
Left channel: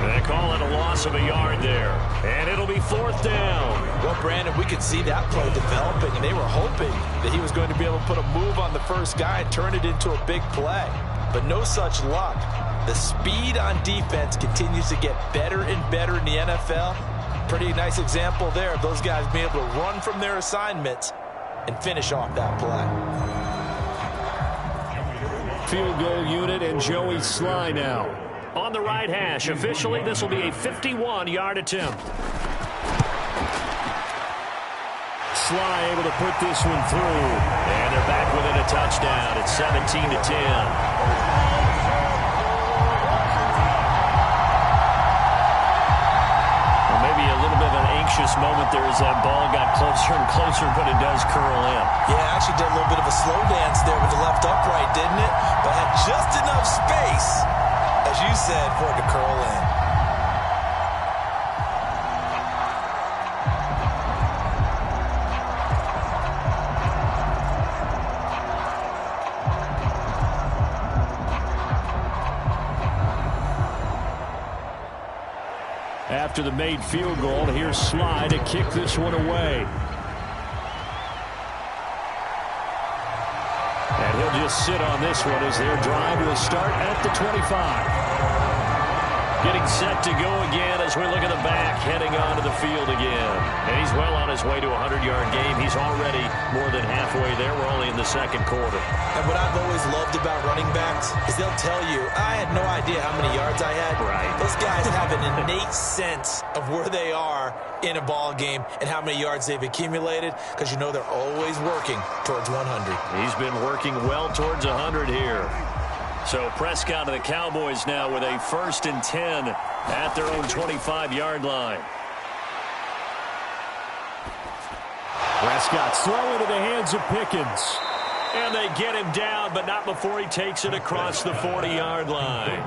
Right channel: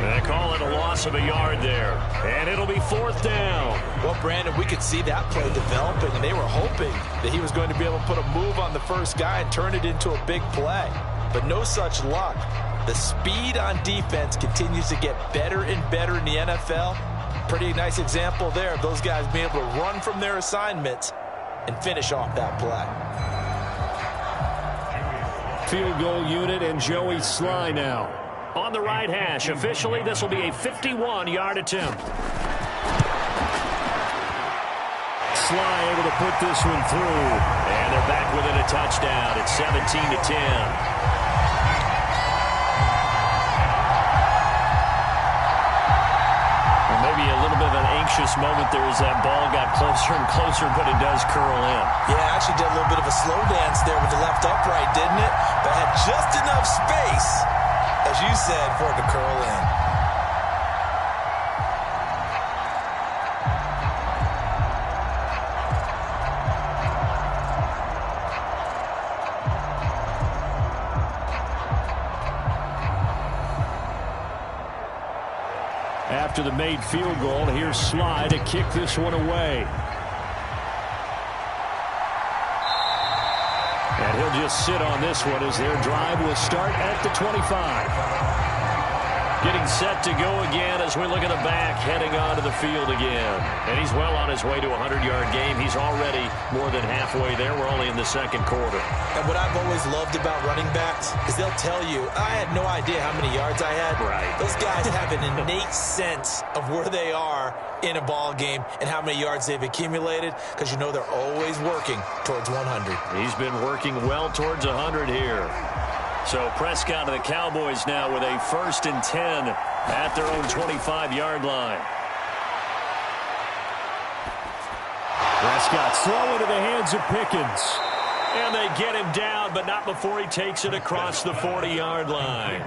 They call it a loss of a yard there. And it'll be 4th down. Well, Brandon, we could see that play developing, and they were hoping that he was going to be able to put a move on the first guy and turn it into a big play. But no such luck. The speed on defense continues to get better and better in the NFL. Pretty nice example there of those guys being able to run from their assignments and finish off that play. Field goal unit and Joey Sly now. On the right hash, officially, this will be a 51-yard attempt. Sly able to put this one through. And they're back within a touchdown. It's 17-10. Maybe a little bit of an anxious moment there as that ball got closer and closer, but it does curl in. Yeah, actually did a little bit of a slow dance there with the left upright, didn't it? But had just enough space, as you said, for it to curl in. After the made field goal, here's Sly to kick this one away. And he'll just sit on this one as their drive will start at the 25. Getting set to go again as we look at the back, heading onto the field again. And he's well on his way to a 100-yard game. He's already more than halfway there. We're only in the second quarter. And what I've always loved about running backs is they'll tell you, I had no idea how many yards I had. Right. Those guys have an innate sense of where they are in a ball game and how many yards they've accumulated, because you know they're always working towards 100. He's been working well towards 100 here. So Prescott and the Cowboys now with a 1st and 10 at their own 25-yard line. Prescott slow into the hands of Pickens. And they get him down, but not before he takes it across the 40-yard line.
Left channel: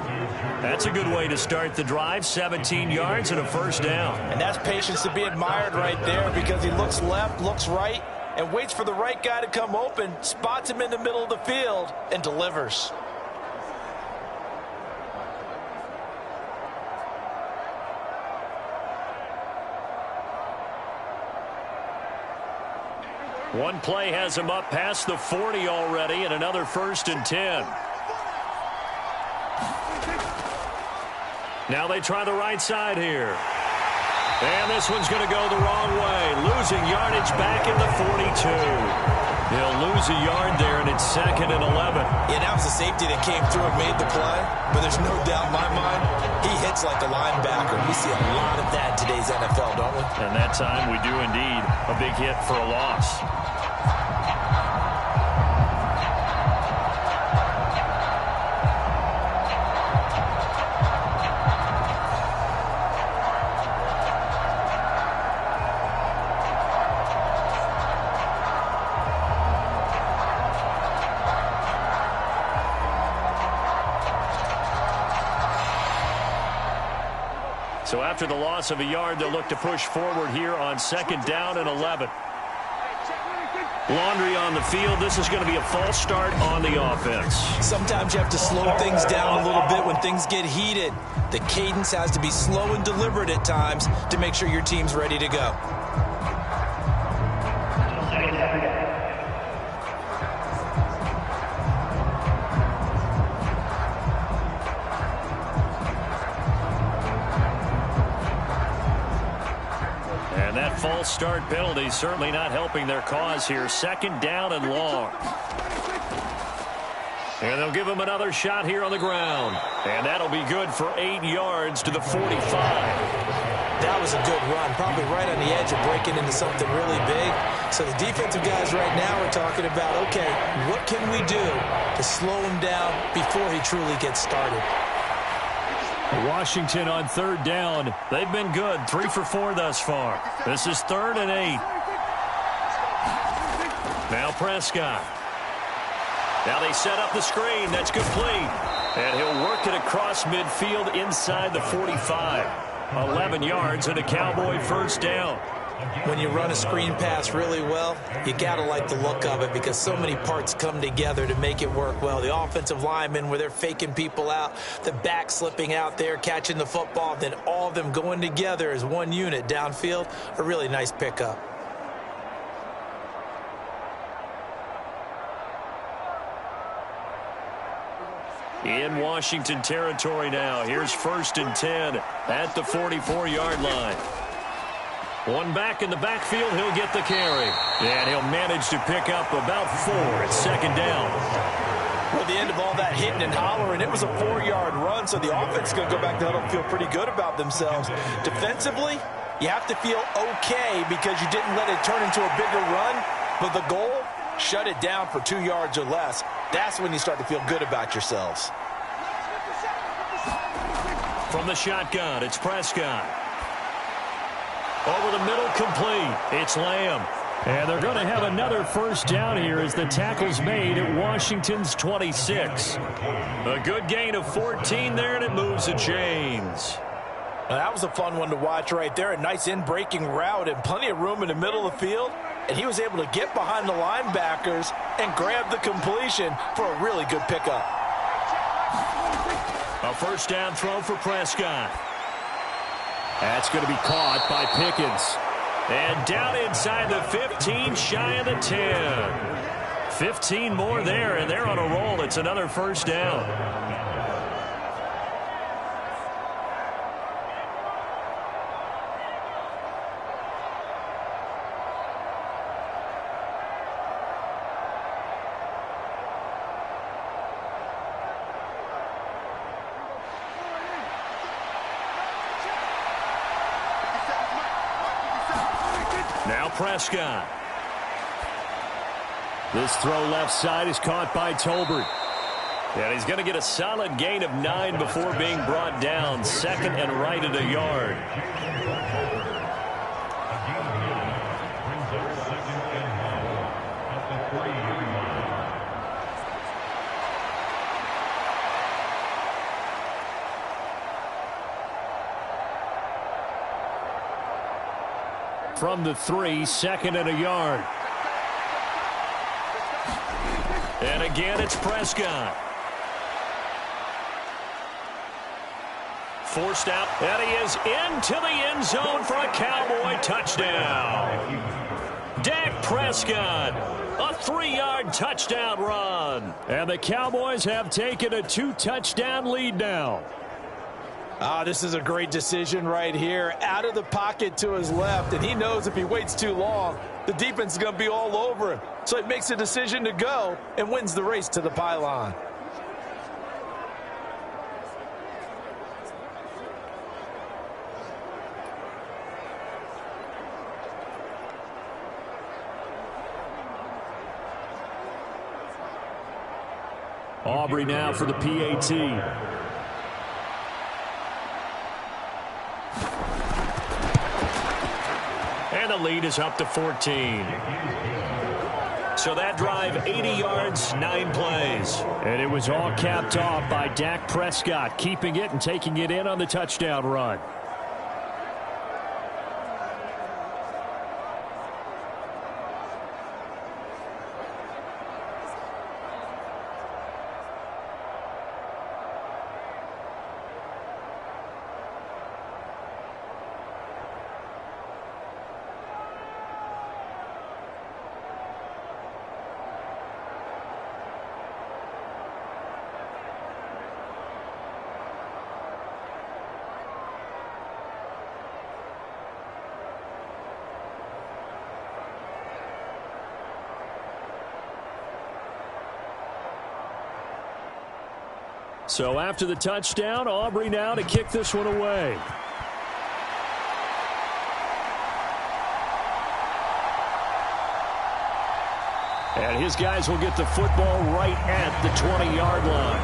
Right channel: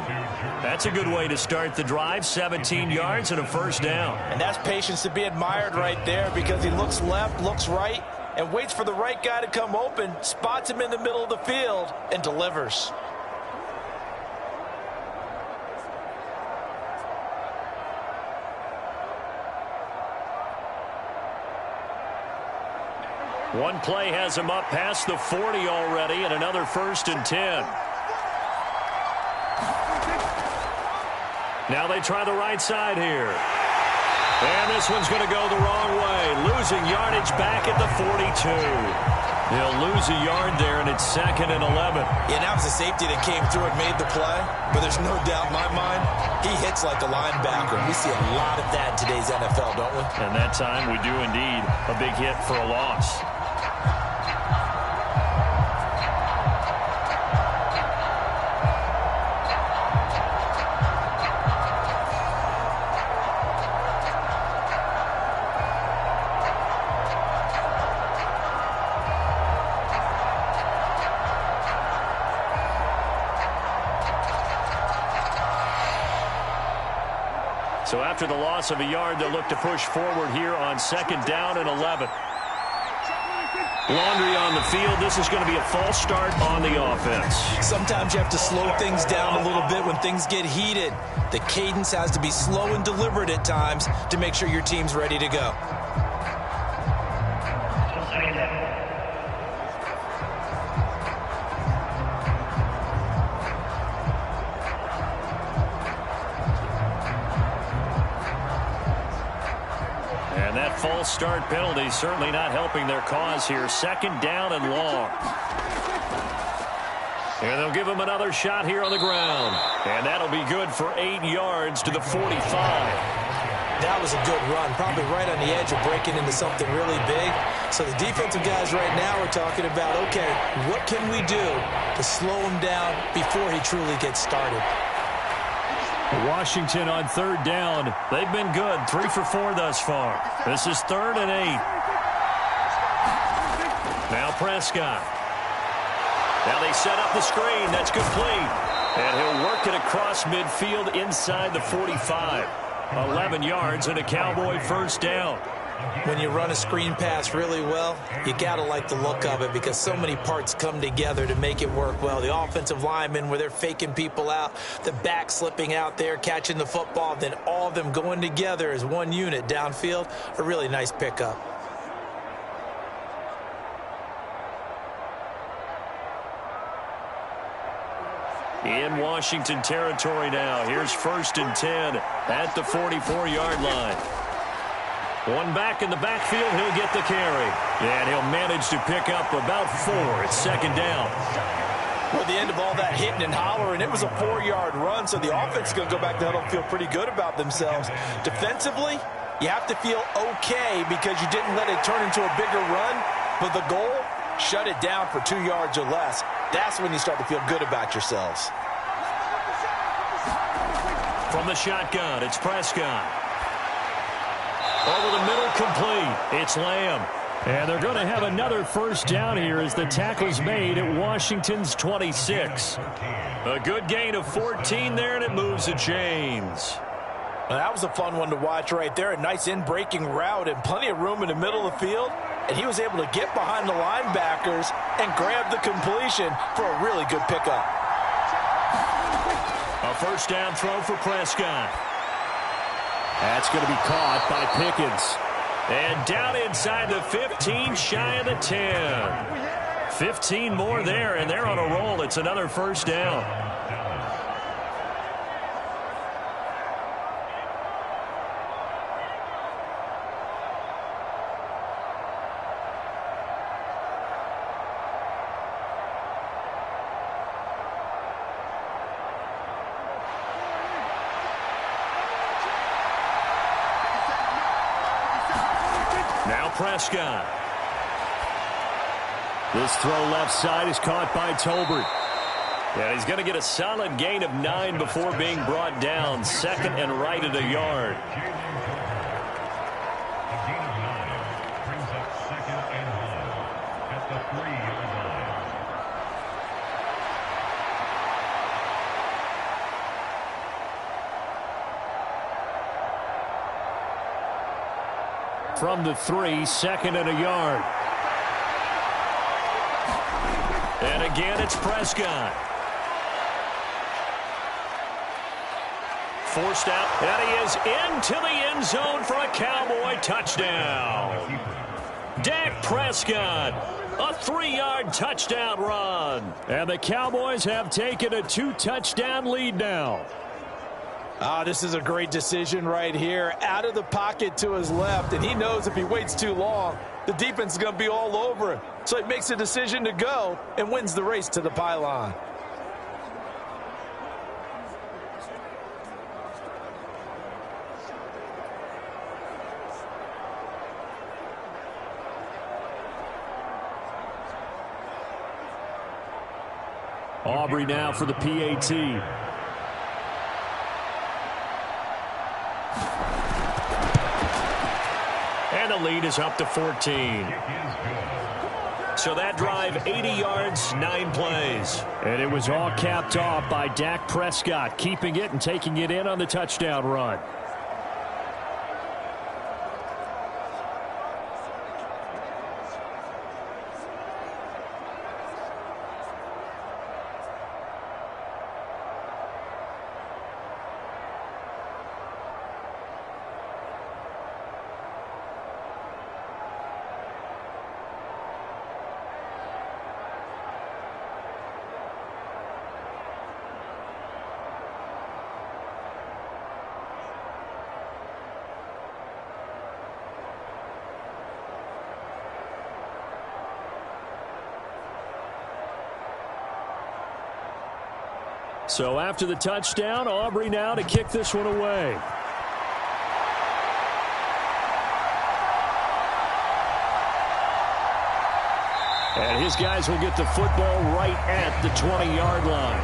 That's a good way to start the drive. 17 yards and a 1st down. And that's patience to be admired right there, because he looks left, looks right, and waits for the right guy to come open, spots him in the middle of the field, and delivers. One play has him up past the 40 already, and another 1st and 10. Now they try the right side here. And this one's going to go the wrong way. Losing yardage back at the 42. He'll lose a yard there, and it's 2nd and 11. Yeah, that was a safety that came through and made the play. But there's no doubt in my mind, he hits like a linebacker. We see a lot of that in today's NFL, don't we? And that time we do indeed. A big hit for a loss. So after the loss of a yard, they'll look to push forward here on 2nd down and 11. Laundry on the field. This is going to be a false start on the offense. Sometimes you have to slow things down a little bit when things get heated. The cadence has to be slow and deliberate at times to make sure your team's ready to go. And that false start penalty certainly not helping their cause here. 2nd down and long. And they'll give him another shot here on the ground. And that'll be good for 8 yards to the 45. That was a good run, probably right on the edge of breaking into something really big. So the defensive guys right now are talking about, okay, what can we do to slow him down before he truly gets started? Washington on 3rd down. They've been good. 3 for 4 thus far. This is 3rd and 8. Now Prescott. Now they set up the screen. That's complete. And he'll work it across midfield inside the 45. 11 yards and a Cowboy 1st down. When you run a screen pass really well, you got to like the look of it because so many parts come together to make it work well. The offensive linemen, where they're faking people out, the back slipping out there, catching the football, then all of them going together as one unit downfield, a really nice pickup. In Washington territory now. Here's 1st and 10 at the 44-yard line. One back in the backfield. He'll get the carry. And he'll manage to pick up about 4. It's 2nd down. Well, the end of all that hitting and hollering, it was a 4-yard run, so the offense is going to go back to huddle and feel pretty good about themselves. Defensively, you have to feel okay because you didn't let it turn into a bigger run, but the goal, shut it down for 2 yards or less. That's when you start to feel good about yourselves. From the shotgun, it's Prescott. Over the middle, complete. It's Lamb. And they're going to have another 1st down here as the tackle's made at Washington's 26. A good gain of 14 there, and it moves the chains. Well, that was a fun one to watch right there. A nice in-breaking route and plenty of room in the middle of the field. And he was able to get behind the linebackers and grab the completion for a really good pickup. A 1st down throw for Prescott. That's going to be caught by Pickens. And down inside the 15, shy of the 10. 15 more there, and they're on a roll. It's another 1st down. Now Prescott. This throw left side is caught by Tolbert. And he's going to get a solid gain of 9 before being brought down. 2nd and right at a yard. Brings up 2nd and 1 at the 3-yard line. From the 3, 2nd and a yard. And again, it's Prescott. Forced out, and he is into the end zone for a Cowboy touchdown. Dak Prescott, a 3-yard touchdown run. And the Cowboys have taken a 2-touchdown lead now. This is a great decision right here. Out of the pocket to his left, and he knows if he waits too long, the defense is going to be all over him. So he makes a decision to go and wins the race to the pylon. Aubrey now for the PAT. And the lead is up to 14. So that drive, 80 yards, 9 plays. And it was all capped off by Dak Prescott, keeping it and taking it in on the touchdown run. So after the touchdown, Aubrey now to kick this one away. And his guys will get the football right at the 20-yard line.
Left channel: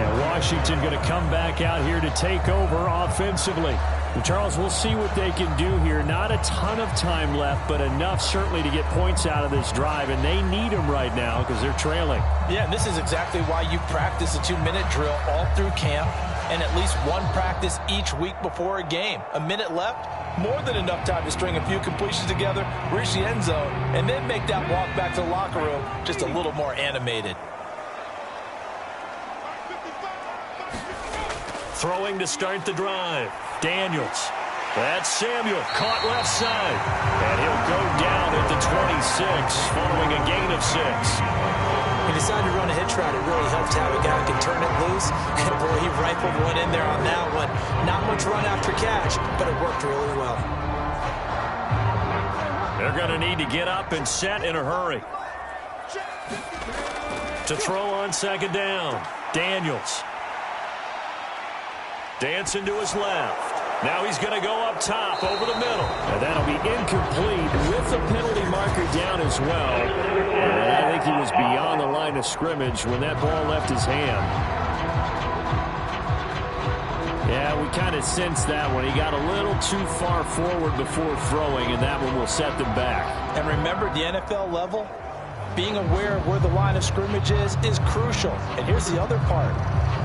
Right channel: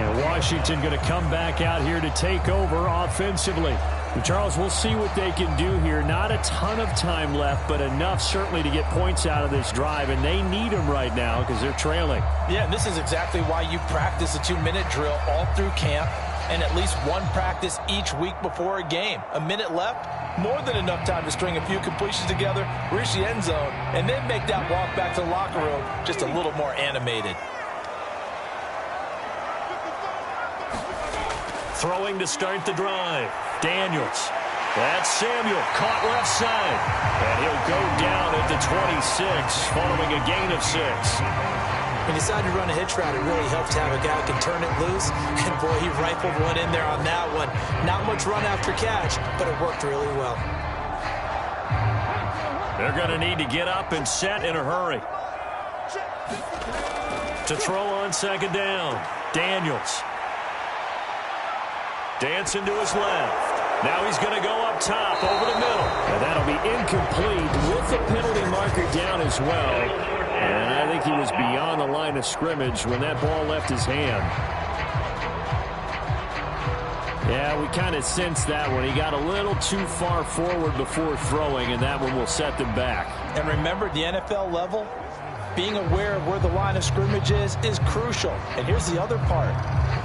And Washington going to come back out here to take over offensively. And Charles, we'll see what they can do here. Not a ton of time left, but enough certainly to get points out of this drive, and they need them right now because they're trailing. Yeah, and this is exactly why you practice a 2-minute drill all through camp. and at least one practice each week before a game. A minute left, more than enough time to string a few completions together, reach the end zone, and then make that walk back to the locker room just a little more animated. Throwing to start the drive. Daniels. That's Samuel, caught left side. And he'll go down at the 26 following a gain of 6. He decided to run a hitch route. It really helped to have a guy who can turn it loose. And, boy, he rifled one in there on that one. Not much run after catch, but it worked really well. They're going to need to get up and set in a hurry. To throw on second down, Daniels. Dancing to his left. Now he's going to go up top over the middle. And that'll be incomplete with the penalty marker down as well. And I think he was beyond the line of scrimmage when that ball left his hand. Yeah, we kind of sensed that one. He got a little too far forward before throwing, and that one will set them back. And remember, at the NFL level, being aware of where the line of scrimmage is crucial. And here's the other part.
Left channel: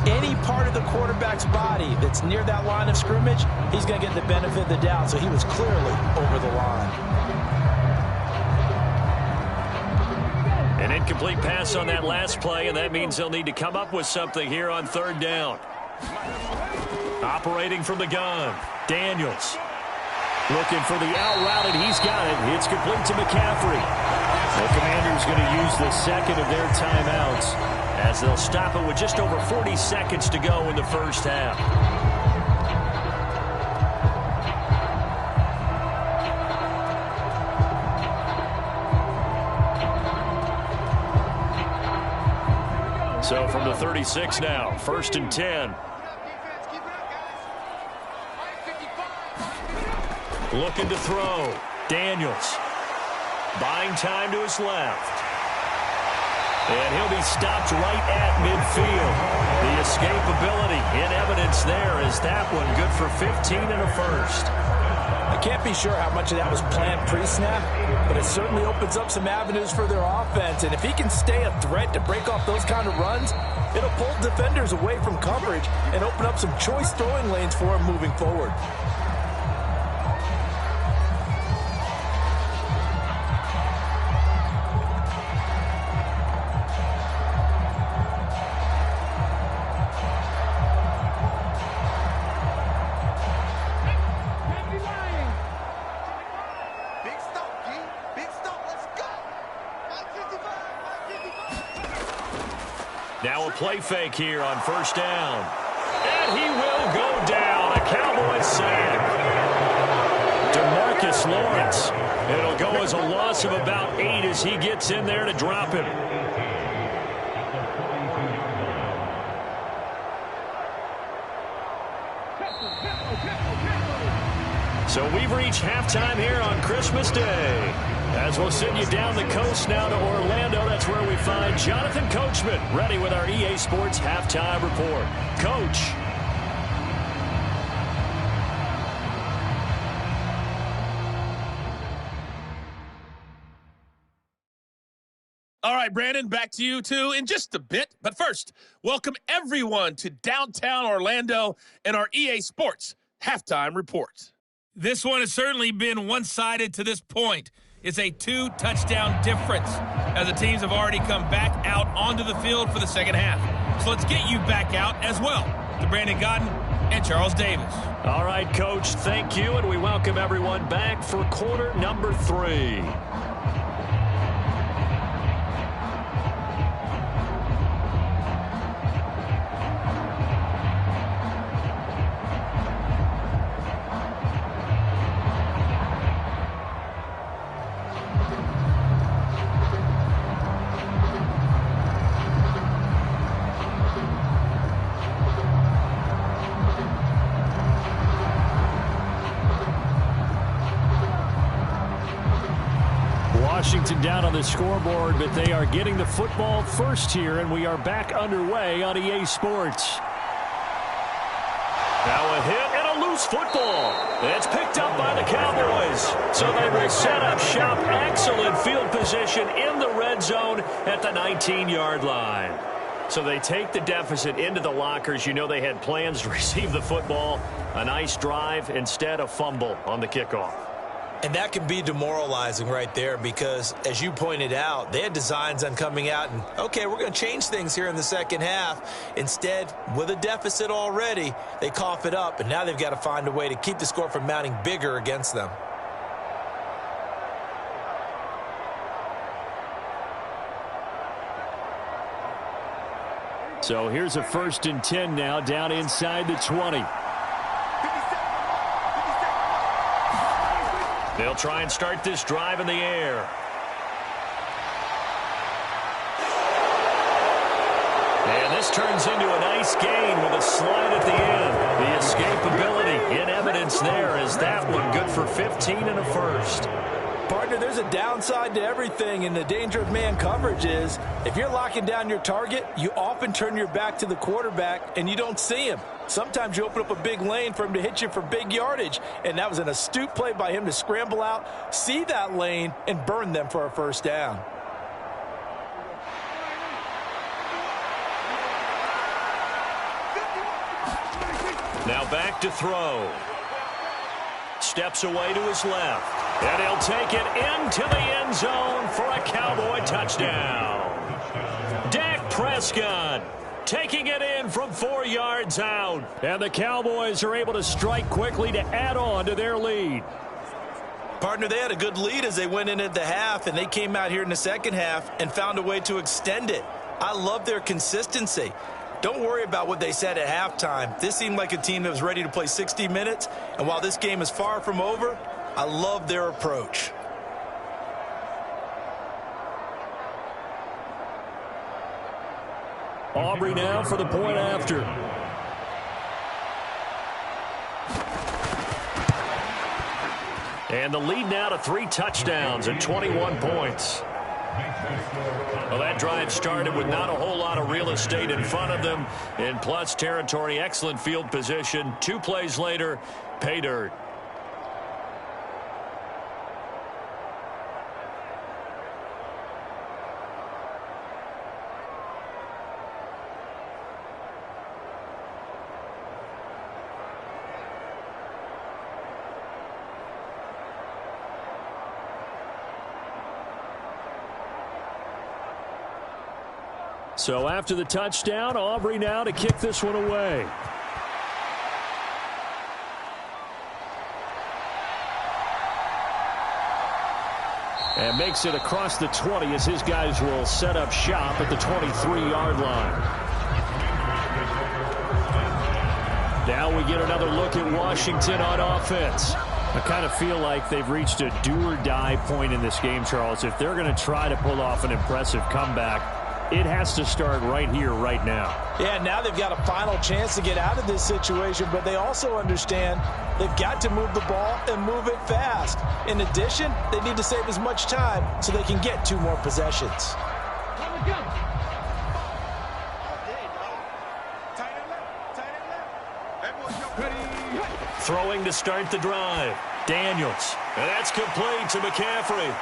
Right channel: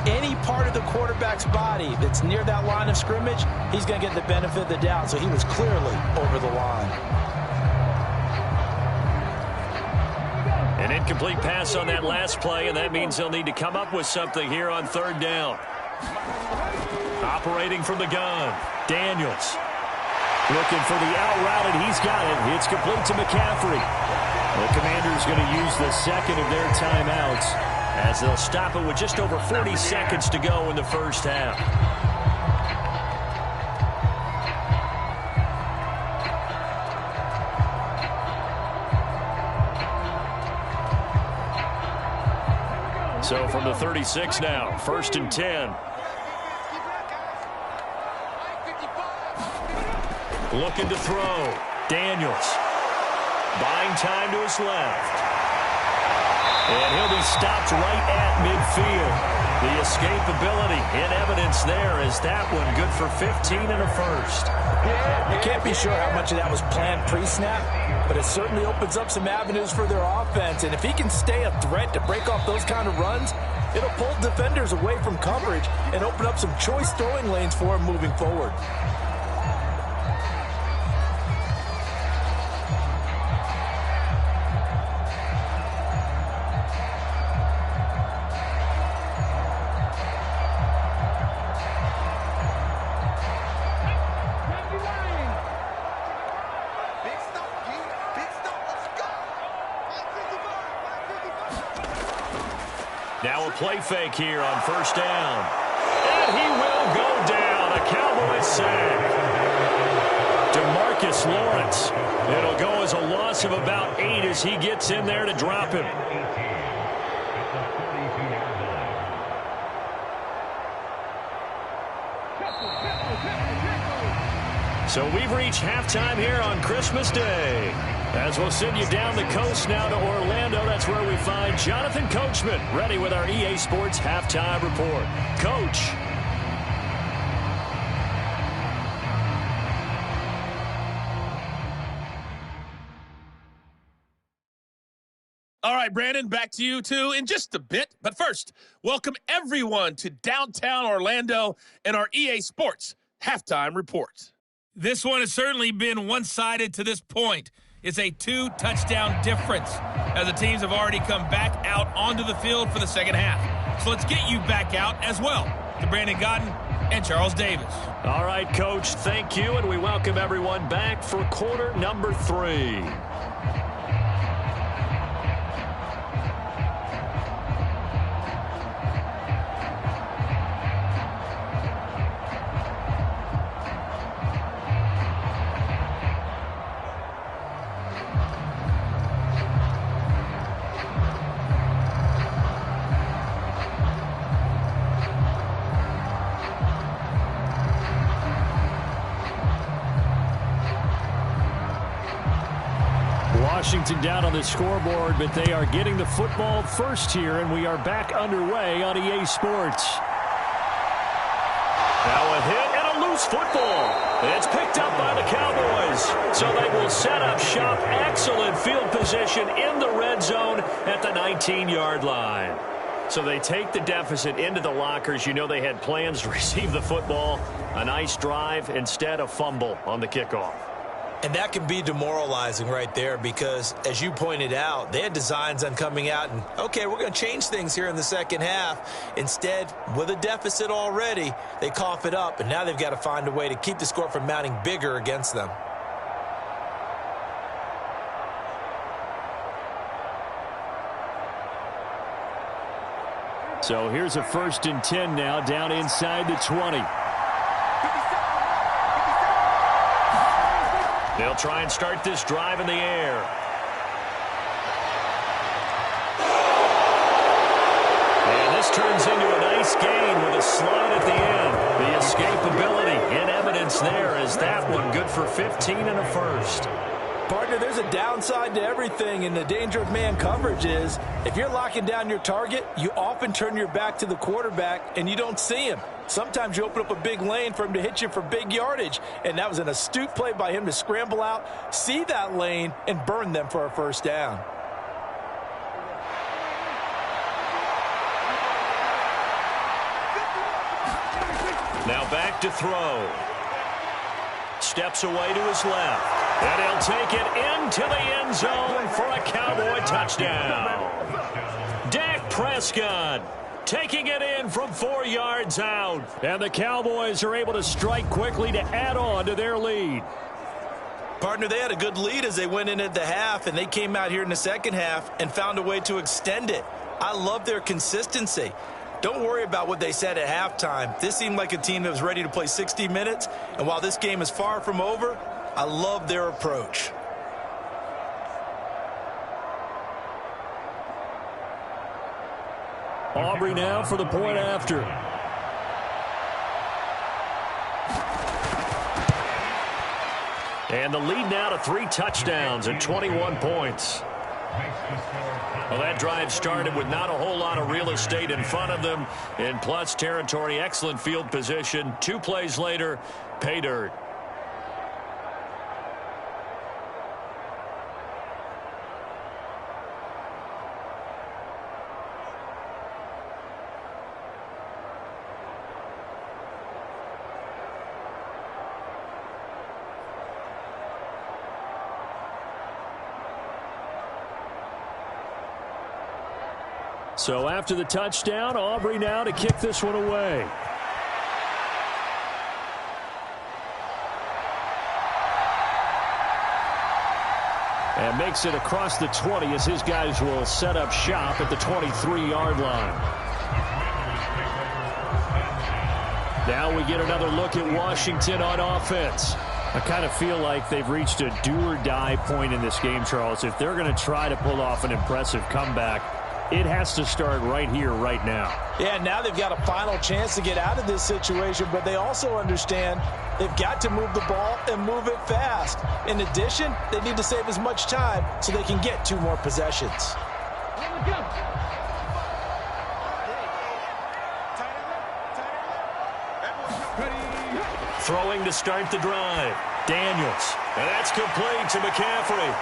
Any part of the quarterback's body that's near that line of scrimmage, he's going to get the benefit of the doubt. So he was clearly over the line. An incomplete pass on that last play, and that means they'll need to come up with something here on third down. Operating from the gun, Daniels. Looking for the out route, and he's got it. It's complete to McCaffrey. The Commanders going to use the second of their timeouts, as they'll stop it with just over 40 seconds to go in the first half. So from the 36 now, 1st and 10. Looking to throw. Daniels. Buying time to his left. And he'll be stopped right at midfield. The escapability in evidence there is that one good for 15 and a first. I can't be sure how much of that was planned pre-snap, but it certainly opens up some avenues for their offense. And if he can stay a threat to break off those kind of runs, it'll pull defenders away from coverage and open up some choice throwing lanes for him moving forward. Now a play fake here on first down. And he will go down. A Cowboys sack. DeMarcus Lawrence. It'll go as a loss of about 8 as he gets in there to drop him. So we've reached halftime here on Christmas Day. As we'll send you down the coast now to Orlando, that's where we find Jonathan Coachman, ready with our EA Sports Halftime Report. Coach. All right, Brandon, back to you two in just a bit. But first, welcome everyone to downtown Orlando and our EA Sports Halftime Report. This one has certainly been one-sided to this point. It's a 2-touchdown difference as the teams have already come back out onto the field for the second half. So let's get you back out as well to Brandon Godden and Charles Davis. All right, Coach, thank you, and we welcome everyone back for quarter number 3. Washington down on the scoreboard, but they are getting the football first here, and we are back underway on EA Sports. Now a hit and a loose football. It's picked up by the Cowboys. So they will set up shop. Excellent field position in the red zone at the 19-yard line. So they take the deficit into the lockers. You know they had plans to receive the football. A nice drive, instead a fumble on the kickoff. And that can be demoralizing right there because, as you pointed out, they had designs on coming out and, okay, we're going to change things here in the second half. Instead, with a deficit already, they cough it up, and now they've got to find a way to keep the score from mounting bigger against them. So here's a 1st and 10 now, down inside the 20. They'll try and start this drive in the air. And this turns into a nice gain with a slide at the end. The escapability in evidence there as that one good for 15 and a first. Partner, there's a downside to everything, and the danger of man coverage is if you're locking down your target, you often turn your back to the quarterback and you don't see him. Sometimes you open up a big lane for him to hit you for big yardage, and that was an astute play by him to scramble out, see that lane, and burn them for a first down. Now back to throw. Steps away to his left. And he'll take it into the end zone for a Cowboy touchdown. Dak Prescott taking it in from 4 yards out. And the Cowboys are able to strike quickly to add on to their lead. Partner, they had a good lead as they went in at the half, and they came out here in the second half and found a way to extend it. I love their consistency. Don't worry about what they said at halftime. This seemed like a team that was ready to play 60 minutes, and while this game is far from over, I love their approach. Aubrey now for the point after. And the lead now to 3 touchdowns and 21 points. Well, that drive started with not a whole lot of real estate in front of them. In plus territory, excellent field position. 2 plays later, pay dirt. So after the touchdown, Aubrey now to kick this one away. And makes it across the 20 as his guys will set up shop at the 23-yard line. Now we get another look at Washington on offense. I kind of feel like they've reached a do-or-die point in this game, Charles. If they're going to try to pull off an impressive comeback, it has to start right here, right now. Yeah, now they've got a final chance to get out of this situation, but they also understand they've got to move the ball and move it fast. In addition, they need to save as much time so they can get 2 more possessions. Throwing to start the drive. Daniels. And that's complete to McCaffrey.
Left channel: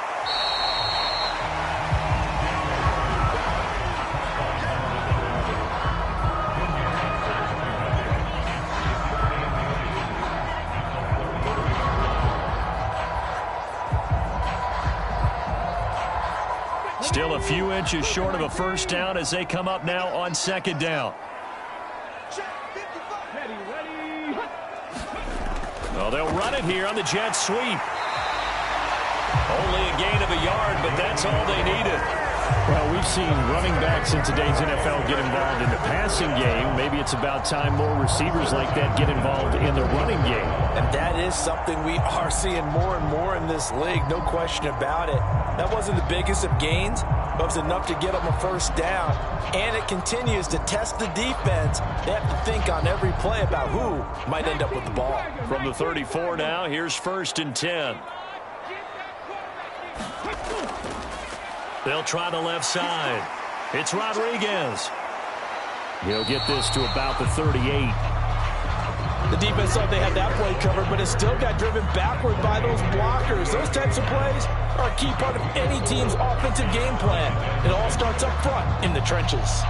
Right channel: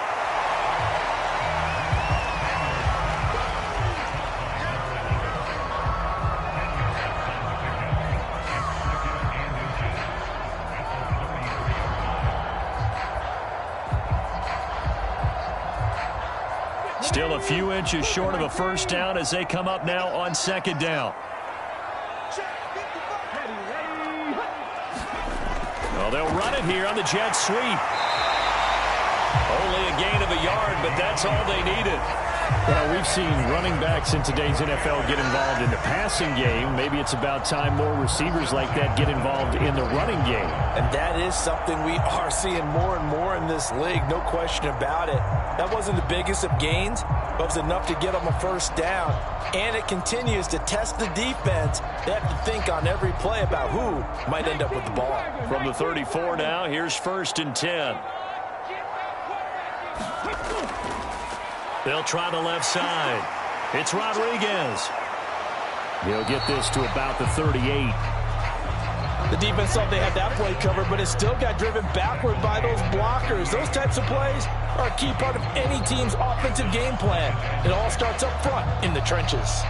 Still a few inches short of a first down as they come up now on 2nd down. Well, they'll run it here on the jet sweep. Only a gain of a yard, but that's all they needed. Well, we've seen running backs in today's NFL get involved in the passing game. Maybe it's about time more receivers like that get involved in the running game. And that is something we are seeing more and more in this league, no question about it. That wasn't the biggest of gains, but it was enough to get them a first down. And it continues to test the defense. They have to think on every play about who might end up with the ball. From the 34 now, here's 1st and 10. They'll try the left side. It's Rodriguez. He'll get this to about the 38. The defense thought they had that play covered, but it still got driven backward by those blockers. Those types of plays are a key part of any team's offensive game plan. It all starts up front in the trenches.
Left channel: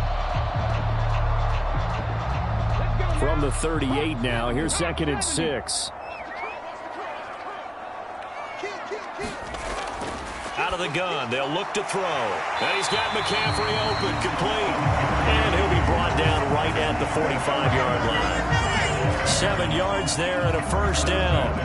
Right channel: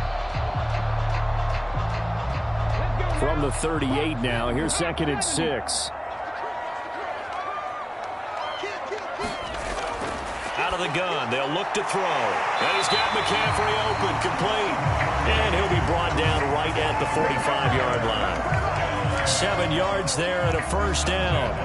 From the 38 now, here's 2nd and 6. Out of the gun, they'll look to throw. And he's got McCaffrey open, complete. And he'll be brought down right at the 45-yard line. 7 yards there and a first down.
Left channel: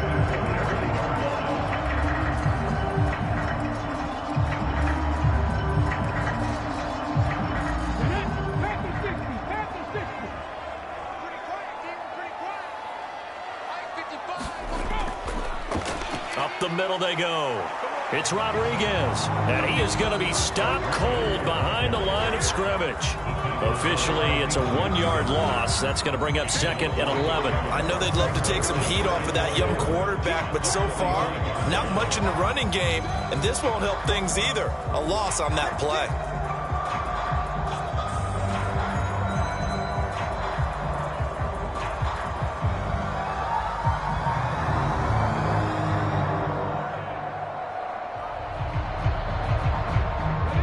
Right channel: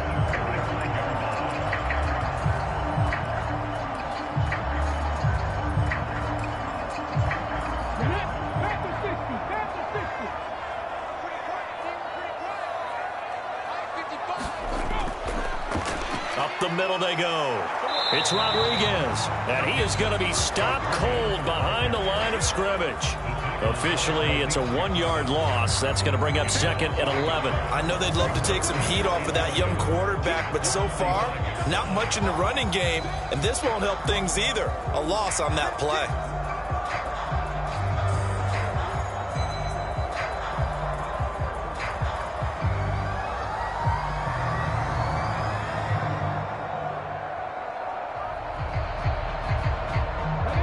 Up the middle they go. It's Rodriguez, and he is going to be stopped cold behind the line of scrimmage. Officially, it's a 1-yard loss. That's going to bring up 2nd and 11. I know they'd love to take some heat off of that young quarterback, but so far, not much in the running game, and this won't help things either. A loss on that play.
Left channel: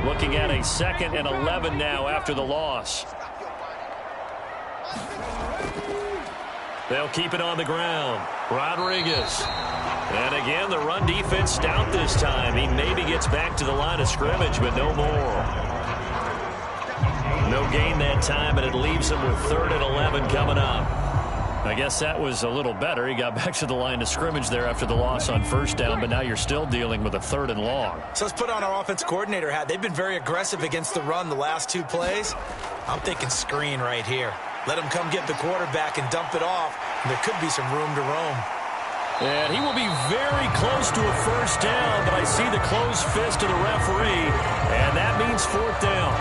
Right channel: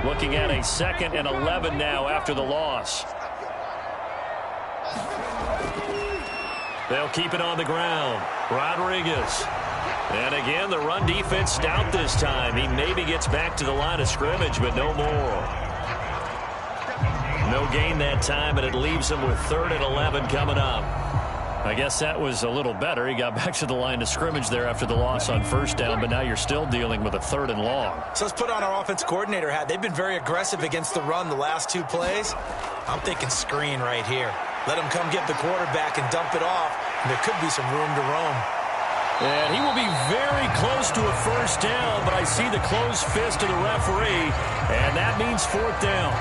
Looking at a 2nd and 11 now after the loss. They'll keep it on the ground. Rodriguez. And again, the run defense stout this time. He maybe gets back to the line of scrimmage, but no more. No gain that time, and it leaves him with 3rd and 11 coming up. I guess that was a little better. He got back to the line of scrimmage there after the loss on first down, but now you're still dealing with a 3rd and long. So let's put on our offense coordinator hat. They've been very aggressive against the run the last 2 plays. I'm thinking screen right here. Let them come get the quarterback and dump it off, and there could be some room to roam. And he will be very close to a first down, but I see the closed fist of the referee, and that means 4th down.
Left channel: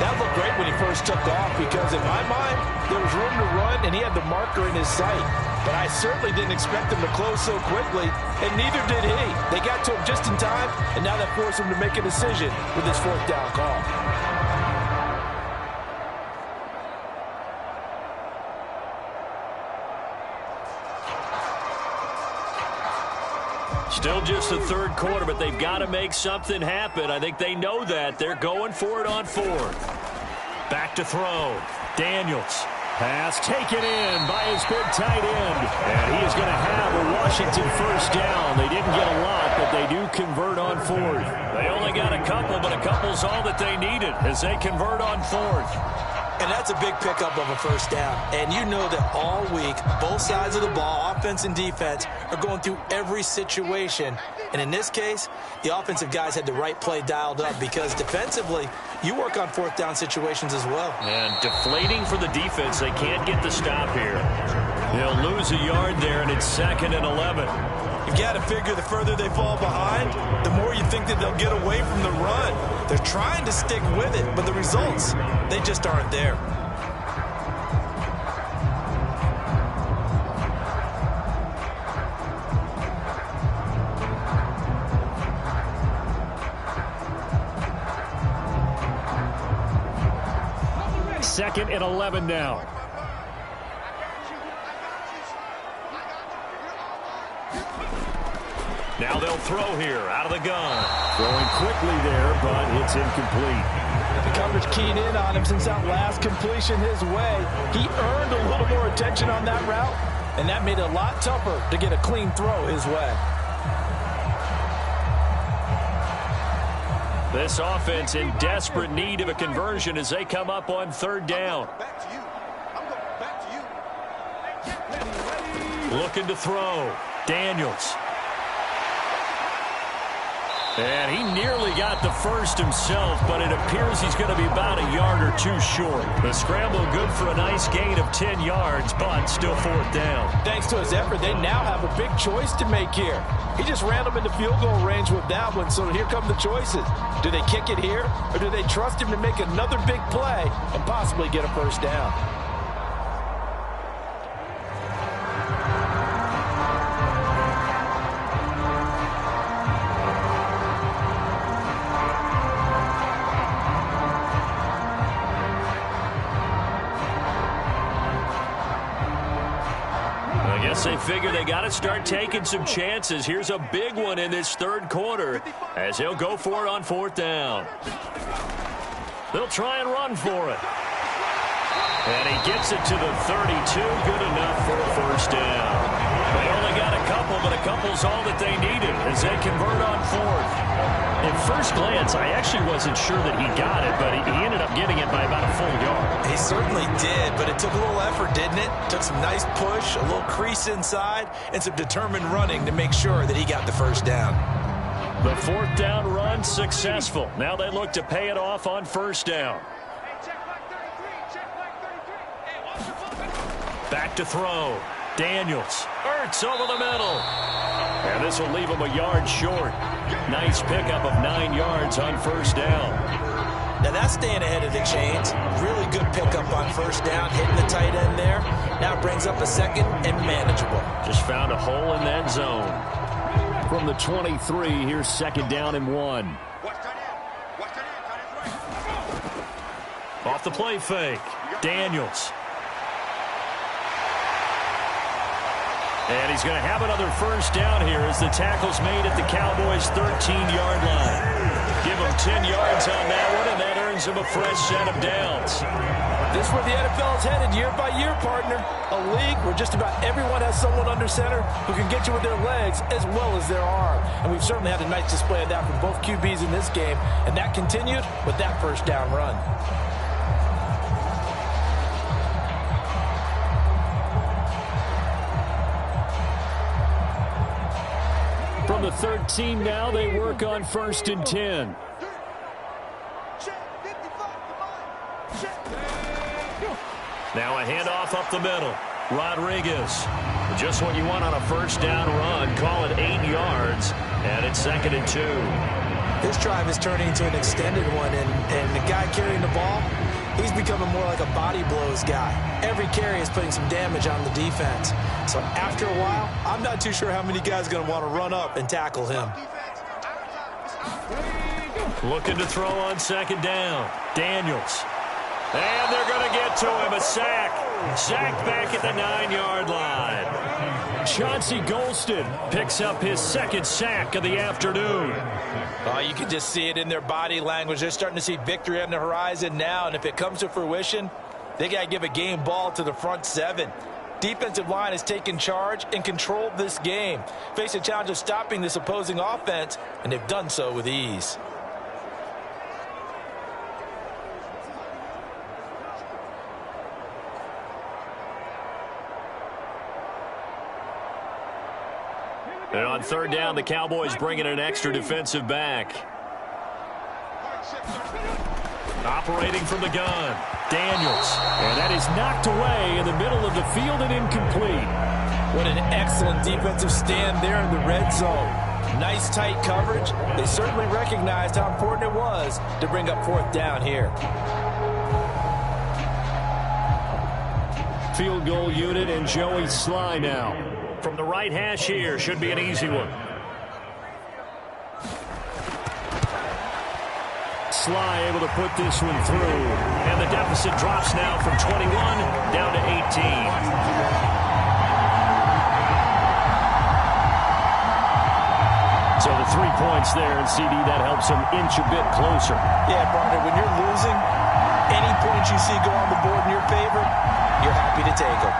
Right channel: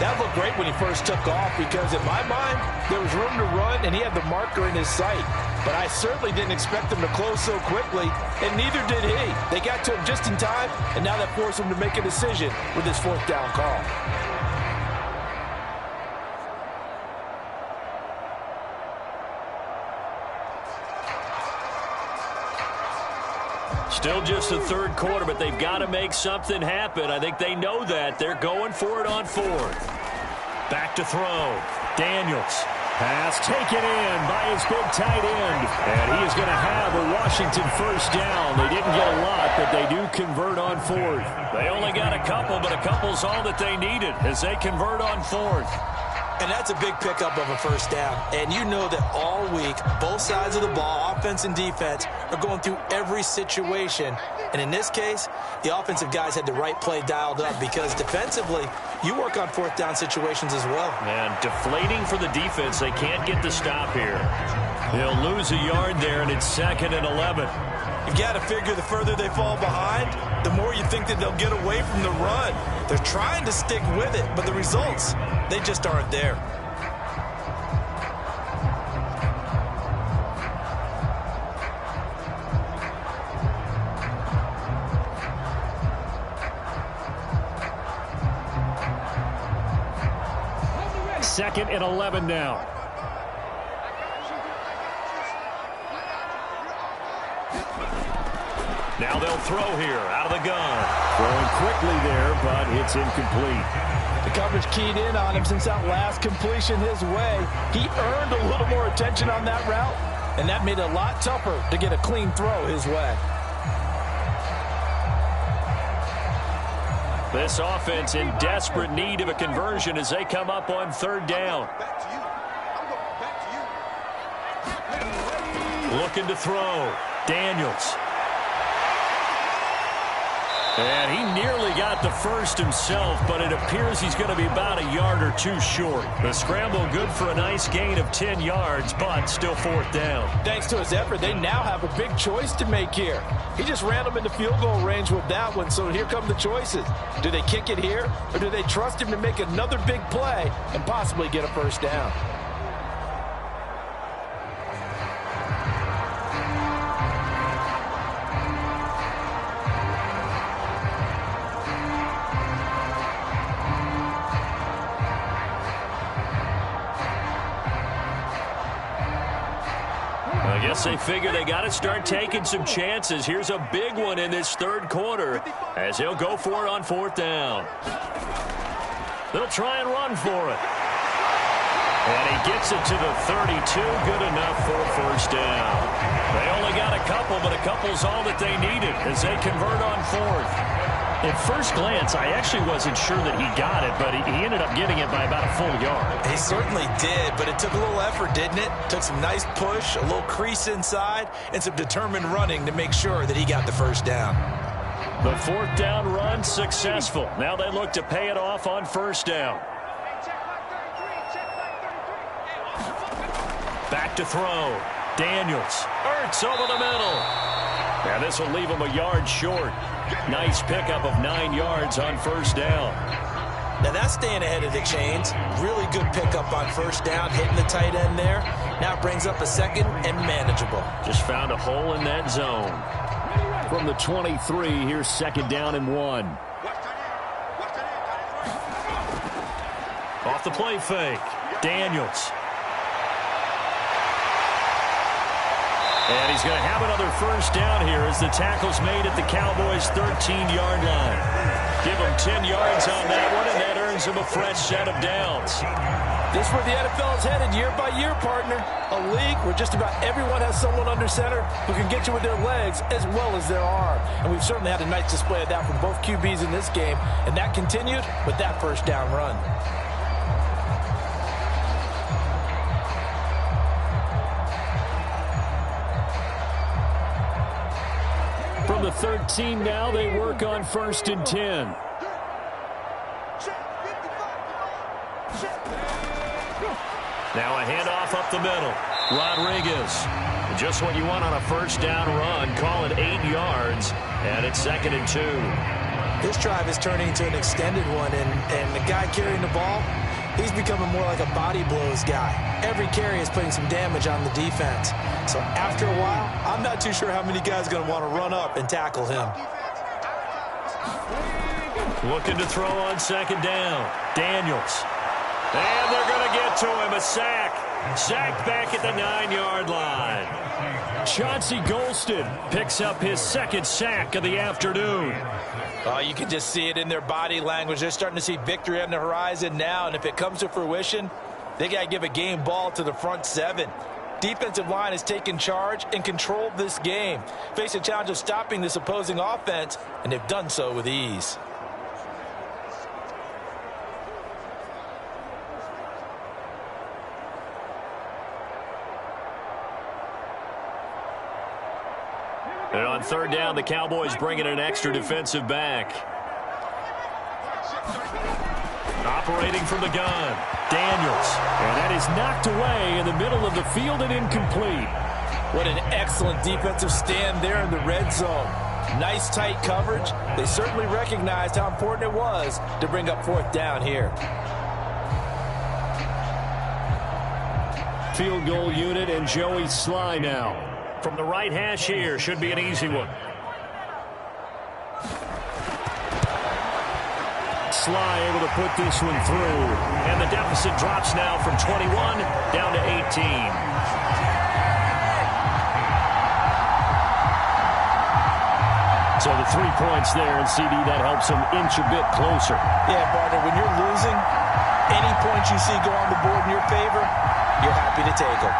That looked great when he first took off because, in my mind, there was room to run, and he had the marker in his sight. But I certainly didn't expect him to close so quickly, and neither did he. They got to him just in time, and now that forced him to make a decision with his 4th down call. Still just the 3rd quarter, but they've got to make something happen. I think they know that. They're going for it on 4th. Back to throw. Daniels. Pass taken in by his big tight end. And he is going to have a Washington first down. They didn't get a lot, but they do convert on 4th. They only got a couple, but a couple's all that they needed as they convert on 4th. And that's a big pickup of a first down. And you know that all week, both sides of the ball, offense and defense, are going through every situation. And in this case, the offensive guys had the right play dialed up because defensively, you work on 4th down situations as well. And deflating for the defense. They can't get the stop here. They'll lose a yard there, and it's 2nd and 11. You've got to figure the further they fall behind, the more you think that they'll get away from the run. They're trying to stick with it, but the results, they just aren't there. Second and 11 now. Now they'll throw here out of the gun. Throwing quickly there, but it's incomplete. The coverage keyed in on him since that last completion his way. He earned a little more attention on that route, and that made it a lot tougher to get a clean throw his way. This offense in desperate need of a conversion as they come up on 3rd down. Looking to throw. Daniels. And he nearly got the first himself, but it appears he's going to be about a yard or 2 short. The scramble good for a nice gain of 10 yards, but still 4th down. Thanks to his effort, they now have a big choice to make here. He just ran them into field goal range with that one, so here come the choices. Do they kick it here, or do they trust him to make another big play and possibly get a first down? I guess they figure they got to start taking some chances. Here's a big one in this 3rd quarter as he'll go for it on 4th down. They'll try and run for it. And he gets it to the 32. Good enough for a first down. They only got a couple, but a couple's all that they needed as they convert on fourth. At first glance, I actually wasn't sure that he got it, but he ended up getting it by about a full yard. He certainly did, but it took a little effort, didn't it? Took some nice push, a little crease inside, and some determined running to make sure that he got the first down. The fourth down run successful. Now they look to pay it off on first down. Back to throw. Daniels. Ertz over the middle. And this will leave him a yard short. Nice pickup of 9 yards on first down. Now that's staying ahead of the chains. Really good pickup on first down, hitting the tight end there. Now it brings up a second and manageable. Just found a hole in that zone. From the 23, here's second down and 1. Off the play fake. Daniels. And he's going to have another first down here as the tackle's made at the Cowboys' 13-yard line. Give him 10 yards on that one, and that earns him a fresh set of downs. This is where the NFL is headed year by year, partner. A league where just about everyone has someone under center who can get you with their legs as well as their arm. And we've certainly had a nice display of that from both QBs in this game, and that continued with that first down run. From the 13 now, they work on first and 10. Now a handoff up the middle. Rodriguez. Just what you want on a first down run. Call it 8 yards, and it's second and 2. This drive is turning into an extended one, and the guy carrying the ball, he's becoming more like a body blows guy. Every carry is putting some damage on the defense. So after a while, I'm not too sure how many guys are going to want to run up and tackle him. Looking to throw on second down. Daniels. And they're going to get to him. A sack. Sacked back at the 9-yard line. Chauncey Golston picks up his second sack of the afternoon. You can just see it in their body language. They're starting to see victory on the horizon now, and if it comes to fruition, they got to give a game ball to the front seven. Defensive line has taken charge and controlled this game. Face a challenge of stopping this opposing offense, and they've done so with ease. And on third down, the Cowboys bring in an extra defensive back. Operating from the gun, Daniels. And that is knocked away in the middle of the field and incomplete. What an excellent defensive stand there in the red zone. Nice tight coverage. They certainly recognized how important it was to bring up fourth down here. Field goal unit and Joey Sly now. From the right hash here, should be an easy one. Sly able to put this one through. And the deficit drops now from 21 down to 18. So the 3 points there, and CD, that helps them inch a bit closer. Yeah, partner, when you're losing, any points you see go on the board in your favor, you're happy to take them.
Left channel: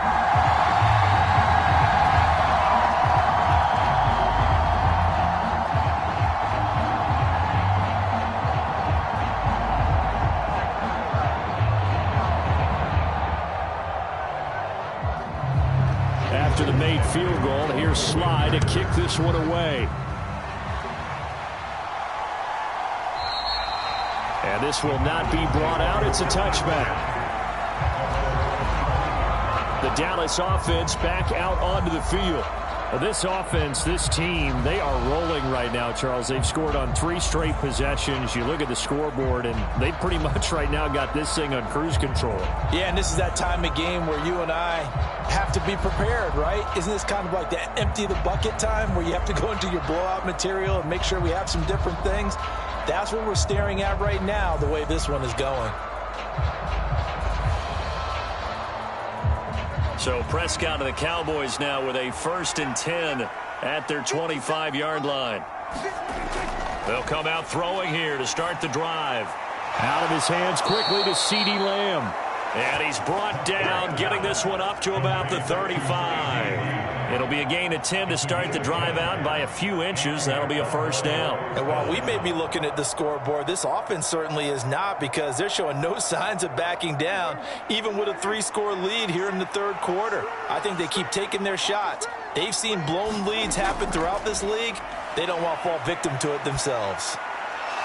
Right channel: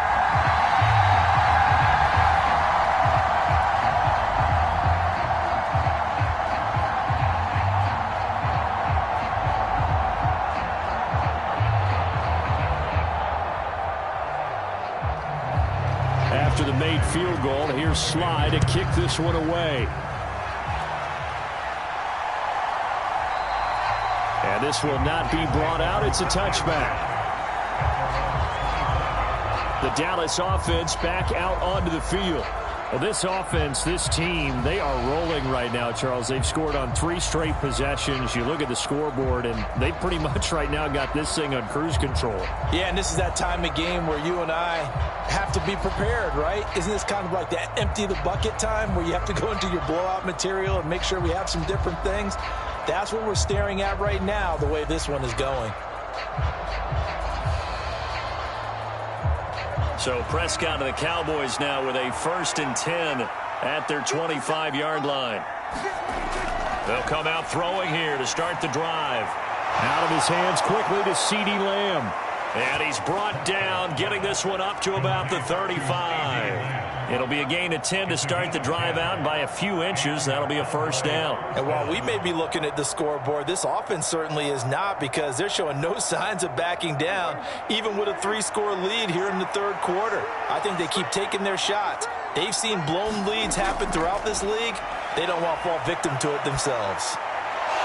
After the made field goal, here's Sly to kick this one away. And this will not be brought out. It's a touchback. The Dallas offense back out onto the field. Well, this offense, this team, they are rolling right now, Charles. They've scored on 3 straight possessions. You look at the scoreboard, and they pretty much right now got this thing on cruise control. Yeah, and this is that time of game where you and I have to be prepared, right? Isn't this kind of like the empty the bucket time where you have to go into your blowout material and make sure we have some different things? That's what we're staring at right now, the way this one is going. So Prescott and the Cowboys now with a 1st and 10 at their 25-yard line. They'll come out throwing here to start the drive. Out of his hands quickly to CeeDee Lamb. And he's brought down, getting this one up to about the 35. It'll be a gain of 10 to start the drive out. By a few inches, that'll be a first down. And while we may be looking at the scoreboard, this offense certainly is not, because they're showing no signs of backing down, even with a 3-score lead here in the third quarter. I think they keep taking their shots. They've seen blown leads happen throughout this league. They don't want to fall victim to it themselves.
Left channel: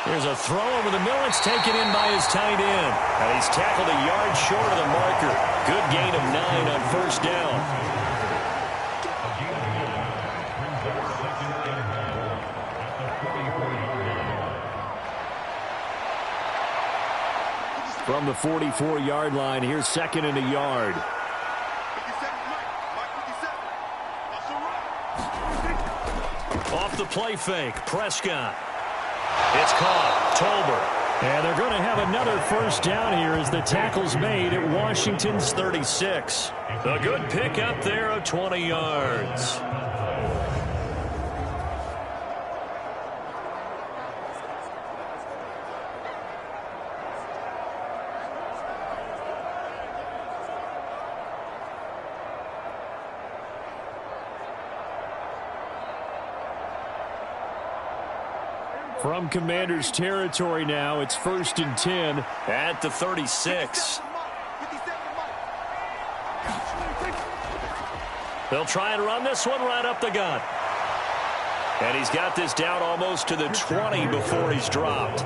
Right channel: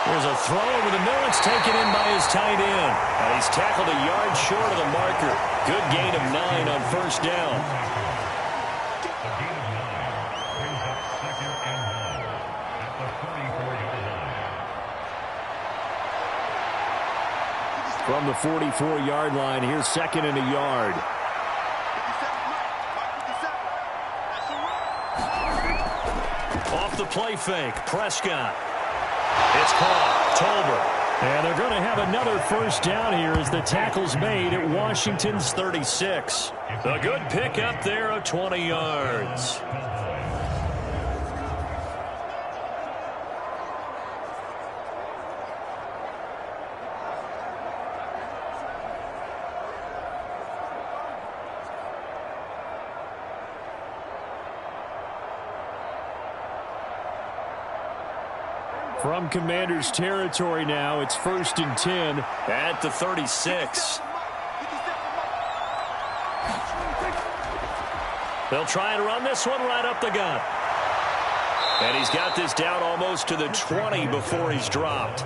Here's a throw over the middle. It's taken in by his tight end. And he's tackled a yard short of the marker. Good gain of 9 on first down. From the 44-yard line, here's second and a yard. 57, Mike 57. That's a run. Off the play fake, Prescott. It's caught. Tolbert. And they're going to have another first down here as the tackle's made at Washington's 36. A good pick up there of 20 yards. From Commanders territory now, it's 1st and 10 at the 36. They'll try and run this one right up the gut. And he's got this down almost to the 20 before he's dropped.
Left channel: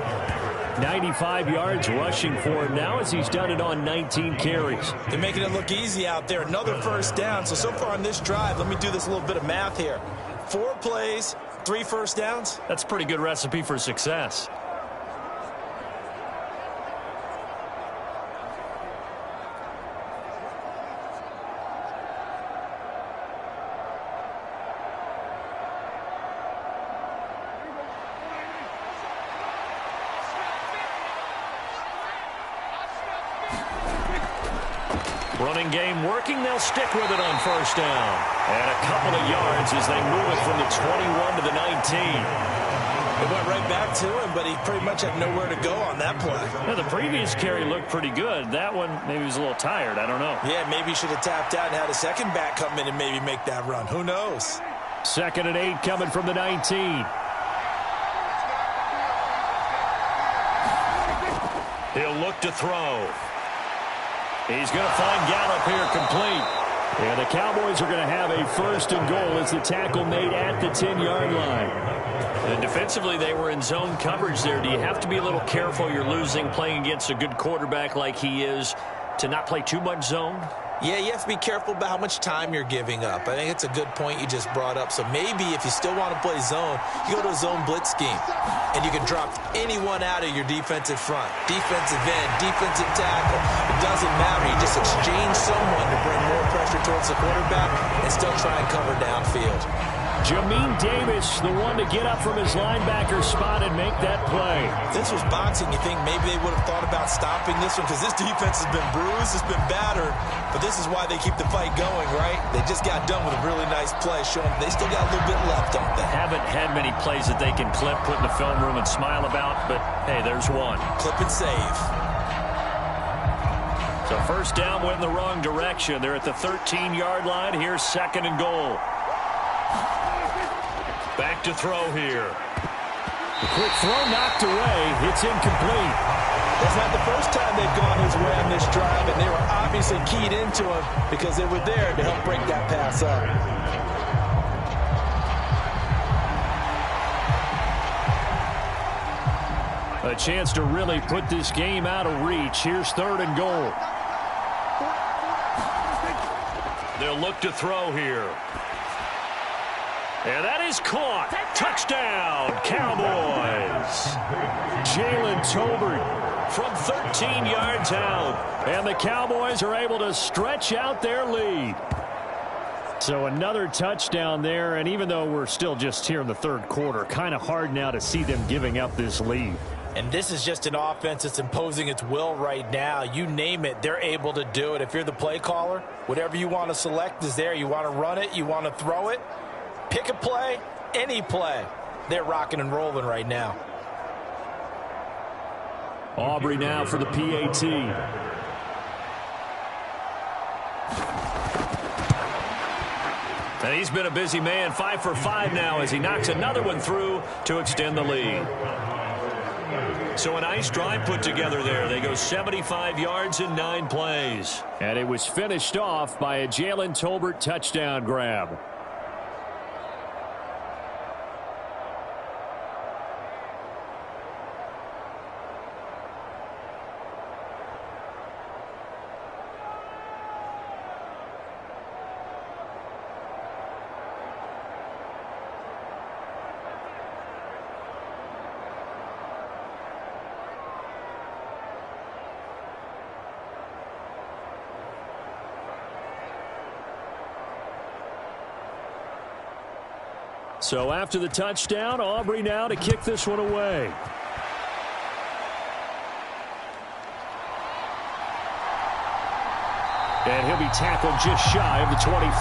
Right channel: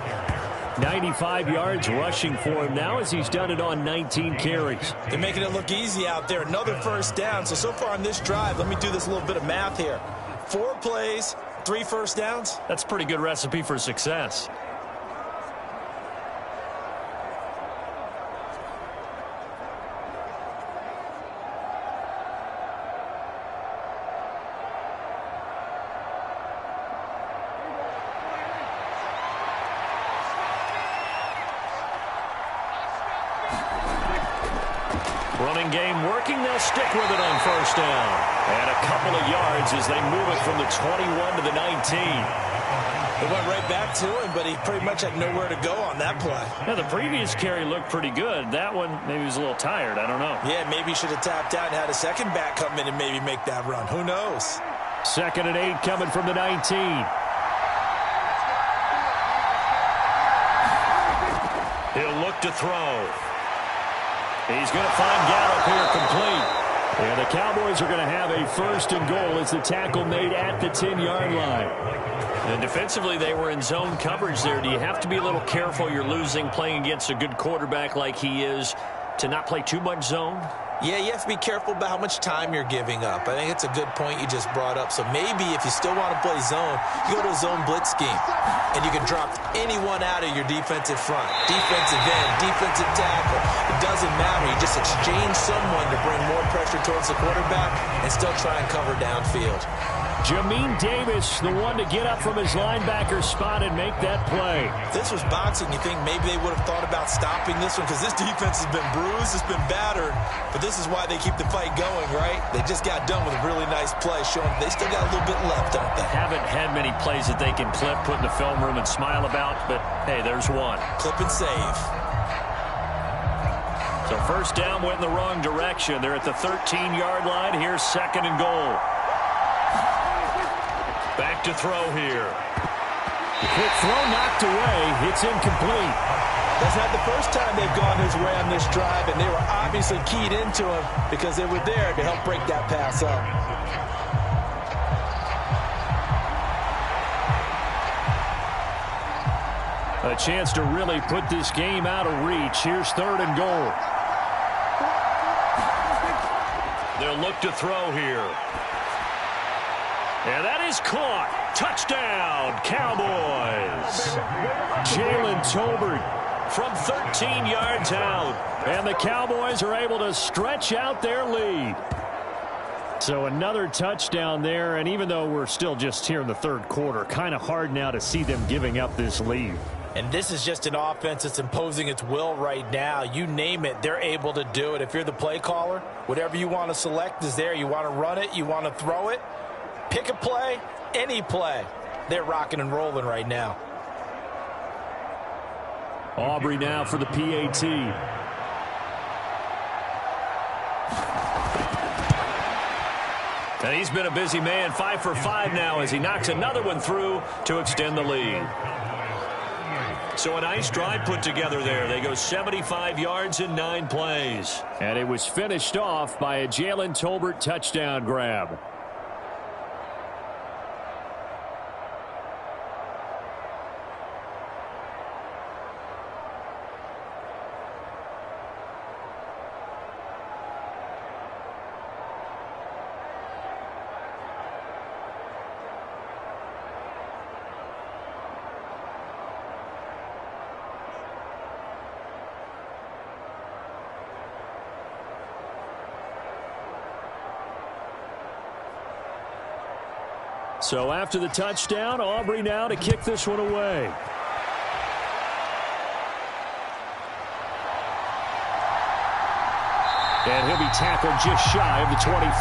95 yards rushing for him now as he's done it on 19 carries. They're making it look easy out there. Another first down. So far on this drive, let me do this little bit of math here. 4 plays, 3 first downs. That's a pretty good recipe for success. Running game working. They'll stick with it on first down. And a couple of yards as they move it from the 21 to the 19. It went right back to him, but he pretty much had nowhere to go on that play. Yeah, the previous carry looked pretty good. That one, maybe he was a little tired. I don't know. Yeah, maybe he should have tapped out and had a second back come in and maybe make that run. Who knows? 2nd and 8 coming from the 19. He'll look to throw. He's going to find Gallup here complete. And the Cowboys are going to have a 1st and goal as the tackle made at the 10-yard line. And defensively, they were in zone coverage there. Do you have to be a little careful? You're losing playing against a good quarterback like he is to not play too much zone? Yeah, you have to be careful about how much time you're giving up. I think it's a good point you just brought up. So maybe if you still want to play zone, you go to a zone blitz scheme. And you can drop anyone out of your defensive front. Defensive end, defensive tackle. It doesn't matter. You just exchange someone to bring more pressure towards the quarterback and still try and cover downfield. Jamin Davis, the one to get up from his linebacker spot and make that play. If this was boxing, you think maybe they would have thought about stopping this one because this defense has been bruised, it's been battered, but this is why they keep the fight going, right? They just got done with a really nice play, showing they still got a little bit left, don't they? Haven't had many plays that they can clip, put in the film room and smile about, but hey, there's one. Clip and save. So first down went in the wrong direction. They're at the 13-yard line. Here's 2nd and goal. Back to throw here. The quick throw knocked away. It's incomplete. That's not the first time they've gone his way on this drive, and they were obviously keyed into him because they were there to help break that pass up. A chance to really put this game out of reach. Here's 3rd and goal. They'll look to throw here. And that is caught. Touchdown, Cowboys. Jalen Tolbert from 13 yards out. And the Cowboys are able to stretch out their lead. So another touchdown there, and even though we're still just here in the third quarter, kind of hard now to see them giving up this lead. And this is just an offense that's imposing its will right now. You name it, they're able to do it. If you're the play caller, whatever you want to select is there. You want to run it, you want to throw it. Pick a play, any play. They're rocking and rolling right now. Aubrey now for the PAT. And he's been a busy man, 5 for 5 now as he knocks another one through to extend the lead. So a nice drive put together there. They go 75 yards in 9 plays. And it was finished off by a Jalen Tolbert touchdown grab. So after the touchdown, Aubrey now to kick this one away. And he'll be tackled just shy of the 25.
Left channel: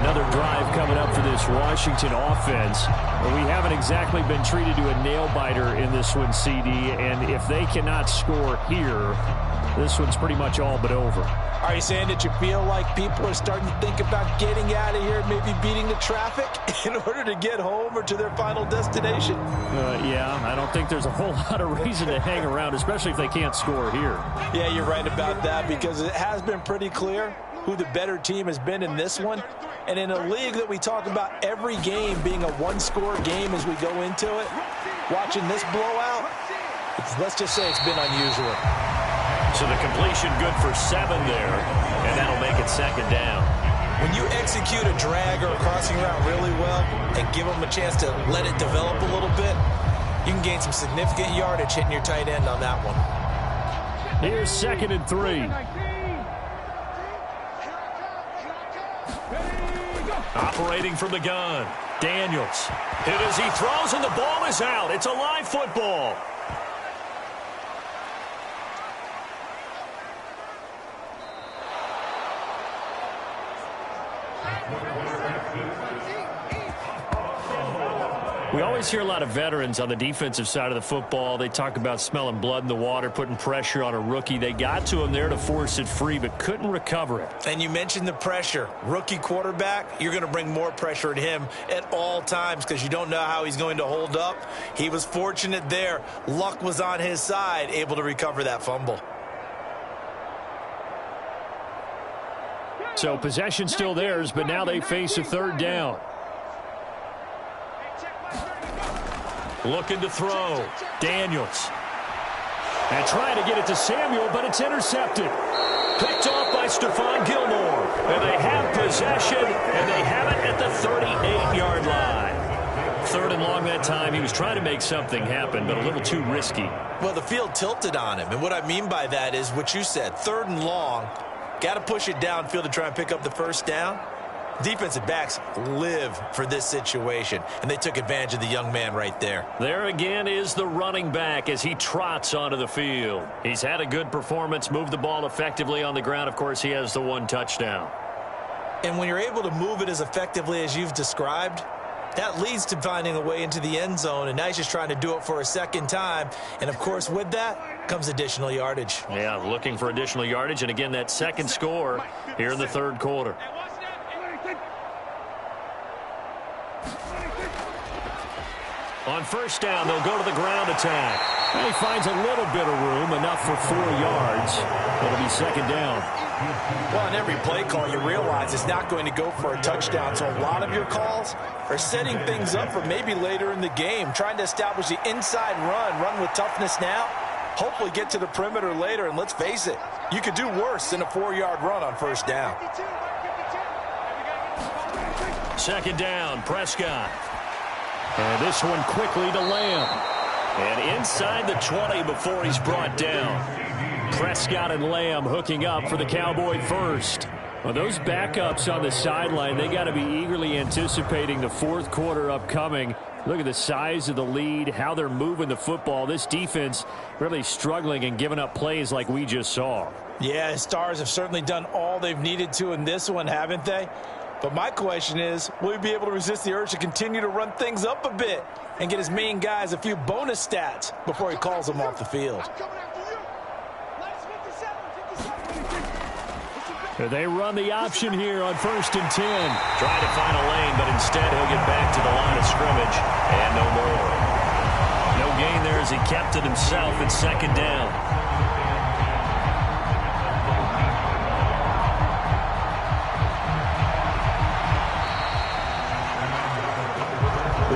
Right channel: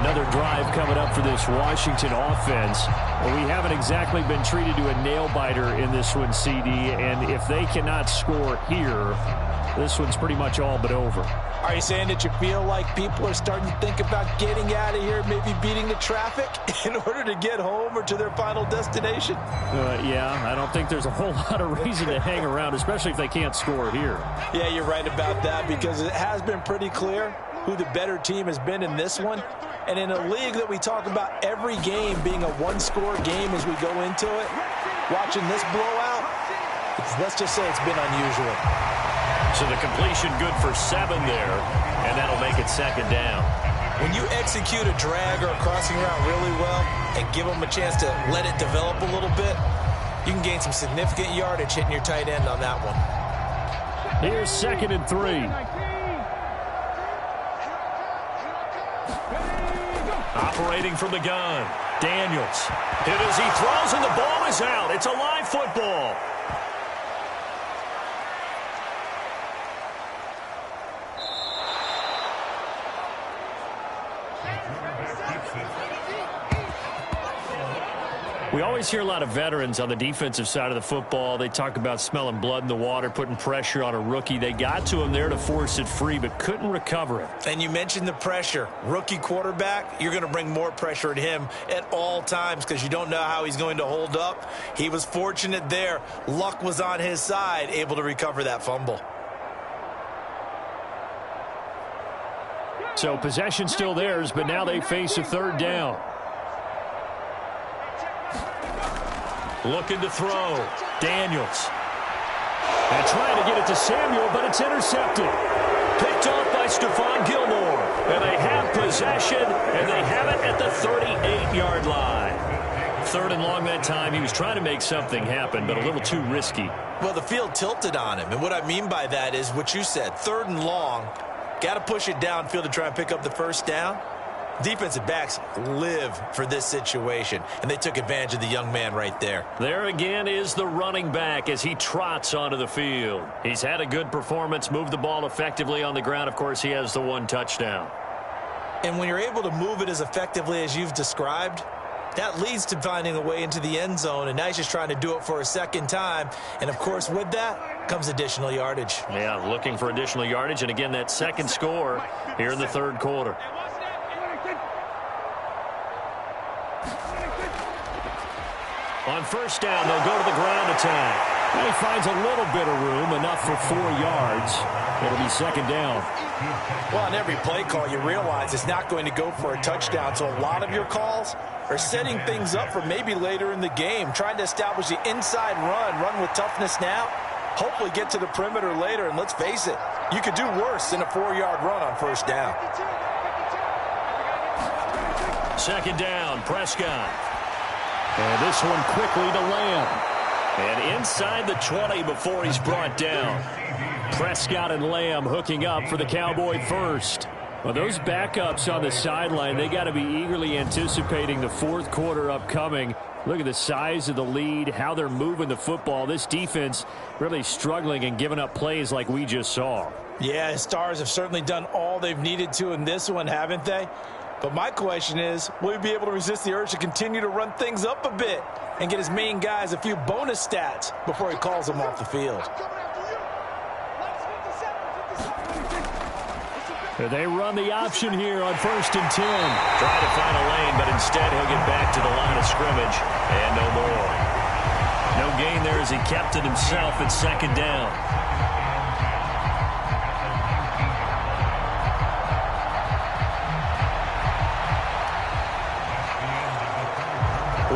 Another drive coming up for this Washington offense. Well, we haven't exactly been treated to a nail-biter in this one, CD, and if they cannot score here, this one's pretty much all but over. Are you saying that you feel like people are starting to think about getting out of here, maybe beating the traffic in order to get home or to their final destination? Yeah, I don't think there's a whole lot of reason to hang around, especially if they can't score here. Yeah, you're right about that because it has been pretty clear who the better team has been in this one. And in a league that we talk about every game being a one-score game as we go into it, watching this blowout, let's just say it's been unusual. So the completion good for 7 there, and that'll make it second down. When you execute a drag or a crossing route really well and give them a chance to let it develop a little bit, you can gain some significant yardage hitting your tight end on that one. Here's 2nd and 3. Operating from the gun, Daniels. Hit as he throws, and the ball is out. It's a live football. We always hear a lot of veterans on the defensive side of the football. They talk about smelling blood in the water, putting pressure on a rookie. They got to him there to force it free, but couldn't recover it. And you mentioned the pressure. Rookie quarterback, you're going to bring more pressure at him at all times because you don't know how he's going to hold up. He was fortunate there. Luck was on his side, able to recover that fumble. So possession still theirs, but now they face a 3rd down. Looking to throw. Daniels. And trying to get it to Samuel, but it's intercepted. Picked off by Stephon Gilmore. And they have possession, and they have it at the 38-yard line. 3rd and long that time. He was trying to make something happen, but a little too risky. Well, the field tilted on him. And what I mean by that is what you said. 3rd and long. Got to push it downfield to try and pick up the first down. Defensive backs live for this situation, and they took advantage of the young man right there. There again is the running back as he trots onto the field. He's had a good performance, moved the ball effectively on the ground. Of course, he has the 1 touchdown. And when you're able to move it as effectively as you've described, that leads to finding a way into the end zone, and now he's just trying to do it for a second time. And, of course, with that comes additional yardage. Yeah, looking for additional yardage, and again, that second score here in the 3rd quarter. On 1st down, they'll go to the ground attack. And he finds a little bit of room, enough for 4 yards. It'll be 2nd down. Well, on every play call, you realize it's not going to go for a touchdown. So a lot of your calls are setting things up for maybe later in the game, trying to establish the inside run with toughness now, hopefully get to the perimeter later. And let's face it, you could do worse than a 4-yard run on 1st down. 2nd down, Prescott. And this one quickly to Lamb. And inside the 20 before he's brought down. Prescott and Lamb hooking up for the Cowboy first. Well, those backups on the sideline, they got to be eagerly anticipating the 4th quarter upcoming. Look at the size of the lead, how they're moving the football. This defense really struggling and giving up plays like we just saw. Yeah, Stars have certainly done all they've needed to in this one, haven't they? But my question is, will he be able to resist the urge to continue to run things up a bit and get his main guys a few bonus stats before he calls them off the field? They run the option here on 1st and 10. Try to find a lane, but instead he'll get back to the line of scrimmage and no more. No gain there as he kept it himself at 2nd down.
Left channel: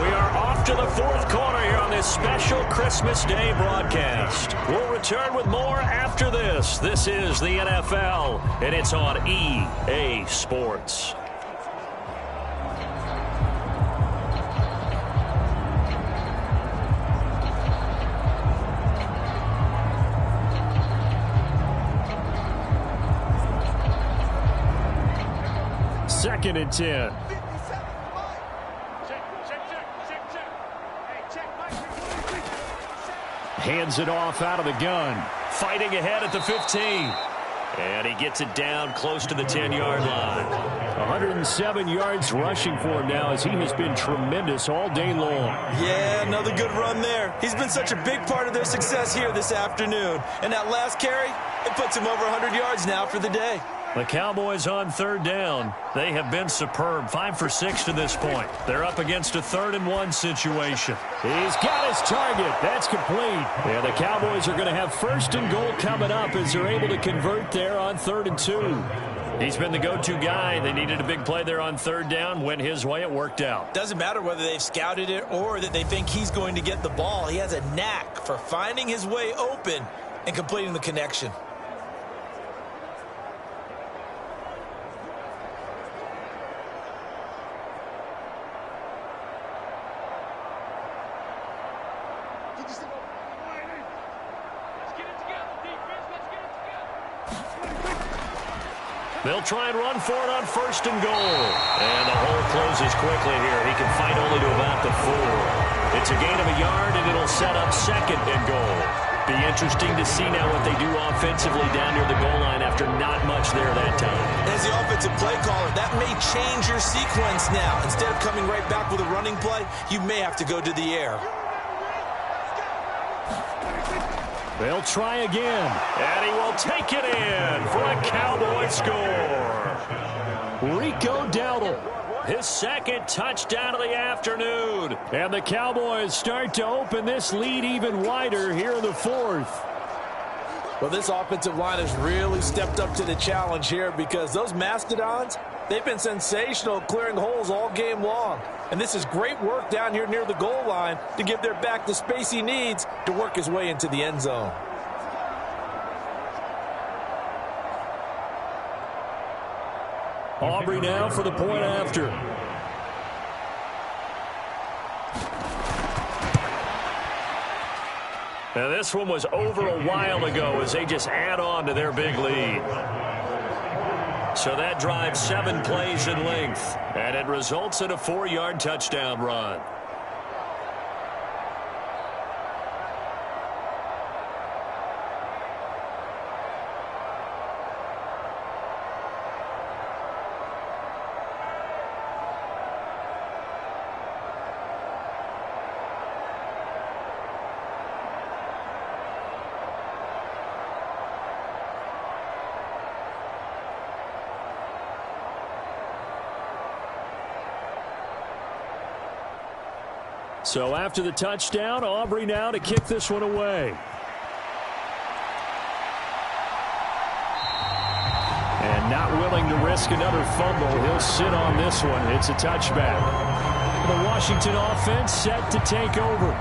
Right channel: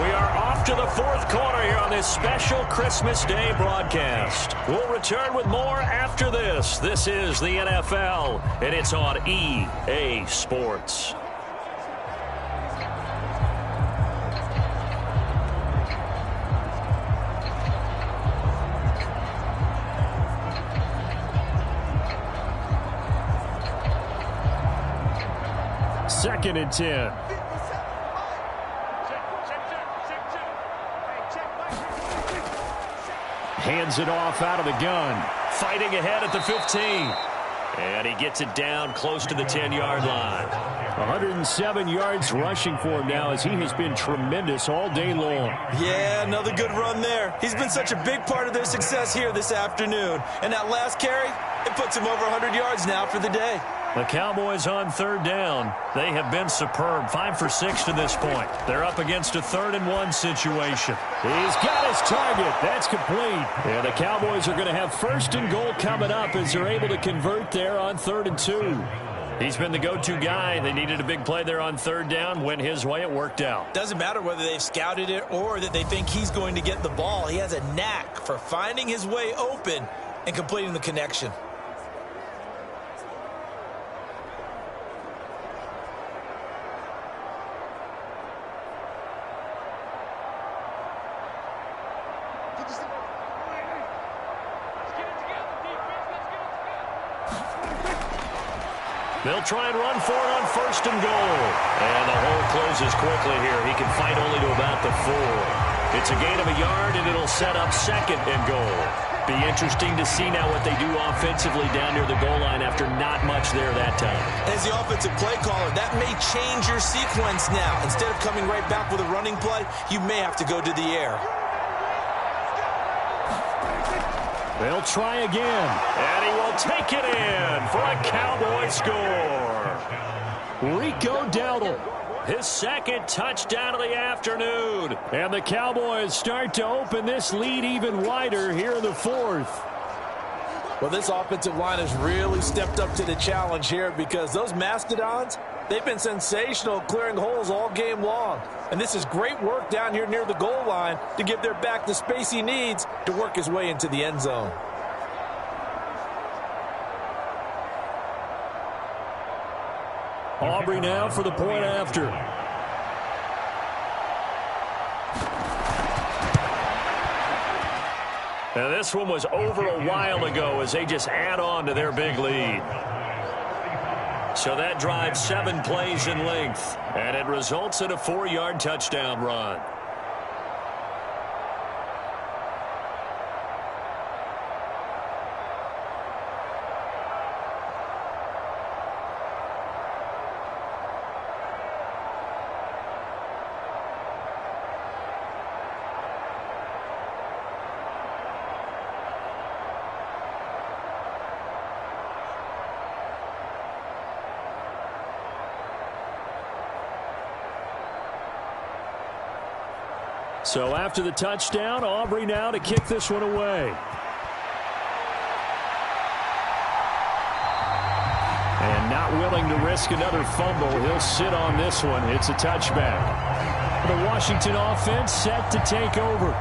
We are off to the 4th quarter here on this special Christmas Day broadcast. We'll return with more after this. This is the NFL, and it's on EA Sports. Second and 10. Hands it off out of the gun. Fighting ahead at the 15. And he gets it down close to the 10-yard line. 107 yards rushing for him now as he has been tremendous all day long. Yeah, another good run there. He's been such a big part of their success here this afternoon. And that last carry, it puts him over 100 yards now for the day. The Cowboys on 3rd down. They have been superb. 5 for 6 to this point. They're up against a 3rd and 1 situation. He's got his target. That's complete. Yeah, the Cowboys are going to have 1st and goal coming up as they're able to convert there on 3rd and 2. He's been the go-to guy. They needed a big play there on 3rd down. Went his way. It worked out. Doesn't matter whether they've scouted it or that they think he's going to get the ball. He has a knack for finding his way open and completing the connection. They'll try and run for it on 1st and goal. And the hole closes quickly here. He can fight only to about the 4. It's a gain of a yard, and it'll set up 2nd and goal. Be interesting to see now what they do offensively down near the goal line after not much there that time. As the offensive play caller, that may change your sequence now. Instead of coming right back with a running play, you may have to go to the air. They'll try again. And he will take it in for a Cowboy score. Rico Dowdle. His 2nd touchdown of the afternoon. And the Cowboys start to open this lead even wider here in the 4th. Well, this offensive line has really stepped up to the challenge here because those Mastodons, they've been sensational clearing holes all game long. And this is great work down here near the goal line to give their back the space he needs to work his way into the end zone. Aubrey now for the point after. Now this one was over a while ago as they just add on to their big lead. So that drives 7 plays in length, and it results in a 4-yard touchdown run. So after the touchdown, Aubrey now to kick this one away. And not willing to risk another fumble, he'll sit on this one. It's a touchback. The Washington offense set to take over.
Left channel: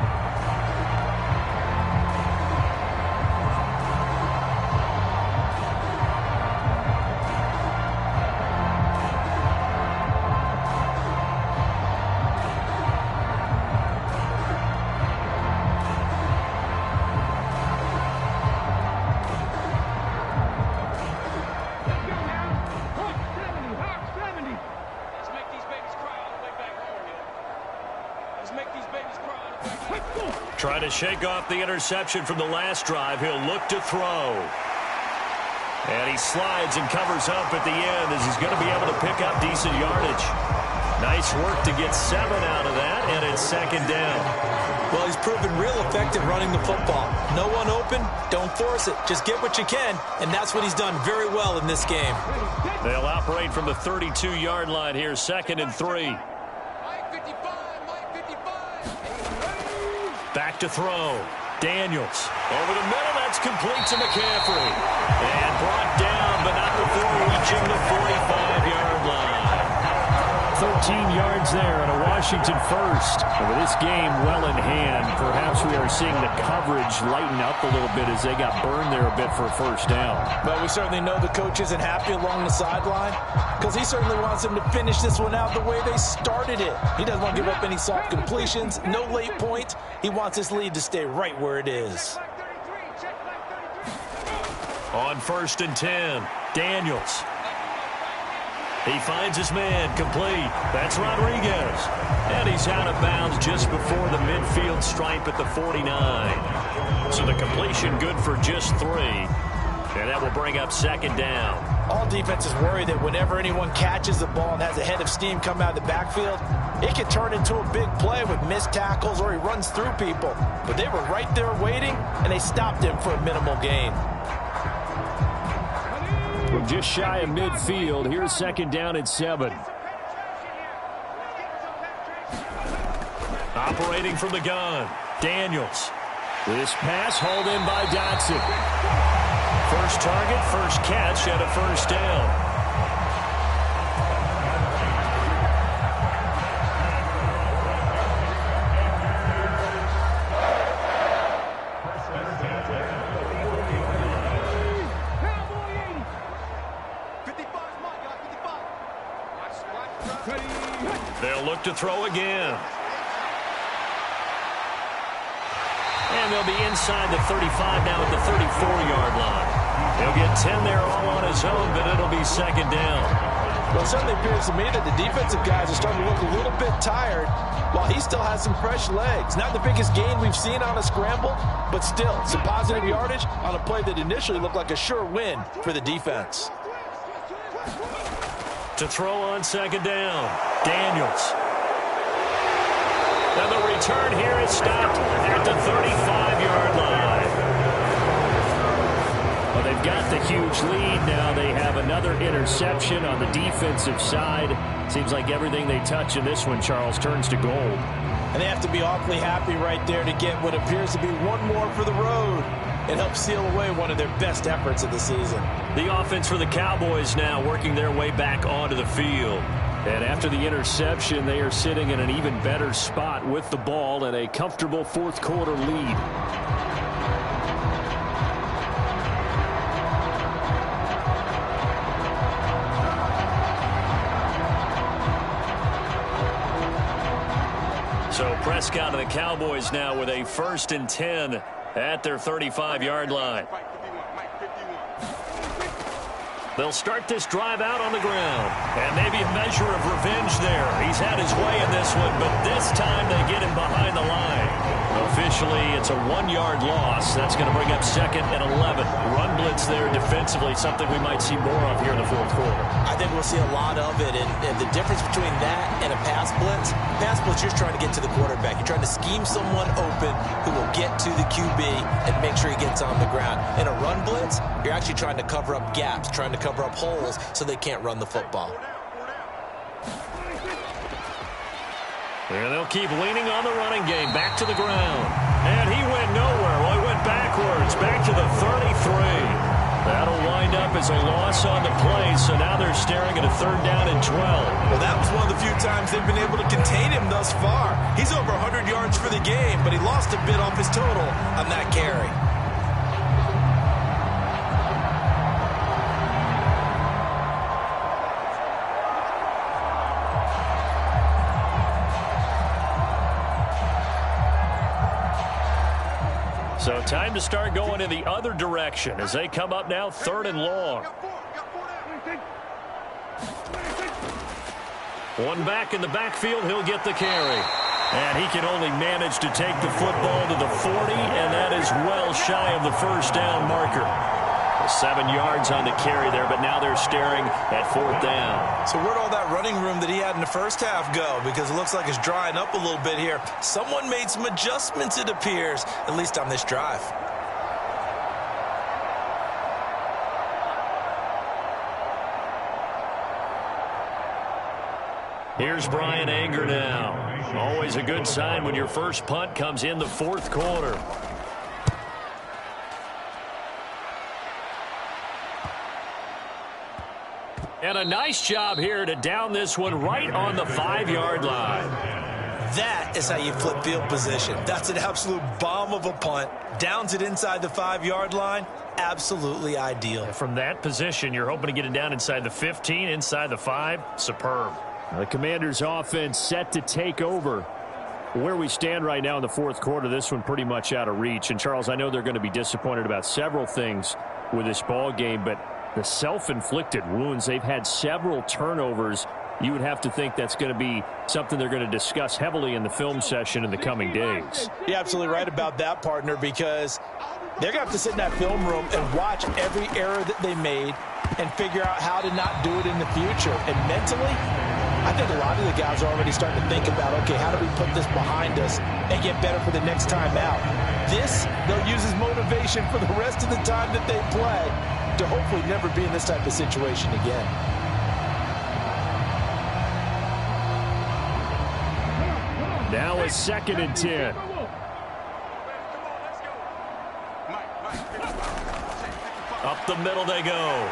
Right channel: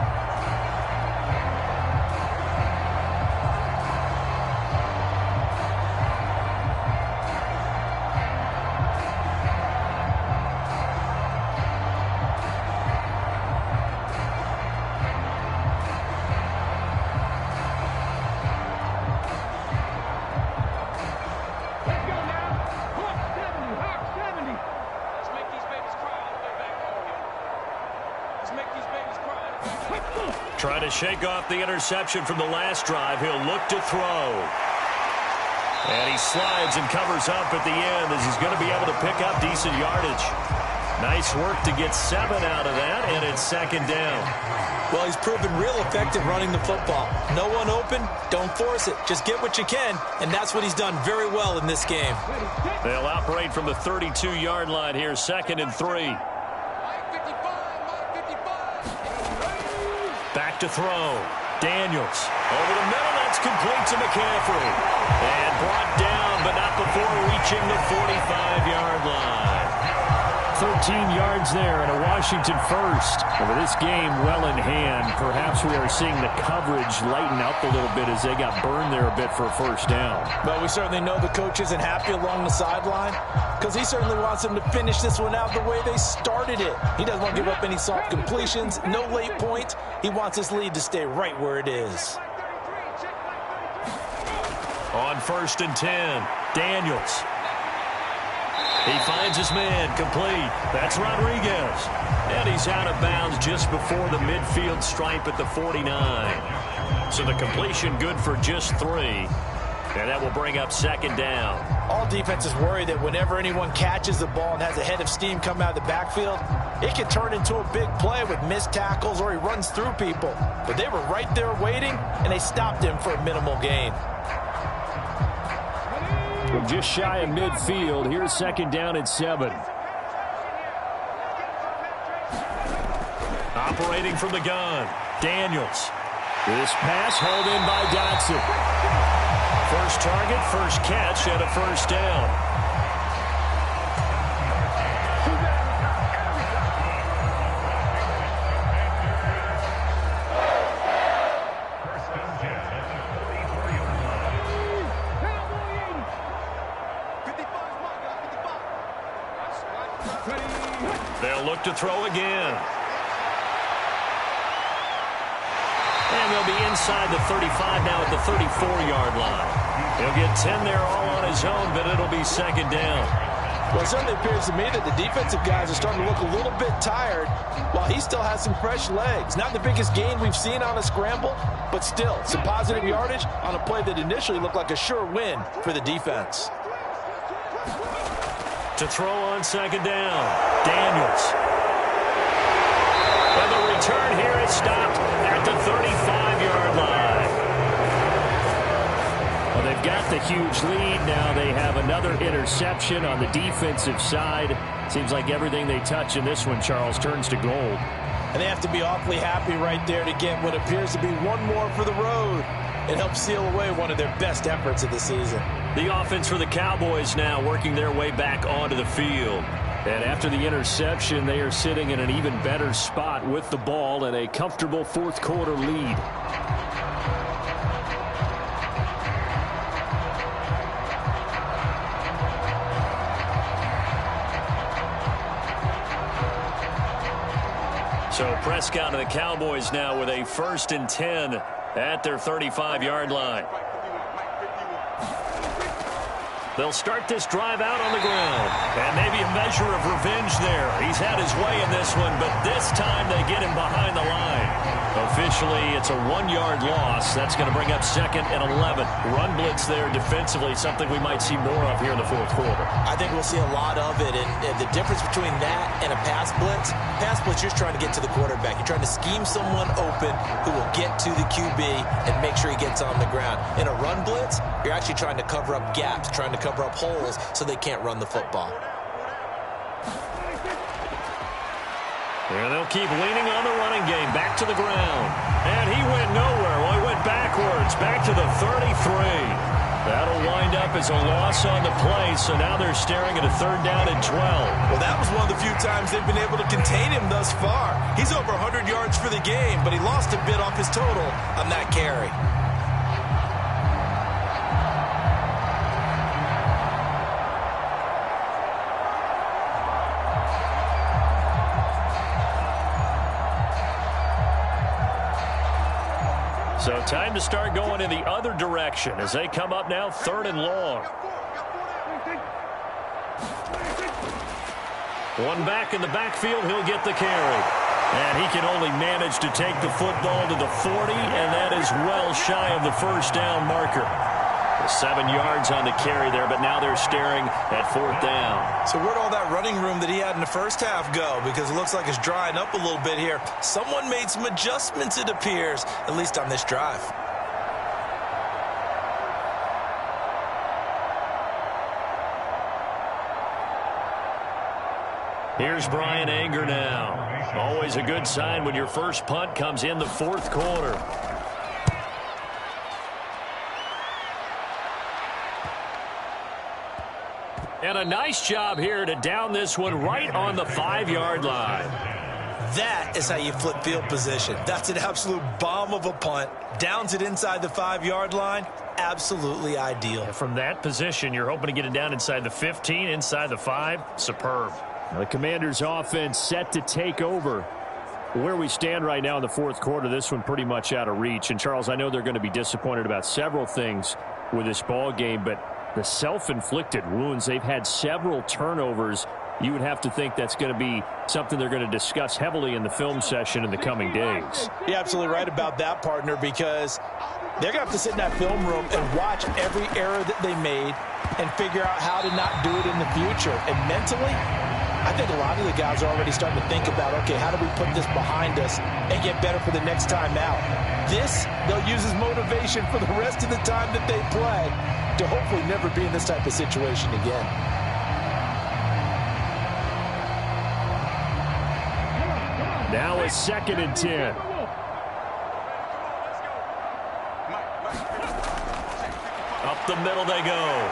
Trying to shake off the interception from the last drive. He'll look to throw. And he slides and covers up at the end as he's going to be able to pick up decent yardage. Nice work to get 7 out of that, and it's second down. Well, he's proven real effective running the football. No one open, don't force it. Just get what you can, and that's what he's done very well in this game. They'll operate from the 32-yard line here, 2nd and 3. Back to throw. Daniels over the middle. That's complete to McCaffrey. And brought down, but not before reaching the 45-yard line. 13 yards there and a Washington first. And with this game well in hand, perhaps we are seeing the coverage lighten up a little bit as they got burned there a bit for a first down. But we certainly know the coach isn't happy along the sideline because he certainly wants them to finish this one out the way they started it. He doesn't want to give up any soft completions, no late points. He wants his lead to stay right where it is. On 1st and 10, Daniels. He finds his man, complete. That's Rodriguez. And he's out of bounds just before the midfield stripe at the 49. So the completion good for just 3. And that will bring up 2nd down. All defenses worry that whenever anyone catches the ball and has a head of steam come out of the backfield, it can turn into a big play with missed tackles or he runs through people. But they were right there waiting, and they stopped him for a minimal gain. From just shy of midfield, here's 2nd down and 7. Operating from the gun, Daniels. This pass hauled in by Dotson. First target, first catch, and a first down. They'll look to throw again. And they'll be inside the 35 now at the 34-yard line. He'll get 10 there all on his own, but it'll be 2nd down. Well, it certainly appears to me that the defensive guys are starting to look a little bit tired while he still has some fresh legs. Not the biggest gain we've seen on a scramble, but still some positive yardage on a play that initially looked like a sure win for the defense. To throw on 2nd down, Daniels. And the return here is stopped at the 35-yard line. Well, they've got the huge lead. Now they have another interception on the defensive side. Seems like everything they touch in this one, Charles, turns to gold. And they have to be awfully happy right there to get what appears to be one more for the road. It helps seal away one of their best efforts of the season. The offense for the Cowboys now working their way back onto the field. And after the interception, they are sitting in an even better spot with the ball and a comfortable 4th quarter lead. So Prescott and the Cowboys now with a 1st and 10 at their 35-yard line. They'll start this drive out on the ground. And maybe a measure of revenge there. He's had his way in this one, but this time they get him behind the line. Officially, it's a 1-yard loss. That's going to bring up 2nd and 11. Run blitz there defensively, something we might see more of here in the 4th quarter. I think we'll see a lot of it, and the difference between that and a pass blitz, you're just trying to get to the quarterback. You're trying to scheme someone open who will get to the QB and make sure he gets on the ground. In a run blitz, you're actually trying to cover up gaps, trying to cover up holes so they can't run the football. And they'll keep leaning on the running game. Back to the ground. And he went nowhere. Well, he went backwards. Back to the 33. That'll wind up as a loss on the play. So now they're staring at a 3rd down and 12. Well, that was one of the few times they've been able to contain him thus far. He's over 100 yards for the game, but he lost a bit off his total on that carry. So time to start going in the other direction as they come up now 3rd and long. One back in the backfield, he'll get the carry. And he can only manage to take the football to the 40, and that is well shy of the 1st down marker. 7 yards on the carry there, but now they're staring at 4th down. So where'd all that running room that he had in the first half go? Because it looks like it's drying up a little bit here. Someone made some adjustments, it appears, at least on this drive. Here's Brian Anger now. Always a good sign when your first punt comes in the 4th quarter. And a nice job here to down this one right on the 5-yard line. That is how you flip field position. That's an absolute bomb of a punt. Downs it inside the 5-yard line. Absolutely ideal. And from that position, you're hoping to get it down inside the 15, inside the 5. Superb. The Commanders' offense set to take over. Where we stand right now in the 4th quarter, this one pretty much out of reach. And, Charles, I know they're going to be disappointed about several things with this ball game, but the self-inflicted wounds, they've had several turnovers. You would have to think that's going to be something they're going to discuss heavily in the film session in the coming days. You're absolutely right about that, partner, because they're going to have to sit in that film room and watch every error that they made and figure out how to not do it in the future. And mentally, I think a lot of the guys are already starting to think about, okay, how do we put this behind us and get better for the next time out? This, they'll use as motivation for the rest of the time that they play to hopefully never be in this type of situation again. Now a 2nd and 10. Up the middle they go.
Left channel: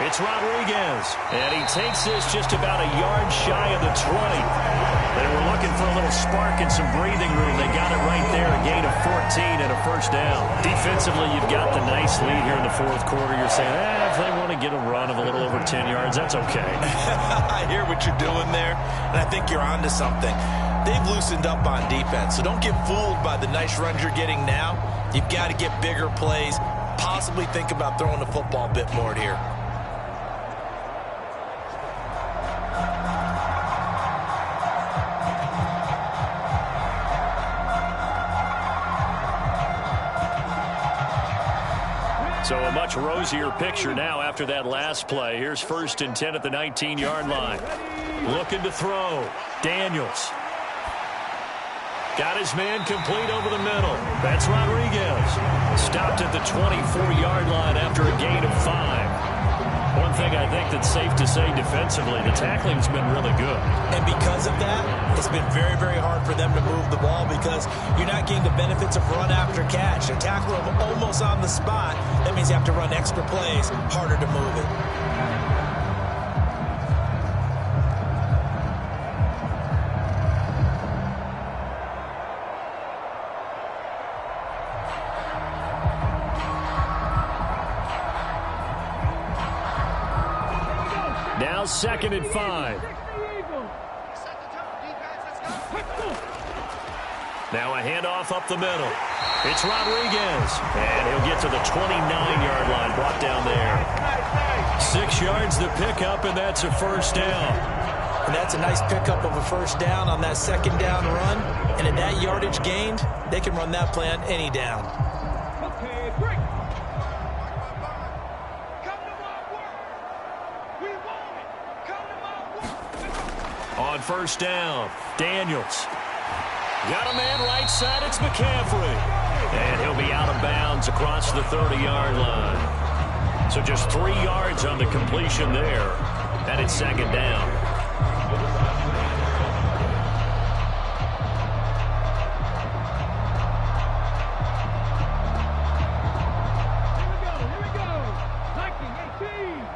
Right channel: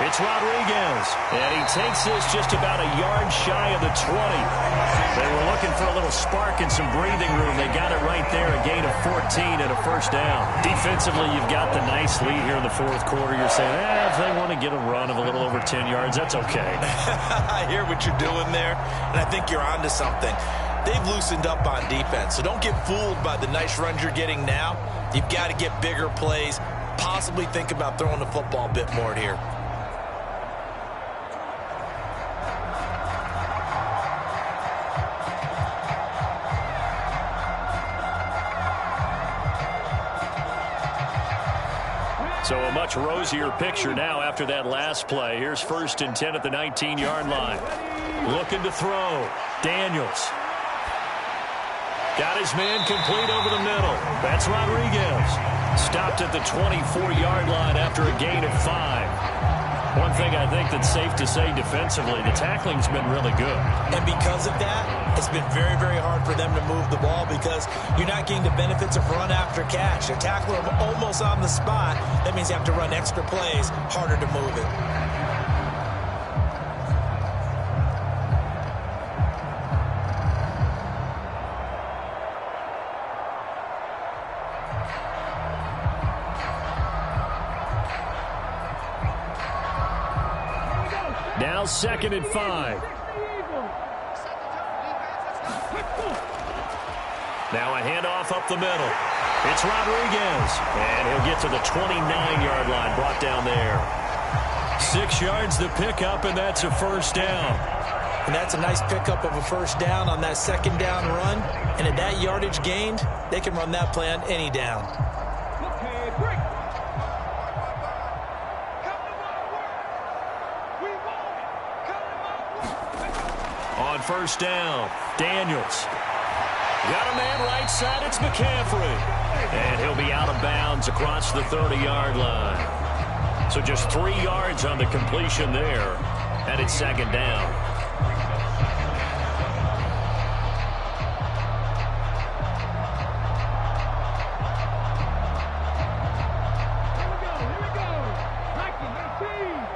It's Rodriguez, and he takes this just about a yard shy of the 20. They were looking for a little spark and some breathing room. They got it right there, a gain of 14 and a 1st down. Defensively, you've got the nice lead here in the 4th quarter. You're saying, if they want to get a run of a little over 10 yards, that's okay. I hear what you're doing there, and I think you're onto something. They've loosened up on defense, so don't get fooled by the nice runs you're getting now. You've got to get bigger plays, possibly think about throwing the football a bit more here. So a much rosier picture now after that last play. Here's 1st and 10 at the 19-yard line. Looking to throw. Daniels. Got his man complete over the middle. That's Rodriguez. Stopped at the 24-yard line after a gain of 5. One thing I think that's safe to say defensively, the tackling's been really good. And because of that, it's been very, very hard for them to move the ball because you're not getting the benefits of run after catch. They're tackling them almost on the spot. That means you have to run extra plays, harder to move it. Now 2nd and 5. Now a handoff up the middle. It's Rodriguez. And he'll get to the 29-yard line, brought down there. 6 yards to pick up, and that's a 1st down. And that's a nice pickup of a 1st down on that 2nd down run. And at that yardage gained, they can run that play on any down. Okay, break. On 1st down, Daniels. Got a man right side, it's McCaffrey. And he'll be out of bounds across the 30-yard line. So just 3 yards on the completion there. And it's 2nd down. Here we go. Viking 18.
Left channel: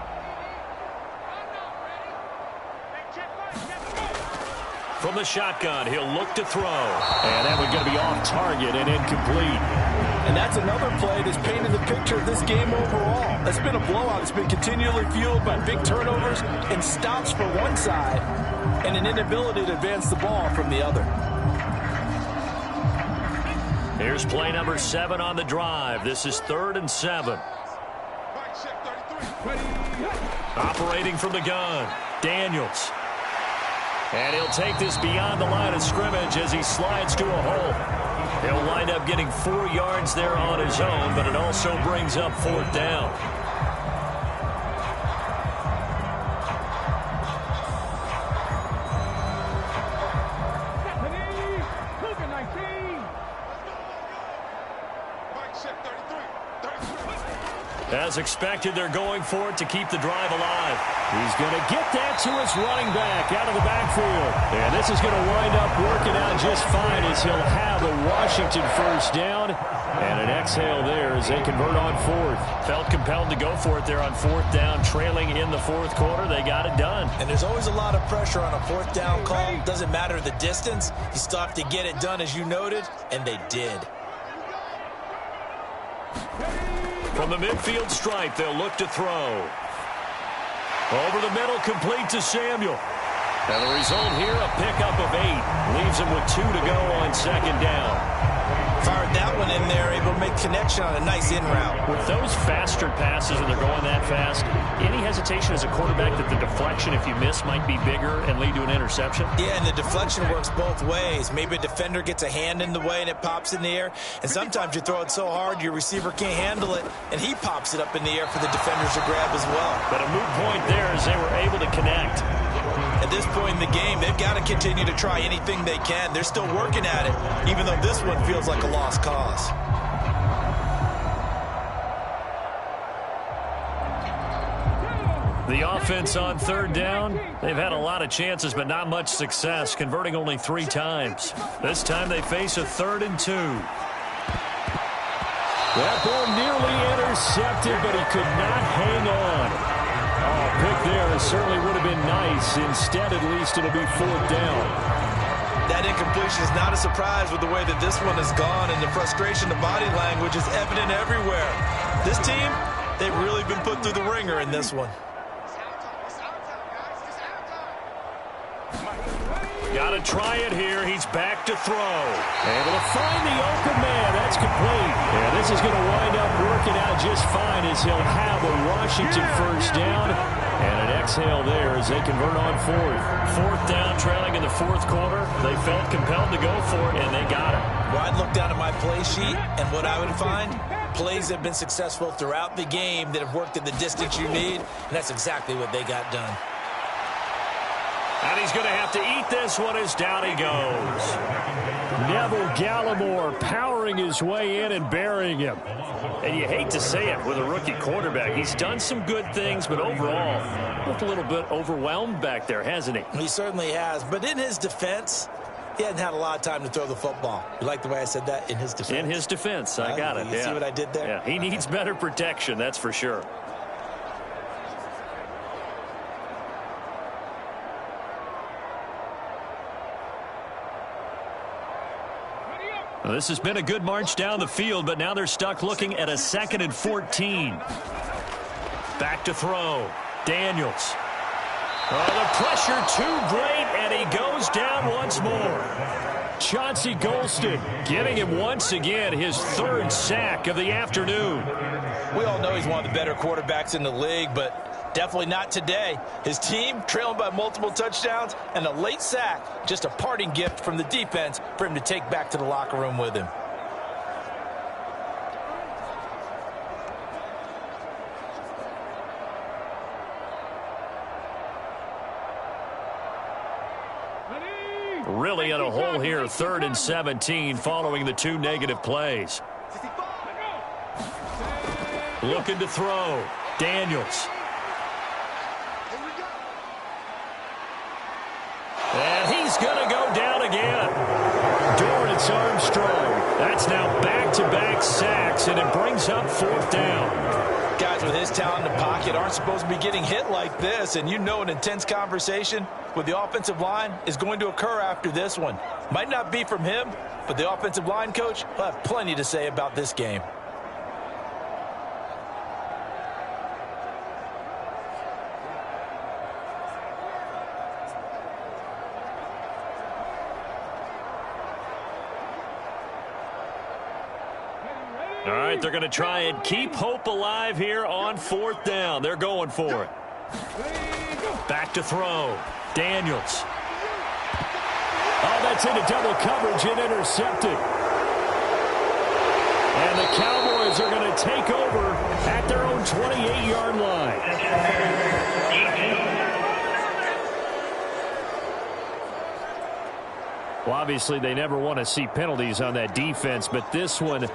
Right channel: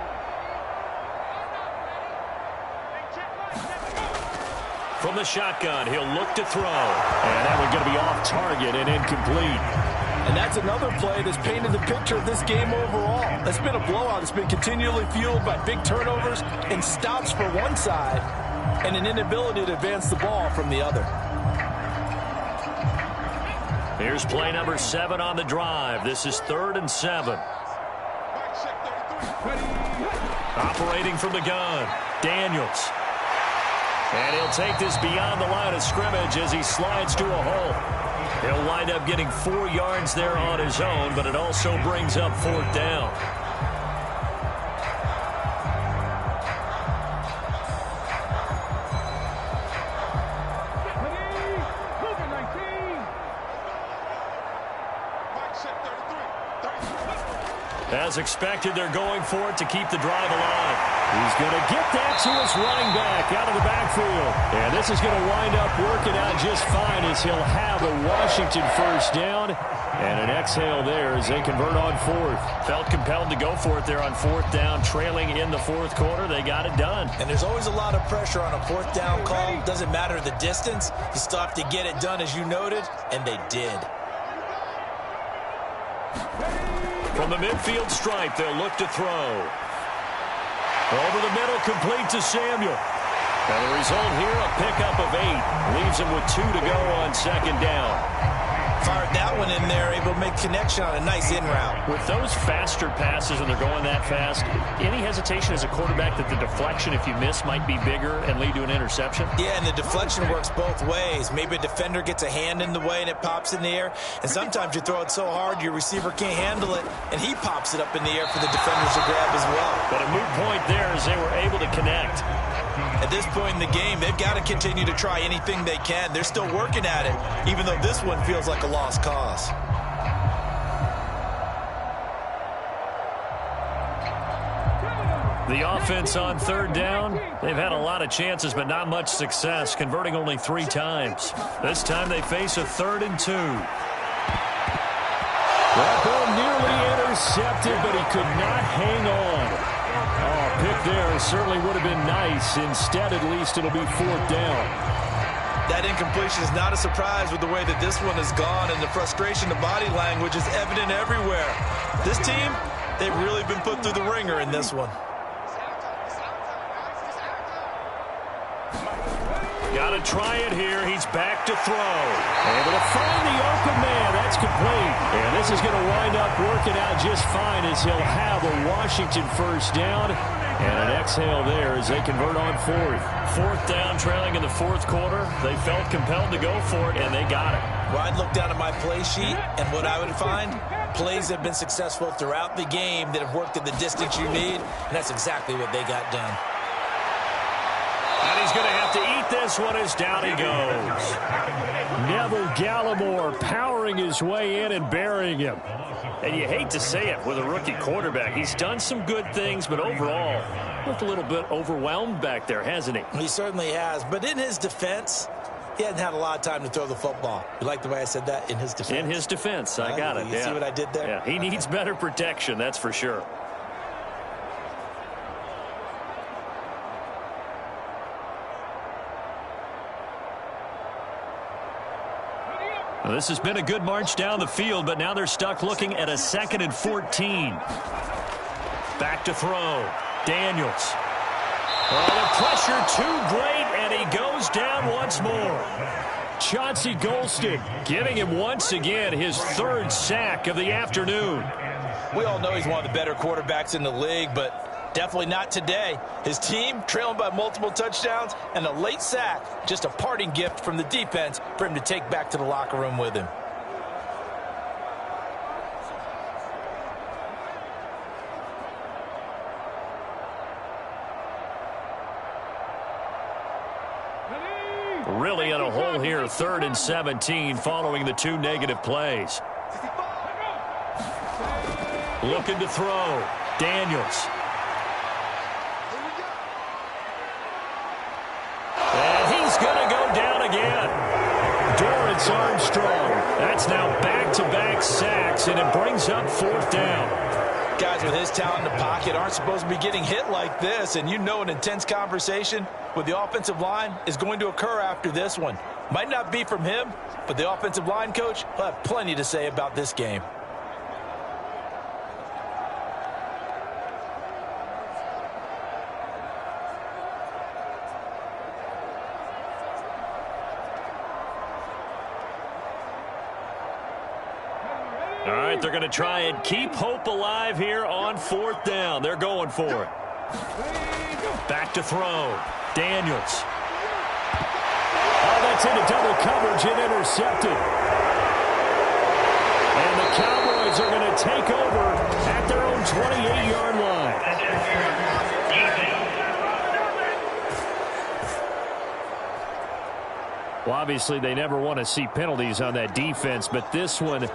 From the shotgun, he'll look to throw. And that one's going to be off target and incomplete. And that's another play that's painted the picture of this game overall. It's been a blowout. It's been continually fueled by big turnovers and stops for one side and an inability to advance the ball from the other. Here's play number 7 on the drive. This is 3rd and 7. Operating from the gun, Daniels. And he'll take this beyond the line of scrimmage as he slides to a hole. He'll wind up getting 4 yards there on his own, but it also brings up 4th down. As expected, they're going for it to keep the drive alive. He's going to get that to his running back out of the backfield. And this is going to wind up working out just fine as he'll have a Washington first down. And an exhale there as they convert on fourth. Felt compelled to go for it there on fourth down, trailing in the fourth quarter. They got it done. And there's always a lot of pressure on a fourth down call. Doesn't matter the distance. You still have to get it done, as you noted, and they did. From the midfield stripe, they'll look to throw. Over the middle, complete to Samuel. And the result here, a pickup of 8. Leaves him with 2 to go on second down. Fired that one in there, able to make connection on a nice in route. With those faster passes and they're going that fast, any hesitation as a quarterback that the deflection, if you miss, might be bigger and lead to an interception? Yeah, and the deflection works both ways. Maybe a defender gets a hand in the way and it pops in the air. And sometimes you throw it so hard your receiver can't handle it, and he pops it up in the air for the defenders to grab as well. But a moot point there as they were able to connect. At this point in the game, they've got to continue to try anything they can. They're still working at it, even though this one feels like a lost cause. The offense on third down, they've had a lot of chances, but not much success, converting only 3 times. This time they face a 3rd and 2. That ball nearly intercepted, but he could not hang on. Oh, pick there certainly would have been nice. Instead, at least, it'll be 4th down. That incompletion is not a surprise with the way that this one has gone, and the frustration, the body language is evident everywhere. This team, they've really been put through the ringer in this one. Got to try it here. He's back to throw. Able to find the open man. That's complete. And this is going to wind up working out just fine as he'll have a Washington first down. And an exhale there as they convert on fourth. 4th down, trailing in the 4th quarter. They felt compelled to go for it, and they got it. Well, I'd look down at my play sheet, and what I would find, plays that have been successful throughout the game that have worked at the distance you need, and that's exactly what they got done. And he's going to have to eat this one as down he goes. Neville Gallimore powering his way in and burying him. And you hate to say it with a rookie quarterback. He's done some good things, but overall, looked a little bit overwhelmed back there, hasn't he? He certainly has. But in his defense, he hasn't had a lot of time to throw the football. You like the way I said that? In his defense? In his defense. I got it. You see what I did there? Yeah, he needs better protection, that's for sure. Well, this has been a good march down the field, but now they're stuck looking at a 2nd and 14. Back to throw. Daniels. Oh, the pressure too great, and he goes down once more. Chauncey Golston giving him once again his 3rd sack of the afternoon. We all know he's one of the better quarterbacks in the league, but definitely not today. His team trailing by multiple touchdowns and a late sack, just a parting gift from the defense for him to take back to the locker room with him. Really in a hole here, 3rd and 17 following the 2 negative plays. Looking to throw. Daniels. And he's going to go down again. Dorrance Armstrong. That's now back-to-back sacks, and it brings up 4th down. Guys with his talent in the pocket aren't supposed to be getting hit like this, and you know an intense conversation with the offensive line is going to occur after this one. Might not be from him, but the offensive line coach will have plenty to say about this game. All right, they're going to try and keep hope alive here on 4th down. They're going for it. Back to throw. Daniels. Oh, that's into double coverage and intercepted. And the Cowboys are going to take over at their own 28-yard line. Well, obviously, they never want to see penalties on that defense, but this one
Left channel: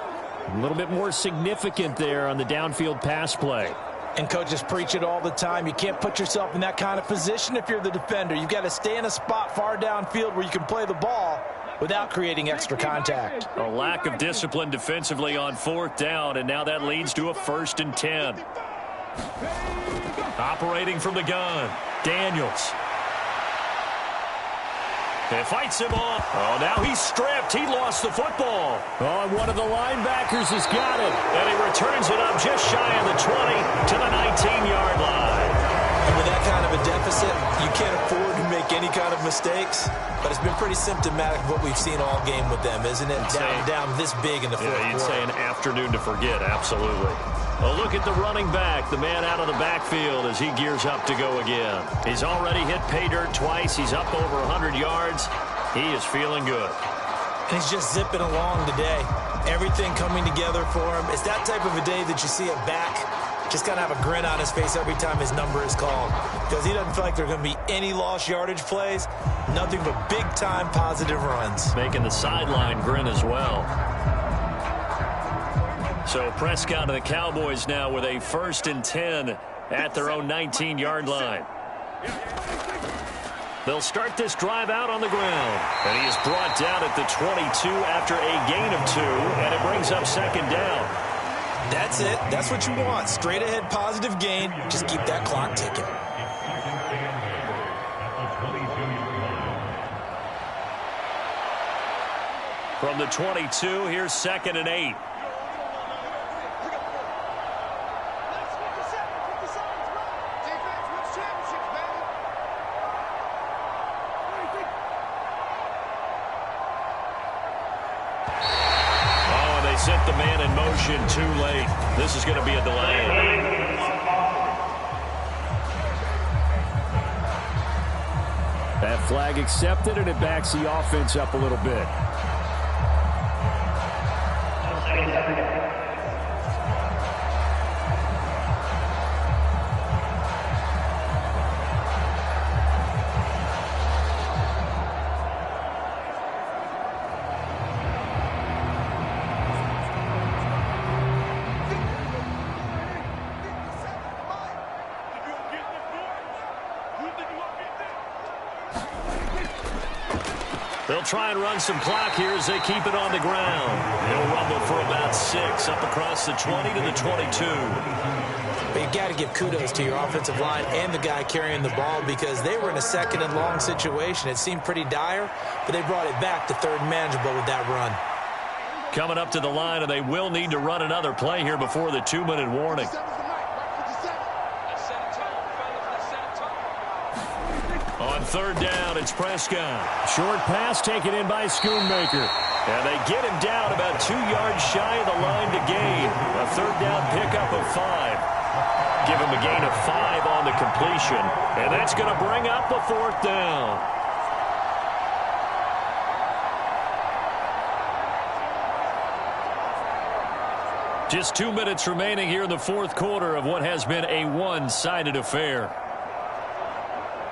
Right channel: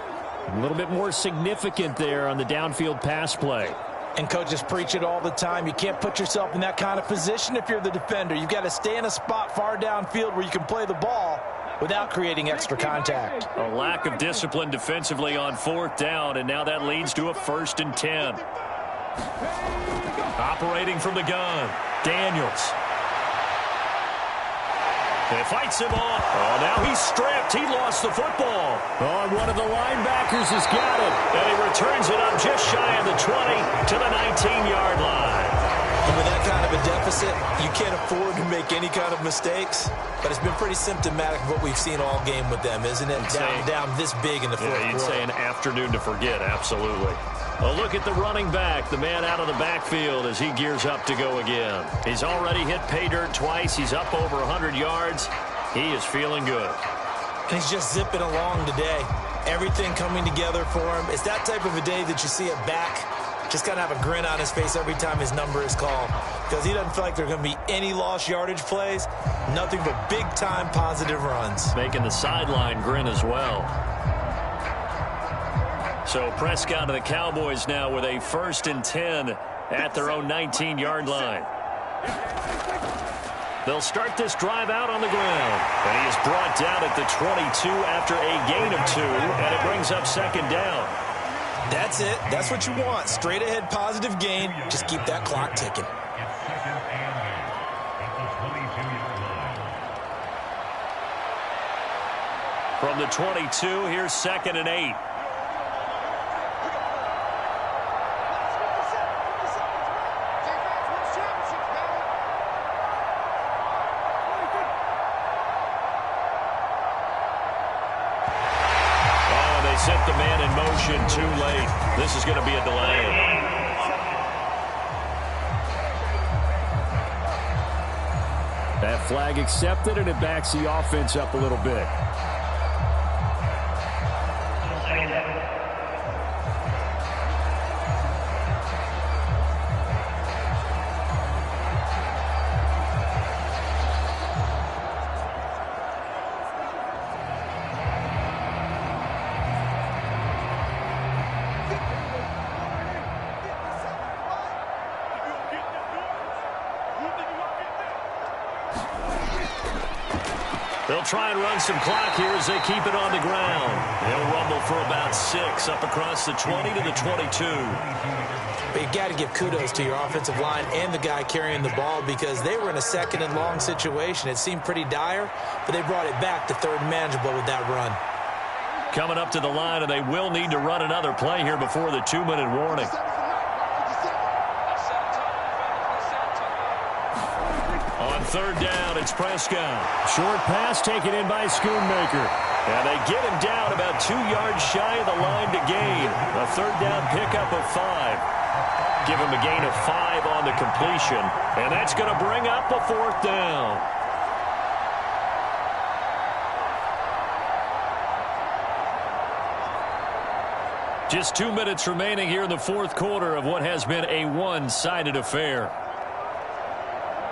A little bit more significant there on the downfield pass play. And coaches preach it all the time. You can't put yourself in that kind of position if you're the defender. You've got to stay in a spot far downfield where you can play the ball without creating extra contact. A lack of discipline defensively on 4th down, and now that leads to a 1st and 10. Operating from the gun, Daniels. It fights him off. Oh, now he's stripped. He lost the football. Oh, and one of the linebackers has got it. And he returns it up just shy of the 20 to the 19-yard line. And with that kind of a deficit, you can't afford to make any kind of mistakes. But it's been pretty symptomatic of what we've seen all game with them, isn't it? Down this big in the fourth quarter. You'd say an afternoon to forget, absolutely. A look at the running back, the man out of the backfield as he gears up to go again. He's already hit pay dirt twice. He's up over 100 yards. He is feeling good. And he's just zipping along today. Everything coming together for him. It's that type of a day that you see a back just kind of have a grin on his face every time his number is called, because he doesn't feel like there are going to be any lost yardage plays, nothing but big-time positive runs. Making the sideline grin as well. So Prescott and the Cowboys now with a 1st and 10 at their own 19-yard line. They'll start this drive out on the ground. And he is brought down at the 22 after a gain of 2, and it brings up 2nd down. That's it. That's what you want. Straight ahead positive gain. Just keep that clock ticking. From the 22, here's 2nd and 8. Sent the man in motion too late. This is going to be a delay. That flag accepted, and it backs the offense up a little bit. They'll try and run some clock here as they keep it on the ground. He'll rumble for about 6 up across the 20 to the 22. But you got to give kudos to your offensive line and the guy carrying the ball, because they were in a 2nd and long situation. It seemed pretty dire, but they brought it back to 3rd and manageable with that run. Coming up to the line, and they will need to run another play here before the 2-minute warning. On 3rd down, it's Prescott. Short pass taken in by Schoonmaker. And they get him down about 2 yards shy of the line to gain. A 3rd down pickup of 5. Give him a gain of 5 on the completion. And that's going to bring up a 4th down. Just 2 minutes remaining here in the 4th quarter of what has been a one-sided affair.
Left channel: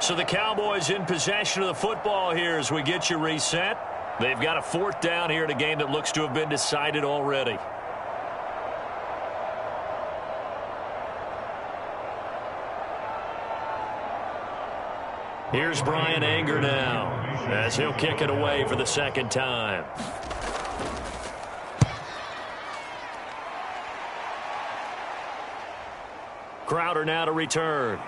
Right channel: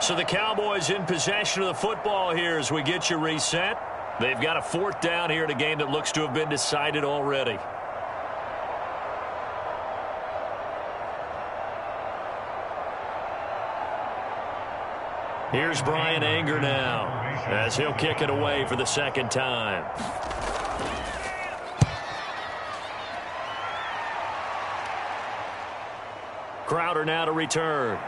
So the Cowboys in possession of the football here as we get you reset. They've got a 4th down here in a game that looks to have been decided already. Here's Brian Anger now as he'll kick it away for the 2nd time. Crowder now to return.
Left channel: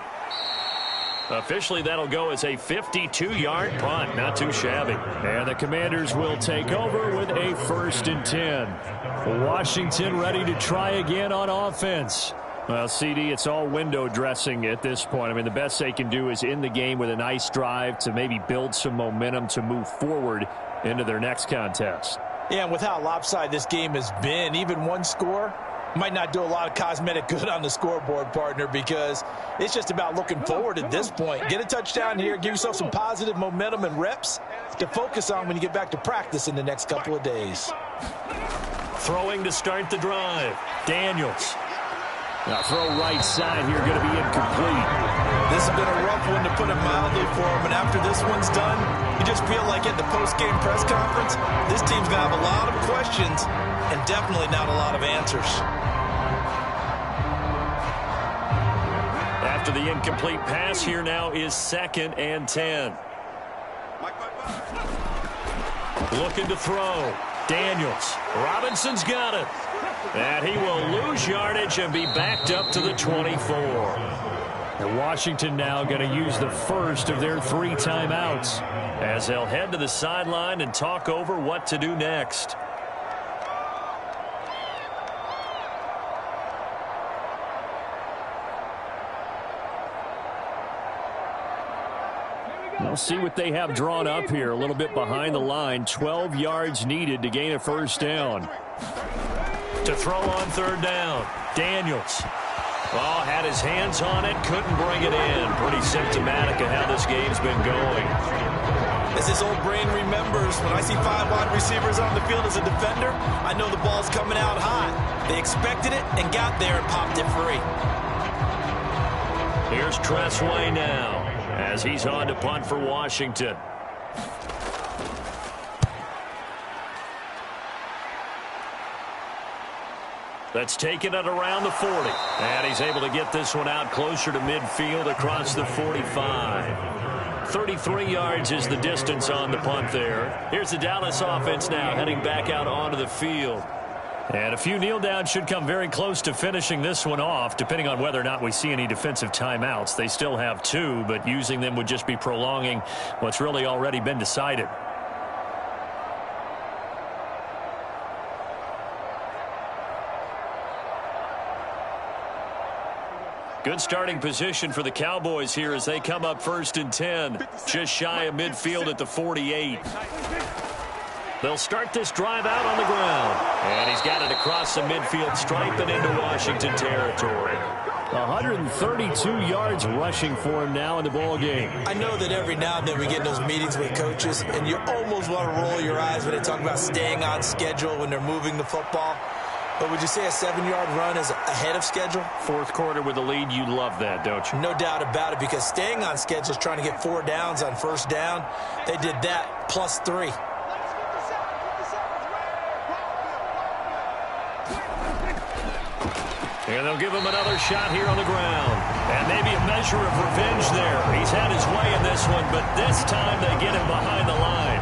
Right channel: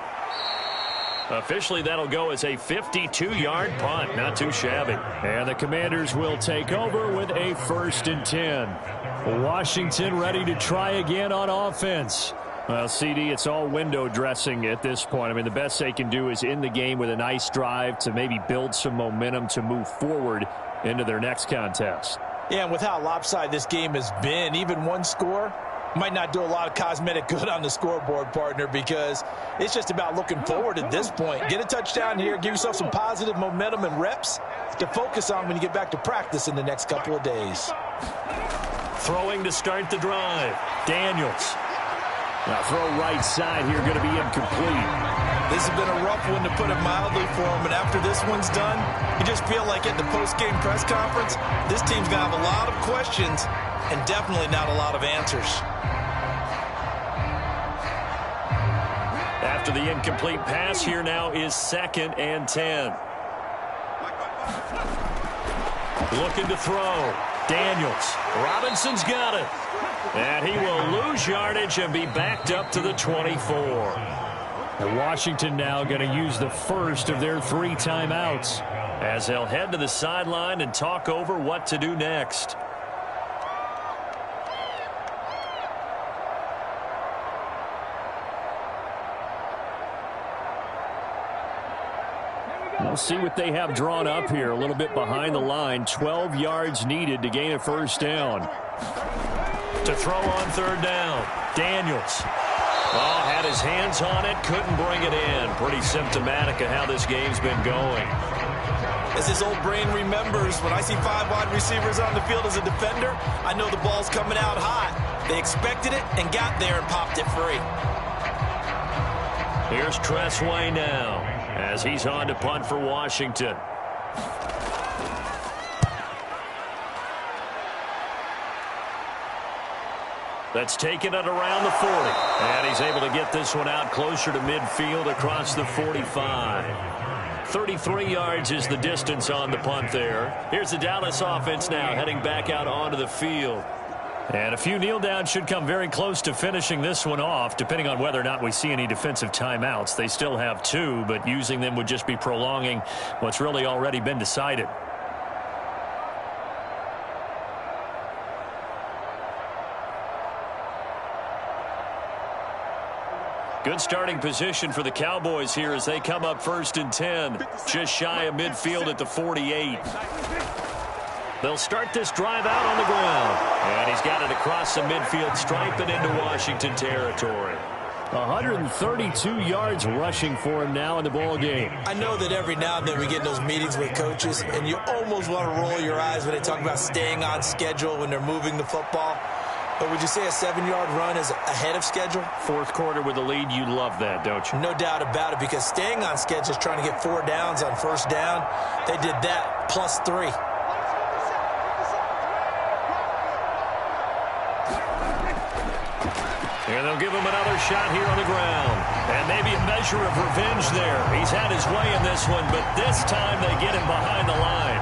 Officially, that'll go as a 52-yard punt. Not too shabby. And the Commanders will take over with a 1st and 10. Washington ready to try again on offense. Well, CD, it's all window dressing at this point. I mean, the best they can do is in the game with a nice drive to maybe build some momentum to move forward into their next contest. Yeah, and with how lopsided this game has been, even one score might not do a lot of cosmetic good on the scoreboard, partner, because it's just about looking forward at this point. Get a touchdown here, give yourself some positive momentum and reps to focus on when you get back to practice in the next couple of days. Throwing to start the drive, Daniels. Now throw right side here, going to be incomplete. This has been a rough one, to put it mildly, for him, and after this one's done, you just feel like at the post-game press conference, this team's going to have a lot of questions and definitely not a lot of answers. After the incomplete pass, here now is 2nd and 10. Looking to throw. Daniels. Robinson's got it. And he will lose yardage and be backed up to the 24. And Washington now going to use the first of their 3 timeouts, as they'll head to the sideline and talk over what to do next. We'll see what they have drawn up here. A little bit behind the line. 12 yards needed to gain a first down. To throw on 3rd down. Daniels. Oh, had his hands on it. Couldn't bring it in. Pretty symptomatic of how this game's been going. As his old brain remembers, when I see 5 wide receivers on the field as a defender, I know the ball's coming out hot. They expected it and got there and popped it free. Here's Tressway now, as he's on to punt for Washington. That's taken it around the 40. And he's able to get this one out closer to midfield across the 45. 33 yards is the distance on the punt there. Here's the Dallas offense now heading back out onto the field. And a few kneel downs should come very close to finishing this one off, depending on whether or not we see any defensive timeouts. They still have 2, but using them would just be prolonging what's really already been decided. Good starting position for the Cowboys here as they come up 1st and 10. Just shy of midfield at the 48. They'll start this drive out on the ground. And he's got it across the midfield stripe and into Washington territory. 132 yards rushing for him now in the ball game. I know that every now and then we get in those meetings with coaches, and you almost want to roll your eyes when they talk about staying on schedule when they're moving the football. But would you say a 7-yard run is ahead of schedule? 4th quarter with the lead, you love that, don't you? No doubt about it, because staying on schedule is trying to get 4 downs on 1st down. They did that plus 3. And they'll give him another shot here on the ground. And maybe a measure of revenge there. He's had his way in this one, but this time they get him behind the line.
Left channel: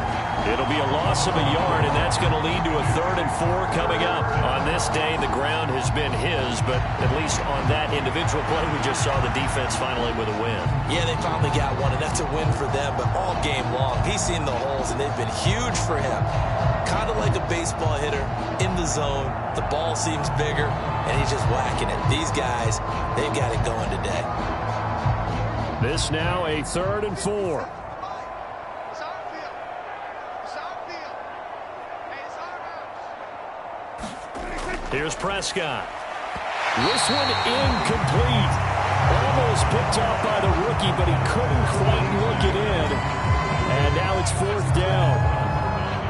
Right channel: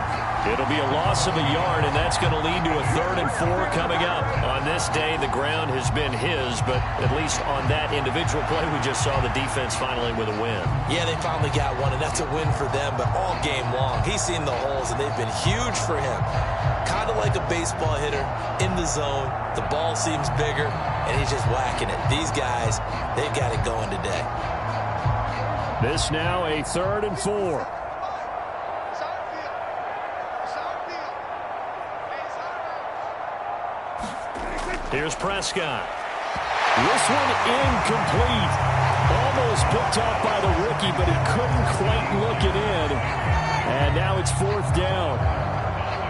It'll be a loss of a yard, and that's going to lead to a 3rd and 4 coming up. On this day, the ground has been his, but at least on that individual play, we just saw the defense finally with a win. Yeah, they finally got one, and that's a win for them, but all game long, he's seen the holes, and they've been huge for him. Kind of like a baseball hitter in the zone. The ball seems bigger, and he's just whacking it. These guys, they've got it going today. This now a 3rd and 4. Here's Prescott. This one incomplete. Almost picked off by the rookie, but he couldn't quite look it in. And now it's 4th down.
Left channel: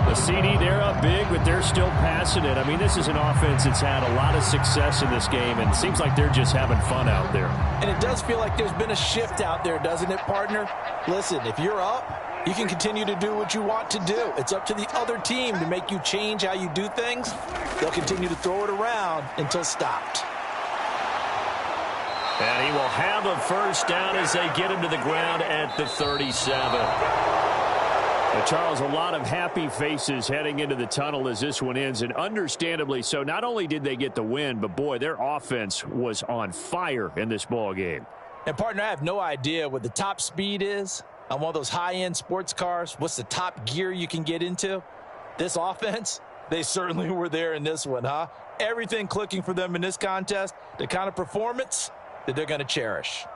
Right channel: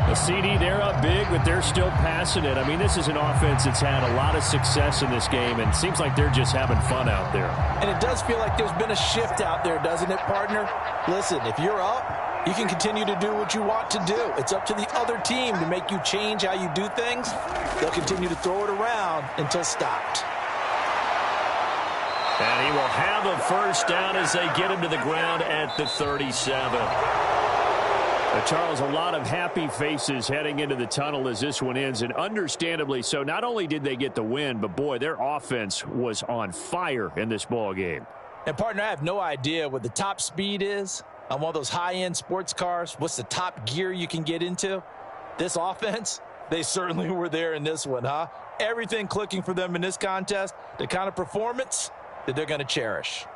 The CD, they're up big, but they're still passing it. I mean, this is an offense that's had a lot of success in this game, and it seems like they're just having fun out there. And it does feel like there's been a shift out there, doesn't it, partner? Listen, if you're up, you can continue to do what you want to do. It's up to the other team to make you change how you do things. They'll continue to throw it around until stopped. And he will have a 1st down as they get him to the ground at the 37. Charles, a lot of happy faces heading into the tunnel as this one ends, and understandably so. Not only did they get the win, but, boy, their offense was on fire in this ball game. And, partner, I have no idea what the top speed is on one of those high-end sports cars. What's the top gear you can get into? This offense, they certainly were there in this one, huh? Everything clicking for them in this contest, the kind of performance that they're going to cherish.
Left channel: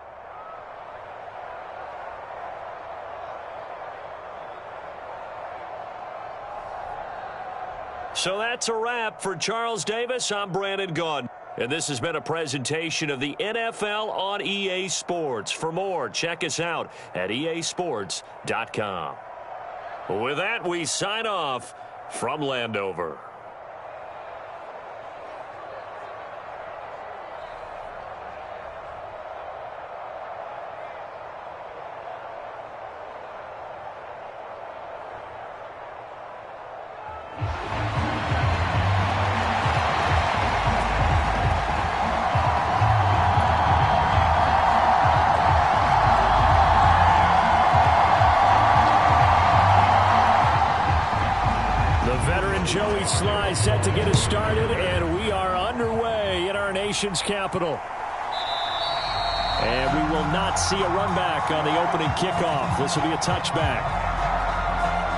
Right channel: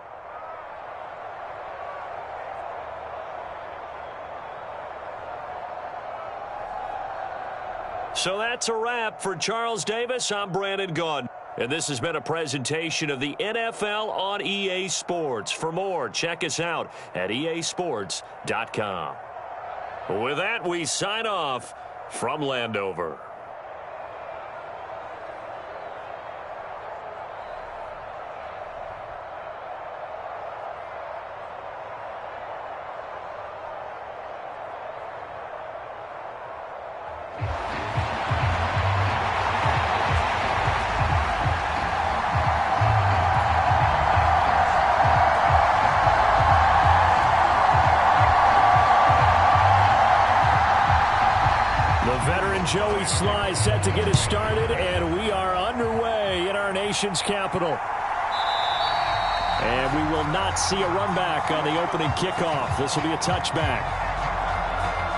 So that's a wrap for Charles Davis. I'm Brandon Gaudin. And this has been a presentation of the NFL on EA Sports. For more, check us out at easports.com. With that, we sign off from Landover. And Joey Sly set to get us started, and we are underway in our nation's capital. And we will not see a run back on the opening kickoff. This will be a touchback.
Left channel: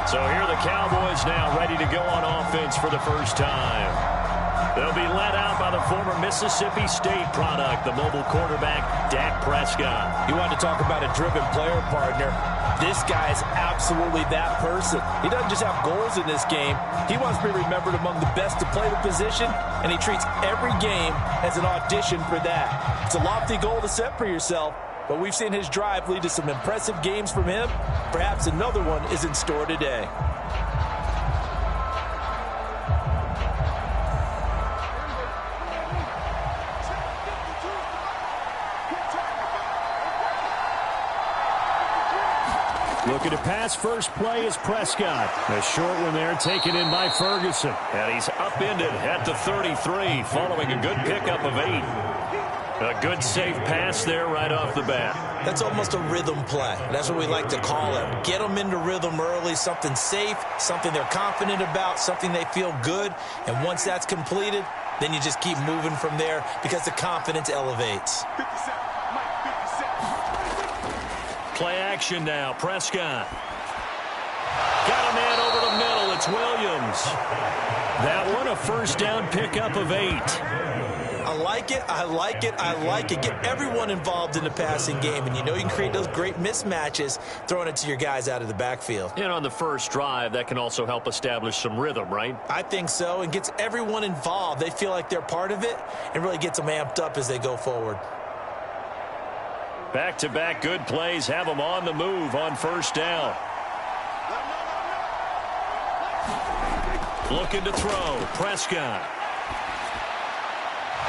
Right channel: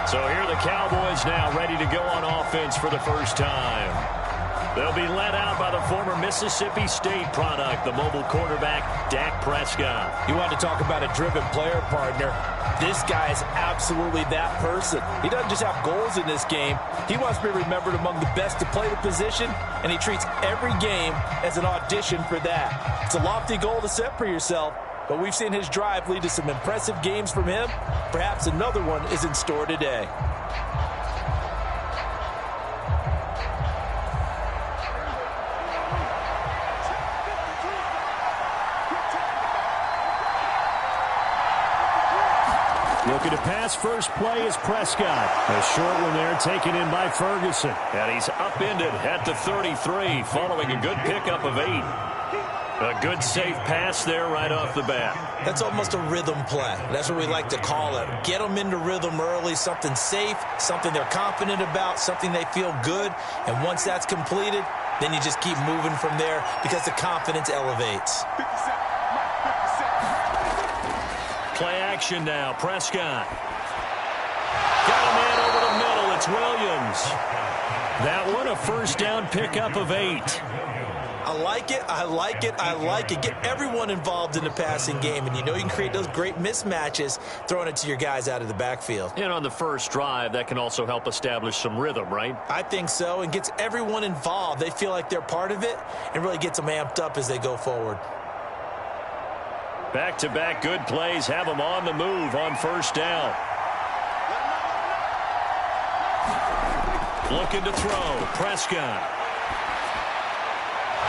So here are the Cowboys now ready to go on offense for the first time. They'll be led out by the former Mississippi State product, the mobile quarterback, Dak Prescott. You want to talk about a driven player, partner. This guy is absolutely that person. He doesn't just have goals in this game. He wants to be remembered among the best to play the position, and he treats every game as an audition for that. It's a lofty goal to set for yourself, but we've seen his drive lead to some impressive games from him. Perhaps another one is in store today. Looking to pass first play is Prescott. A short one there taken in by Ferguson. And he's upended at the 33 following a good pickup of 8. A good safe pass there right off the bat. That's almost a rhythm play. That's what we like to call it. Get them into rhythm early, something safe, something they're confident about, something they feel good. And once that's completed, then you just keep moving from there because the confidence elevates. 57, Mike, 57. Play action now. Prescott. Got a man over the middle. It's Williams. That one a first down pickup of 8. I like it. I like it. I like it. Get everyone involved in the passing game, and you know you can create those great mismatches throwing it to your guys out of the backfield. And on the first drive, that can also help establish some rhythm, right? I think so, and gets everyone involved. They feel like they're part of it and really gets them amped up as they go forward. Back-to-back good plays have them on the move on first down. Looking to throw. Prescott.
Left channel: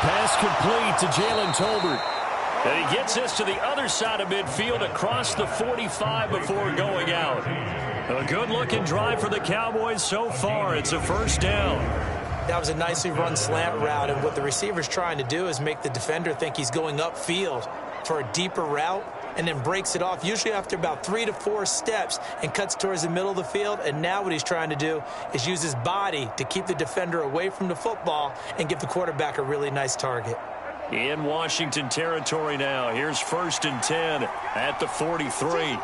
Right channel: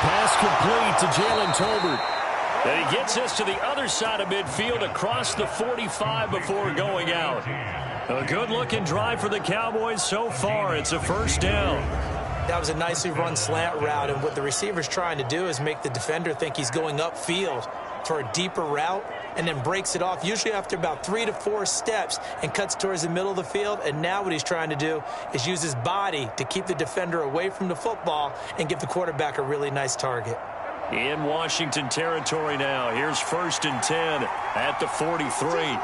Pass complete to Jalen Tolbert. And he gets us to the other side of midfield across the 45 before going out. A good-looking drive for the Cowboys so far. It's a first down. That was a nicely run slant route, and what the receiver's trying to do is make the defender think he's going upfield for a deeper route and then breaks it off, usually after about 3 to 4 steps, and cuts towards the middle of the field. And now what he's trying to do is use his body to keep the defender away from the football and give the quarterback a really nice target. In Washington territory now. Here's 1st and 10 at the 43.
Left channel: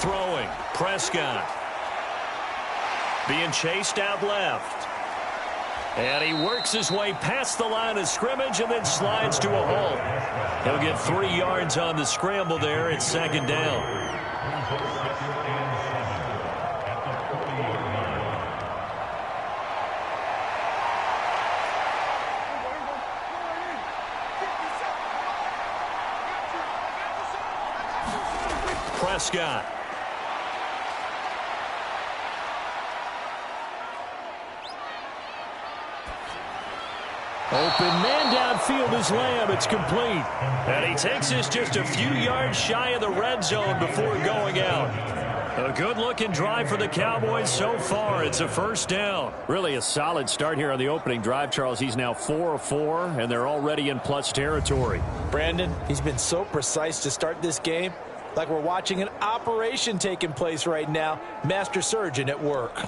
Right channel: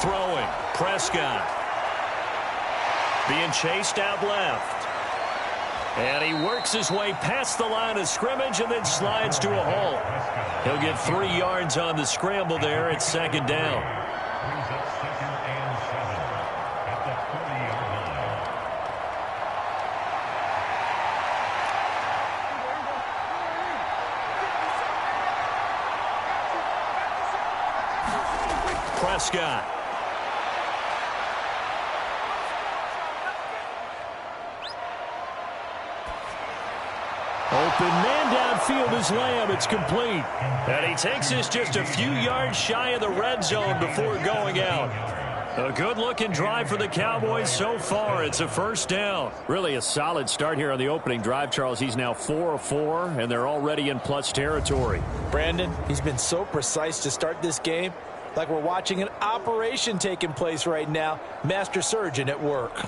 Throwing. Prescott. Being chased out left. And he works his way past the line of scrimmage and then slides to a halt. He'll get 3 yards on the scramble there. It's 2nd down. Prescott. Open man downfield is Lamb. It's complete. And he takes us just a few yards shy of the red zone before going out. A good-looking drive for the Cowboys so far. It's a first down. Really a solid start here on the opening drive, Charles. He's now 4 of 4, and they're already in plus territory. Brandon, he's been so precise to start this game, like we're watching an operation taking place right now. Master surgeon at work.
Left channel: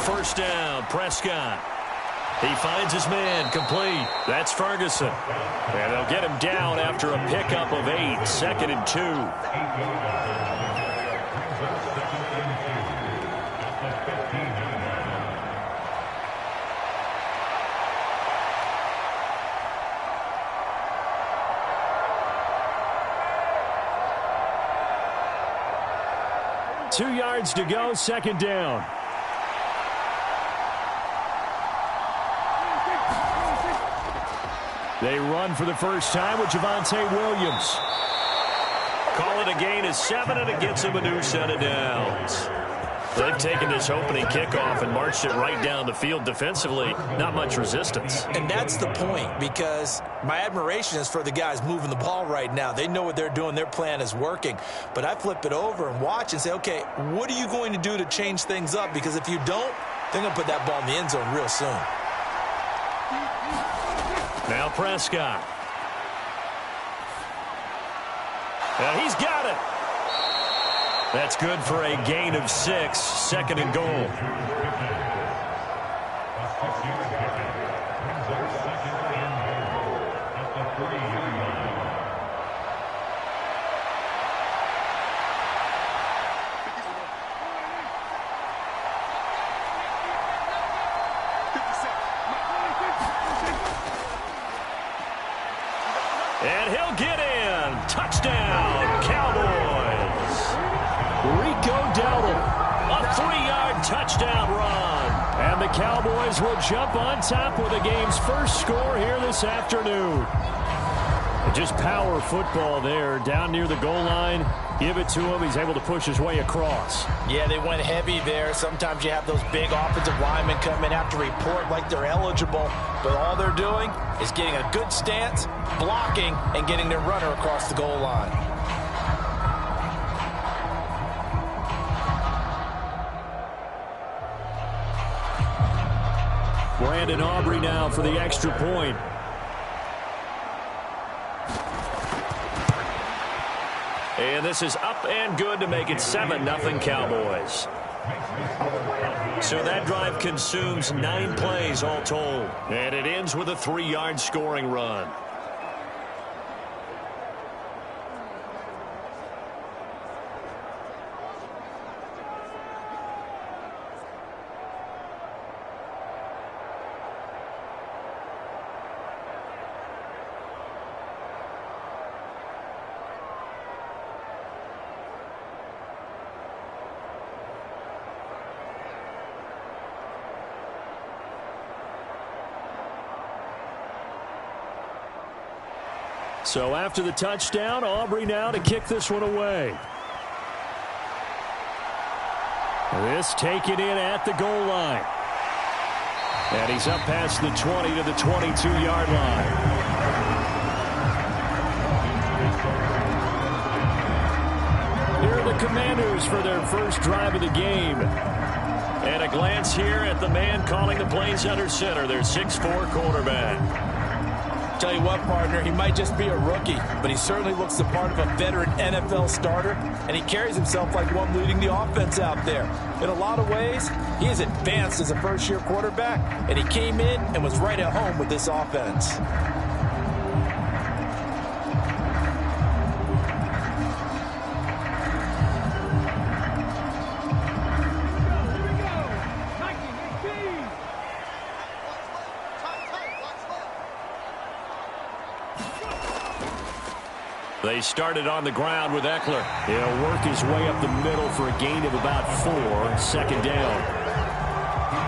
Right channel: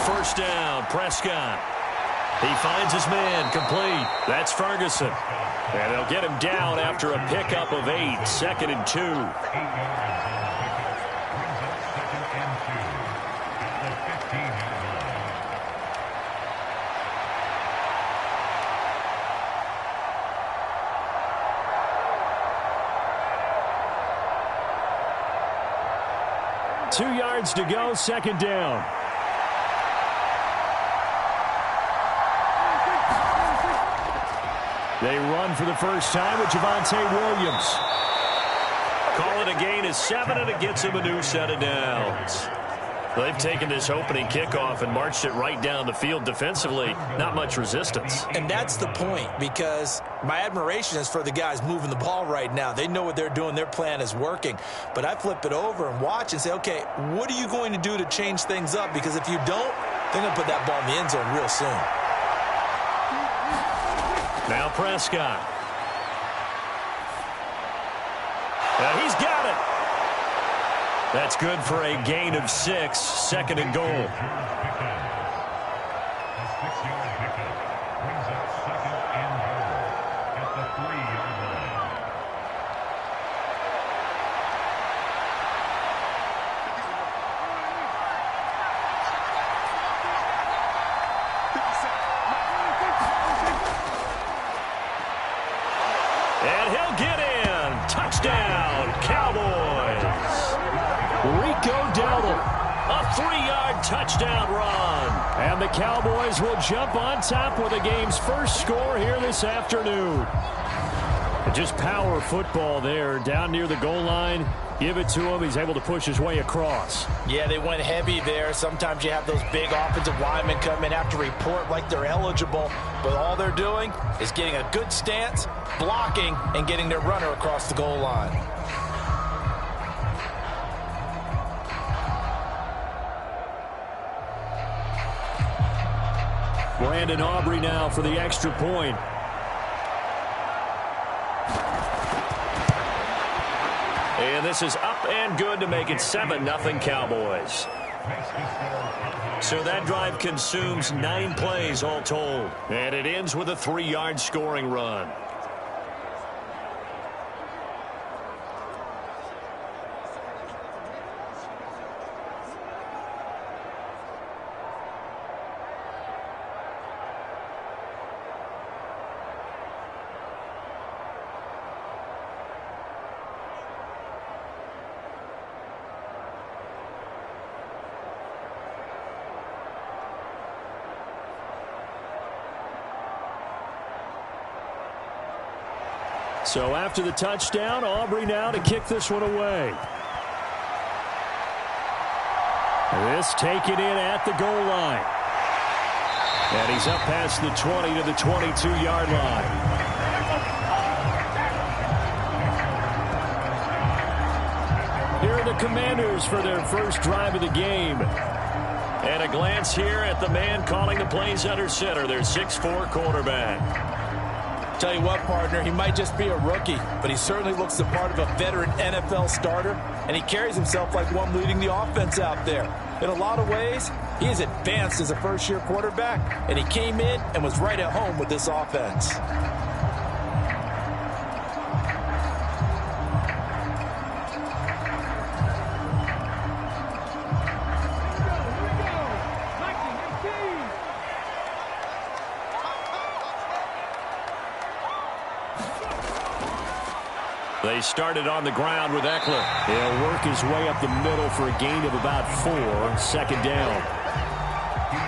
First down, Prescott. He finds his man, complete. That's Ferguson. And they'll get him down after a pickup of 8, 2nd and 2. Two yards to go, 2nd down. They run for the first time with Javonte Williams. Call it a gain of 7, and it gets him a new set of downs. They've taken this opening kickoff and marched it right down the field defensively. Not much resistance. And that's the point, because my admiration is for the guys moving the ball right now. They know what they're doing. Their plan is working. But I flip it over and watch and say, okay, what are you going to do to change things up? Because if you don't, They're going to put that ball in the end zone real soon. Now Prescott. And he's got it. That's good for a gain of 6, 2nd and goal. And he'll get in. Touchdown, Cowboys. Rico Dowdle. A 3-yard touchdown run. And the Cowboys will jump on top with the game's first score here this afternoon. And just power football there down near the goal line. Give it to him. He's able to push his way across. Yeah, they went heavy there. Sometimes you have those big offensive linemen come in, have to report like they're eligible. But all they're doing is getting a good stance, blocking, and getting their runner across the goal line. Brandon Aubrey now for the extra point. And this is up and good to make it 7-0 Cowboys. So that drive consumes 9 plays all told. And it ends with a 3-yard scoring run. So after the touchdown, Aubrey now to kick this one away. This taken in at the goal line. And he's up past the 20 to the 22-yard line. Here are the Commanders for their first drive of the game. And a glance here at the man calling the plays under center, their 6'4" quarterback. Tell you what, partner, he might just be a rookie, but he certainly looks the part of a veteran NFL starter, and he carries himself like one leading the offense out there. In a lot of ways, he is advanced as a first-year quarterback, and he came in and was right at home with this offense. They started on the ground with Eckler. He'll work his way up the middle for a gain of about 4, 2nd down.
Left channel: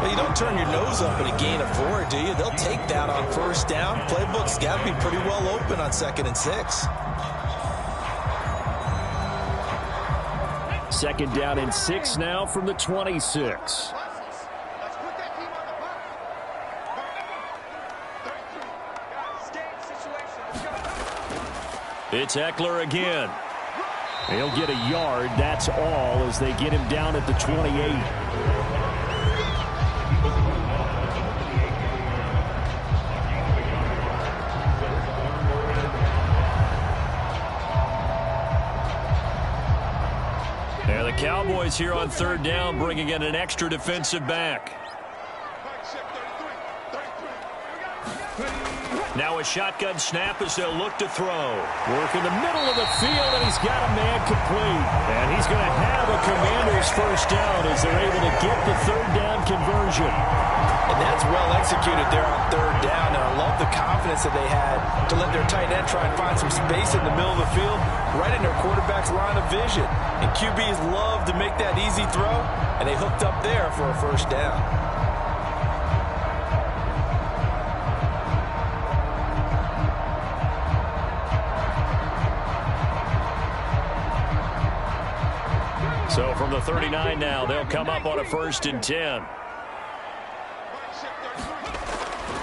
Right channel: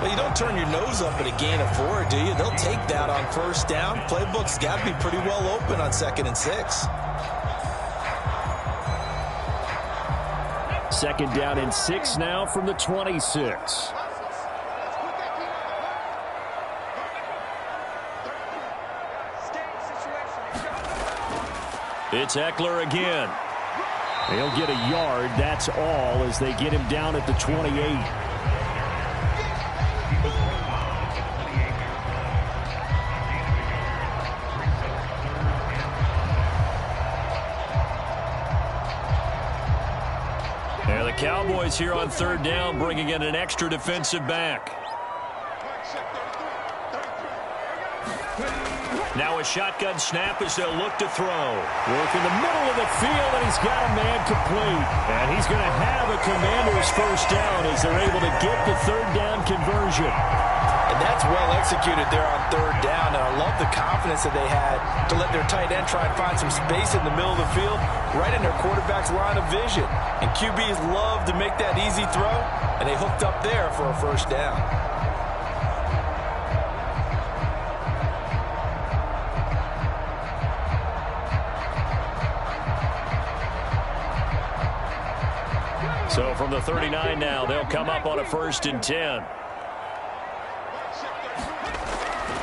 Well, you don't turn your nose up at a gain of 4, do you? They'll take that on first down. Playbook's got to be pretty well open on 2nd and 6. 2nd down and 6 now from the 26. It's Eckler again. He'll get a yard, that's all, as they get him down at the 28. And the Cowboys here on 3rd down, bringing in an extra defensive back. Now a shotgun snap as they'll look to throw. Work in the middle of the field, and he's got a man complete. And he's going to have a Commanders first down as they're able to get the 3rd down conversion. And that's well executed there on 3rd down. And I love the confidence that they had to let their tight end try and find some space in the middle of the field, right in their quarterback's line of vision. And QBs love to make that easy throw, and they hooked up there for a first down. So from the 39 now, they'll come up on a 1st and 10.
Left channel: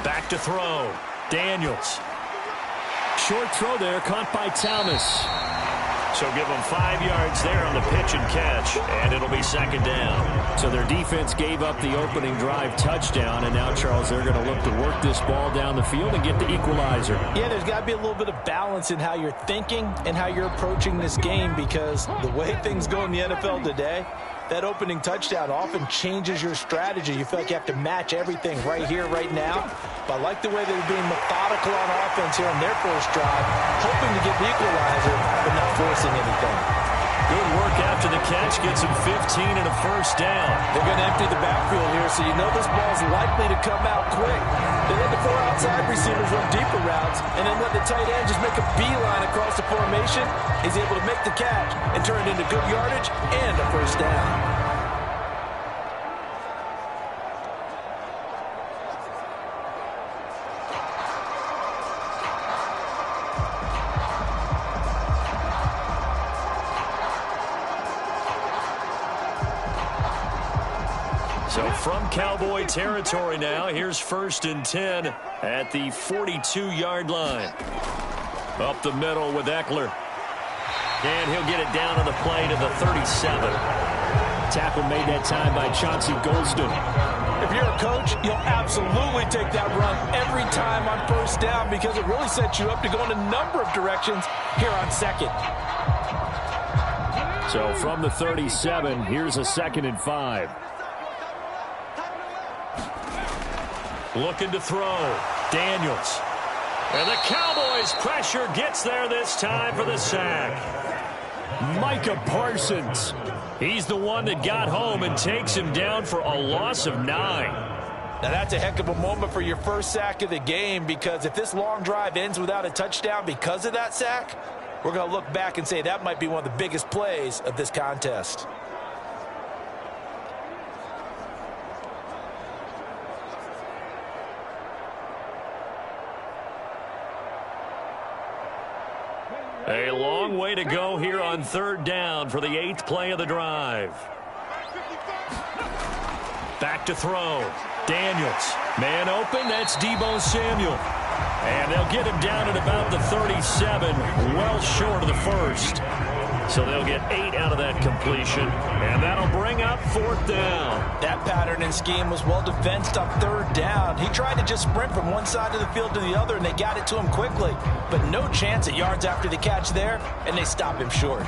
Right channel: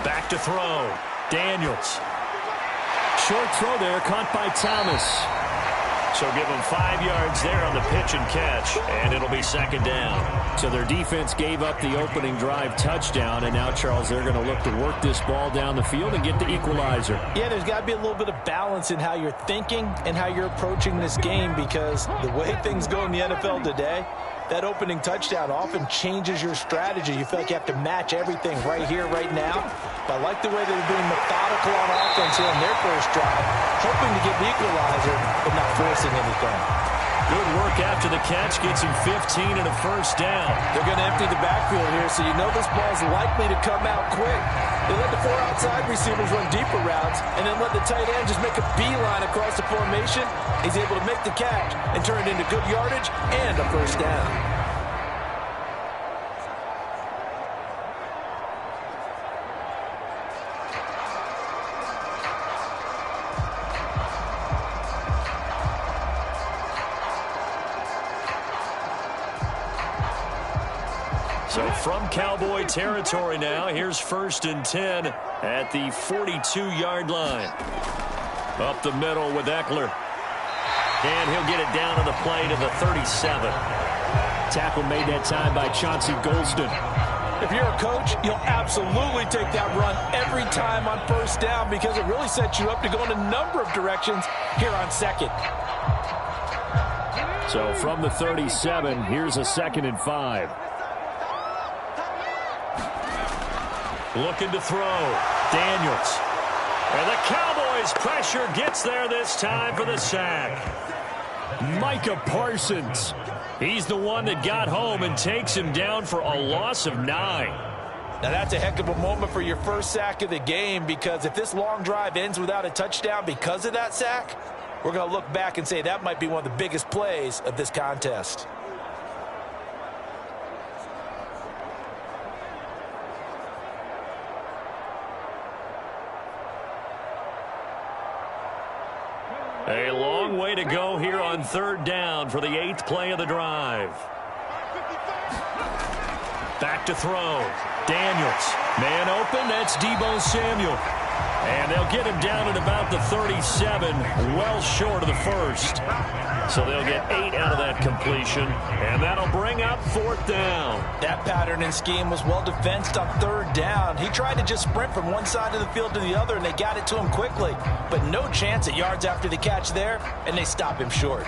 Back to throw. Daniels. Short throw there, caught by Thomas. So give them 5 yards there on the pitch and catch, and it'll be second down. So their defense gave up the opening drive touchdown, and now, Charles, they're going to look to work this ball down the field and get the equalizer. Yeah, there's got to be a little bit of balance in how you're thinking and how you're approaching this game, because the way things go in the NFL today, that opening touchdown often changes your strategy. You feel like you have to match everything right here, right now. But I like the way they're being methodical on offense here on their first drive, hoping to get the equalizer, but not forcing anything. Good work after the catch. Gets him 15 and a first down. They're going to empty the backfield here, so you know this ball's likely to come out quick. They let the 4 outside receivers run deeper routes and then let the tight end just make a beeline across the formation. He's able to make the catch and turn it into good yardage and a first down. So from Cowboy territory now, here's 1st and 10 at the 42-yard line. Up the middle with Eckler. And he'll get it down on the play to the 37. Tackle made that time by Chauncey Golston. If you're a coach, you'll absolutely take that run every time on first down, because it really sets you up to go in a number of directions here on second. So from the 37, here's a 2nd and 5. Looking to throw. Daniels. And the Cowboys' pressure gets there this time for the sack. Micah Parsons. He's the one that got home and takes him down for a loss of 9. Now that's a heck of a moment for your first sack of the game, because if this long drive ends without a touchdown because of that sack, we're going to look back and say that might be one of the biggest plays of this contest. A long way to go here on 3rd down for the 8th play of the drive. Back to throw. Daniels. Man open. That's Deebo Samuel. And they'll get him down at about the 37, well short of the first. So they'll get 8 out of that completion, and that'll bring up 4th down. That pattern and scheme was well defensed on 3rd down. He tried to just sprint from one side of the field to the other, and they got it to him quickly. But no chance at yards after the catch there, and they stop him short.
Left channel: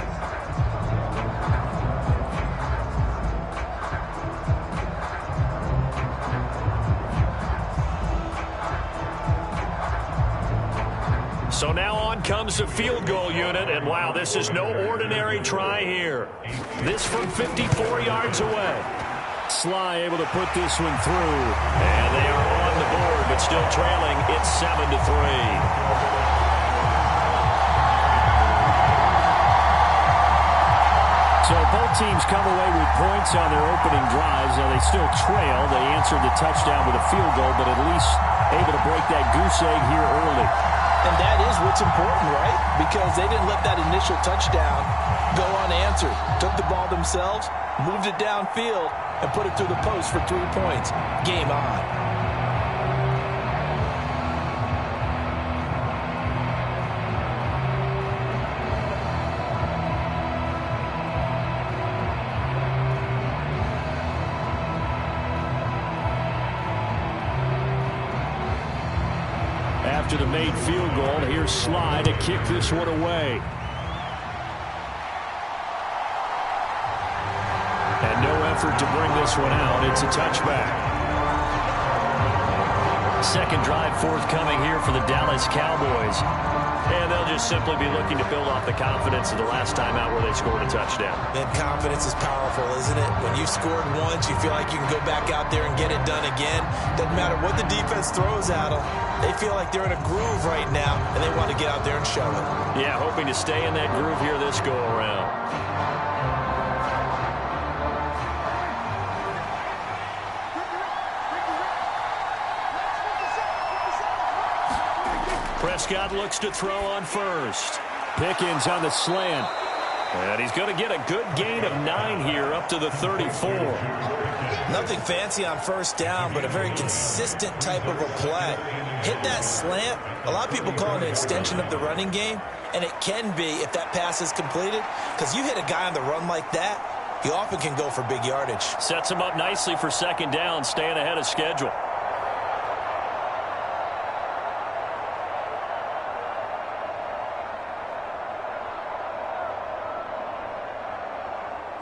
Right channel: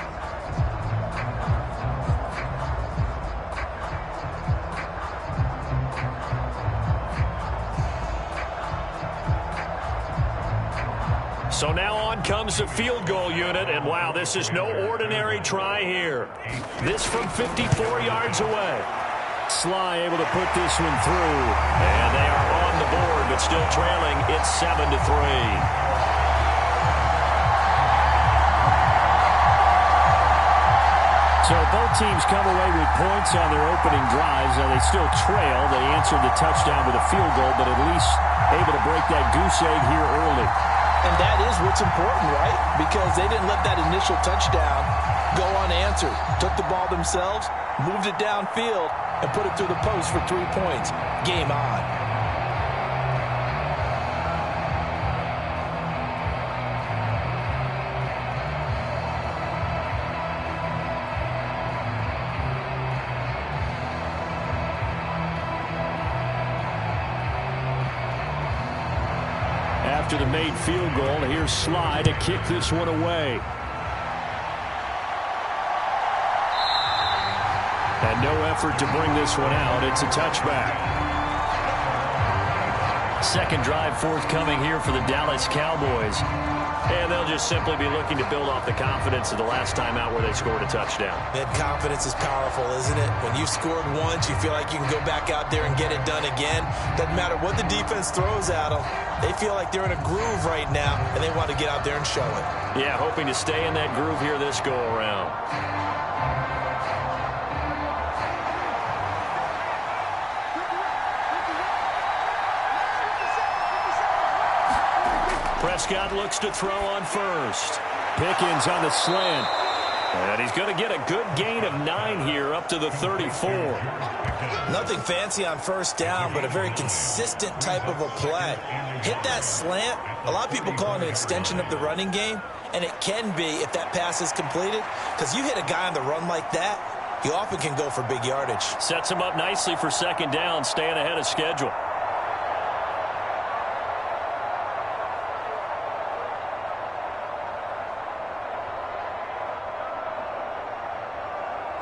So now on comes the field goal unit, and wow, this is no ordinary try here. This from 54 yards away. Sly able to put this one through. And they are on the board, but still trailing. It's 7-3. So both teams come away with points on their opening drives. Now they still trail. They answered the touchdown with a field goal, but at least able to break that goose egg here early. And that is what's important, right? Because they didn't let that initial touchdown go unanswered. Took the ball themselves, moved it downfield, and put it through the post for 3 points. Game on. After the made field goal, here's Sly to kick this one away. And no effort to bring this one out. It's a touchback. Second drive forthcoming here for the Dallas Cowboys. And they'll just simply be looking to build off the confidence of the last time out where they scored a touchdown. That confidence is powerful, isn't it? When you've scored once, you feel like you can go back out there and get it done again. Doesn't matter what the defense throws at them. They feel like they're in a groove right now, and they want to get out there and show it. Yeah, hoping to stay in that groove here this go-around. Prescott looks to throw on first. Pickens on the slant. And he's going to get a good gain of 9 here up to the 34. Nothing fancy on first down, but a very consistent type of a play. Hit that slant. A lot of people call it an extension of the running game, and it can be if that pass is completed, because you hit a guy on the run like that, he often can go for big yardage. Sets him up nicely for second down, staying ahead of schedule.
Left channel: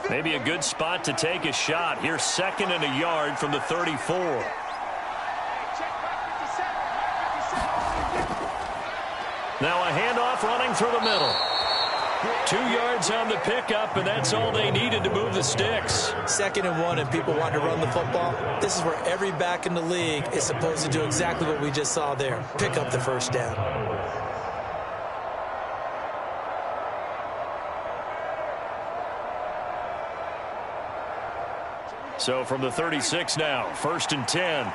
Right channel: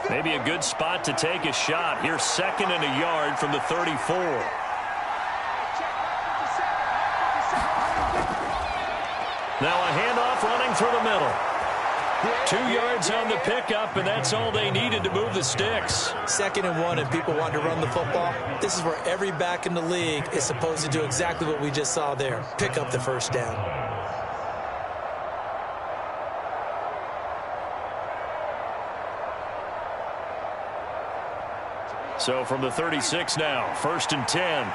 Maybe a good spot to take a shot. Here's 2nd and a yard from the 34. Now a handoff running through the middle. 2 yards on the pickup, and that's all they needed to move the sticks. 2nd and 1, and people want to run the football. This is where every back in the league is supposed to do exactly what we just saw there. Pick up the first down. So from the 36 now, 1st and 10.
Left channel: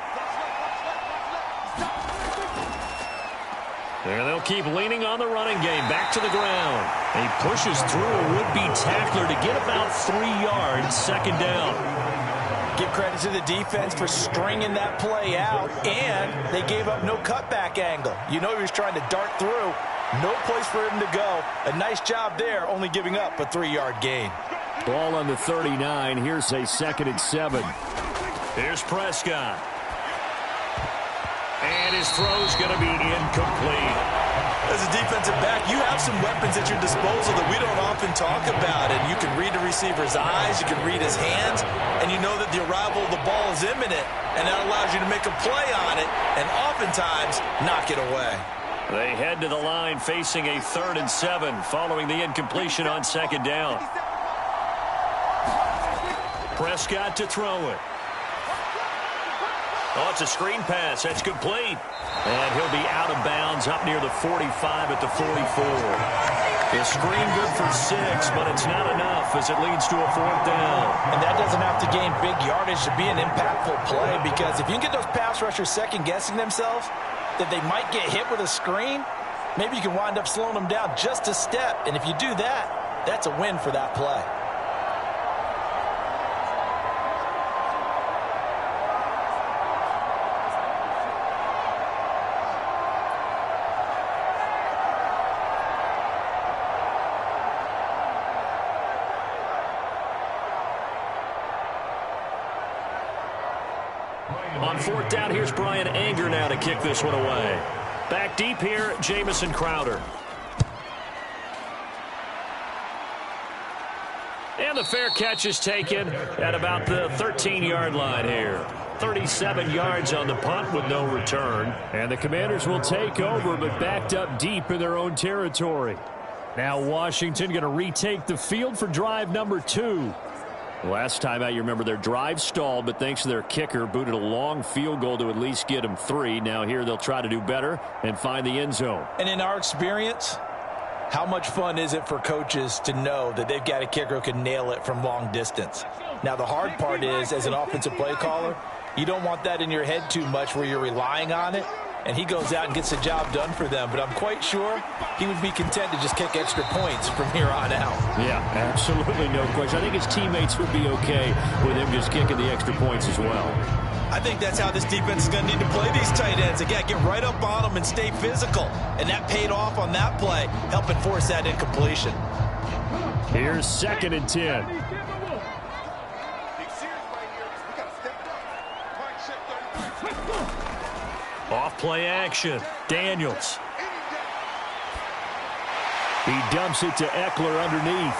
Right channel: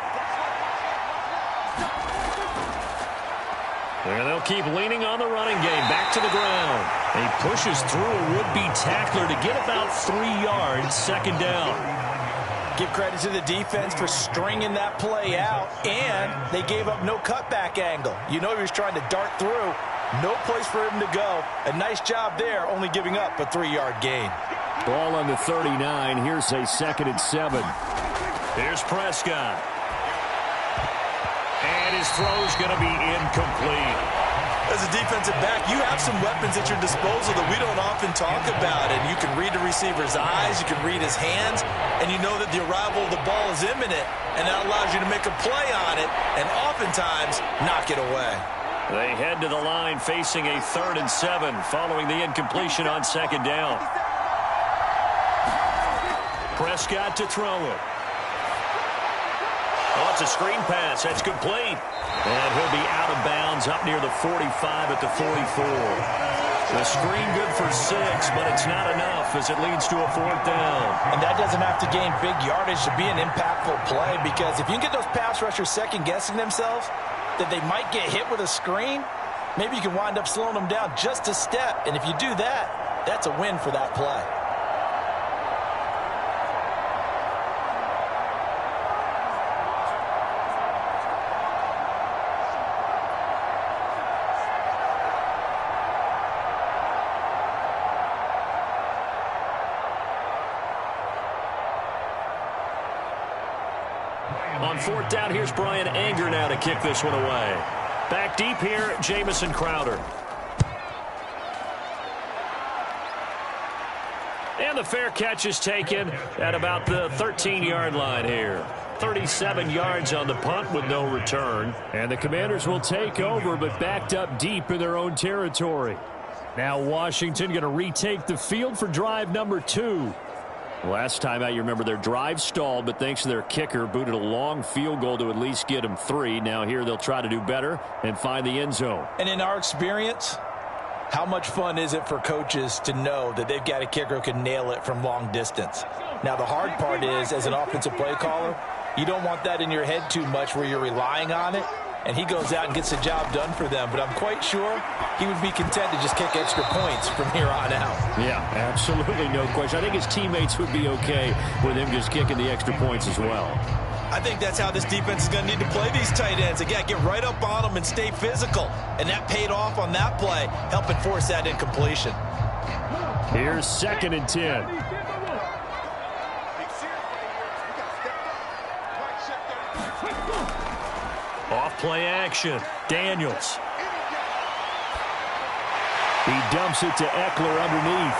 And they'll keep leaning on the running game. Back to the ground. And he pushes through a would-be tackler to get about 3 yards, 2nd down. Give credit to the defense for stringing that play out, and they gave up no cutback angle. You know he was trying to dart through. No place for him to go. A nice job there, only giving up a 3-yard gain. Ball on the 39. Here's a 2nd and 7. Here's Prescott. And his throw's going to be incomplete. As a defensive back, you have some weapons at your disposal that we don't often talk about. And you can read the receiver's eyes, you can read his hands, and you know that the arrival of the ball is imminent. And that allows you to make a play on it and oftentimes knock it away. They head to the line facing a 3rd and 7 following the incompletion on 2nd down. Prescott to throw it. Oh, it's a screen pass. That's complete. And he'll be out of bounds up near the 45 at the 44. The screen good for 6, but it's not enough as it leads to a 4th down. And that doesn't have to gain big yardage to be an impactful play, because if you can get those pass rushers second-guessing themselves that they might get hit with a screen, maybe you can wind up slowing them down just a step. And if you do that, that's a win for that play. On 4th down, here's Brian Anger now to kick this one away. Back deep here, Jamison Crowder. And the fair catch is taken at about the 13-yard line here. 37 yards on the punt with no return. And the Commanders will take over, but backed up deep in their own territory. Now Washington going to retake the field for drive number 2. Last time out, you remember their drive stalled, but thanks to their kicker, booted a long field goal to at least get them 3. Now here they'll try to do better and find the end zone. And in our experience, how much fun is it for coaches to know that they've got a kicker who can nail it from long distance? Now the hard part is, as an offensive play caller, you don't want that in your head too much where you're relying on it. And he goes out and gets the job done for them. But I'm quite sure he would be content to just kick extra points from here on out. Yeah, absolutely no question. I think his teammates would be okay with him just kicking the extra points as well. I think that's how this defense is going to need to play these tight ends. Again, get right up on them and stay physical. And that paid off on that play, helping force that incompletion. Here's 2nd and 10. Off play action. Daniels. He dumps it to Eckler underneath.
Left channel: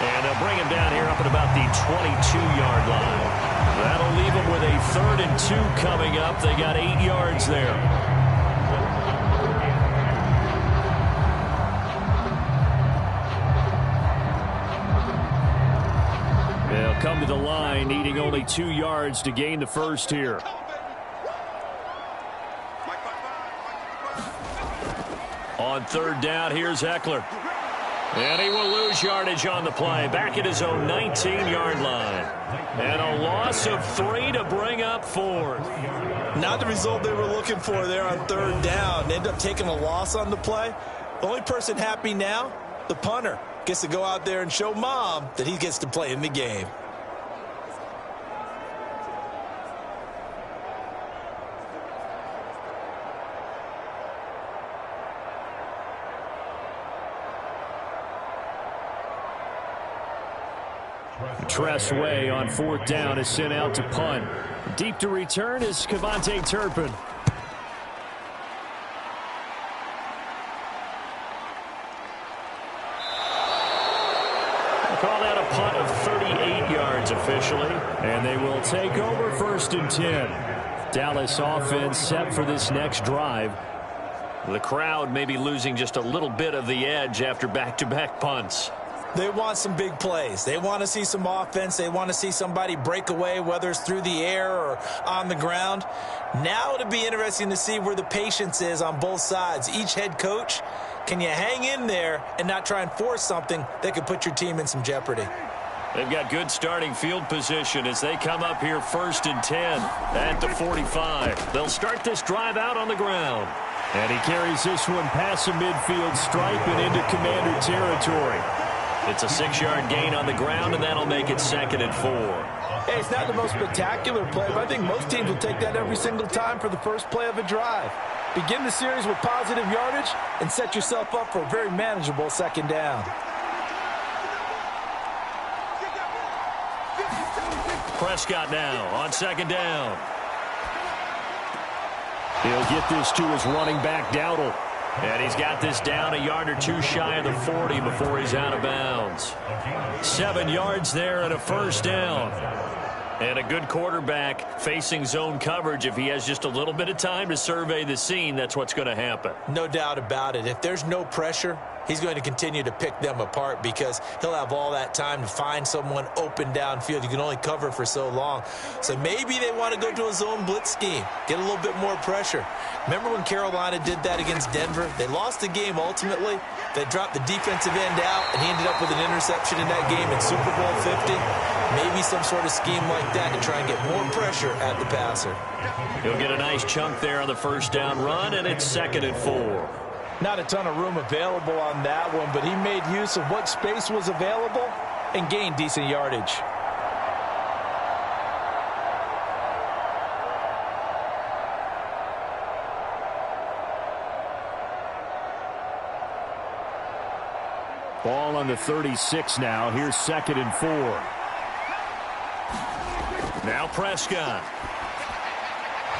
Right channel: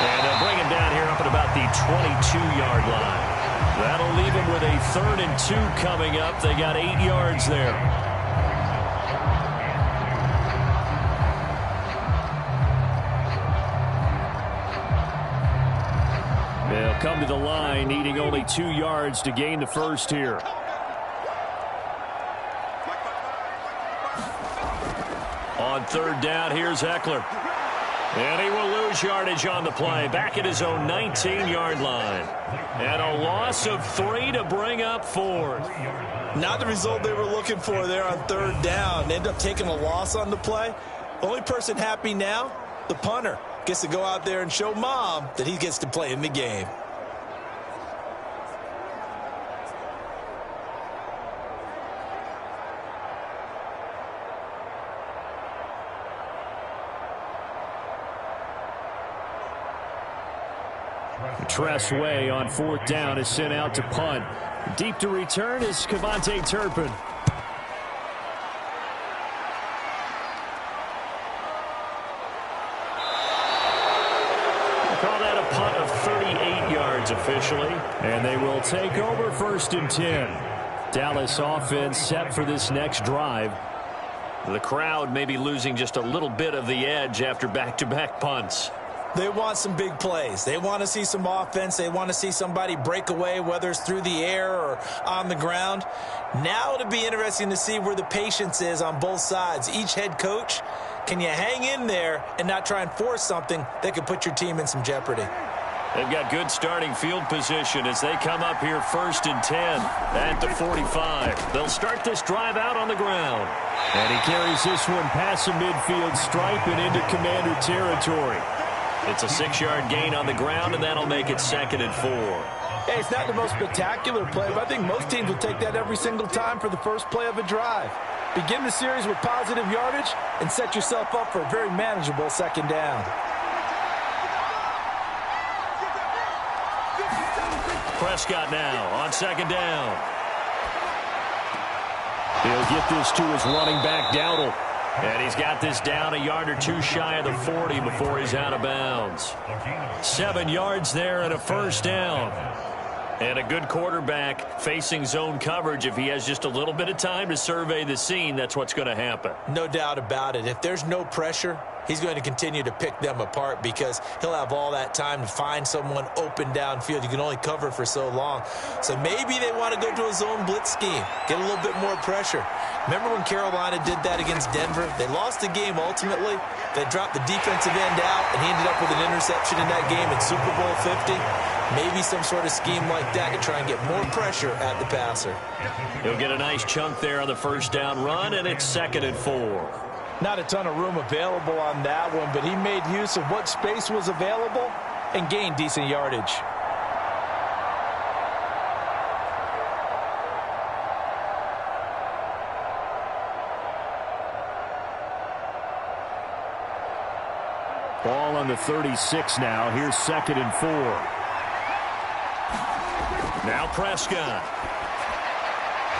And they'll bring him down here up at about the 22-yard line. That'll leave him with a 3rd and 2 coming up. They got 8 yards there. They'll come to the line, needing only 2 yards to gain the first here. On 3rd down, here's Eckler. And he will lose yardage on the play. Back at his own 19-yard line. And a loss of 3 to bring up 4th. Not the result they were looking for there on 3rd down. They end up taking a loss on the play. The only person happy now, the punter. gets to go out there and show Mom that he gets to play in the game. Tressway on 4th down is sent out to punt. Deep to return is Kevontae Turpin. Call that a punt of 38 yards officially. And they will take over 1st and 10. Dallas offense set for this next drive. The crowd may be losing just a little bit of the edge after back-to-back punts. They want some big plays. They want to see some offense. They want to see somebody break away, whether it's through the air or on the ground. Now it'll be interesting to see where the patience is on both sides. Each head coach, can you hang in there and not try and force something that could put your team in some jeopardy? They've got good starting field position as they come up here 1st and 10 at the 45. They'll start this drive out on the ground. And he carries this one past the midfield stripe and into Commander territory. It's a 6-yard gain on the ground, and that'll make it 2nd and 4. Hey, it's not the most spectacular play, but I think most teams will take that every single time for the first play of a drive. Begin the series with positive yardage and set yourself up for a very manageable 2nd down. Prescott now on 2nd down. He'll get this to his running back, Dowdle. And he's got this down a yard or two shy of the 40 before he's out of bounds. 7 yards there and a 1st down. And a good quarterback facing zone coverage. If he has just a little bit of time to survey the scene, that's what's going to happen. No doubt about it. If there's no pressure, he's going to continue to pick them apart because he'll have all that time to find someone open downfield. You can only cover for so long. So maybe they want to go to a zone blitz scheme, get a little bit more pressure. Remember when Carolina did that against Denver? They lost the game ultimately. They dropped the defensive end out, and he ended up with an interception in that game in Super Bowl 50. Maybe some sort of scheme like that to try and get more pressure at the passer. He'll get a nice chunk there on the 1st down run, and it's 2nd and 4. Not a ton of room available on that one, but he made use of what space was available and gained decent yardage. Ball on the 36 now. Here's 2nd and 4. Now Prescott.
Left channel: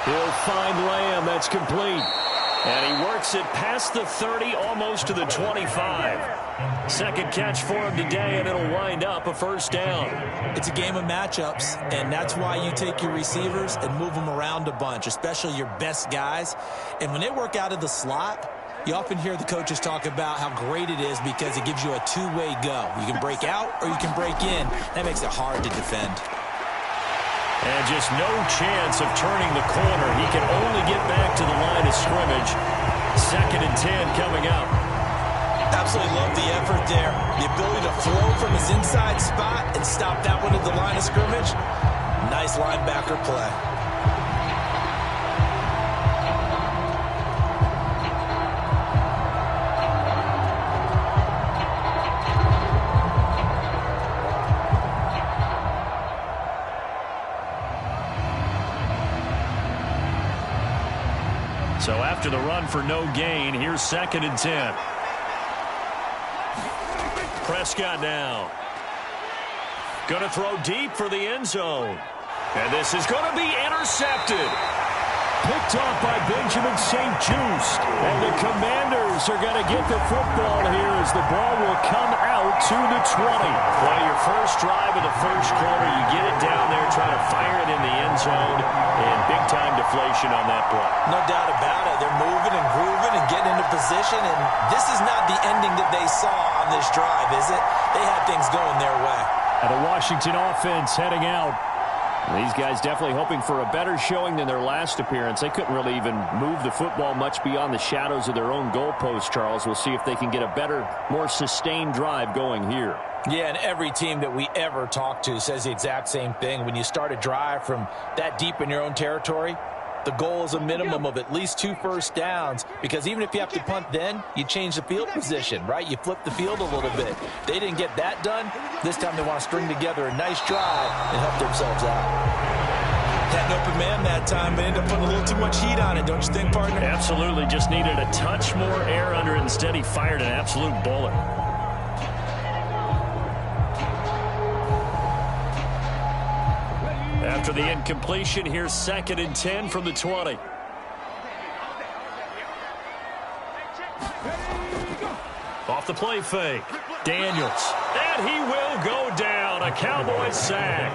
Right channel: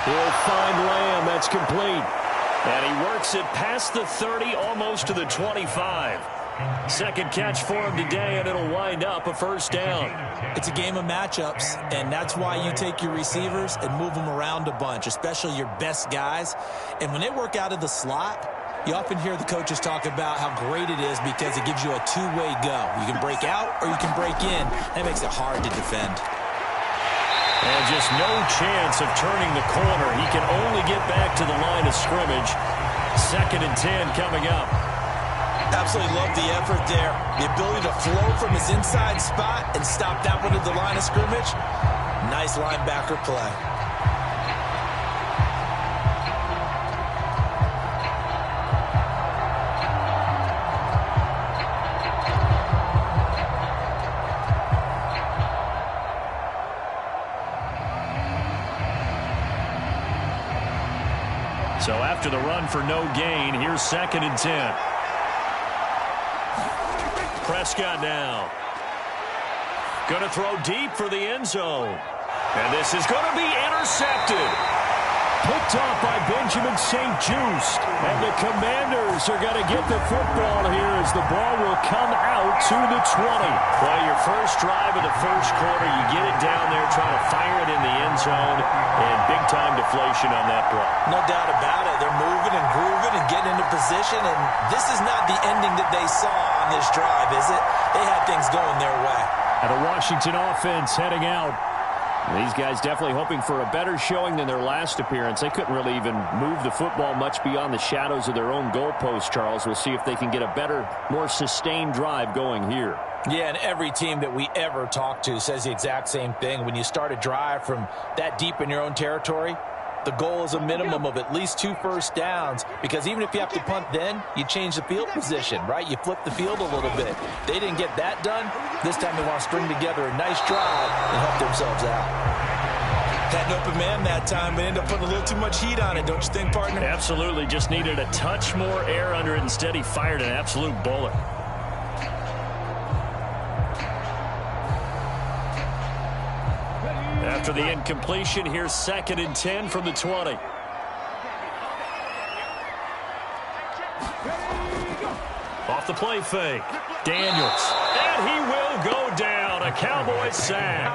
He'll find Lamb. That's complete. And he works it past the 30, almost to the 25. Second catch for him today, and it'll wind up a 1st down. It's a game of matchups, and that's why you take your receivers and move them around a bunch, especially your best guys. And when they work out of the slot, you often hear the coaches talk about how great it is because it gives you a two-way go. You can break out or you can break in. That makes it hard to defend. And just no chance of turning the corner. He can only get back to the line of scrimmage. 2nd and 10 coming up. Absolutely love the effort there. The ability to flow from his inside spot and stop that one at the line of scrimmage. Nice linebacker play. So after the run for no gain, here's 2nd and 10. Prescott now. Going to throw deep for the end zone. And this is going to be intercepted. Picked off by Benjamin St-Juste. And the Commanders are going to get the football here as the ball will come out to the 20. Well, your first drive of the first quarter, you get it down there, trying to fire it in the end zone, and big-time deflation on that play. No doubt about it. They're moving and grooving and getting into position, and this is not the ending that they saw on this drive, is it? They had things going their way. And the Washington offense heading out. These guys definitely hoping for a better showing than their last appearance. They couldn't really even move the football much beyond the shadows of their own goalpost, Charles. We'll see if they can get a better, more sustained drive going here. Yeah, and every team that we ever talk to says the exact same thing. When you start a drive from that deep in your own territory, The goal is a minimum of at least 2 first downs, because even if you have to punt then, you change the field position, right? You flip the field a little bit. They didn't get that done. This time they want to string together a nice drive and help themselves out. Had an open man that time, but ended up putting a little too much heat on it, don't you think, partner? Absolutely. Just needed a touch more air under it. Instead, he fired an absolute bullet. After the incompletion, here's 2nd and 10 from the 20. Off the play fake. Daniels. And he will go down. A Cowboys sack.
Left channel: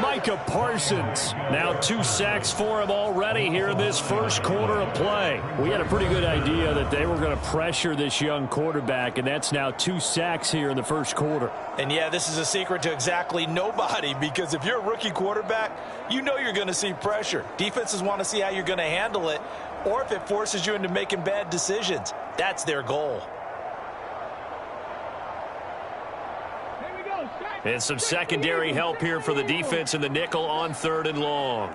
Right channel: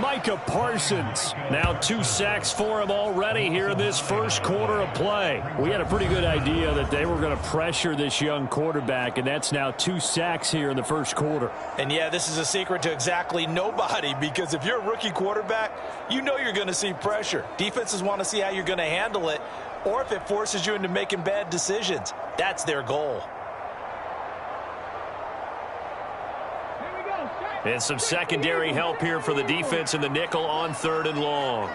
Micah Parsons. Now 2 sacks for him already here in this first quarter of play. We had a pretty good idea that they were going to pressure this young quarterback, and that's now 2 sacks here in the first quarter. And, yeah, this is a secret to exactly nobody, because if you're a rookie quarterback, you know you're going to see pressure. Defenses want to see how you're going to handle it, or if it forces you into making bad decisions. That's their goal. And some secondary help here for the defense in the nickel on 3rd and long.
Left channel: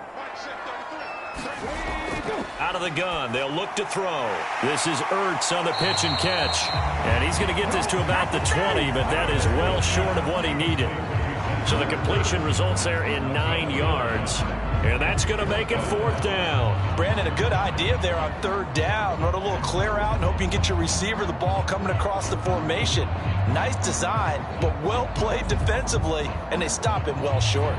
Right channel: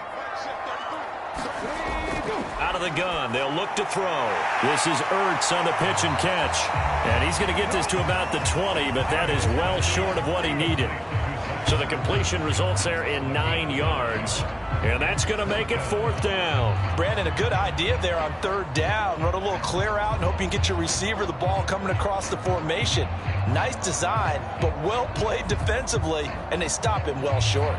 Out of the gun, they'll look to throw. This is Ertz on the pitch and catch. And he's going to get this to about the 20, but that is well short of what he needed. So the completion results there in 9 yards. And that's going to make it 4th down. Brandon, a good idea there on 3rd down. Run a little clear out and hope you can get your receiver the ball coming across the formation. Nice design, but well played defensively, and they stop him well short.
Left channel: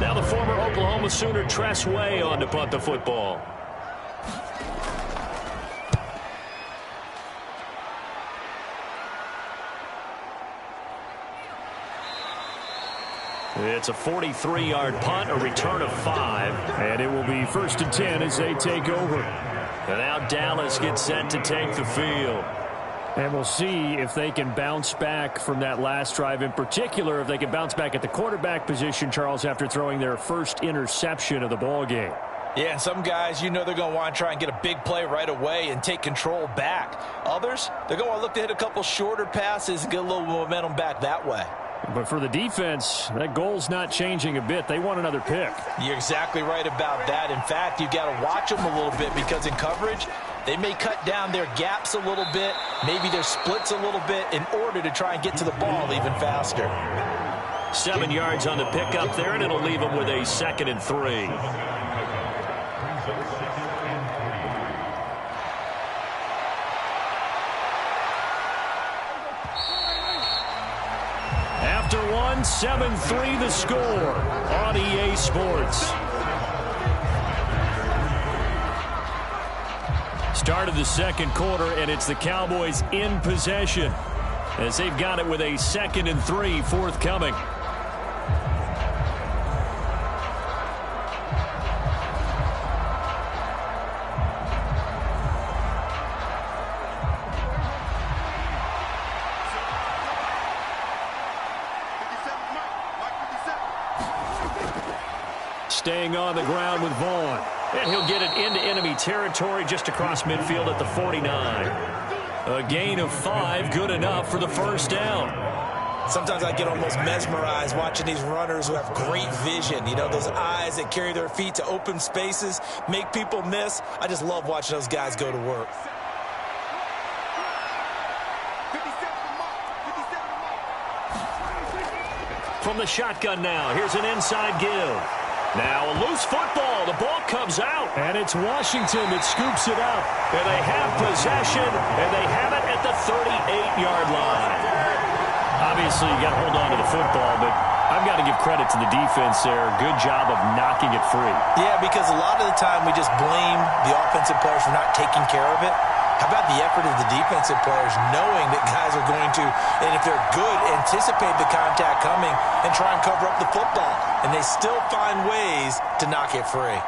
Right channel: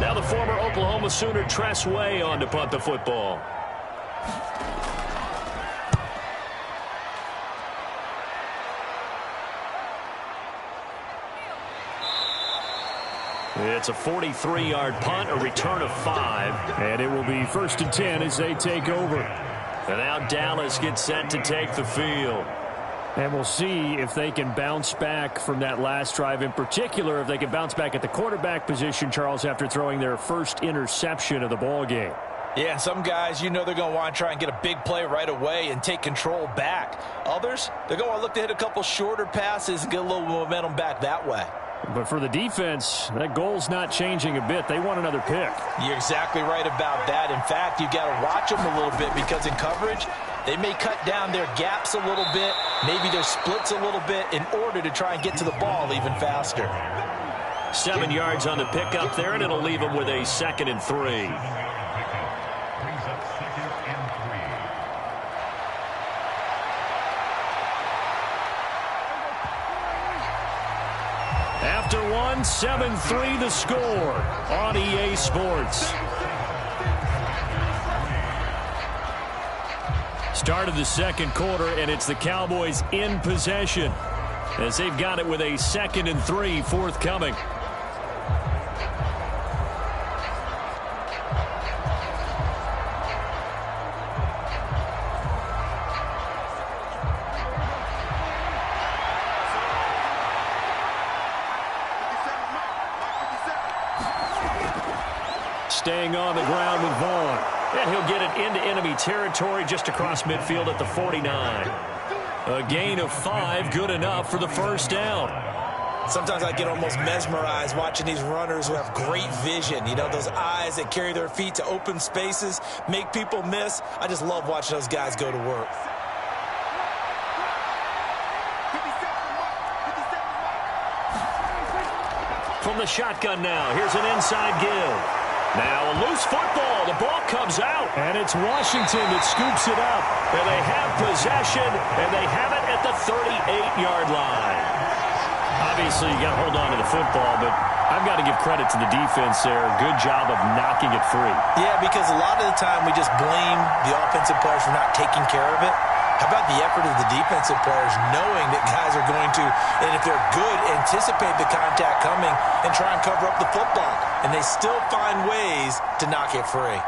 Now the former Oklahoma Sooner Tress Way on to punt the football. It's a 43-yard punt, a return of 5. And it will be 1st and 10 as they take over. And now Dallas gets set to take the field. And we'll see if they can bounce back from that last drive. In particular, if they can bounce back at the quarterback position, Charles, after throwing their first interception of the ball game. Yeah, and some guys, you know they're going to want to try and get a big play right away and take control back. Others, they're going to look to hit a couple shorter passes and get a little momentum back that way. But for the defense, that goal's not changing a bit. They want another pick. You're exactly right about that. In fact, you got to watch them a little bit, because in coverage, they may cut down their gaps a little bit, maybe their splits a little bit, in order to try and get to the ball even faster. 7 yards on the pickup there, and it'll leave them with a 2nd and 3. After one, 7-3 the score on EA Sports. Start of the second quarter, and it's the Cowboys in possession as they've got it with a 2nd and 3 forthcoming. Staying on the ground with Vaughn. And he'll get it into enemy territory just across midfield at the 49. A gain of 5, good enough for the first down. Sometimes I get almost mesmerized watching these runners who have great vision. You know, those eyes that carry their feet to open spaces, make people miss. I just love watching those guys go to work. From the shotgun now, here's an inside give. Now a loose football. The ball comes out. And it's Washington that scoops it up. And they have possession, and they have it at the 38-yard line. Obviously, you got to hold on to the football, but I've got to give credit to the defense there. Good job of knocking it free. Yeah, because a lot of the time we just blame the offensive players for not taking care of it. How about the effort of the defensive players knowing that guys are going to, and if they're good, anticipate the contact coming and try and cover up the football. And they still find ways to knock it free.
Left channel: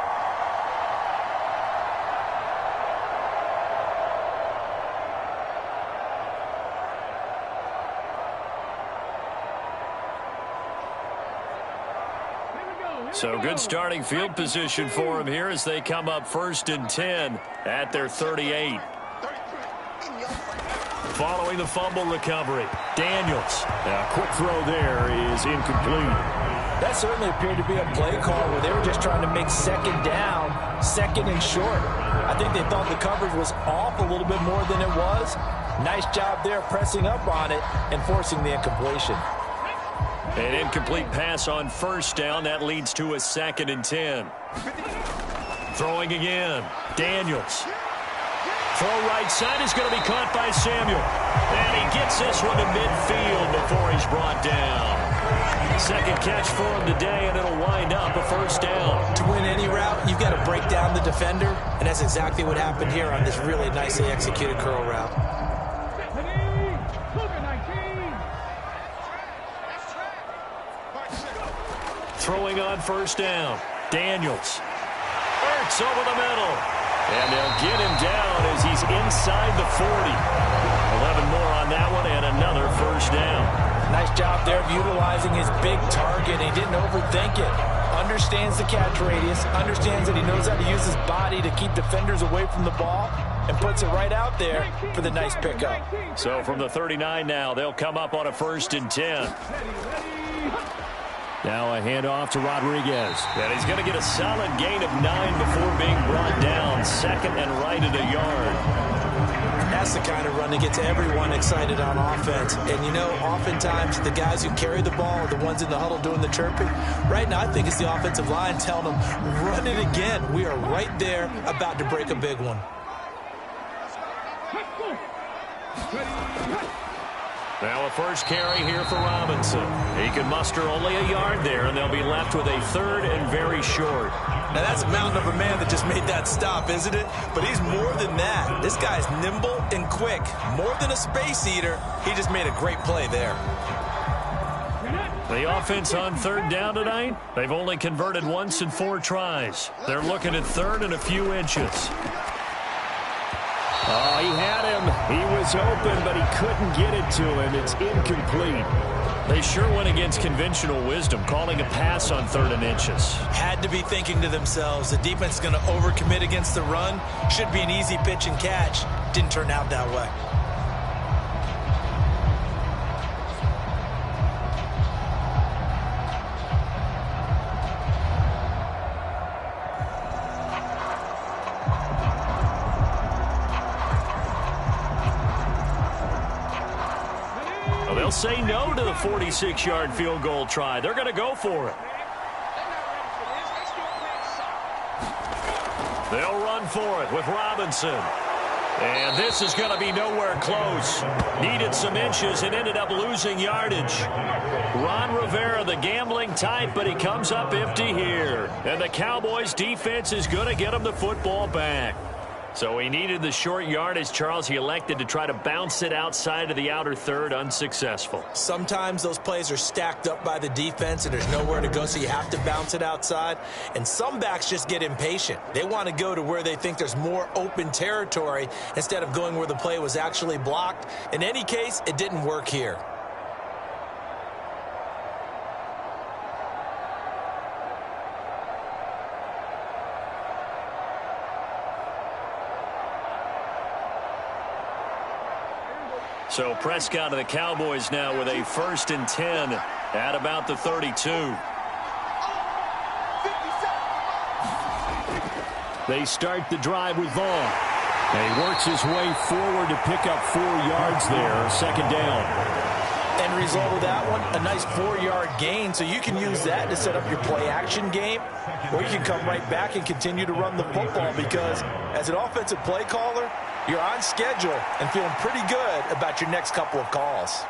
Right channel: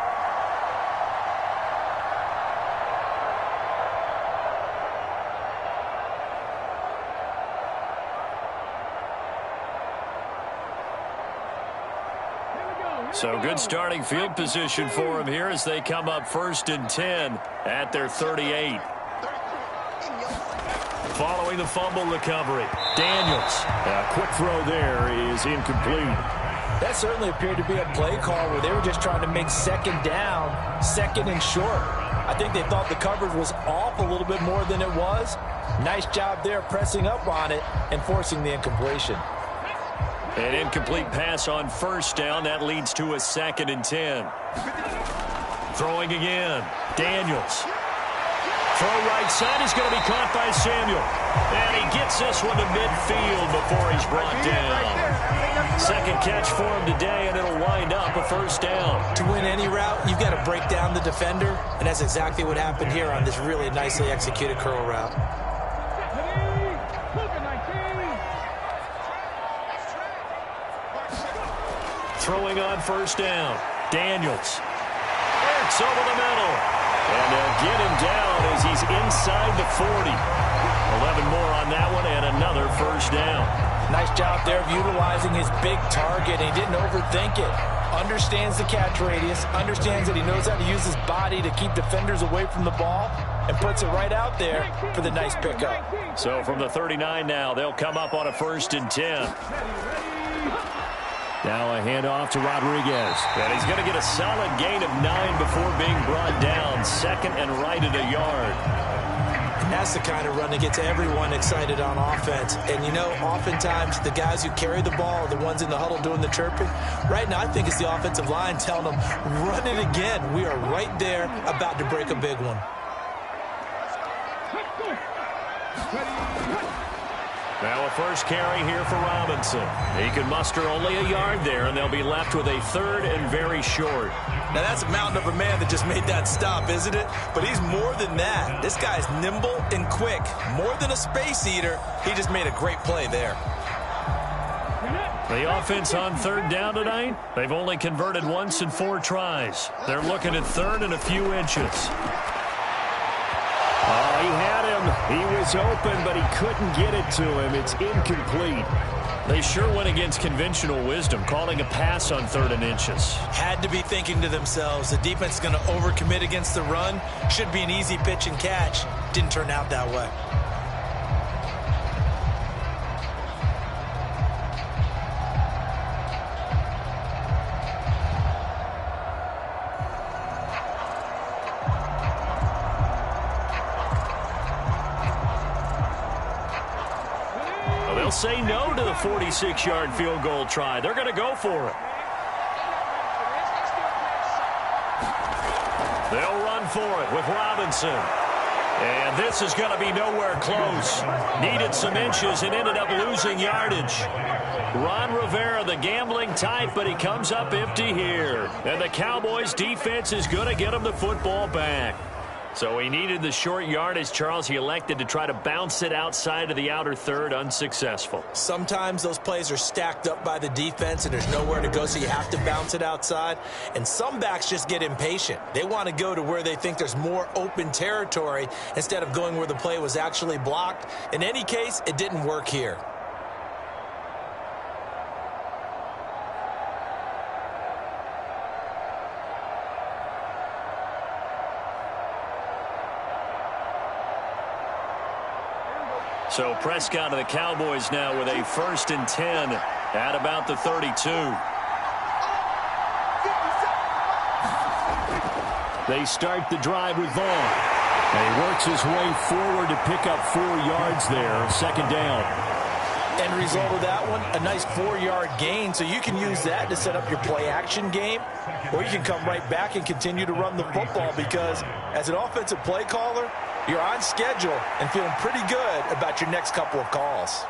So good starting field position for him here as they come up 1st and 10 at their 38. Following the fumble recovery, Daniels. A quick throw there is incomplete. That certainly appeared to be a play call where they were just trying to make second down, 2nd and short. I think they thought the coverage was off a little bit more than it was. Nice job there pressing up on it and forcing the incompletion. An incomplete pass on 1st down. That leads to a 2nd and 10. Throwing again. Daniels. Throw right side is going to be caught by Samuel. And he gets this one to midfield before he's brought down. 2nd catch for him today, and it'll wind up a 1st down. To win any route, you've got to break down the defender, and that's exactly what happened here on this really nicely executed curl route. Throwing on 1st down. Daniels. Ertz over the middle. And they'll get him down as he's inside the 40. 11 more on that one and another 1st down. Nice job there of utilizing his big target. He didn't overthink it. Understands the catch radius. Understands that he knows how to use his body to keep defenders away from the ball. And puts it right out there for the nice pickup. So from the 39 now, they'll come up on a 1st and 10. Now a handoff to Rodriguez. And he's going to get a solid gain of 9 before being brought down. 2nd and right at a yard. And that's the kind of run that gets everyone excited on offense. And, you know, oftentimes the guys who carry the ball are the ones in the huddle doing the chirping. Right now, I think it's the offensive line telling them, run it again. We are right there about to break a big one. Now a 1st carry here for Robinson. He can muster only a yard there, and they'll be left with a 3rd and very short. Now that's a mountain of a man that just made that stop, isn't it? But he's more than that. This guy's nimble and quick. More than a space eater. He just made a great play there. The offense on 3rd down tonight, they've only converted once in 4 tries. They're looking at 3rd and a few inches. Oh, he had him. He was open, but he couldn't get it to him. It's incomplete. They sure went against conventional wisdom, calling a pass on 3rd and inches. Had to be thinking to themselves, the defense is going to overcommit against the run. Should be an easy pitch and catch. Didn't turn out that way. They'll say no to the 46-yard field goal try. They're going to go for it. They'll run for it with Robinson. And this is going to be nowhere close. Needed some inches and ended up losing yardage. Ron Rivera, the gambling type, but he comes up empty here. And the Cowboys defense is going to get him the football back. So he needed the short yardage, Charles. He elected to try to bounce it outside of the outer 3rd, unsuccessful. Sometimes those plays are stacked up by the defense and there's nowhere to go, so you have to bounce it outside. And some backs just get impatient. They want to go to where they think there's more open territory instead of going where the play was actually blocked. In any case, it didn't work here. So Prescott of the Cowboys now with a 1st and 10 at about the 32. They start the drive with Vaughn. And he works his way forward to pick up 4 yards there. 2nd down. End result of that one, a nice 4-yard gain. So you can use that to set up your play-action game, or you can come right back and continue to run the football because as an offensive play caller, you're on schedule and feeling pretty good about your next couple of calls.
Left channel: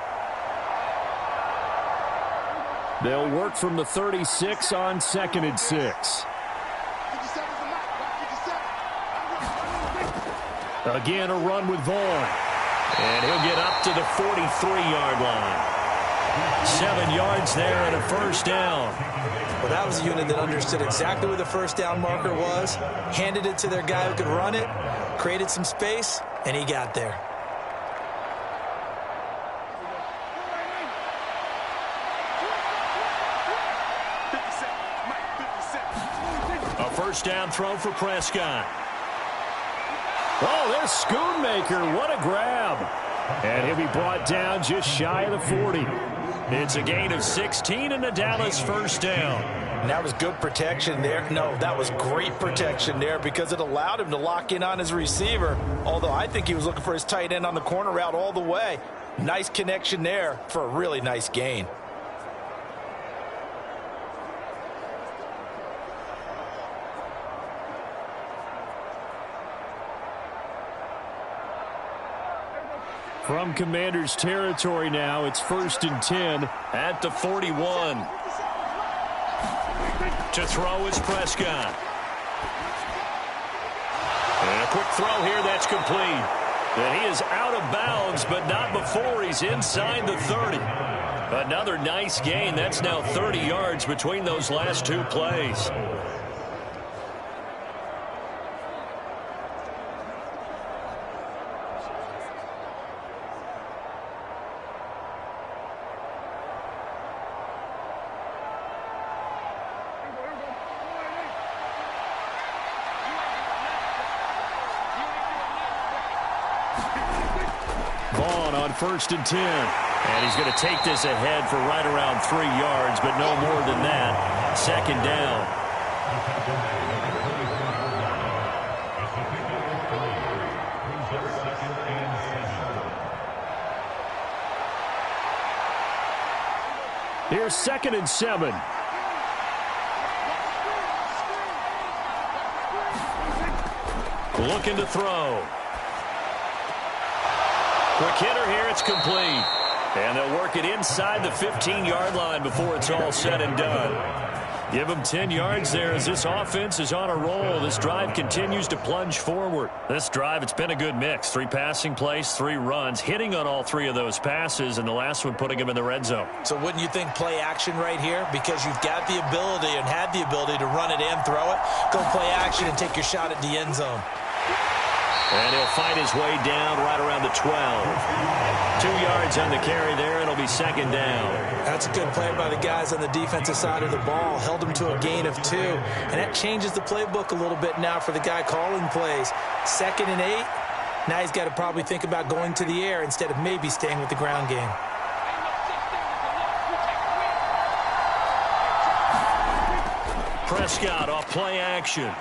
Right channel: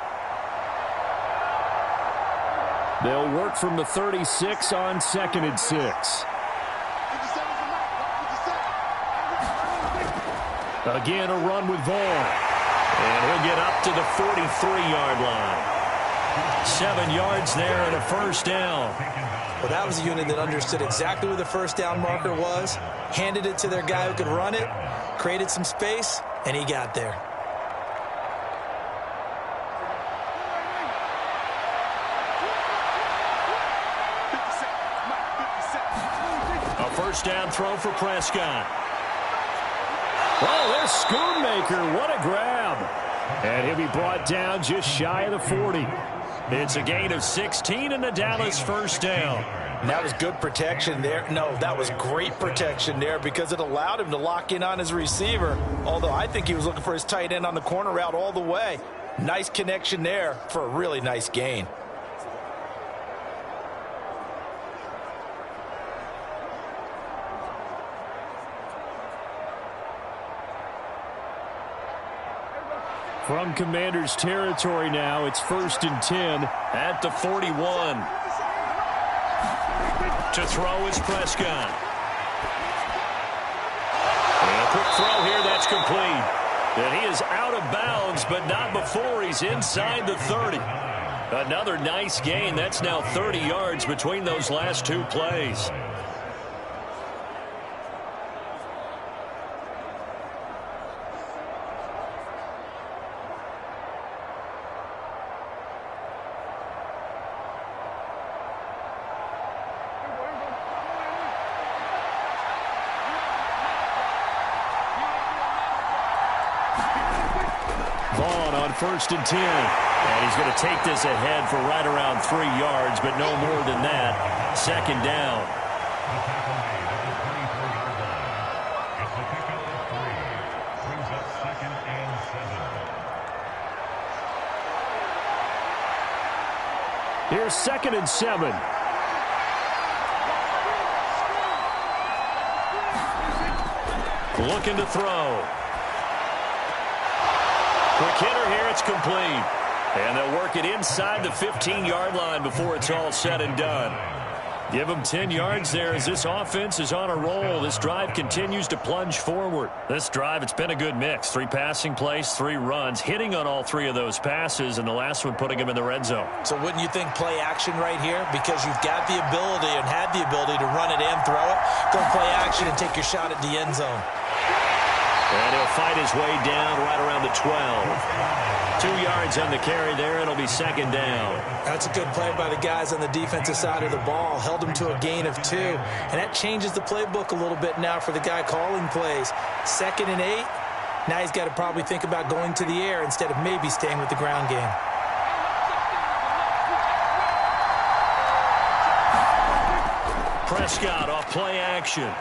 They'll work from the 36 on 2nd and 6. Again, a run with Vaughn. And he'll get up to the 43-yard line. 7 yards there and a 1st down. Well, that was a unit that understood exactly where the 1st down marker was, handed it to their guy who could run it, created some space, and he got there. first down throw for Prescott. Oh, there's Schoonmaker. What a grab. And he'll be brought down just shy of the 40. It's a gain of 16 and a Dallas first down. And that was good protection there. No, that was great protection there because it allowed him to lock in on his receiver, although I think he was looking for his tight end on the corner route all the way. Nice connection there for a really nice gain. From Commanders territory now, it's 1st and 10 at the 41. To throw is Prescott. And a quick throw here that's complete. And he is out of bounds, but not before he's inside the 30. Another nice gain. That's now 30 yards between those last two plays. Vaughn on 1st and 10. And he's going to take this ahead for right around 3 yards, but no more than that. Second down. Here's 2nd and 7. Looking to throw. Quick hitter here, it's complete. And they'll work it inside the 15-yard line before it's all said and done. Give them 10 yards there as this offense is on a roll. This drive continues to plunge forward. This drive, it's been a good mix. 3 passing plays, 3 runs, hitting on all 3 of those passes, and the last one putting them in the red zone. So wouldn't you think play action right here? Because you've got the ability and had the ability to run it and throw it. Go play action and take your shot at the end zone. And he'll fight his way down right around the 12. 2 yards on the carry there, and it'll be second down. That's a good play by the guys on the defensive side of the ball. Held him to a gain of 2. And that changes the playbook a little bit now for the guy calling plays. 2nd and 8. Now he's got to probably think about going to the air instead of maybe staying with the ground game. Prescott off play action.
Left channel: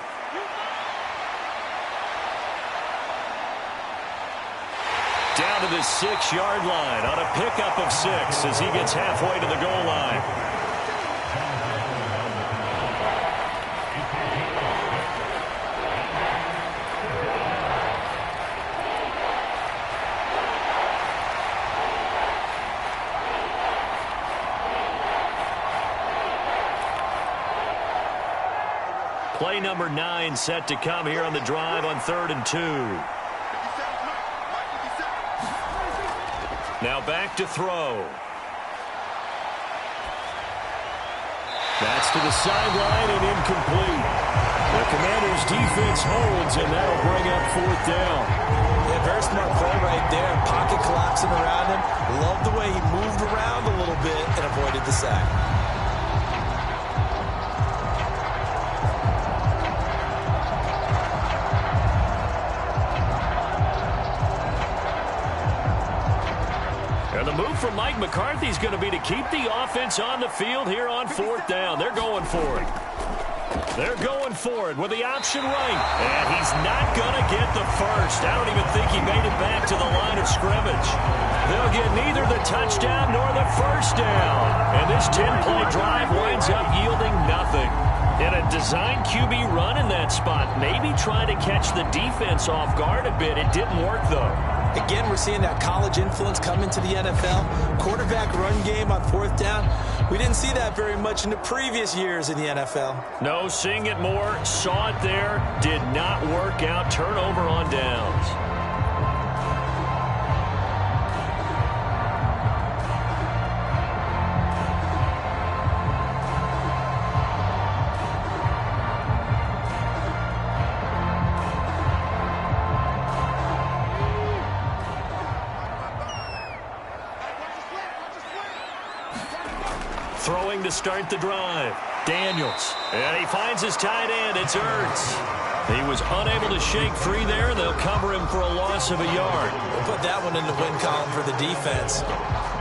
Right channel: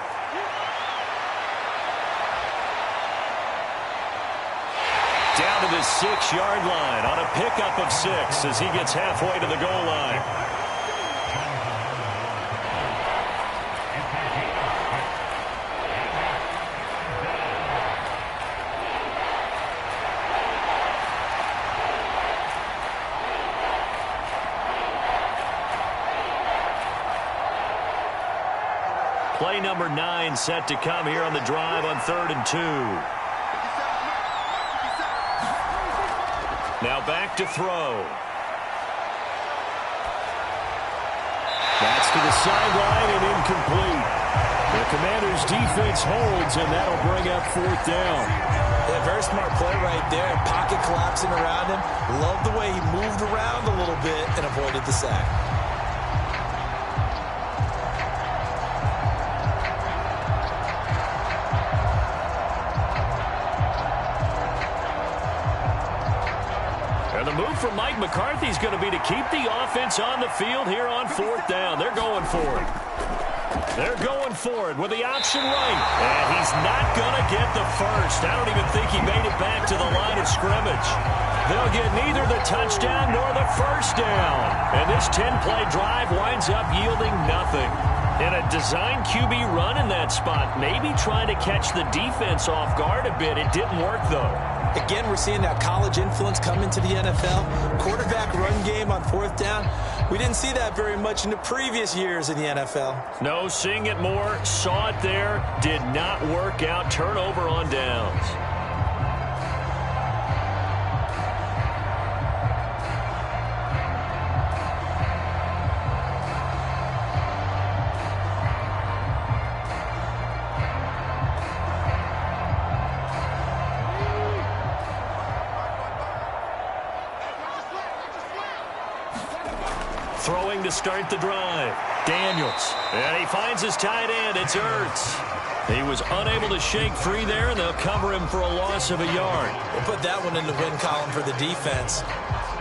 Down to the 6-yard line on a pickup of 6 as he gets halfway to the goal line. Play number 9 set to come here on the drive on 3rd and 2. Now back to throw. That's to the sideline and incomplete. The Commanders' defense holds, and that'll bring up 4th down. Yeah, very smart play right there. Pocket collapsing around him. Love the way he moved around a little bit and avoided the sack. And the move from Mike McCarthy is going to be to keep the offense on the field here on 4th down. They're going for it. They're going for it with the option right. And he's not going to get the first. I don't even think he made it back to the line of scrimmage. They'll get neither the touchdown nor the first down. And this 10-play drive winds up yielding nothing. In a design QB run in that spot, maybe trying to catch the defense off guard a bit. It didn't work, though. Again, we're seeing that college influence come into the NFL. Quarterback run game on 4th down. We didn't see that very much in the previous years in the NFL. No, seeing it more, saw it there, did not work out. Turnover on downs. Throwing to start the drive. Daniels. And he finds his tight end. It's Ertz. He was unable to shake free there, and they'll cover him for a loss of a yard. We'll put that one in the win column for the defense.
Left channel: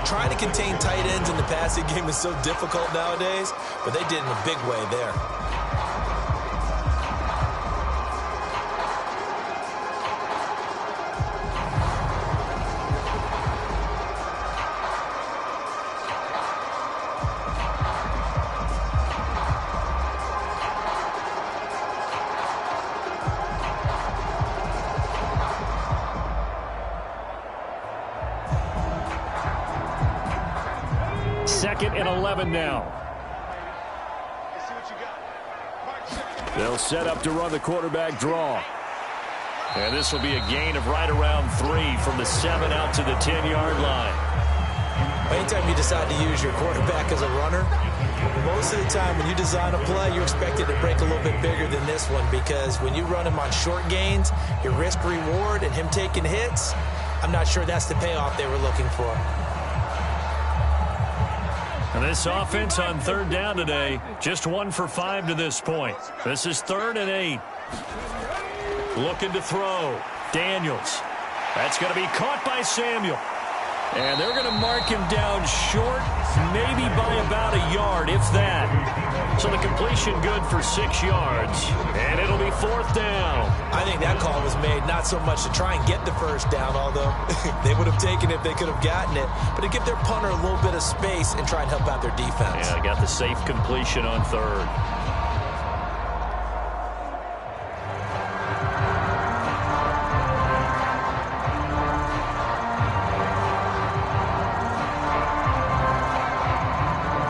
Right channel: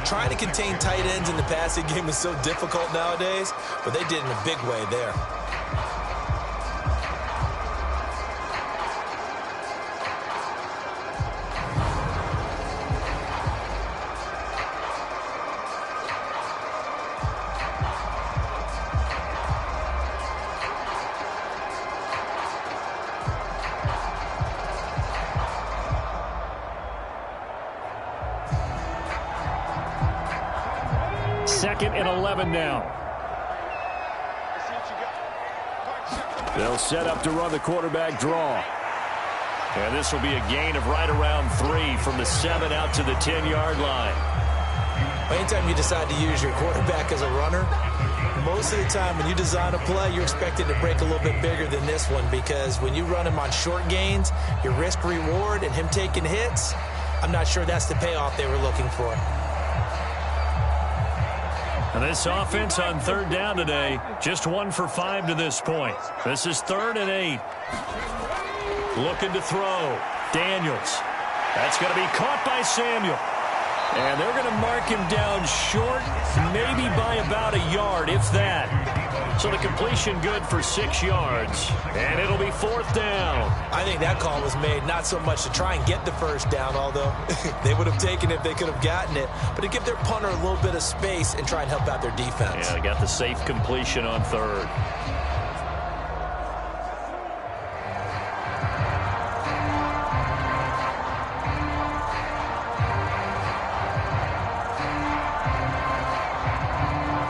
Trying to contain tight ends in the passing game is so difficult nowadays, but they did in a big way there. Second and 11 now. They'll set up to run the quarterback draw. And this will be a gain of right around 3 from the 7 out to the 10-yard line. Anytime you decide to use your quarterback as a runner, most of the time when you design a play, you're expected to break a little bit bigger than this one, because when you run him on short gains, your risk-reward and him taking hits, I'm not sure that's the payoff they were looking for. And this offense on third down today, just 1 for 5 to this point. This is 3rd and 8. Looking to throw. Daniels. That's going to be caught by Samuel. And they're going to mark him down short, maybe by about a yard, if that. So the completion good for 6 yards. And it'll be 4th down. I think that call was made not so much to try and get the first down, although they would have taken it if they could have gotten it, but to give their punter a little bit of space and try and help out their defense. Yeah, they got the safe completion on 3rd.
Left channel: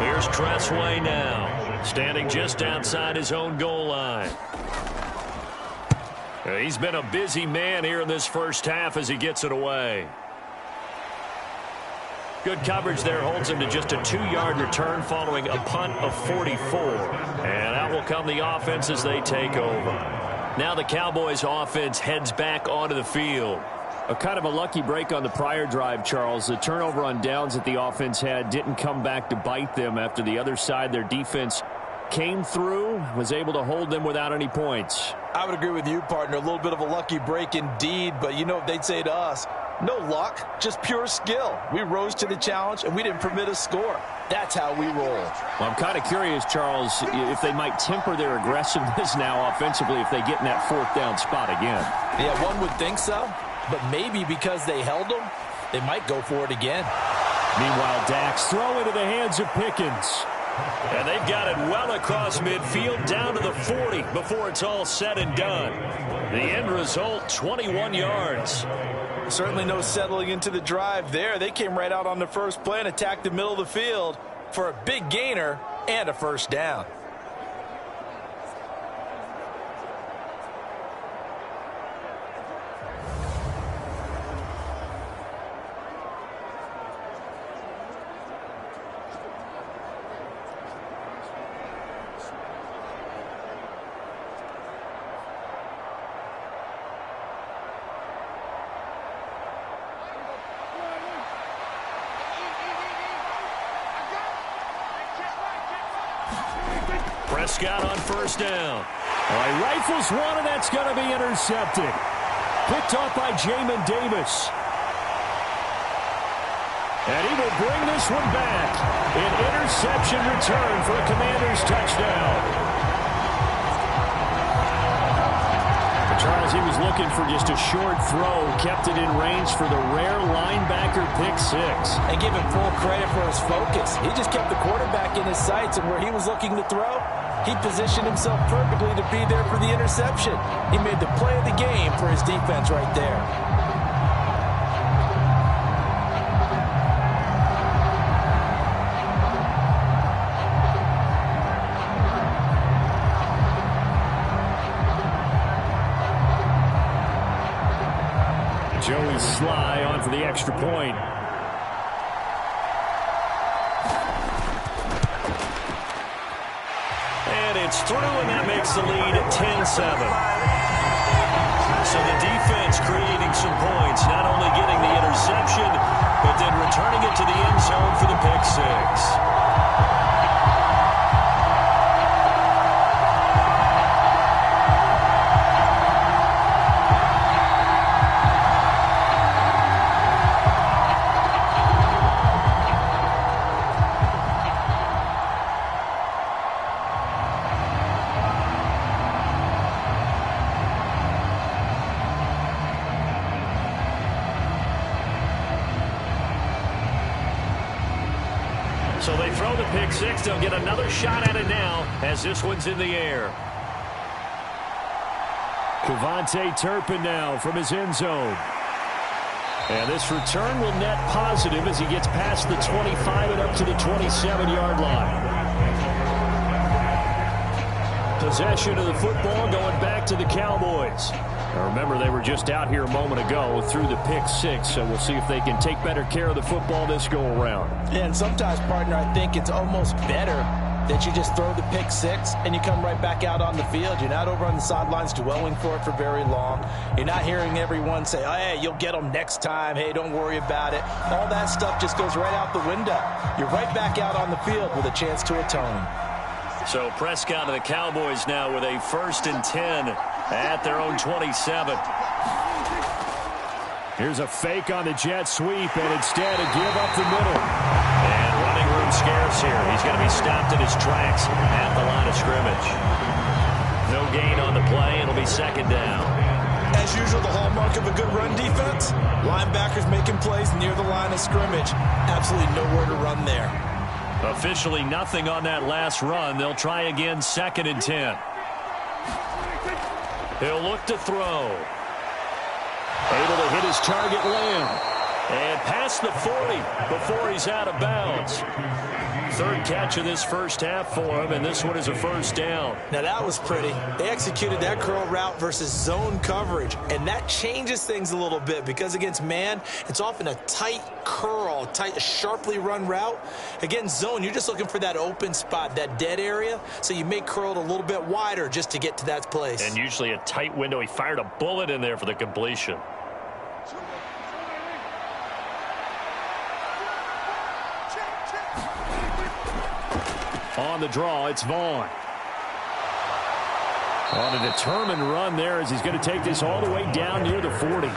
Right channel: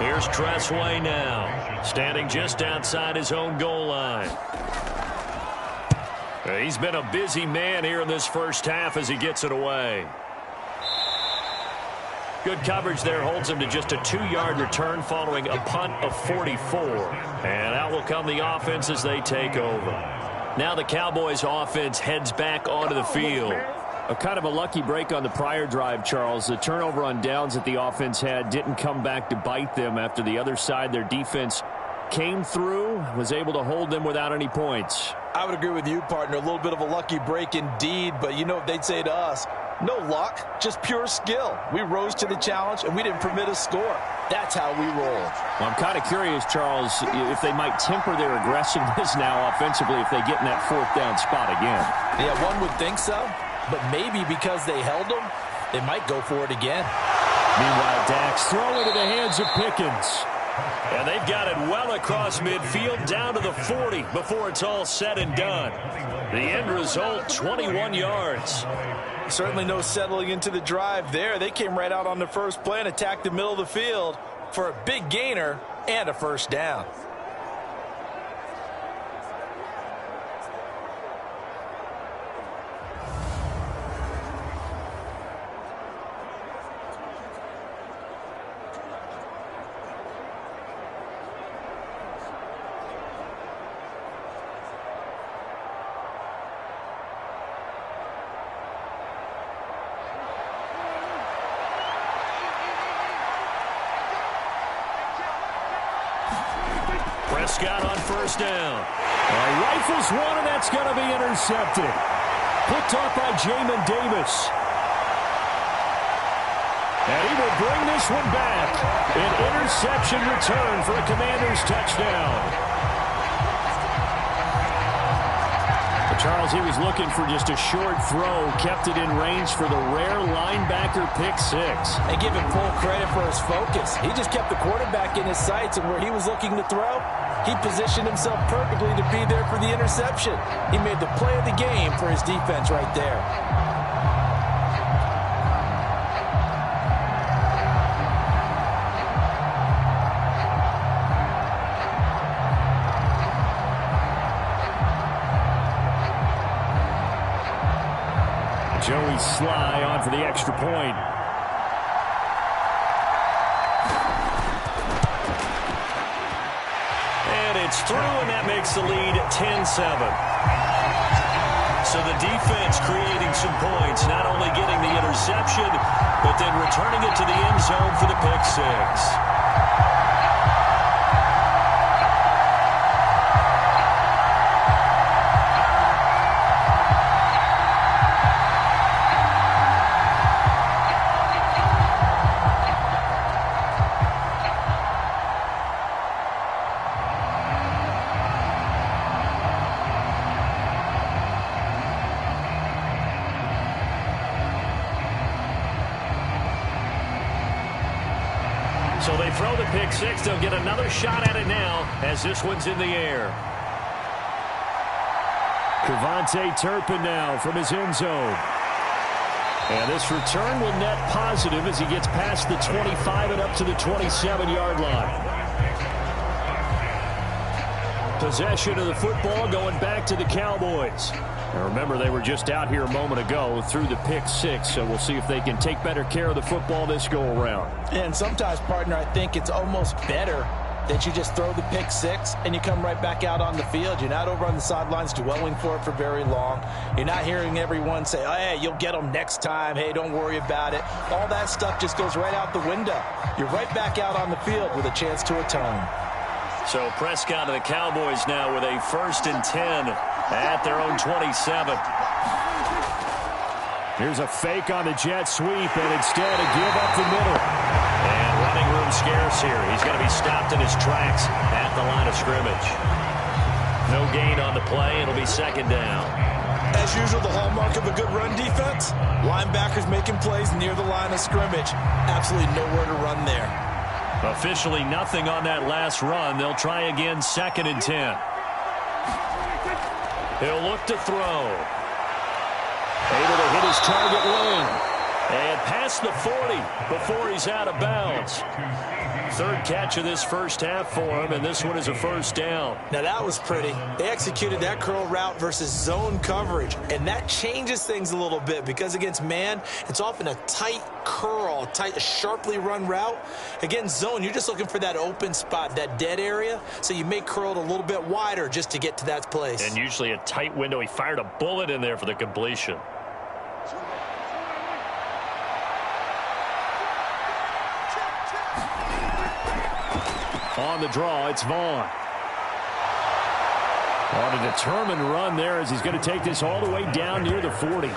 Here's Tressway now, standing just outside his own goal line. He's been a busy man here in this first half as he gets it away. Good coverage there holds him to just a 2-yard return following a punt of 44. And out will come the offense as they take over. Now the Cowboys offense heads back onto the field. A kind of a lucky break on the prior drive, Charles. The turnover on downs that the offense had didn't come back to bite them after the other side. Their defense came through, was able to hold them without any points. I would agree with you, partner. A little bit of a lucky break indeed, but you know what they'd say to us? No luck, just pure skill. We rose to the challenge, and we didn't permit a score. That's how we roll. Well, I'm kind of curious, Charles, if they might temper their aggressiveness now offensively if they get in that 4th down spot again. Yeah, one would think so. But maybe because they held them, they might go for it again. Meanwhile, Dak's throw into the hands of Pickens. And they've got it well across midfield down to the 40 before it's all said and done. The end result, 21 yards. Certainly no settling into the drive there. They came right out on the first play and attacked the middle of the field for a big gainer and a first down. Prescott on first down. All right, rifles one, and that's going to be intercepted. Picked off by Jamin Davis. And he will bring this one back. An interception return for a Commanders touchdown. But Charles, he was looking for just a short throw, kept it in range for the rare linebacker pick 6. And give him full credit for his focus. He just kept the quarterback in his sights, and where he was looking to throw, he positioned himself perfectly to be there for the interception. He made the play of the game for his defense right there. Joey Sly on for the extra point. And it's through, and that makes the lead 10-7. So the defense creating some points, not only getting the interception, but then returning it to the end zone for the pick 6. So they throw the pick six. They'll get another shot at it now as this one's in the air. Kevontae Turpin now from his end zone. And this return will net positive as he gets past the 25 and up to the 27-yard line. Possession of the football going back to the Cowboys. Now remember, they were just out here a moment ago through the pick six, so we'll see if they can take better care of the football this go-around. Yeah, and sometimes, partner, I think it's almost better that you just throw the pick six and you come right back out on the field. You're not over on the sidelines dwelling for it for very long. You're not hearing everyone say, oh, hey, you'll get them next time. Hey, don't worry about it. All that stuff just goes right out the window. You're right back out on the field with a chance to atone. So Prescott of the Cowboys now with a 1st and 10 at their own 27. Here's a fake on the jet sweep, and instead a give up the middle. And running room scarce here. He's going to be stopped in his tracks at the line of scrimmage. No gain on the play. It'll be 2nd down. As usual, the hallmark of a good run defense, linebackers making plays near the line of scrimmage. Absolutely nowhere to run there. Officially nothing on that last run. They'll try again, 2nd and 10. He'll look to throw. Able to hit his target Lamb. And past the 40 before he's out of bounds. 3rd catch of this first half for him, and this one is a 1st down. Now that was pretty. They executed that curl route versus zone coverage, and that changes things a little bit because against man, it's often a tight curl, tight, sharply run route. Against zone, you're just looking for that open spot, that dead area, so you may curl it a little bit wider just to get to that place. And usually a tight window. He fired a bullet in there for the completion. On the draw, it's Vaughn. On a determined run there as he's going to take this all the way down near the 40.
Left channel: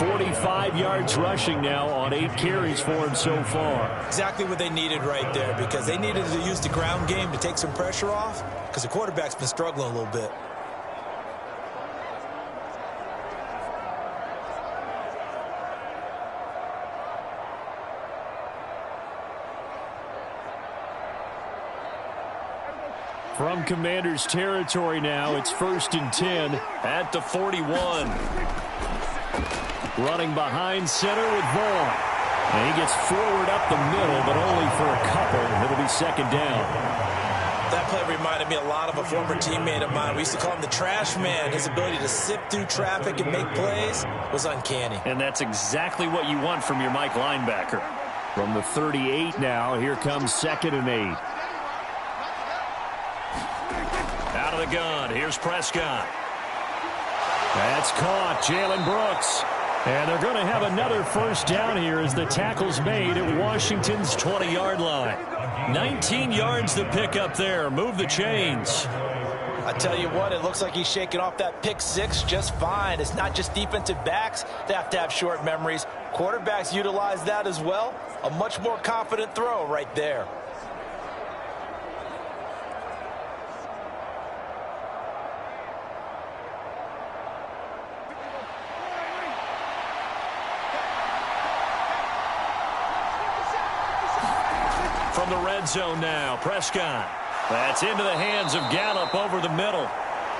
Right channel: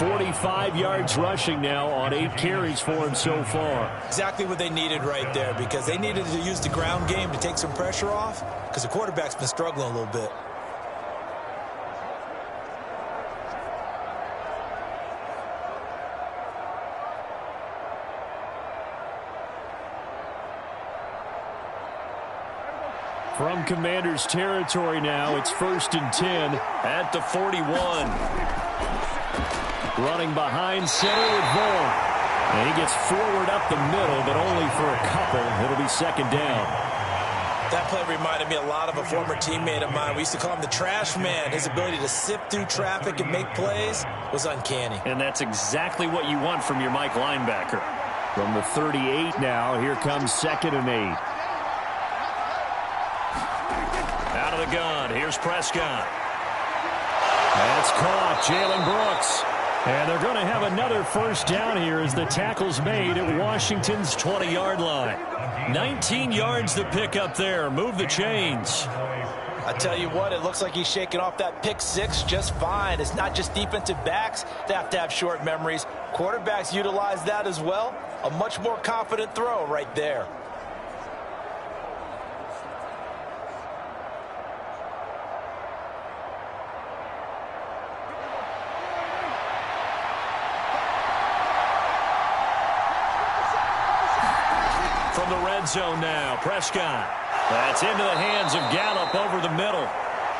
45 yards rushing now on 8 carries for him so far. Exactly what they needed right there because they needed to use the ground game to take some pressure off because the quarterback's been struggling a little bit. From Commanders territory now, it's 1st and 10 at the 41. Running behind center with Vaughn. And he gets forward up the middle, but only for a couple. It'll be 2nd down. That play reminded me a lot of a former teammate of mine. We used to call him the trash man. His ability to sift through traffic and make plays was uncanny. And that's exactly what you want from your Mike linebacker. From the 38 now, here comes 2nd and 8. Out of the gun, here's Prescott. That's caught, Jalen Brooks. And they're going to have another 1st down here as the tackle's made at Washington's 20-yard line. 19 yards to pick up there. Move the chains. I tell you what, it looks like he's shaking off that pick six just fine. It's not just defensive backs that have short memories. Quarterbacks utilize that as well. A much more confident throw right there. From the red zone now, Prescott. That's into the hands of Gallup over the middle.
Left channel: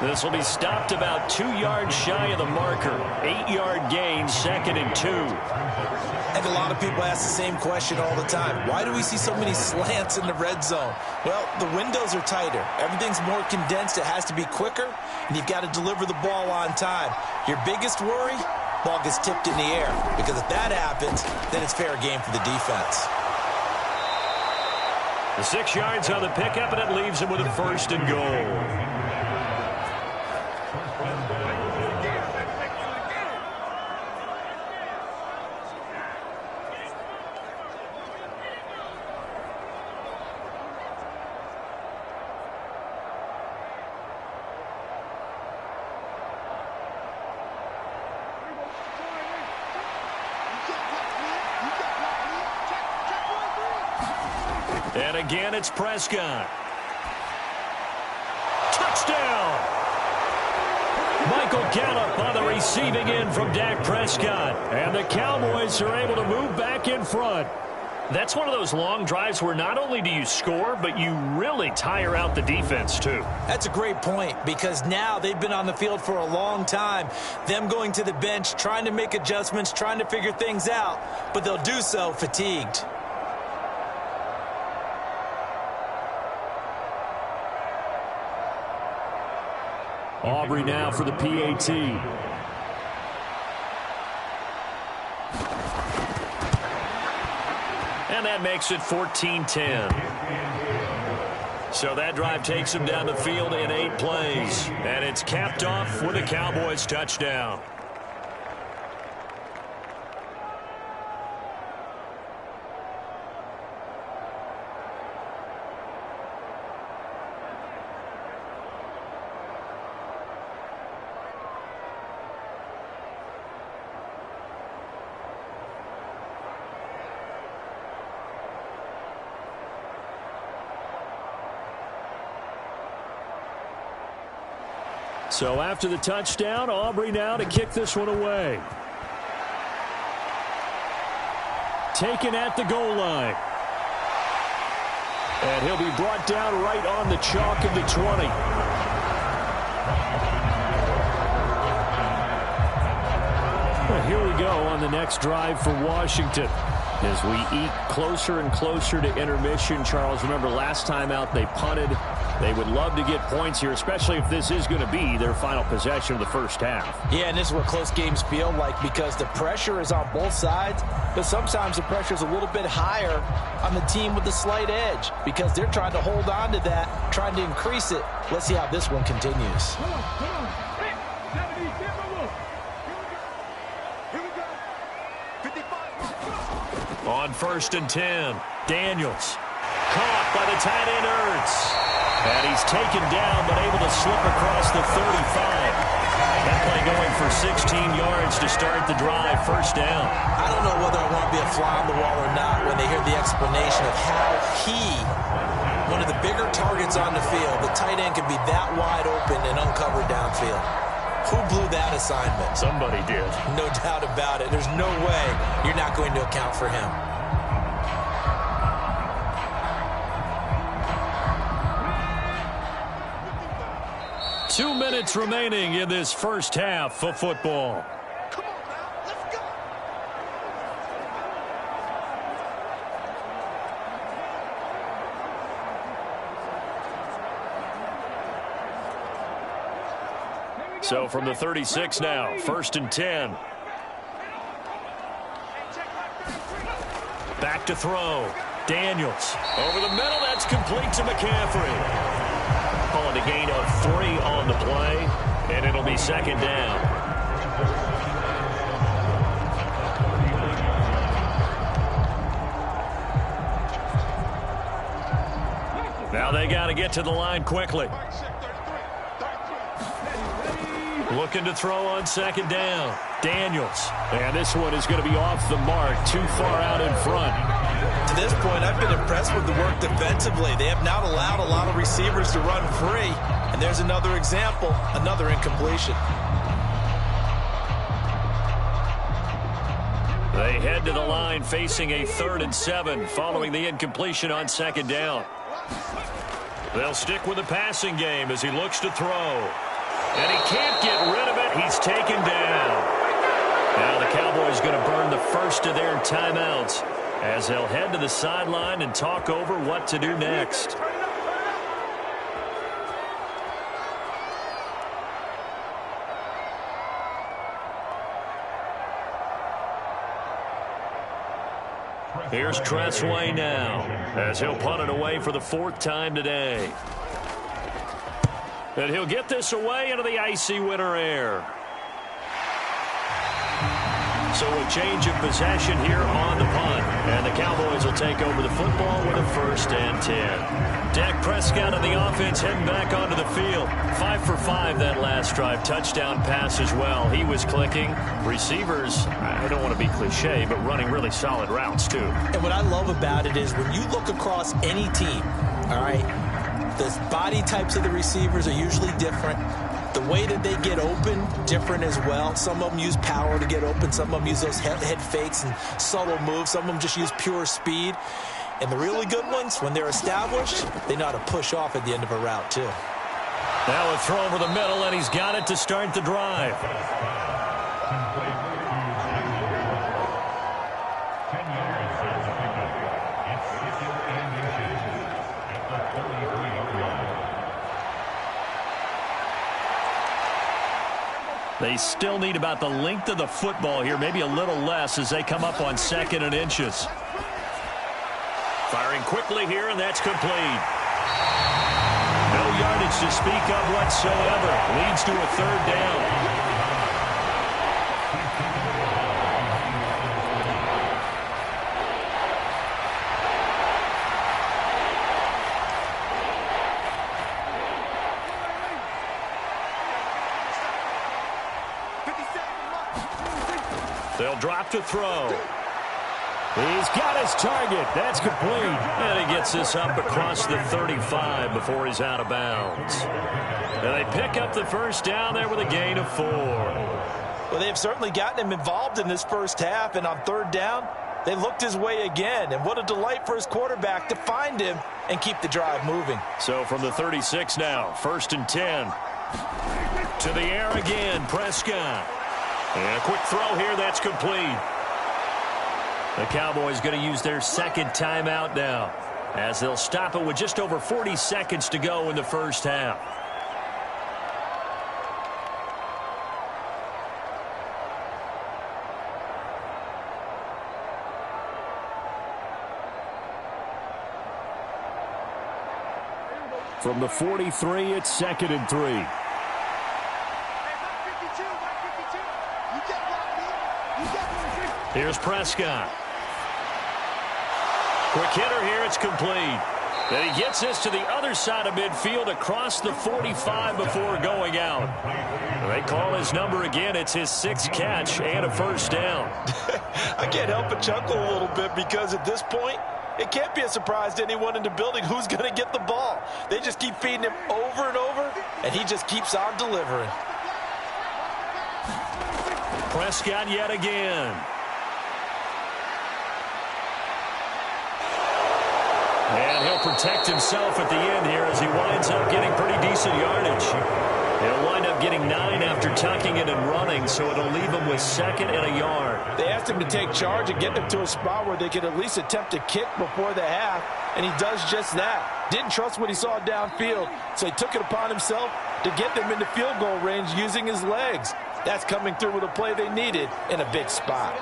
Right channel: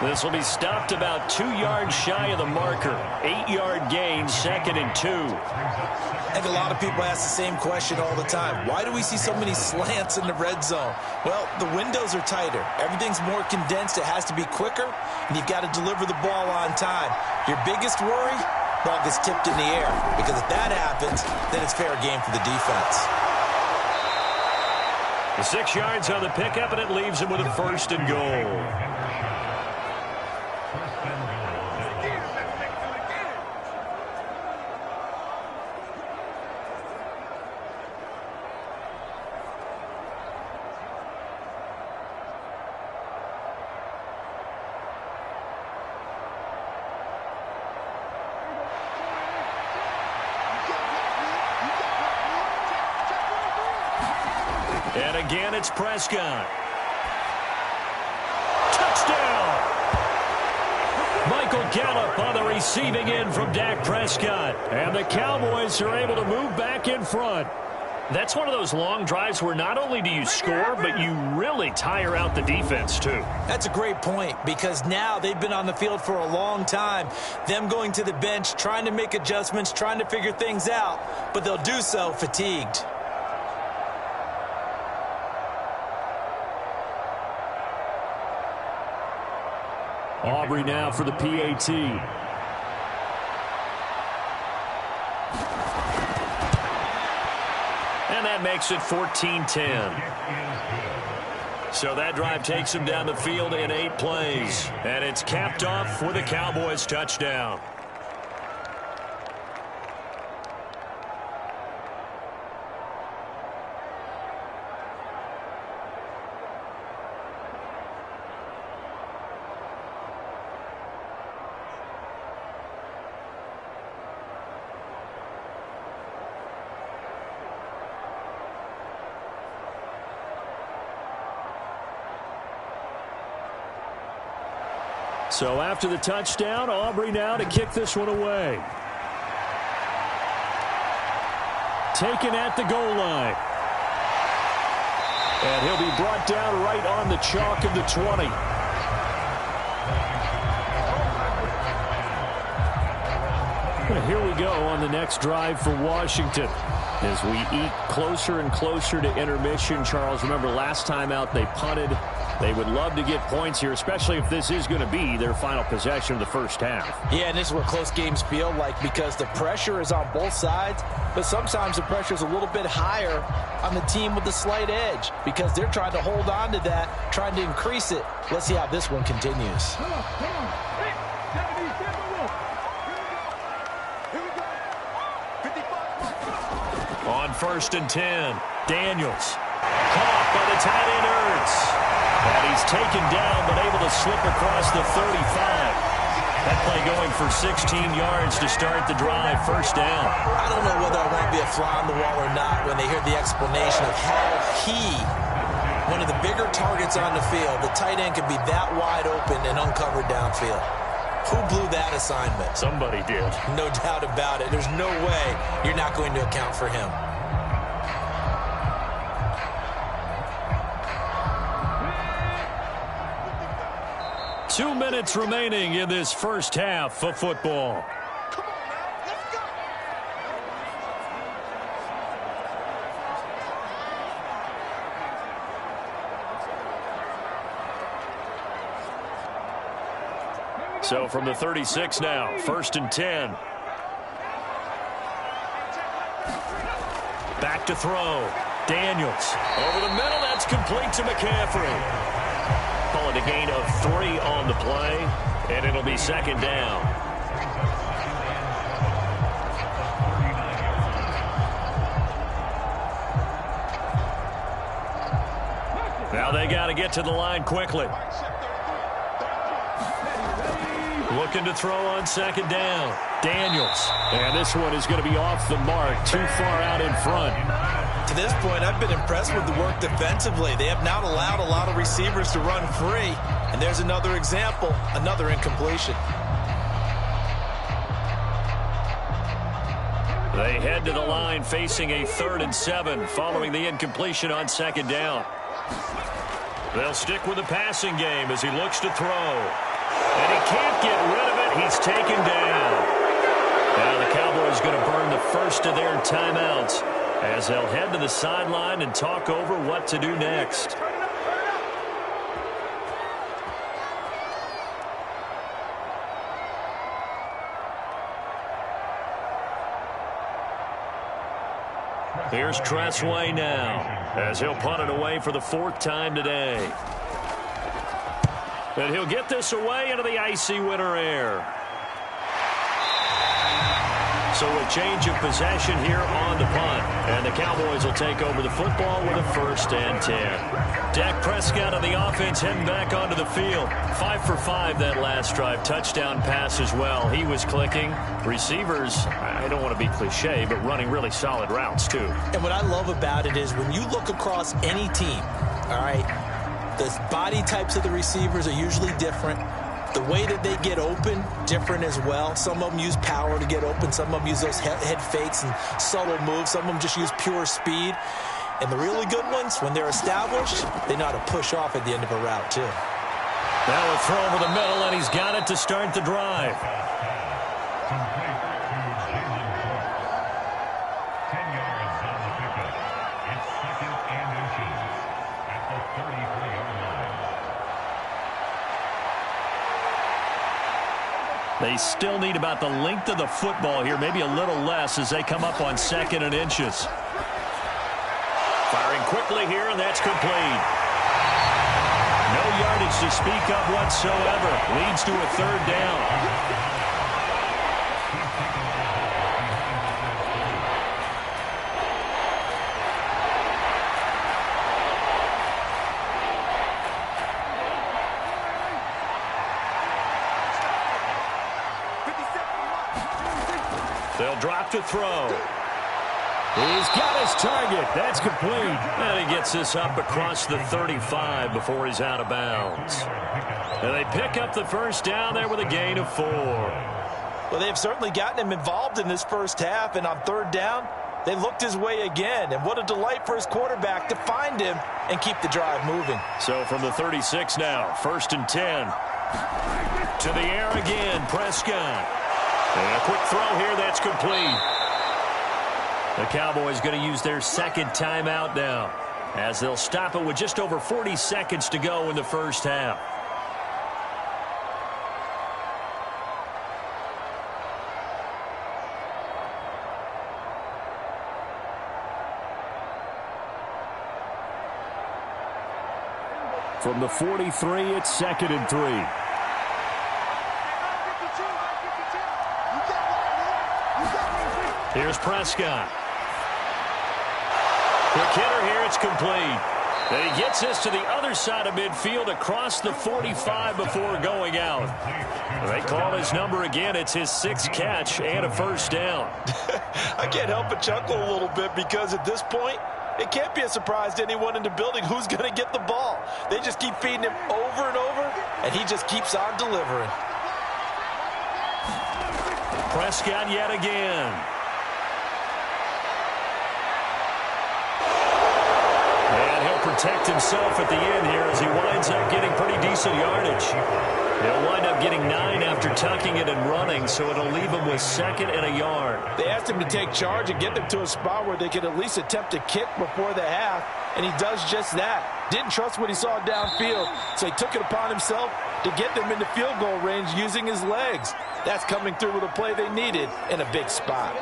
This will be stopped about 2 yards shy of the marker. 8-yard gain, 2nd and 2. I think a lot of people ask the same question all the time. Why do we see so many slants in the red zone? Well, the windows are tighter. Everything's more condensed. It has to be quicker, and you've got to deliver the ball on time. Your biggest worry, ball gets tipped in the air, because if that happens, then it's fair game for the defense. The 6 yards on the pickup, and it leaves him with a 1st and goal. And again, it's Prescott. Touchdown! Michael Gallup on the receiving end from Dak Prescott. And the Cowboys are able to move back in front. That's one of those long drives where not only do you score, but you really tire out the defense too. That's a great point, because now they've been on the field for a long time. Them going to the bench, trying to make adjustments, trying to figure things out, but they'll do so fatigued. Aubrey now for the PAT. And that makes it 14-10. So that drive takes them down the field in 8 plays. And it's capped off with a Cowboys touchdown. So after the touchdown, Aubrey now to kick this one away. Taken at the goal line. And he'll be brought down right on the chalk of the 20. Well, here we go on the next drive for Washington. As we eke closer and closer to intermission, Charles, remember last time out they punted. They would love to get points here, especially if this is going to be their final possession of the first half. Yeah, and this is what close games feel like, because the pressure is on both sides, but sometimes the pressure is a little bit higher on the team with the slight edge, because they're trying to hold on to that, trying to increase it. Let's see how this one continues. Come on. Hey, 77 Wolf. Here we go. 55. On 1st and 10, Daniels. Caught by the tight end Ertz. And he's taken down, but able to slip across the 35. That play going for 16 yards to start the drive, first down. I don't know whether I want to be a fly on the wall or not when they hear the explanation of how one of the bigger targets on the field, the tight end, could be that wide open and uncovered downfield. Who blew that assignment? Somebody did. No doubt about it. There's no way you're not going to account for him. Two minutes remaining in this first half of football. Come on now, let's go. So from the 36 now, 1st and 10. Back to throw. Daniels. Over the middle, that's complete to McCaffrey. Call it a gain of 3 on the play, and it'll be second down. Now they got to get to the line quickly. Looking to throw on second down. Daniels. And this one is going to be off the mark, too far out in front. To this point, I've been impressed with the work defensively. They have not allowed a lot of receivers to run free. And there's another example, another incompletion. They head to the line facing a 3rd and 7 following the incompletion on second down. They'll stick with the passing game as he looks to throw. And he can't get rid of it. He's taken down. Now the Cowboys going to burn the first of their timeouts as they'll head to the sideline and talk over what to do next. Here's Tressway now as he'll punt it away for the 4th time today. And he'll get this away into the icy winter air. So a change of possession here on the punt. And the Cowboys will take over the football with a 1st and 10. Dak Prescott on the offense heading back onto the field. 5 for 5 that last drive. Touchdown pass as well. He was clicking. Receivers, I don't want to be cliche, but running really solid routes too. And what I love about it is when you look across any team, all right, the body types of the receivers are usually different. The way that they get open, different as well. Some of them use power to get open. Some of them use those head fakes and subtle moves. Some of them just use pure speed. And the really good ones, when they're established, they know how to push off at the end of a route, too. Now a throw over the middle, and he's got it to start the drive. They still need about the length of the football here, maybe a little less as they come up on 2nd and inches. Firing quickly here, and that's complete. No yardage to speak of whatsoever. Leads to a 3rd down. They'll drop to throw. He's got his target. That's complete. And he gets this up across the 35 before he's out of bounds. And they pick up the 1st down there with a gain of 4. Well, they've certainly gotten him involved in this first half, and on 3rd down, they looked his way again. And what a delight for his quarterback to find him and keep the drive moving. So from the 36 now, 1st and 10. To the air again, Prescott. And a quick throw here, that's complete. The Cowboys going to use their 2nd timeout now, as they'll stop it with just over 40 seconds to go in the first half. From the 43, it's 2nd and 3. Here's Prescott. Quick hitter here, it's complete. Then he gets this to the other side of midfield across the 45 before going out. They call his number again. It's his 6th catch and a 1st down. I can't help but chuckle a little bit because at this point, it can't be a surprise to anyone in the building who's going to get the ball. They just keep feeding him over and over, and he just keeps on delivering. Prescott yet again. And he'll protect himself at the end here as he winds up getting pretty decent yardage. He'll wind up getting 9 after tucking it and running, so it'll leave him with 2nd and a yard. They asked him to take charge and get them to a spot where they could at least attempt to kick before the half, and he does just that. Didn't trust what he saw downfield, so he took it upon himself to get them into field goal range using his legs. That's coming through with a play they needed in a big spot.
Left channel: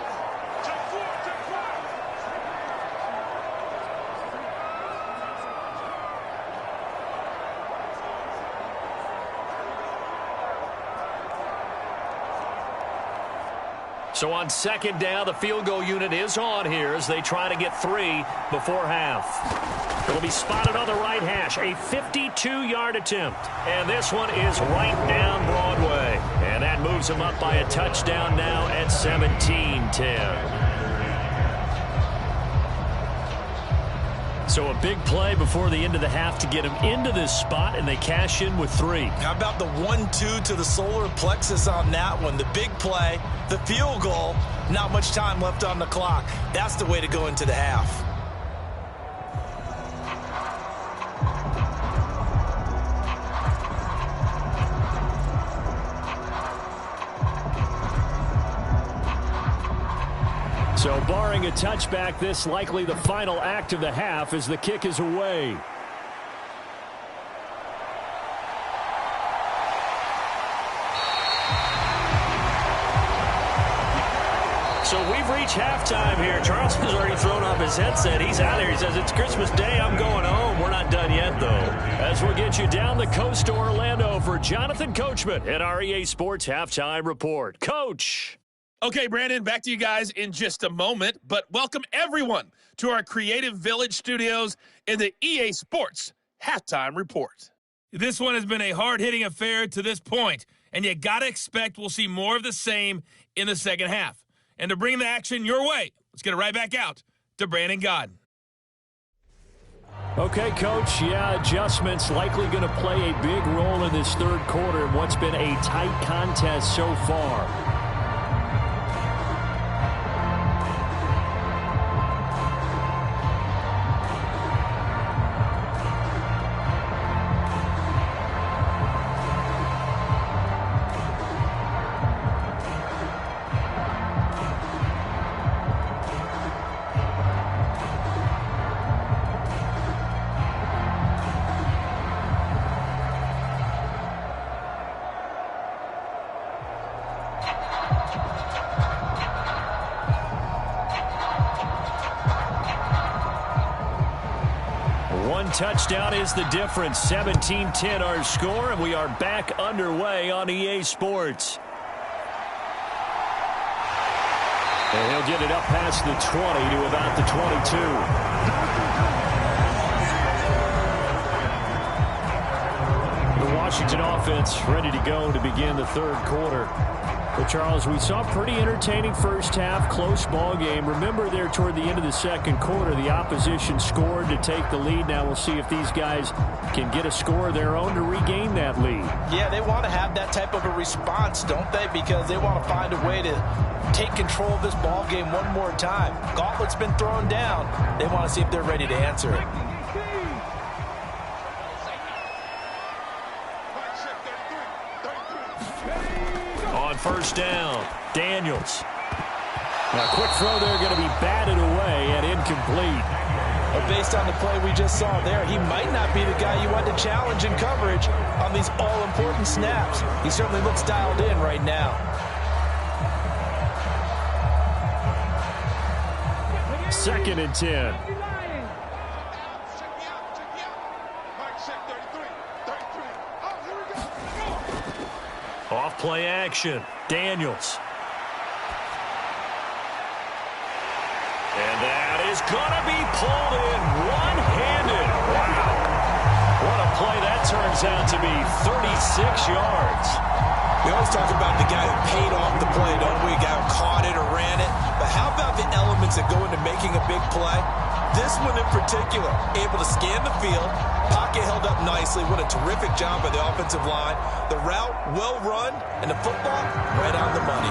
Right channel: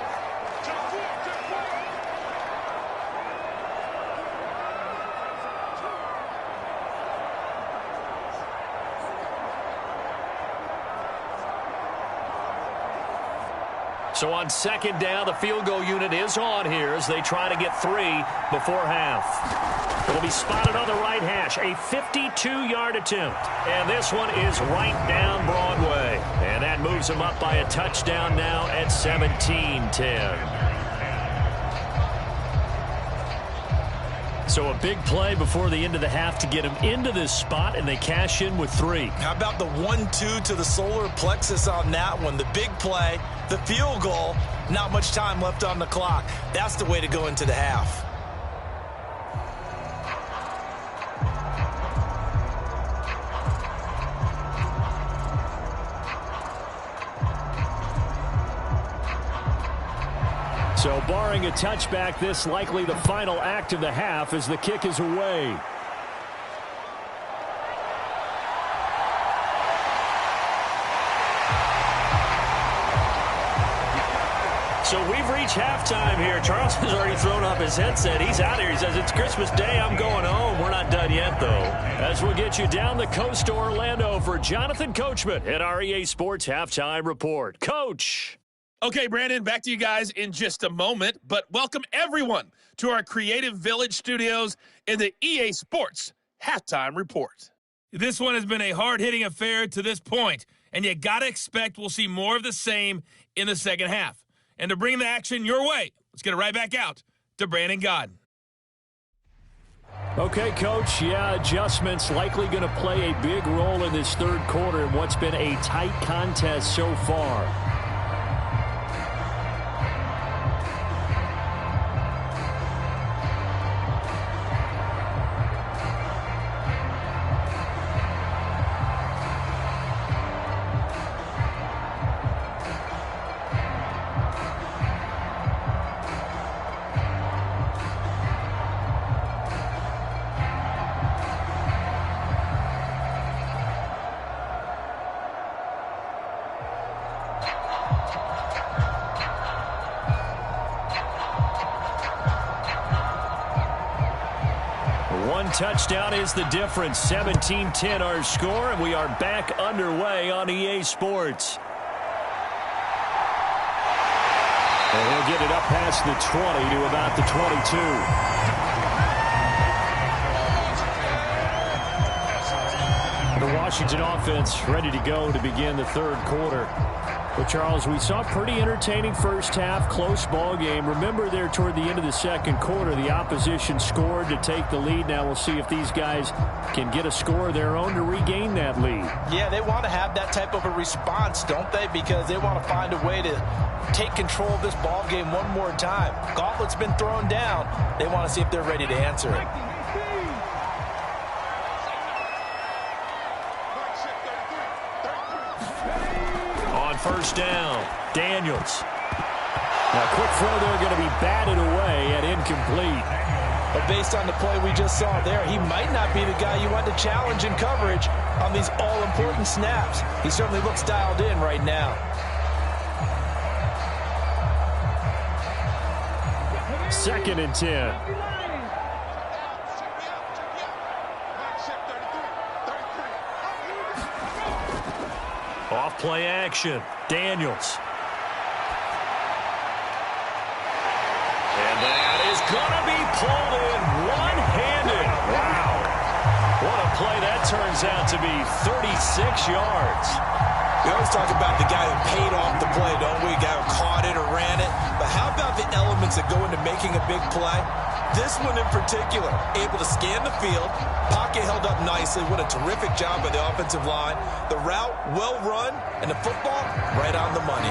So on 2nd down, the field goal unit is on here as they try to get 3 before half. It'll be spotted on the right hash, a 52-yard attempt. And this one is right down Broadway. And that moves him up by a touchdown now at 17-10. So a big play before the end of the half to get him into this spot, and they cash in with 3. How about the 1-2 to the solar plexus on that one? The big play, the field goal, not much time left on the clock. That's the way to go into the half. So barring a touchback, this likely the final act of the half as the kick is away. So we've reached halftime here. Charles has already thrown off his headset. He's out here. He says, it's Christmas Day. I'm going home. We're not done yet, though. As we'll get you down the coast to Orlando for Jonathan Coachman at our EA Sports Halftime Report. Coach. Okay, Brandon, back to you guys in just a moment, but welcome everyone to our Creative Village studios in the EA Sports Halftime Report. This one has been a hard-hitting affair to this point, and you got to expect we'll see more of the same in the second half. And to bring the action your way, let's get it right back out to Brandon Godden. Okay, Coach, yeah, adjustments likely going to play a big role in this third quarter in what's been a tight contest so far. One touchdown is the difference. 17-10 our score, and we are back underway on EA Sports. And he'll get it up past the 20 to about the 22. The Washington offense ready to go to begin the third quarter. Well, Charles, we saw a pretty entertaining first half, close ball game. Remember there toward the end of the second quarter, the opposition scored to take the lead. Now we'll see if these guys can get a score of their own to regain that lead. Yeah, they want to have that type of a response, don't they? Because they want to find a way to take control of this ball game one more time. Gauntlet's been thrown down. They want to see if they're ready to answer it. On first down, Daniels. Now, quick throw there going to be batted away and incomplete. But based on the play we just saw there, he might not be the guy you want to challenge in coverage on these all-important snaps. He certainly looks dialed in right now. Second and 10. Off play action. Daniels. And that is going to be pulled in one-handed. Wow. What a play that turns out to be. 36 yards. We always talk about the guy who paid off the play, don't we? A guy who caught it or ran it. But how about the elements that go into making a big play? This one in particular, able to scan the field, pocket held up nicely. What a terrific job by the offensive line. The route, well run, and the football, right on the money.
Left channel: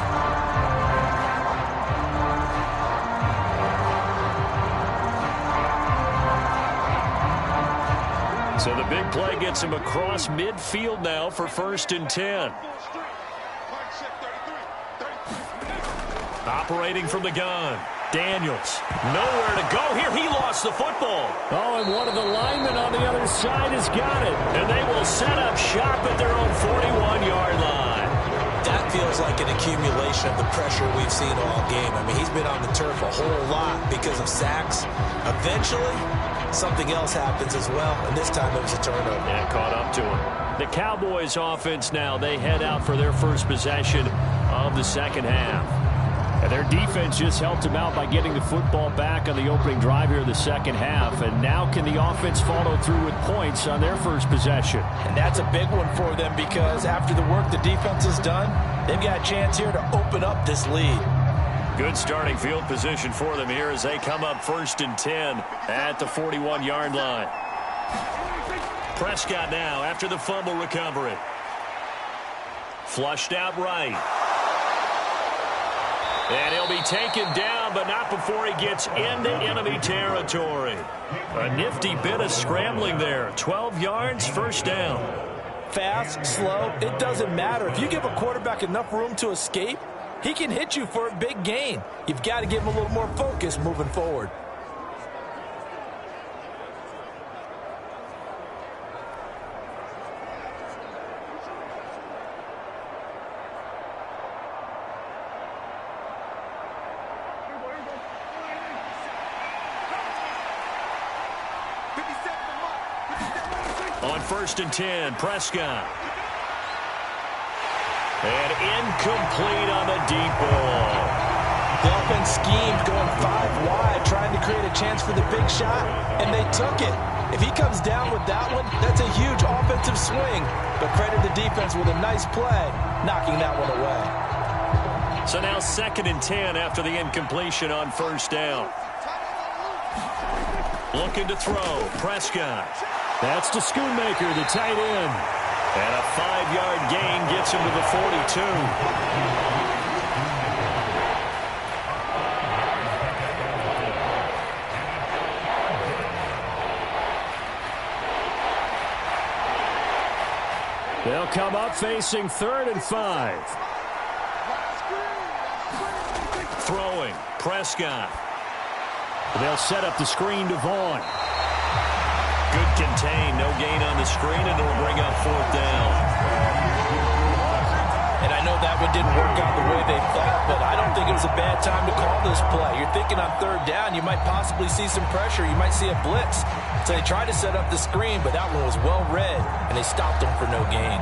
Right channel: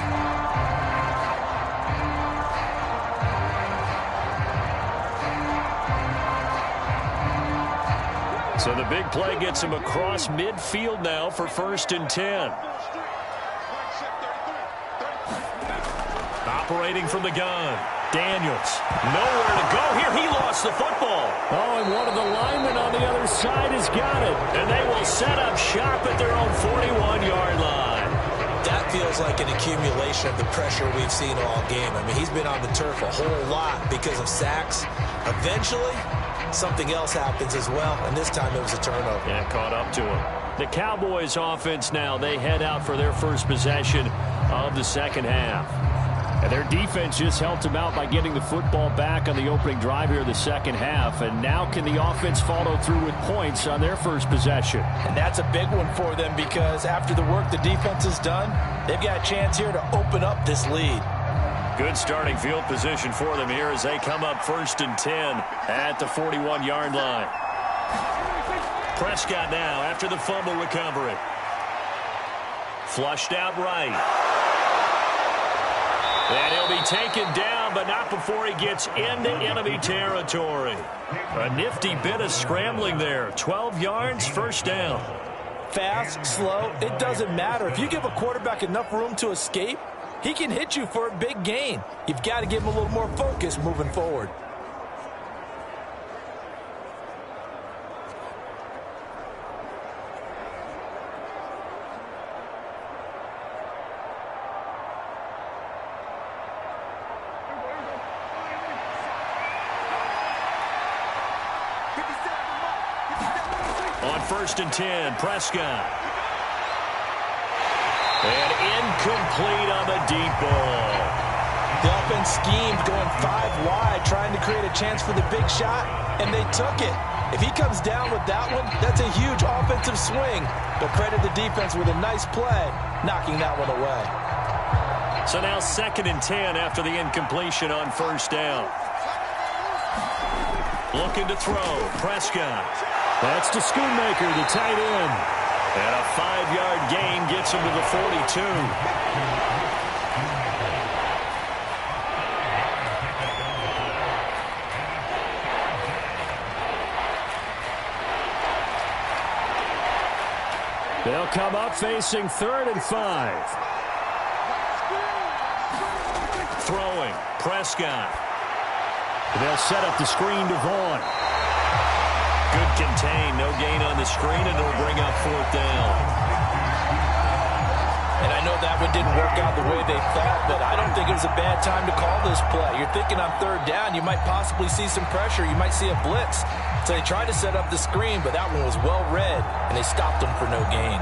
So the big play gets him across midfield now for first and 10. Operating from the gun. Daniels, nowhere to go here. He lost the football. Oh, and one of the linemen on the other side has got it. And they will set up shop at their own 41-yard line. That feels like an accumulation of the pressure we've seen all game. I mean, he's been on the turf a whole lot because of sacks. Eventually, something else happens as well, and this time it was a turnover. Yeah, caught up to him. The Cowboys offense now, they head out for their first possession of the second half. And their defense just helped them out by getting the football back on the opening drive here in the second half. And now can the offense follow through with points on their first possession? And that's a big one for them because after the work the defense has done, they've got a chance here to open up this lead. Good starting field position for them here as they come up first and 10 at the 41-yard line. Prescott now after the fumble recovery. Flushed out right. And he'll be taken down, but not before he gets into enemy territory. A nifty bit of scrambling there. 12 yards, first down. Fast, slow, it doesn't matter. If you give a quarterback enough room to escape, he can hit you for a big gain. You've got to give him a little more focus moving forward. On first and 10, Prescott. And incomplete on the deep ball. The offense schemed going 5 wide, trying to create a chance for the big shot, and they took it. If he comes down with that one, that's a huge offensive swing. But credit the defense with a nice play, knocking that one away. So now second and 10 after the incompletion on first down. Looking to throw. Prescott. That's to Schoonmaker, the tight end. And a 5-yard gain gets him to the 42. They'll come up facing 3rd and 5. Throwing. Prescott. They'll set up the screen to Vaughn. Good contain. No gain on the screen, and it'll bring up 4th down. And I know that one didn't work out the way they thought, but I don't think it was a bad time to call this play. You're thinking on 3rd down, you might possibly see some pressure. You might see a blitz. So they tried to set up the screen, but that one was well read, and they stopped them for no gain.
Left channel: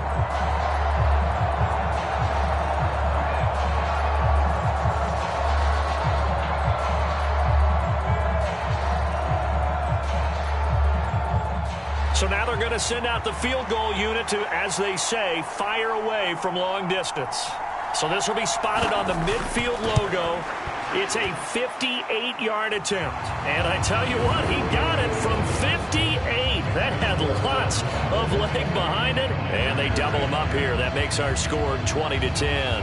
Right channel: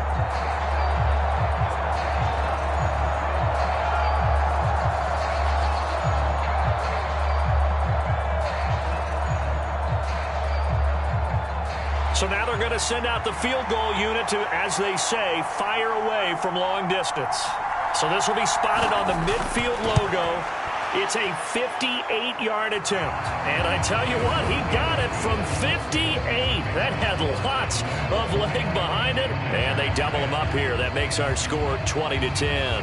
So now they're going to send out the field goal unit to, as they say, fire away from long distance. So this will be spotted on the midfield logo. It's a 58-yard attempt. And I tell you what, he got it from 58. That had lots of leg behind it. And they double him up here. That makes our score 20-10.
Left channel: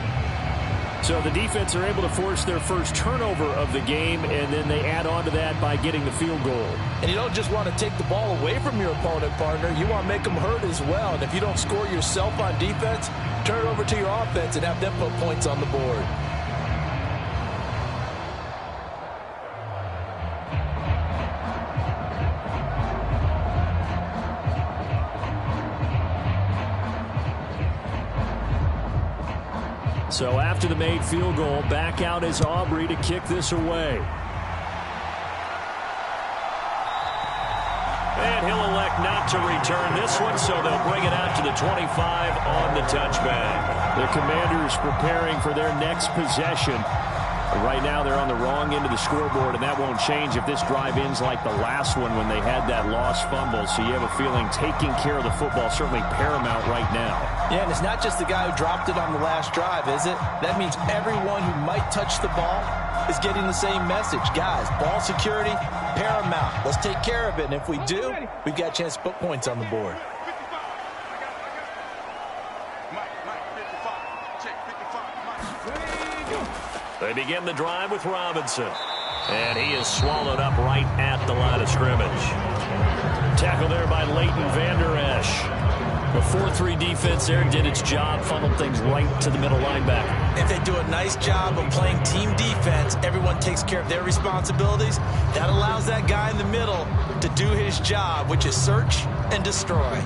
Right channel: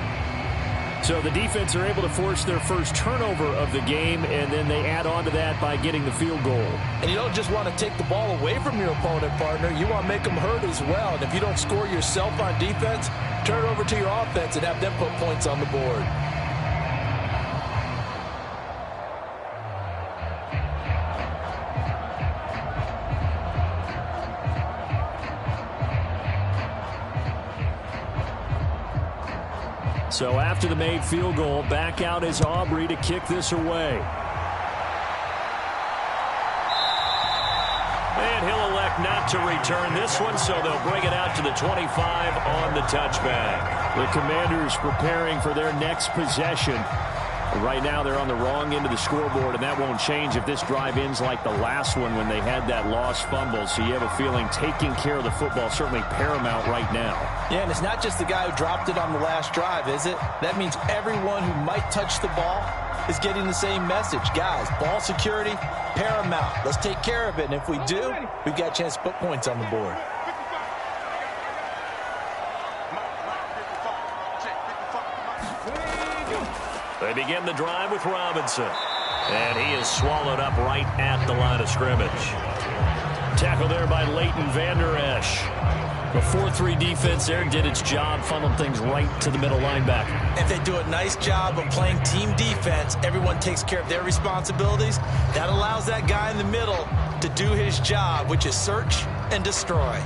So the defense are able to force their first turnover of the game, and then they add on to that by getting the field goal. And you don't just want to take the ball away from your opponent, partner. You want to make them hurt as well. And if you don't score yourself on defense, turn it over to your offense and have them put points on the board. So after the made field goal, back out is Aubrey to kick this away. And he'll elect not to return this one, so they'll bring it out to the 25 on the touchback. The Commanders preparing for their next possession. Right now they're on the wrong end of the scoreboard, and that won't change if this drive ends like the last one when they had that lost fumble. So you have a feeling taking care of the football certainly paramount right now. Yeah, and it's not just the guy who dropped it on the last drive, is it? That means everyone who might touch the ball is getting the same message. Guys, ball security, paramount. Let's take care of it, and if we do, we've got a chance to put points on the board. They begin the drive with Robinson. And he is swallowed up right at the line of scrimmage. Tackle there by Leighton Vander Esch. The 4-3 defense there did its job, funneled things right to the middle linebacker. If they do a nice job of playing team defense, everyone takes care of their responsibilities. That allows that guy in the middle to do his job, which is search and destroy.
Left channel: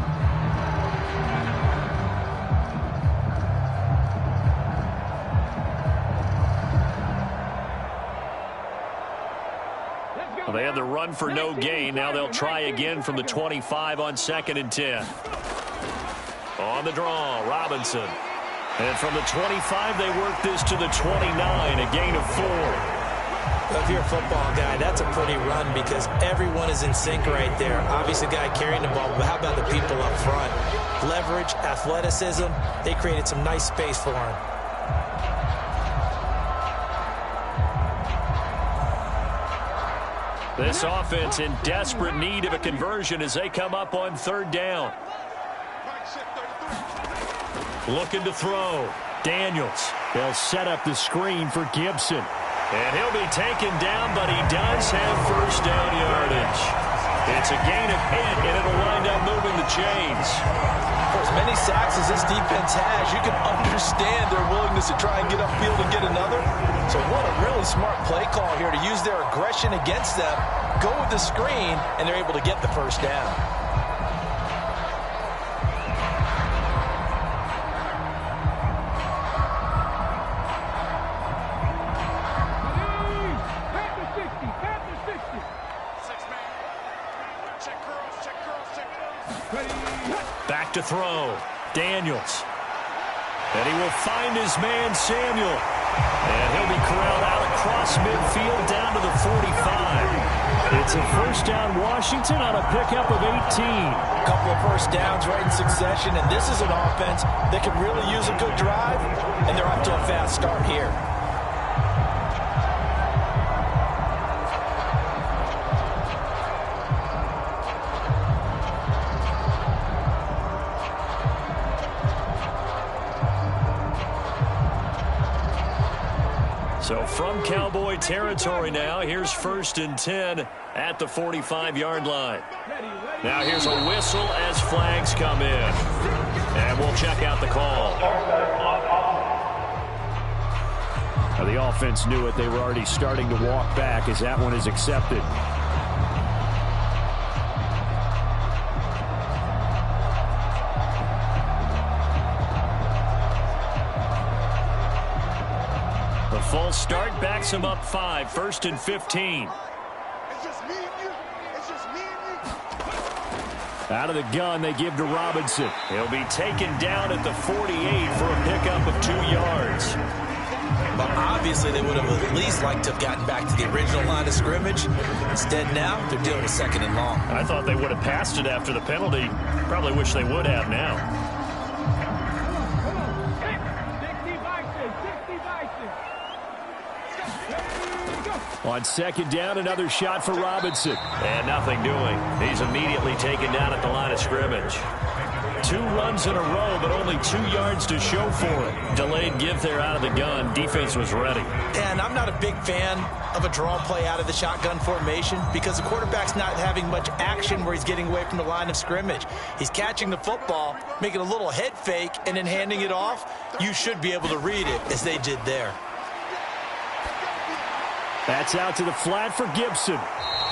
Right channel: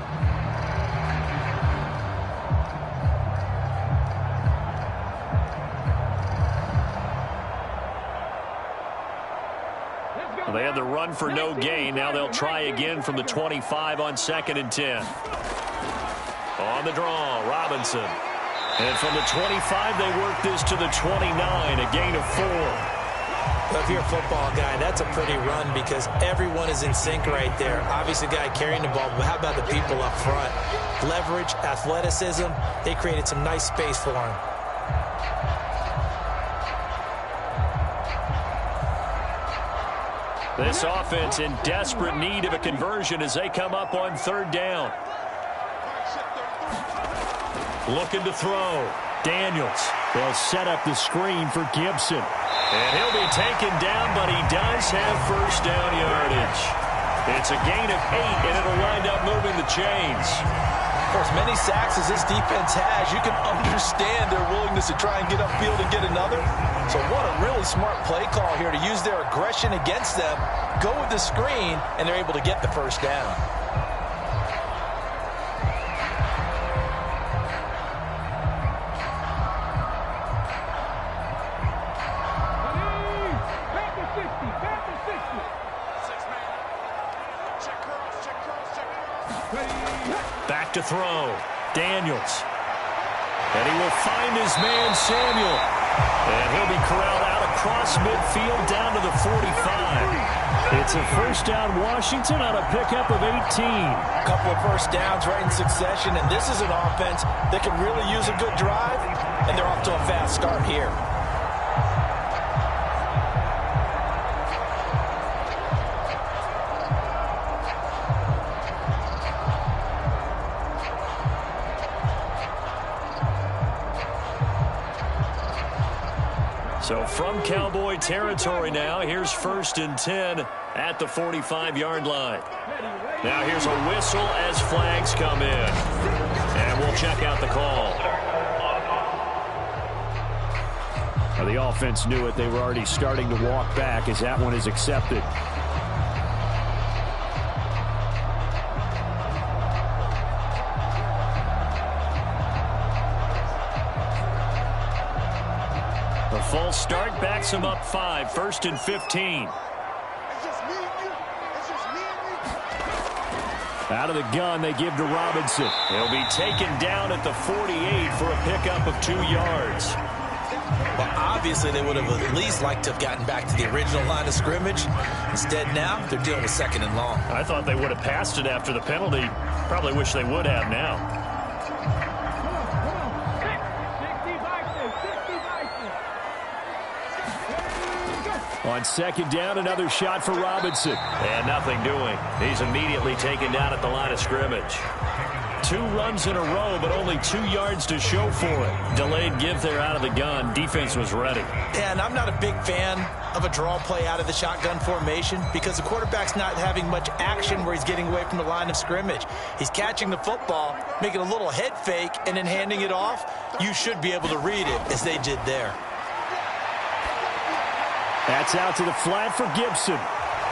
Well, they had the run for no gain. Now they'll try again from the 25 on 2nd and 10. On the draw, Robinson. And from the 25, they work this to the 29, a gain of 4. Well, if you're a football guy, that's a pretty run because everyone is in sync right there. Obviously, the guy carrying the ball, but how about the people up front? Leverage, athleticism, they created some nice space for him. This offense in desperate need of a conversion as they come up on 3rd down. Looking to throw. Daniels. They'll set up the screen for Gibson. And he'll be taken down, but he does have first down yardage. It's a gain of 8, and it'll wind up moving the chains. For as many sacks as this defense has, you can understand their willingness to try and get upfield and get another. So what a really smart play call here to use their aggression against them, go with the screen, and they're able to get the first down. Back to throw. Daniels. And he will find his man, Samuel. And he'll be corralled out across midfield down to the 45. It's a first down, Washington, on a pickup of 18. A couple of first downs right in succession, and this is an offense that can really use a good drive, and they're off to a fast start here. So from Cowboy territory now, here's 1st and 10 at the 45-yard line. Now here's a whistle as flags come in. And we'll check out the call. Now the offense knew it. They were already starting to walk back as that one is accepted. The false start backs him up 5, 1st and 15. It's just me and you. It's just me and you. Out of the gun, they give to Robinson. He'll be taken down at the 48 for a pickup of 2 yards. Well, obviously, they would have at least liked to have gotten back to the original line of scrimmage. Instead, now, they're dealing with 2nd and long. I thought they would have passed it after the penalty. Probably wish they would have now. Come on. 60 Vikings. 60 Vikings. On 2nd down, another shot for Robinson. And nothing doing. He's immediately taken down at the line of scrimmage. 2 runs in a row, but only 2 yards to show for it. Delayed give there out of the gun. Defense was ready. And I'm not a big fan of a draw play out of the shotgun formation because the quarterback's not having much action where he's getting away from the line of scrimmage. He's catching the football, making a little head fake, and then handing it off. You should be able to read it as they did there. That's out to the flat for Gibson.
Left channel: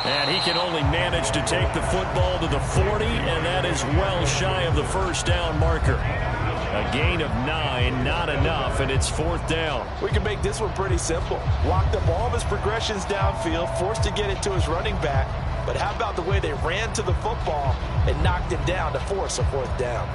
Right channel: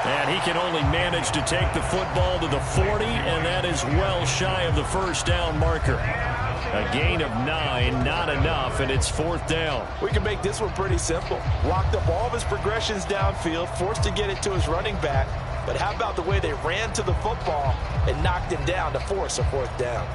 And he can only manage to take the football to the 40, and that is well shy of the 1st down marker. A gain of 9, not enough, and it's 4th down. We can make this one pretty simple. Locked up all of his progressions downfield, forced to get it to his running back. But how about the way they ran to the football and knocked him down to force a 4th down?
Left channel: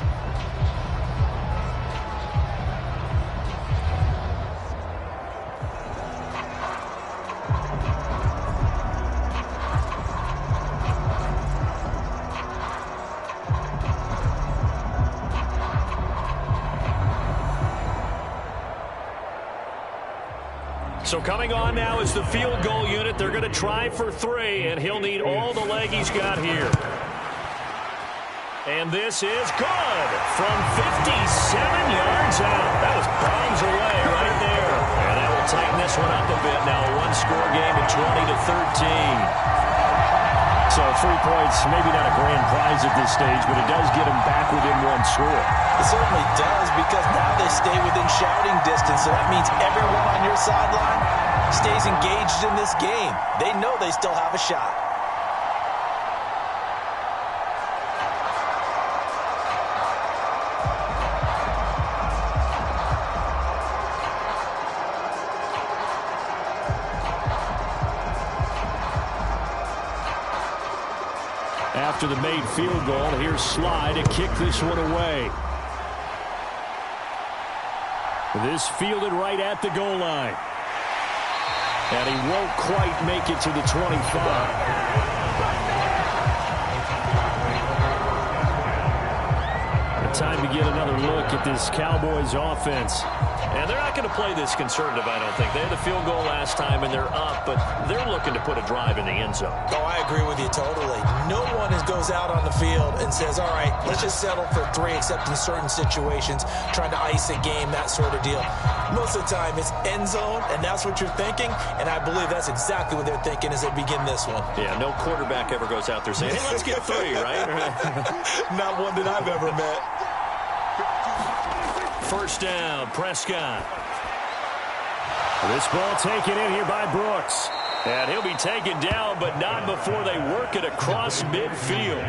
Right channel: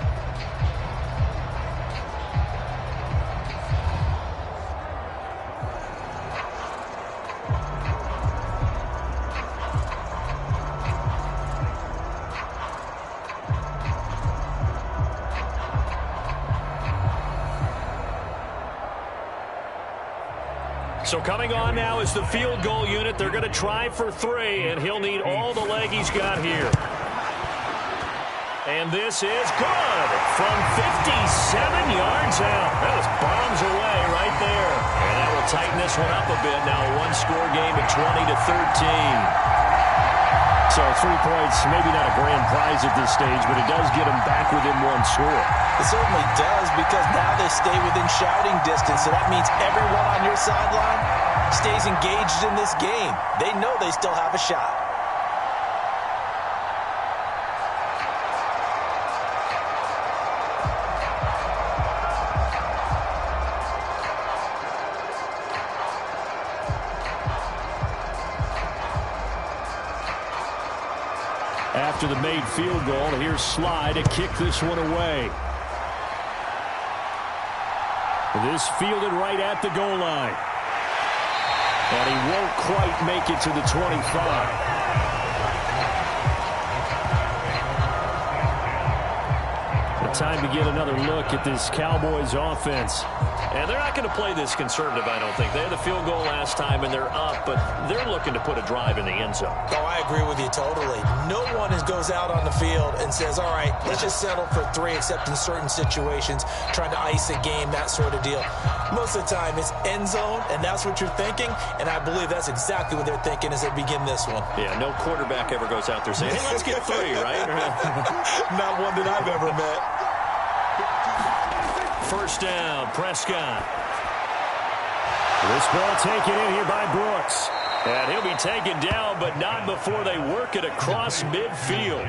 So coming on now is the field goal unit. They're going to try for 3, and he'll need all the leg he's got here. And this is good from 57 yards out. That was bombs away right there. And that will tighten this one up a bit. Now a 1-score game at 20-13. So 3 points, maybe not a grand prize at this stage, but it does get them back within 1 score. It certainly does because now they stay within shouting distance. So that means everyone on your sideline stays engaged in this game. They know they still have a shot. After the made field goal, here's Sly to kick this one away. This fielded right at the goal line. And he won't quite make it to the 25. Time to get another look at this Cowboys offense. And they're not going to play this conservative, I don't think. They had the field goal last time, and they're up, but they're looking to put a drive in the end zone. Oh, I agree with you totally. No one goes out on the field and says, all right, let's just settle for 3, except in certain situations, trying to ice a game, that sort of deal. Most of the time, it's end zone, and that's what you're thinking, and I believe that's exactly what they're thinking as they begin this one. Yeah, no quarterback ever goes out there saying, hey, let's get 3, right? Not one that I've ever met. 1st down, Prescott. This ball taken in here by Brooks. And he'll be taken down, but not before they work it across midfield.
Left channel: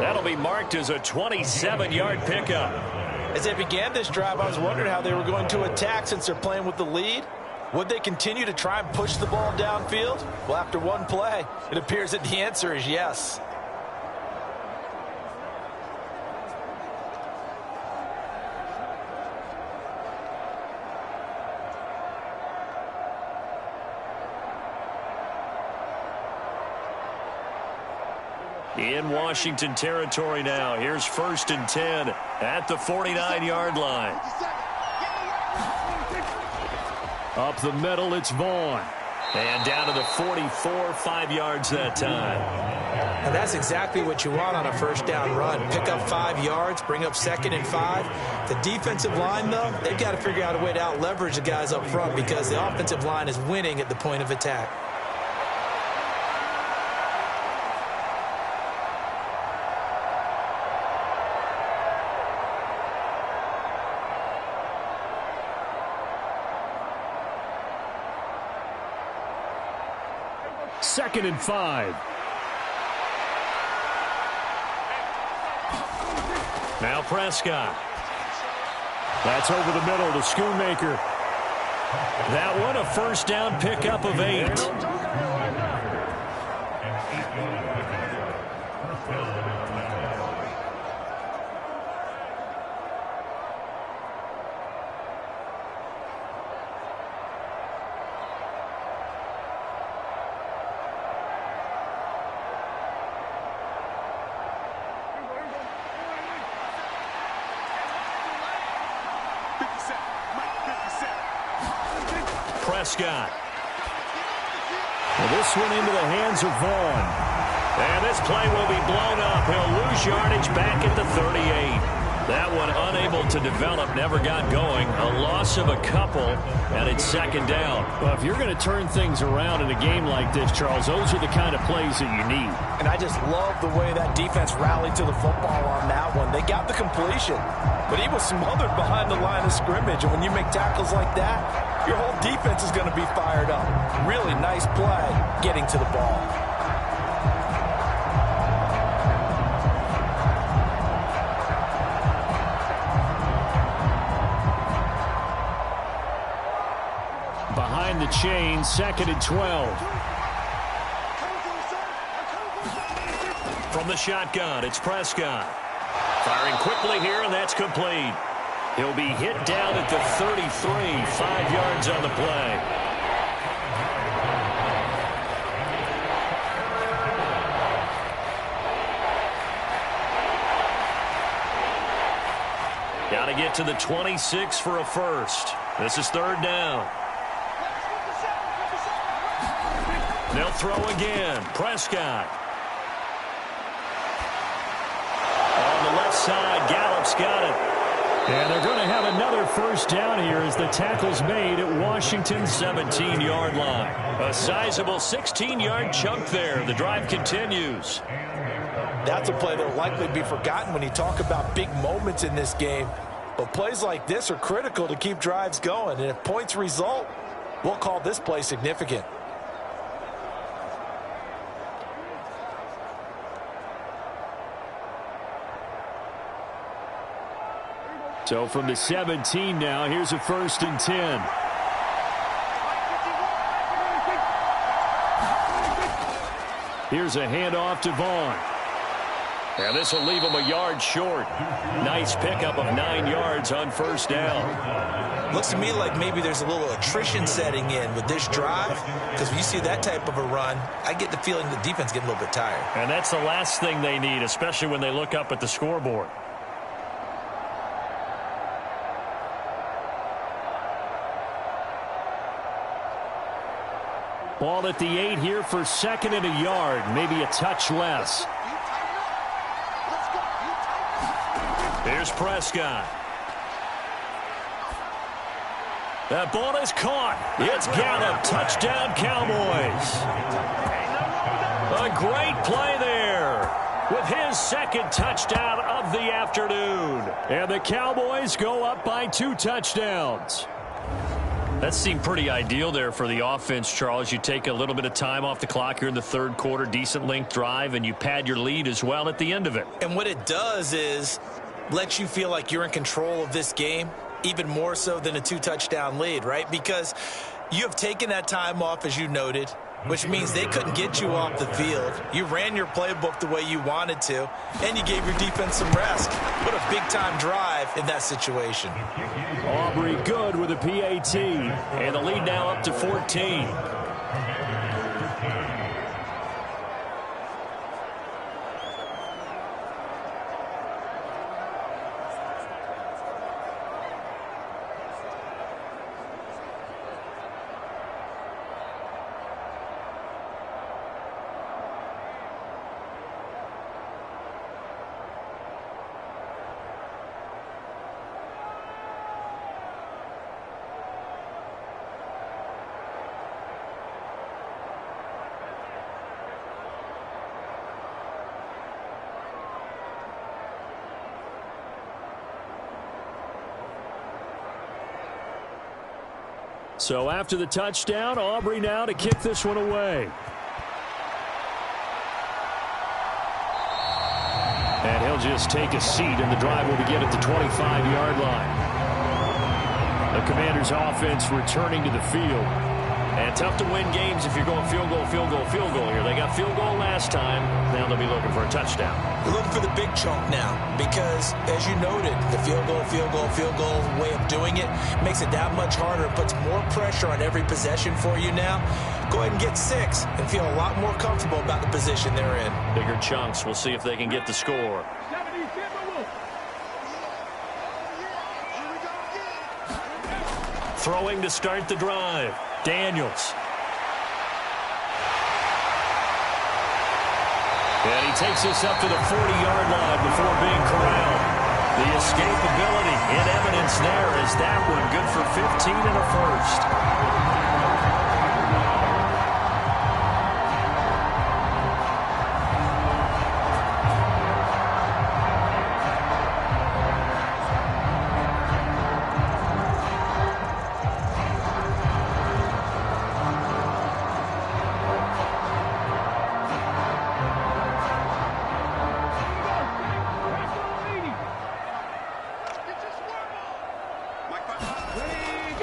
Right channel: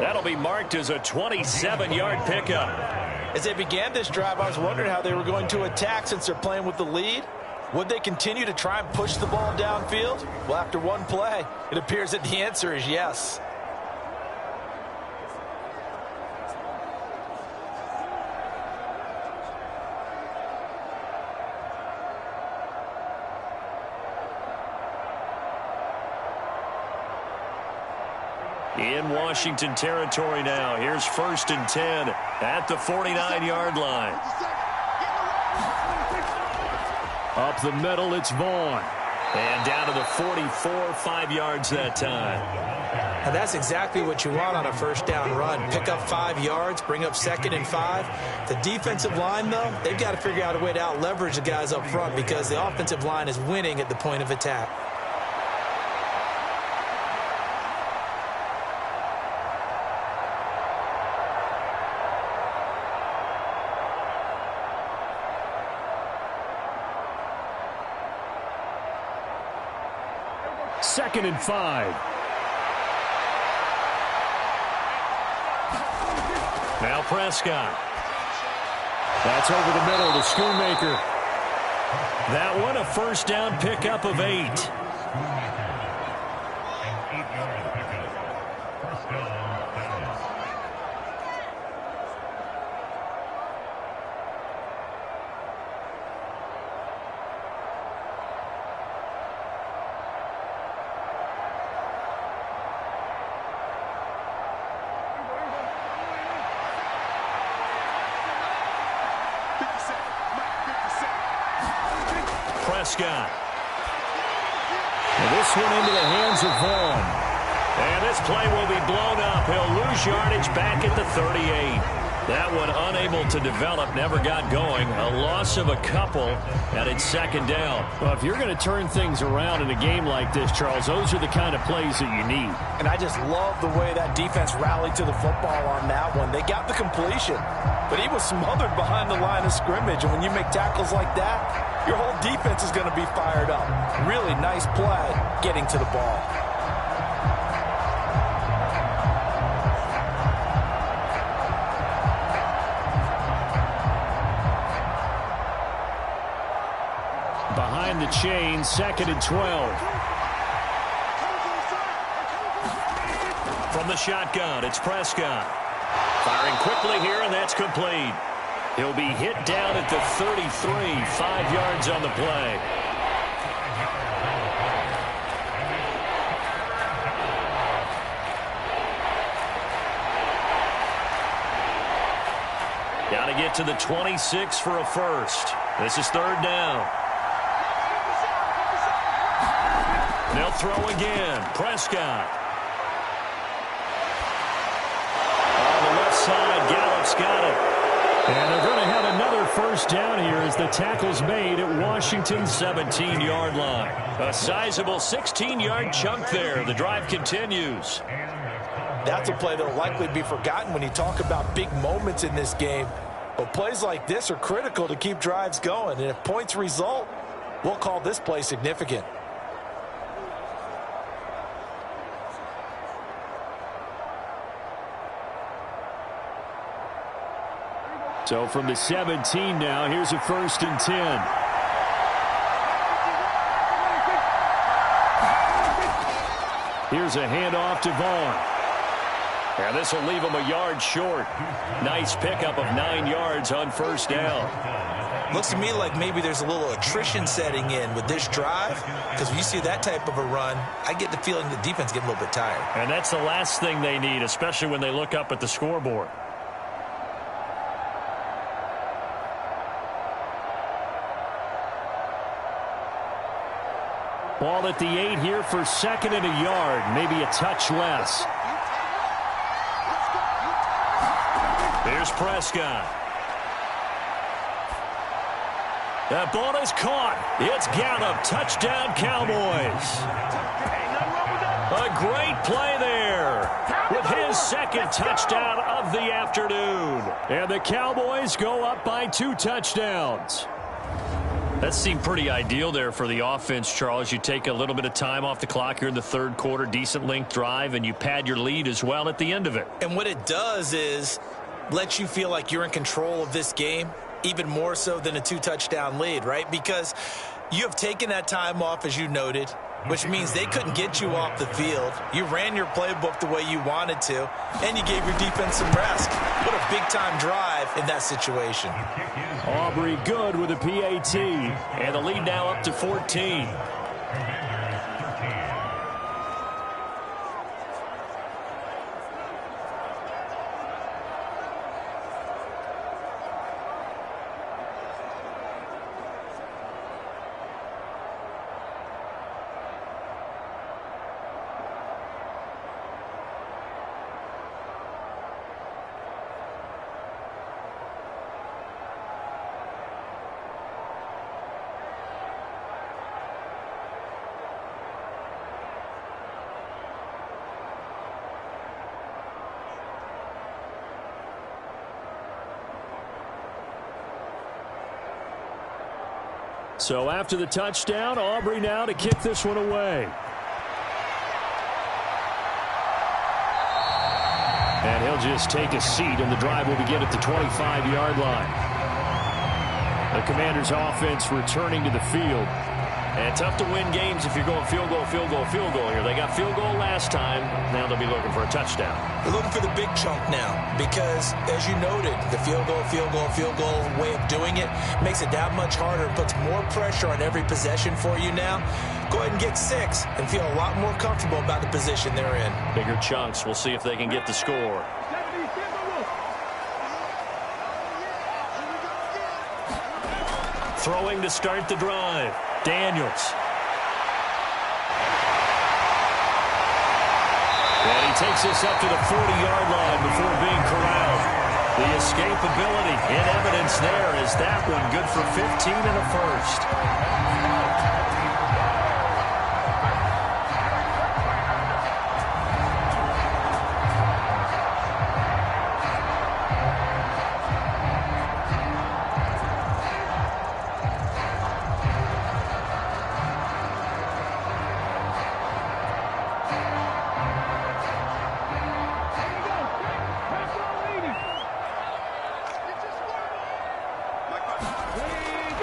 That'll be marked as a 27-yard pickup. As they began this drive, I was wondering how they were going to attack since they're playing with the lead. Would they continue to try and push the ball downfield? Well, after one play, it appears that the answer is yes. In Washington territory now. Here's 1st and 10 at the 49-yard line. Up the middle, it's Vaughn. And down to the 44, 5 yards that time. And that's exactly what you want on a first down run. Pick up 5 yards, bring up 2nd and 5. The defensive line, though, they've got to figure out a way to out-leverage the guys up front because the offensive line is winning at the point of attack. Second and 5. Now Prescott. That's over the middle to Schoonmaker. That one a first down pickup of 8. Prescott. Well, this one into the hands of Vaughn. And this play will be blown up. He'll lose yardage back at the 38. That one unable to develop, never got going. A loss of a couple, and it's second down. Well, if you're going to turn things around in a game like this, Charles, those are the kind of plays that you need. And I just love the way that defense rallied to the football on that one. They got the completion, but he was smothered behind the line of scrimmage. And when you make tackles like that, your whole defense is going to be fired up. Really nice play getting to the ball. Behind the chain, 2nd and 12. From the shotgun, it's Prescott. Firing quickly here, and that's complete. He'll be hit down at the 33, 5 yards on the play. Got to get to the 26 for a first. This is third down. They'll throw again. Prescott. On the left side, Gallup's got it. And they're going to have another first down here as the tackle's made at Washington's 17-yard line. A sizable 16-yard chunk there. The drive continues. That's a play that will likely be forgotten when you talk about big moments in this game. But plays like this are critical to keep drives going. And if points result, we'll call this play significant. So from the 17 now, here's a 1st and 10. Here's a handoff to Vaughn. And this will leave him a yard short. Nice pickup of 9 yards on first down. Looks to me like maybe there's a little attrition setting in with this drive, because when you see that type of a run, I get the feeling the defense getting a little bit tired. And that's the last thing they need, especially when they look up at the scoreboard. Ball at the 8 here for 2nd and a yard, maybe a touch less. Here's Prescott. That ball is caught. It's Gallup. Touchdown, Cowboys. A great play there with his 2nd touchdown of the afternoon. And the Cowboys go up by 2 touchdowns. That seemed pretty ideal there for the offense, Charles. You take a little bit of time off the clock here in the third quarter, decent length drive, and you pad your lead as well at the end of it. And what it does is let you feel like you're in control of this game, even more so than a 2-touchdown lead, right? Because you have taken that time off, as you noted, which means they couldn't get you off the field. You ran your playbook the way you wanted to, and you gave your defense some rest. What a big-time drive in that situation. Aubrey good with a PAT. And the lead now up to 14. So after the touchdown, Aubrey now to kick this one away. And he'll just take a seat, and the drive will begin at the 25-yard line. The Commanders' offense returning to the field. And tough to win games if you're going field goal, field goal, field goal here. They got field goal last time. Now they'll be looking for a touchdown. They're looking for the big chunk now because, as you noted, the field goal way of doing it makes it that much harder and puts more pressure on every possession for you now. Go ahead and get 6 and feel a lot more comfortable about the position they're in. Bigger chunks. We'll see if they can get the score. Throwing to start the drive. Daniels. And he takes this up to the 40-yard line before being corralled. The escapability in evidence there as that one good for 15 and a first.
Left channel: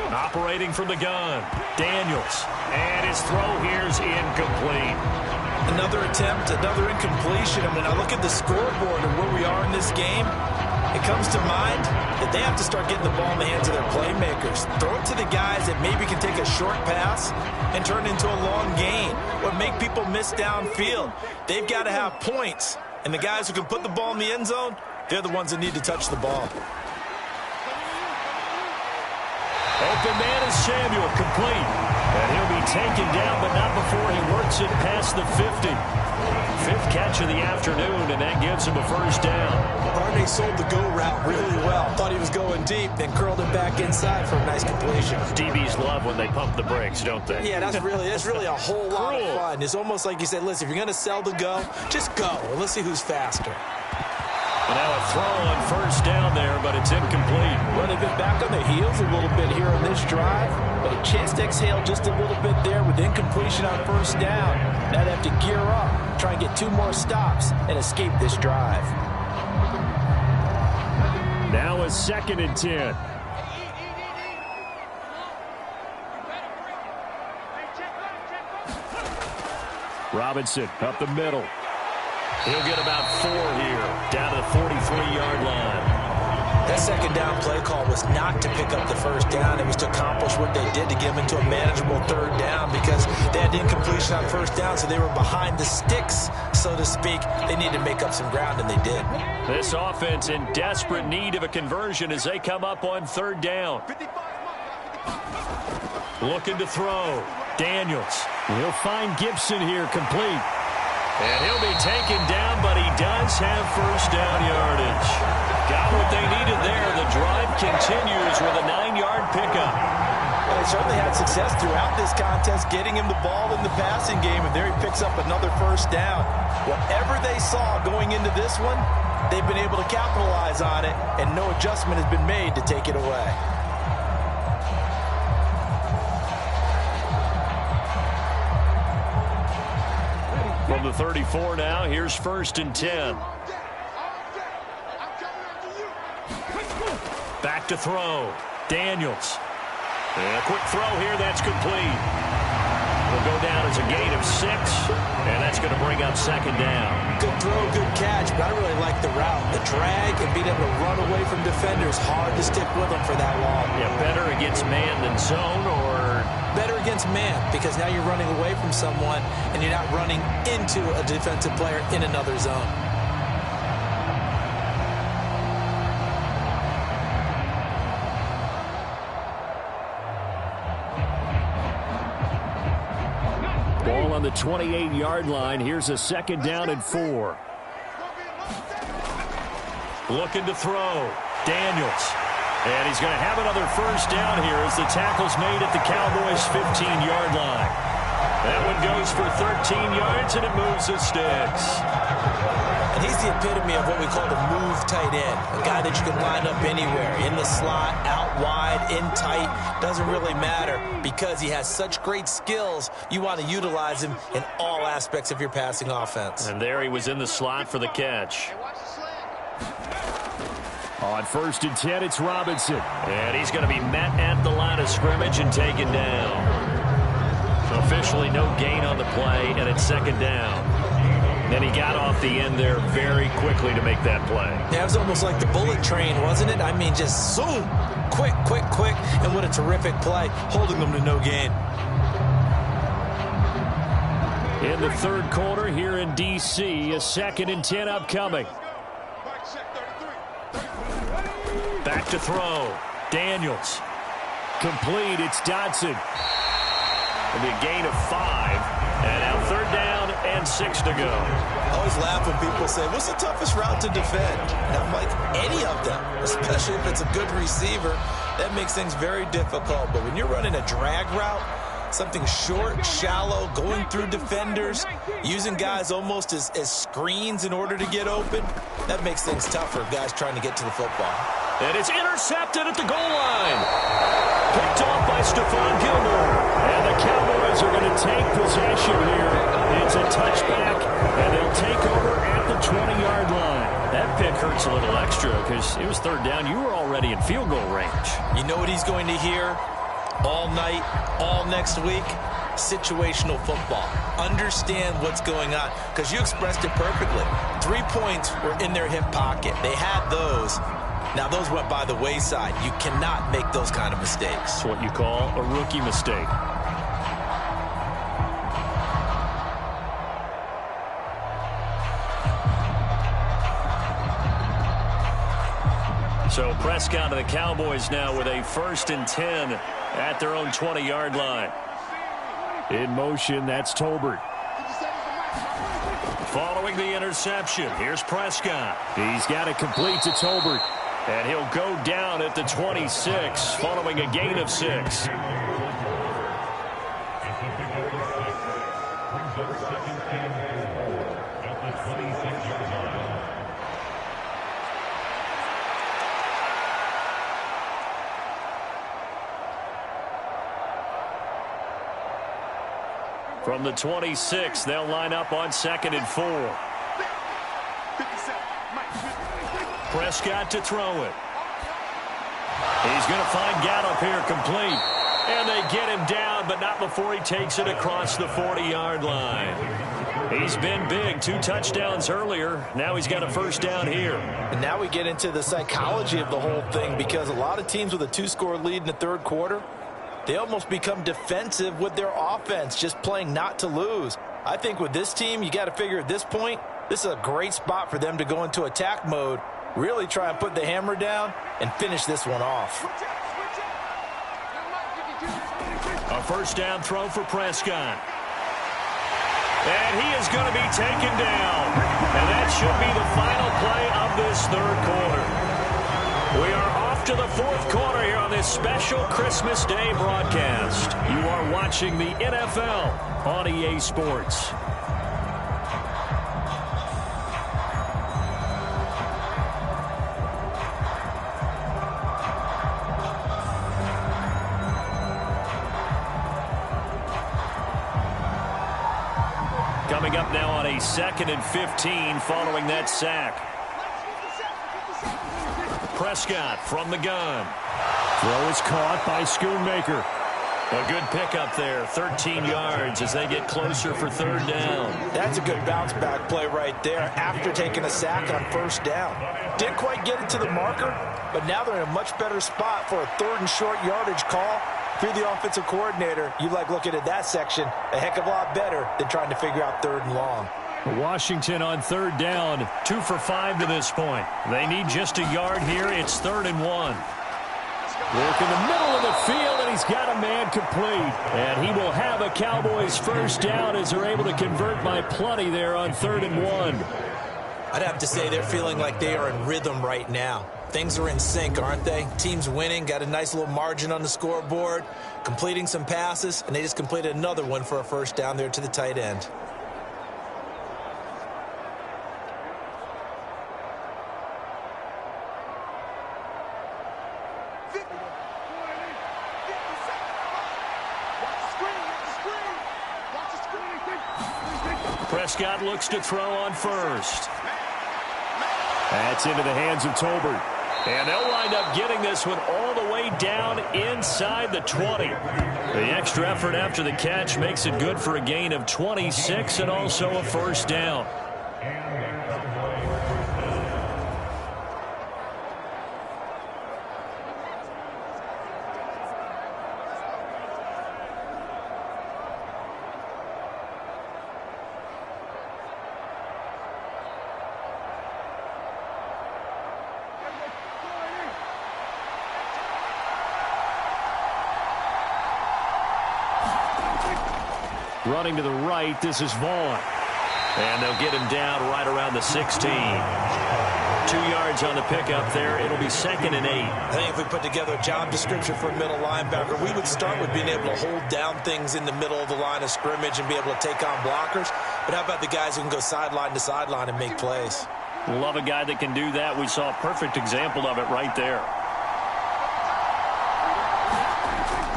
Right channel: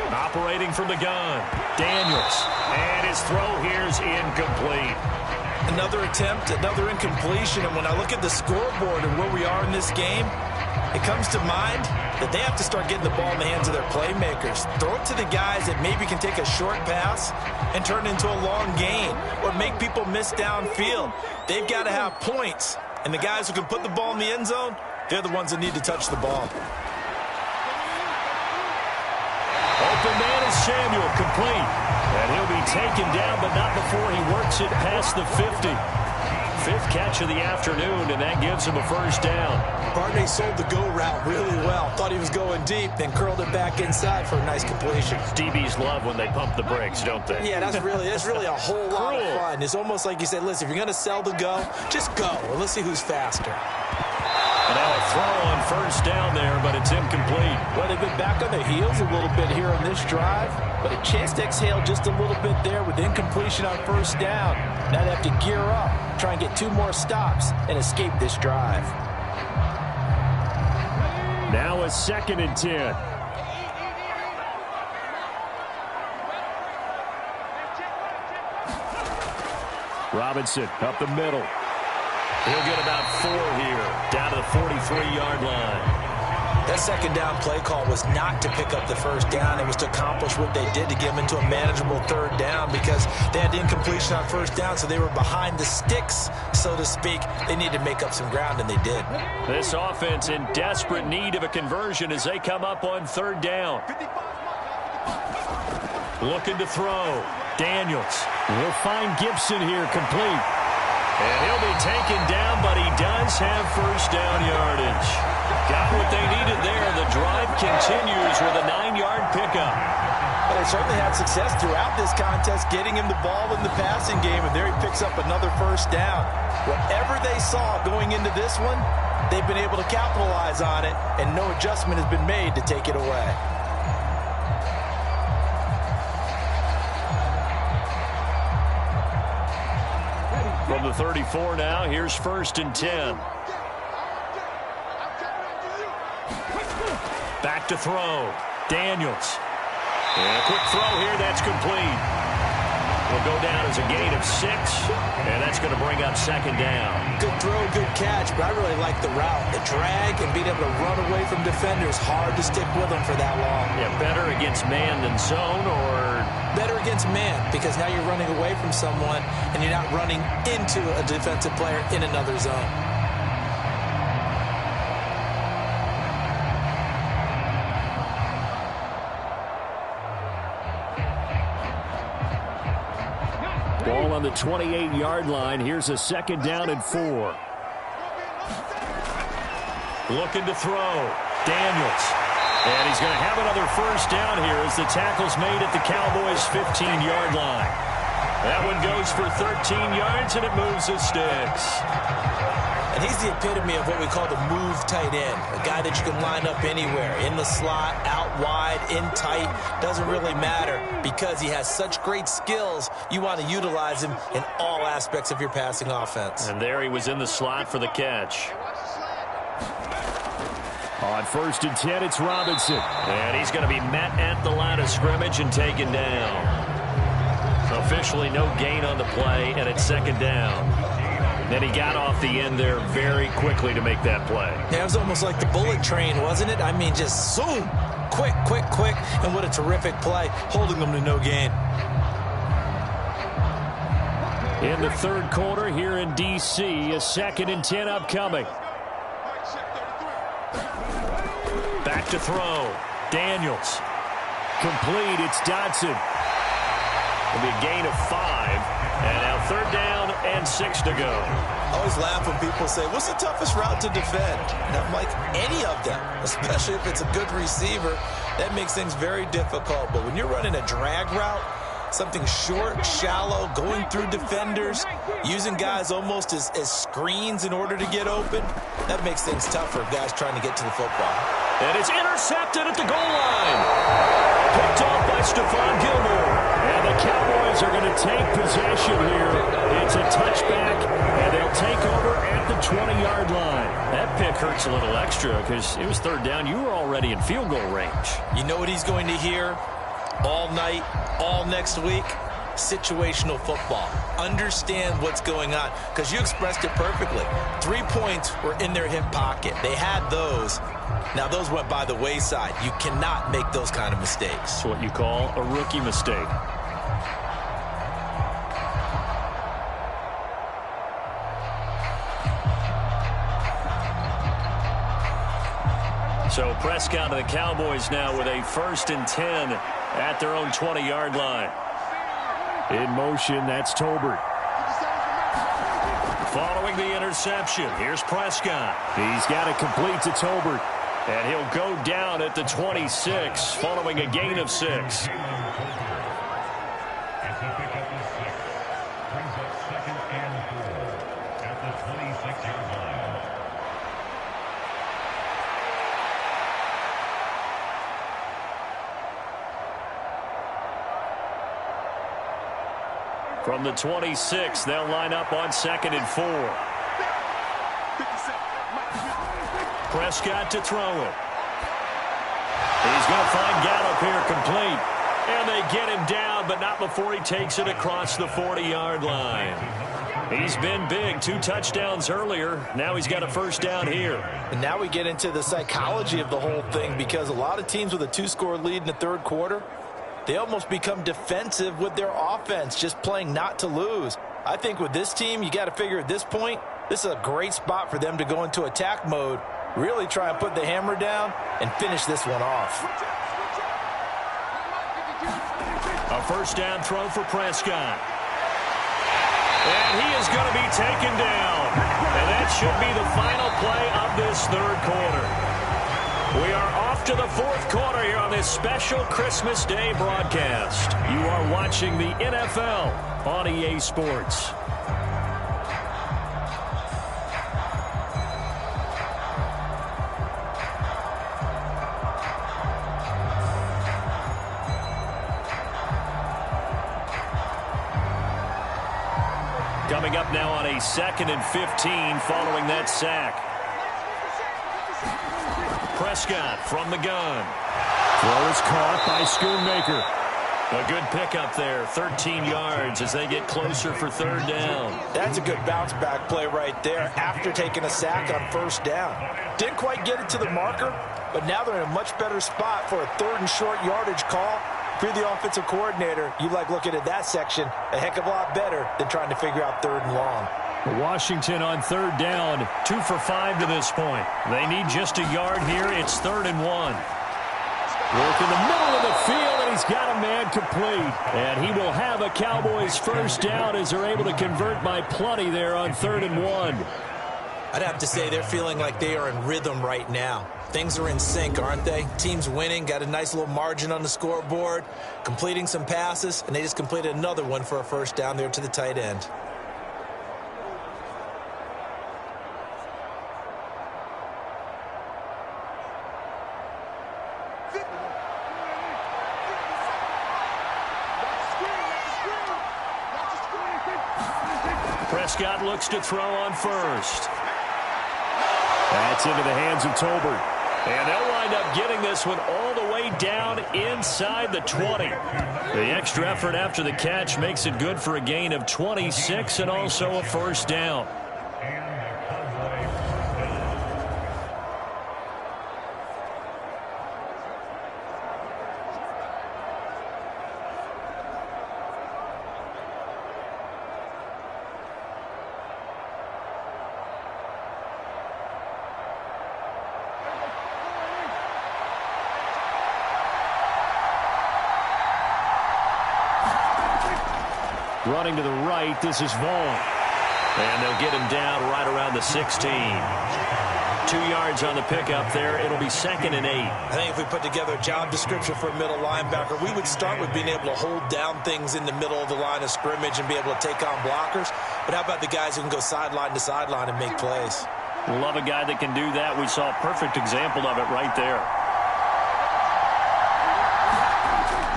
Operating from the gun, Daniels, and his throw here's incomplete. Another attempt, another incompletion, and when I look at the scoreboard and where we are in this game, it comes to mind that they have to start getting the ball in the hands of their playmakers. Throw it to the guys that maybe can take a short pass and turn it into a long gain or make people miss downfield. They've got to have points, and the guys who can put the ball in the end zone, they're the ones that need to touch the ball. Open man is Samuel, complete. And he'll be taken down, but not before he works it past the 50. 5th catch of the afternoon, and that gives him a first down. Barney sold the go route really well. Thought he was going deep, then curled it back inside for a nice completion. DBs love when they pump the brakes, don't they? Yeah, that's really a whole lot of fun. It's almost like you said, listen, if you're going to sell the go, just go, and let's see who's faster. And now a throw on first down there, but it's incomplete. Well, they've been back on their heels a little bit here in this drive, but a chance to exhale just a little bit there with incompletion on first down. Now they have to gear up, try and get 2 more stops, and escape this drive. Now a 2nd and 10. Robinson up the middle. He'll get about 4 here, down to the 43-yard line. That second down play call was not to pick up the first down. It was to accomplish what they did to get them into a manageable 3rd down because they had incompletion on first down, so they were behind the sticks, so to speak. They needed to make up some ground, and they did. This offense in desperate need of a conversion as they come up on 3rd down. Looking to throw. Daniels. He'll find Gibson here, complete. And he'll be taken down, but he does have first down yardage. Got what they needed there. The drive continues with a 9-yard pickup. Well, they certainly had success throughout this contest, getting him the ball in the passing game, and there he picks up another first down. Whatever they saw going into this one, they've been able to capitalize on it, and no adjustment has been made to take it away. From the 34 now, here's 1st and 10. Back to throw. Daniels. And a quick throw here, that's complete. Will go down as a gain of 6, and that's going to bring up 2nd down. Good throw, good catch, but I really like the route. The drag and being able to run away from defenders, hard to stick with them for that long. Yeah, better against man than zone, or? Better against man, because now you're running away from someone, and you're not running into a defensive player in another zone. Ball on the 28-yard line. Here's a 2nd down and 4. Looking to throw. Daniels. And he's going to have another first down here as the tackle's made at the Cowboys' 15-yard line. That one goes for 13 yards, and it moves the sticks. And he's the epitome of what we call the move tight end, a guy that you can line up anywhere, in the slot, out wide, in tight, doesn't really matter because he has such great skills. You want to utilize him in all aspects of your passing offense. And there he was in the slot for the catch. On 1st and 10, it's Robinson. And he's going to be met at the line of scrimmage and taken down. So officially no gain on the play, and it's 2nd down. Then he got off the end there very quickly to make that play. Yeah, it was almost like the bullet train, wasn't it? I mean, just zoom, quick, quick, quick, and what a terrific play, holding them to no gain. In the 3rd quarter here in D.C., a 2nd and 10 upcoming. Back to throw. Daniels. Complete. It's Dotson. It'll be a gain of 5. And now 3rd down and 6 to go. I always laugh when people say, what's the toughest route to defend? And I'm like, any of them, especially if it's a good receiver. That makes things very difficult. But when you're running a drag route, something short, shallow, going through defenders, using guys almost as screens in order to get open, that makes things tougher for guys trying to get to the football. And it's intercepted at the goal line. Picked off by Stephon Gilmore. And the Cowboys are going to take possession here. It's a touchback, and they'll take over at the 20-yard line. That pick hurts a little extra because it was 3rd down. You were already in field goal range. You know what he's going to hear all night, all next week? Situational football. Understand what's going on, because you expressed it perfectly. 3 points were in their hip pocket. They had those. Now, those went by the wayside. You cannot make those kind of mistakes. It's what you call a rookie mistake. So Prescott and the Cowboys now with a 1st and 10 at their own 20-yard line. In motion, that's Tolbert. Following the interception, here's Prescott. He's got it complete to Tolbert. And he'll go down at the 26 following a gain of 6. From the 26, they'll line up on 2nd and 4. Prescott to throw it. He's going to find Gallup here complete. And they get him down, but not before he takes it across the 40-yard line. He's been big. 2 touchdowns earlier. Now he's got a 1st down here. And now we get into the psychology of the whole thing, because a lot of teams with a 2-score lead in the 3rd quarter, they almost become defensive with their offense, just playing not to lose. I think with this team, you got to figure at this point, this is a great spot for them to go into attack mode, really try and put the hammer down and finish this one off. A 1st down throw for Prescott. And he is going to be taken down. And that should be the final play of this 3rd quarter. We are off to the 4th quarter here on this special Christmas Day broadcast. You are watching the NFL on EA Sports. Coming up now on a 2nd and 15 following that sack. Prescott from the gun. Throw is caught by Schoonmaker. A good pickup there, 13 yards as they get closer for 3rd down. That's a good bounce-back play right there after taking a sack on 1st down. Didn't quite get it to the marker, but now they're in a much better spot for a 3rd and short yardage call. If you're the offensive coordinator, you like looking at that section a heck of a lot better than trying to figure out 3rd and long. Washington on 3rd down, 2 for 5 to this point. They need just a yard here. It's 3rd and 1. Work in the middle of the field, and he's got a man complete. And he will have a Cowboys 1st down as they're able to convert by plenty there on 3rd and 1. I'd have to say they're feeling like they are in rhythm right now. Things are in sync, aren't they? Team's winning, got a nice little margin on the scoreboard, completing some passes, and they just completed another one for a 1st down there to the tight end. Prescott looks to throw on first. That's into the hands of Tolbert. And they'll wind up getting this one all the way down inside the 20. The extra effort after the catch makes it good for a gain of 26 and also a first down. Running to the right, this is Vaughn. And they'll get him down right around the 16. 2 yards on the pickup there. It'll be 2nd and 8. I think if we put together a job description for a middle linebacker, we would start with being able to hold down things in the middle of the line of scrimmage and be able to take on blockers. But how about the guys who can go sideline to sideline and make plays? Love a guy that can do that. We saw a perfect example of it right there.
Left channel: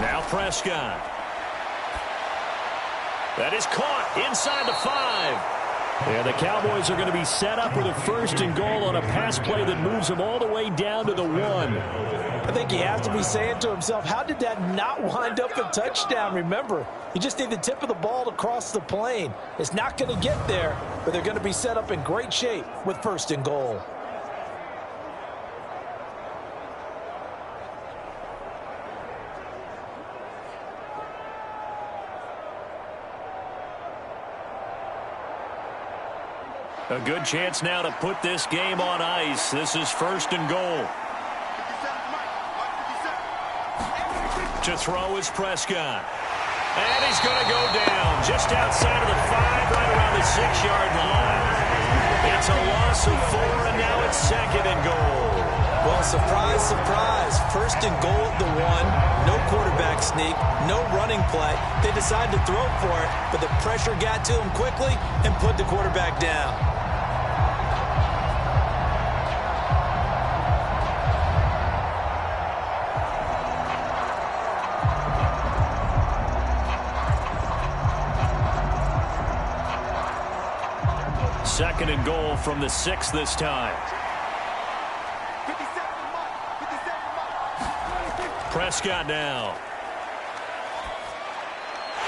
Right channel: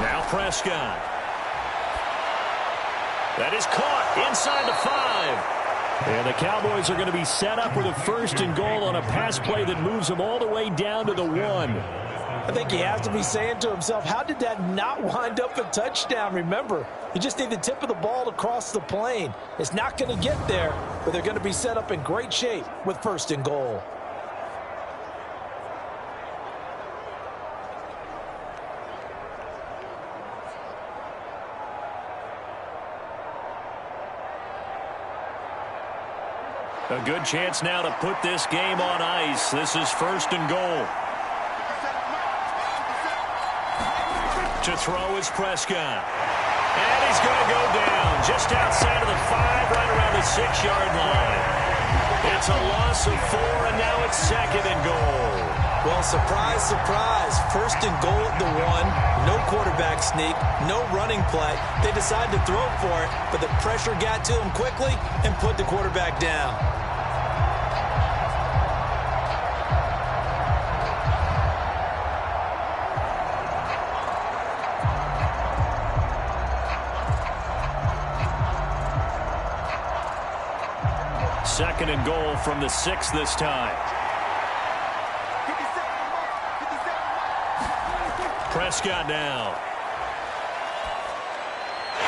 Now Prescott. That is caught inside the 5. And the Cowboys are going to be set up with a 1st and goal on a pass play that moves them all the way down to the 1. I think he has to be saying to himself, how did that not wind up a touchdown? Remember, you just need the tip of the ball to cross the plane. It's not going to get there, but they're going to be set up in great shape with 1st and goal. A good chance now to put this game on ice. This is 1st and goal. To throw is Prescott. And he's going to go down just outside of the 5, right around the 6-yard line. It's a loss of 4, and now it's 2nd and goal. Well, surprise, surprise. 1st and goal at the 1. No quarterback sneak. No running play. They decide to throw for it, but the pressure got to him quickly and put the quarterback down. Second and goal from the 6 this time. Prescott now.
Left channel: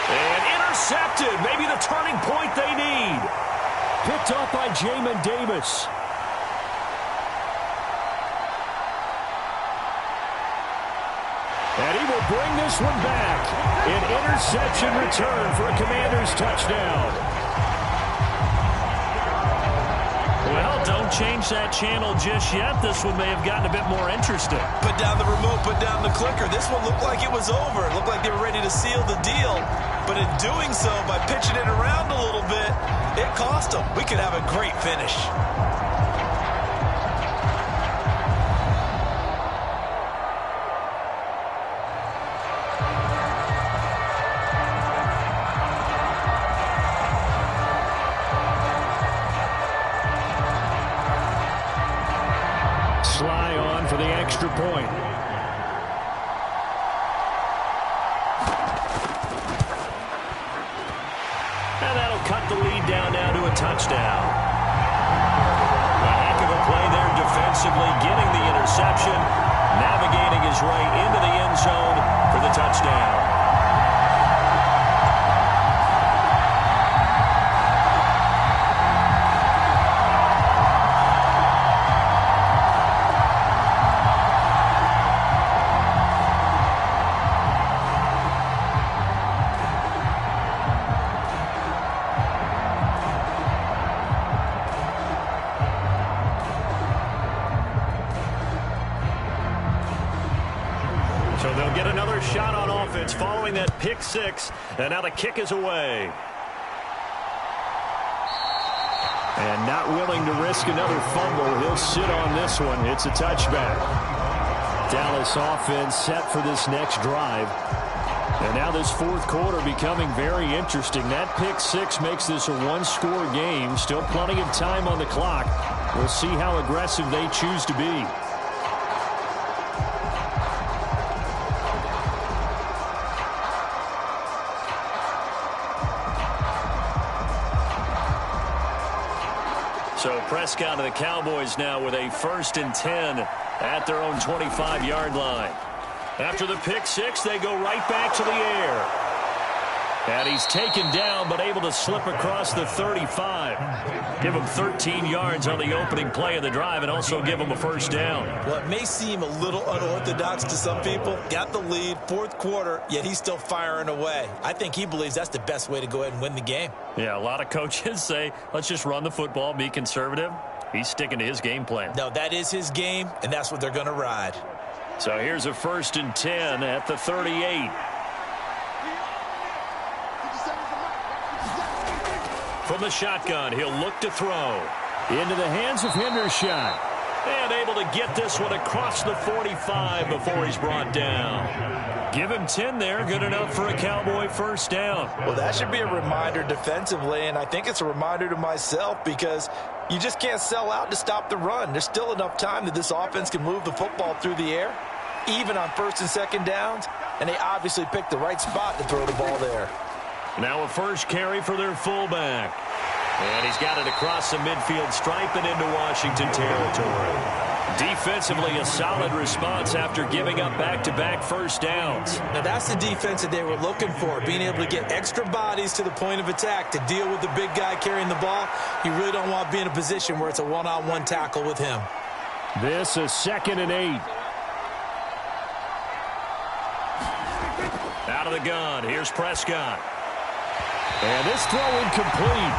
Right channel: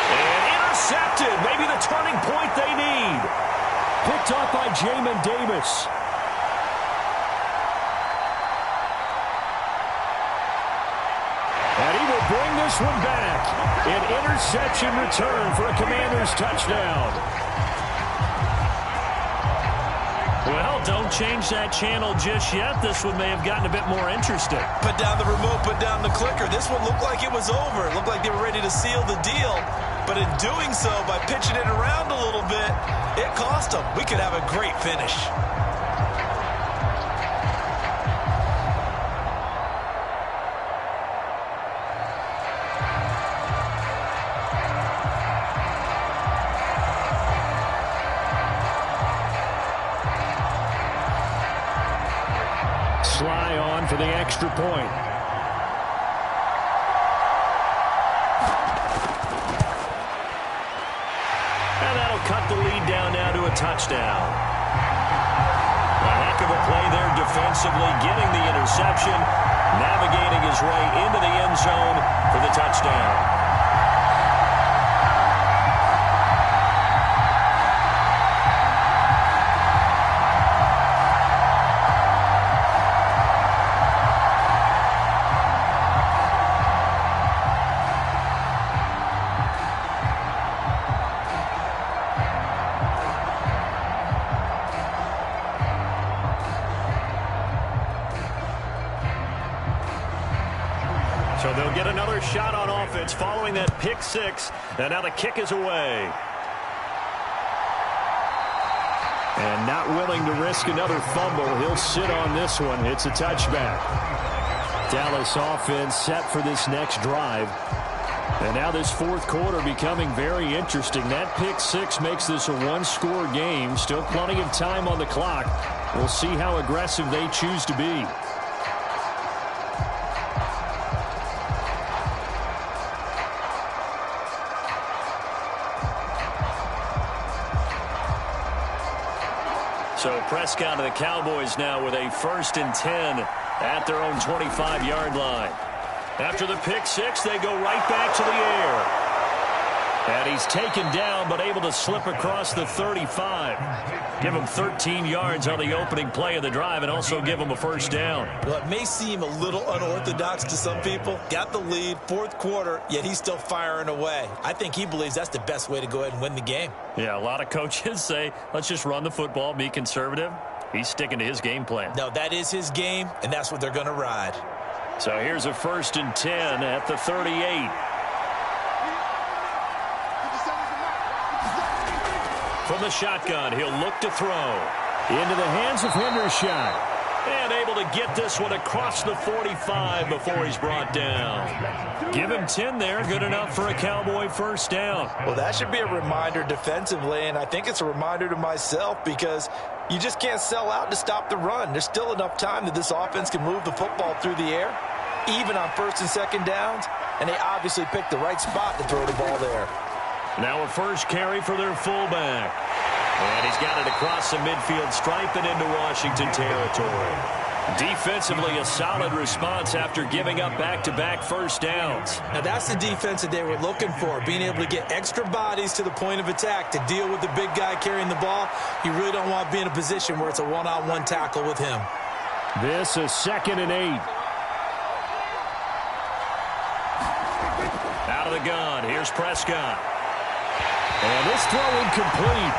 And intercepted. Maybe the turning point they need. Picked off by Jamin Davis. And he will bring this one back. An interception return for a Commanders touchdown. Well, don't change that channel just yet. This one may have gotten a bit more interesting. Put down the remote, put down the clicker. This one looked like it was over. It looked like they were ready to seal the deal. But in doing so, by pitching it around a little bit, it cost them. We could have a great finish. Sly on for the extra point. And that'll cut the lead down now to a touchdown. A heck of a play there defensively, getting the interception, navigating his way into the end zone for the touchdown. So they'll get another shot on offense following that pick 6. And now the kick is away. And not willing to risk another fumble. He'll sit on this one. It's a touchback. Dallas offense set for this next drive. And now this 4th quarter becoming very interesting. That pick 6 makes this a 1-score game. Still plenty of time on the clock. We'll see how aggressive they choose to be. So Prescott and the Cowboys now with a 1st and 10 at their own 25-yard line. After the pick six, they go right back to the air. And he's taken down, but able to slip across the 35. Give him 13 yards on the opening play of the drive and also give him a first down. Well, it may seem a little unorthodox to some people. Got the lead, 4th quarter, yet he's still firing away. I think he believes that's the best way to go ahead and win the game. Yeah, a lot of coaches say, let's just run the football, be conservative. He's sticking to his game plan. No, that is his game, and that's what they're going to ride. So here's a 1st and 10 at the 38. From the shotgun, he'll look to throw. Into the hands of Hendershot. And able to get this one across the 45 before he's brought down. Give him 10 there. Good enough for a Cowboy first down. Well, that should be a reminder defensively, and I think it's a reminder to myself because you just can't sell out to stop the run. There's still enough time that this offense can move the football through the air, even on 1st and 2nd downs, and they obviously picked the right spot to throw the ball there. Now a first carry for their fullback. And he's got it across the midfield stripe and into Washington territory. Defensively, a solid response after giving up back-to-back first downs. Now, that's the defense that they were looking for, being able to get extra bodies to the point of attack to deal with the big guy carrying the ball. You really don't want to be in a position where it's a one-on-one tackle with him. This is 2nd and 8. Out of the gun, here's Prescott. And this throw incomplete.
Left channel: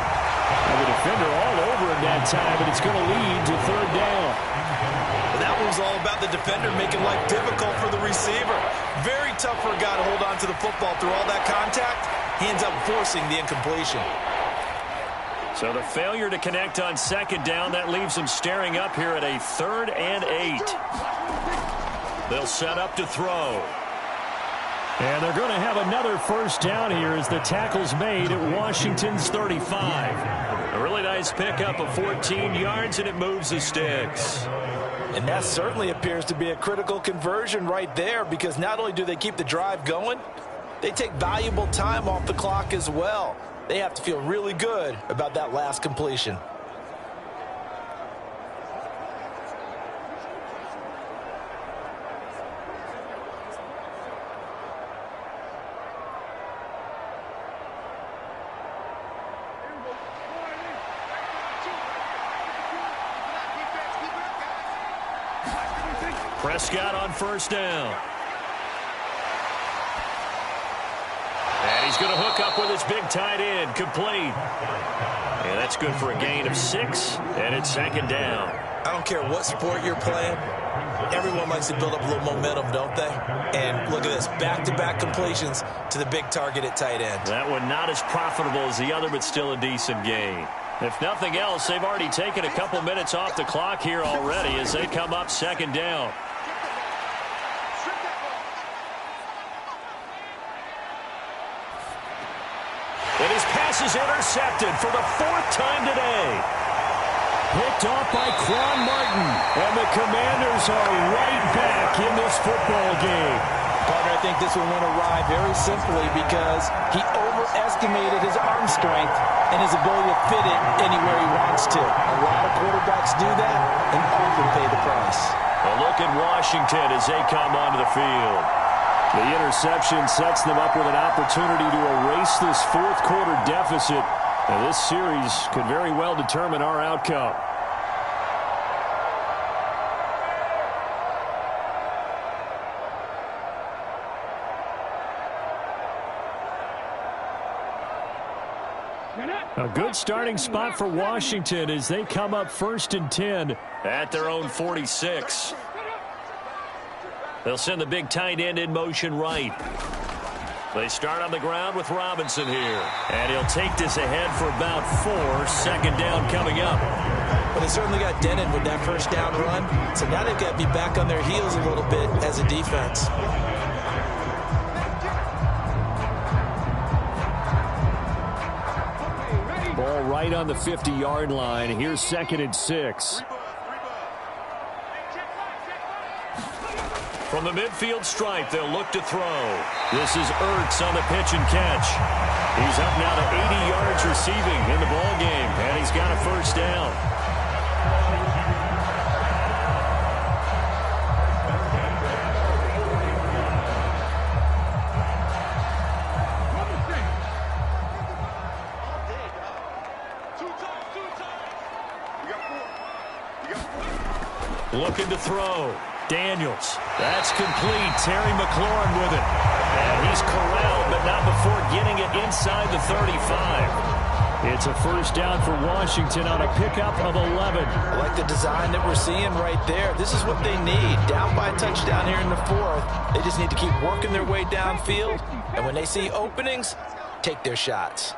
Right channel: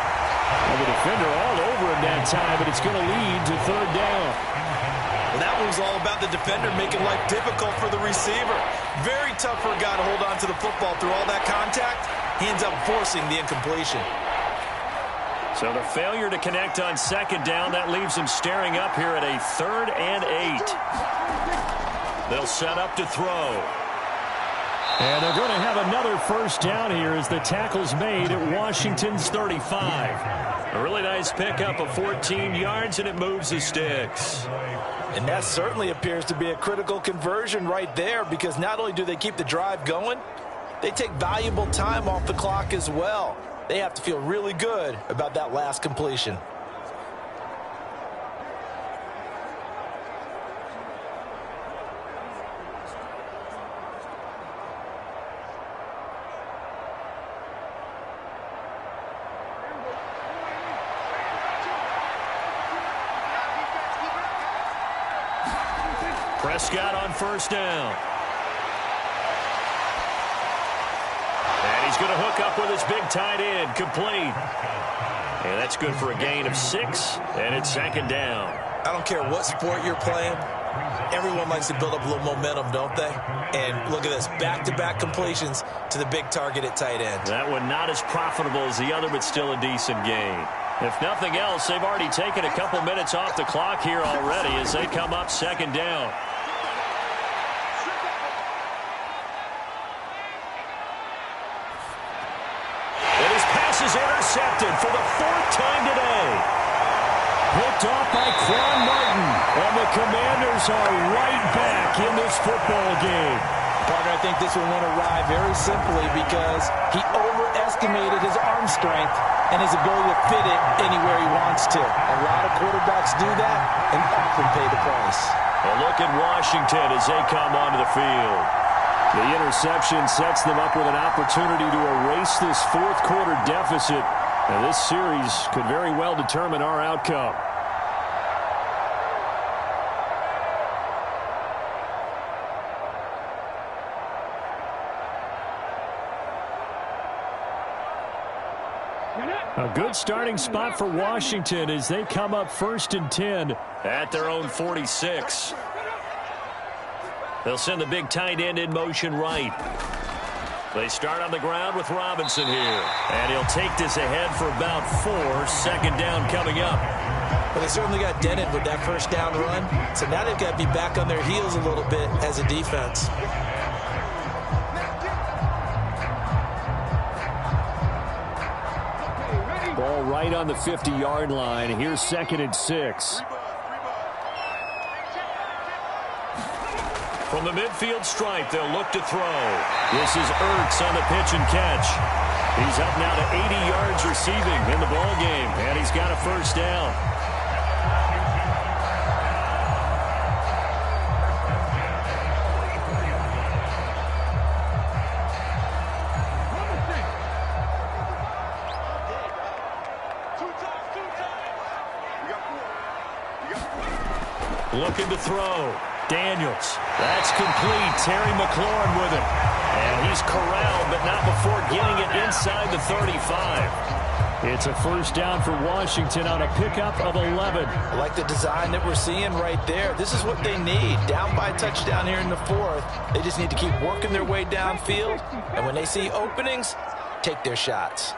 And the defender all over him that time, but it's going to lead to 3rd down. Well, that one was all about the defender making life difficult for the receiver. Very tough for a guy to hold on to the football through all that contact. He ends up forcing the incompletion. So the failure to connect on 2nd down, that leaves them staring up here at a 3rd and 8. They'll set up to throw. And they're going to have another first down here as the tackle's made at Washington's 35. A really nice pickup of 14 yards, and it moves the sticks. And that certainly appears to be a critical conversion right there because not only do they keep the drive going, they take valuable time off the clock as well. They have to feel really good about that last completion. Prescott on first down. And he's going to hook up with his big tight end, complete. And that's good for a gain of 6, and it's 2nd down. I don't care what sport you're playing. Everyone likes to build up a little momentum, don't they? And look at this, back-to-back completions to the big target at tight end. That one not as profitable as the other, but still a decent gain. If nothing else, they've already taken a couple minutes off the clock here already as they come up 2nd down. And his pass is intercepted for the 4th time today. Picked off by Quan Martin. And the Commanders are right back in this football game. Partner, I think this one went awry very simply because he overestimated his arm strength and his ability to fit it anywhere he wants to. A lot of quarterbacks do that and often pay the price. Well, look at Washington as they come onto the field. The interception sets them up with an opportunity to erase this 4th quarter deficit. Now, this series could very well determine our outcome. A good starting spot for Washington as they come up 1st and 10 at their own 46. They'll send the big tight end in motion right. They start on the ground with Robinson here. And he'll take this ahead for about 4. 2nd down coming up. Well, they certainly got dented with that first down run. So now they've got to be back on their heels a little bit as a defense. Ball right on the 50-yard line. Here's 2nd and 6. From the midfield stripe, they'll look to throw. This is Ertz on the pitch and catch. He's up now to 80 yards receiving in the ball game, and he's got a first down. Looking to throw. Daniels. That's complete. Terry McLaurin with it. And he's corralled, but not before getting it inside the 35. It's a first down for Washington on a pickup of 11. I like the design that we're seeing right there. This is what they need. Down by a touchdown here in the fourth. They just need to keep working their way downfield. And when they see openings, take their shots.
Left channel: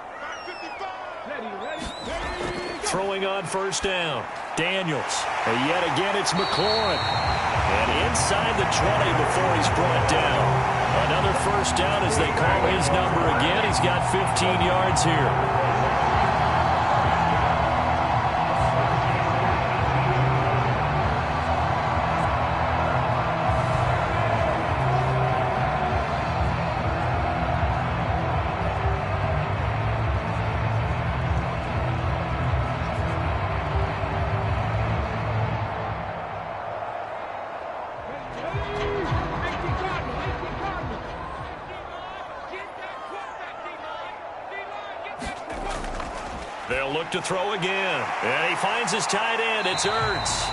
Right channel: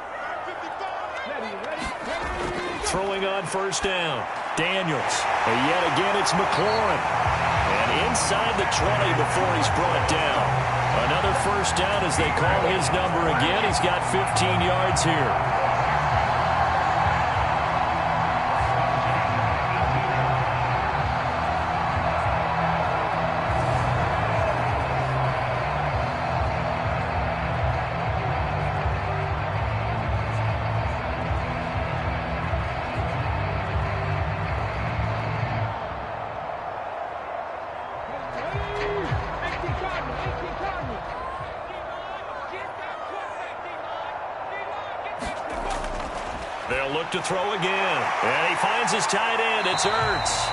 Throwing on first down. Daniels. And yet again, it's McLaurin. And inside the 20 before he's brought down. Another first down as they call his number again. He's got 15 yards here. They'll look to throw again. And he finds his tight end. It's Ertz.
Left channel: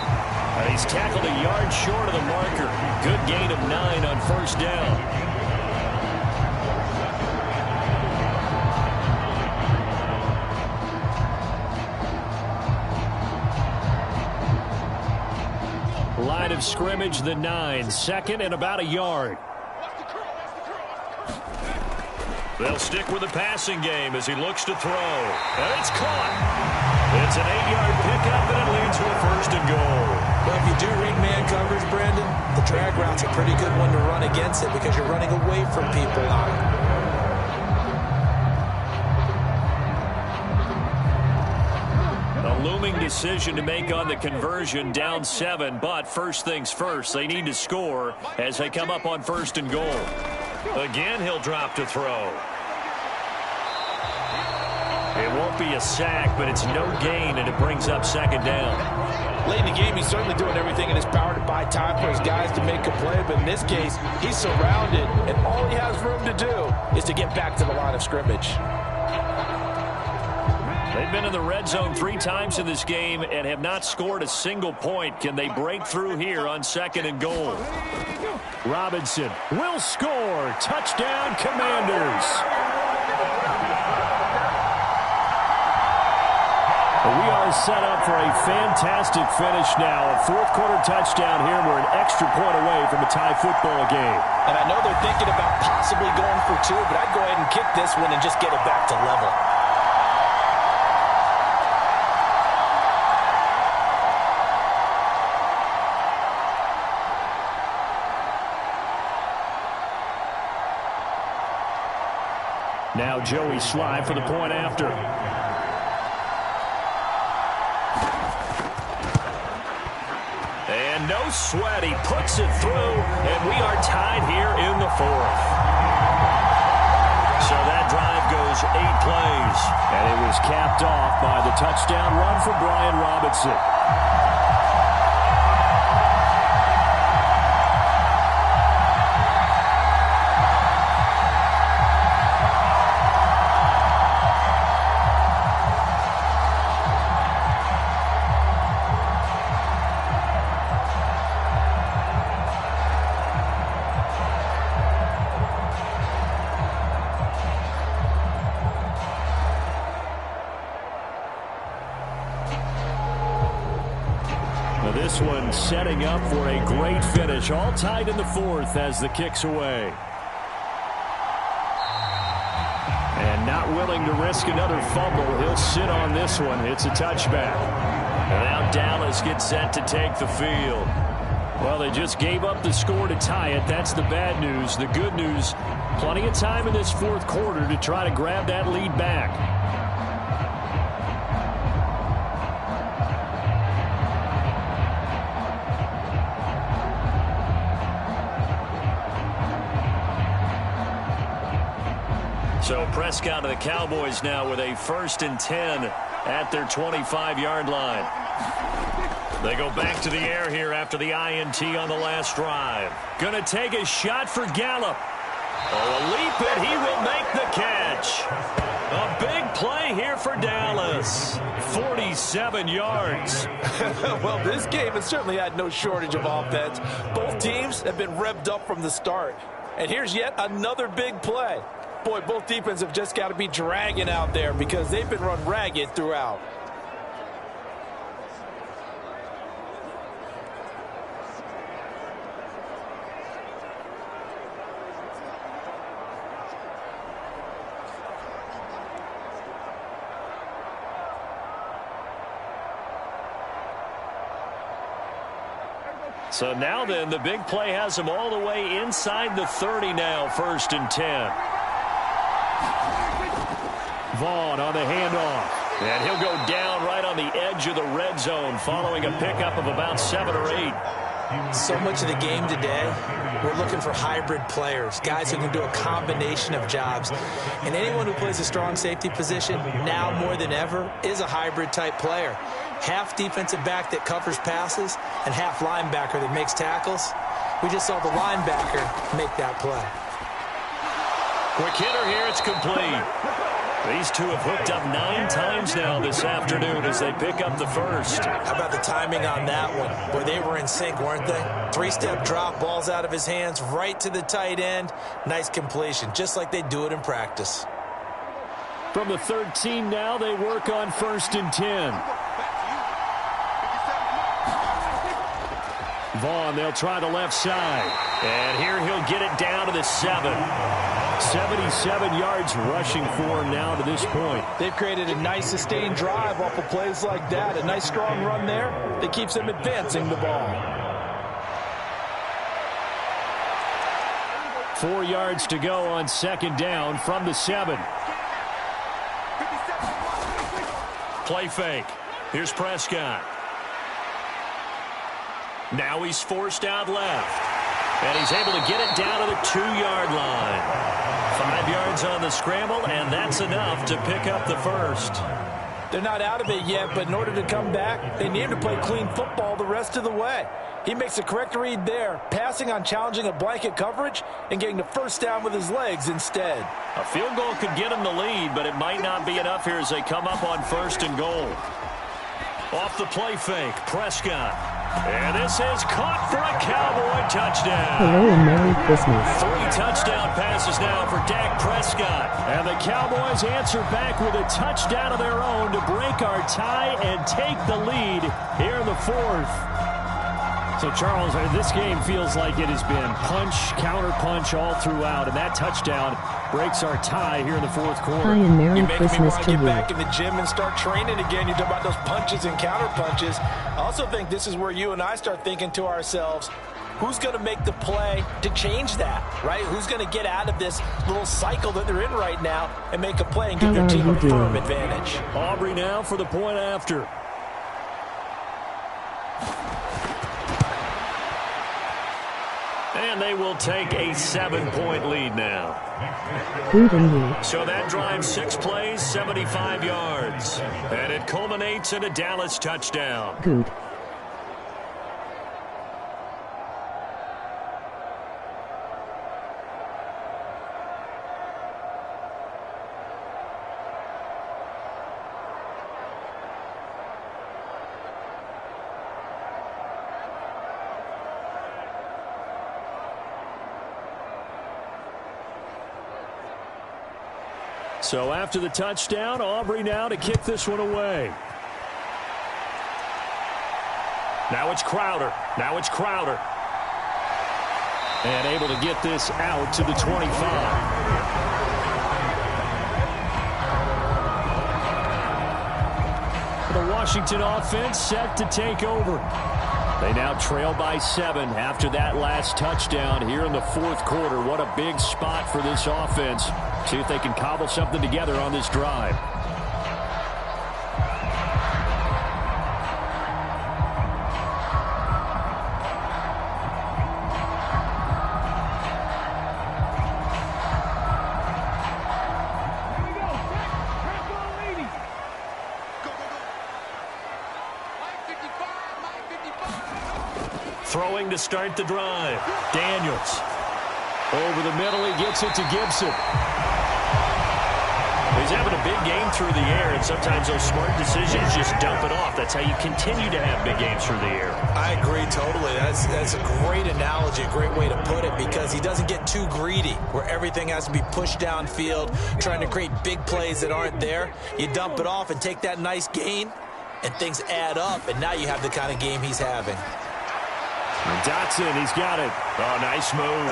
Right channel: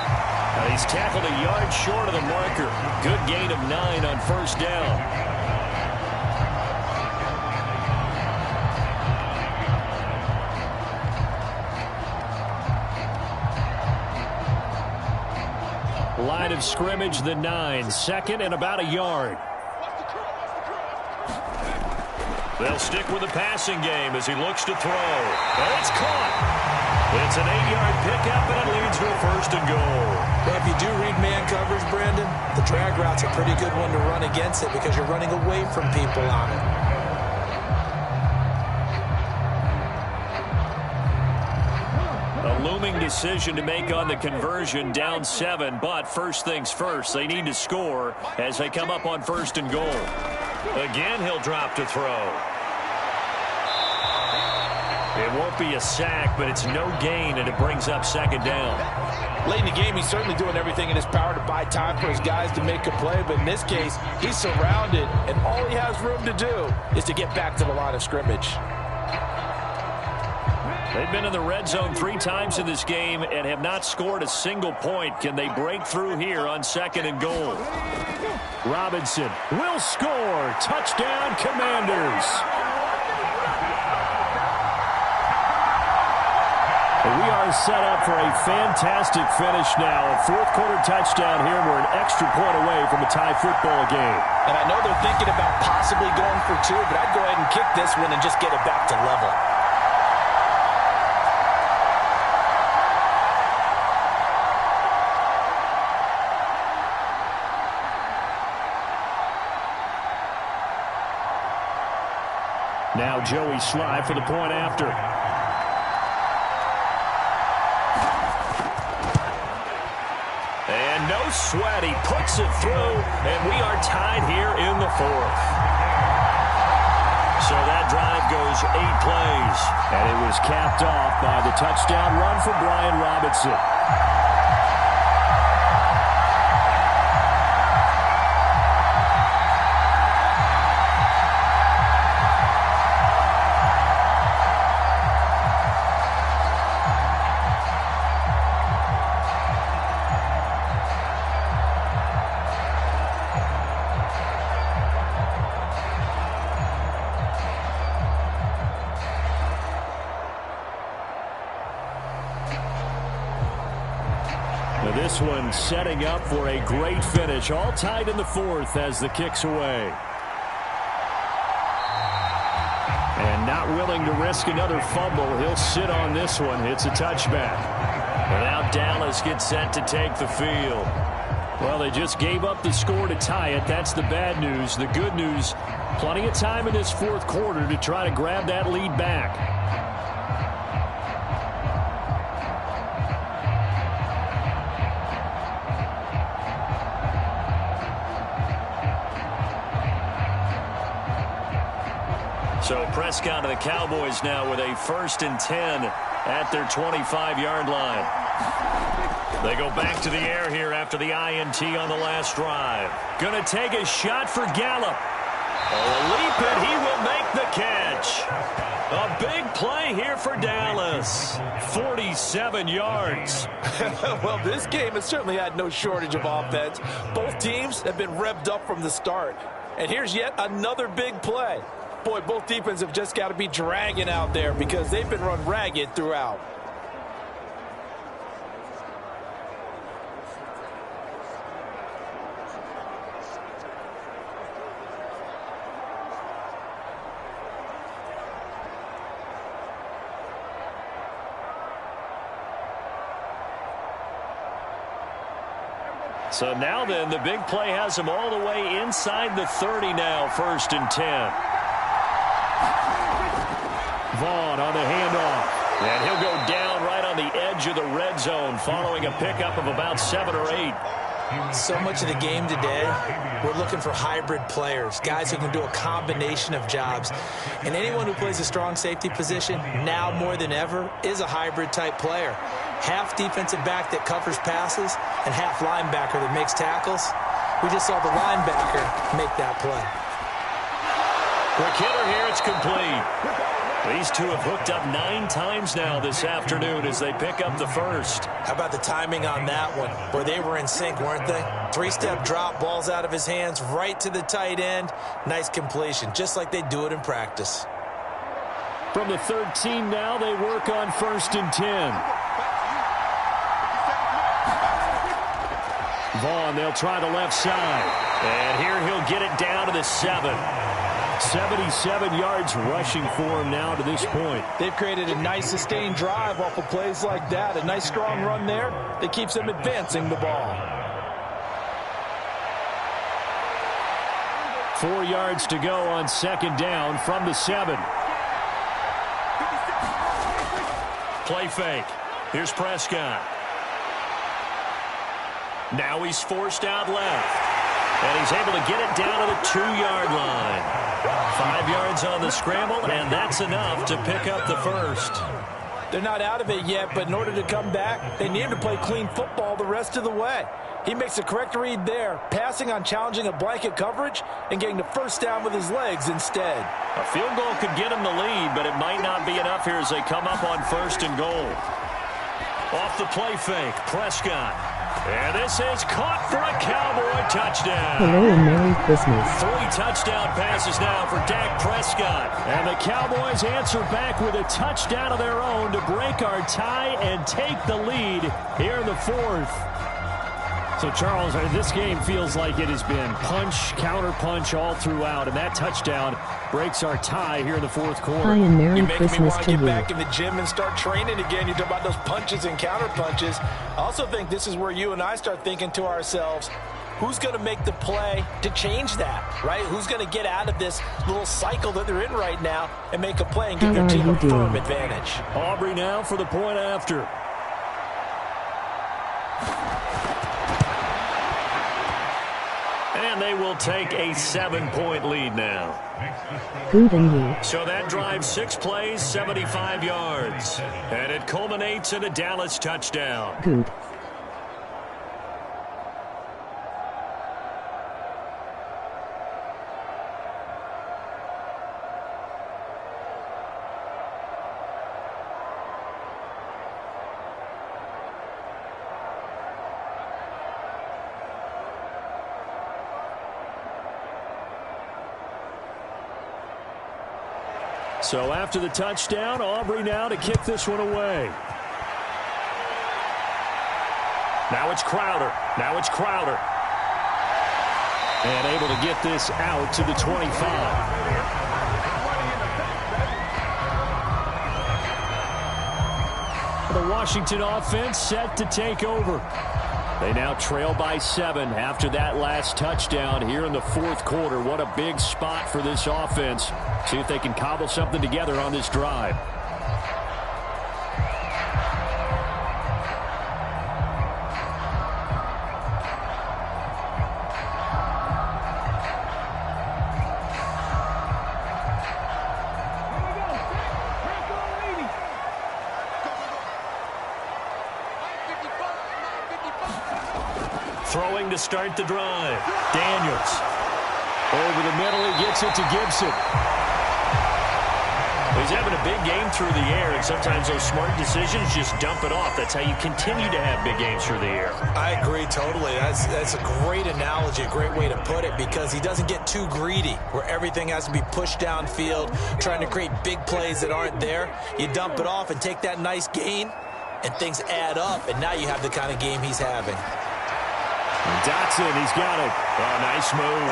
And he's tackled a yard short of the marker. Good gain of 9 on first down. Line of scrimmage, the 9. Second and about a yard. They'll stick with the passing game as he looks to throw. And it's caught. It's an 8-yard pickup, and it leads to a first and goal. Well, if you do read man coverage, Brandon, the drag route's a pretty good one to run against it because you're running away from people on it. A looming decision to make on the conversion, down 7, but first things first, they need to score as they come up on first and goal. Again, he'll drop to throw. It won't be a sack, but it's no gain, and it brings up second down. Late in the game, he's certainly doing everything in his power to buy time for his guys to make a play, but in this case, he's surrounded, and all he has room to do is to get back to the line of scrimmage. They've been in the red zone 3 times in this game and have not scored a single point. Can they break through here on second and goal? Robinson will score. Touchdown, Commanders. We are set up for a fantastic finish now. A fourth-quarter touchdown here, and we're an extra point away from a tie football game. And I know they're thinking about possibly going for 2, but I'd go ahead and kick this one and just get it back to level. Now Joey Sly for the point after. And no sweat. He puts it through, and we are tied here in the 4th. So that drive goes 8 plays. And it was capped off by the touchdown run for Brian Robinson. This one setting up for a great finish. All tied in the 4th as the kick's away. And not willing to risk another fumble. He'll sit on this one. It's a touchback. And now Dallas gets set to take the field. Well, they just gave up the score to tie it. That's the bad news. The good news, plenty of time in this 4th quarter to try to grab that lead back. So Prescott and the Cowboys now with a 1st and 10 at their 25-yard line. They go back to the air here after the INT on the last drive. Going to take a shot for Gallup. Oh, a leap, and he will make the catch. A big play here for Dallas. 47 yards. Well, this game has certainly had no shortage of offense. Both teams have been revved up from the start. And here's yet another big play. Boy, both defenses have just got to be dragging out there because they've been run ragged throughout. So now then, the big play has him all the way inside the 30 now, 1st and 10. Vaughn on the handoff. And he'll go down right on the edge of the red zone following a pickup of about 7 or 8. So much of the game today, we're looking for hybrid players, guys who can do a combination of jobs. And anyone who plays a strong safety position, now more than ever, is a hybrid type player. Half defensive back that covers passes and half linebacker that makes tackles. We just saw the linebacker make that play. Quick hitter here, it's complete. These two have hooked up 9 times now this afternoon as they pick up the first. How about the timing on that one? Boy, they were in sync, weren't they? 3-step drop, balls out of his hands, right to the tight end. Nice completion, just like they do it in practice. From the 13 now, they work on 1st and 10. Vaughn, they'll try the left side. And here he'll get it down to the 7. 77 yards rushing for him now to this point. They've created a nice sustained drive off of plays like that. A nice strong run there that keeps them advancing the ball. 4 yards to go on 2nd down from the 7. Play fake. Here's Prescott. Now he's forced out left. And he's able to get it down to the 2-yard line. 5 yards on the scramble, and that's enough to pick up the first. They're not out of it yet, but in order to come back, they need to play clean football the rest of the way. He makes a correct read there, passing on challenging a blanket coverage and getting the first down with his legs instead. A field goal could get him the lead, but it might not be enough here as they come up on 1st and goal. Off the play fake, Prescott. And this is caught for a Cowboy touchdown. Hello and Merry Christmas. 3 touchdown passes now for Dak Prescott. And the Cowboys answer back with a touchdown of their own to break our tie and take the lead here in the 4th. So, Charles, this game feels like it has been punch, counter-punch all throughout, and that touchdown breaks our tie here in the 4th quarter. Hi and Merry You're making Christmas me want to to get you. back in the gym and start training again. You talk about those punches and counter punches. I also think this is where you and I start thinking to ourselves, who's going to make the play to change that, right? Who's going to get out of this little cycle that they're in right now and make a play and give their team a firm advantage? Aubrey now for the point after. And they will take a 7-point lead now. Good and you. So that drives 6 plays, 75 yards. And it culminates in a Dallas touchdown. Good. So after the touchdown, Aubrey now to kick this one away. Now it's Crowder. Now it's Crowder. And able to get this out to the 25. The Washington offense set to take over. They now trail by 7 after that last touchdown here in the 4th quarter. What a big spot for this offense. See if they can cobble something together on this drive. Throwing to start the drive. Daniels. Over the middle, he gets it to Gibson. He's having a big game through the air, and sometimes those smart decisions just dump it off. That's how you continue to have big games through the air. I agree totally. That's a great analogy, a great way to put it, because he doesn't get too greedy where everything has to be pushed downfield, trying to create big plays that aren't there. You dump it off and take that nice gain, and things add up, and now you have the kind of game he's having. Dotson, he's got it. Oh, nice move.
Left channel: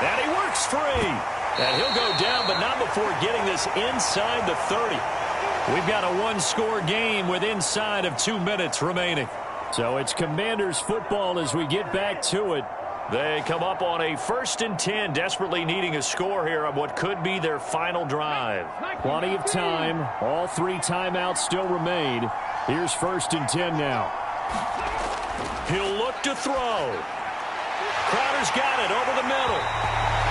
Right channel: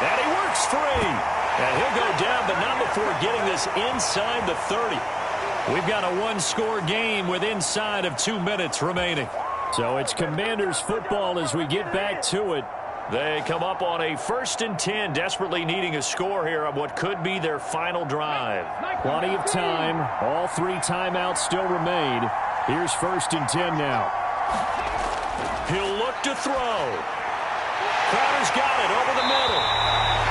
And he works free. And he'll go down, but not before getting this inside the 30. We've got a one-score game with inside of 2 minutes remaining. So it's Commanders football as we get back to it. They come up on a 1st and 10, desperately needing a score here on what could be their final drive. Plenty of time. All 3 timeouts still remain. Here's 1st and 10 now. He'll look to throw. Crowder's got it over the middle.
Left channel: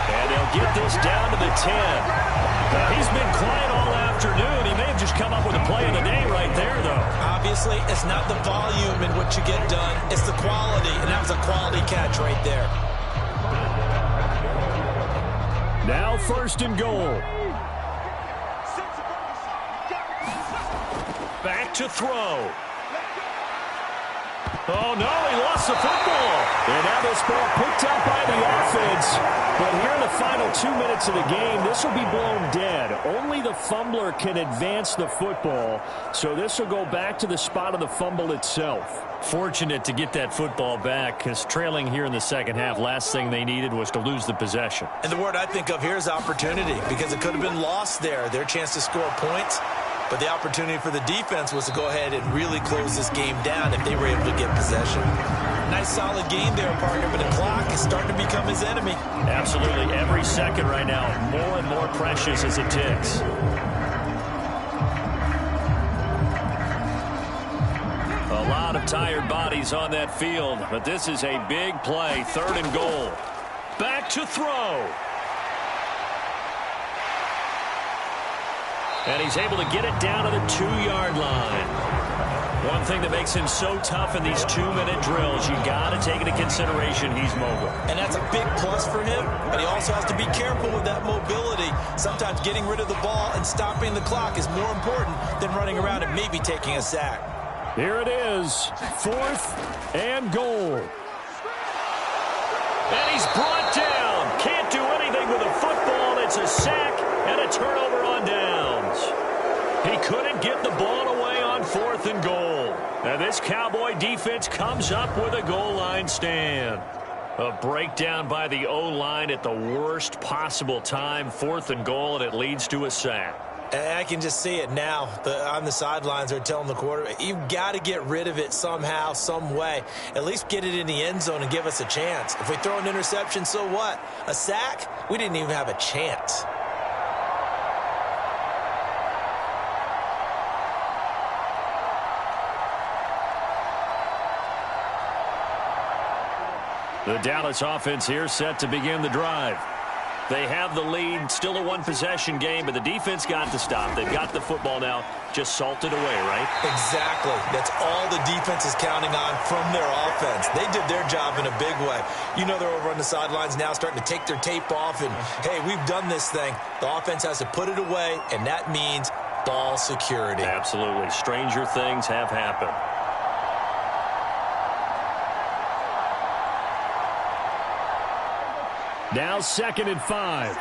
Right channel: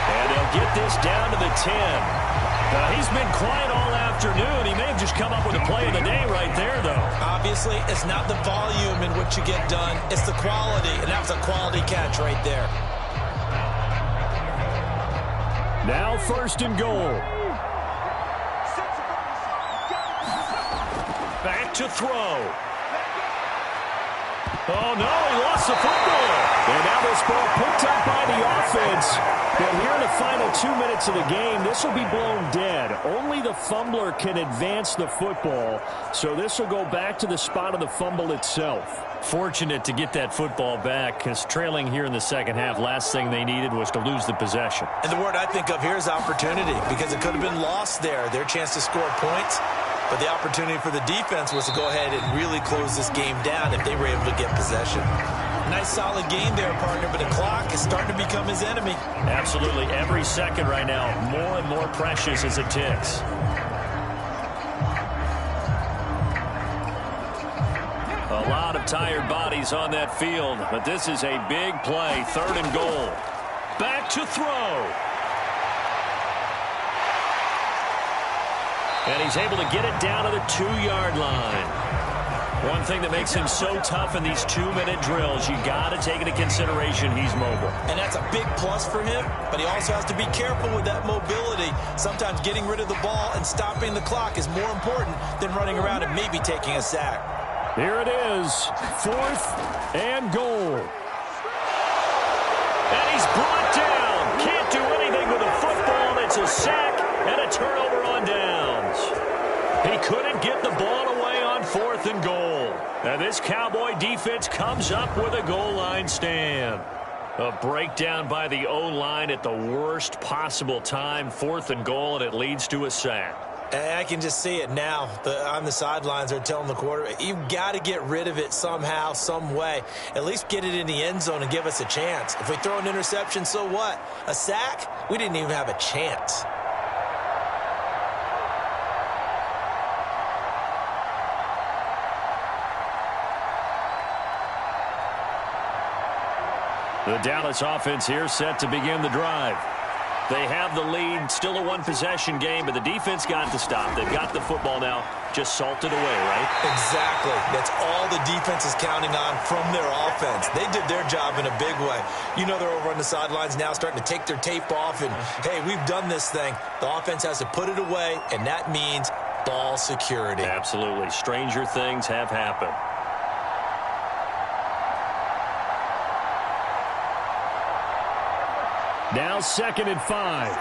And they'll get this down to the 10. He's been quiet all afternoon. He may have just come up with a play of the day right there, though. Obviously, it's not the volume in what you get done. It's the quality, and that was a quality catch right there. Now 1st and goal. Back to throw. Oh, no, he lost the football. And now this ball picked up by the offense. But here in the final 2 minutes of the game, this will be blown dead. Only the fumbler can advance the football. So this will go back to the spot of the fumble itself. Fortunate to get that football back, because trailing here in the second half, last thing they needed was to lose the possession. And the word I think of here is opportunity, because it could have been lost there. Their chance to score points. But the opportunity for the defense was to go ahead and really close this game down if they were able to get possession. Nice solid game there, partner, but the clock is starting to become his enemy. Absolutely. Every second right now, more and more precious as it ticks. A lot of tired bodies on that field, but this is a big play. 3rd and goal. Back to throw. And he's able to get it down to the 2-yard line. One thing that makes him so tough in these 2-minute drills, you got to take into consideration he's mobile. And that's a big plus for him, but he also has to be careful with that mobility. Sometimes getting rid of the ball and stopping the clock is more important than running around and maybe taking a sack. Here it is, 4th and goal. And he's brought down. Can't do anything with a football. It's a sack and a turnover on downs. He couldn't get the ball away on 4th and goal. Now this Cowboy defense comes up with a goal line stand. A breakdown by the O-line at the worst possible time. 4th and goal, and it leads to a sack. And I can just see it now. On the sidelines, they're telling the quarterback, you've got to get rid of it somehow, some way. At least get it in the end zone and give us a chance. If we throw an interception, so what? A sack? We didn't even have a chance. The Dallas offense here set to begin the drive. They have the lead, still a one-possession game, but the defense got to stop. They've got the football now, just salted away, right? Exactly. That's all the defense is counting on from their offense. They did their job in a big way. You know they're over on the sidelines now starting to take their tape off, and, hey, we've done this thing. The offense has to put it away, and that means ball security. Absolutely. Stranger things have happened. Now 2nd and 5.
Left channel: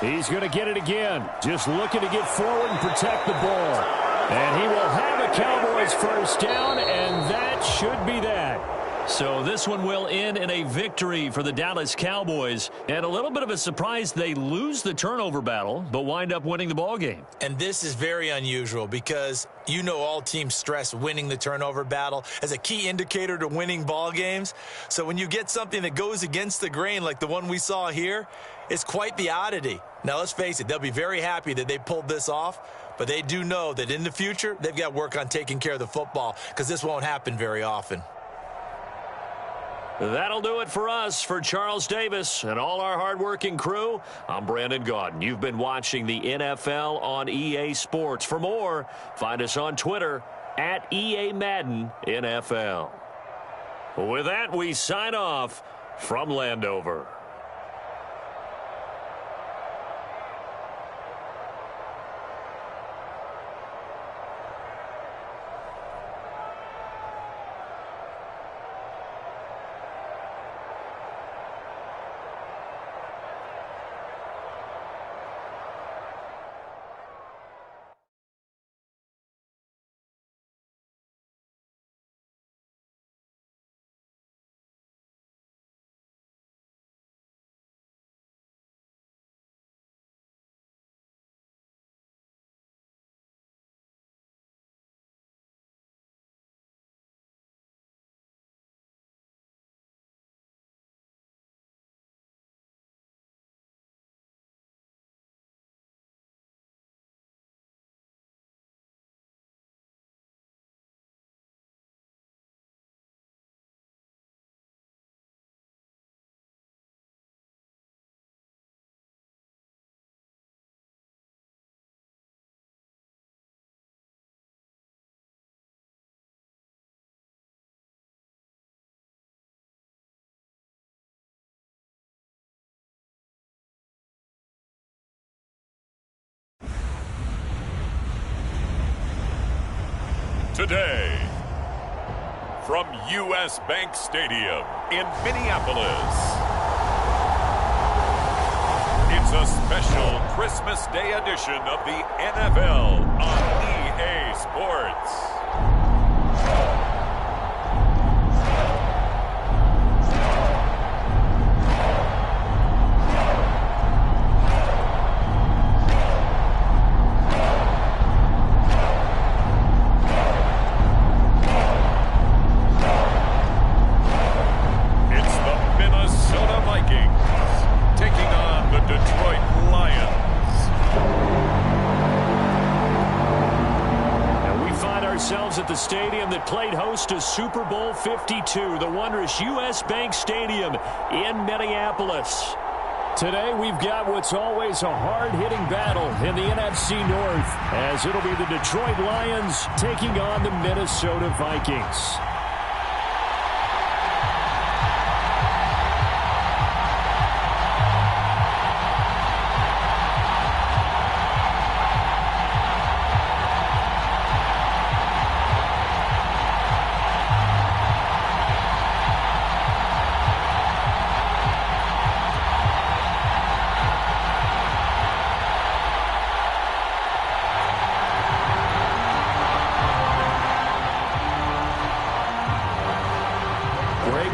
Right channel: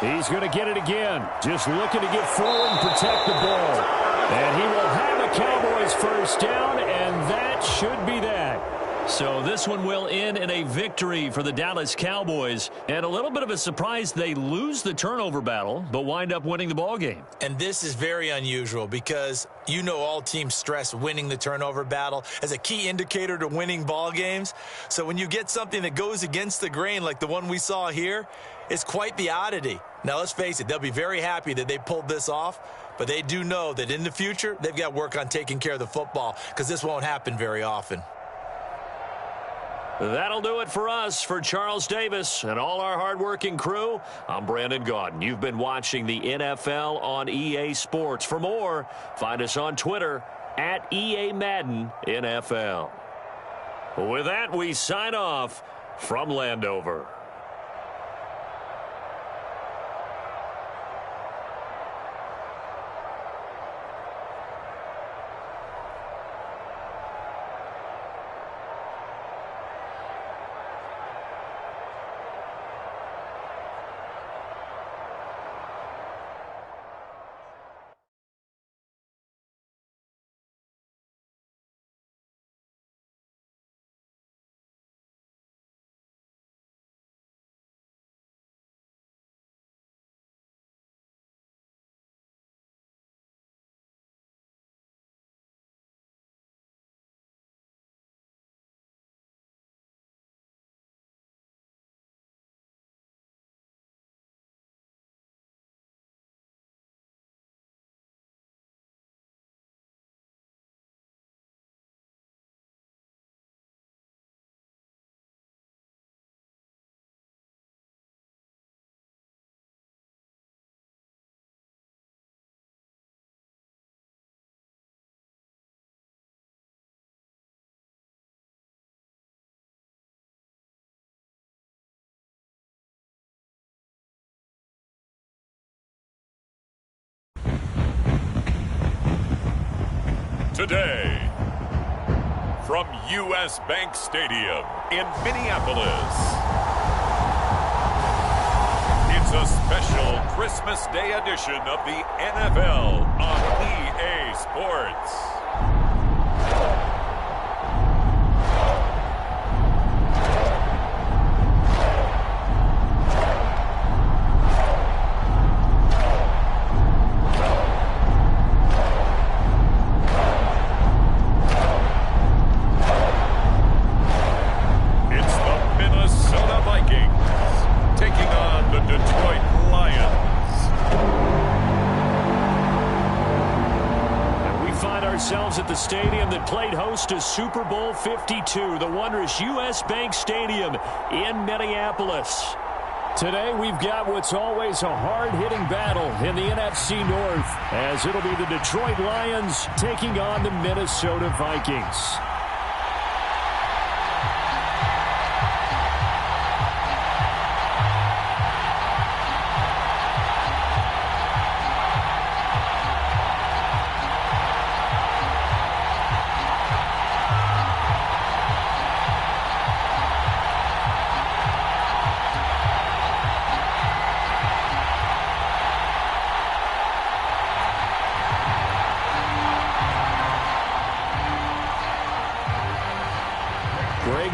He's going to get it again. Just looking to get forward and protect the ball. And he will have a Cowboys 1st down, and that should be that. So this one will end in a victory for the Dallas Cowboys. And a little bit of a surprise, they lose the turnover battle, but wind up winning the ball game. And this is very unusual because you know all teams stress winning the turnover battle as a key indicator to winning ball games. So when you get something that goes against the grain like the one we saw here, it's quite the oddity. Now, let's face it, they'll be very happy that they pulled this off, but they do know that in the future, they've got to work on taking care of the football because this won't happen very often. That'll do it for us. For Charles Davis and all our hardworking crew, I'm Brandon Gaudin. You've been watching the NFL on EA Sports. For more, find us on Twitter @EA Madden NFL. With that, we sign off from Landover. Today, from U.S. Bank Stadium in Minneapolis, it's a special Christmas Day edition of the NFL on EA Sports. Minnesota Vikings taking on the Detroit Lions. And we find ourselves at the stadium that played host to Super Bowl 52, the wondrous U.S. Bank Stadium in Minneapolis. Today we've got what's always a hard-hitting battle in the NFC North, as it'll be the Detroit Lions taking on the Minnesota Vikings.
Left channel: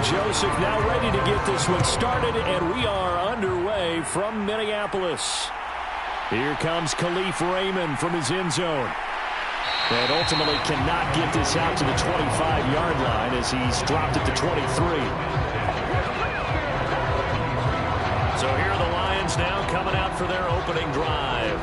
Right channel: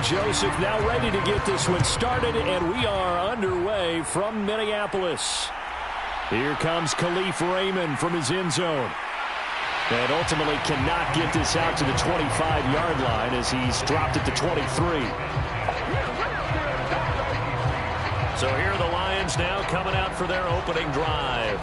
Joseph now ready to get this one started, and we are underway from Minneapolis. Here comes Khalif Raymond from his end zone. And ultimately cannot get this out to the 25-yard line as he's dropped it to 23. So here are the Lions now coming out for their opening drive.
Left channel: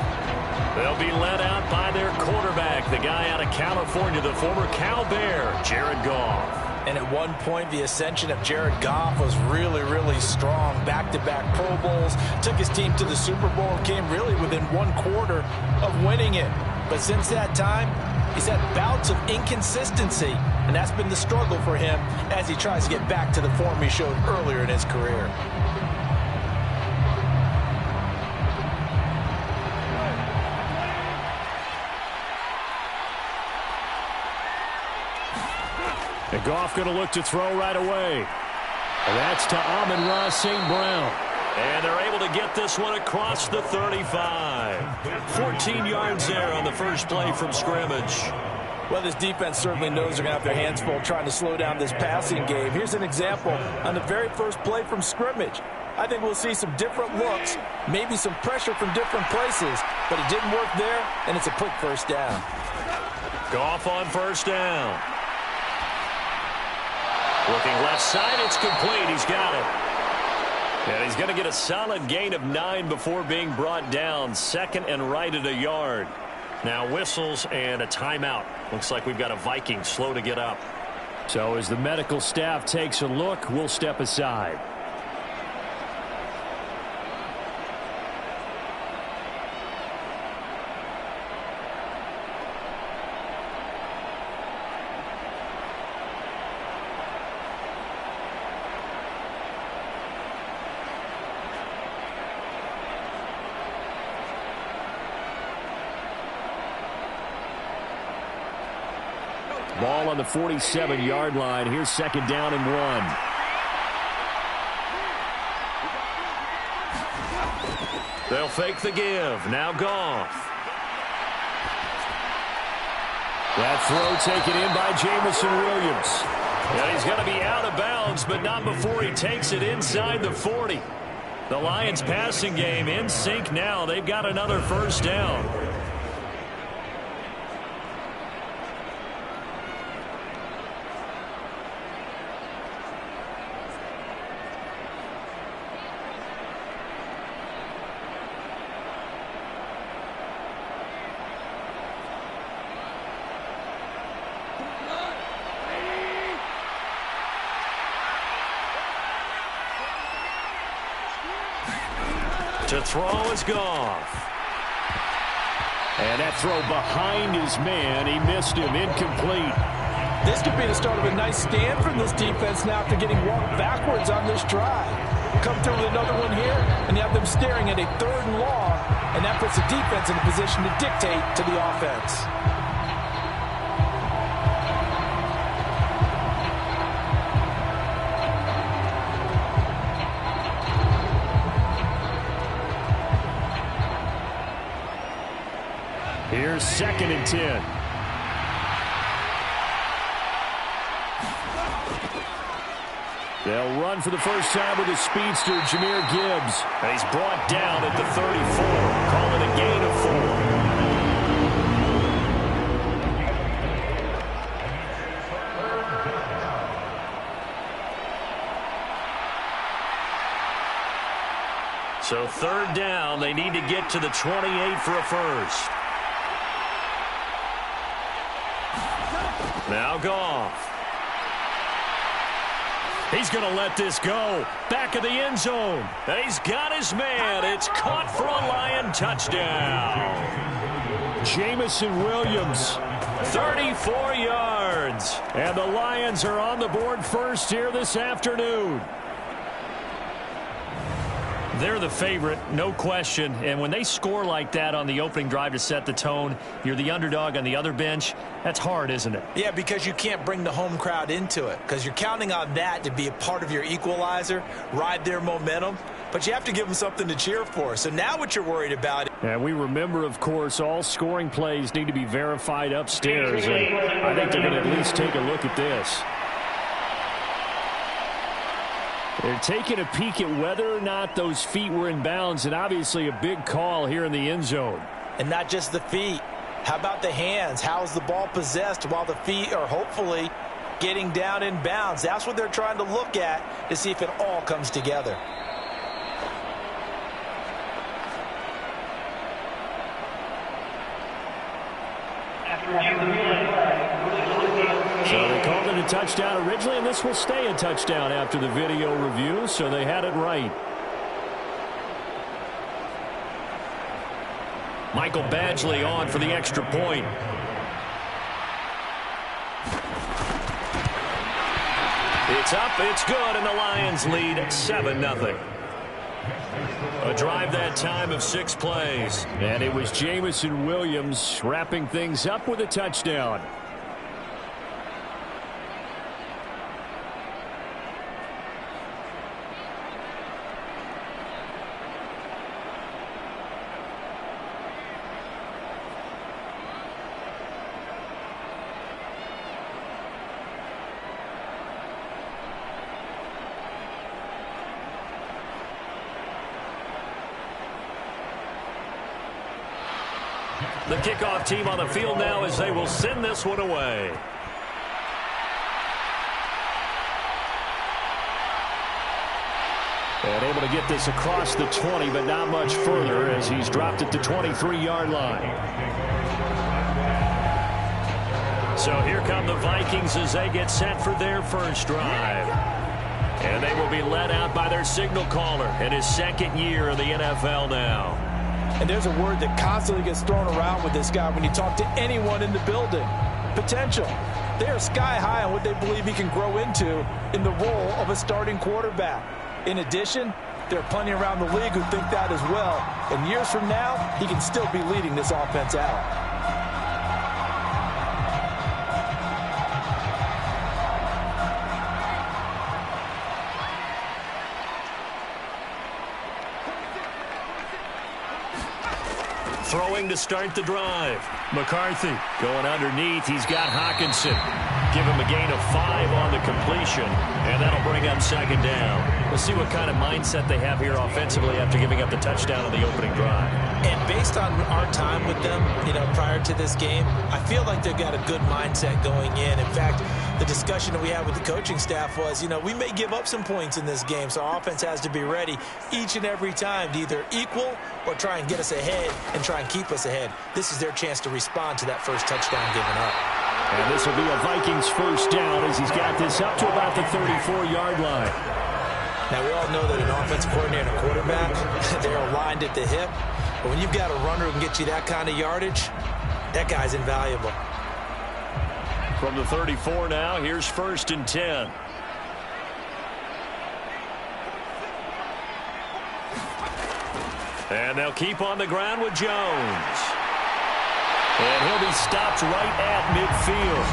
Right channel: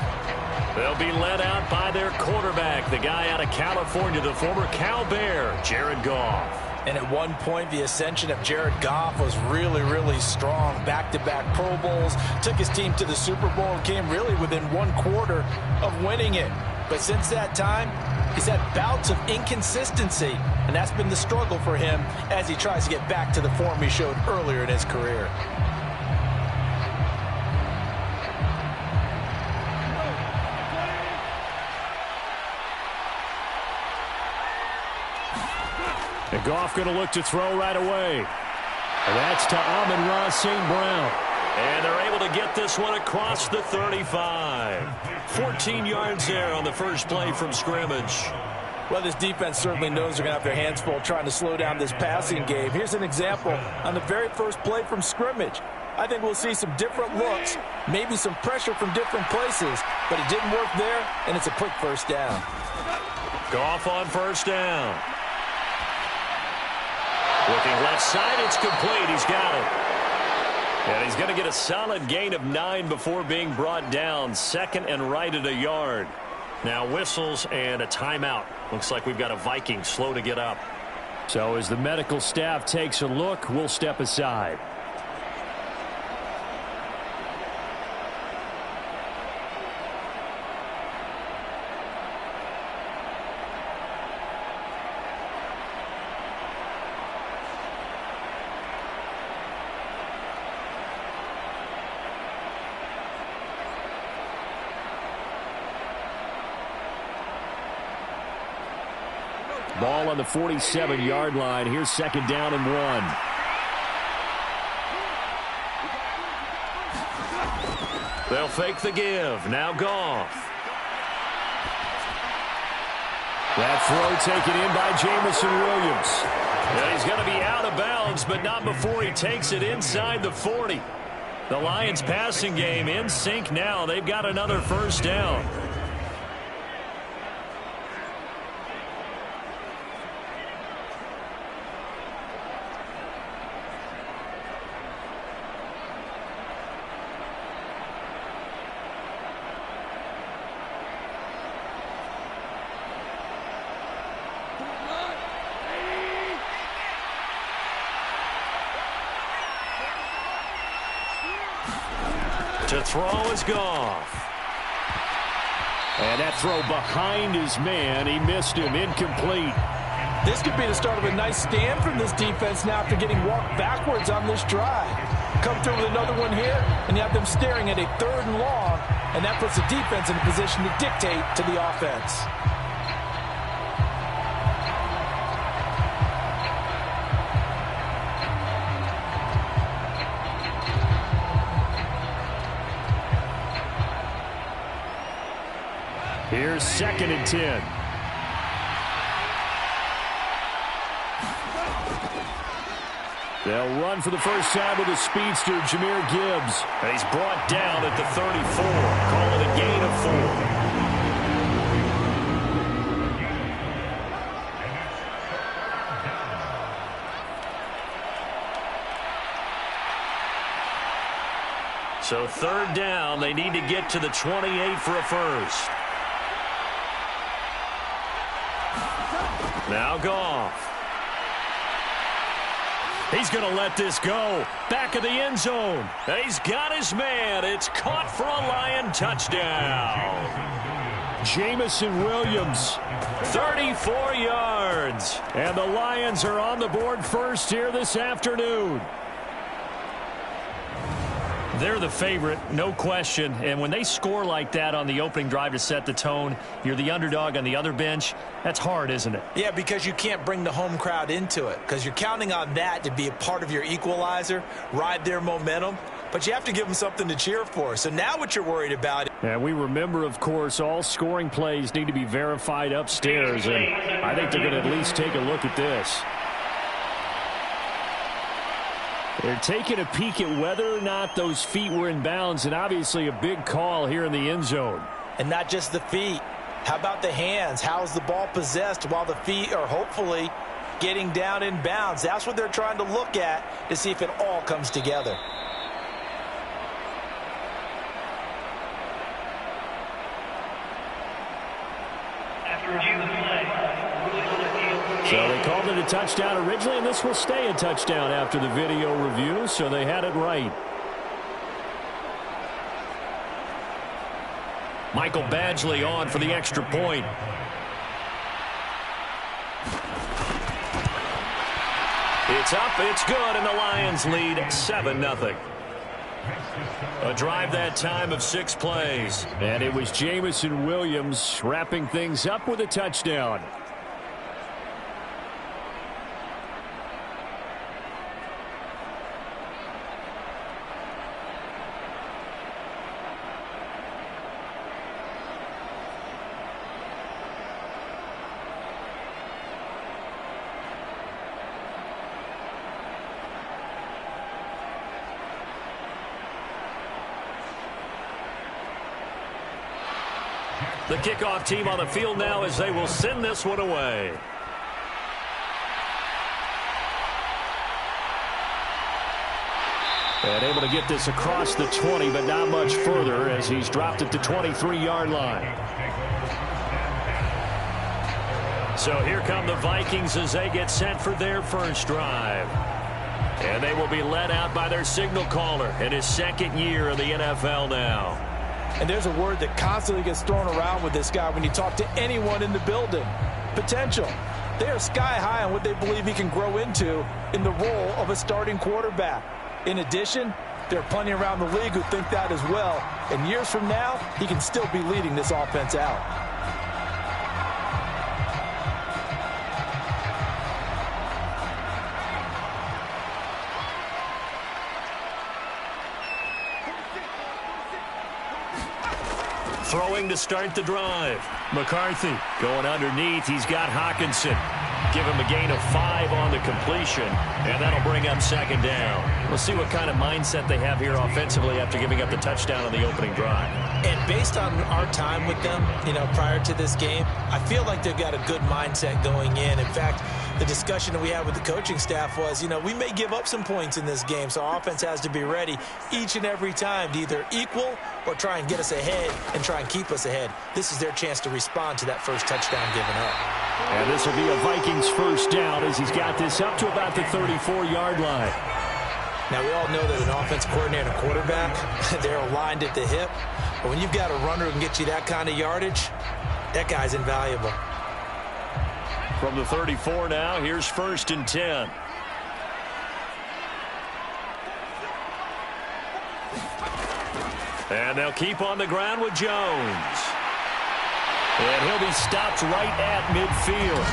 They'll be led out by their quarterback, the guy out of California, the former Cal Bear, Jared Goff. And at one point, the ascension of Jared Goff was really, really strong. Back-to-back Pro Bowls, took his team to the Super Bowl, and came really within one quarter of winning it. But since that time, he's had bouts of inconsistency, and that's been the struggle for him as he tries to get back to the form he showed earlier in his career. And Goff going to look to throw right away. And that's to Amon-Ra St. Brown. And they're able to get this one across the 35. 14 yards there on the first play from scrimmage. Well, this defense certainly knows they're going to have their hands full trying to slow down this passing game. Here's an example on the very first play from scrimmage. I think we'll see some different looks, maybe some pressure from different places, but it didn't work there, and it's a quick first down. Goff on first down. Looking left side, it's complete. He's got it. And he's going to get a solid gain of 9 before being brought down. Second and right at a yard. Now whistles and a timeout. Looks like we've got a Viking slow to get up. So as the medical staff takes a look, we'll step aside. Ball on the 47-yard line. Here's second down and 1. They'll fake the give. Now Goff. That throw taken in by Jamison Williams. And he's going to be out of bounds, but not before he takes it inside the 40. The Lions passing game in sync now. They've got another first down. To throw is Goff. And that throw behind his man. He missed him. Incomplete. This could be the start of a nice stand from this defense now after getting walked backwards on this drive. Come through with another one here, and you have them staring at a 3rd and long, and that puts the defense in a position to dictate to the offense. Here's 2nd and 10. They'll run for the first time with a speedster, Jahmyr Gibbs. And he's brought down at the 34. Call it a gain of 4. So 3rd down, they need to get to the 28 for a first. Now Goff. He's going to let this go. Back of the end zone. He's got his man. It's caught for a Lion touchdown. Jamison Williams, 34 yards. And the Lions are on the board first here this afternoon. They're the favorite, no question. And when they score like that on the opening drive to set the tone, you're the underdog on the other bench. That's hard, isn't it? Yeah, because you can't bring the home crowd into it. Because you're counting on that to be a part of your equalizer, ride their momentum. But you have to give them something to cheer for. So now what you're worried about. And we remember, of course, all scoring plays need to be verified upstairs. And I think they're going to at least take a look at this. They're taking a peek at whether or not those feet were in bounds, and obviously a big call here in the end zone. And not just the feet. How about the hands? How is the ball possessed while the feet are hopefully getting down in bounds? That's what they're trying to look at to see if it all comes together. After review of the play, ruling on the field. So they called it a touchdown originally, and this will stay a touchdown after the video review, so they had it right. Michael Badgley on for the extra point. It's up, it's good, and the Lions lead 7-0. A drive that time of 6 plays. And it was Jamison Williams wrapping things up with a touchdown. The kickoff team on the field now as they will send this one away. And able to get this across the 20, but not much further as he's dropped it to 23-yard line. So here come the Vikings as they get set for their first drive. And they will be led out by their signal caller in his 2nd year in the NFL now. And there's a word that constantly gets thrown around with this guy when you talk to anyone in the building. Potential. They are sky high on what they believe he can grow into in the role of a starting quarterback. In addition, there are plenty around the league who think that as well. And years from now, he can still be leading this offense out. Throwing to start the drive. McCarthy going underneath. He's got Hawkinson. Give him a gain of 5 on the completion, and that'll bring up second down. We'll see what kind of mindset they have here offensively after giving up the touchdown on the opening drive. And based on our time with them, prior to this game, I feel like they've got a good mindset going in. In fact, the discussion that we had with the coaching staff was, we may give up some points in this game, so our offense has to be ready each and every time to either equal or try and get us ahead and try and keep us ahead. This is their chance to respond to that first touchdown given up. And this will be a Vikings first down as he's got this up to about the 34-yard line. Now, we all know that an offensive coordinator and a quarterback, they're aligned at the hip. But when you've got a runner who can get you that kind of yardage, that guy's invaluable. From the 34 now, here's 1st and 10. And they'll keep on the ground with Jones. And he'll be stopped right at midfield.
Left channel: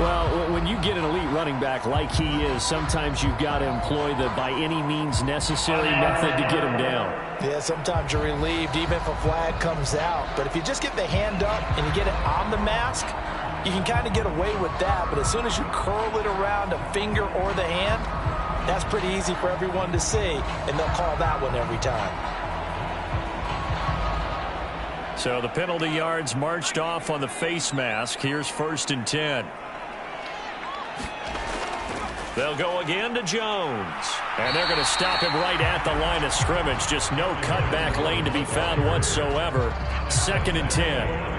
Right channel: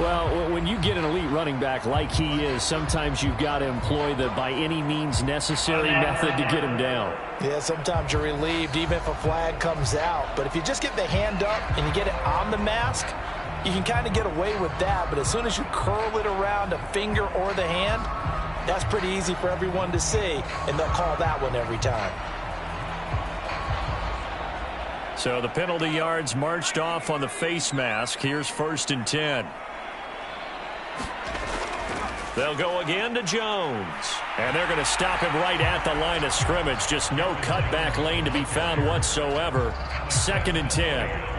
Well, when you get an elite running back like he is, sometimes you've got to employ the by any means necessary method to get him down. Yeah, sometimes you're relieved even if a flag comes out. But if you just get the hand up and you get it on the mask, you can kind of get away with that. But as soon as you curl it around a finger or the hand, that's pretty easy for everyone to see, and they'll call that one every time. So the penalty yards marched off on the face mask. Here's 1st and 10. They'll go again to Jones. And they're going to stop him right at the line of scrimmage. Just no cutback lane to be found whatsoever. 2nd and 10.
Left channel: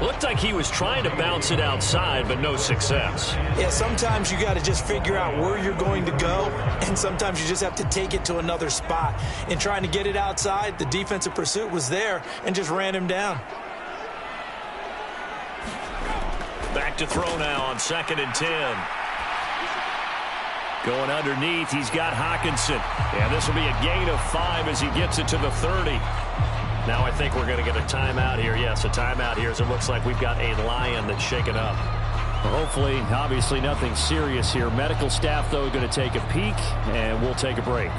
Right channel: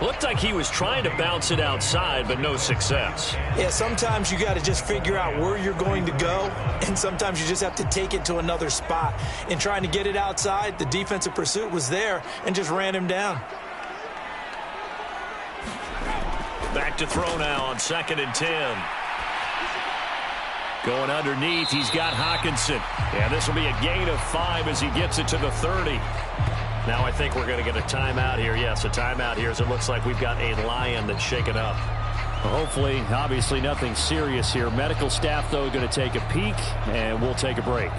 Looked like he was trying to bounce it outside, but no success. Yeah, sometimes you got to just figure out where you're going to go, and sometimes you just have to take it to another spot. In trying to get it outside, the defensive pursuit was there and just ran him down. Back to throw now on 2nd and 10. Going underneath, he's got Hawkinson. And this will be a gain of 5 as he gets it to the 30. Now I think we're going to get a timeout here. Yes, a timeout here as it looks like we've got a lion that's shaken up. Hopefully, obviously nothing serious here. Medical staff, though, going to take a peek, and we'll take a break.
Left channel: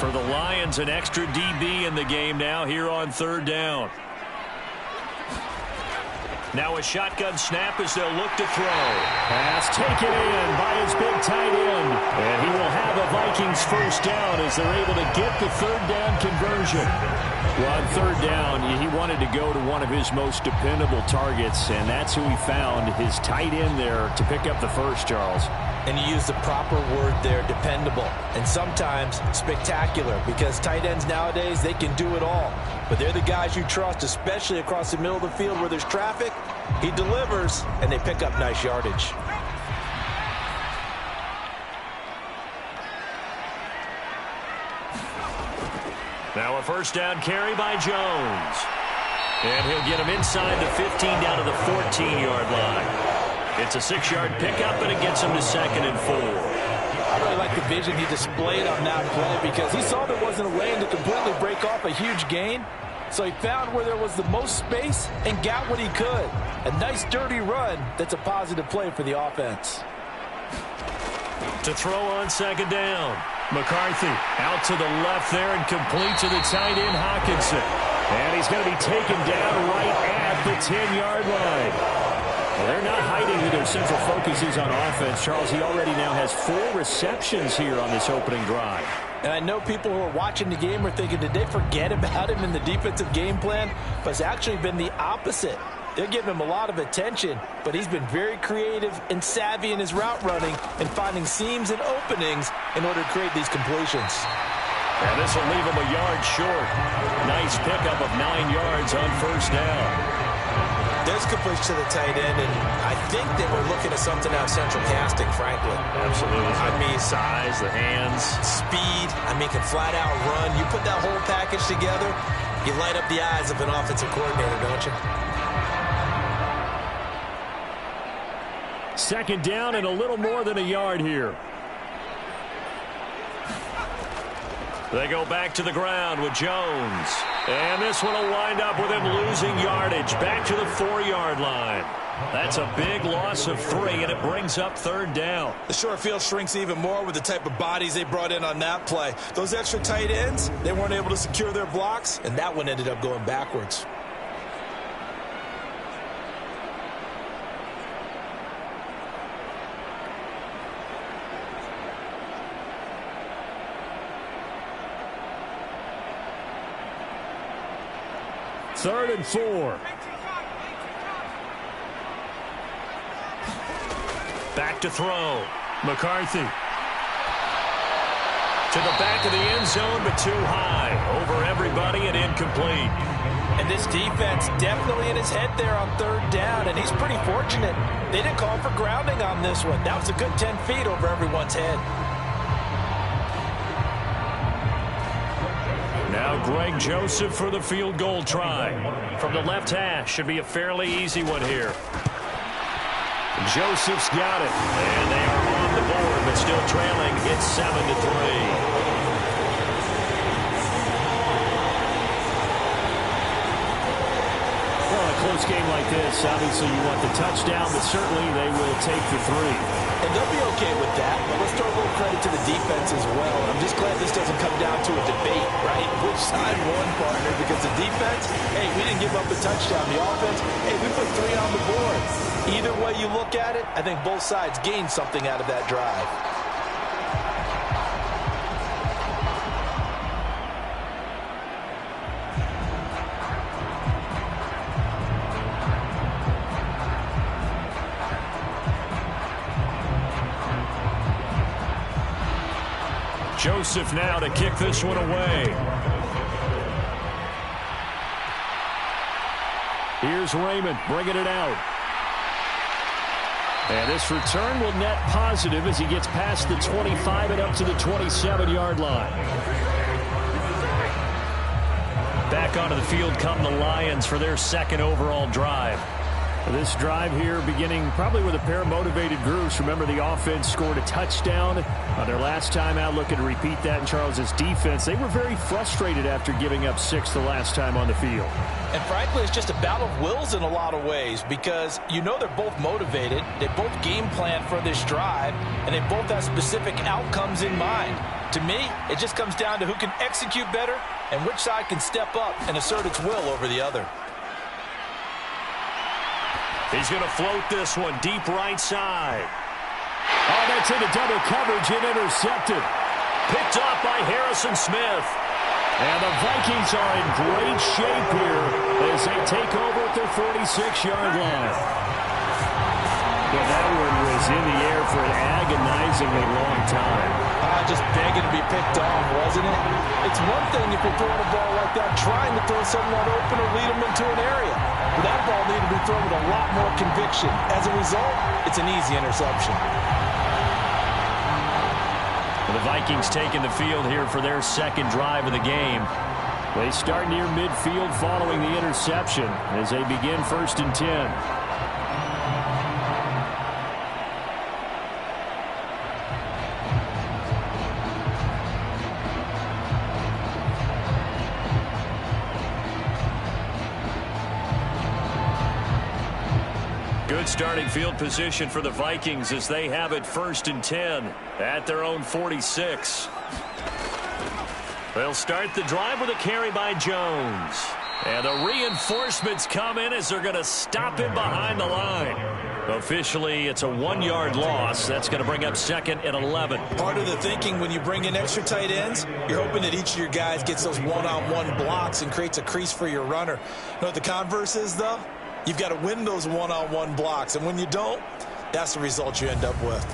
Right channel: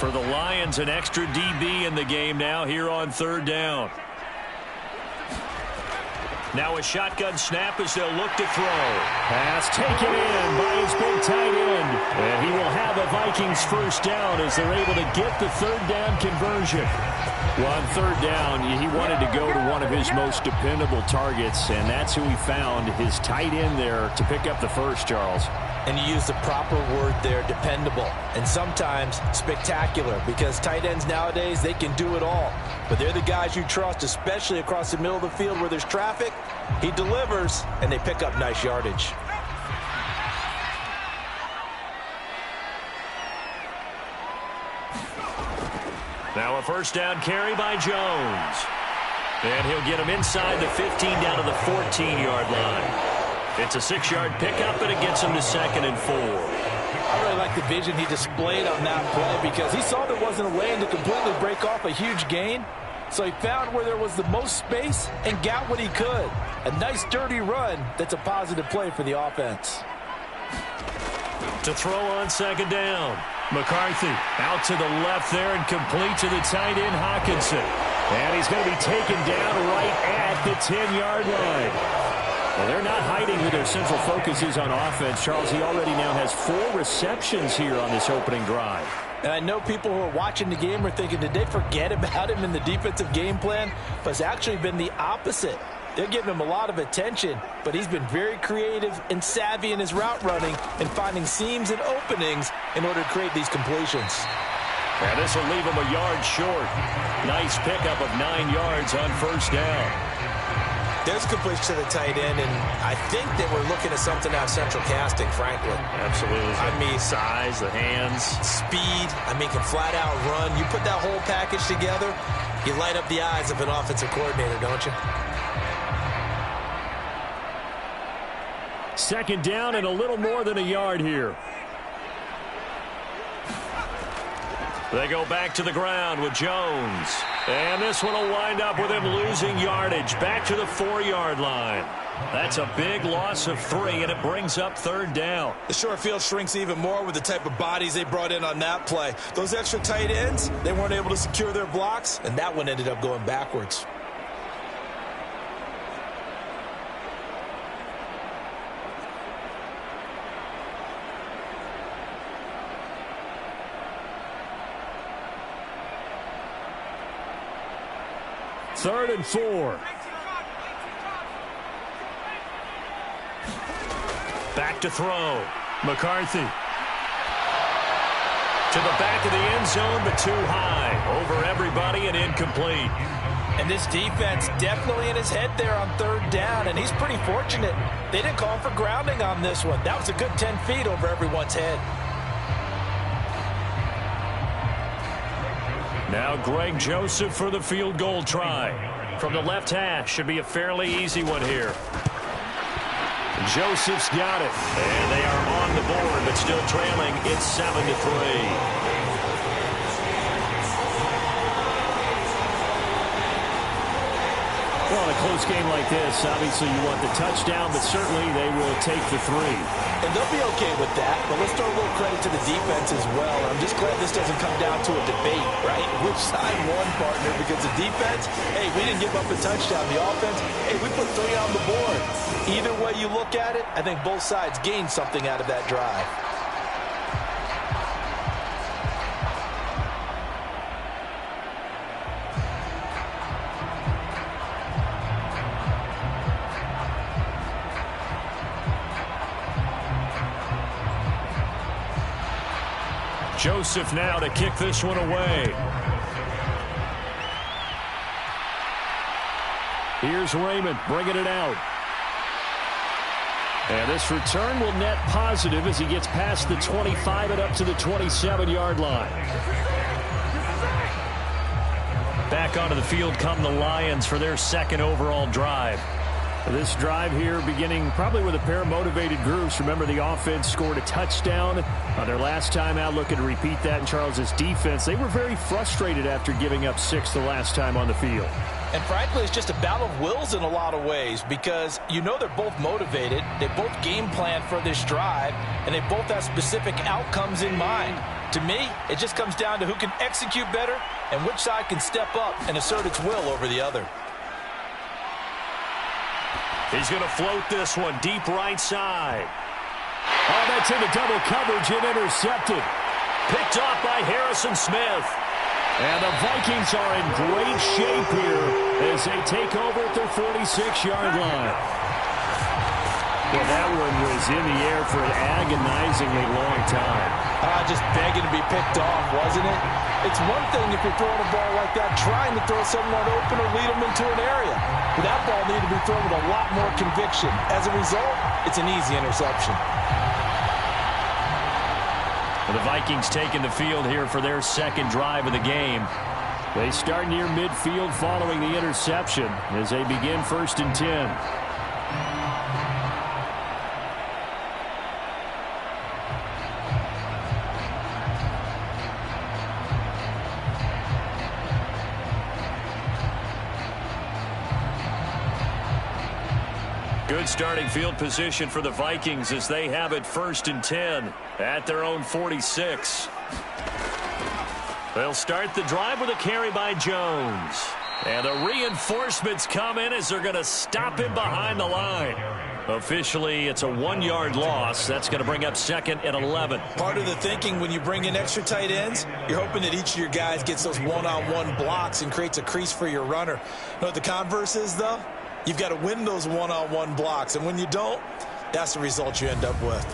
For the Lions, an extra DB in the game now here on 3rd down. Now a shotgun snap as they'll look to throw. Pass taken in by his big tight end. And he will have a Vikings first down as they're able to get the 3rd down conversion. Well, on 3rd down, he wanted to go to one of his most dependable targets, and that's who he found, his tight end there, to pick up the first, Charles. And you use the proper word there, dependable, and sometimes spectacular, because tight ends nowadays, they can do it all. But they're the guys you trust, especially across the middle of the field where there's traffic. He delivers, and they pick up nice yardage. Now a first down carry by Jones. And he'll get him inside the 15 down to the 14-yard line. It's a 6-yard pickup, and it gets him to 2nd and 4. I really like the vision he displayed on that play because he saw there wasn't a lane to completely break off a huge gain. So he found where there was the most space and got what he could. A nice, dirty run that's a positive play for the offense. To throw on 2nd down. McCarthy out to the left there and complete to the tight end Hawkinson. And he's going to be taken down right at the 10-yard line. Well, they're not hiding who their central focus is on offense. Charles, he already now has 4 receptions here on this opening drive. And I know people who are watching the game are thinking, did they forget about him in the defensive game plan? But it's actually been the opposite. They're giving him a lot of attention, but he's been very creative and savvy in his route running and finding seams and openings in order to create these completions. And this will leave him a yard short. Nice pickup of 9 yards on first down. There's a completion to the tight end, and I think they were looking at something out of central casting, frankly. Absolutely. I mean, size, the hands. Speed, can flat out run. You put that whole package together, you light up the eyes of an offensive coordinator, don't you? Second down and a little more than a yard here. They go back to the ground with Jones. And this one will wind up with him losing yardage back to the 4-yard line. That's a big loss of 3, and it brings up third down. The short field shrinks even more with the type of bodies they brought in on that play. Those extra tight ends, they weren't able to secure their blocks, and that one ended up going backwards. Third and 4. Back to throw. McCarthy. To the back of the end zone, but too high. Over everybody and incomplete. And this defense definitely in his head there on third down, and he's pretty fortunate. They didn't call for grounding on this one. That was a good 10 feet over everyone's head. Now Greg Joseph for the field goal try. From the left hash, should be a fairly easy one here. Joseph's got it. And they are on the board, but still trailing. It's 7-3. Well, in a close game like this, obviously you want the touchdown, but certainly they will take the 3. And they'll be okay with that, but let's throw a little credit to the defense as well. And I'm just glad this doesn't come down to a debate, right? Which side won, partner? Because the defense, hey, we didn't give up a touchdown. The offense, hey, we put 3 on the board. Either way you look at it, I think both sides gained something out of that drive. Joseph now to kick this one away. Here's Raymond bringing it out. And this return will net positive as he gets past the 25 and up to the 27-yard line. Back onto the field come the Lions for their second overall drive. This drive here beginning probably with a pair of motivated groups. Remember, the offense scored a touchdown on their last time out. Looking to repeat that in Charles's defense. They were very frustrated after giving up 6 the last time on the field. And frankly, it's just a battle of wills in a lot of ways because you know they're both motivated. They both game plan for this drive, and they both have specific outcomes in mind. To me, it just comes down to who can execute better and which side can step up and assert its will over the other. He's going to float this one deep right side. Oh, that's into double coverage and intercepted. Picked off by Harrison Smith. And the Vikings are in great shape here as they take over at their 46-yard line. Well, that one was in the air for an agonizingly long time. Just begging to be picked off, wasn't it? It's one thing if you're throwing a ball like that, trying to throw someone open or lead them into an area. But that ball needed to be thrown with a lot more conviction. As a result, it's an easy interception. The Vikings taking the field here for their second drive of the game. They start near midfield following the interception as they begin 1st and 10. Good starting field position for the Vikings as they have it 1st and 10 at their own 46. They'll start the drive with a carry by Jones. And the reinforcements come in as they're going to stop him behind the line. Officially, it's a 1-yard loss. That's going to bring up 2nd and 11. Part of the thinking when you bring in extra tight ends, you're hoping that each of your guys gets those one-on-one blocks and creates a crease for your runner. You know what the converse is, though? You've got to win those one-on-one blocks, and when you don't, that's the result you end up with.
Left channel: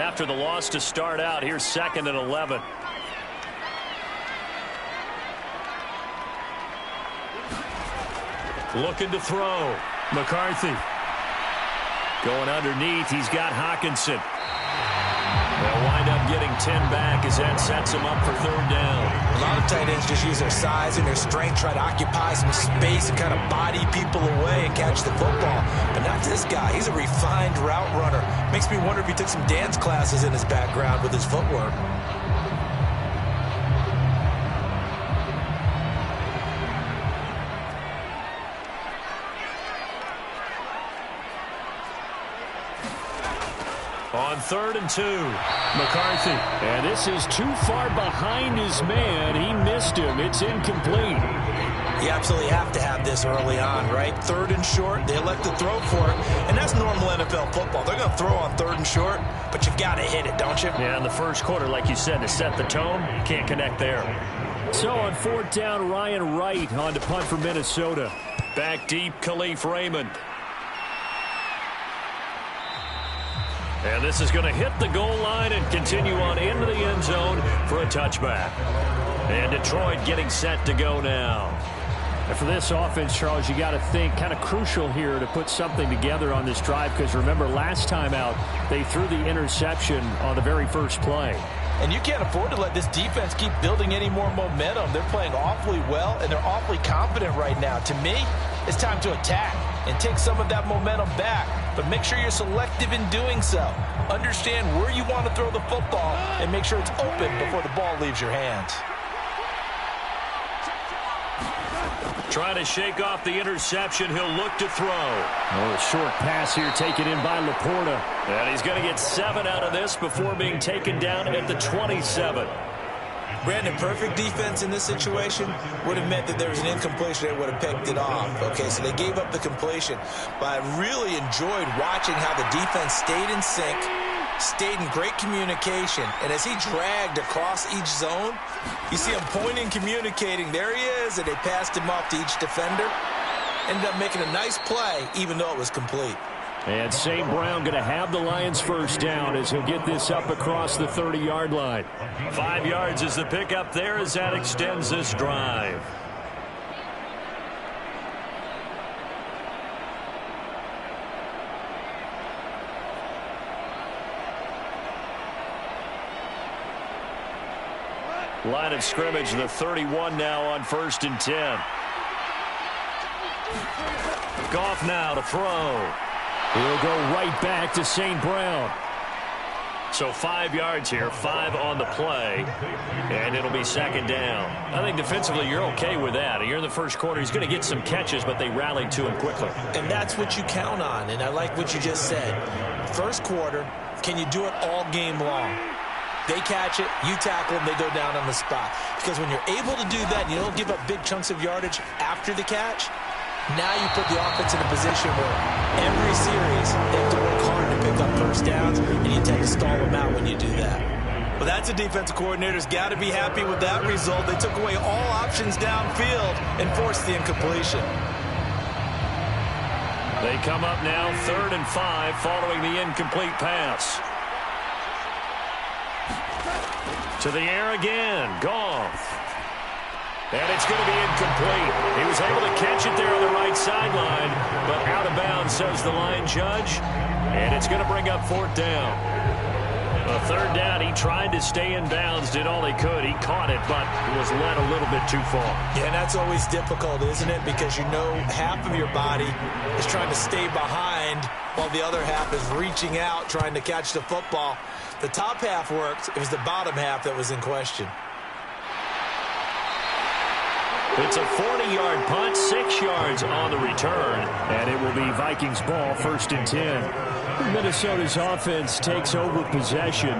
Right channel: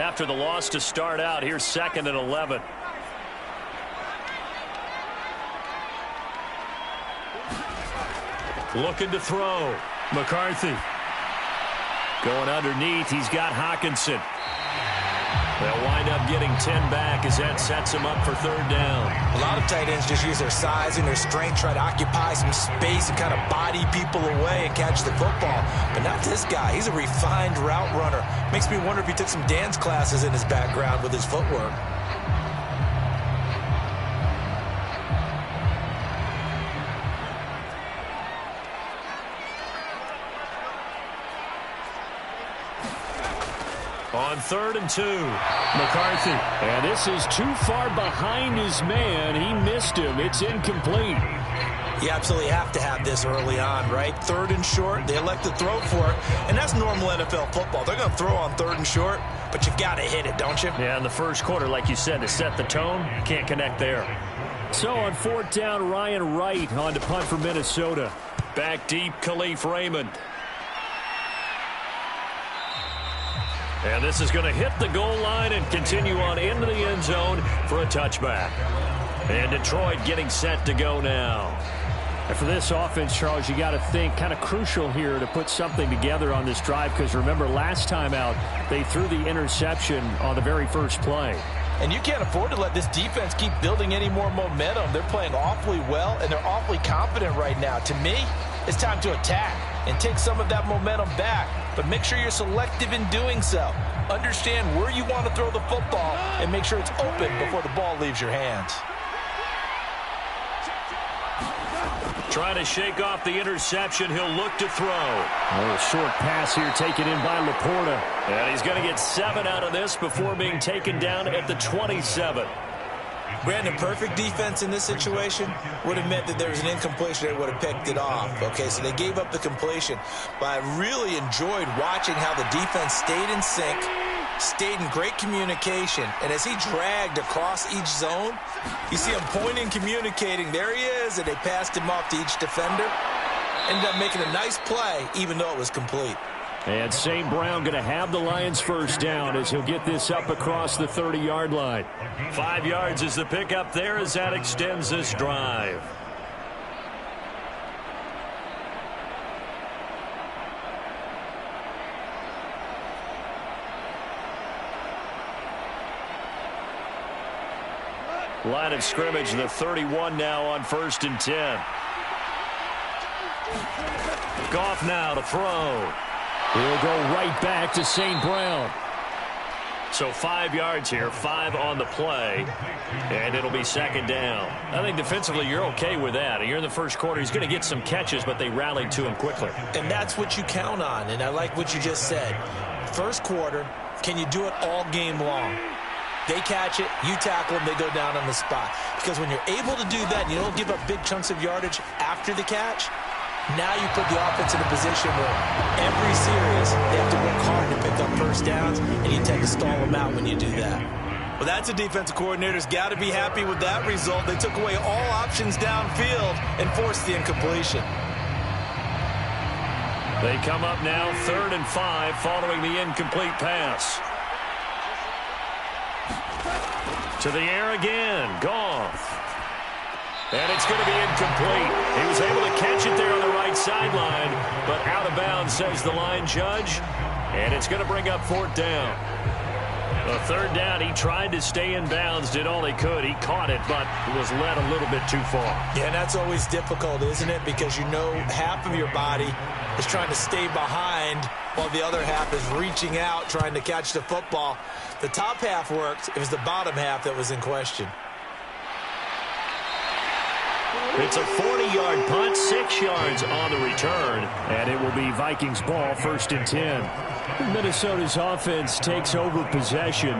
after the loss to start out. Here's 2nd and 11. Looking to throw. McCarthy. Going underneath. He's got Hawkinson. They'll wind up getting 10 back as that sets him up for 3rd down. A lot of tight ends just use their size and their strength, try to occupy some space and kind of body people away and catch the football. But not this guy. He's a refined route runner. Makes me wonder if he took some dance classes in his background with his footwork. On 3rd and 2. McCarthy. And this is too far behind his man. He missed him. It's incomplete. You absolutely have to have this early on, right? 3rd and short. They elect to throw for it. And that's normal NFL football. They're going to throw on 3rd and short, but you've got to hit it, don't you? Yeah, in the first quarter, like you said, to set the tone, can't connect there. So on 4th down, Ryan Wright on to punt for Minnesota. Back deep, Khalif Raymond. And this is going to hit the goal line and continue on into the end zone for a touchback. And Detroit getting set to go now. And for this offense, Charles, you got to think kind of crucial here to put something together on this drive, because remember last time out they threw the interception on the very first play. And you can't afford to let this defense keep building any more momentum. They're playing awfully well, and they're awfully confident right now. To me, it's time to attack and take some of that momentum back. But make sure you're selective in doing so. Understand where you want to throw the football and make sure it's open before the ball leaves your hands. Trying to shake off the interception. He'll look to throw. A short pass here taken in by Laporta. And he's going to get 7 out of this before being taken down at the 27. Brandon, perfect defense in this situation would have meant that there was an incompletion. They would have picked it off. Okay, so they gave up the completion. But I really enjoyed watching how the defense stayed in sync, stayed in great communication. And as he dragged across each zone, you see him pointing, communicating. There he is, and they passed him off to each defender. Ended up making a nice play, even though it was complete. And St. Brown going to have the Lions first down as he'll get this up across the 30-yard line. 5 yards is the pickup there as that extends this drive. Line of scrimmage, the 31 now on 1st and 10. Goff now to throw. He'll go right back to St. Brown. So 5 yards here, 5 on the play, and it'll be 2nd down. I think defensively you're okay with that. You're in the first quarter. He's going to get some catches, but they rallied to him quickly. And that's what you count on, and I like what you just said. First quarter, can you do it all game long? They catch it, you tackle them, they go down on the spot. Because when you're able to do that and you don't give up big chunks of yardage after the catch, now you put the offense in a position where every series they have to work hard to pick up first downs, and you tend to stall them out when you do that. Well, that's a defensive coordinator's got to be happy with that result. They took away all options downfield and forced the incompletion. They come up now 3rd and 5 following the incomplete pass. To the air again, Goff. And it's going to be incomplete. He was able to catch it there on the right sideline, but out of bounds, says the line judge. And it's going to bring up 4th down. A 3rd down, he tried to stay in bounds, did all he could. He caught it, but was led a little bit too far. Yeah, and that's always difficult, isn't it? Because you know half of your body is trying to stay behind while the other half is reaching out, trying to catch the football. The top half worked. It was the bottom half that was in question. It's a 40-yard punt, 6 yards on the return. And it will be Vikings ball, 1st and 10. Minnesota's offense takes over possession.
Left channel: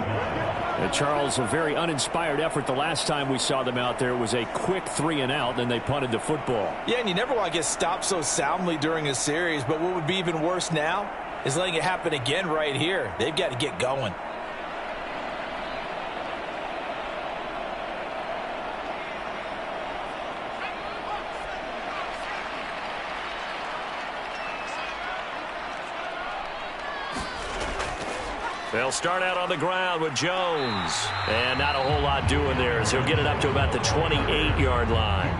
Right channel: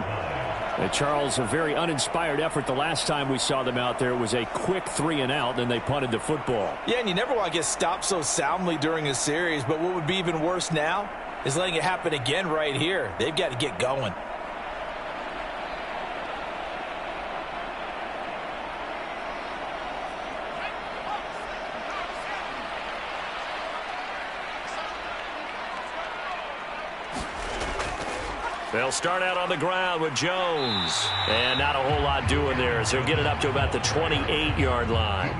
And Charles, a very uninspired effort. The last time we saw them out there was a quick 3-and-out, then they punted the football. Yeah, and you never want to get stopped so soundly during a series, but what would be even worse now is letting it happen again right here. They've got to get going. They'll start out on the ground with Jones. And not a whole lot doing there as he'll get it up to about the 28-yard line.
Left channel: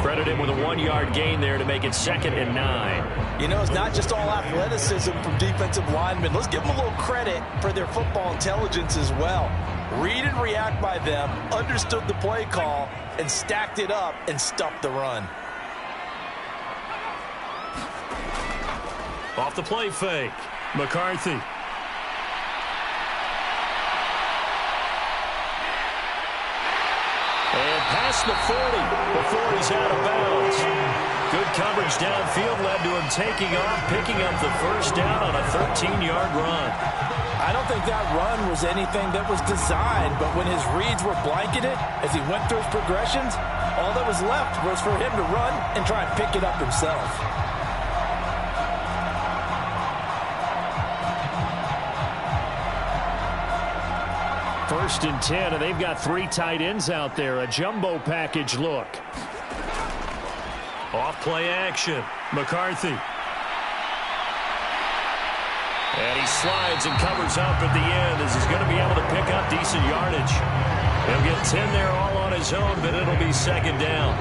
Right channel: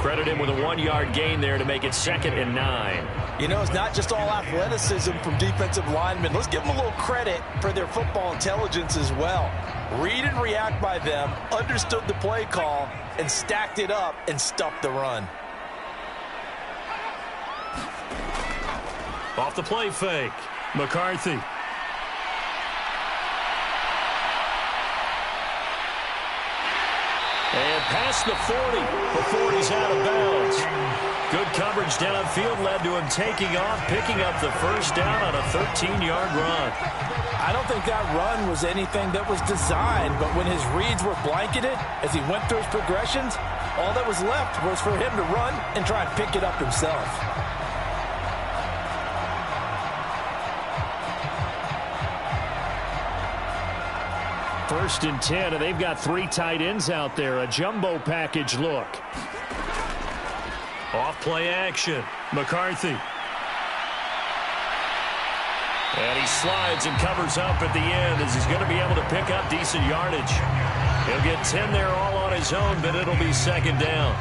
Credit him with a 1-yard gain there to make it 2nd and 9. You know, it's not just all athleticism from defensive linemen. Let's give them a little credit for their football intelligence as well. Read and react by them, understood the play call, and stacked it up and stuffed the run. Off the play fake. McCarthy. And past the 40 before he's out of bounds. Good coverage downfield led to him taking off, picking up the first down on a 13-yard run. I don't think that run was anything that was designed, but when his reads were blanketed as he went through his progressions, all that was left was for him to run and try and pick it up himself. First and 10, and they've got 3 tight ends out there. A jumbo package look. Off play action. McCarthy. And he slides and covers up at the end as he's going to be able to pick up decent yardage. He'll get 10 there all on his own, but it'll be 2nd down.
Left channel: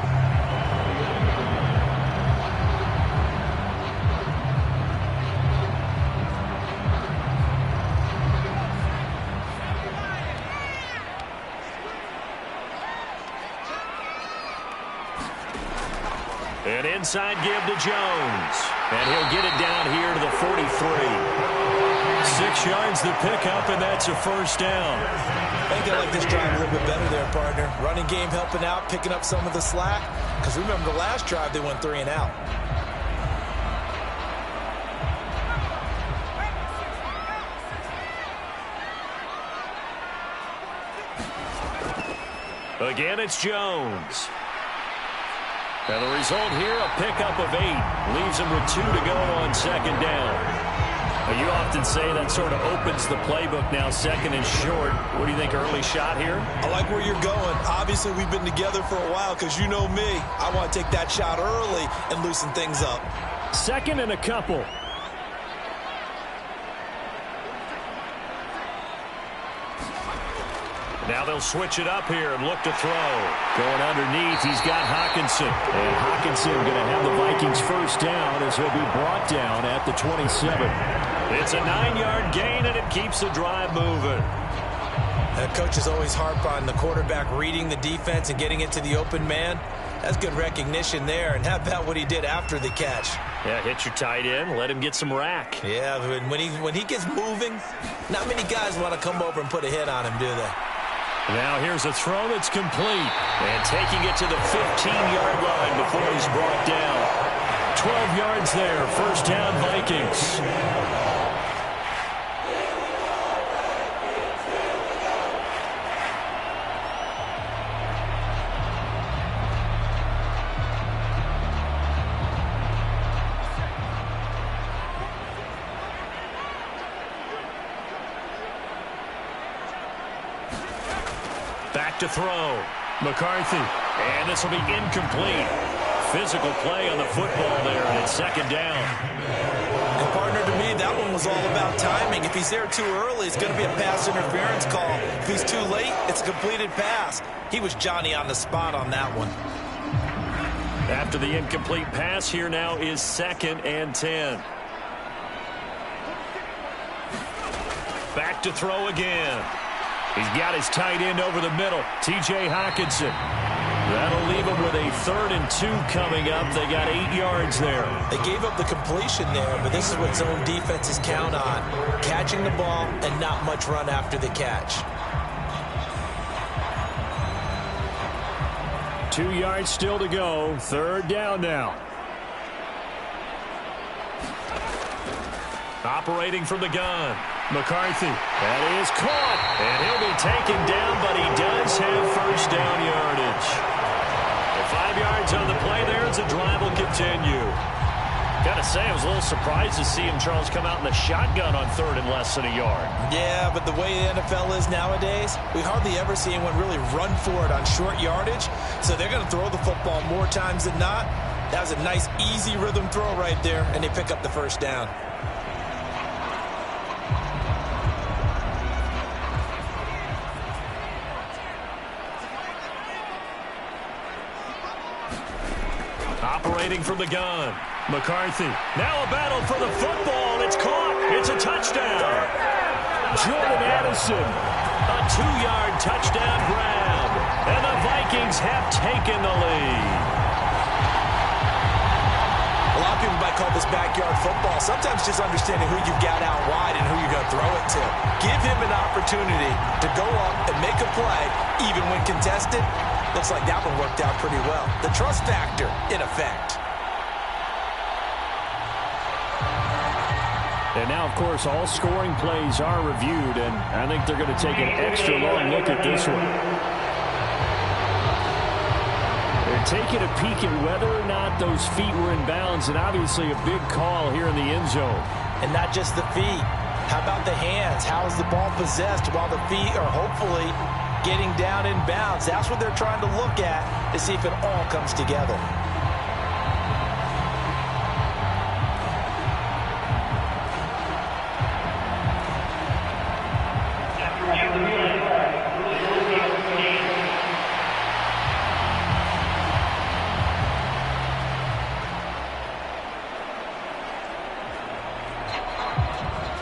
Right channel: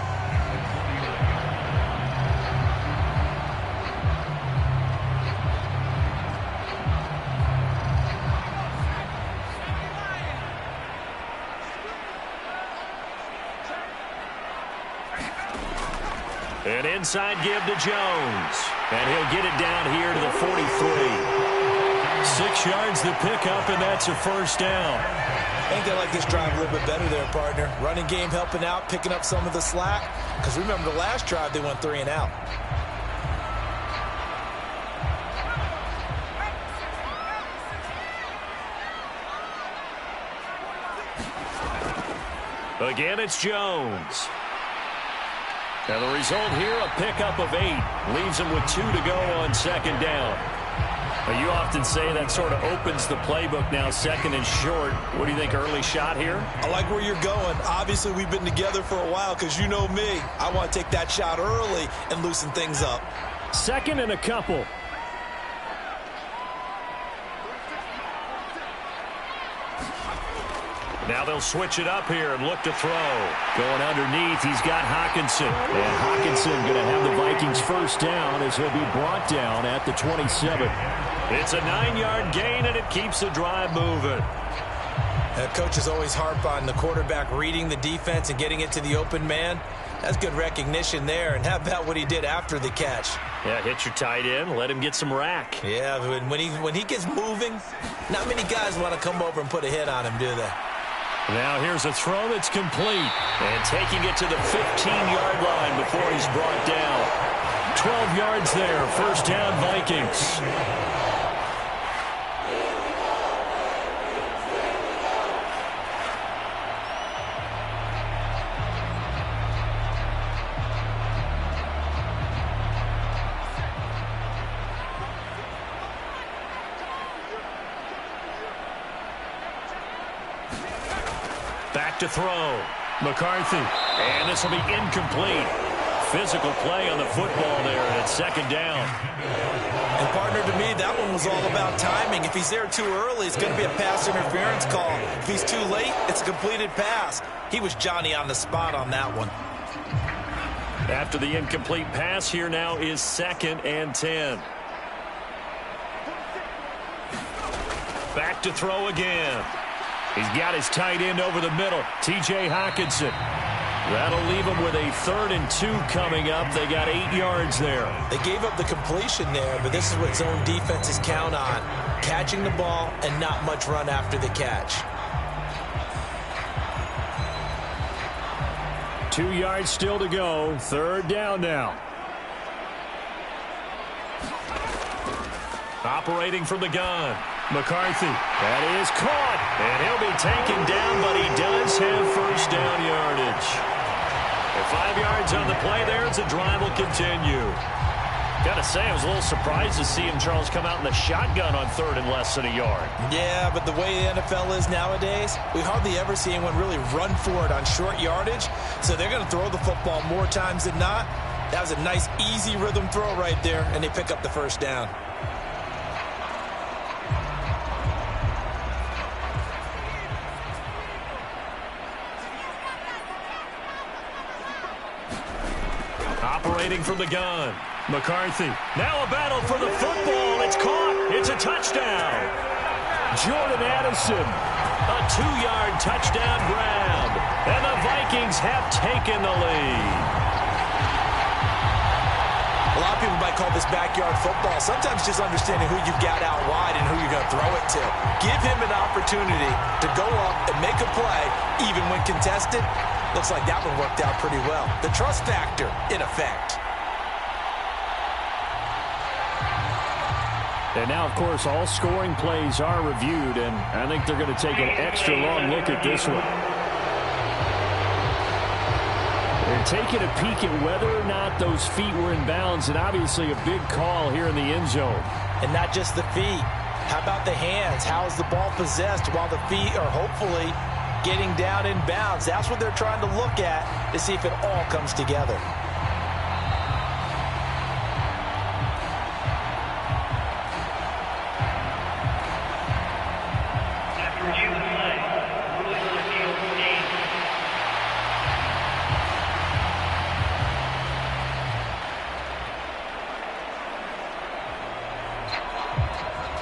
An inside give to Jones. And he'll get it down here to the 43. 6 yards to pick up, and that's a first down. I think they like this drive a little bit better there, partner. Running game helping out, picking up some of the slack. Because remember, the last drive, they went 3 and out. Again, it's Jones. And the result here, a pickup of 8. Leaves him with 2 to go on 2nd down. Well, you often say that sort of opens the playbook now, 2nd and short. What do you think, early shot here? I like where you're going. Obviously, we've been together for a while because you know me. I want to take that shot early and loosen things up. 2nd and a couple. Now they'll switch it up here and look to throw. Going underneath, he's got Hockenson. And Hockenson going to have the Vikings first down as he'll be brought down at the 27. It's a 9-yard gain, and it keeps the drive moving. Coaches always harp on the quarterback reading the defense and getting it to the open man. That's good recognition there. And how about what he did after the catch? Yeah, hit your tight end, let him get some rack. Yeah, when he gets moving, not many guys want to come over and put a hit on him, do they? Now here's a throw that's complete. And taking it to the 15-yard line before he's brought down. 12 yards there. First down, Vikings. Back to throw. McCarthy. And this will be incomplete. Physical play on the football there, and it's 2nd down. And partner, to me, that one was all about timing. If he's there too early, it's going to be a pass interference call. If he's too late, it's a completed pass. He was Johnny on the spot on that one. After the incomplete pass, here now is 2nd and 10. Back to throw again. He's got his tight end over the middle, T.J. Hockenson. That'll leave him with a 3rd and 2 coming up. They got 8 yards there. They gave up the completion there, but this is what zone defenses count on. Catching the ball and not much run after the catch. 2 yards still to go. 3rd down now. Operating from the gun. McCarthy. That is caught. And he'll be taken down, but he does have first down yardage. And 5 yards on the play there as the drive will continue. Got to say, I was a little surprised to see him, Charles, come out in the shotgun on 3rd and less than a yard. Yeah, but the way the NFL is nowadays, we hardly ever see anyone really run for it on short yardage. So they're going to throw the football more times than not. That was a nice, easy rhythm throw right there, and they pick up the first down. operating from the gun. McCarthy. Now a battle for the football. It's caught. It's a touchdown. Jordan Addison. A 2-yard touchdown grab. And the Vikings have taken the lead. A lot of people might call this backyard football. Sometimes just understanding who you've got out wide and who you're going to throw it to. Give him an opportunity to go up and make a play, even when contested. Looks like that one worked out pretty well. The trust factor in effect. And now, of course, all scoring plays are reviewed, and I think they're going to take an extra long look at this one. They're taking a peek at whether or not those feet were in bounds, and obviously a big call here in the end zone. And not just the feet. How about the hands? How is the ball possessed while the feet are hopefully getting down in bounds? That's what they're trying to look at to see if it all comes together.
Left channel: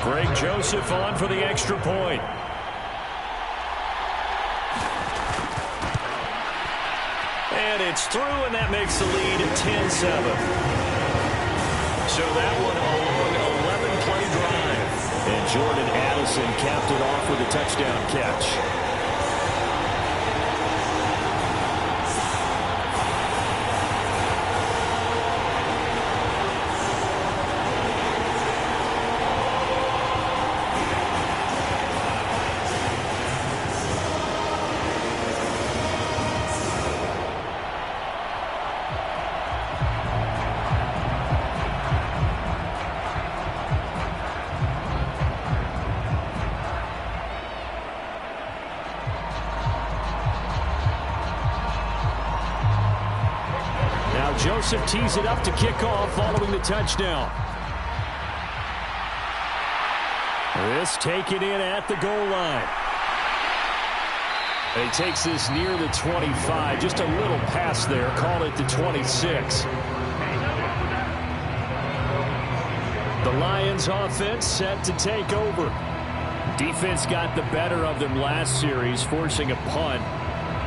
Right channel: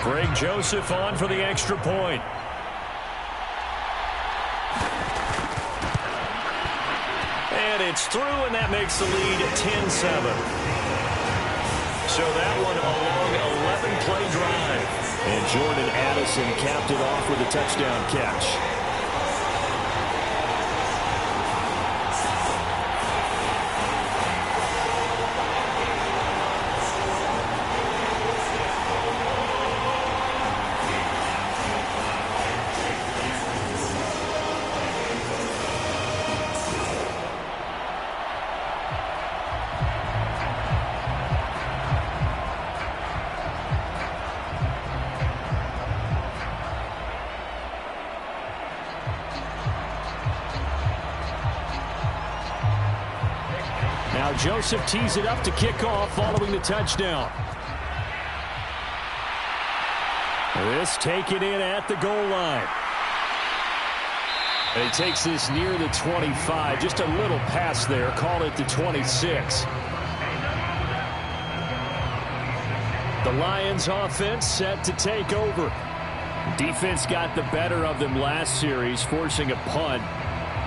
Greg Joseph on for the extra point. And it's through, and that makes the lead 10-7. So that one a long 11-play drive. And Jordan Addison capped it off with a touchdown catch. Now Joseph tees it up to kick off following the touchdown. This taken in at the goal line. And he takes this near the 25. Just a little pass there. Call it the 26. The Lions offense set to take over. Defense got the better of them last series, forcing a punt.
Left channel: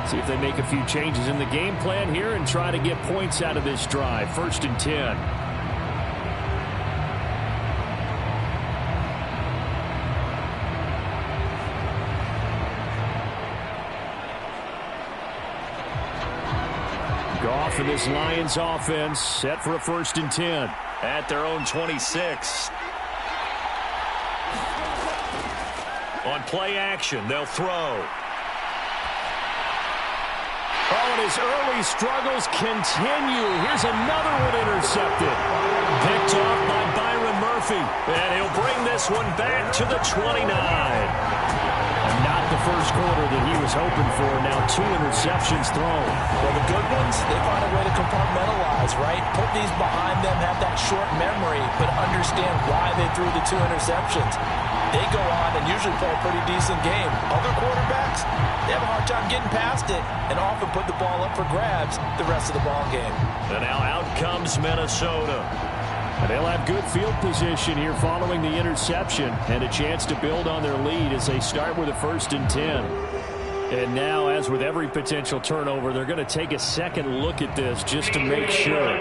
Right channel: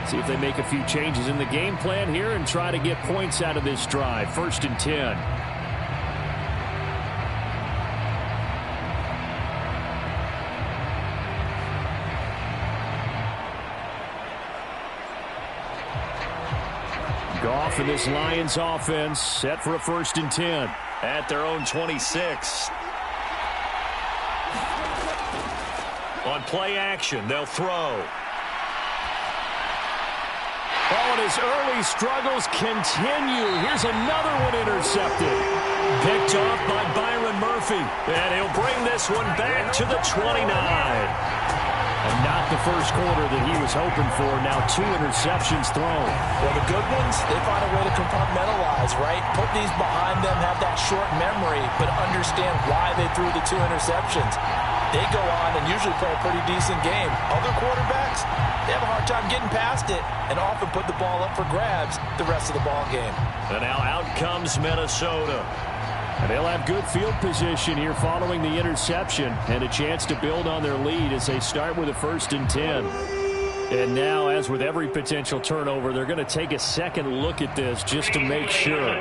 See if they make a few changes in the game plan here and try to get points out of this drive. 1st and 10. Goff and this Lions offense set for a 1st and 10. At their own 26. On play action, they'll throw. Oh, and his early struggles continue. Here's another one intercepted. Picked off by Byron Murphy. And he'll bring this one back to the 29. And not the first quarter that he was hoping for. Now 2 interceptions thrown. Well, the good ones, they find a way to compartmentalize, right? Put these behind them, have that short memory, but understand why they threw the 2 interceptions. They go on and usually play a pretty decent game. Other quarterbacks, they have a hard time getting past it and often put the ball up for grabs the rest of the ball game. And now out comes Minnesota. And they'll have good field position here following the interception and a chance to build on their lead as they start with a 1st and 10. And now, as with every potential turnover, they're going to take a second look at this just to make sure.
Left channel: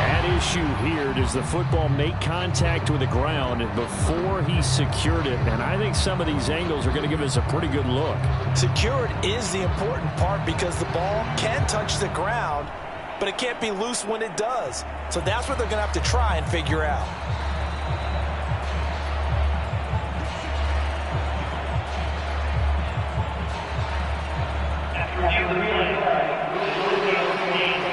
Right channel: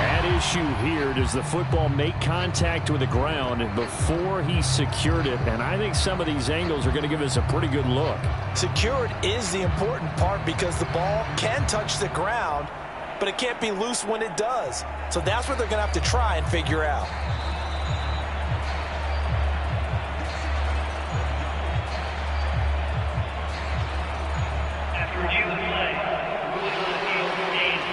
At issue here, does the football make contact with the ground before he secured it? And I think some of these angles are going to give us a pretty good look. Secured is the important part because the ball can touch the ground, but it can't be loose when it does. So that's what they're going to have to try and figure out. After review of the play, rules on the field stand.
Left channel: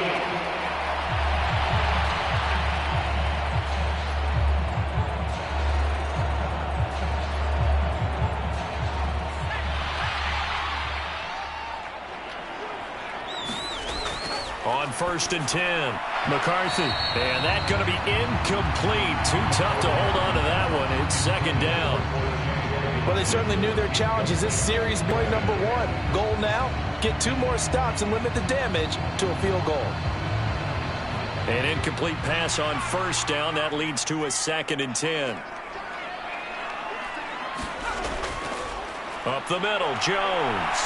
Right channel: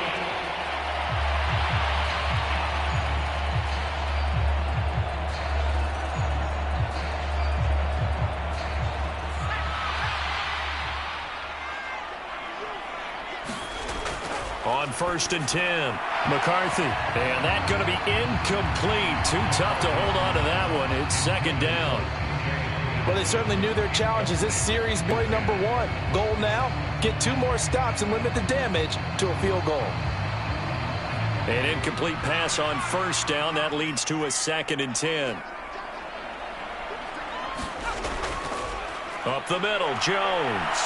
On 1st and 10, McCarthy. And that going to be incomplete. Too tough to hold on to that one. It's 2nd down. Well, they certainly knew their challenges. This series play number 1. Goal now, get 2 more stops and limit the damage to a field goal. An incomplete pass on first down. That leads to a 2nd and 10. Up the middle, Jones.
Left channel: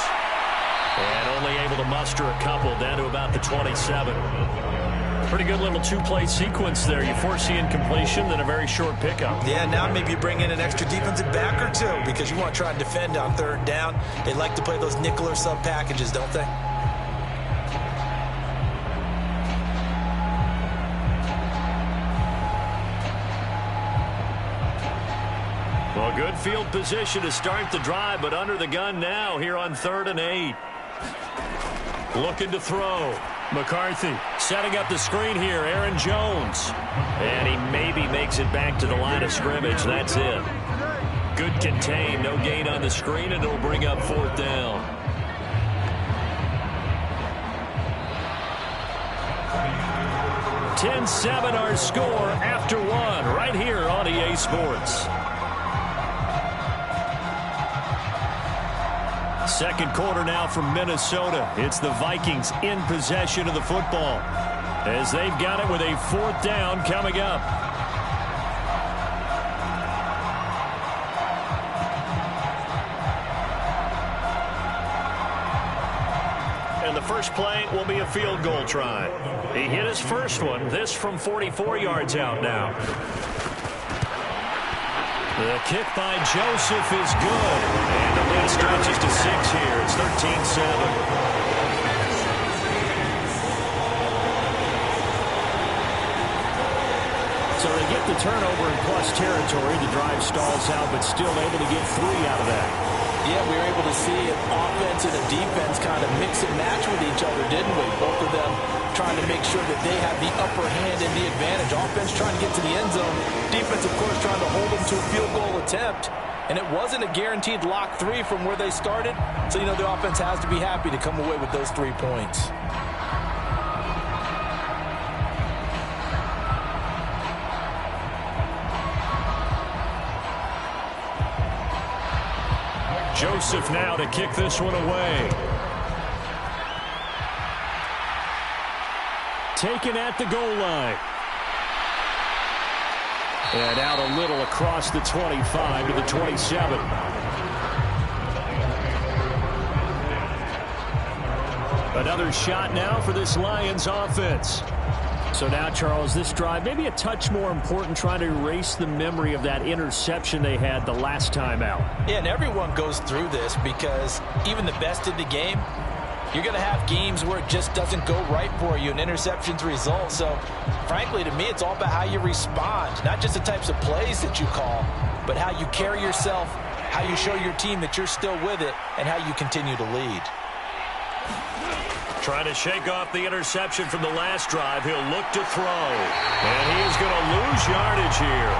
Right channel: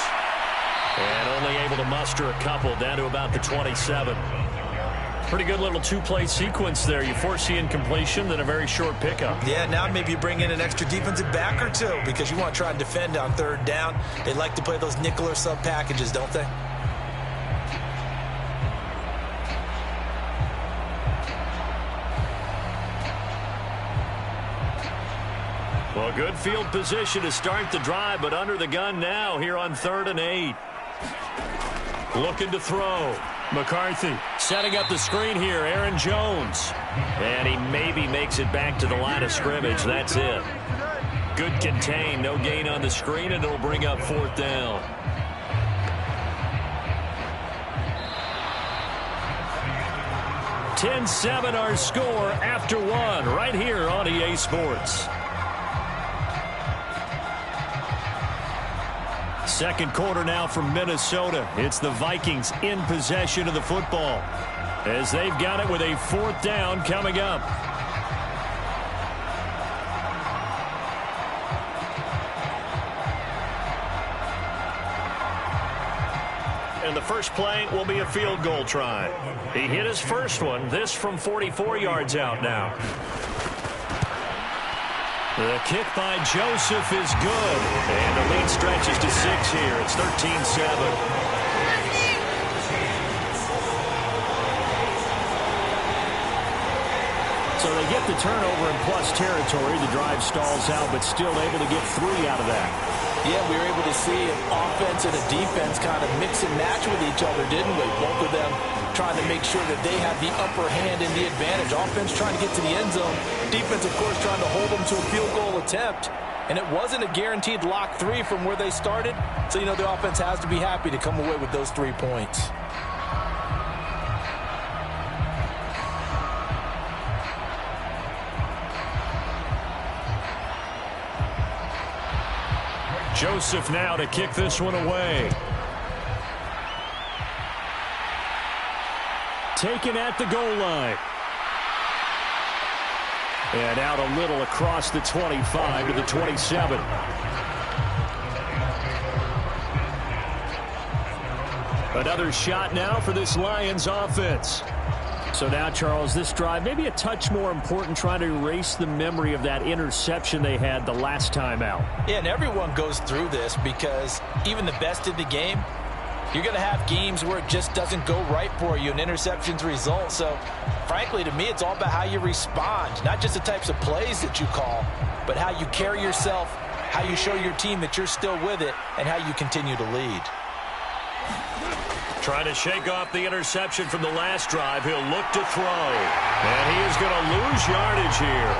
And only able to muster a couple down to about the 27. Pretty good little 2-play sequence there. You force the incompletion, then a very short pickup. Yeah, now maybe you bring in an extra defensive back or 2 because you want to try and defend on 3rd down. They like to play those nickel or sub packages, don't they? Well, good field position to start the drive, but under the gun now here on 3rd and 8. Looking to throw. McCarthy setting up the screen here. Aaron Jones. And he maybe makes it back to the line of scrimmage. That's it. Good contain. No gain on the screen, and it'll bring up 4th down. (10-7) our score after 1 right here on EA Sports. Second quarter now from Minnesota. It's the Vikings in possession of the football as they've got it with a 4th down coming up. And the first play will be a field goal try. He hit his first one. This from 44 yards out now. The kick by Joseph is good. And the lead stretches to 6 here. It's 13-7. So they get the turnover in plus territory. The drive stalls out, but still able to get 3 out of that. Yeah, we were able to see an offense and a defense kind of mix and match with each other, didn't we? Both of them trying to make sure that they have the upper hand and the advantage. Offense trying to get to the end zone. Defense, of course, trying to hold them to a field goal attempt. And it wasn't a guaranteed lock 3 from where they started. So, you know, the offense has to be happy to come away with those 3 points. Joseph now to kick this one away. Taken at the goal line. And out a little across the 25 to the 27. Another shot now for this Lions offense. So now, Charles, this drive maybe a touch more important, trying to erase the memory of that interception they had the last time out. Yeah, and everyone goes through this because even the best in the game, you're going to have games where it just doesn't go right for you and interceptions result. So, frankly, to me, it's all about how you respond, not just the types of plays that you call, but how you carry yourself, how you show your team that you're still with it, and how you continue to lead. Trying to shake off the interception from the last drive. He'll look to throw. And he is going to lose yardage here.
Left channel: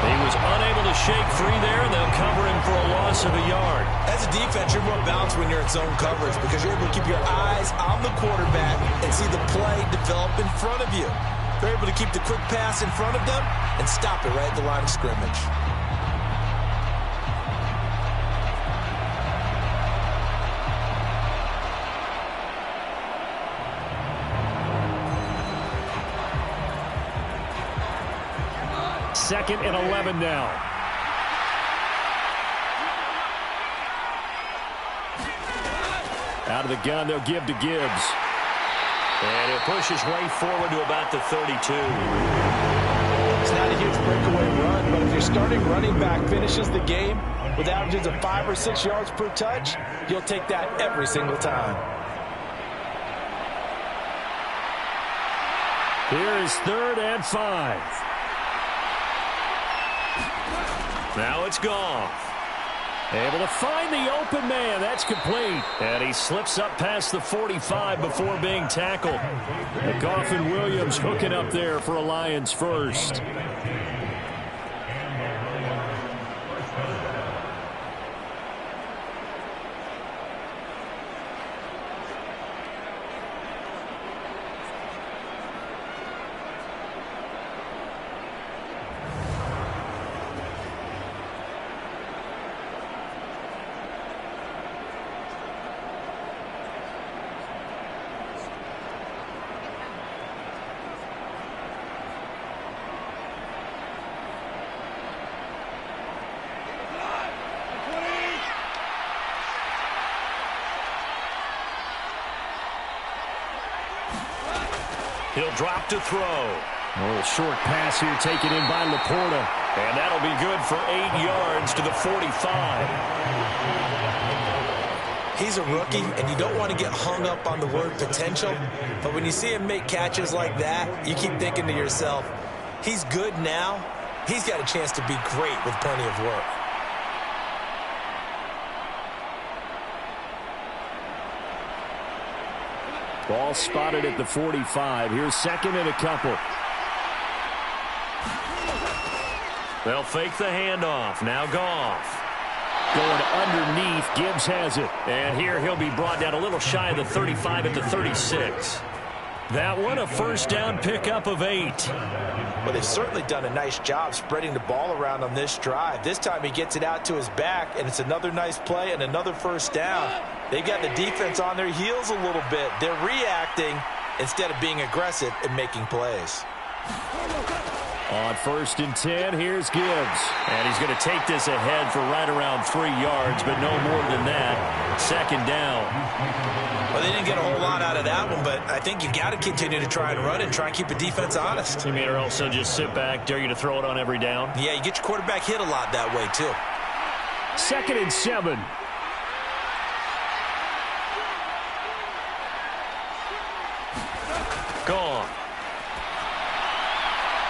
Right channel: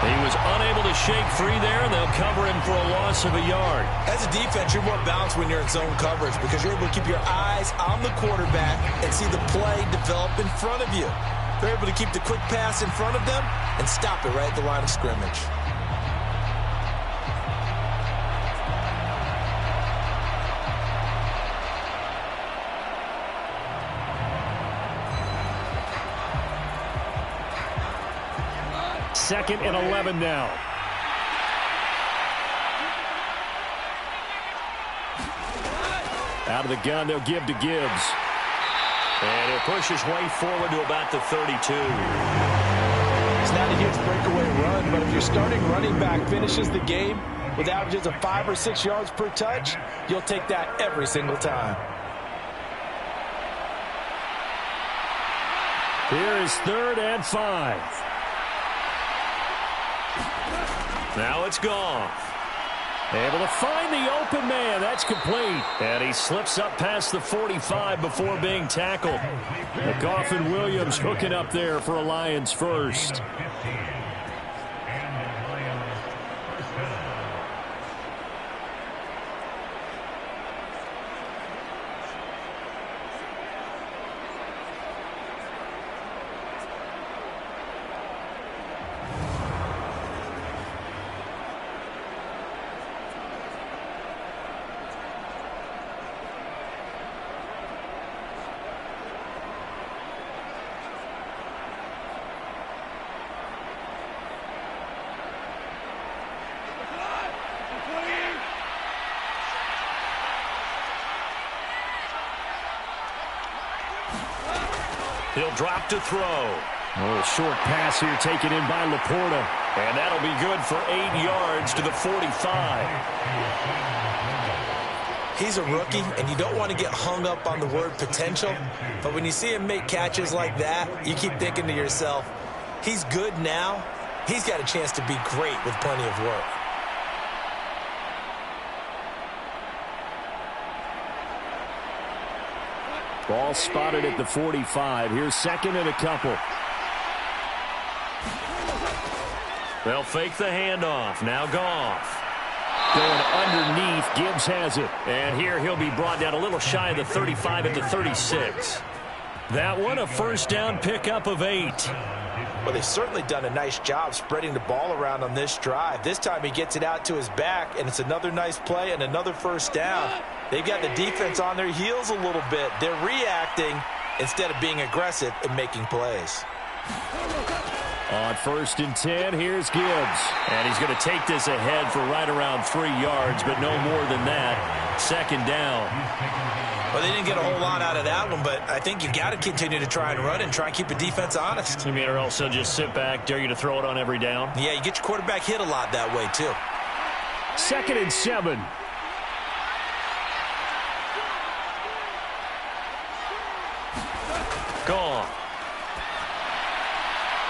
He was unable to shake free there, and they'll cover him for a loss of a yard. As a defense, you're more balanced when you're in zone coverage because you're able to keep your eyes on the quarterback and see the play develop in front of you. They're able to keep the quick pass in front of them and stop it right at the line of scrimmage. Second and 11 now. Out of the gun, they'll give to Gibbs. And he'll push his way forward to about the 32. It's not a huge breakaway run, but if your starting running back finishes the game with averages of 5 or 6 yards per touch, you'll take that every single time. Here is 3rd and 5. Now it's Goff. Able to find the open man. That's complete. And he slips up past the 45 before being tackled. Goff and Williams hooking up there for a Lions first. He'll drop to throw. A little short pass here taken in by Laporta. And that'll be good for 8 yards to the 45. He's a rookie, and you don't want to get hung up on the word potential. But when you see him make catches like that, you keep thinking to yourself, he's good now. He's got a chance to be great with plenty of work. Ball spotted at the 45. Here's second and a couple. They'll fake the handoff. Now Goff. Going underneath. Gibbs has it. And here he'll be brought down a little shy of the 35 at the 36. That one a first down pickup of 8. Well, they've certainly done a nice job spreading the ball around on this drive. This time he gets it out to his back, and it's another nice play and another first down. They've got the defense on their heels a little bit. They're reacting instead of being aggressive and making plays. On 1st and 10, here's Gibbs. And he's going to take this ahead for right around 3 yards, but no more than that. Second down. Well, they didn't get a whole lot out of that one, but I think you've got to continue to try and run and try and keep the defense honest. You mean or else they'll just sit back, dare you to throw it on every down? Yeah, you get your quarterback hit a lot that way, too. 2nd and 7. Gone.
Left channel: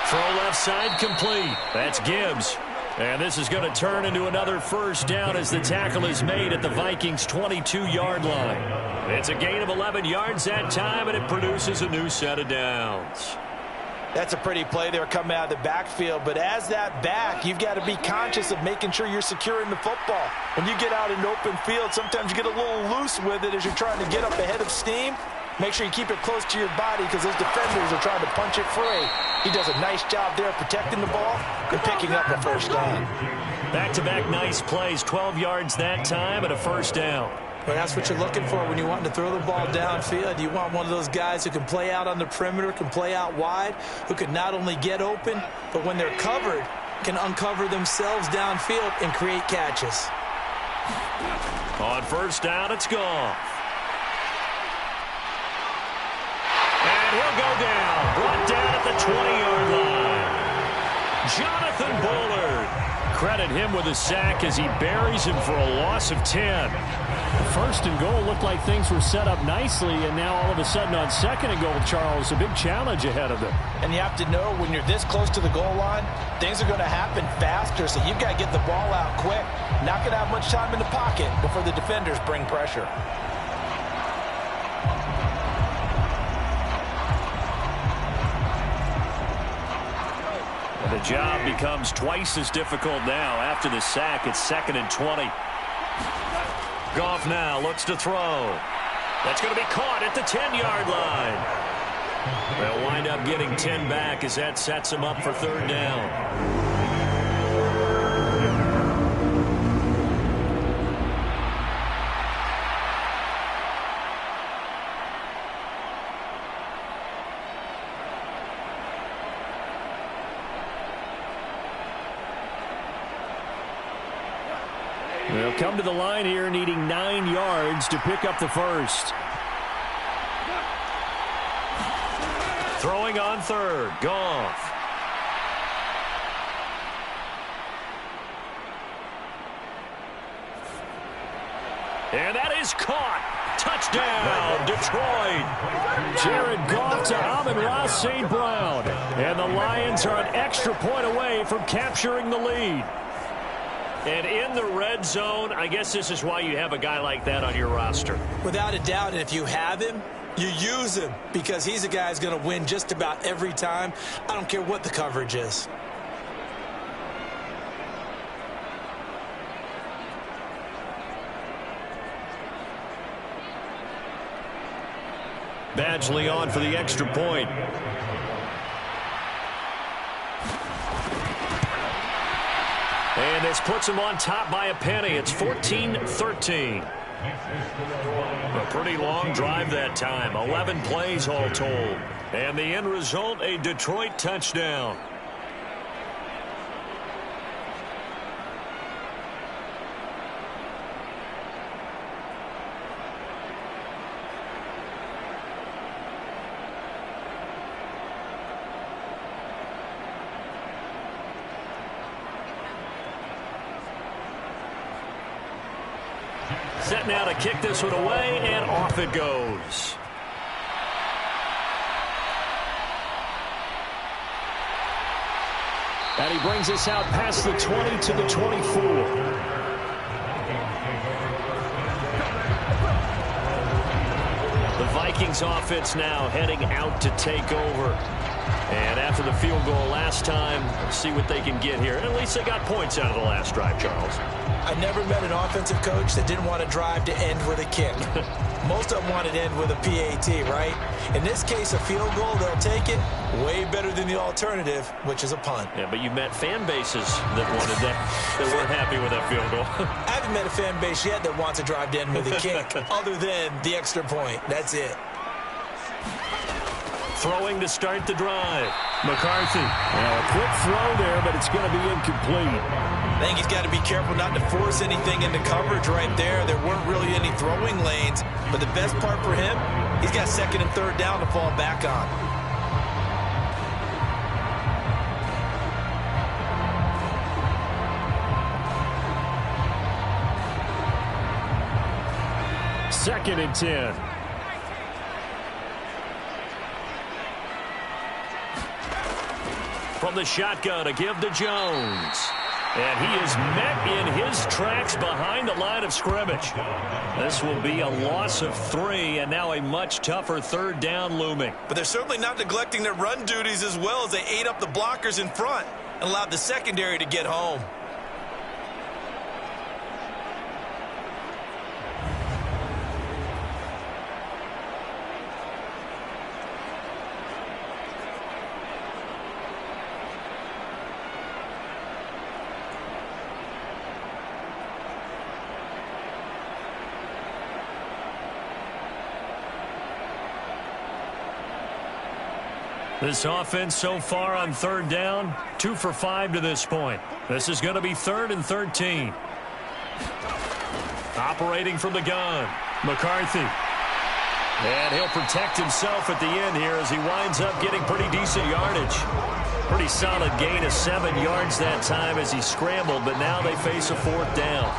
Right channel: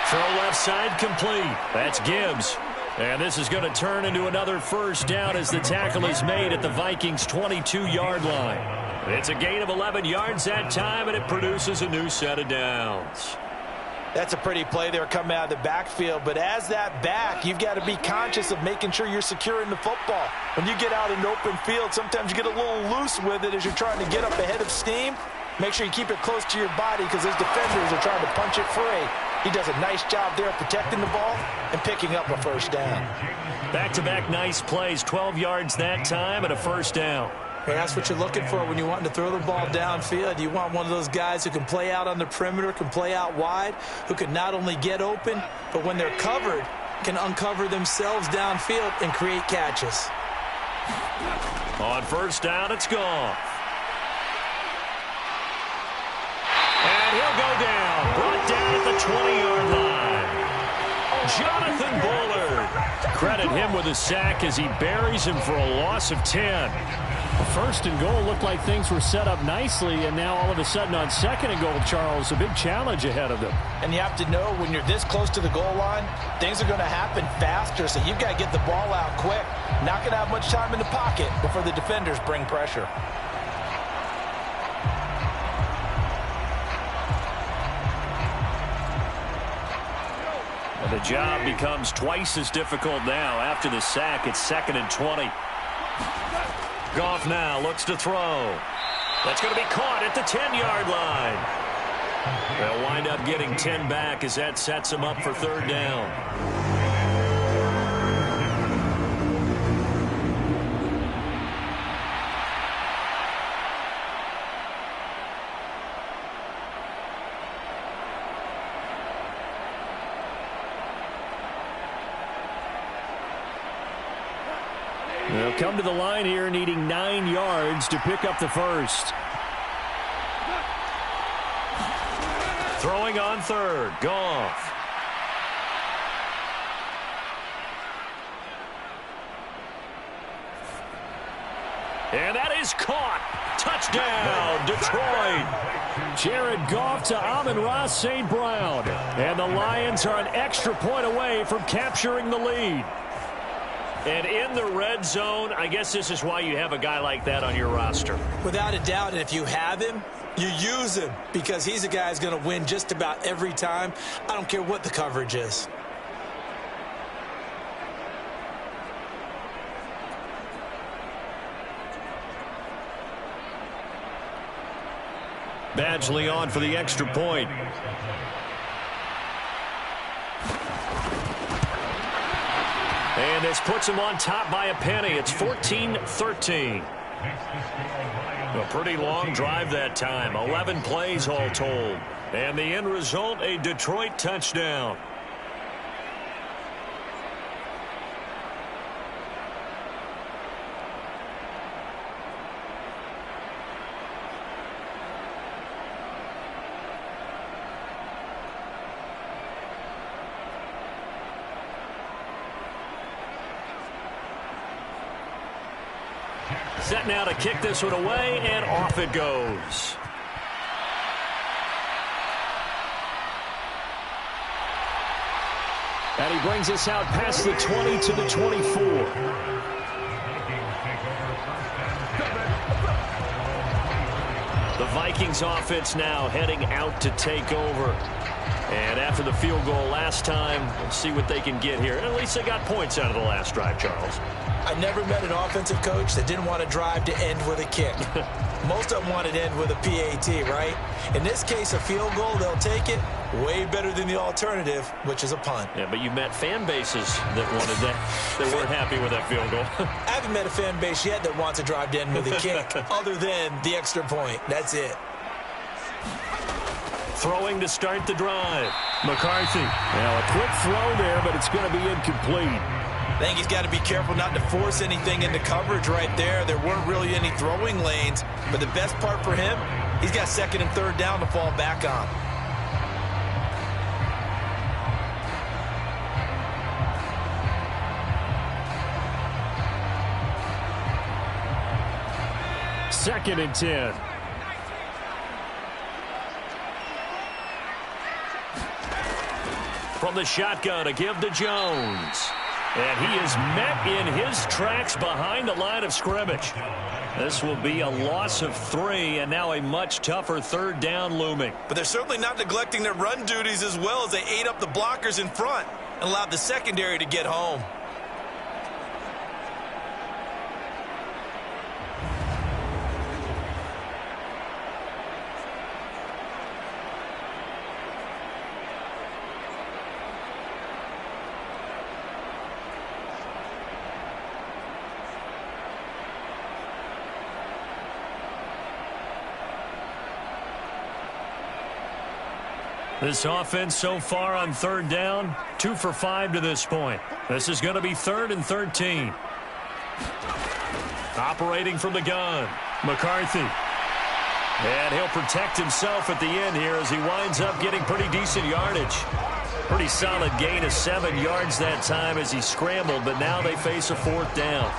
Throw left side complete. That's Gibbs. And this is going to turn into another first down as the tackle is made at the Vikings' 22-yard line. It's a gain of 11 yards that time, and it produces a new set of downs. That's a pretty play there coming out of the backfield, but as that back, you've got to be conscious of making sure you're securing the football. When you get out in open field, sometimes you get a little loose with it as you're trying to get up ahead of steam. Make sure you keep it close to your body because those defenders are trying to punch it free. He does a nice job there protecting the ball and picking up a first down. Back-to-back nice plays, 12 yards that time and a first down. Well, that's what you're looking for when you want to throw the ball downfield. You want one of those guys who can play out on the perimeter, can play out wide, who can not only get open, but when they're covered, can uncover themselves downfield and create catches. On first down, it's Goff. And he'll go down, brought down at the 20-yard line. Jonathan Bullard. Credit him with a sack as he buries him for a loss of 10. First and goal looked like things were set up nicely, and now all of a sudden on second and goal, Charles, a big challenge ahead of them. And you have to know when you're this close to the goal line, things are going to happen faster, so you've got to get the ball out quick. Not going to have much time in the pocket before the defenders bring pressure. And the job becomes twice as difficult now. After the sack, it's 2nd and 20. Goff now looks to throw. That's going to be caught at the 10-yard line. They'll wind up getting 10 back as that sets them up for third down. They'll come to the line here needing 9 yards to pick up the first. Throwing on third, Goff. And that is caught. Touchdown, Detroit. Jared Goff to Amon-Ra St. Brown. And the Lions are an extra point away from capturing the lead. And in the red zone, I guess this is why you have a guy like that on your roster. Without a doubt, and if you have him, you use him because he's a guy who's going to win just about every time. I don't care what the coverage is. Badgley on for the extra point. And this puts him on top by a penny. It's 14-13. A pretty long drive that time. 11 plays all told. And the end result, a Detroit touchdown. Set now to kick this one away, and off it goes. And he brings us out past the 20 to the 24. The Vikings offense now heading out to take over. And after the field goal last time, let's see what they can get here. At least they got points out of the last drive, Charles. I never met an offensive coach that didn't want to drive to end with a kick. Most of them wanted to end with a PAT, right? In this case, a field goal, they'll take it. Way better than the alternative, which is a punt. Yeah, but you've met fan bases that wanted that weren't happy with that field goal. I haven't met a fan base yet that wants to drive to end with a kick other than the extra point. That's it. Throwing to start the drive. McCarthy. Well, a quick throw there, but it's going to be incomplete. I think he's got to be careful not to force anything into coverage right there. There weren't really any throwing lanes, but the best part for him, he's got second and third down to fall back on. Second and 10. From the shotgun, a give to Jones. And he is met in his tracks behind the line of scrimmage. This will be a loss of 3, and now a much tougher third down looming. But they're certainly not neglecting their run duties as well as they ate up the blockers in front and allowed the secondary to get home. This offense so far on third down, 2 for 5 to this point. This is going to be 3rd and 13. Operating from the gun, McCarthy. And he'll protect himself at the end here as he winds up getting pretty decent yardage. Pretty solid gain of 7 yards that time as he scrambled, but now they face a 4th down.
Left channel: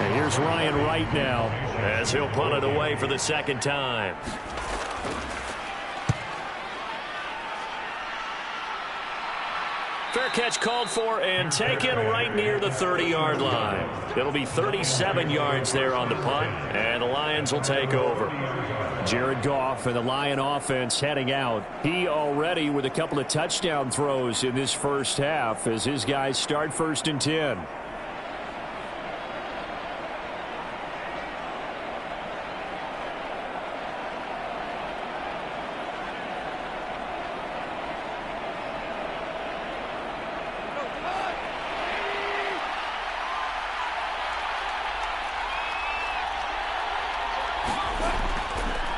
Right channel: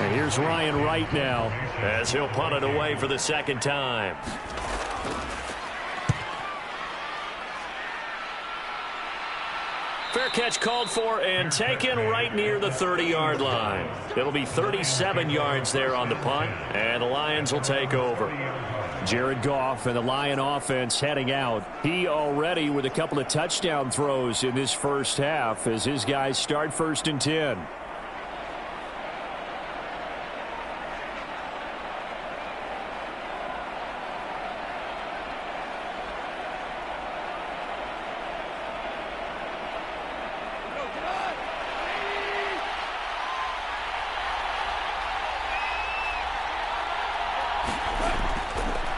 And here's Ryan Wright now as he'll punt it away for the second time. Fair catch called for and taken right near the 30-yard line. It'll be 37 yards there on the punt, and the Lions will take over. Jared Goff and the Lion offense heading out. He already with a couple of touchdown throws in this first half as his guys start 1st and 10.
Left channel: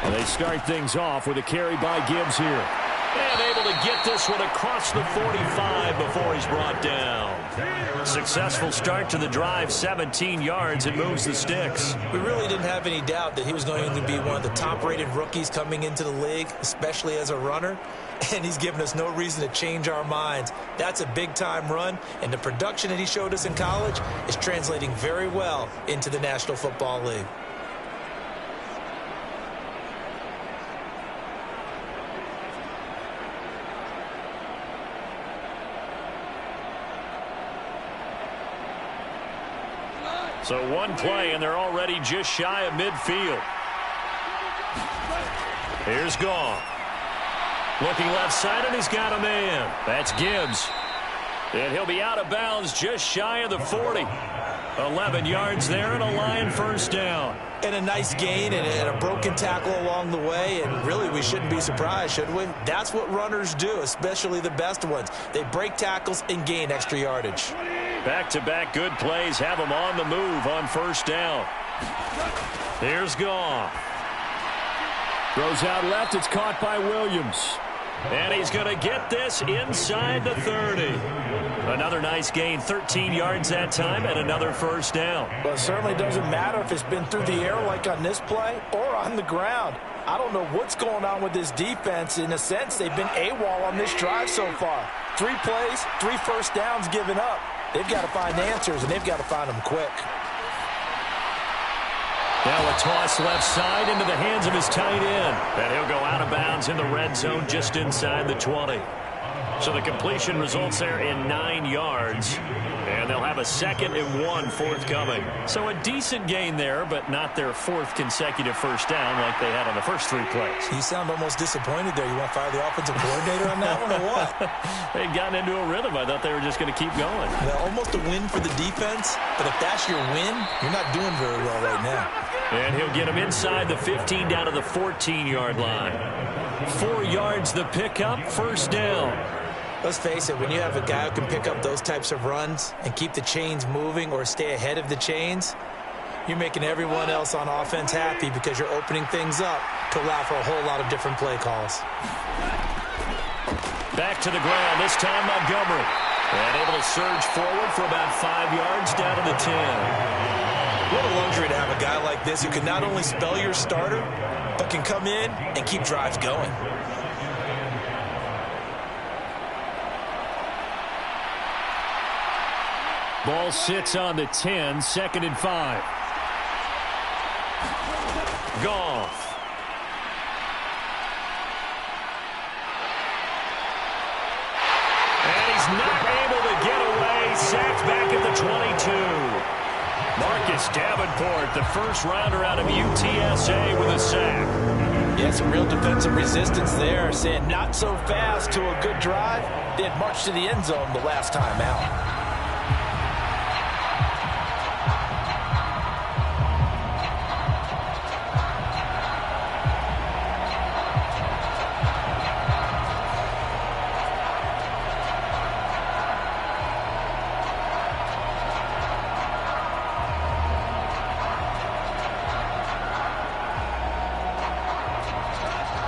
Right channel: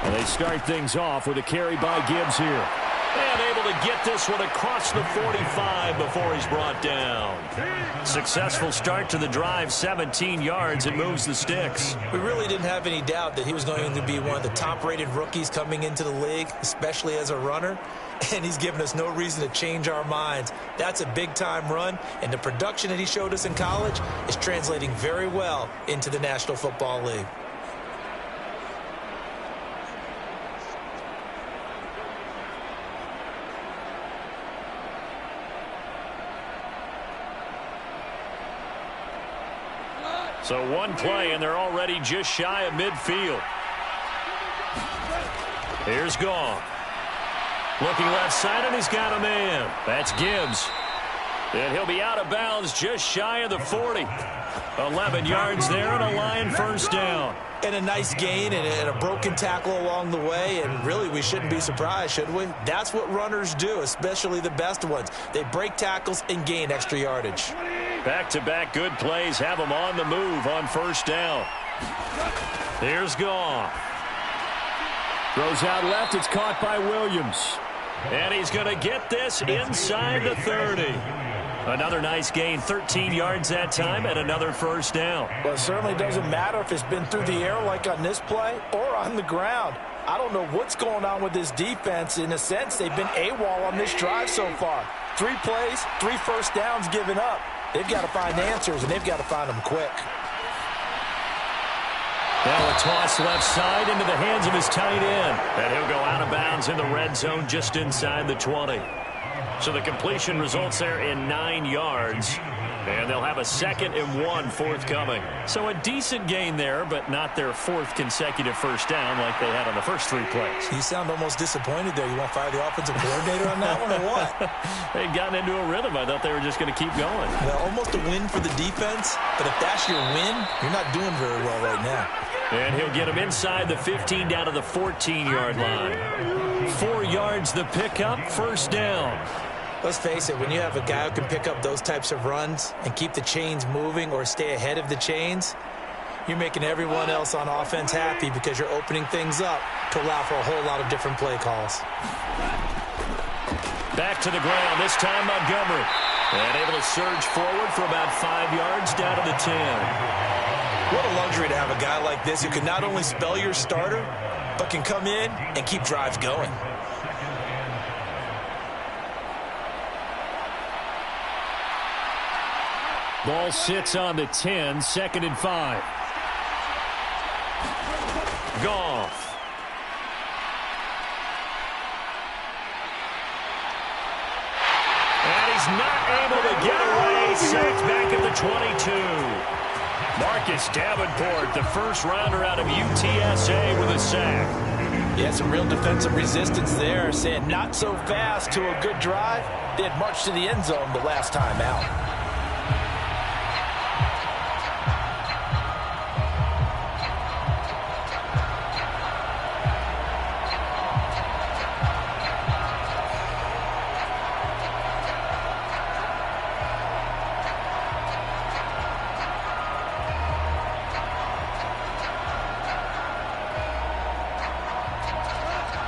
They start things off with a carry by Gibbs here. And able to get this one across the 45 before he's brought down. Successful start to the drive, 17 yards. It moves the sticks. We really didn't have any doubt that he was going to be one of the top-rated rookies coming into the league, especially as a runner. And he's given us no reason to change our minds. That's a big-time run, and the production that he showed us in college is translating very well into the National Football League. So one play, and they're already just shy of midfield. Here's Goff. Looking left side, and he's got a man. That's Gibbs. And he'll be out of bounds just shy of the 40. 11 yards there and a Lion first down. And a nice gain and a broken tackle along the way. And really, we shouldn't be surprised, should we? That's what runners do, especially the best ones. They break tackles and gain extra yardage. Back-to-back good plays have them on the move on first down. Here's Goff. Throws out left. It's caught by Williams. And he's going to get this inside the 30. Another nice gain, 13 yards that time, and another first down. Well, it certainly doesn't matter if it's been through the air like on this play or on the ground. I don't know what's going on with this defense. In a sense, they've been AWOL on this drive so far. 3 plays, 3 first downs given up. They've got to find answers, and they've got to find them quick. Now a toss left side into the hands of his tight end. And he'll go out of bounds in the red zone just inside the 20. So the completion results there in 9 yards. And they'll have a 2nd and 1 forthcoming. So a decent gain there, but not their 4th consecutive first down like they had on the first 3 plays. You sound almost disappointed there. You want to fire the offensive coordinator on that one or what? They'd gotten into a rhythm. I thought they were just going to keep going. Well, almost a win for the defense, but if that's your win, you're not doing very well right now. And he'll get him inside the 15 down to the 14-yard line. 4 yards the pickup, first down. Let's face it, when you have a guy who can pick up those types of runs and keep the chains moving or stay ahead of the chains, you're making everyone else on offense happy because you're opening things up to allow for a whole lot of different play calls. Back to the ground, this time Montgomery. And able to surge forward for about 5 yards down to the 10. What a luxury to have a guy like this who can not only spell your starter, but can come in and keep drives going. Ball sits on the 10, 2nd and 5. Goff. And he's not able to get away. Sacked back at the 22. Marcus Davenport, the first rounder out of UTSA with a sack. Yeah, some real defensive resistance there, saying not so fast to a good drive. They had marched to the end zone the last time out.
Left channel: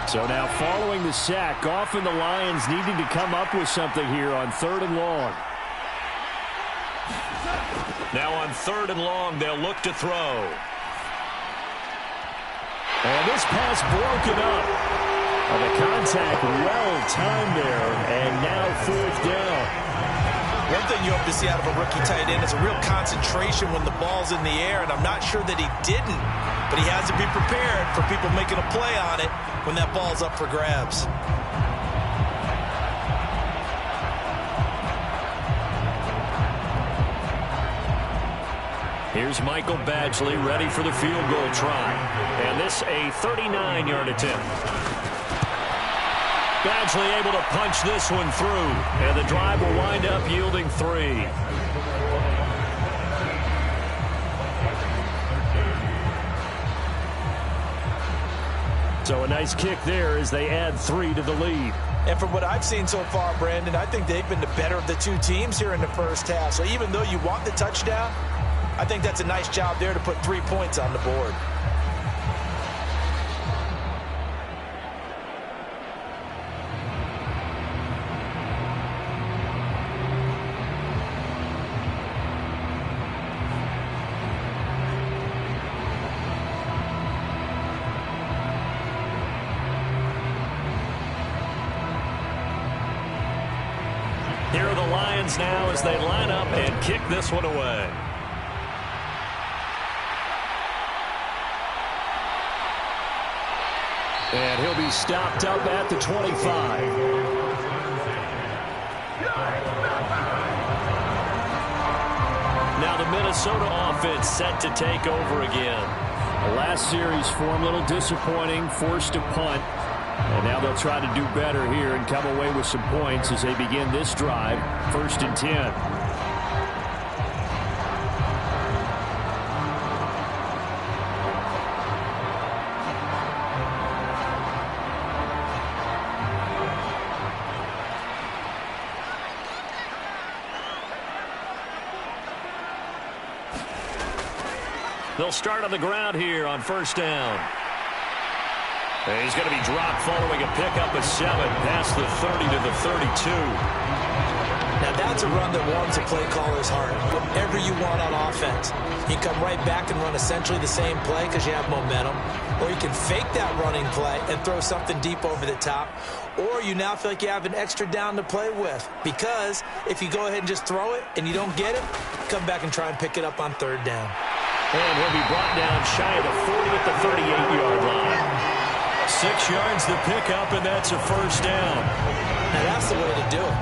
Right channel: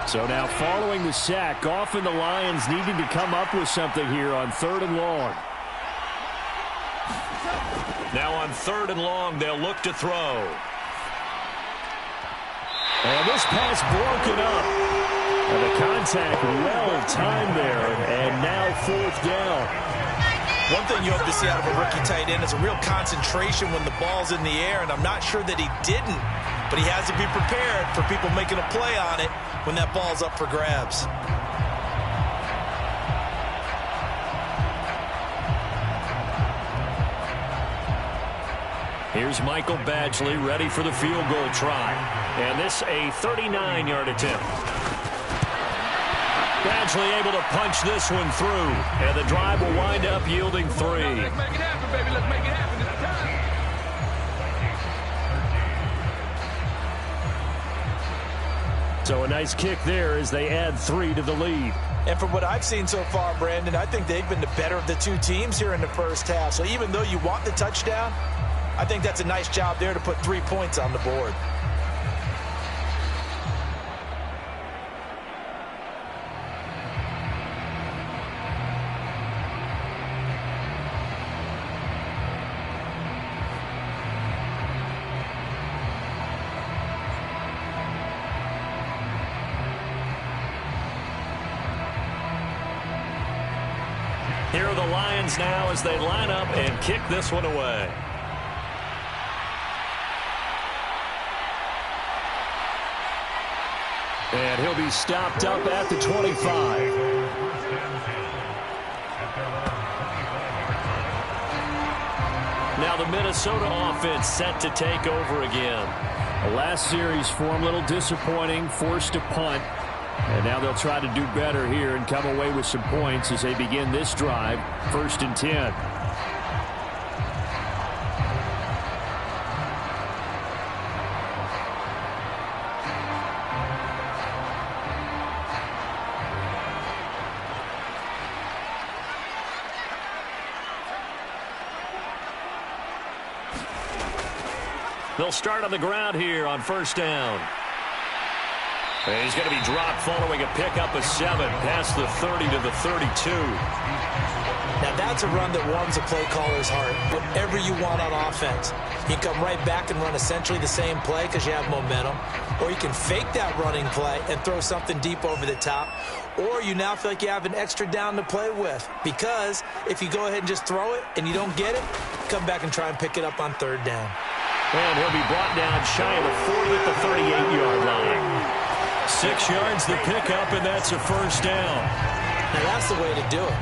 So now following the sack, Goff and the Lions needing to come up with something here on 3rd and long. Now on 3rd and long, they'll look to throw. And this pass broken up. And the contact well timed there, and now 4th down. One thing you hope to see out of a rookie tight end is a real concentration when the ball's in the air, and I'm not sure that he didn't, but he has to be prepared for people making a play on it when that ball's up for grabs. Here's Michael Badgley ready for the field goal try. And this a 39-yard attempt. Badgley able to punch this one through. And the drive will wind up yielding 3. So a nice kick there as they add 3 to the lead. And from what I've seen so far, Brandon, I think they've been the better of the 2 teams here in the first half. So even though you want the touchdown, I think that's a nice job there to put 3 points on the board. Here are the Lions now as they line up and kick this one away. And he'll be stopped up at the 25. Now the Minnesota offense set to take over again. The last series for him, a little disappointing, forced to punt. And now they'll try to do better here and come away with some points as they begin this drive, 1st and 10. They'll start on the ground here on 1st down. And he's going to be dropped following a pickup of 7 past the 30 to the 32. Now that's a run that warms the play caller's heart. Whatever you want on offense. You can come right back and run essentially the same play because you have momentum. Or you can fake that running play and throw something deep over the top. Or you now feel like you have an extra down to play with. Because if you go ahead and just throw it and you don't get it, come back and try and pick it up on 3rd down. And he'll be brought down shy of the 40 at the 38-yard line. 6 yards the pickup, and that's a 1st down. Now that's the way to do it.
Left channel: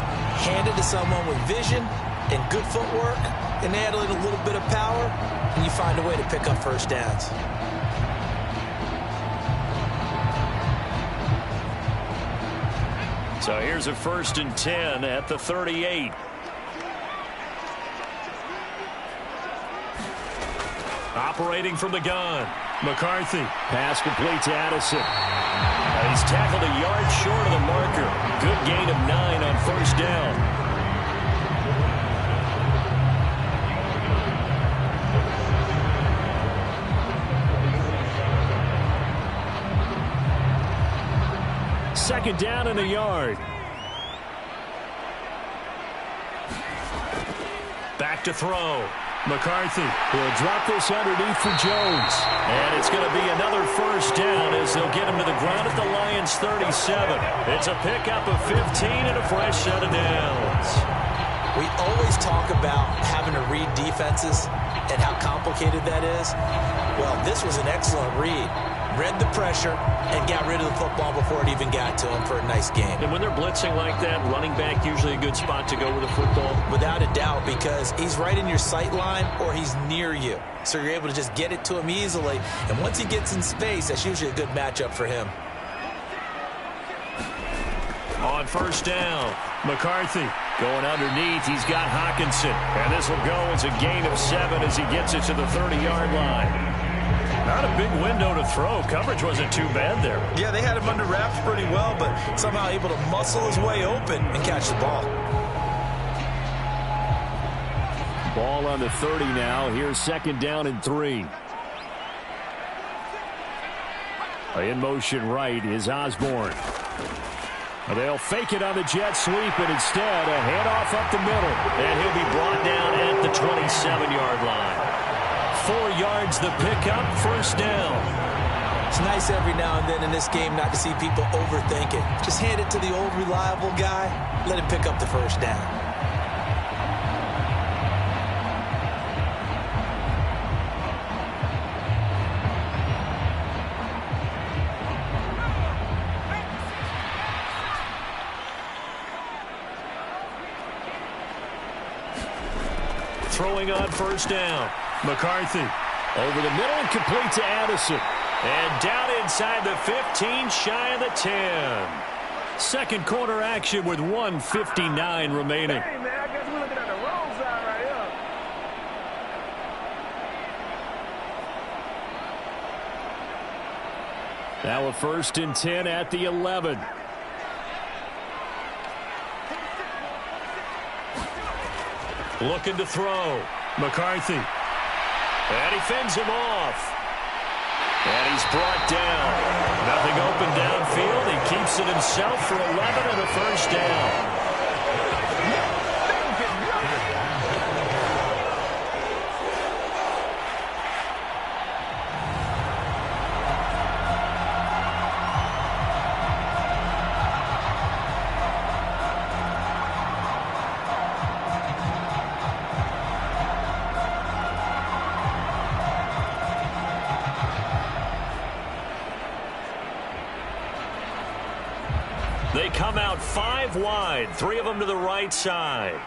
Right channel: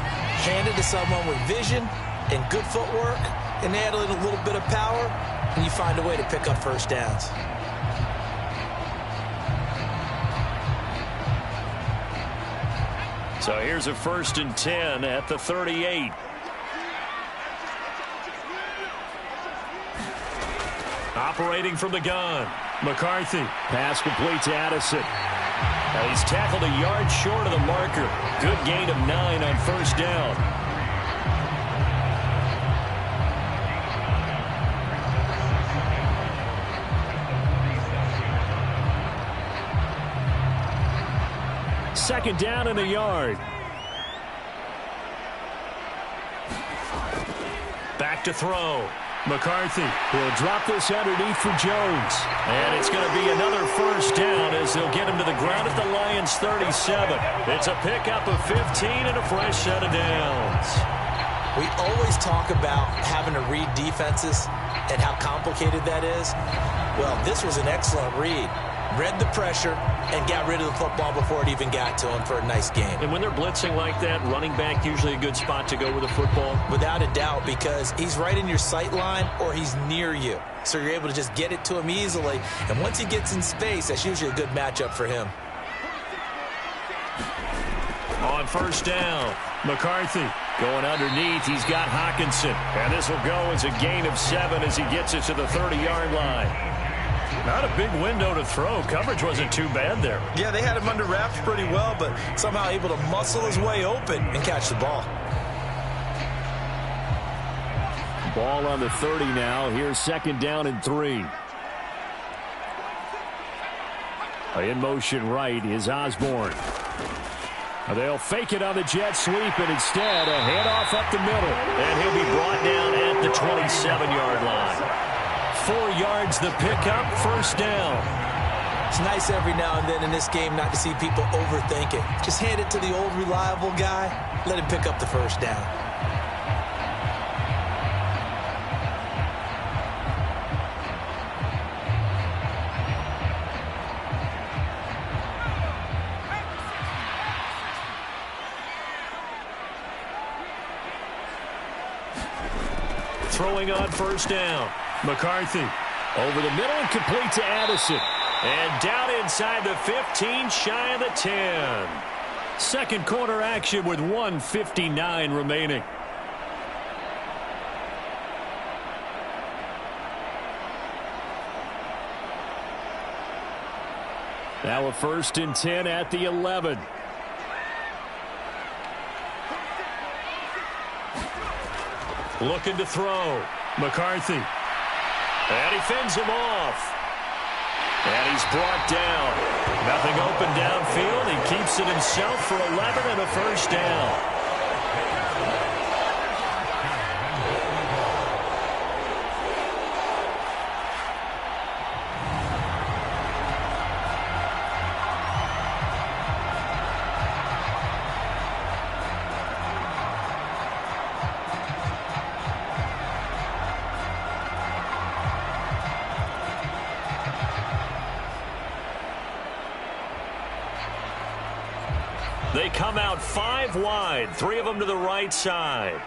Hand it to someone with vision and good footwork and add a little bit of power, and you find a way to pick up 1st downs. So here's a 1st and 10 at the 38. Operating from the gun, McCarthy. Pass complete to Addison. Now he's tackled a yard short of the marker. Good gain of 9 on 1st down. Second down and a yard. Back to throw. McCarthy will drop this underneath for Jones. And it's going to be another 1st down as they'll get him to the ground at the Lions' 37. It's a pickup of 15 and a fresh set of downs. We always talk about having to read defenses and how complicated that is. Well, this was an excellent read. Read the pressure and got rid of the football before it even got to him for a nice game. And when they're blitzing like that, running back usually a good spot to go with the football? Without a doubt, because he's right in your sight line or he's near you. So you're able to just get it to him easily. And once he gets in space, that's usually a good matchup for him. On 1st down, McCarthy going underneath. He's got Hawkinson. And this will go as a gain of 7 as he gets it to the 30-yard line. Not a big window to throw. Coverage wasn't too bad there. Yeah, they had him under wraps pretty well, but somehow able to muscle his way open and catch the ball. Ball on the 30 now. Here's 2nd down and 3. In motion right is Osborne. They'll fake it on the jet sweep, and instead a handoff up the middle. And he'll be brought down at the 27-yard line. 4 yards the pickup, 1st down. It's nice every now and then in this game not to see people overthink it. Just hand it to the old reliable guy. Let him pick up the 1st down. Throwing on 1st down. McCarthy over the middle and complete to Addison. And down inside the 15, shy of the 10. Second quarter action with 1:59 remaining. Now a 1st and 10 at the 11. Looking to throw. McCarthy. And he fends him off. And he's brought down. Nothing open downfield. He keeps it himself for 11 and a 1st down. They come out 5 wide, 3 of them to the right side.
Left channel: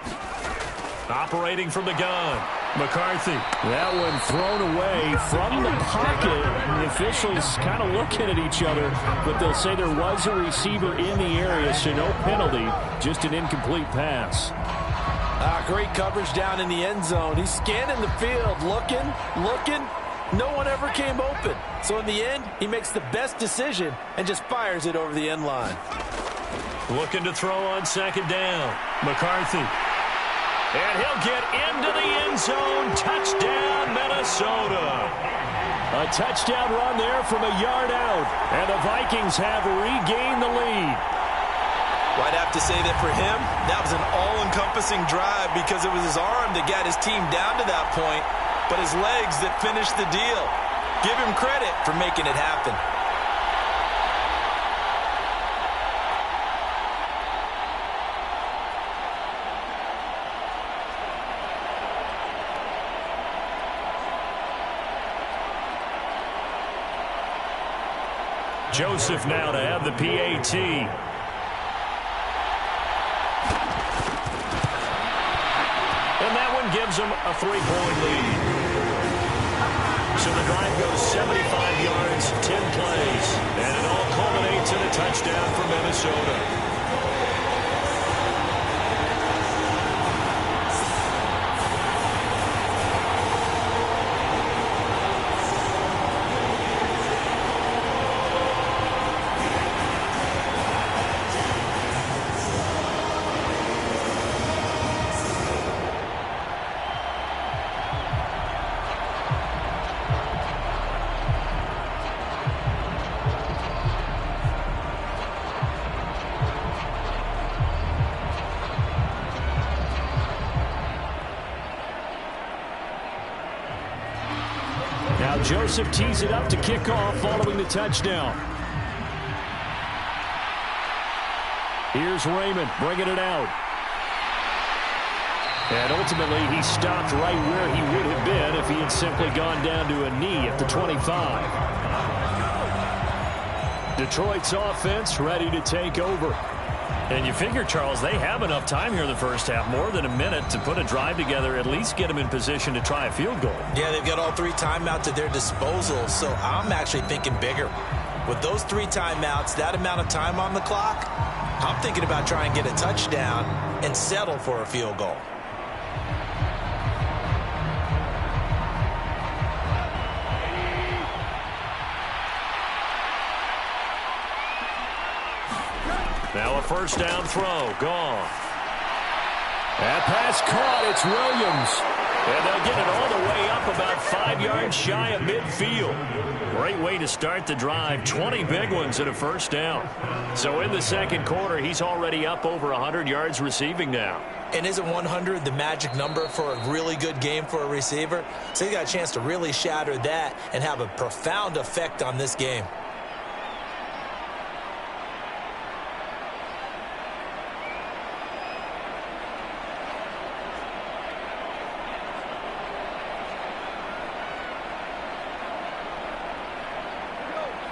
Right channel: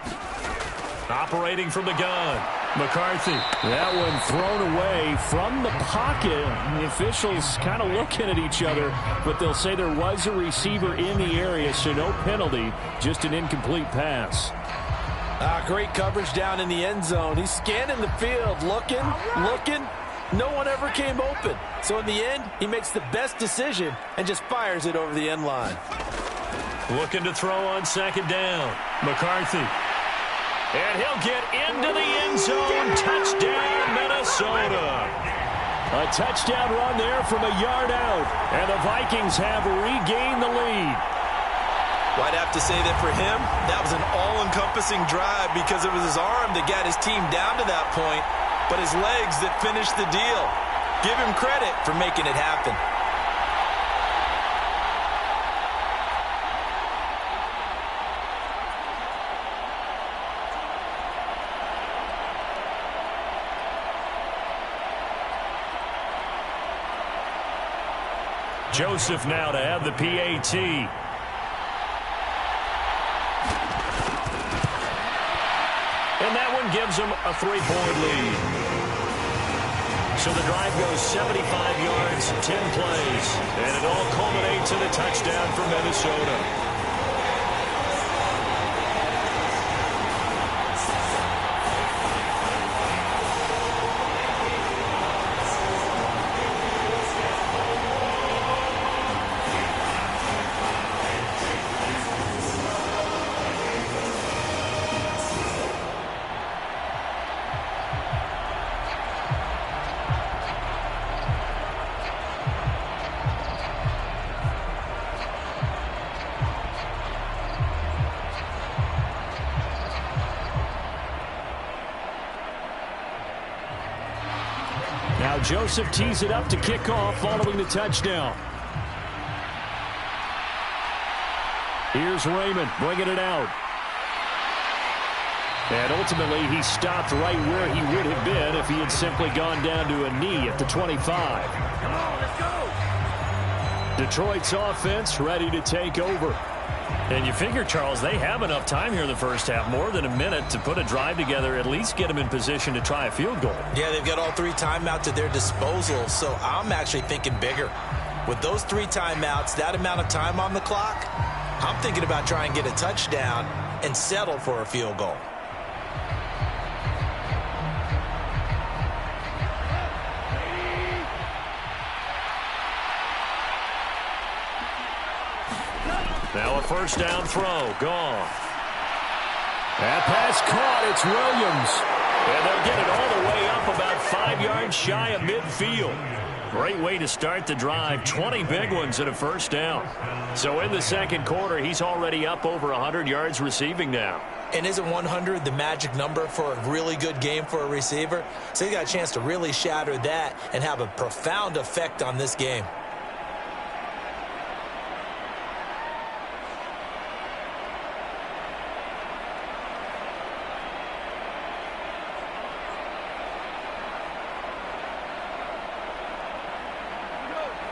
Operating from the gun, McCarthy. That one thrown away from the pocket. The officials kind of looking at each other, but they'll say there was a receiver in the area, so no penalty, just an incomplete pass. Great coverage down in the end zone. He's scanning the field, looking. No one ever came open. So in the end, he makes the best decision and just fires it over the end line. Looking to throw on 2nd down. McCarthy. And he'll get into the end zone. Touchdown, Minnesota. A touchdown run there from a yard out. And the Vikings have regained the lead. Well, I'd have to say that for him, that was an all-encompassing drive because it was his arm that got his team down to that point, but his legs that finished the deal. Give him credit for making it happen. Joseph now to have the PAT. And that one gives them a 3-point lead. So the drive goes 75 yards, 10 plays. And it all culminates in a touchdown for Minnesota. Now Joseph tees it up to kick off following the touchdown. Here's Raymond bringing it out. And ultimately he stopped right where he would have been if he had simply gone down to a knee at the 25. Come on, let's go. Detroit's offense ready to take over. And you figure, Charles, they have enough time here in the first half, more than a minute, to put a drive together, at least get them in position to try a field goal. Yeah, they've got all 3 timeouts at their disposal, so I'm actually thinking bigger. With those 3 timeouts, that amount of time on the clock, I'm thinking about trying to get a touchdown and settle for a field goal. Now a first down throw, gone. That pass caught, it's Williams. And they'll get it all the way up about 5 yards shy of midfield. Great way to start the drive. 20 big ones at a first down. So in the second quarter, he's already up over 100 yards receiving now. And isn't 100 the magic number for a really good game for a receiver? So he got a chance to really shatter that and have a profound effect on this game.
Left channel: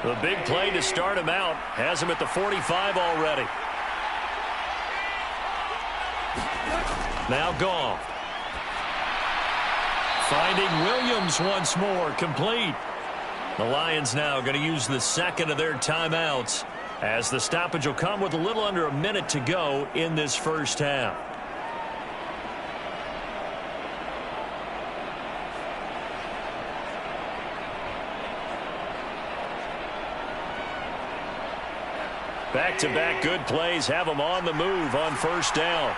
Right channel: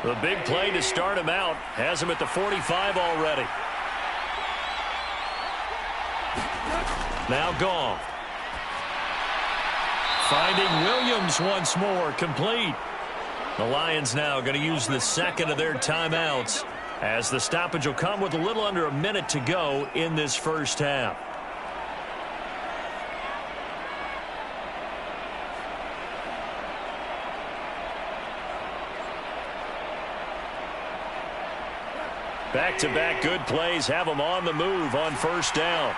The big play to start him out has him at the 45 already. Now Goff. Finding Williams once more, complete. The Lions now going to use the second of their timeouts as the stoppage will come with a little under a minute to go in this first half. Back-to-back good plays have them on the move on first down.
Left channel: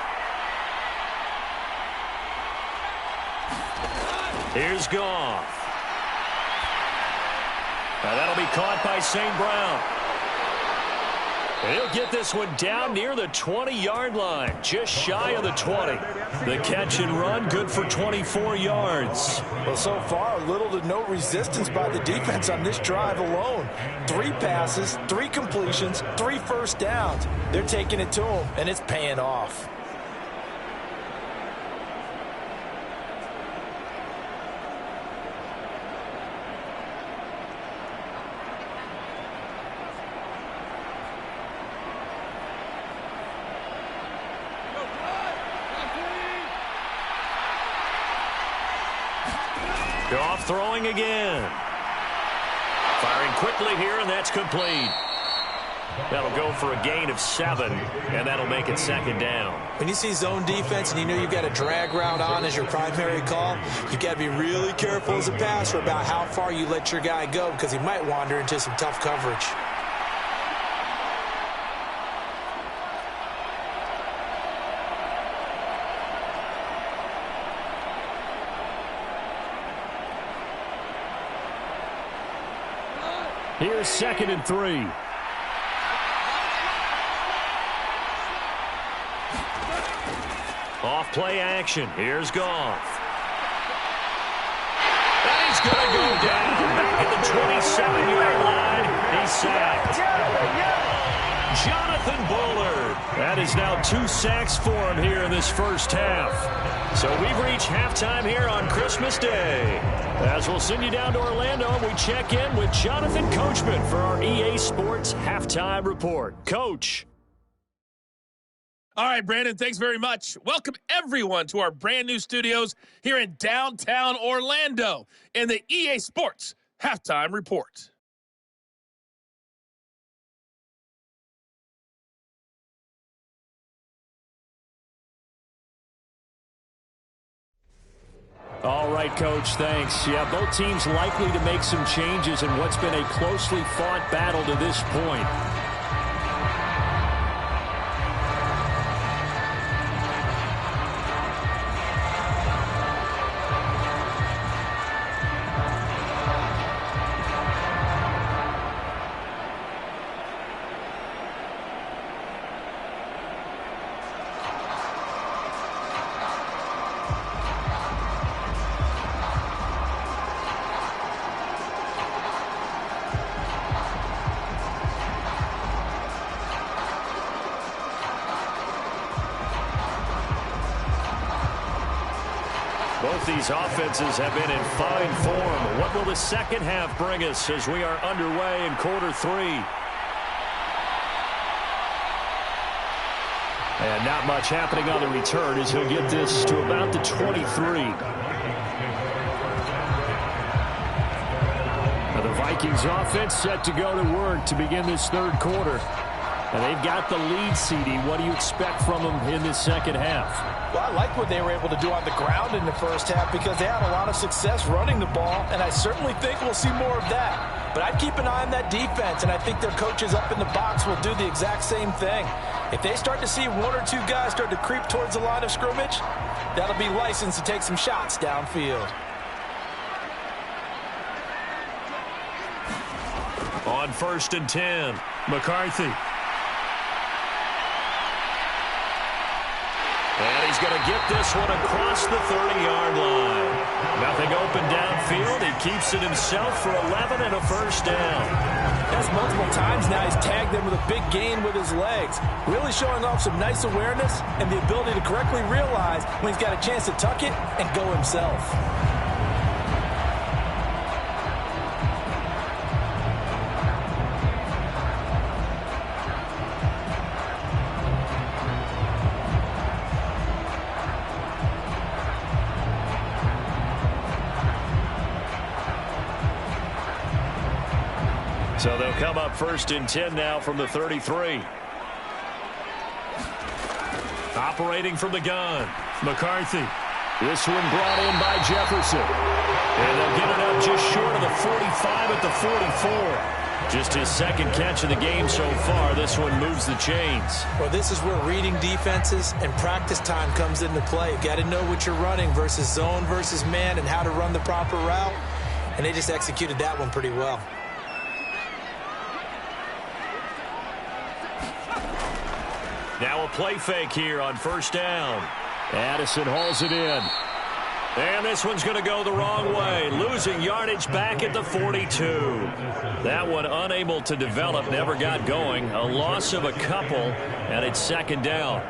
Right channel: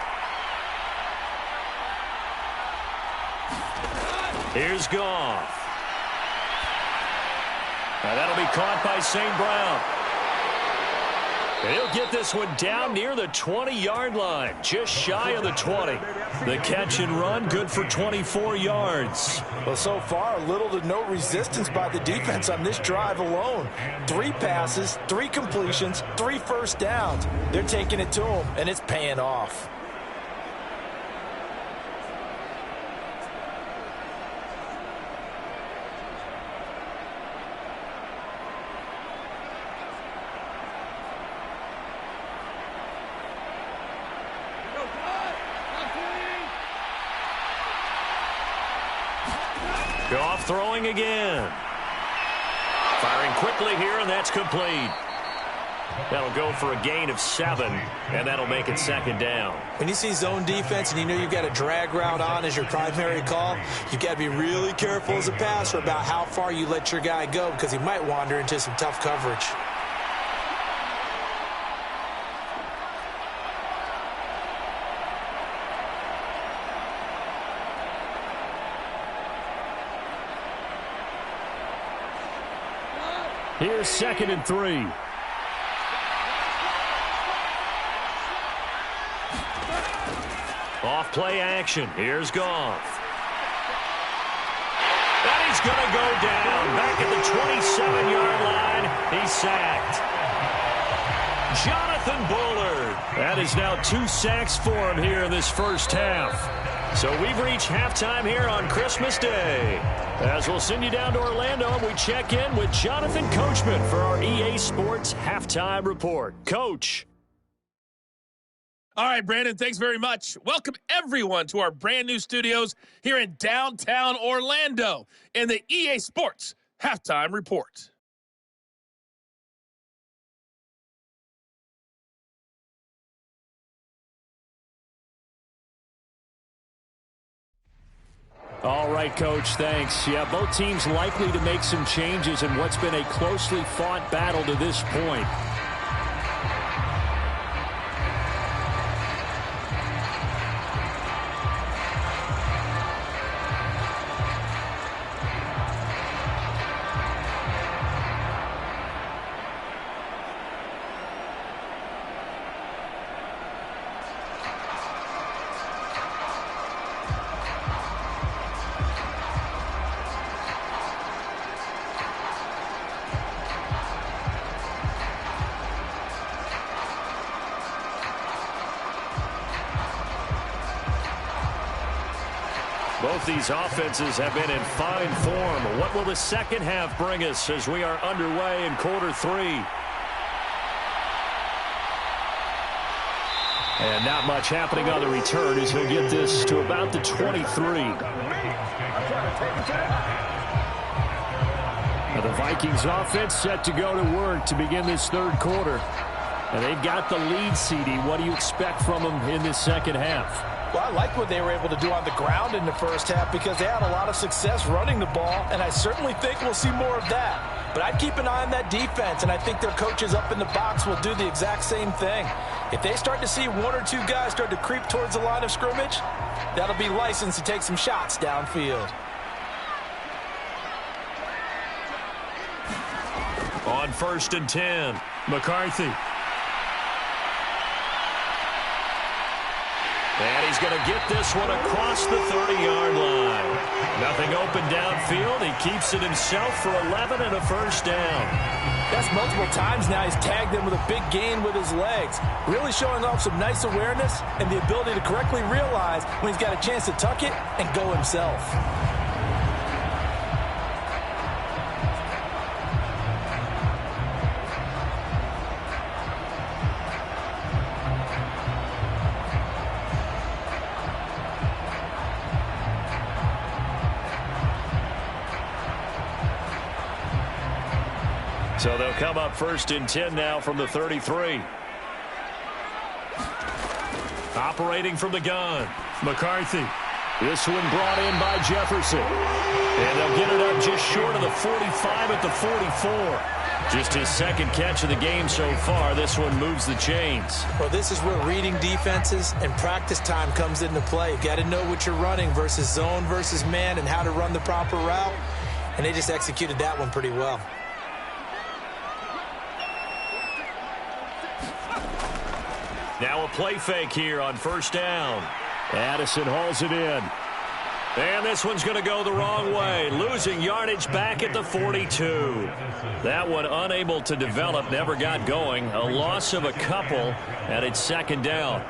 Here's Goff. Now that'll be caught by St. Brown. He'll get this one down near the 20-yard line, just shy of the 20. The catch and run, good for 24 yards. Well, so far, little to no resistance by the defense on this drive alone. 3 passes, 3 completions, 3 first downs. They're taking it to him, and it's paying off. Goff throwing again. Firing quickly here, and that's complete. That'll go for a gain of 7, and that'll make it second down. When you see zone defense and you know you've got a drag route on as your primary call, you've got to be really careful as a passer about how far you let your guy go because he might wander into some tough coverage. Here's 2nd and 3. Off play action. Here's Goff. And he's going to go down. Back at the 27-yard line. He's sacked. Jonathan Bullard. That is now 2 sacks for him here in this first half. So we've reached halftime here on Christmas Day. As we'll send you down to Orlando, and we check in with Jonathan Coachman for our EA Sports Halftime Report. Coach. All right, Brandon, thanks very much. Welcome, everyone, to our brand new studios here in downtown Orlando in the EA Sports Halftime Report. All right, Coach, thanks. Yeah, both teams likely to make some changes in what's been a closely fought battle to this point. Both these offenses have been in fine form. What will the second half bring us as we are underway in quarter 3? And not much happening on the return as he'll get this to about the 23. Now the Vikings offense set to go to work to begin this third quarter. And they've got the lead, CD. What do you expect from them in this second half? Well, I like what they were able to do on the ground in the first half because they had a lot of success running the ball, and I certainly think we'll see more of that. But I'd keep an eye on that defense, and I think their coaches up in the box will do the exact same thing. If they start to see 1 or 2 guys start to creep towards the line of scrimmage, that'll be licensed to take some shots downfield. On 1st and 10, McCarthy. And he's going to get this one across the 30-yard line. Nothing open downfield. He keeps it himself for 11 and a first down. That's multiple times now he's tagged them with a big gain with his legs. Really showing off some nice awareness and the ability to correctly realize when he's got a chance to tuck it and go himself. So they'll come up 1st and 10 now from the 33. Operating from the gun, McCarthy. This one brought in by Jefferson. And they'll get it up just short of the 45 at the 44. Just his second catch of the game so far. This one moves the chains. Well, this is where reading defenses and practice time comes into play. You've got to know what you're running versus zone versus man and how to run the proper route. And they just executed that one pretty well. Now a play fake here on 1st down. Addison hauls it in. And this one's going to go the wrong way. Losing yardage back at the 42. That one unable to develop, never got going. A loss of a couple, and it's 2nd down.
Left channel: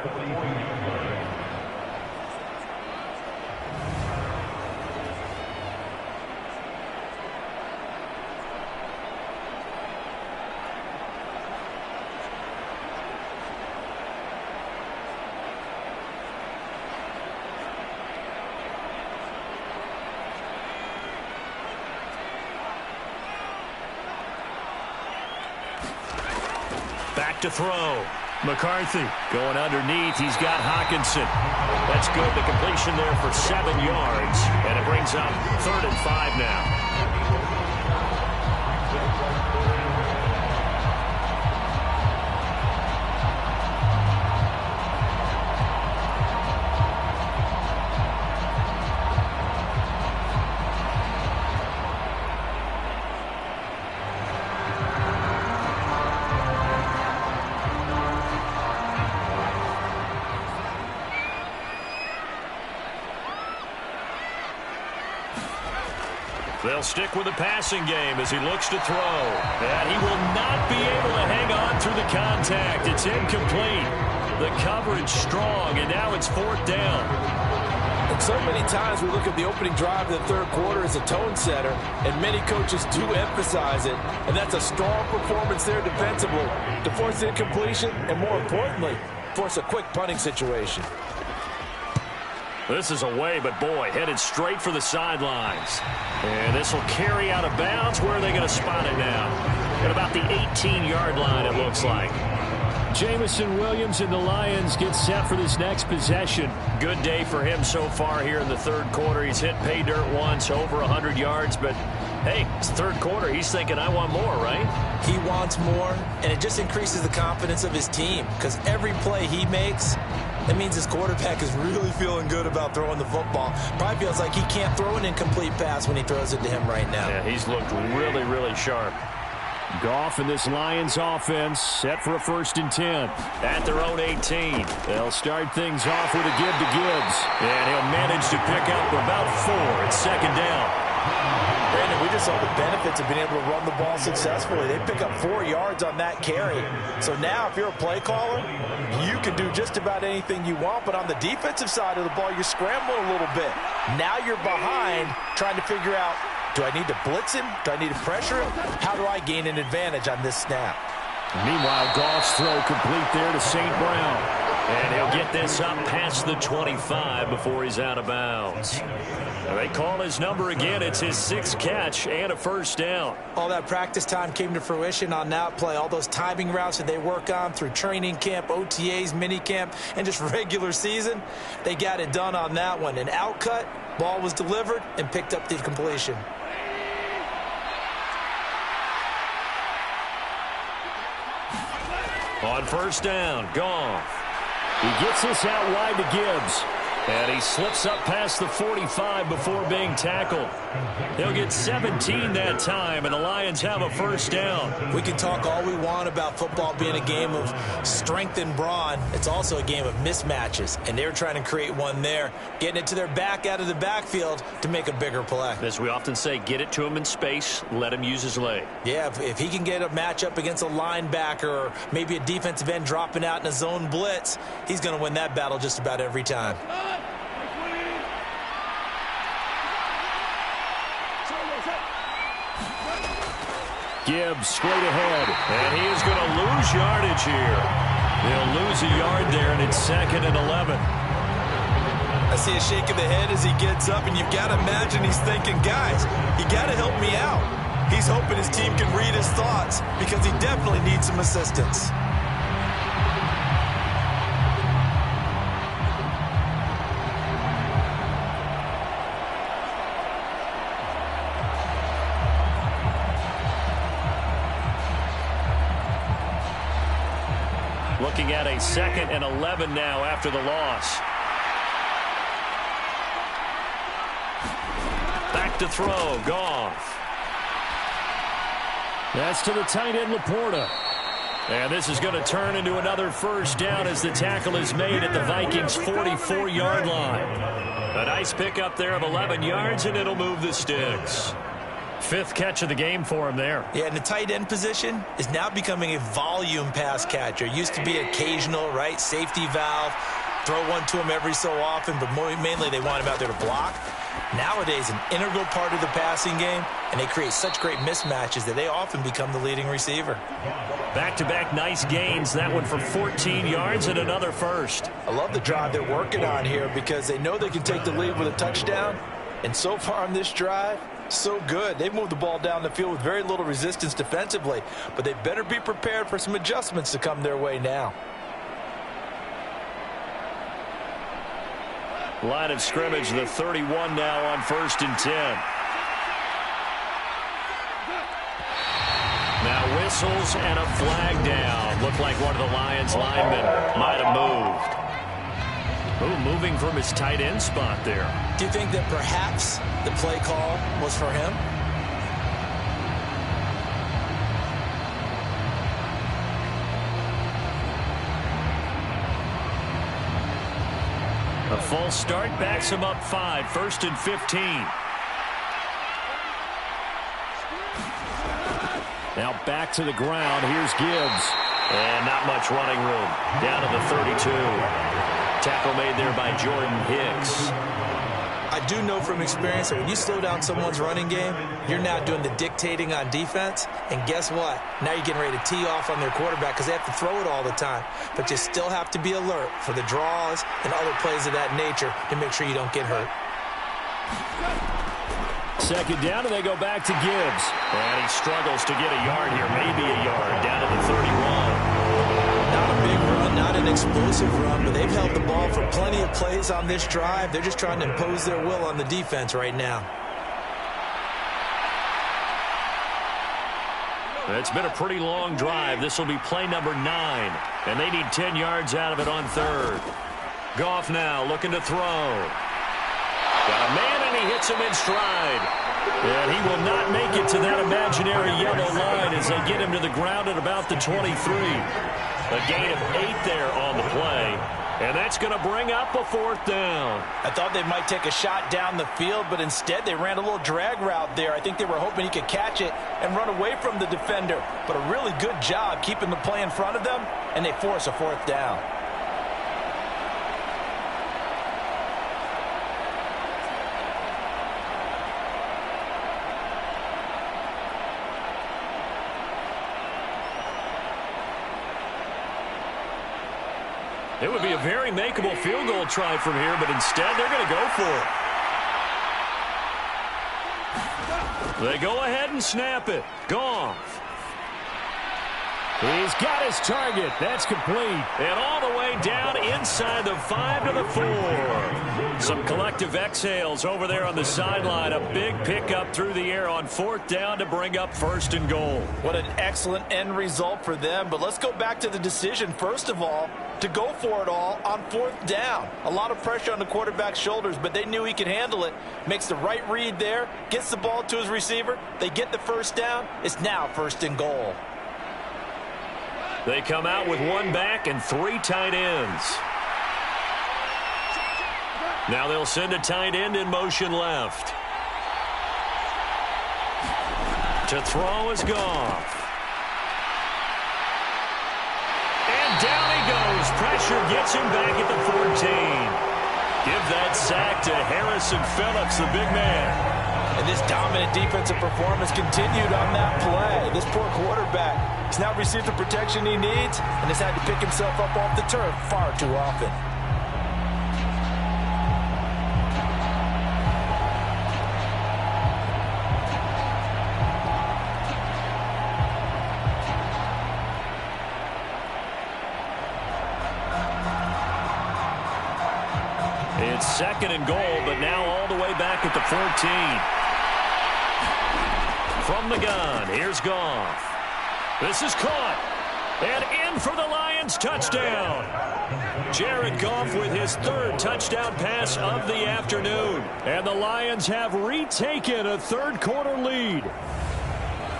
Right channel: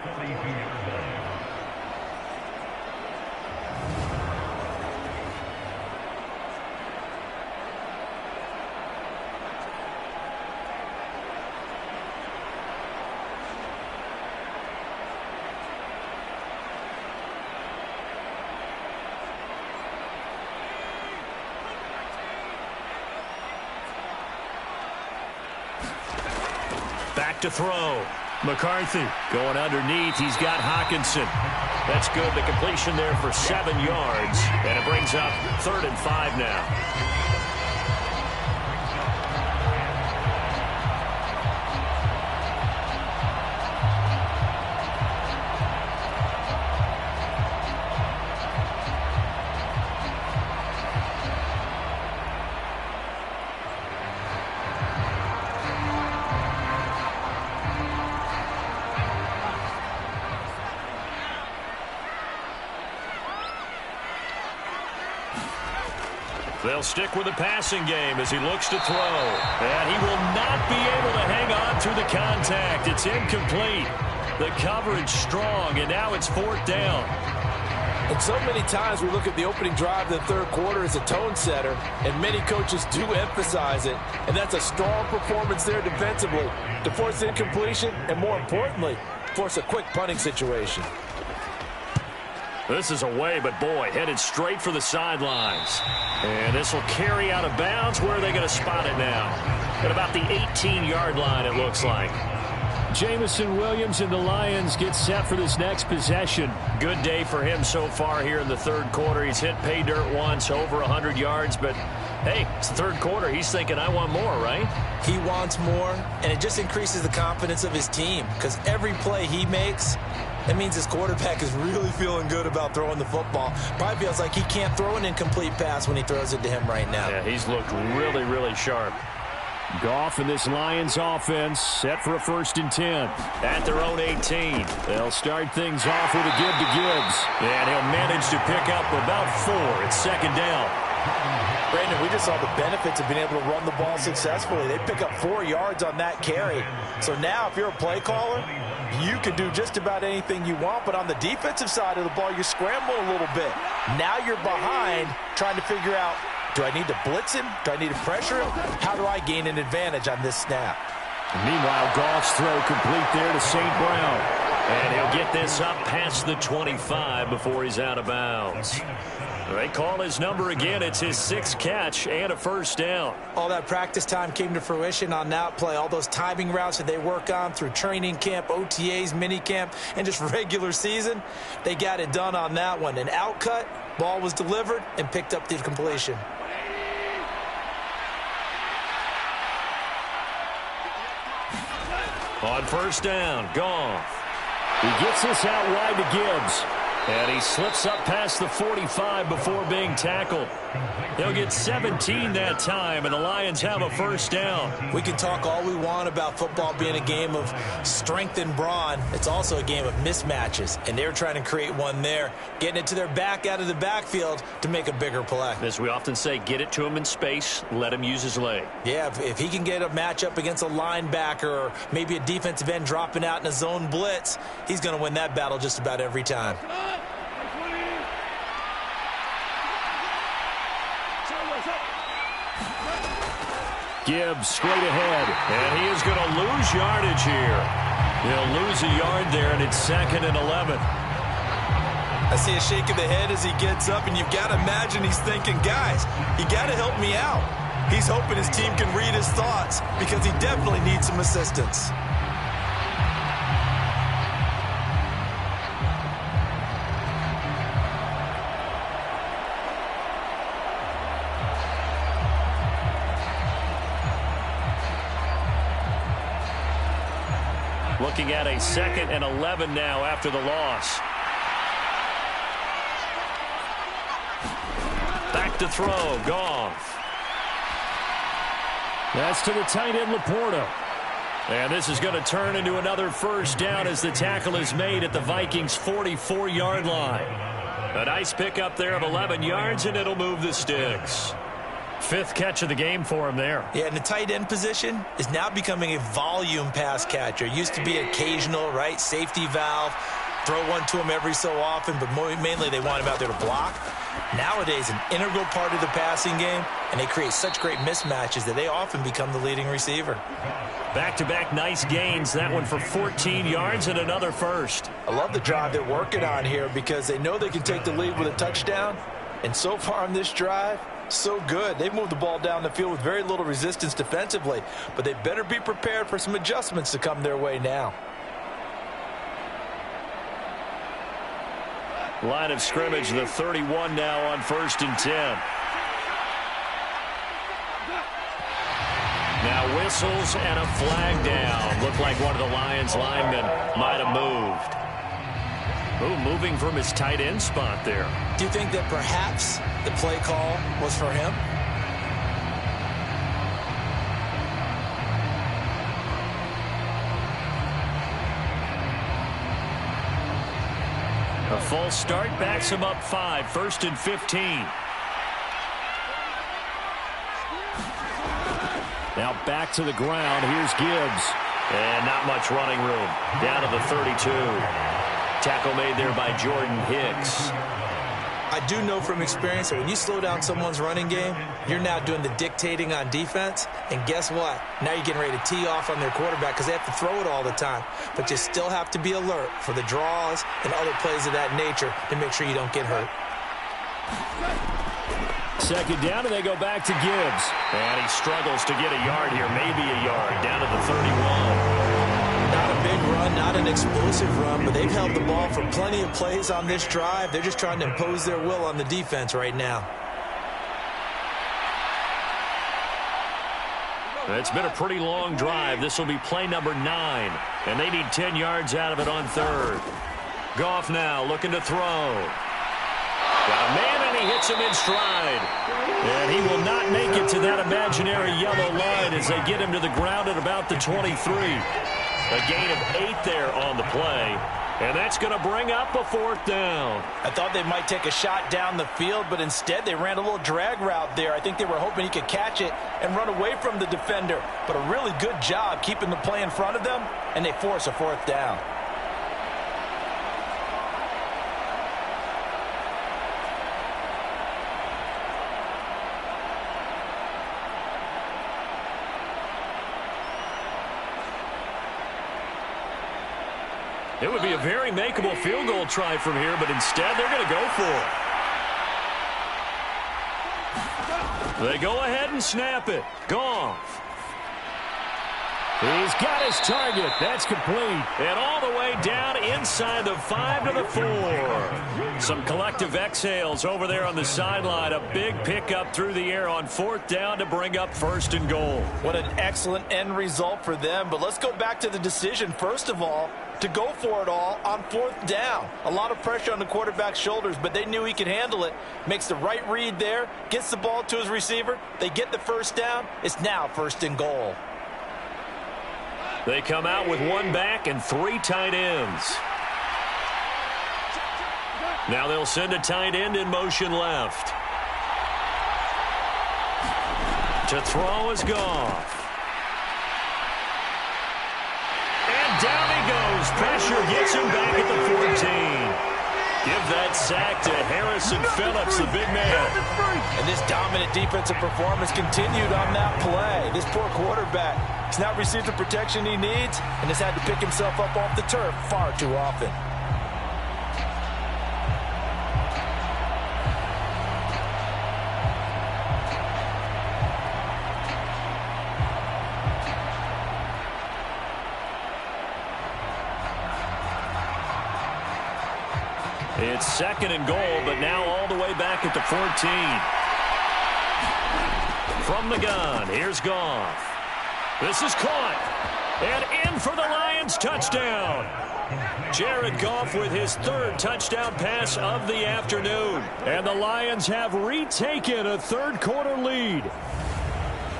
Back to throw. McCarthy going underneath. He's got Hawkinson. That's good. The completion there for 7 yards. And it brings up 3rd and 5 now. They'll stick with the passing game as he looks to throw. And he will not be able to hang on through the contact. It's incomplete. The coverage strong, and now it's 4th down. And so many times we look at the opening drive of the third quarter as a tone setter, and many coaches do emphasize it. And that's a strong performance there defensively to force incompletion and, more importantly, force a quick punting situation. This is away, but boy, headed straight for the sidelines. And this will carry out of bounds. Where are they going to spot it now? At about the 18-yard line, it looks like. Jamison Williams and the Lions get set for this next possession. Good day for him so far here in the third quarter. He's hit pay dirt once, over 100 yards, but hey, it's the third quarter. He's thinking, I want more, right? He wants more, and it just increases the confidence of his team because every play he makes, that means his quarterback is really feeling good about throwing the football. Probably feels like he can't throw an incomplete pass when he throws it to him right now. Yeah, he's looked really, really sharp. Goff and this Lions offense set for a 1st and 10. At their own 18. They'll start things off with a give to Gibbs. And he'll manage to pick up about 4. It's 2nd down. Brandon, we just saw the benefits of being able to run the ball successfully. They pick up 4 yards on that carry. So now if you're a play caller, you can do just about anything you want. But on the defensive side of the ball, you're scrambling a little bit. Now you're behind trying to figure out, do I need to blitz him? Do I need to pressure him? How do I gain an advantage on this snap? Meanwhile, Goff's throw complete there to St. Brown. And he'll get this up past the 25 before he's out of bounds. They call his number again. It's his 6th catch and a 1st down. All that practice time came to fruition on that play. All those timing routes that they work on through training camp, OTAs, mini camp, and just regular season, they got it done on that one. An outcut, ball was delivered, and picked up the completion. On 1st down, Goff. He gets this out wide to Gibbs. And he slips up past the 45 before being tackled. He'll get 17 that time, and the Lions have a 1st down. We can talk all we want about football being a game of strength and brawn. It's also a game of mismatches, and they're trying to create one there, getting it to their back out of the backfield to make a bigger play. As we often say, get it to him in space, let him use his leg. Yeah, if he can get a matchup against a linebacker or maybe a defensive end dropping out in a zone blitz, he's going to win that battle just about every time. Gibbs straight ahead. And he is going to lose yardage here. He'll lose a yard there, and it's 2nd and 11. I see a shake of the head as he gets up, and you've got to imagine he's thinking, guys, you got to help me out. He's hoping his team can read his thoughts because he definitely needs some assistance. Looking at a 2nd and 11 now after the loss. Back to throw, Goff. That's to the tight end, Laporta. And this is going to turn into another 1st down as the tackle is made at the Vikings' 44-yard line. A nice pickup there of 11 yards, and it'll move the sticks. 5th catch of the game for him there. Yeah, and the tight end position is now becoming a volume pass catcher. Used to be occasional, right? Safety valve. Throw one to him every so often, but mainly they want him out there to block. Nowadays, an integral part of the passing game, and they create such great mismatches that they often become the leading receiver. Back-to-back nice gains. That one for 14 yards and another 1st. I love the drive they're working on here because they know they can take the lead with a touchdown. And so far on this drive, so good. They've moved the ball down the field with very little resistance defensively, but they better be prepared for some adjustments to come their way now. Line of scrimmage, the 31 now on 1st and 10. Now whistles and a flag down. Looked like one of the Lions linemen might have moved. Ooh, moving from his tight end spot there. Do you think that perhaps the play call was for him? A false start backs him up 5, 1st and 15. Now back to the ground. Here's Gibbs. And not much running room. Down to the 32. Tackle made there by Jordan Hicks. I do know from experience that when you slow down someone's running game, you're now doing the dictating on defense. And guess what? Now you're getting ready to tee off on their quarterback because they have to throw it all the time. But you still have to be alert for the draws and other plays of that nature to make sure you don't get hurt. Second down, and they go back to Gibbs. And he struggles to get a yard here, maybe a yard, down to the 31. Not a big run, not an explosive run, but they've held the ball for plenty of plays on this drive. They're just trying to impose their will on the defense right now. It's been a pretty long drive. This will be play number 9, and they need 10 yards out of it on third. Goff now looking to throw. Got a man, and he hits him in stride. And he will not make it to that imaginary yellow line as they get him to the ground at about the 23. A gain of 8 there on the play. And that's going to bring up a 4th down. I thought they might take a shot down the field, but instead they ran a little drag route there. I think they were hoping he could catch it and run away from the defender. But a really good job keeping the play in front of them, and they force a 4th down. It would be a very makeable field goal try from here, but instead they're going to go for it. They go ahead and snap it. Goff. He's got his target. That's complete. And all the way down inside the 5 to the 4. Some collective exhales over there on the sideline. A big pickup through the air on 4th down to bring up 1st and goal. What an excellent end result for them. But let's go back to the decision, first of all, to go for it all on 4th down. A lot of pressure on the quarterback's shoulders, but they knew he could handle it. Makes the right read there, gets the ball to his receiver. They get the 1st down. It's now 1st and goal. They come out with 1 back and 3 tight ends. Now they'll send a tight end in motion left. To throw is Goff. And down he goes. Pressure gets him back at the 14. Give that sack to Harrison Phillips, the big man. And this dominant defensive performance continued on that play. This poor quarterback has now received the protection he needs and has had to pick himself up off the turf far too often. It's 2nd and goal, but now all the way back at the 14. From the gun, here's Goff. This is caught. And in for the Lions touchdown. Jared Goff with his 3rd touchdown pass of the afternoon. And the Lions have retaken a 3rd quarter lead.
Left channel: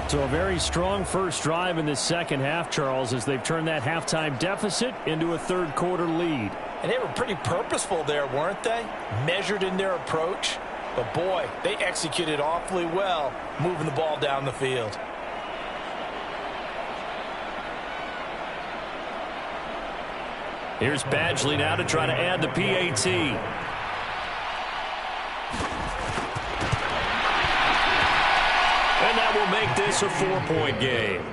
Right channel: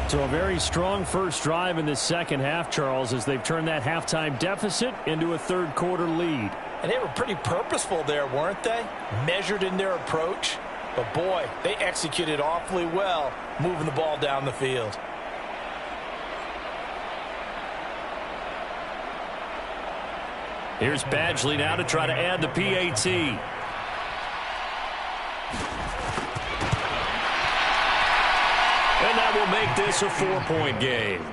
So a very strong first drive in the second half, Charles, as they've turned that halftime deficit into a 3rd quarter lead. And they were pretty purposeful there, weren't they? Measured in their approach. But boy, they executed awfully well, moving the ball down the field. Here's Badgley now to try to add the PAT. And that will make this a 4-point game.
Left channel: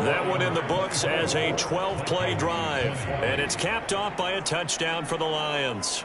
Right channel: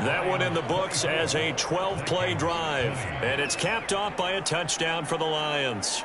That one in the books as a 12-play drive. And it's capped off by a touchdown for the Lions.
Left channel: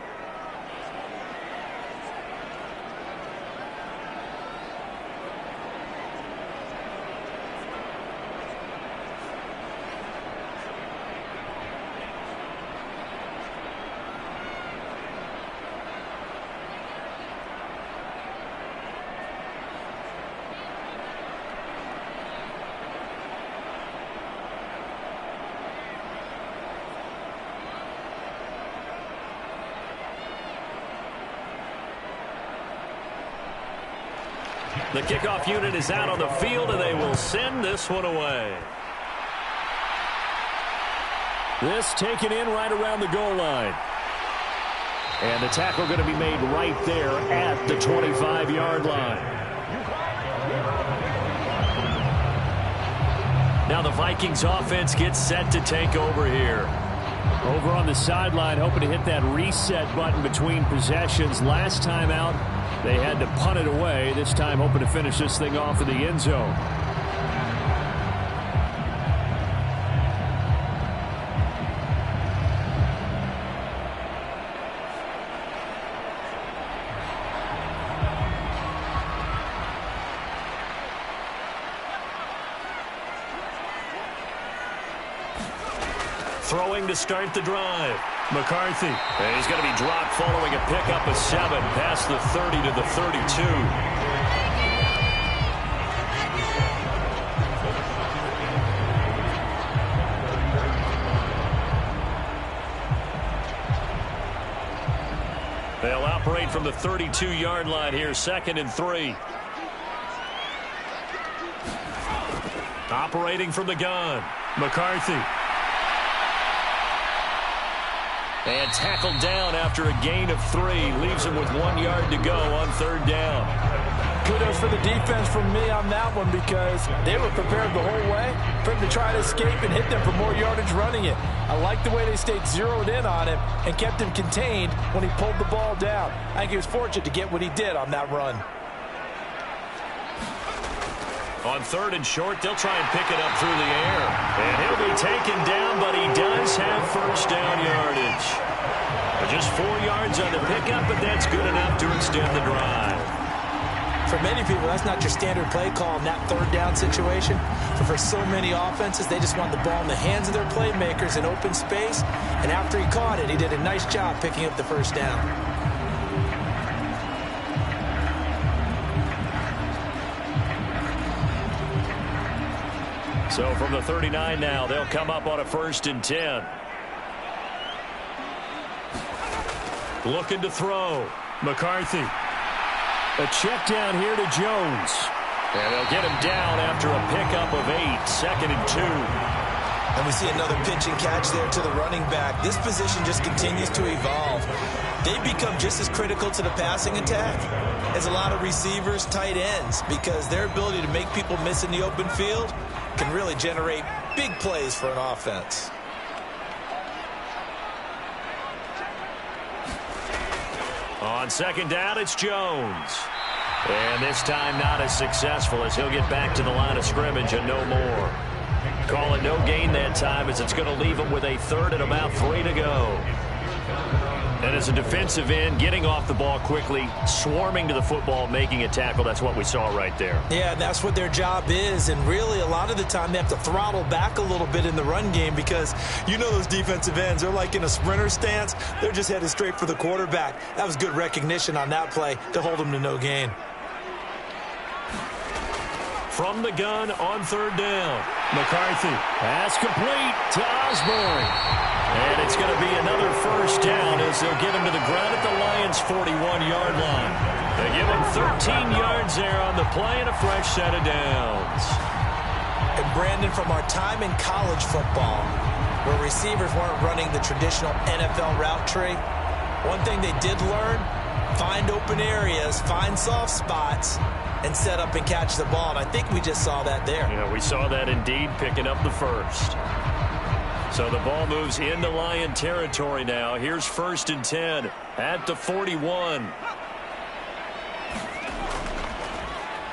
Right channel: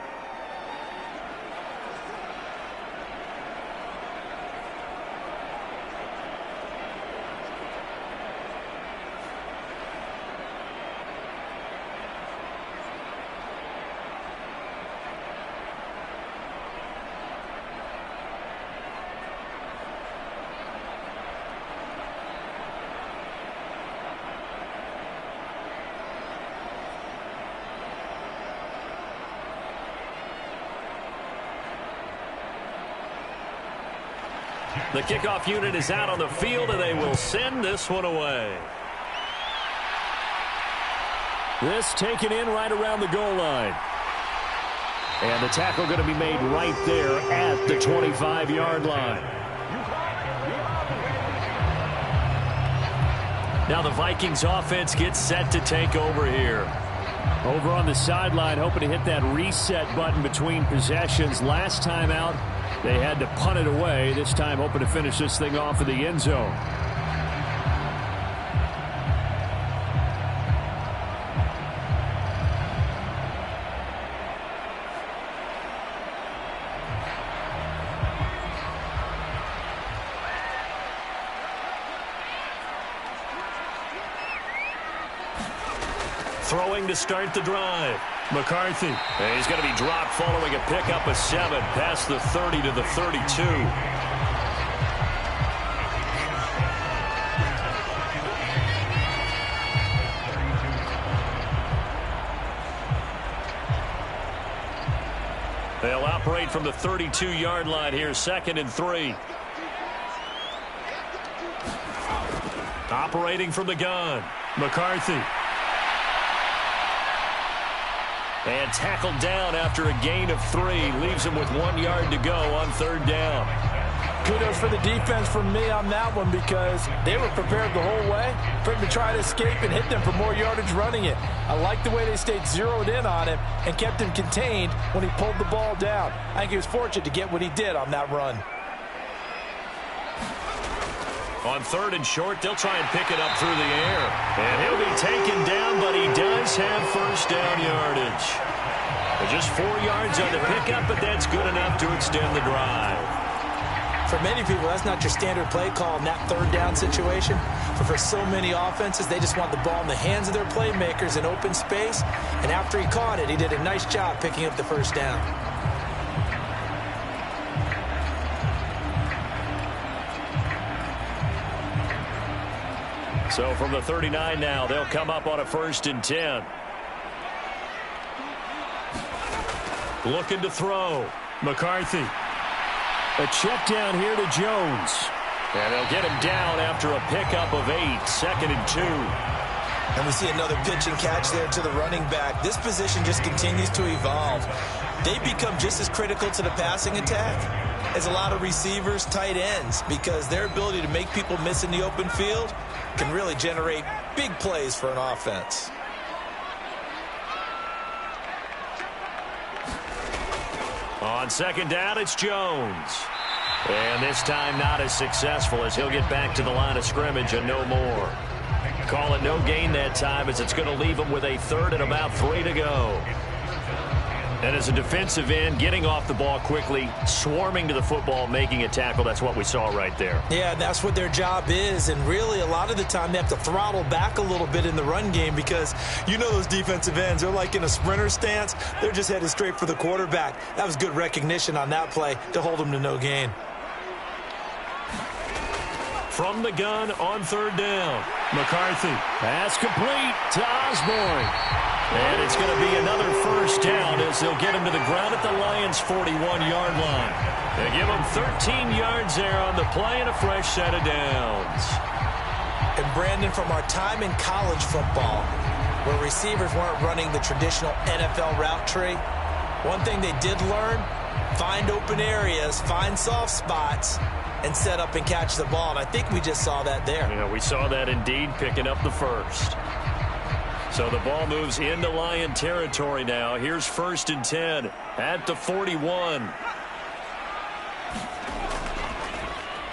The kickoff unit is out on the field, and they will send this one away. This taken in right around the goal line. And the tackle going to be made right there at the 25-yard line. Now the Vikings offense gets set to take over here. Over on the sideline, hoping to hit that reset button between possessions. Last time out, they had to punt it away. This time, hoping to finish this thing off in the end zone. Throwing to start the drive. McCarthy. And he's going to be dropped following a pickup of 7 past the 30 to the 32. They'll operate from the 32-yard line here, 2nd and 3. Operating from the gun. McCarthy. And tackled down after a gain of 3. Leaves him with 1 yard to go on 3rd down. Kudos for the defense from me on that one because they were prepared the whole way for him to try to escape and hit them for more yardage running it. I like the way they stayed zeroed in on him and kept him contained when he pulled the ball down. I think he was fortunate to get what he did on that run. On 3rd and short, they'll try and pick it up through the air. And he'll be taken down, but he does have 1st down yardage. Just 4 yards on the pickup, but that's good enough to extend the drive. For many people, that's not your standard play call in that 3rd down situation. But for so many offenses, they just want the ball in the hands of their playmakers in open space. And after he caught it, he did a nice job picking up the 1st down. So from the 39 now, they'll come up on a 1st and 10. Looking to throw. McCarthy. A check down here to Jones. And they'll get him down after a pickup of 8, 2nd and 2. And we see another pitch and catch there to the running back. This position just continues to evolve. They become just as critical to the passing attack as a lot of receivers, tight ends, because their ability to make people miss in the open field can really generate big plays for an offense. On 2nd down, it's Jones. And this time not as successful as he'll get back to the line of scrimmage and no more. Call it no gain that time as it's going to leave him with a 3rd and about 3 to go. And as a defensive end, getting off the ball quickly, swarming to the football, making a tackle, that's what we saw right there. Yeah, that's what their job is. And really, a lot of the time, they have to throttle back a little bit in the run game because you know those defensive ends, they're like in a sprinter stance. They're just headed straight for the quarterback. That was good recognition on that play to hold them to no gain. From the gun on 3rd down, McCarthy. Pass complete to Osborne. And it's going to be another 1st down as they'll get him to the ground at the Lions' 41-yard line. They give him 13 yards there on the play and a fresh set of downs. And Brandon, from our time in college football, where receivers weren't running the traditional NFL route tree, one thing they did learn, find open areas, find soft spots, and set up and catch the ball. And I think we just saw that there. Yeah, we saw that indeed, picking up the 1st. So the ball moves into Lion territory now. Here's 1st and 10 at the 41.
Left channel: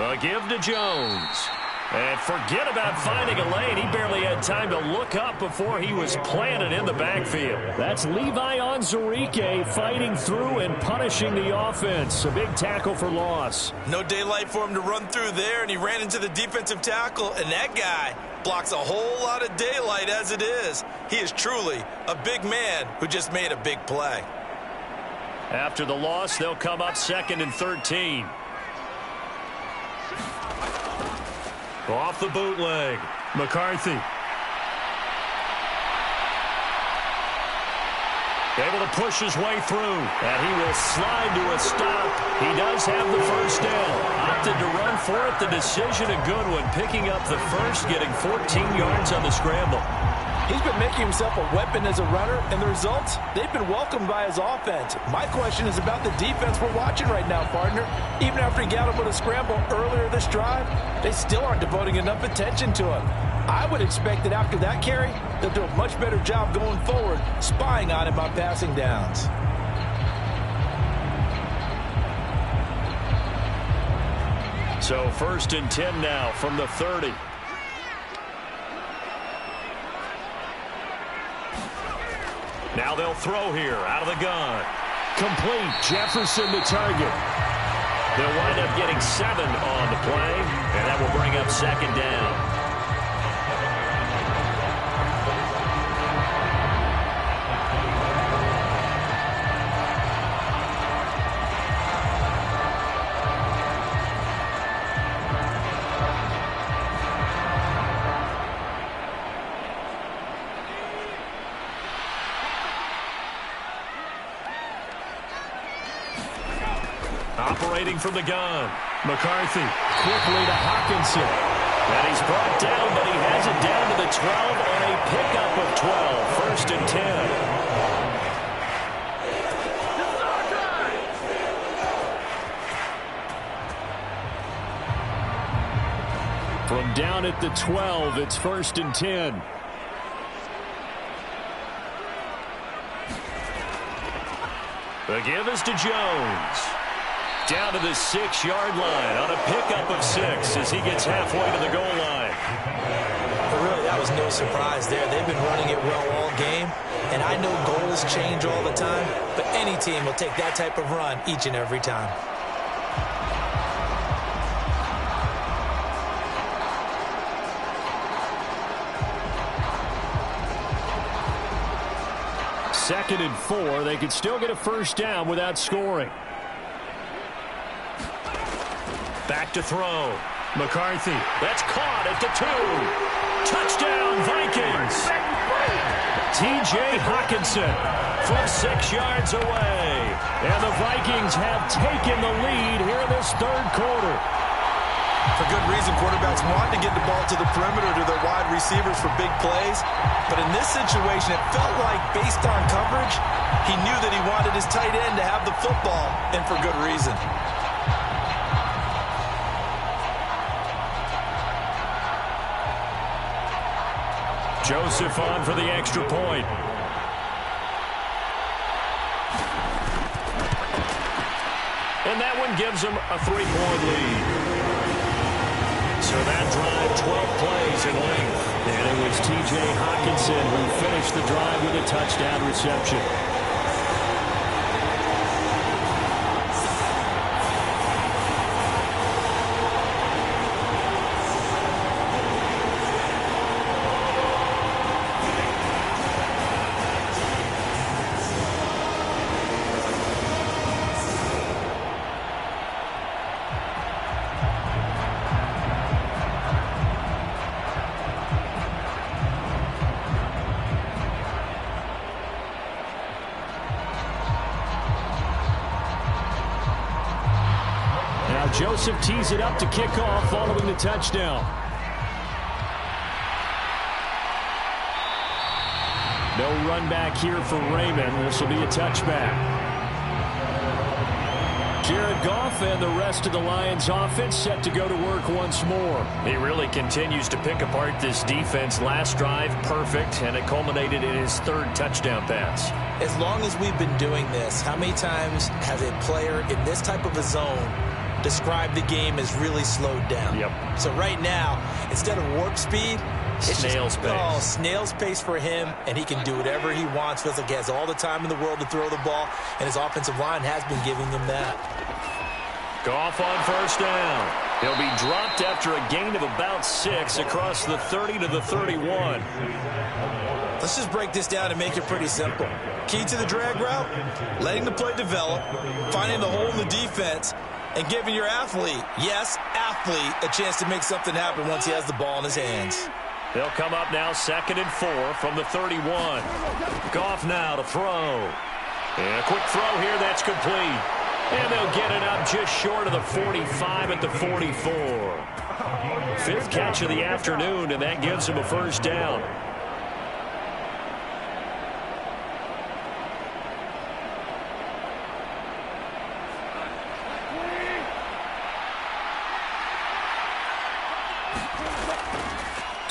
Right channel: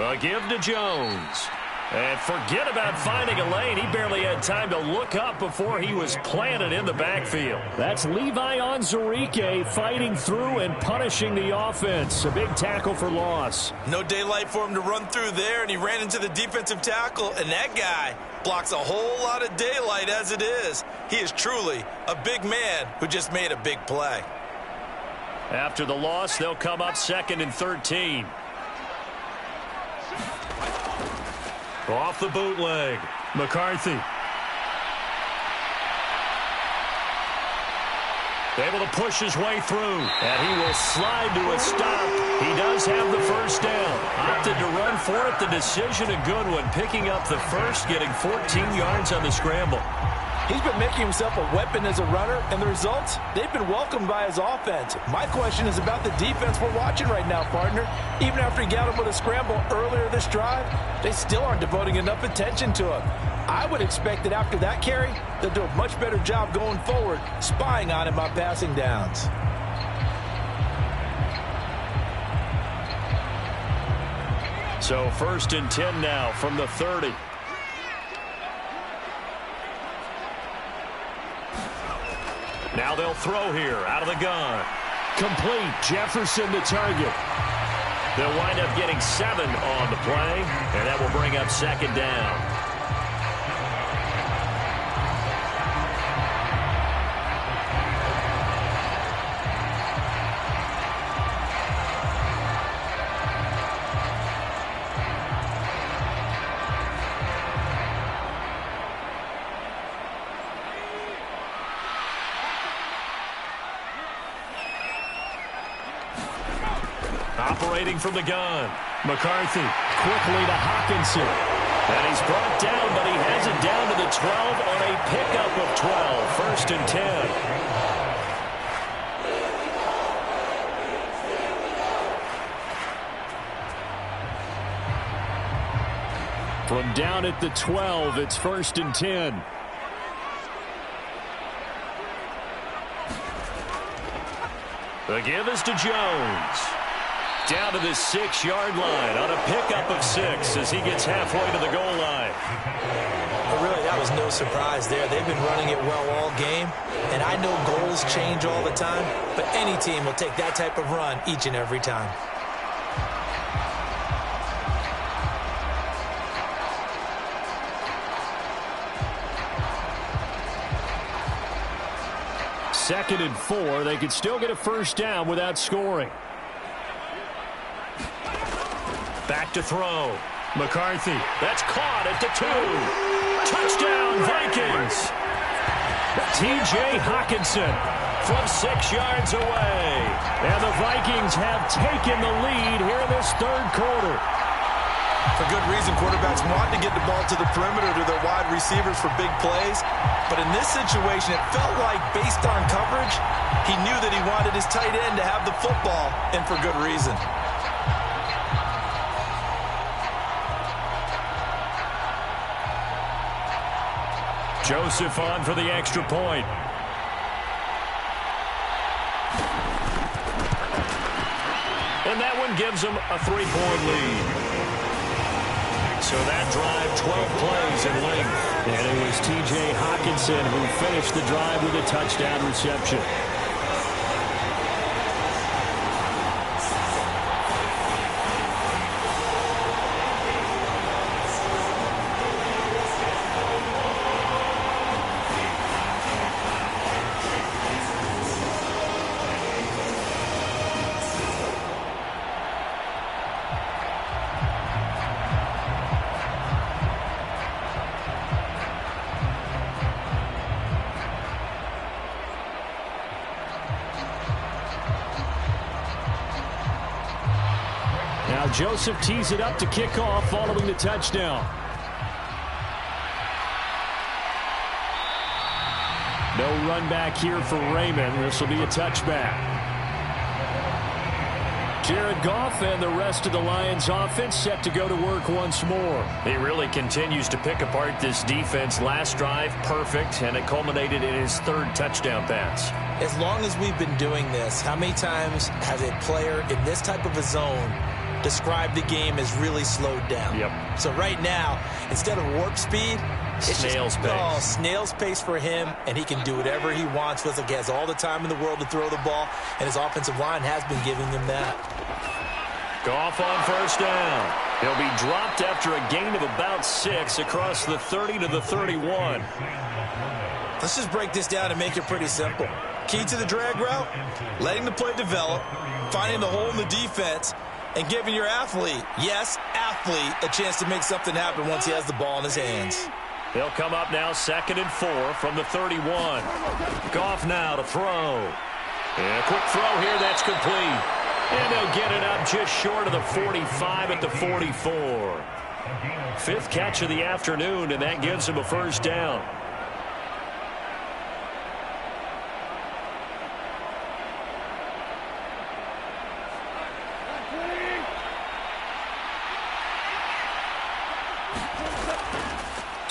A give to Jones. And forget about finding a lane. He barely had time to look up before he was planted in the backfield. That's Levi Onwuzurike fighting through and punishing the offense. A big tackle for loss. No daylight for him to run through there, and he ran into the defensive tackle, and that guy blocks a whole lot of daylight as it is. He is truly a big man who just made a big play. After the loss, they'll come up 2nd and 13. Off the bootleg, McCarthy. Able to push his way through, and he will slide to a stop. He does have the 1st down. Opted to run for it. The decision a good one, picking up the 1st, getting 14 yards on the scramble. He's been making himself a weapon as a runner, and the results, they've been welcomed by his offense. My question is about the defense we're watching right now, partner. Even after he got him with a scramble earlier this drive, they still aren't devoting enough attention to him. I would expect that after that carry, they'll do a much better job going forward, spying on him on passing downs. So 1st and 10 now from the 30. Now they'll throw here out of the gun. Complete. Jefferson the target. They'll wind up getting 7 on the play, and that will bring up 2nd down. Operating from the gun. McCarthy quickly to Hawkinson. And he's brought down, but he has it down to the 12 on a pickup of 12. 1st and 10. From down at the 12, it's 1st and 10. The give is to Jones. Down to the 6-yard line on a pickup of 6 as he gets halfway to the goal line. But really, that was no surprise there. They've been running it well all game, and I know goals change all the time, but any team will take that type of run each and every time. Second and 4. They could still get a first down without scoring. Back to throw. McCarthy. That's caught at the 2. Touchdown, Vikings. T.J. Hawkinson from 6 yards away. And the Vikings have taken the lead here in this 3rd quarter. For good reason, quarterbacks want to get the ball to the perimeter to their wide receivers for big plays. But in this situation, it felt like based on coverage, he knew that he wanted his tight end to have the football, and for good reason. Joseph on for the extra point. And that one gives them a 3-point lead. So that drive, 12 plays in length. And it was T.J. Hawkinson who finished the drive with a touchdown reception. Now Joseph tees it up to kick off following the touchdown. No run back here for Raymond. This will be a touchback. Jared Goff and the rest of the Lions offense set to go to work once more. He really continues to pick apart this defense. Last drive, perfect, and it culminated in his 3rd touchdown pass. As long as we've been doing this, how many times has a player in this type of a zone described the game as really slowed down? Yep. So right now, instead of warp speed, it's snail's pace. Oh, snail's pace for him, and he can do whatever he wants. Feels like he has all the time in the world to throw the ball, and his offensive line has been giving him that. Goff on 1st down. He'll be dropped after a gain of about 6 across the 30 to the 31. Let's just break this down and make it pretty simple. Key to the drag route, letting the play develop, finding the hole in the defense, and giving your athlete, yes, athlete, a chance to make something happen once he has the ball in his hands. They'll come up now 2nd and 4 from the 31. Goff now to throw. And a quick throw here, that's complete. And they'll get it up just short of the 45 at the 44. 5th catch of the afternoon, and that gives him a first down.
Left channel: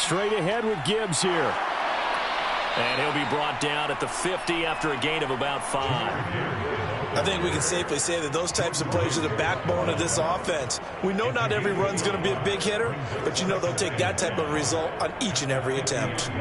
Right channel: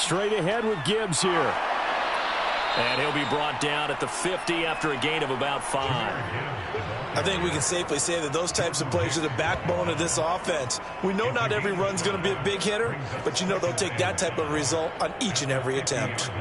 straight ahead with Gibbs here. And he'll be brought down at the 50 after a gain of about 5. I think we can safely say that those types of plays are the backbone of this offense. We know not every run's going to be a big hitter, but you know they'll take that type of result on each and every attempt.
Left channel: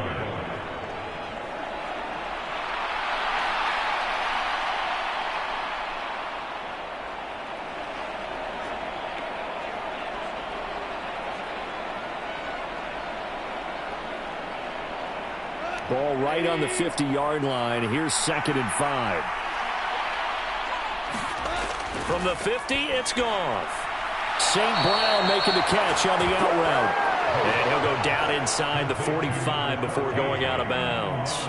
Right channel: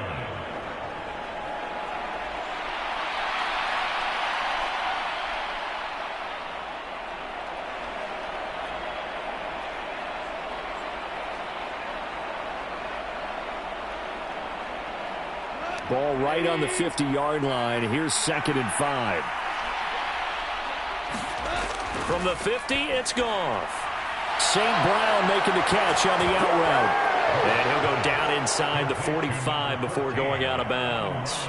Ball right on the 50-yard line. Here's 2nd and 5. From the 50, it's Goff. St. Brown making the catch on the out route. And he'll go down inside the 45 before going out of bounds.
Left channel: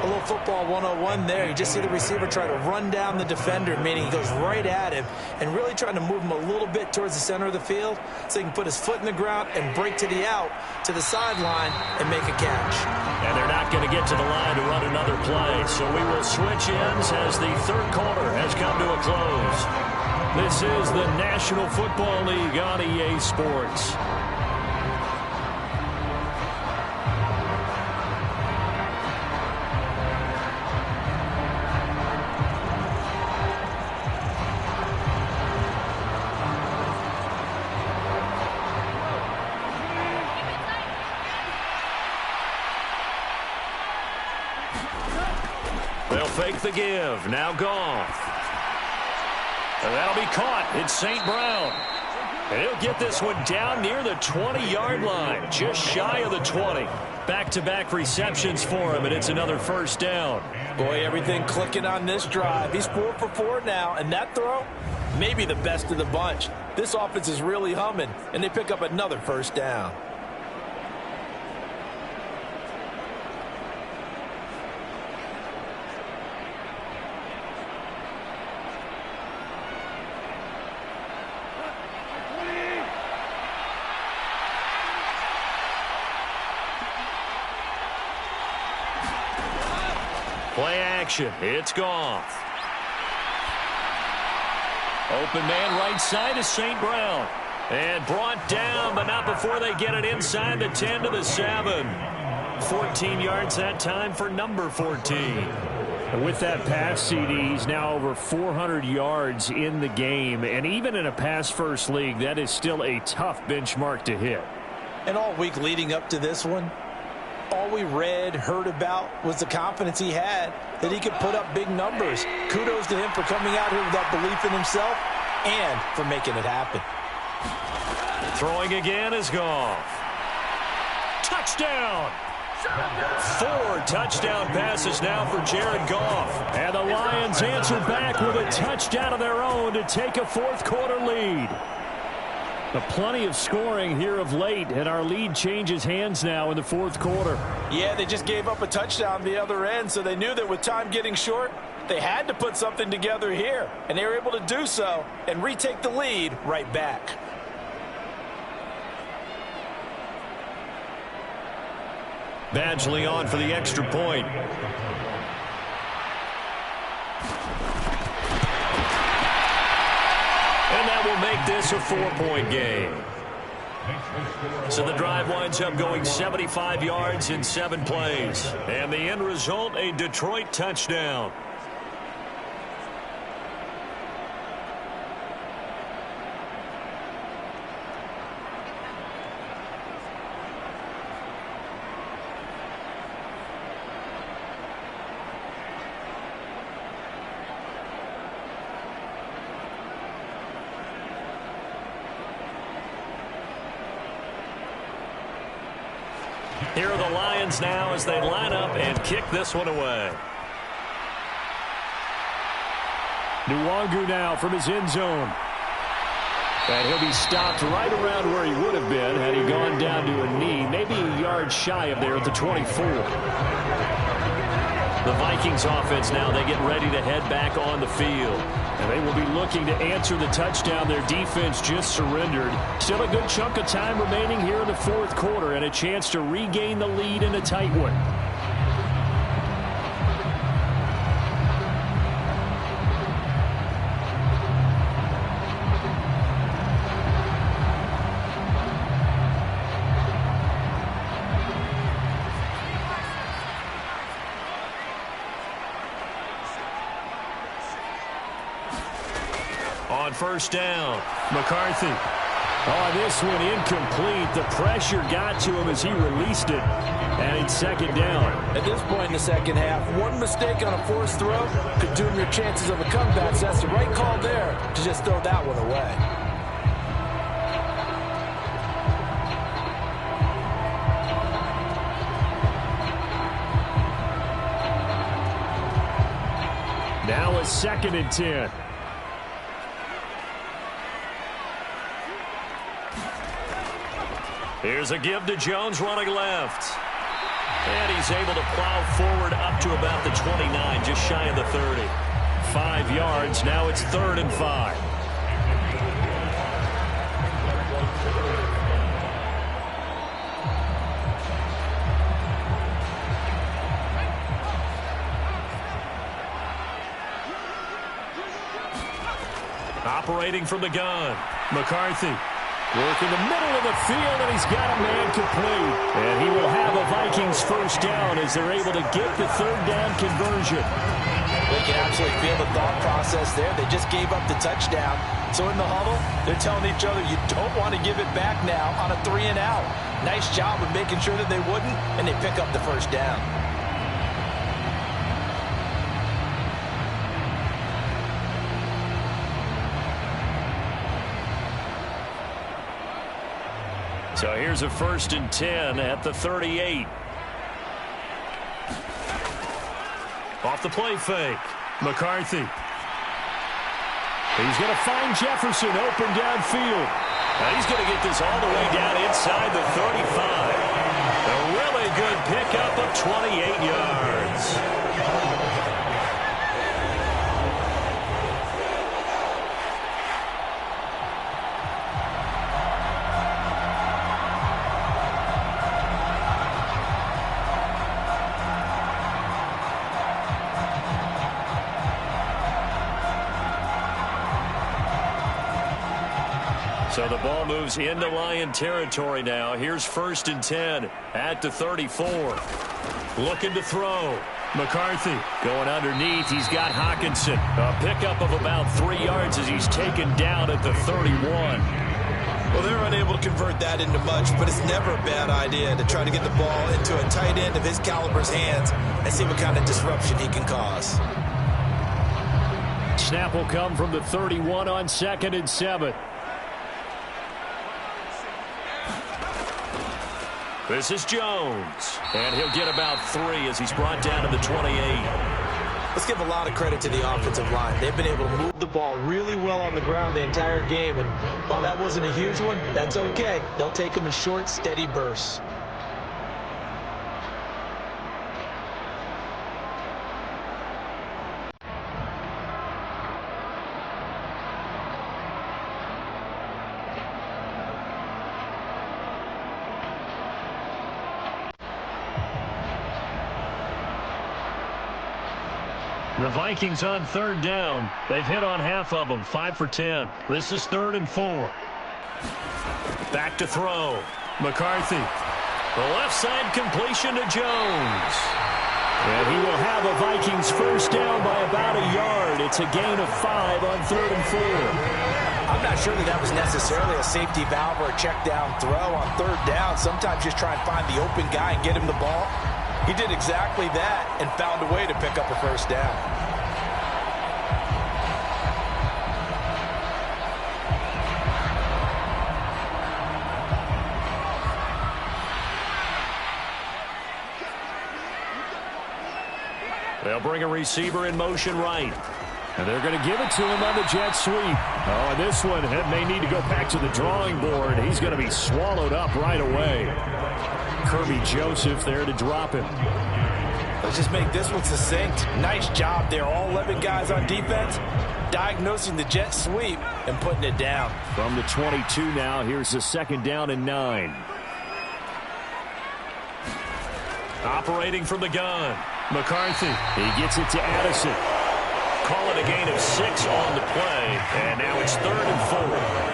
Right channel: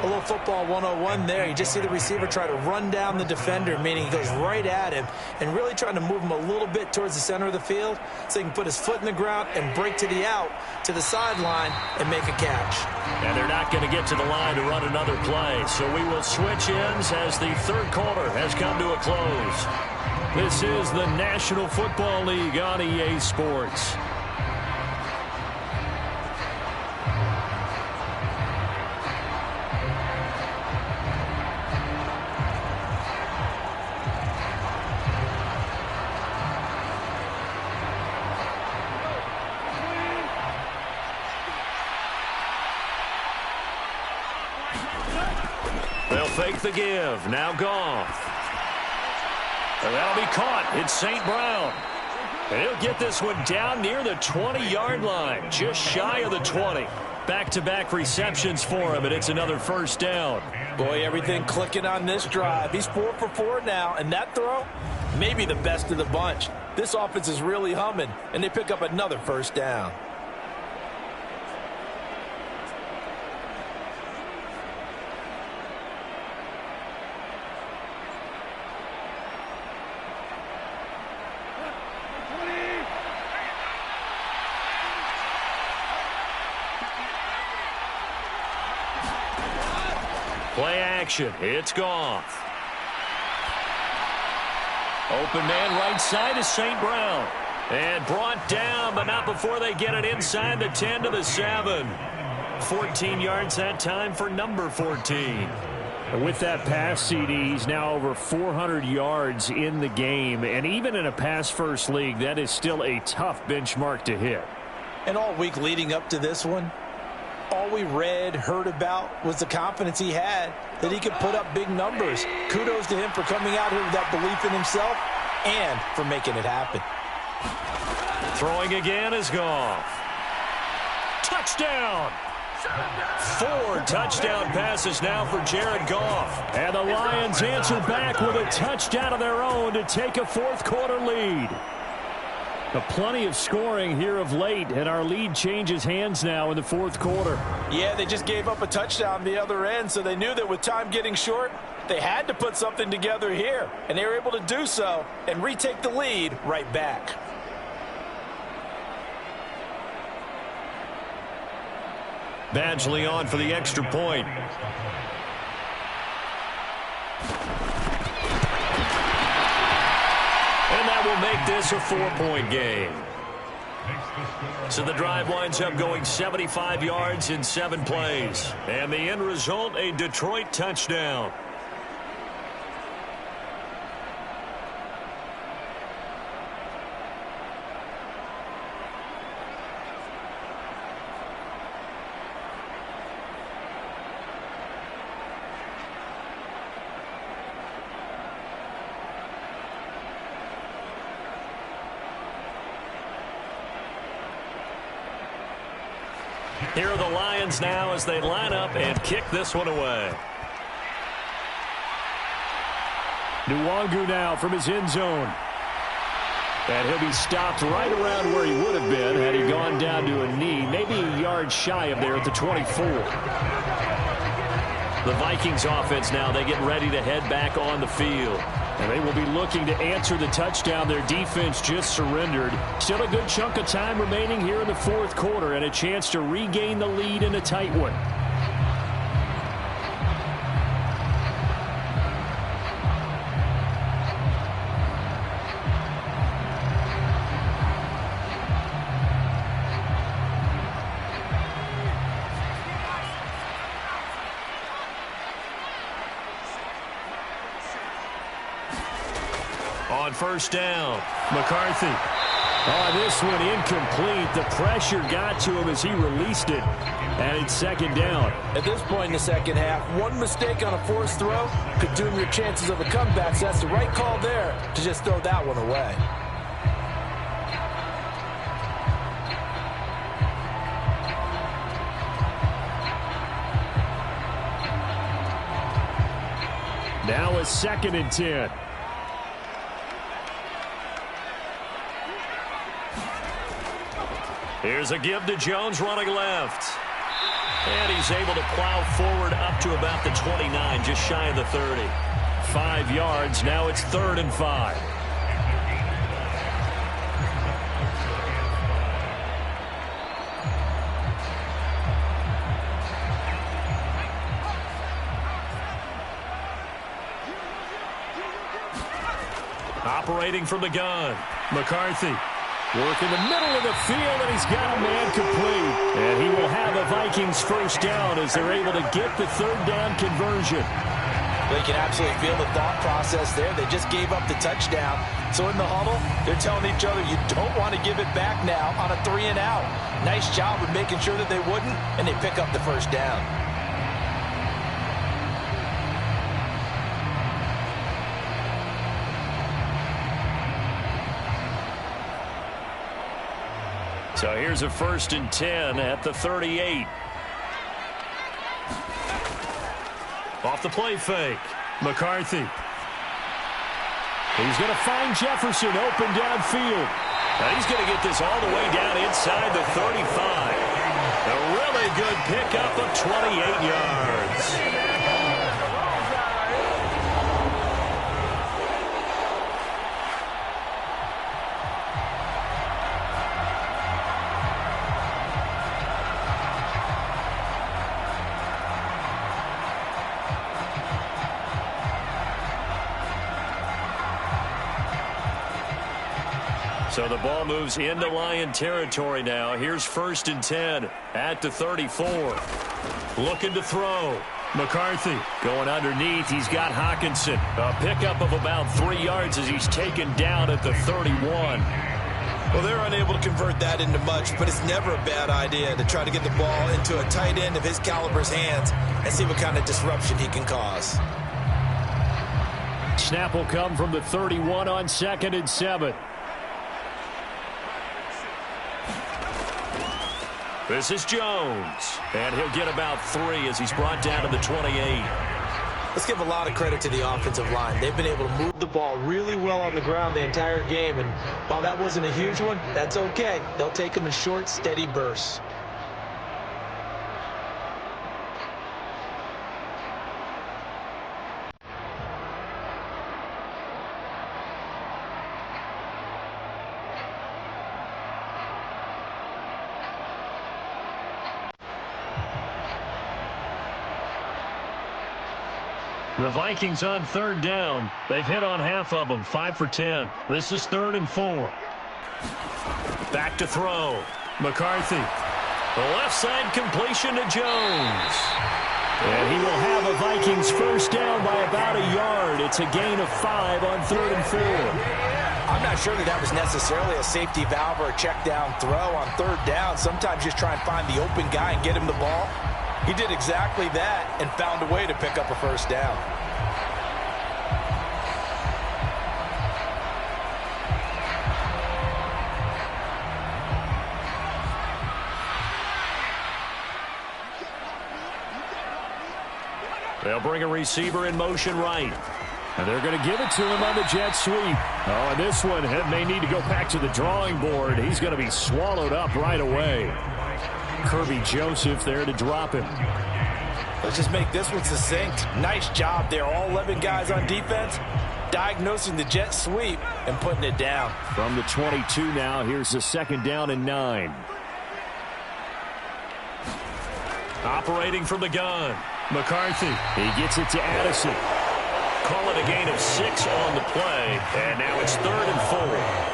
A little football 101 there. You just see the receiver try to run down the defender, meaning he goes right at him and really trying to move him a little bit towards the center of the field so he can put his foot in the ground and break to the out, to the sideline, and make a catch. And they're not going to get to the line to run another play, so we will switch ends as the third quarter has come to a close. This is the National Football League on EA Sports. They'll fake the give. Now Goff. And that'll be caught. It's St. Brown. And he'll get this one down near the 20-yard line, just shy of the 20. Back-to-back receptions for him, and it's another first down. Boy, everything clicking on this drive. He's 4 for 4 now, and that throw, maybe the best of the bunch. This offense is really humming, and they pick up another first down. Play action. It's Goff. Open man right side is St. Brown. And brought down, but not before they get it inside the 10 to the 7. 14 yards that time for number 14. And with that pass, CD, he's now over 400 yards in the game. And even in a pass-first league, that is still a tough benchmark to hit. And all week leading up to this one, all we read, heard about was the confidence he had that he could put up big numbers. Kudos to him for coming out here with that belief in himself and for making it happen. Throwing again is Goff. Touchdown! 4 touchdown passes now for Jared Goff. And the Lions answer back with a touchdown of their own to take a fourth-quarter lead. Plenty of scoring here of late, and our lead changes hands now in the fourth quarter. Yeah, they just gave up a touchdown the other end, so they knew that with time getting short, they had to put something together here, and they were able to do so and retake the lead right back. Badgley on for the extra point. And that will make this a 4-point game. So the drive winds up going 75 yards in 7 plays. And the end result, a Detroit touchdown. Here are the Lions now as they line up and kick this one away. Nwangu now from his end zone. And he'll be stopped right around where he would have been had he gone down to a knee, maybe a yard shy of there at the 24. The Vikings offense now, they get ready to head back on the field. And they will be looking to answer the touchdown their defense just surrendered. Still a good chunk of time remaining here in the fourth quarter and a chance to regain the lead in a tight one. On first down, McCarthy. Oh, this one incomplete. The pressure got to him as he released it. And it's second down. At this point in the second half, one mistake on a forced throw could doom your chances of a comeback. So that's the right call there to just throw that one away. Now a 2nd and 10. Here's a give to Jones running left. And he's able to plow forward up to about the 29, just shy of the 30. 5 yards. Now it's 3rd and 5. Operating from the gun, McCarthy. Work in the middle of the field, and he's got a man complete. And he will have a Vikings first down as they're able to get the 3rd down conversion. Well, you can absolutely feel the thought process there. They just gave up the touchdown. So in the huddle, they're telling each other, you don't want to give it back now on a 3 and out. Nice job of making sure that they wouldn't, and they pick up the first down. So here's a 1st and 10 at the 38. Off the play fake. McCarthy. He's going to find Jefferson open downfield. Now he's going to get this all the way down inside the 35. A really good pickup of 28 yards. So the ball moves into Lion territory now. Here's 1st and 10 at the 34. Looking to throw. McCarthy going underneath. He's got Hawkinson. A pickup of about 3 yards as he's taken down at the 31. Well, they're unable to convert that into much, but it's never a bad idea to try to get the ball into a tight end of his caliber's hands and see what kind of disruption he can cause. Snap will come from the 31 on 2nd and 7. This is Jones, and he'll get about 3 as he's brought down to the 28. Let's give a lot of credit to the offensive line. They've been able to move the ball really well on the ground the entire game, and while that wasn't a huge one, that's okay. They'll take them in short, steady bursts. The Vikings on 3rd down. They've hit on half of them, 5 for 10. This is 3rd and 4. Back to throw. McCarthy. The left side completion to Jones. And he will have a Vikings first down by about a yard. It's a gain of 5 on 3rd and 4. I'm not sure that was necessarily a safety valve or a check down throw on 3rd down. Sometimes just try and find the open guy and get him the ball. He did exactly that and found a way to pick up a first down. They'll bring a receiver in motion right. And they're going to give it to him on the jet sweep. Oh, and this one may need to go back to the drawing board. He's going to be swallowed up right away. Kirby Joseph there to drop him. Let's just make this one succinct. Nice job there. All 11 guys on defense diagnosing the jet sweep and putting it down. From the 22 now, here's the 2nd down and 9. Operating from the gun. McCarthy. He gets it to Addison. Call it a gain of 6 on the play. And now it's 3rd and 4.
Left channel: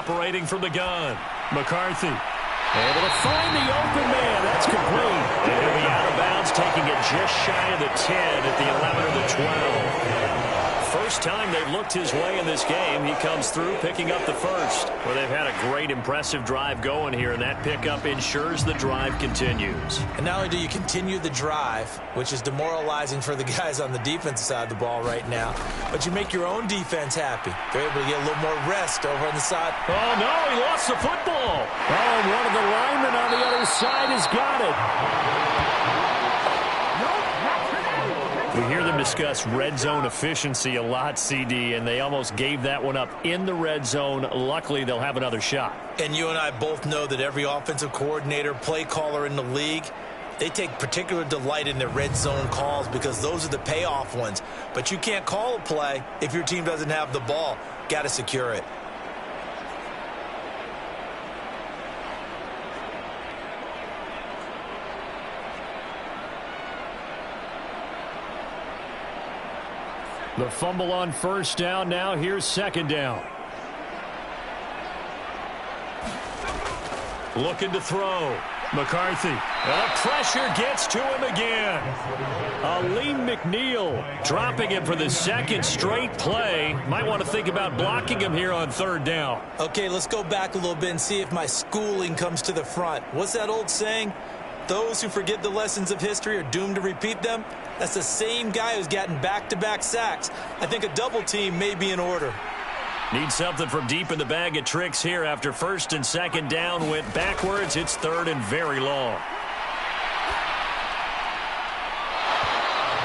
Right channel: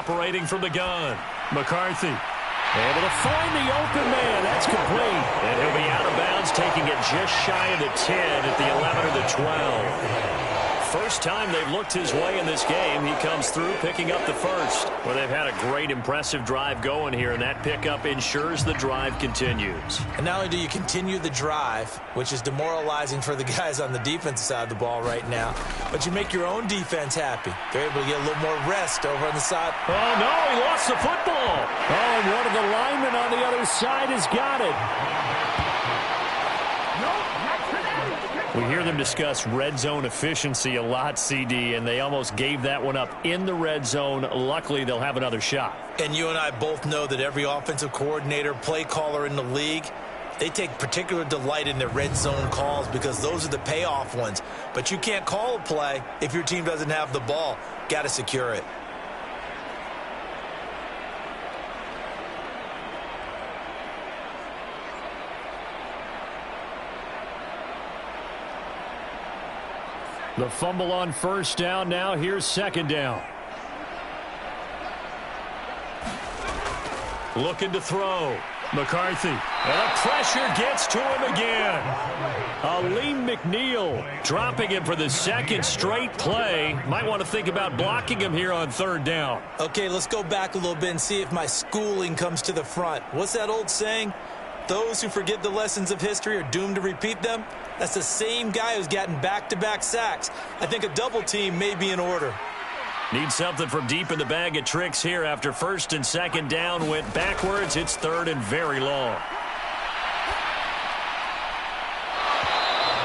Operating from the gun, McCarthy. Able to find the open man. That's complete. And he'll be out of bounds, taking it just shy of the 10 at the 11 or the 12. First time they've looked his way in this game. He comes through picking up the first. Well, they've had a great, impressive drive going here, and that pickup ensures the drive continues. And not only do you continue the drive, which is demoralizing for the guys on the defensive side of the ball right now, but you make your own defense happy. They're able to get a little more rest over on the side. Oh, no, he lost the football. Oh, and one of the linemen on the other side has got it. We hear them discuss red zone efficiency a lot, CD, and they almost gave that one up in the red zone. Luckily, they'll have another shot. And you and I both know that every offensive coordinator, play caller in the league, they take particular delight in their red zone calls because those are the payoff ones. But you can't call a play if your team doesn't have the ball. Got to secure it. The fumble on first down. Now here's second down. Looking to throw. McCarthy. And the pressure gets to him again. Aleem McNeil dropping him for the second straight play. Might want to think about blocking him here on third down. Okay, let's go back a little bit and see if my schooling comes to the front. What's that old saying? Those who forget the lessons of history are doomed to repeat them. That's the same guy who's gotten back-to-back sacks. I think a double team may be in order. Need something from deep in the bag of tricks here after first and second down went backwards. It's third and very long.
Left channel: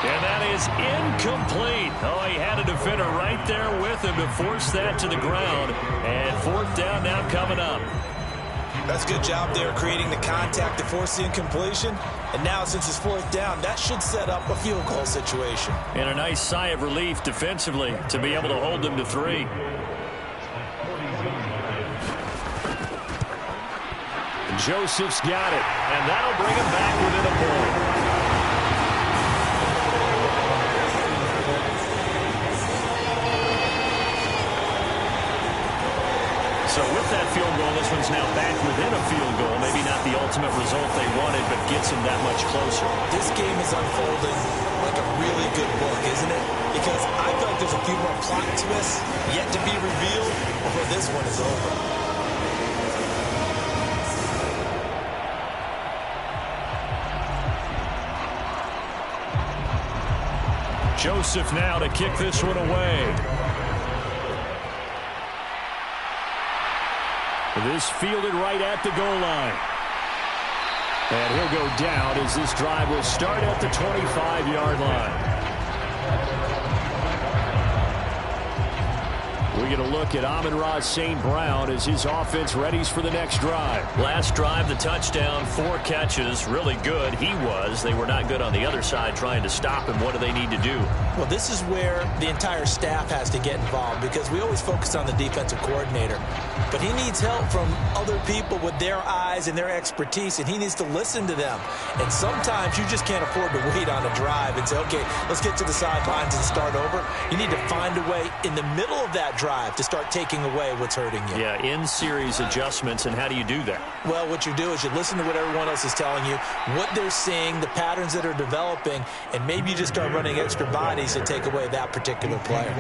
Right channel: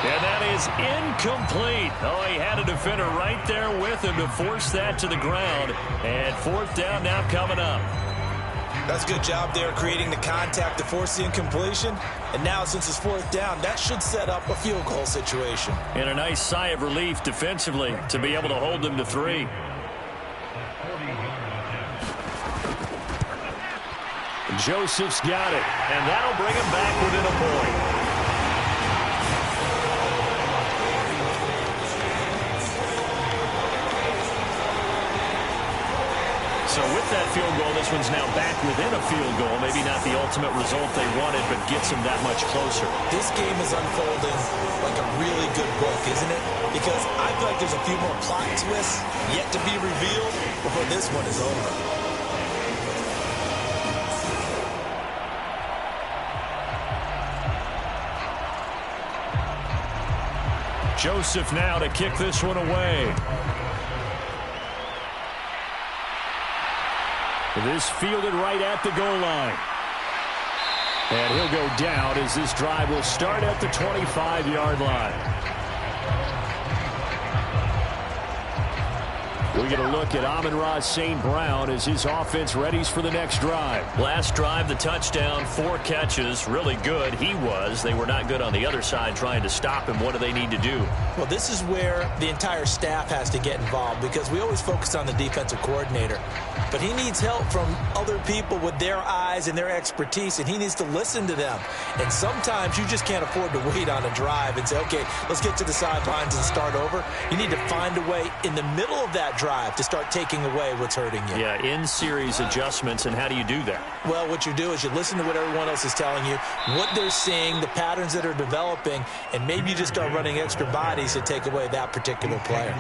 And that is incomplete. Oh, he had a defender right there with him to force that to the ground. And fourth down now coming up. That's a good job there creating the contact to force the incompletion. And now since it's fourth down, that should set up a field goal situation. And a nice sigh of relief defensively to be able to hold them to 3. Joseph's got it, and that'll bring him back within a point. So with that field goal, this one's now back within a field goal. Maybe not the ultimate result they wanted, but gets them that much closer. This game is unfolding like a really good book, isn't it? Because I feel like there's a few more plot twists yet to be revealed before this one is over. Joseph now to kick this one away. This fielded right at the goal line. And he'll go down as this drive will start at the 25-yard line. We get a look at Amon-Ra St. Brown as his offense readies for the next drive. Last drive, the touchdown, 4 catches. Really good. He was. They were not good on the other side trying to stop him. What do they need to do? Well, this is where the entire staff has to get involved because we always focus on the defensive coordinator. But he needs help from other people with their eyes and their expertise, and he needs to listen to them. And sometimes you just can't afford to wait on a drive and say, okay, let's get to the sidelines and start over. You need to find a way in the middle of that drive to start taking away what's hurting you. Yeah, in-series adjustments, and how do you do that? Well, what you do is you listen to what everyone else is telling you, what they're seeing, the patterns that are developing, and maybe you just start running extra bodies to take away that particular player.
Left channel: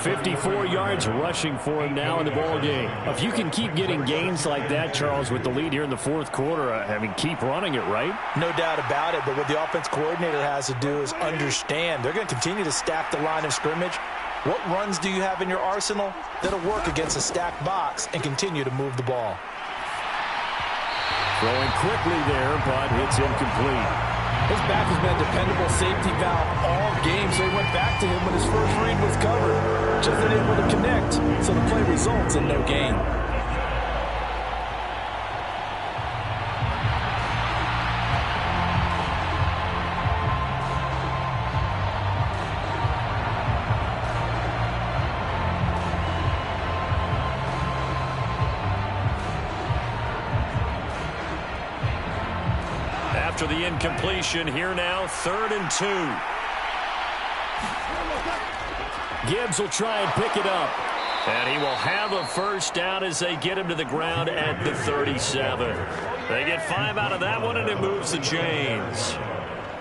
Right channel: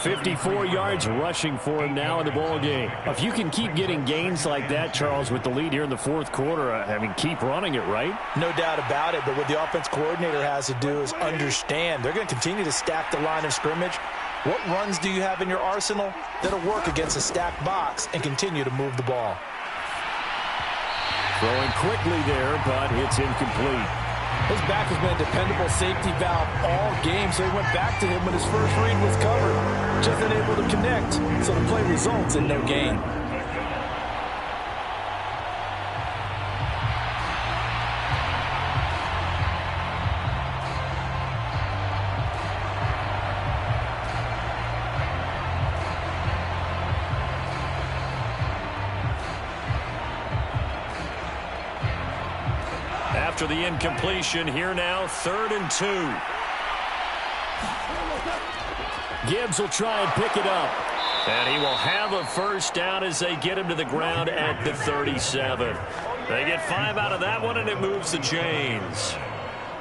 54 yards rushing for him now in the ball game. If you can keep getting gains like that, Charles, with the lead here in the fourth quarter, I mean, keep running it, right? No doubt about it, but what the offense coordinator has to do is understand they're going to continue to stack the line of scrimmage. What runs do you have in your arsenal that'll work against a stacked box and continue to move the ball? Throwing quickly there, but it's incomplete. His back has been a dependable safety valve all game, so he went back to him when his first read was covered. Just unable to connect, so the play results in no gain. After the incompletion, here now, 3rd and 2. Gibbs will try and pick it up. And he will have a first down as they get him to the ground at the 37. They get 5 out of that one, and it moves the chains.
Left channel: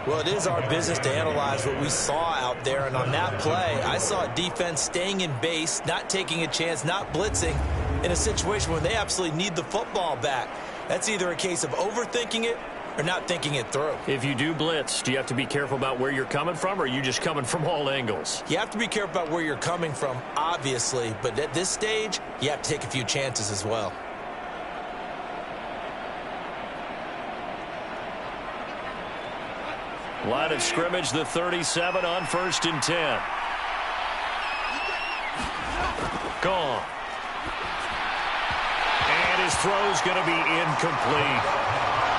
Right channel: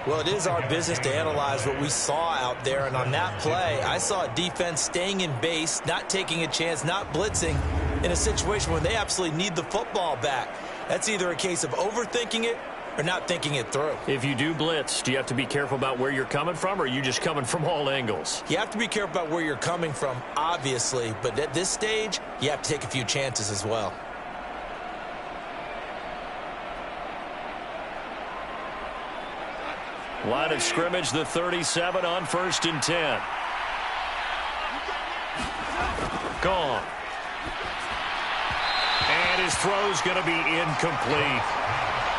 Well, it is our business to analyze what we saw out there. And on that play, I saw a defense staying in base, not taking a chance, not blitzing in a situation where they absolutely need the football back. That's either a case of overthinking it or not thinking it through. If you do blitz, do you have to be careful about where you're coming from, or are you just coming from all angles? You have to be careful about where you're coming from, obviously. But at this stage, you have to take a few chances as well. Line of scrimmage, the 37 on 1st and 10. Gone. And his throw's going to be incomplete.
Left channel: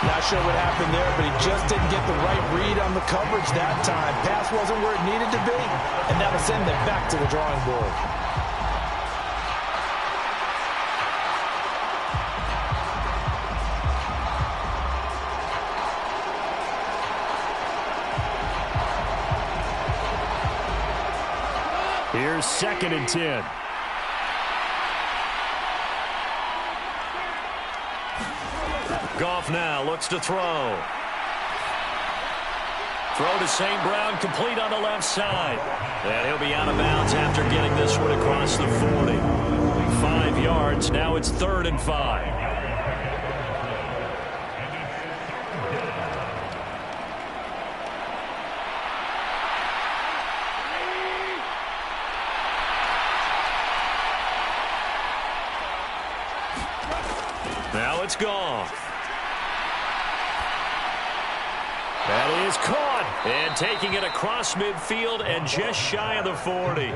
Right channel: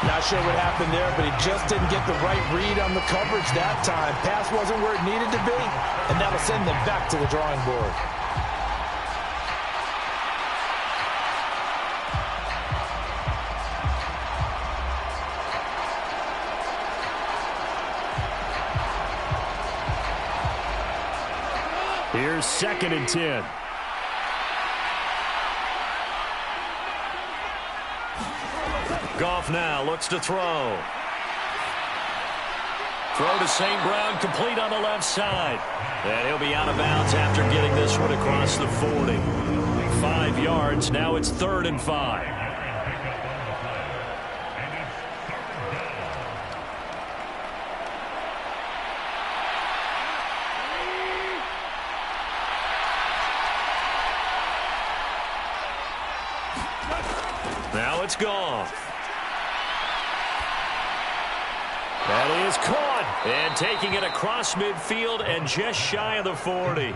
Not sure what happened there, but he just didn't get the right read on the coverage that time. Pass wasn't where it needed to be, and that'll send them back to the drawing board. Here's 2nd and 10. Goff now looks to throw. Throw to St. Brown, complete on the left side. And he'll be out of bounds after getting this one across the 40. 5 yards, now it's 3rd and 5. Now it's Goff. That is caught, and taking it across midfield and just shy of the 40.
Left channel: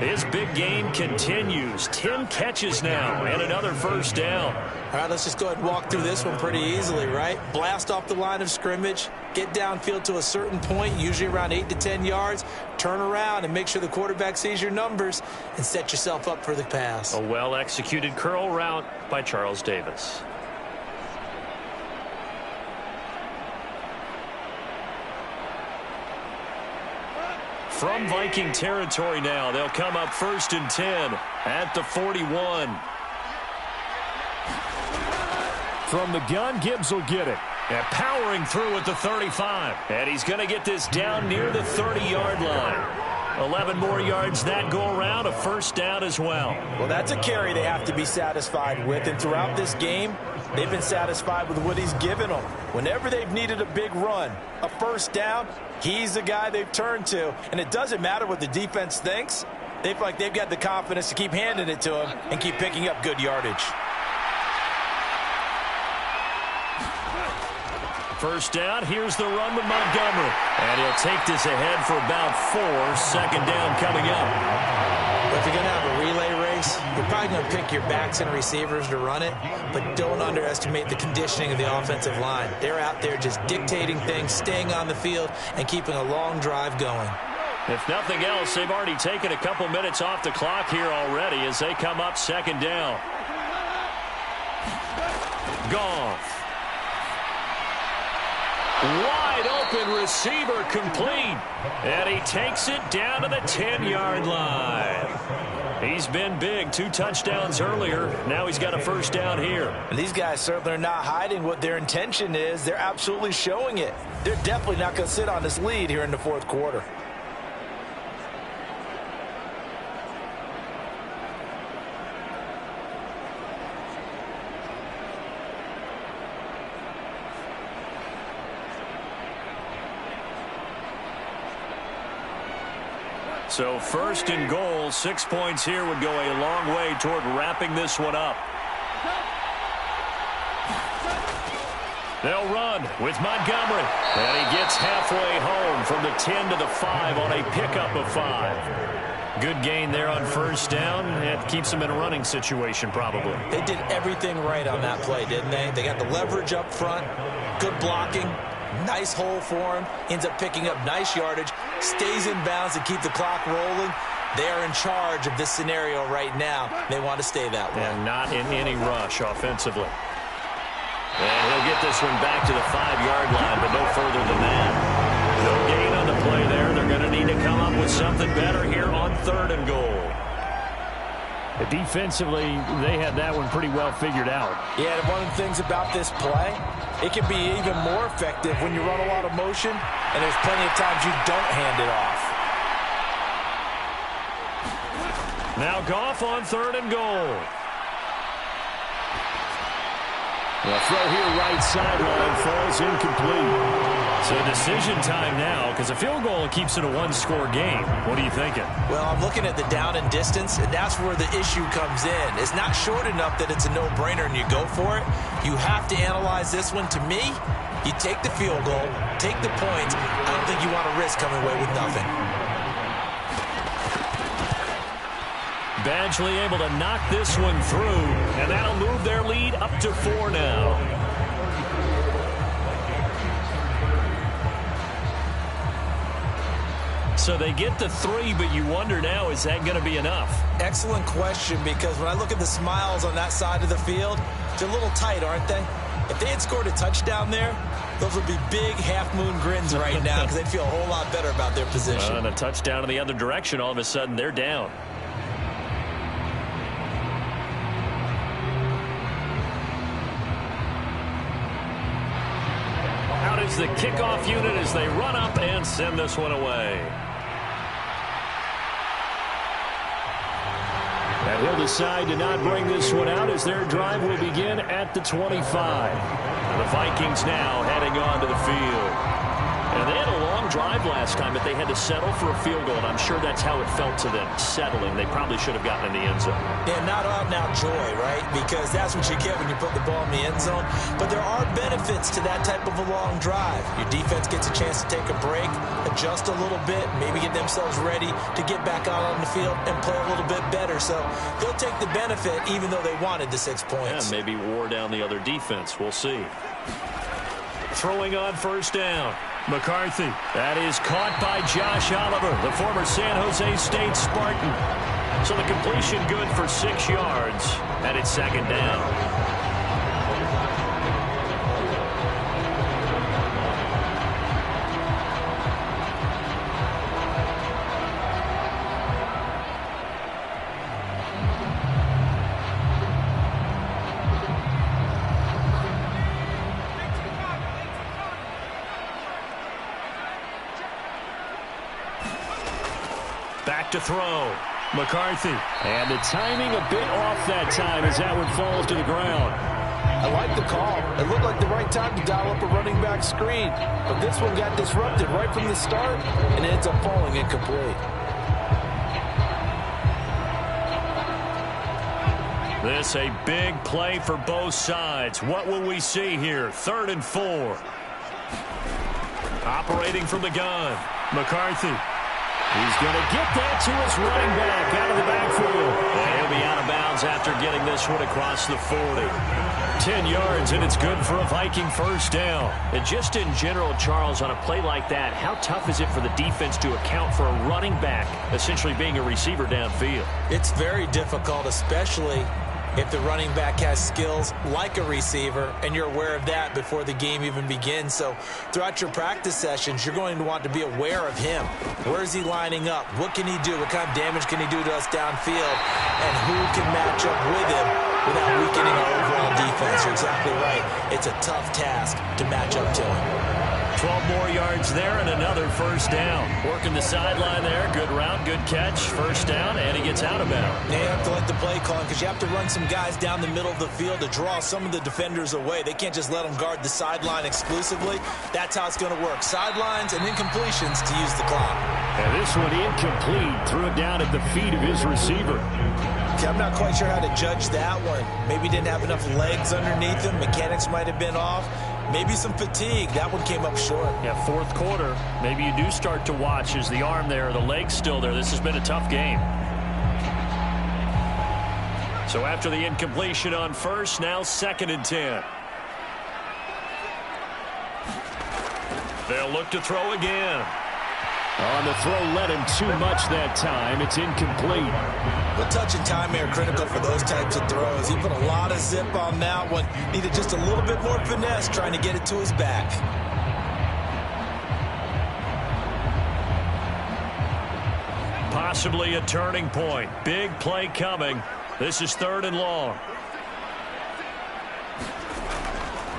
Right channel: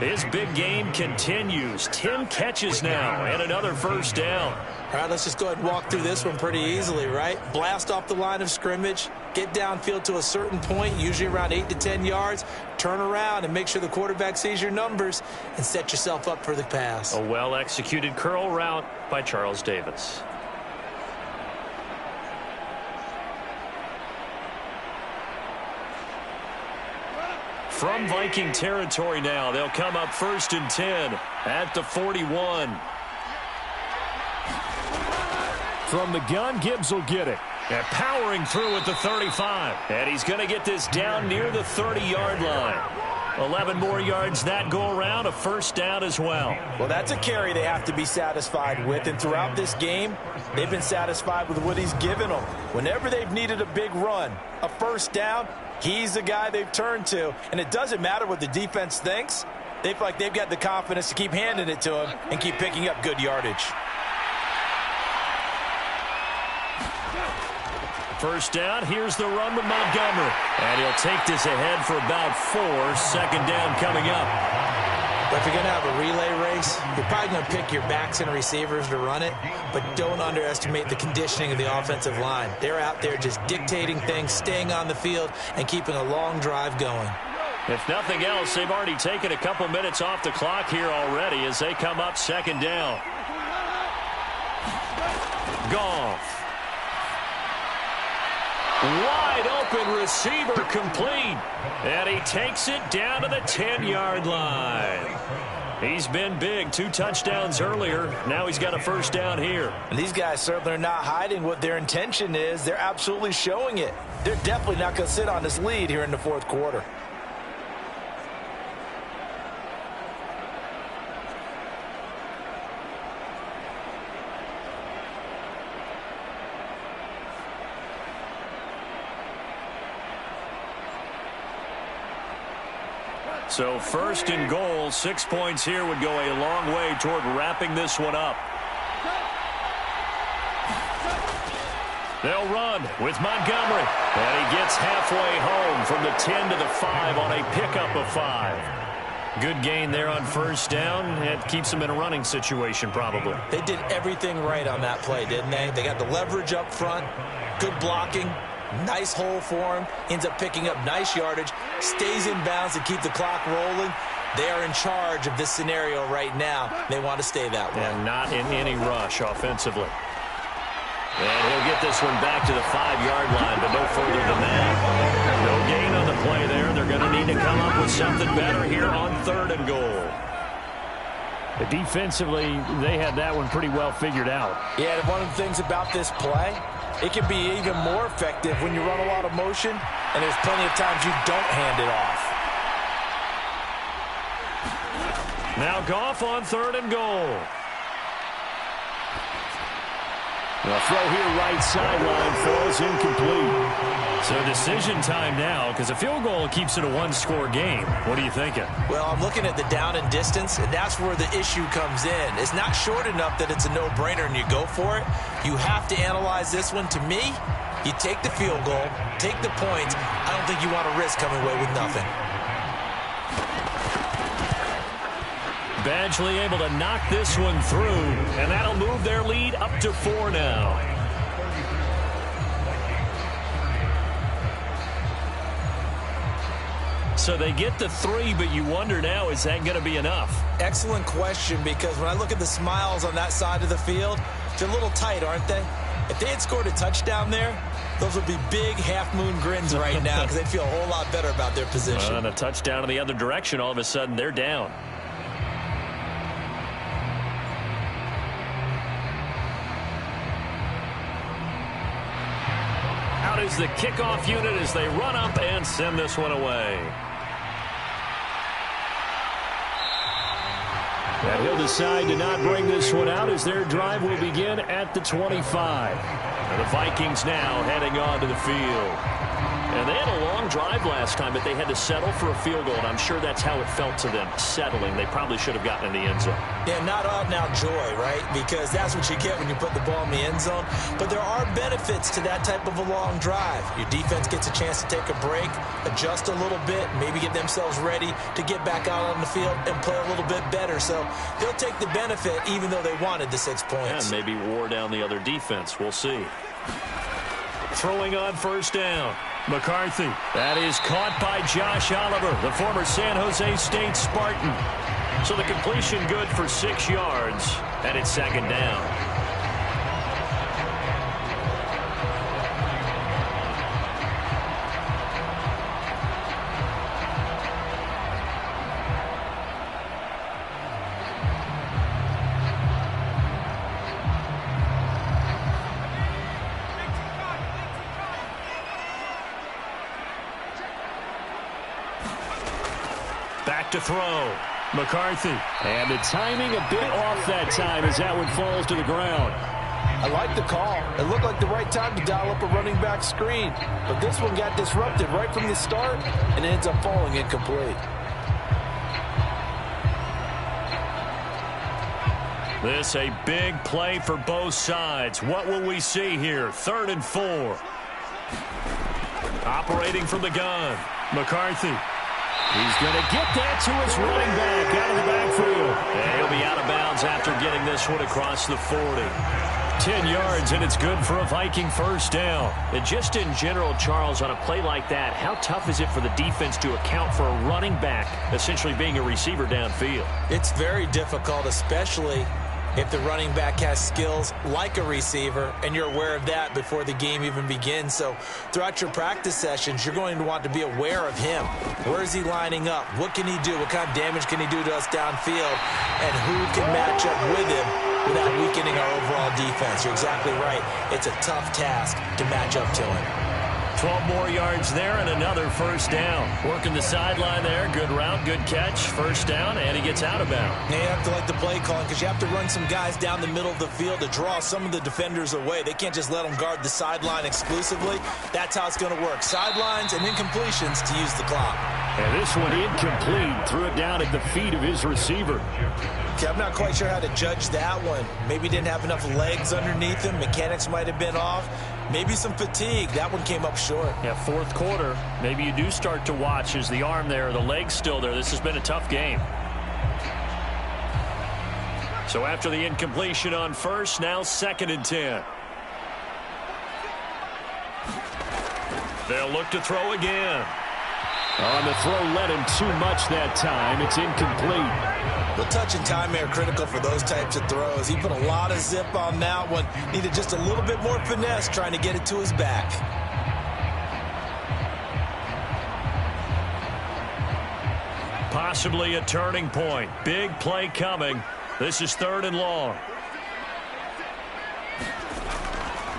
His big game continues. 10 catches now and another first down. All right, let's just go ahead and walk through this one pretty easily, right? Blast off the line of scrimmage, get downfield to a certain point, usually around 8 to 10 yards, turn around and make sure the quarterback sees your numbers and set yourself up for the pass. A well-executed curl route by Charles Davis. From Viking territory now, they'll come up 1st and 10 at the 41. From the gun, Gibbs will get it. And powering through at the 35. And he's going to get this down near the 30-yard line. 11 more yards that go around, a first down as well. Well, that's a carry they have to be satisfied with. And throughout this game, they've been satisfied with what he's given them. Whenever they've needed a big run, a first down, he's the guy they've turned to. And it doesn't matter what the defense thinks. They feel like they've got the confidence to keep handing it to him and keep picking up good yardage. First down, here's the run with Montgomery. And he'll take this ahead for about 4. 2nd down coming up. But if you're going to have a relay race, you're probably going to pick your backs and receivers to run it, but don't underestimate the conditioning of the offensive line. They're out there just dictating things, staying on the field, and keeping a long drive going. If nothing else, they've already taken a couple minutes off the clock here already as they come up 2nd down. Goff. Wide open receiver complete. And he takes it down to the 10-yard line. He's been big. 2 touchdowns earlier. Now he's got a first down here. And these guys certainly are not hiding what their intention is. They're absolutely showing it. They're definitely not going to sit on this lead here in the 4th quarter. So 1st and goal, 6 points here would go a long way toward wrapping this one up. They'll run with Montgomery. And he gets halfway home from the 10 to the 5 on a pickup of 5. Good gain there on first down. It keeps them in a running situation probably. They did everything right on that play, didn't they? They got the leverage up front, good blocking. Nice hole for him. Ends up picking up nice yardage. Stays in bounds to keep the clock rolling. They are in charge of this scenario right now. They want to stay that way. And not in any rush offensively. And he'll get this one back to the 5-yard line, but no further than that. No gain on the play there. They're going to need to come up with something better here on 3rd and goal. Defensively, they had that one pretty well figured out. Yeah, and one of the things about this play, it can be even more effective when you run a lot of motion, and there's plenty of times you don't hand it off. Now Goff on 3rd and goal. The throw here right sideline falls incomplete. So decision time now, because a field goal keeps it a one-score game. What are you thinking? Well, I'm looking at the down and distance, and that's where the issue comes in. It's not short enough that it's a no-brainer and you go for it. You have to analyze this one. To me, you take the field goal, take the points. I don't think you want to risk coming away with nothing. Badgley able to knock this one through, and that'll move their lead up to 4 now. So they get the 3, but you wonder now, is that going to be enough? Excellent question, because when I look at the smiles on that side of the field, they're a little tight, aren't they? If they had scored a touchdown there, those would be big half-moon grins right now because they'd feel a whole lot better about their position. And a touchdown in the other direction, all of a sudden they're down. Out is the kickoff unit as they run up and send this one away. And he'll decide to not bring this one out as their drive will begin at the 25. And the Vikings now heading on to the field. And they had a long drive last time, but they had to settle for a field goal, and I'm sure that's how it felt to them, settling. They probably should have gotten in the end zone. Yeah, not out-and-out joy, right? Because that's what you get when you put the ball in the end zone. But there are benefits to that type of a long drive. Your defense gets a chance to take a break, adjust a little bit, maybe get themselves ready to get back out on the field and play a little bit better. So they'll take the benefit even though they wanted the 6 points. Yeah, maybe wore down the other defense. We'll see. Throwing on 1st down. McCarthy. That is caught by Josh Oliver, the former San Jose State Spartan. So the completion good for 6 yards, and it's 2nd down. Back to throw. McCarthy. And the timing a bit off that time as that one falls to the ground. I like the call. It looked like the right time to dial up a running back screen. But this one got disrupted right from the start and ends up falling incomplete. This a big play for both sides. What will we see here? 3rd and 4. Operating from the gun. McCarthy. He's going to get that to his running back out of the backfield. And he'll be out of bounds after getting this one across the 40. 10 yards, and it's good for a Viking 1st down. And just in general, Charles, on a play like that, how tough is it for the defense to account for a running back essentially being a receiver downfield? It's very difficult, especially if the running back has skills like a receiver, and you're aware of that before the game even begins. So throughout your practice sessions, you're going to want to be aware of him. Where is he lining up? What can he do? What kind of damage can he do to us downfield? And who can match up with him without weakening our overall defense? You're exactly right. It's a tough task to match up to him. 12 more yards there and another 1st down. Working the sideline there. Good route, good catch. 1st down, and he gets out of bounds. Now you have to like the play calling because you have to run some guys down the middle of the field to draw some of the defenders away. They can't just let them guard the sideline exclusively. That's how it's going to work. Sidelines and incompletions to use the clock. And this one incomplete. Threw it down at the feet of his receiver. Okay, I'm not quite sure how to judge that one. Maybe didn't have enough legs underneath him. Mechanics might have been off. Maybe some fatigue. That one came up short. Yeah, 4th quarter. Maybe you do start to watch as the arm there, the leg's still there. This has been a tough game. So after the incompletion on 1st, now 2nd and 10. They'll look to throw again. On the throw led him too much that time. It's incomplete. Well, touch and time are critical for those types of throws. He put a lot of zip on that one. Needed just a little bit more finesse trying to get it to his back. Possibly a turning point. Big play coming. This is 3rd and long.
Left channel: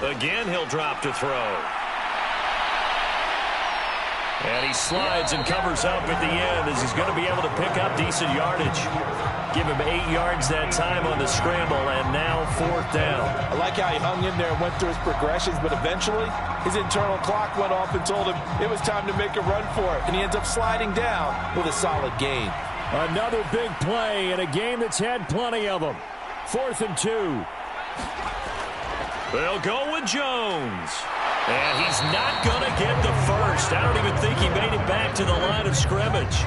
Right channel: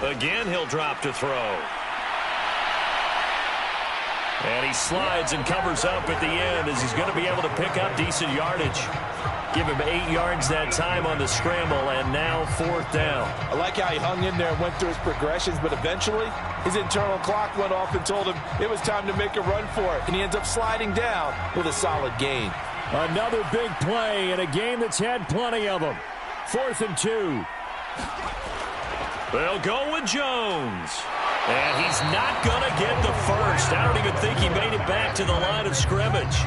Again, he'll drop to throw. And he slides and covers up at the end as he's going to be able to pick up decent yardage. Give him 8 yards that time on the scramble, and now 4th down. I like how he hung in there and went through his progressions, but eventually his internal clock went off and told him it was time to make a run for it, and he ends up sliding down with a solid gain. Another big play in a game that's had plenty of them. 4th and 2. They'll go with Jones. And he's not going to get the first. I don't even think he made it back to the line of scrimmage.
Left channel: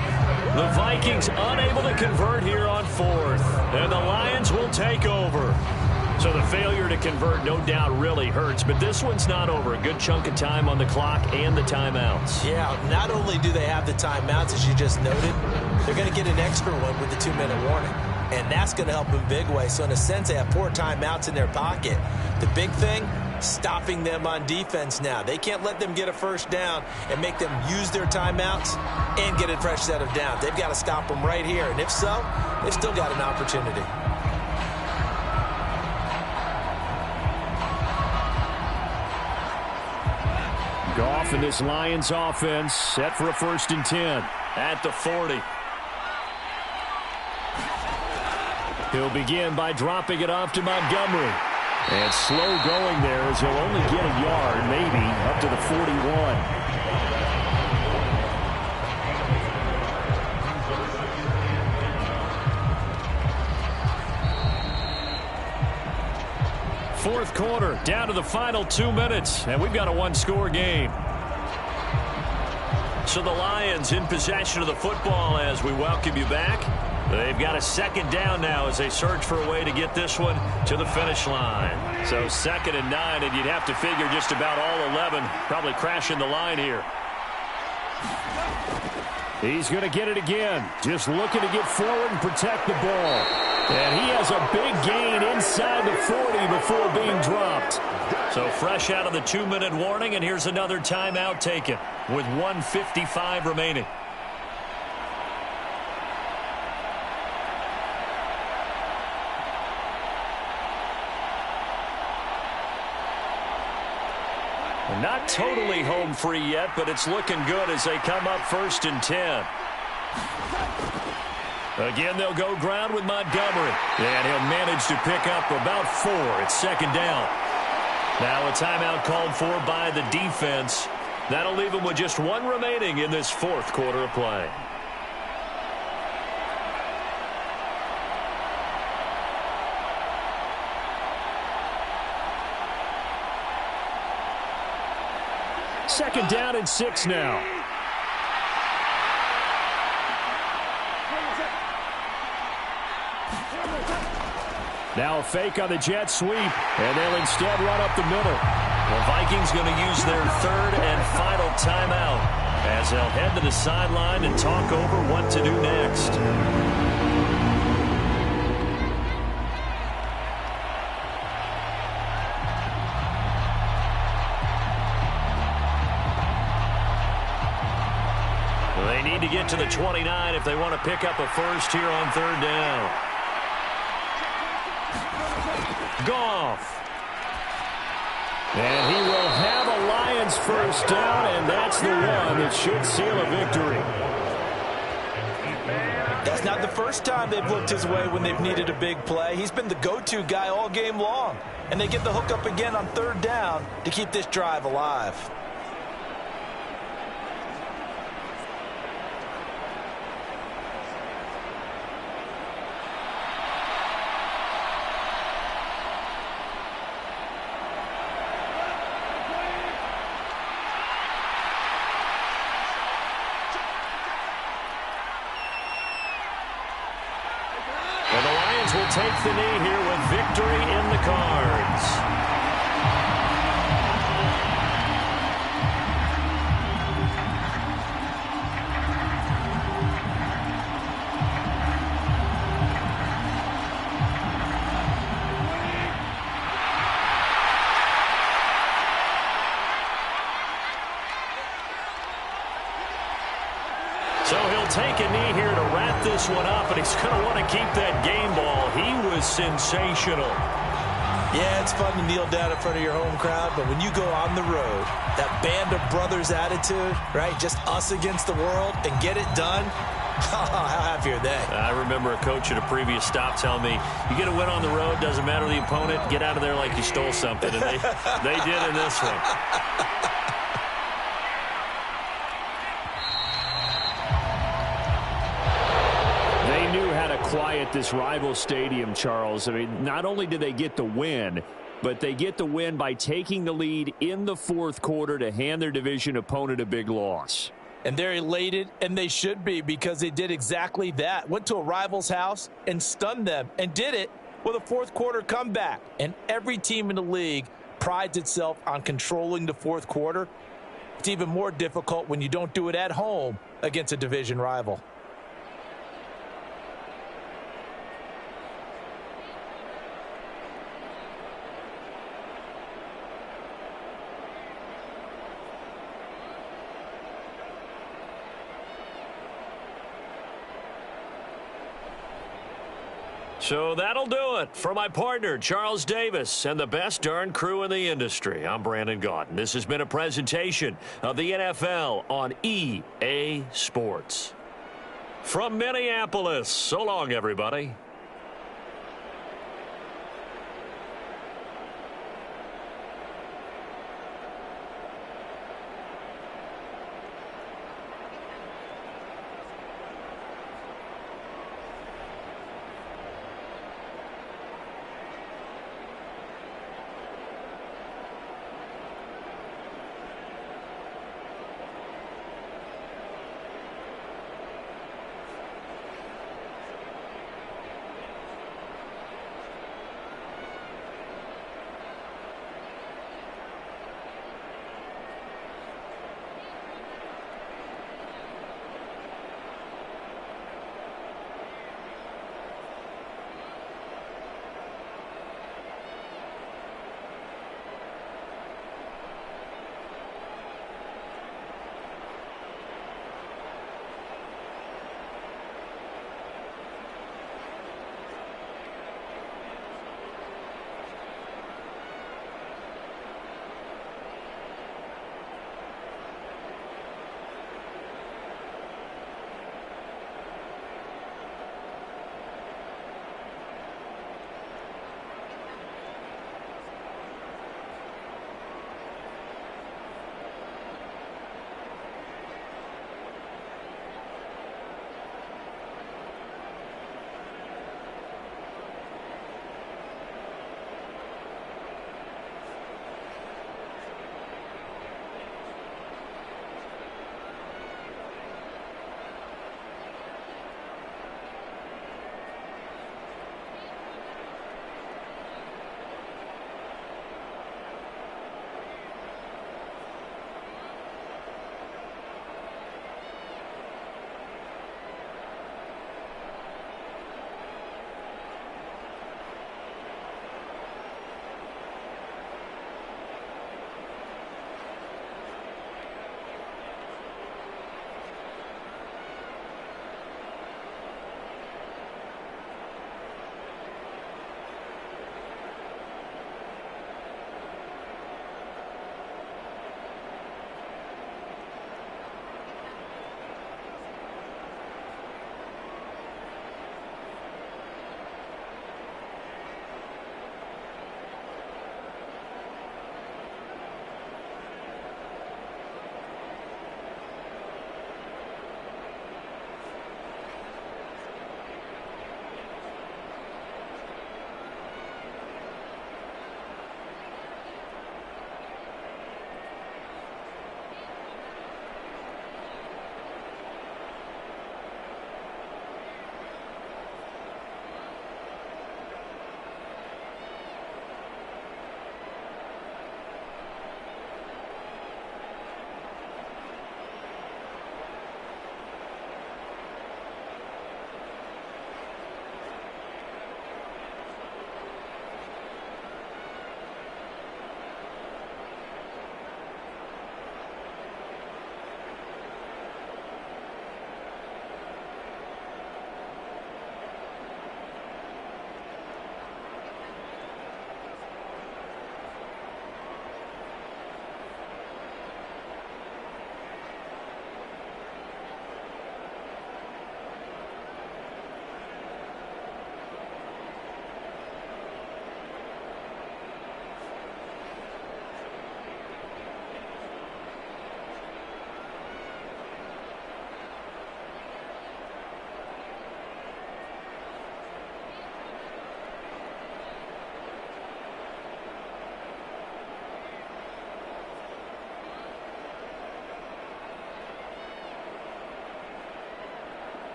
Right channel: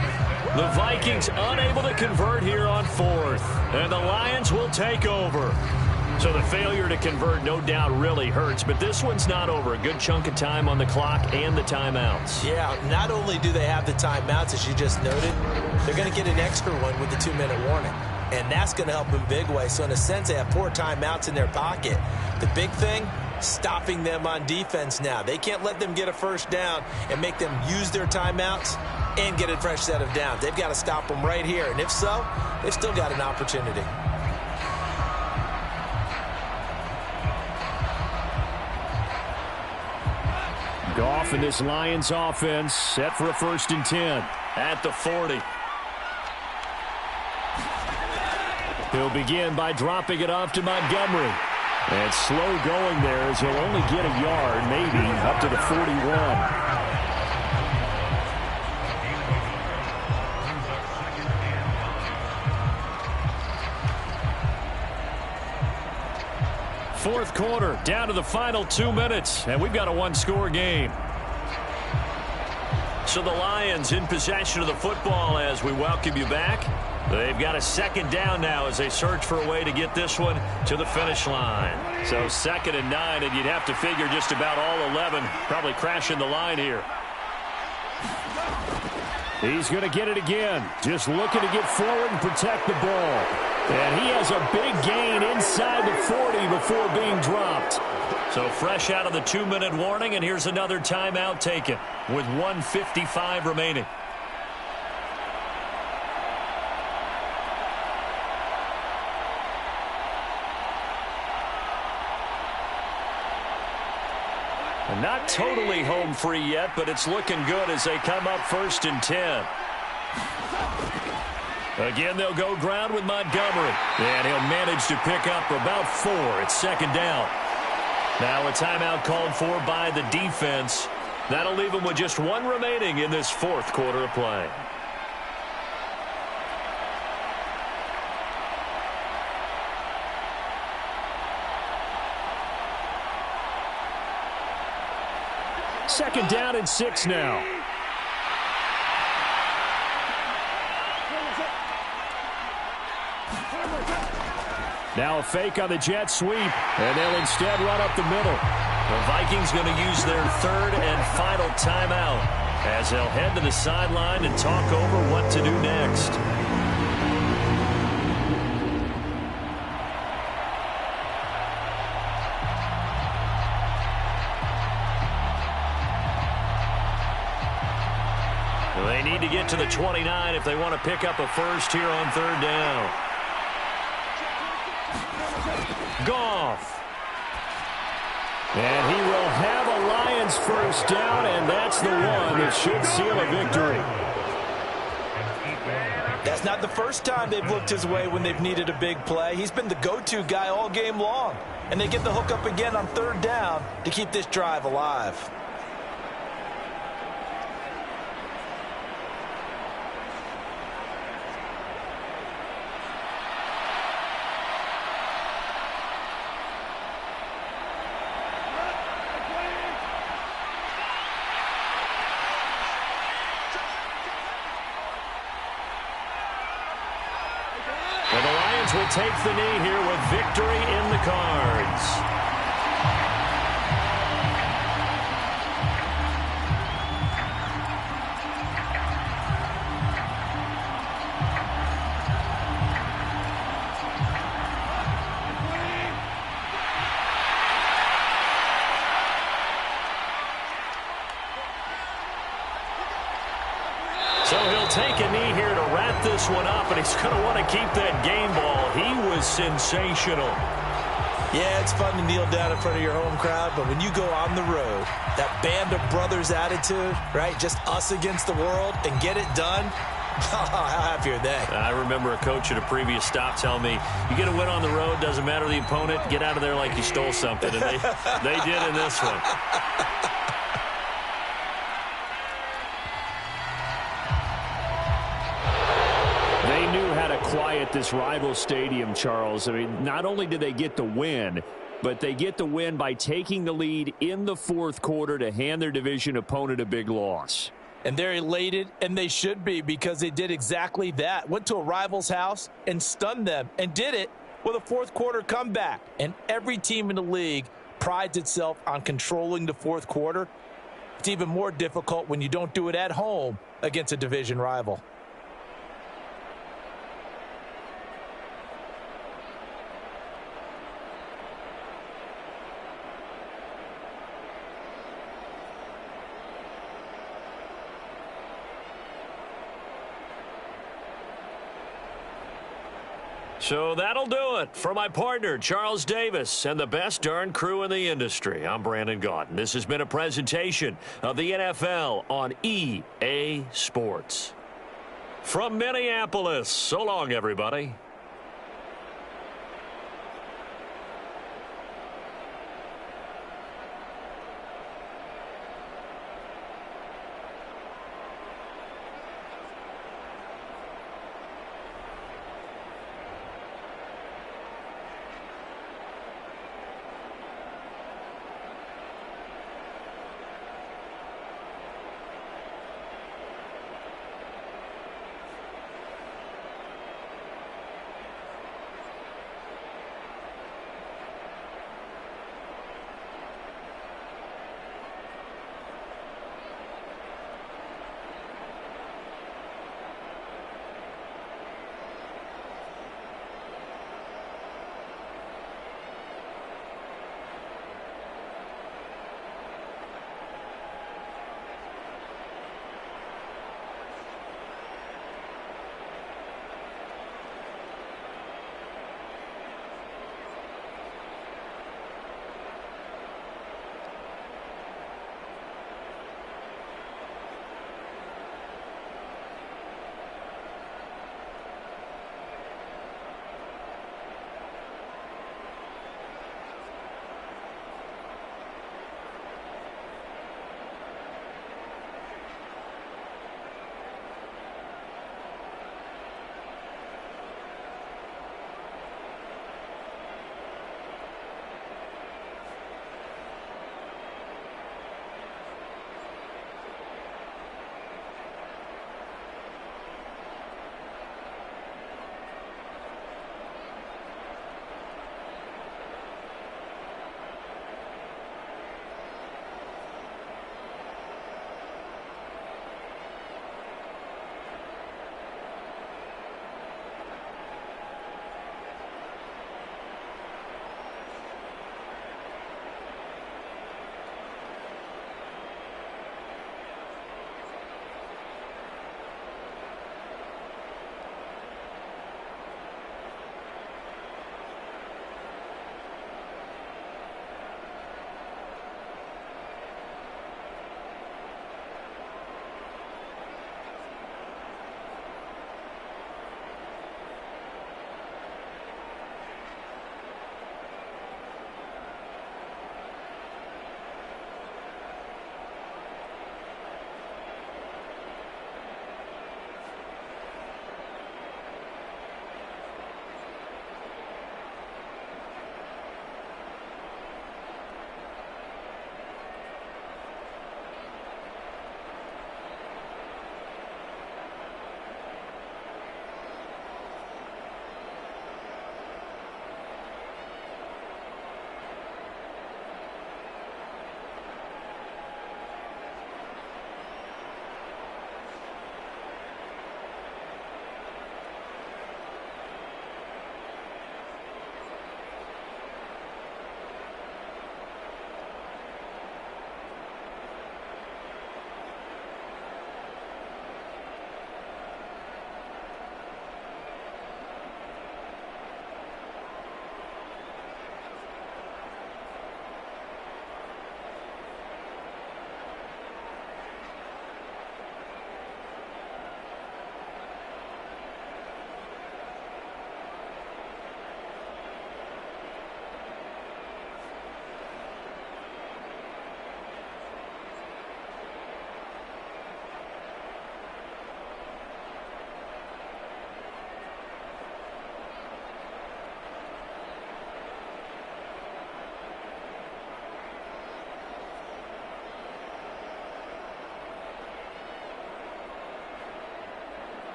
The Vikings unable to convert here on 4th. And the Lions will take over. So the failure to convert no doubt really hurts. But this one's not over. A good chunk of time on the clock and the timeouts. Yeah, not only do they have the timeouts, as you just noted, they're going to get an extra one with the 2-minute warning. And that's going to help them big way. So in a sense, they have 4 timeouts in their pocket. The big thing, stopping them on defense now. They can't let them get a first down and make them use their timeouts and get a fresh set of downs. They've got to stop them right here. And if so, they've still got an opportunity. Goff and this Lions offense set for a 1st and 10. At the 40. He'll begin by dropping it off to Montgomery. And slow going there as he'll only get a yard, maybe, up to the 41. Fourth quarter, down to the final 2 minutes, and we've got a 1-score game. So the Lions in possession of the football as we welcome you back. They've got a 2nd down now as they search for a way to get this one to the finish line. So 2nd and 9, and you'd have to figure just about all 11 probably crashing the line here. He's going to get it again. Just looking to get forward and protect the ball. And he has a big gain inside the 40 before being dropped. So fresh out of the 2-minute warning, and here's another timeout taken with 1:55 remaining. Not totally home free yet, but it's looking good as they come up 1st and 10. Again, they'll go ground with Montgomery. And he'll manage to pick up about 4. It's 2nd down. Now a timeout called for by the defense. That'll leave them with just 1 remaining in this 4th quarter of play. Second down and 6 now. Now a fake on the jet sweep, and they'll instead run up the middle. The Vikings going to use their 3rd and final timeout as they'll head to the sideline and talk over what to do next. They need to get to the 29 if they want to pick up a first here on 3rd down. Goff. And he will have a Lions first down, and that's the one that should seal a victory. That's not the first time they've looked his way when they've needed a big play. He's been the go-to guy all game long. And they get the hook up again on 3rd down to keep this drive alive. And the Lions will take the knee here with victory in the cards. So he'll take a knee here to wrap this one up, and he's going to want to keep that game ball. He was sensational. Yeah, it's fun to kneel down in front of your home crowd, but when you go on the road, that band of brothers attitude, right, just us against the world and get it done, how happy are they? I remember a coach at a previous stop telling me, you get a win on the road, doesn't matter the opponent, get out of there like you stole something. And they did in this one. They knew how to quiet this rival stadium, Charles. I mean, not only did they get the win, but they get the win by taking the lead in the fourth quarter to hand their division opponent a big loss. And they're elated, and they should be, because they did exactly that. Went to a rival's house and stunned them, and did it with a fourth quarter comeback. And every team in the league prides itself on controlling the fourth quarter. It's even more difficult when you don't do it at home against a division rival. So that'll do it for my partner, Charles Davis, and the best darn crew in the industry. I'm Brandon Gaudin. This has been a presentation of the NFL on EA Sports. From Minneapolis, so long, everybody.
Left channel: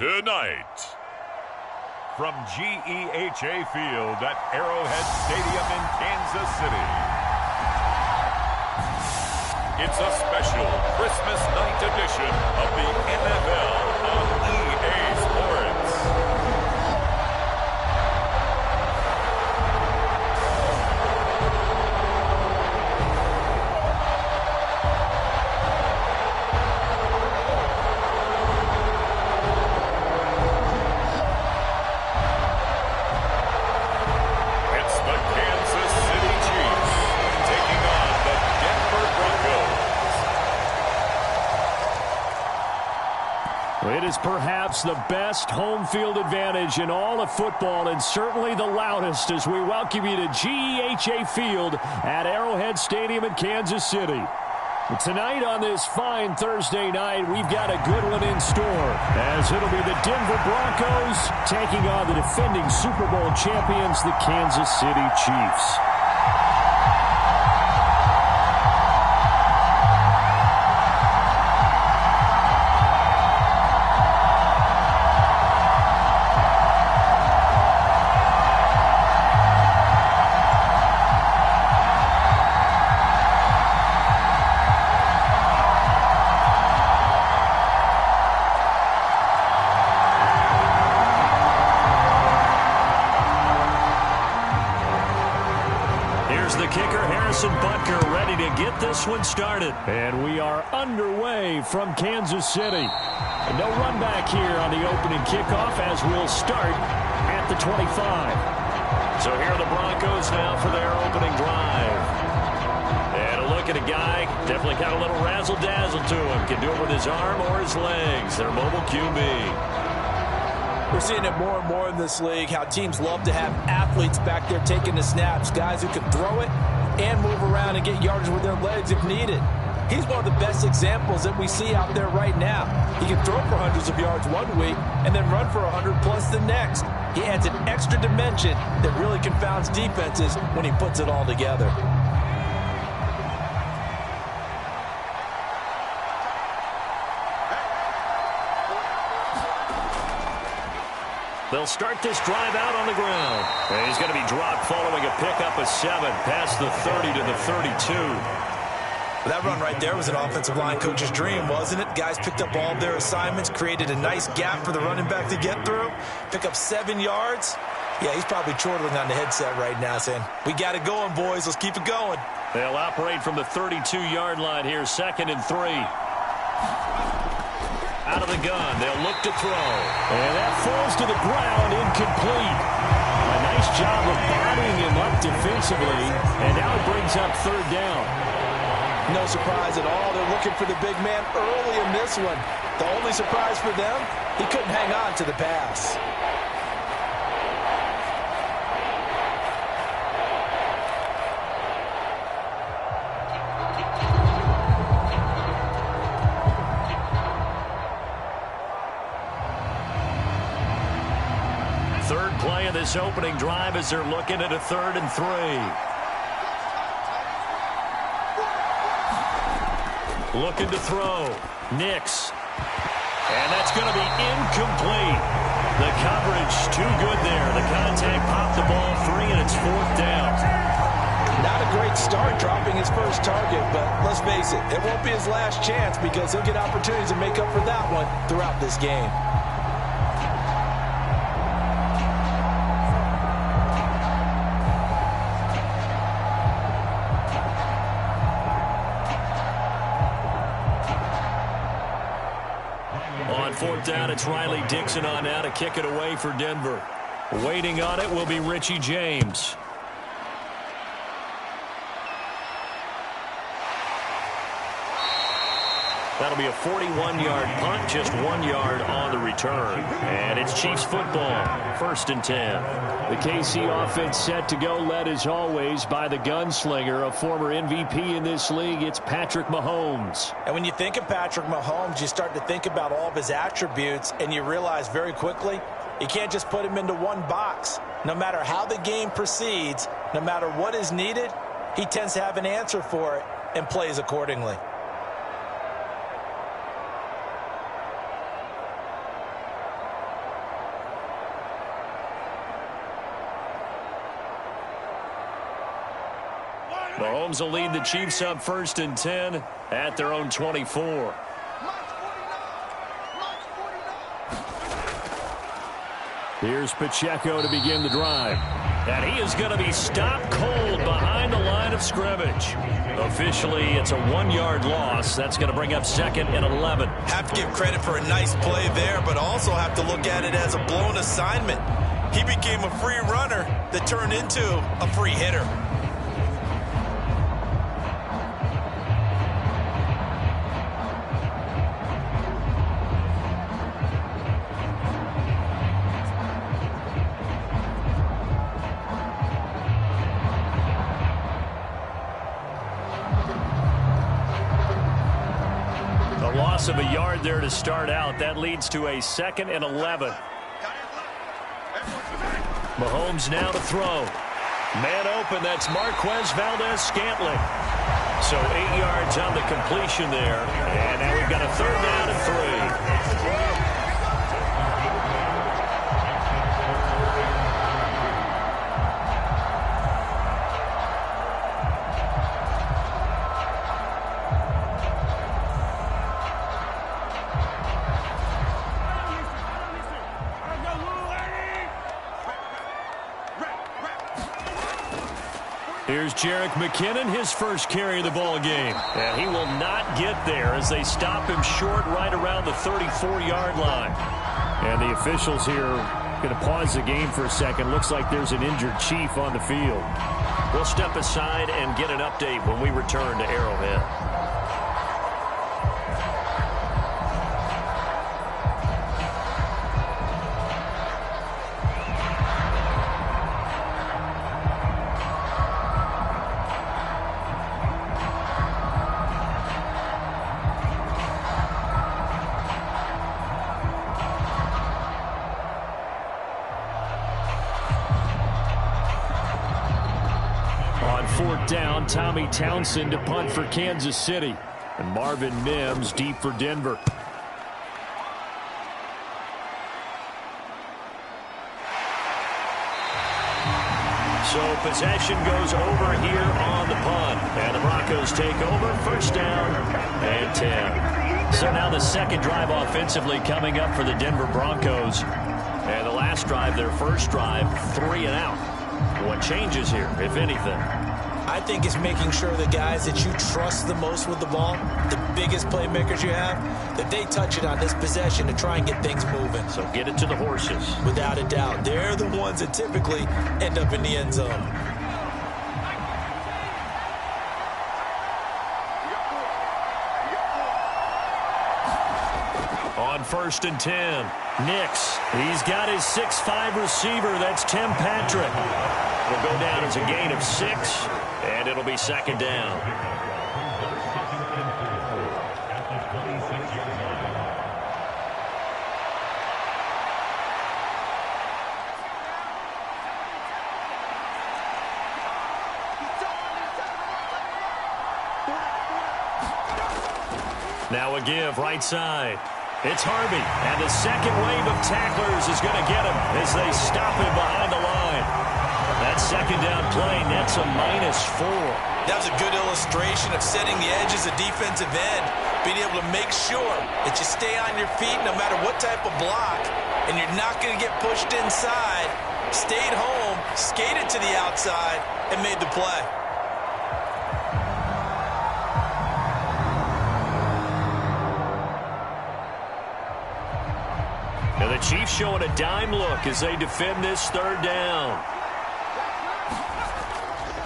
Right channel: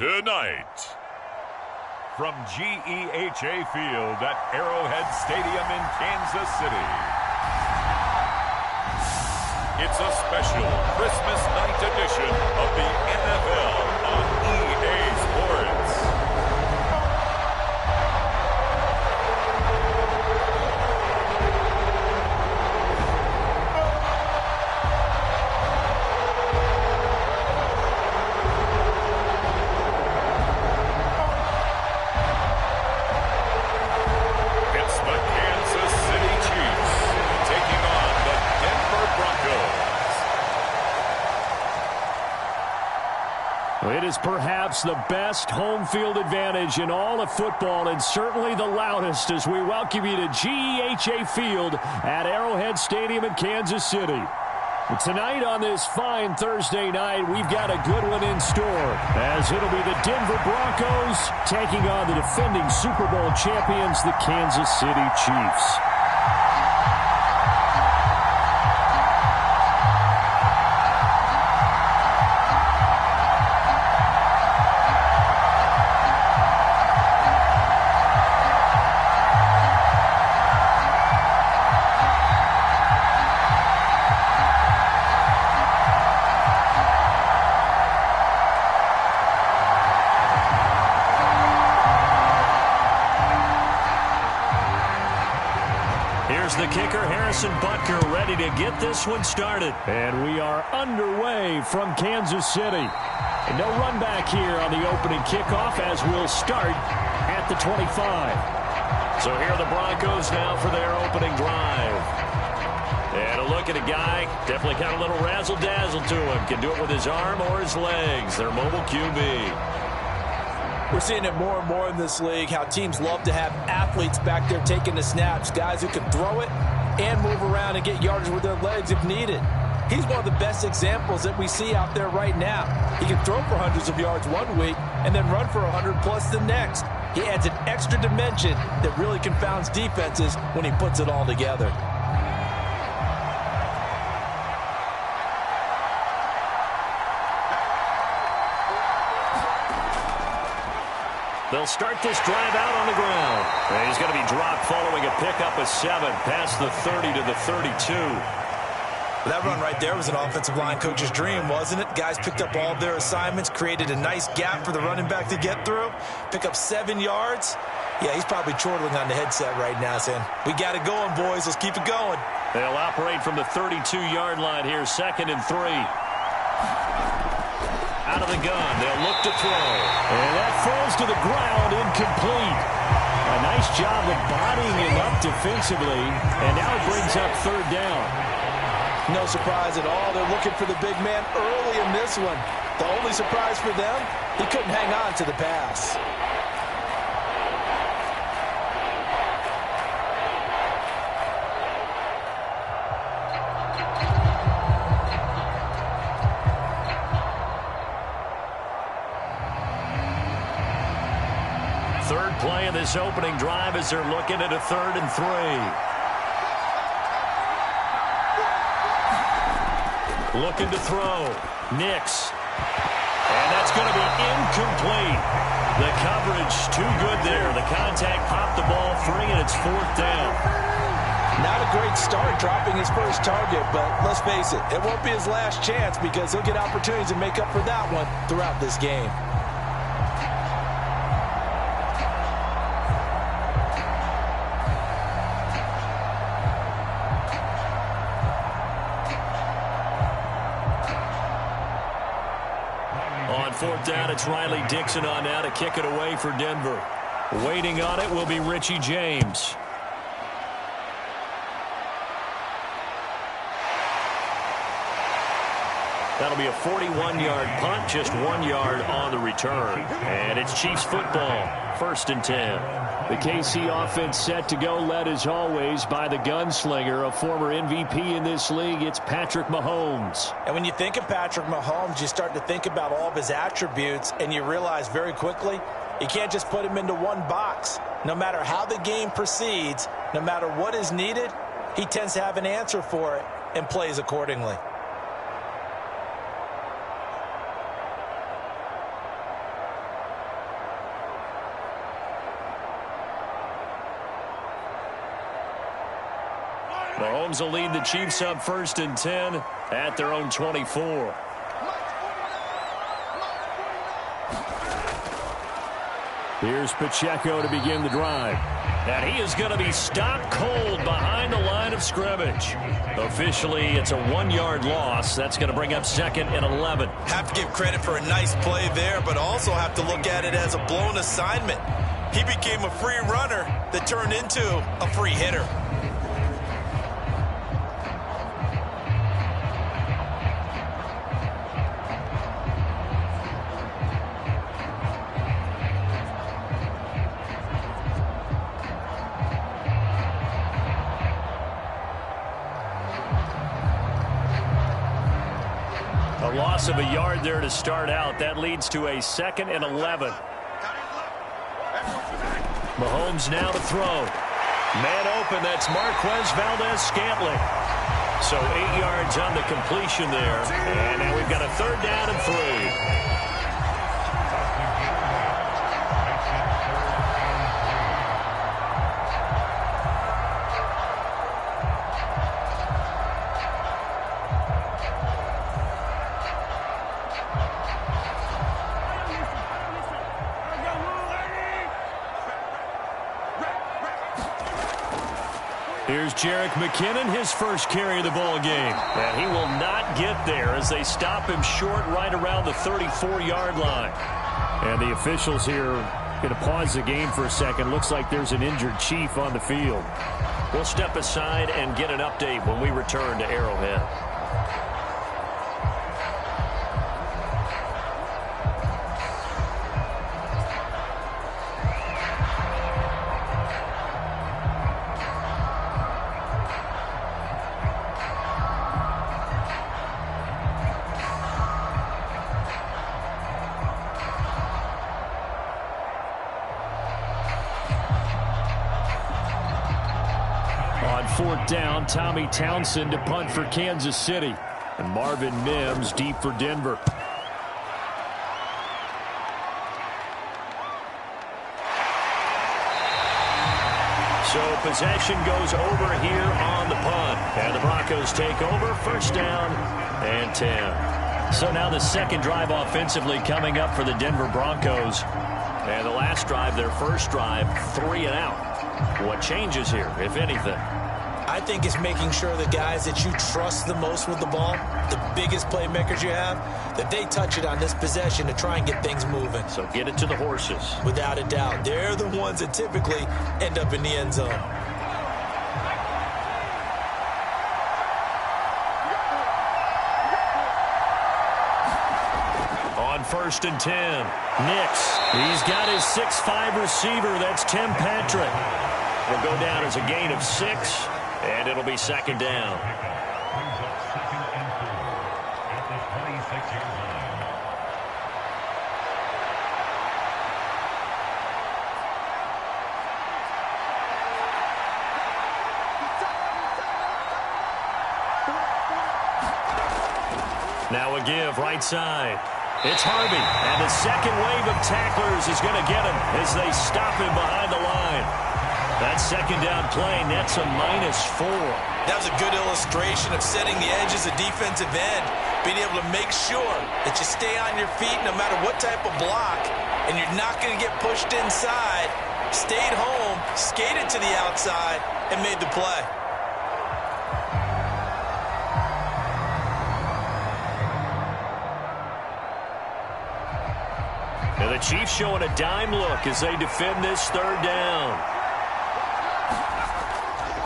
Tonight, from GEHA Field at Arrowhead Stadium in Kansas City, it's a special Christmas night edition of the NFL on EA Sports. The Kansas City Chiefs taking on the Denver Broncos. It is perhaps the best home field advantage in all of football, and certainly the loudest, as we welcome you to GEHA Field at Arrowhead Stadium in Kansas City. Tonight on this fine Thursday night, we've got a good one in store, as it'll be the Denver Broncos taking on the defending Super Bowl champions, the Kansas City Chiefs. Here's the kicker, Harrison Butker, ready to get this one started. And we are underway from Kansas City. And no run back here on the opening kickoff, as we'll start at the 25. So here are the Broncos now for their opening drive. And a look at a guy, definitely got a little razzle-dazzle to him. Can do it with his arm or his legs. Their mobile QB. We're seeing it more and more in this league, how teams love to have athletes back there taking the snaps, guys who can throw it and move around and get yardage with their legs if needed. He's one of the best examples that we see out there right now. He can throw for hundreds of yards one week and then run for 100+ the next. He adds an extra dimension that really confounds defenses when he puts it all together. They'll start this drive out on the ground. And he's going to be dropped following a pickup of 7 past the 30 to the 32. That run right there was an offensive line coach's dream, wasn't it? Guys picked up all of their assignments, created a nice gap for the running back to get through, pick up 7 yards. Yeah, he's probably chortling on the headset right now saying, we got it going, boys. Let's keep it going. They'll operate from the 32-yard line here, 2nd and 3. Out of the gun, they'll look to throw. And that falls to the ground, incomplete. A nice job of bodying him up defensively, and now it brings up 3rd down. No surprise at all. They're looking for the big man early in this one. The only surprise for them, he couldn't hang on to the pass. Third play of this opening drive as they're looking at a 3rd and 3. Looking to throw. Nix. And that's going to be incomplete. The coverage too good there. The contact popped the ball free, and it's 4th down. Not a great start dropping his first target, but let's face it, it won't be his last chance because he'll get opportunities to make up for that one throughout this game. On 4th down, it's Riley Dixon on now to kick it away for Denver. Waiting on it will be Richie James. That'll be a 41-yard punt, just 1 yard on the return. And it's Chiefs football, 1st and 10. The KC offense set to go, led as always by the gunslinger, a former MVP in this league. It's Patrick Mahomes. And when you think of Patrick Mahomes, you start to think about all of his attributes, and you realize very quickly, you can't just put him into one box. No matter how the game proceeds, no matter what is needed, he tends to have an answer for it and plays accordingly. Mahomes will lead the Chiefs up 1st and 10 at their own 24. Here's Pacheco to begin the drive. And he is going to be stopped cold behind the line of scrimmage. Officially, it's a 1-yard loss. That's going to bring up 2nd and 11. Have to give credit for a nice play there, but also have to look at it as a blown assignment. He became a free runner that turned into a free hitter. A loss of a yard there to start out. That leads to a 2nd and 11. Mahomes now to throw. Man open, that's Marquez Valdez-Scantling. So 8 yards on the completion there. And now we've got a 3rd down and 3. Here's Jerick McKinnon, his first carry of the ball game. And he will not get there as they stop him short right around the 34-yard line. And the officials here going to pause the game for a second. Looks like there's an injured Chief on the field. We'll step aside and get an update when we return to Arrowhead. On 4th down, Tommy Townsend to punt for Kansas City. And Marvin Mims deep for Denver. So possession goes over here on the punt. And the Broncos take over, 1st down and 10. So now the 2nd drive offensively coming up for the Denver Broncos. And the last drive, their first drive, 3 and out. What changes here, if anything? I think it's making sure the guys that you trust the most with the ball, the biggest playmakers you have, that they touch it on this possession to try and get things moving. So get it to the horses. Without a doubt. They're the ones that typically end up in the end zone. On 1st and 10, Nix. He's got his 6'5 receiver. That's Tim Patrick. It'll go down as a gain of 6, and it'll be 2nd down. Now a give right side. It's Harvey, and the second wave of tacklers is going to get him as they stop him behind the line. That 2nd down play nets a -4. That was a good illustration of setting the edge as a defensive end, being able to make sure that you stay on your feet no matter what type of block, and you're not going to get pushed inside. Stayed home, skated to the outside, and made the play. And the Chiefs showing a dime look as they defend this 3rd down.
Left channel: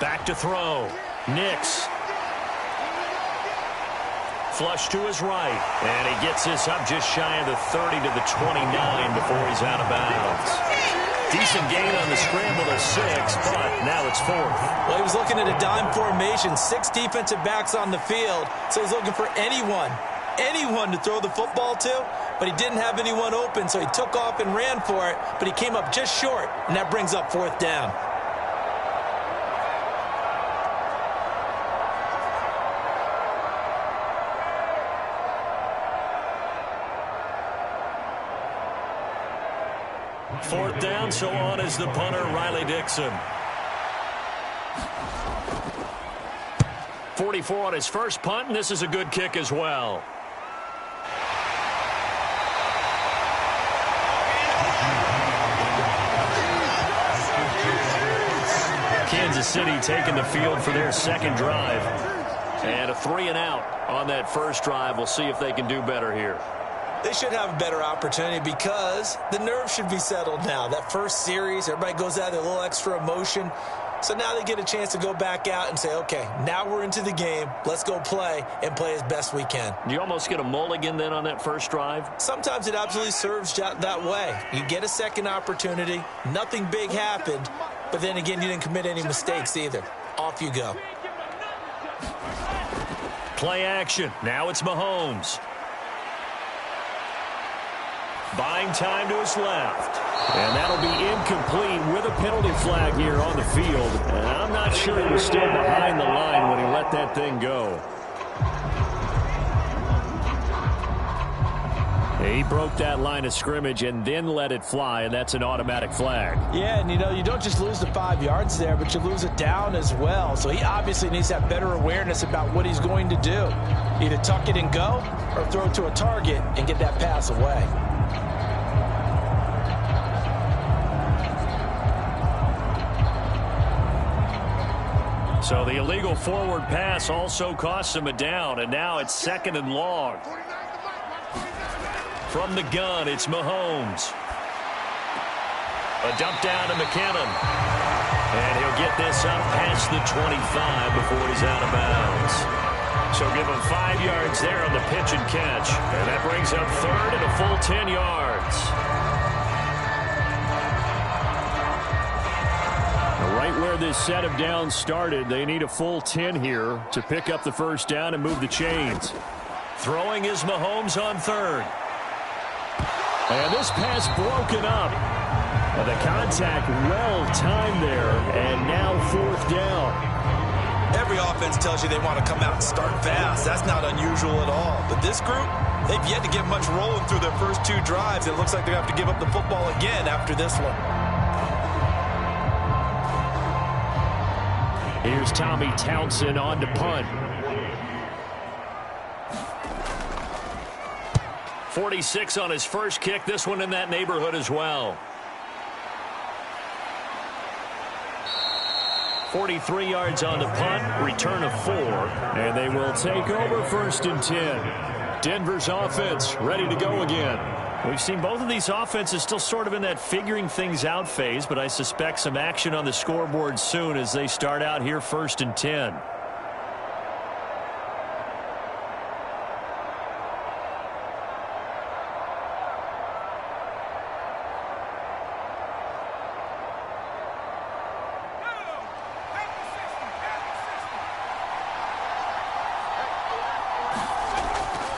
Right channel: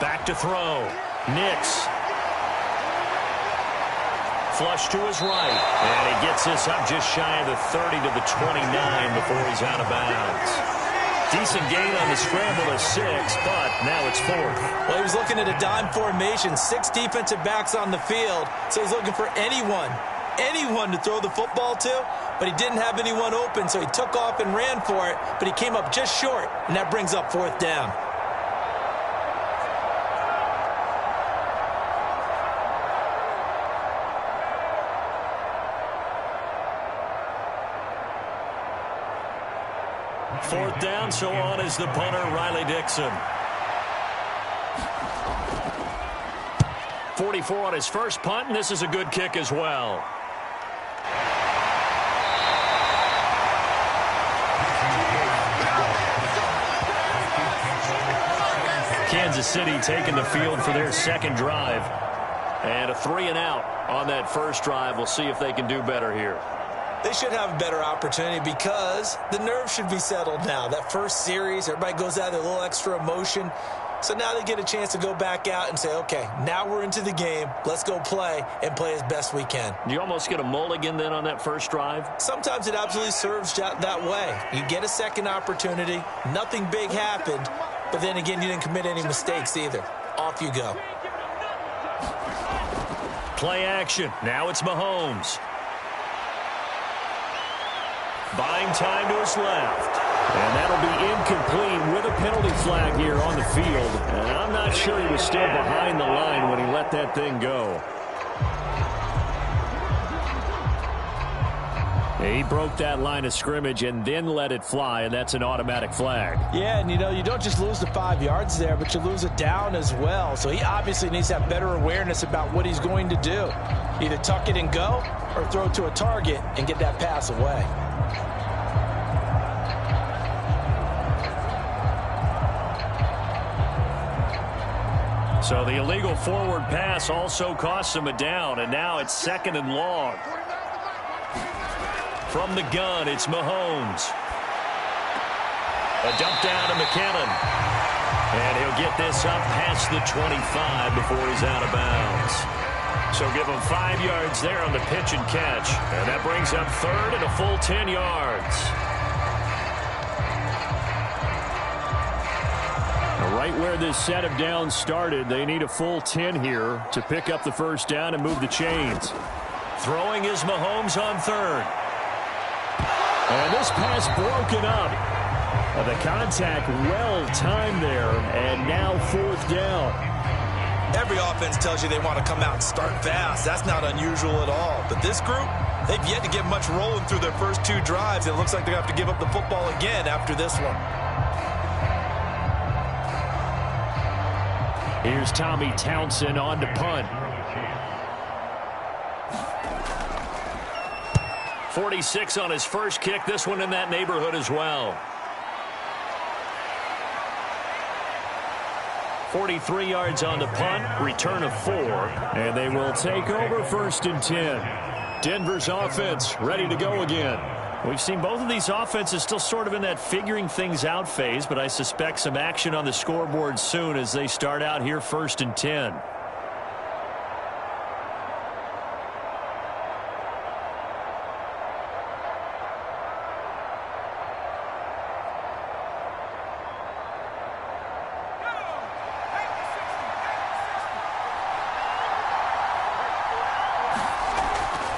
Back to throw. Nix. Flush to his right. And he gets this up just shy of the 30 to the 29 before he's out of bounds. Decent gain on the scramble to 6, but now it's 4th. Well, he was looking at a dime formation, 6 defensive backs on the field, so he's looking for anyone to throw the football to, but he didn't have anyone open, so he took off and ran for it, but he came up just short, and that brings up 4th down. Fourth down, so on is the punter, Riley Dixon. 44 on his first punt, and this is a good kick as well. Kansas City taking the field for their second drive. And a 3-and-out on that first drive. We'll see if they can do better here. They should have a better opportunity because the nerves should be settled now. That first series, everybody goes out with a little extra emotion. So now they get a chance to go back out and say, okay, now we're into the game. Let's go play and play as best we can. Do you almost get a mulligan then on that first drive? Sometimes it absolutely serves that way. You get a second opportunity. Nothing big happened. But then again, you didn't commit any mistakes either. Off you go. Play action. Now it's Mahomes. Buying time to his left. And that'll be incomplete with a penalty flag here on the field. And I'm not sure he was still behind the line when he let that thing go. He broke that line of scrimmage and then let it fly, and that's an automatic flag. Yeah, and you don't just lose the 5 yards there, but you lose it down as well. So he obviously needs to have better awareness about what he's going to do. Either tuck it and go or throw it to a target and get that pass away. So the illegal forward pass also costs him a down, and now it's 2nd and long. From the gun, it's Mahomes. A dump down to McKinnon. And he'll get this up past the 25 before he's out of bounds. So give him 5 yards there on the pitch and catch. And that brings up 3rd and a full 10 yards. Now, right where this set of downs started, they need a full 10 here to pick up the first down and move the chains. Throwing is Mahomes on 3rd. And this pass broken up. The contact well timed there, and now 4th down. Every offense tells you they want to come out and start fast. That's not unusual at all. But this group, they've yet to get much rolling through their first 2 drives. It looks like they're going to have to give up the football again after this one. Here's Tommy Townsend on to punt. 46 on his first kick. This one in that neighborhood as well. 43 yards on the punt. Return of 4. And they will take over 1st and 10. Denver's offense ready to go again. We've seen both of these offenses still sort of in that figuring things out phase, but I suspect some action on the scoreboard soon as they start out here 1st and 10.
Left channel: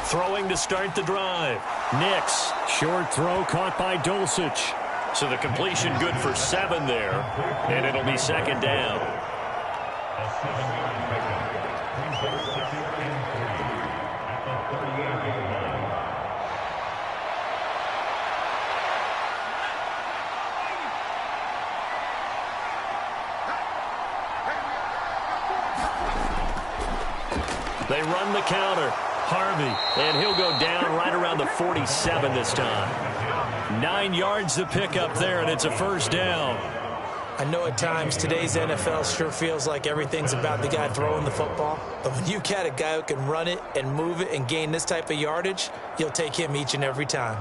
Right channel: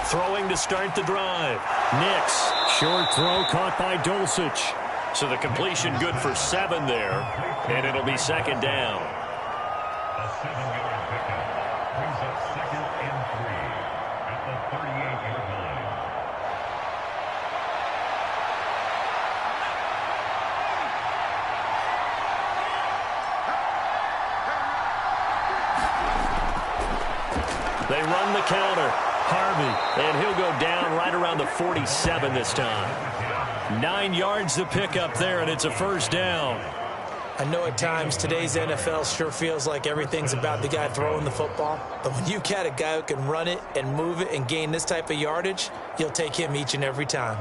Throwing to start the drive. Nix. Short throw caught by Dulcich. So the completion good for 7 there, and it'll be 2nd down. A 7-yard pickup brings up 2nd and 3 at the 38-yard line. They run the counter. Harvey, and he'll go down right around the 47 this time. 9 yards to pick up there, and it's a 1st down. I know at times today's NFL sure feels like everything's about the guy throwing the football. But when you got a guy who can run it and move it and gain this type of yardage, you'll take him each and every time.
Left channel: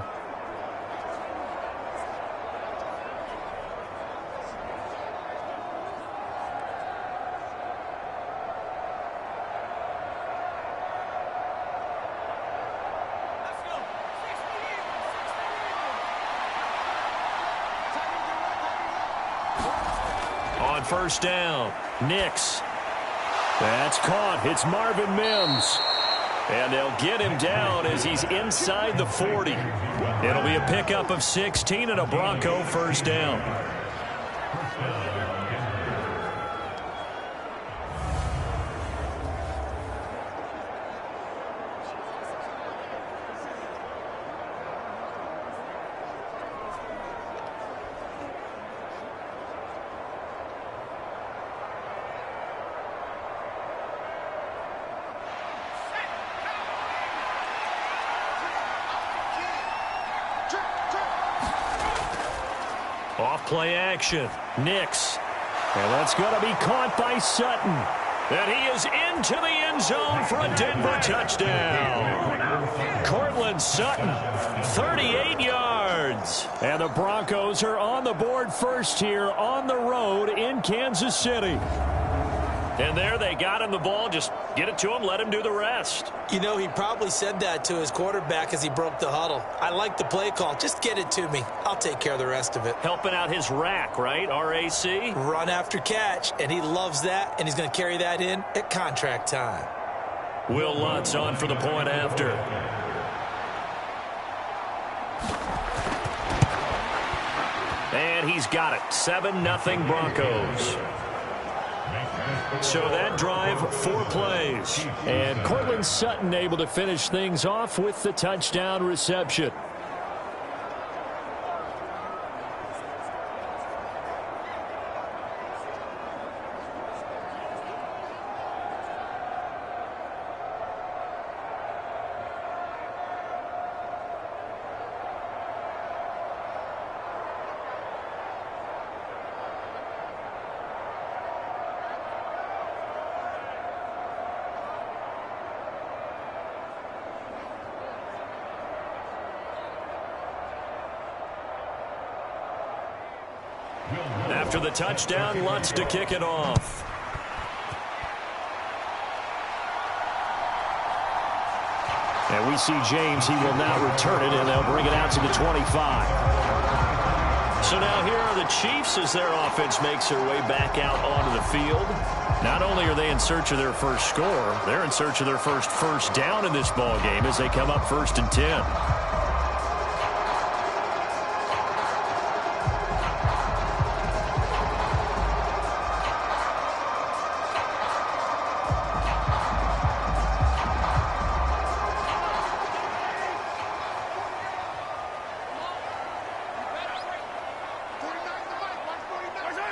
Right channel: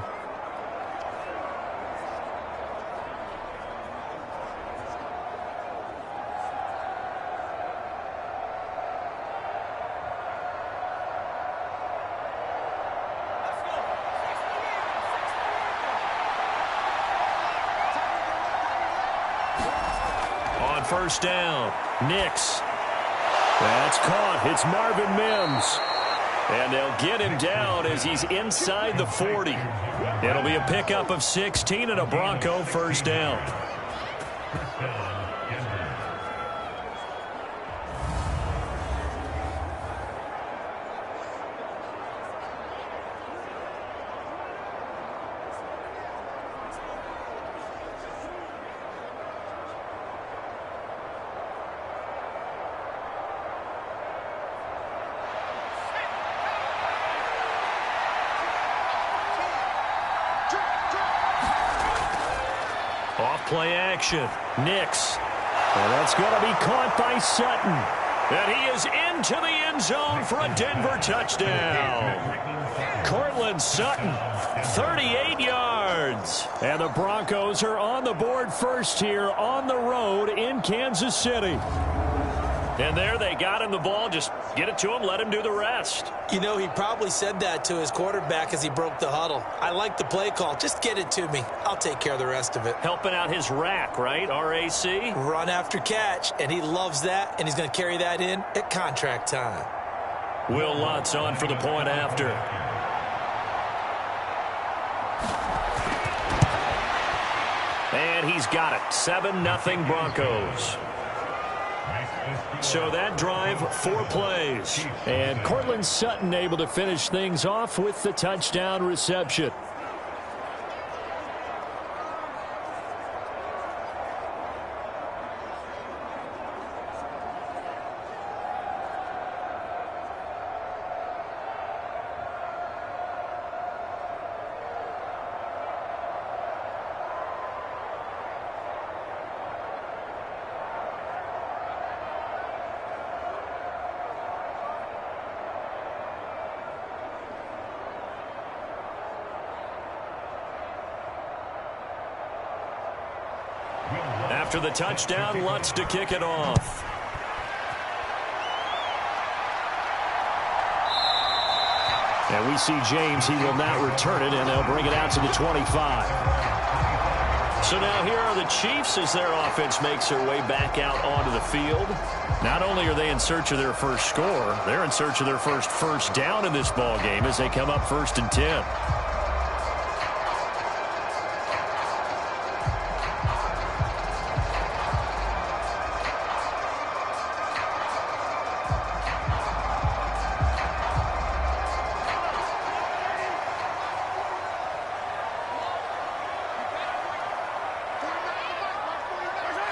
On 1st down, Nix. That's caught. It's Marvin Mims. And they'll get him down as he's inside the 40. It'll be a pickup of 16 and a Bronco 1st down. Off play action. Nix. And that's going to be caught by Sutton. And he is into the end zone for a Denver touchdown. Cortland Sutton, 38 yards. And the Broncos are on the board first here on the road in Kansas City. And there they got him the ball. Just get it to him, let him do the rest. You know, he probably said that to his quarterback as he broke the huddle. I like the play call. Just get it to me. I'll take care of the rest of it. Helping out his rack, right? R-A-C? Run after catch, and he loves that, and he's going to carry that in at contract time. Will Lutz on for the point after. And he's got it. 7-0 Broncos. So that drive, 4 plays. And Cortland Sutton able to finish things off with the touchdown reception. After the touchdown, Lutz to kick it off. And we see James. He will now return it, and they'll bring it out to the 25. So now here are the Chiefs as their offense makes their way back out onto the field. Not only are they in search of their first score, they're in search of their first down in this ball game as they come up 1st and 10.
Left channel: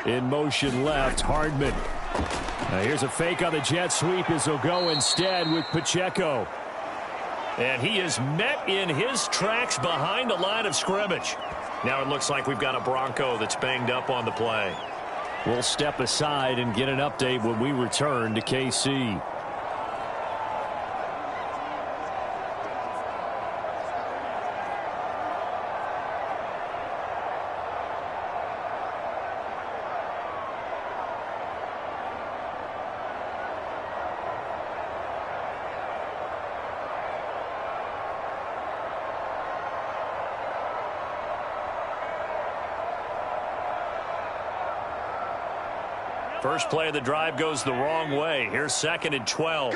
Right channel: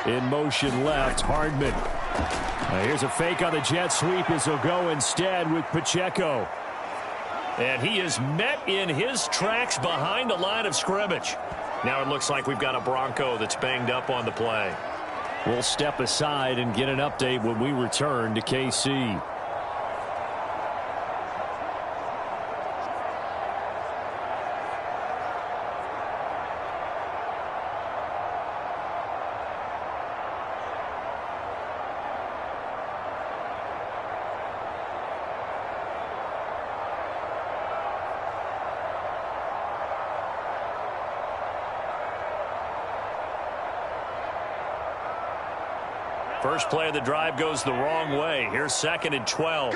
In motion left, Hardman. Now here's a fake on the jet sweep as they'll go instead with Pacheco. And he is met in his tracks behind the line of scrimmage. Now it looks like we've got a Bronco that's banged up on the play. We'll step aside and get an update when we return to KC. First play of the drive goes the wrong way. Here's 2nd and 12.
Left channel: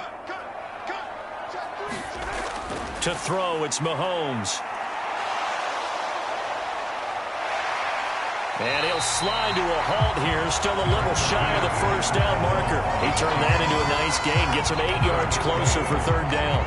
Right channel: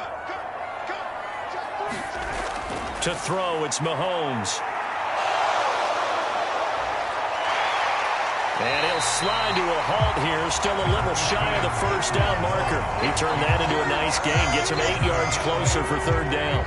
To throw, it's Mahomes. And he'll slide to a halt here. Still a little shy of the first down marker. He turned that into a nice gain. Gets him 8 yards closer for 3rd down.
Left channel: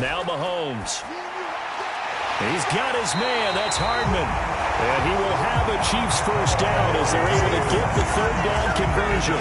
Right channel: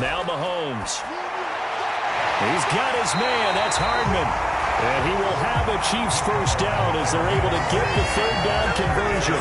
Now Mahomes. He's got his man. That's Hardman. And he will have a Chiefs first down as they're able to get the 3rd down conversion.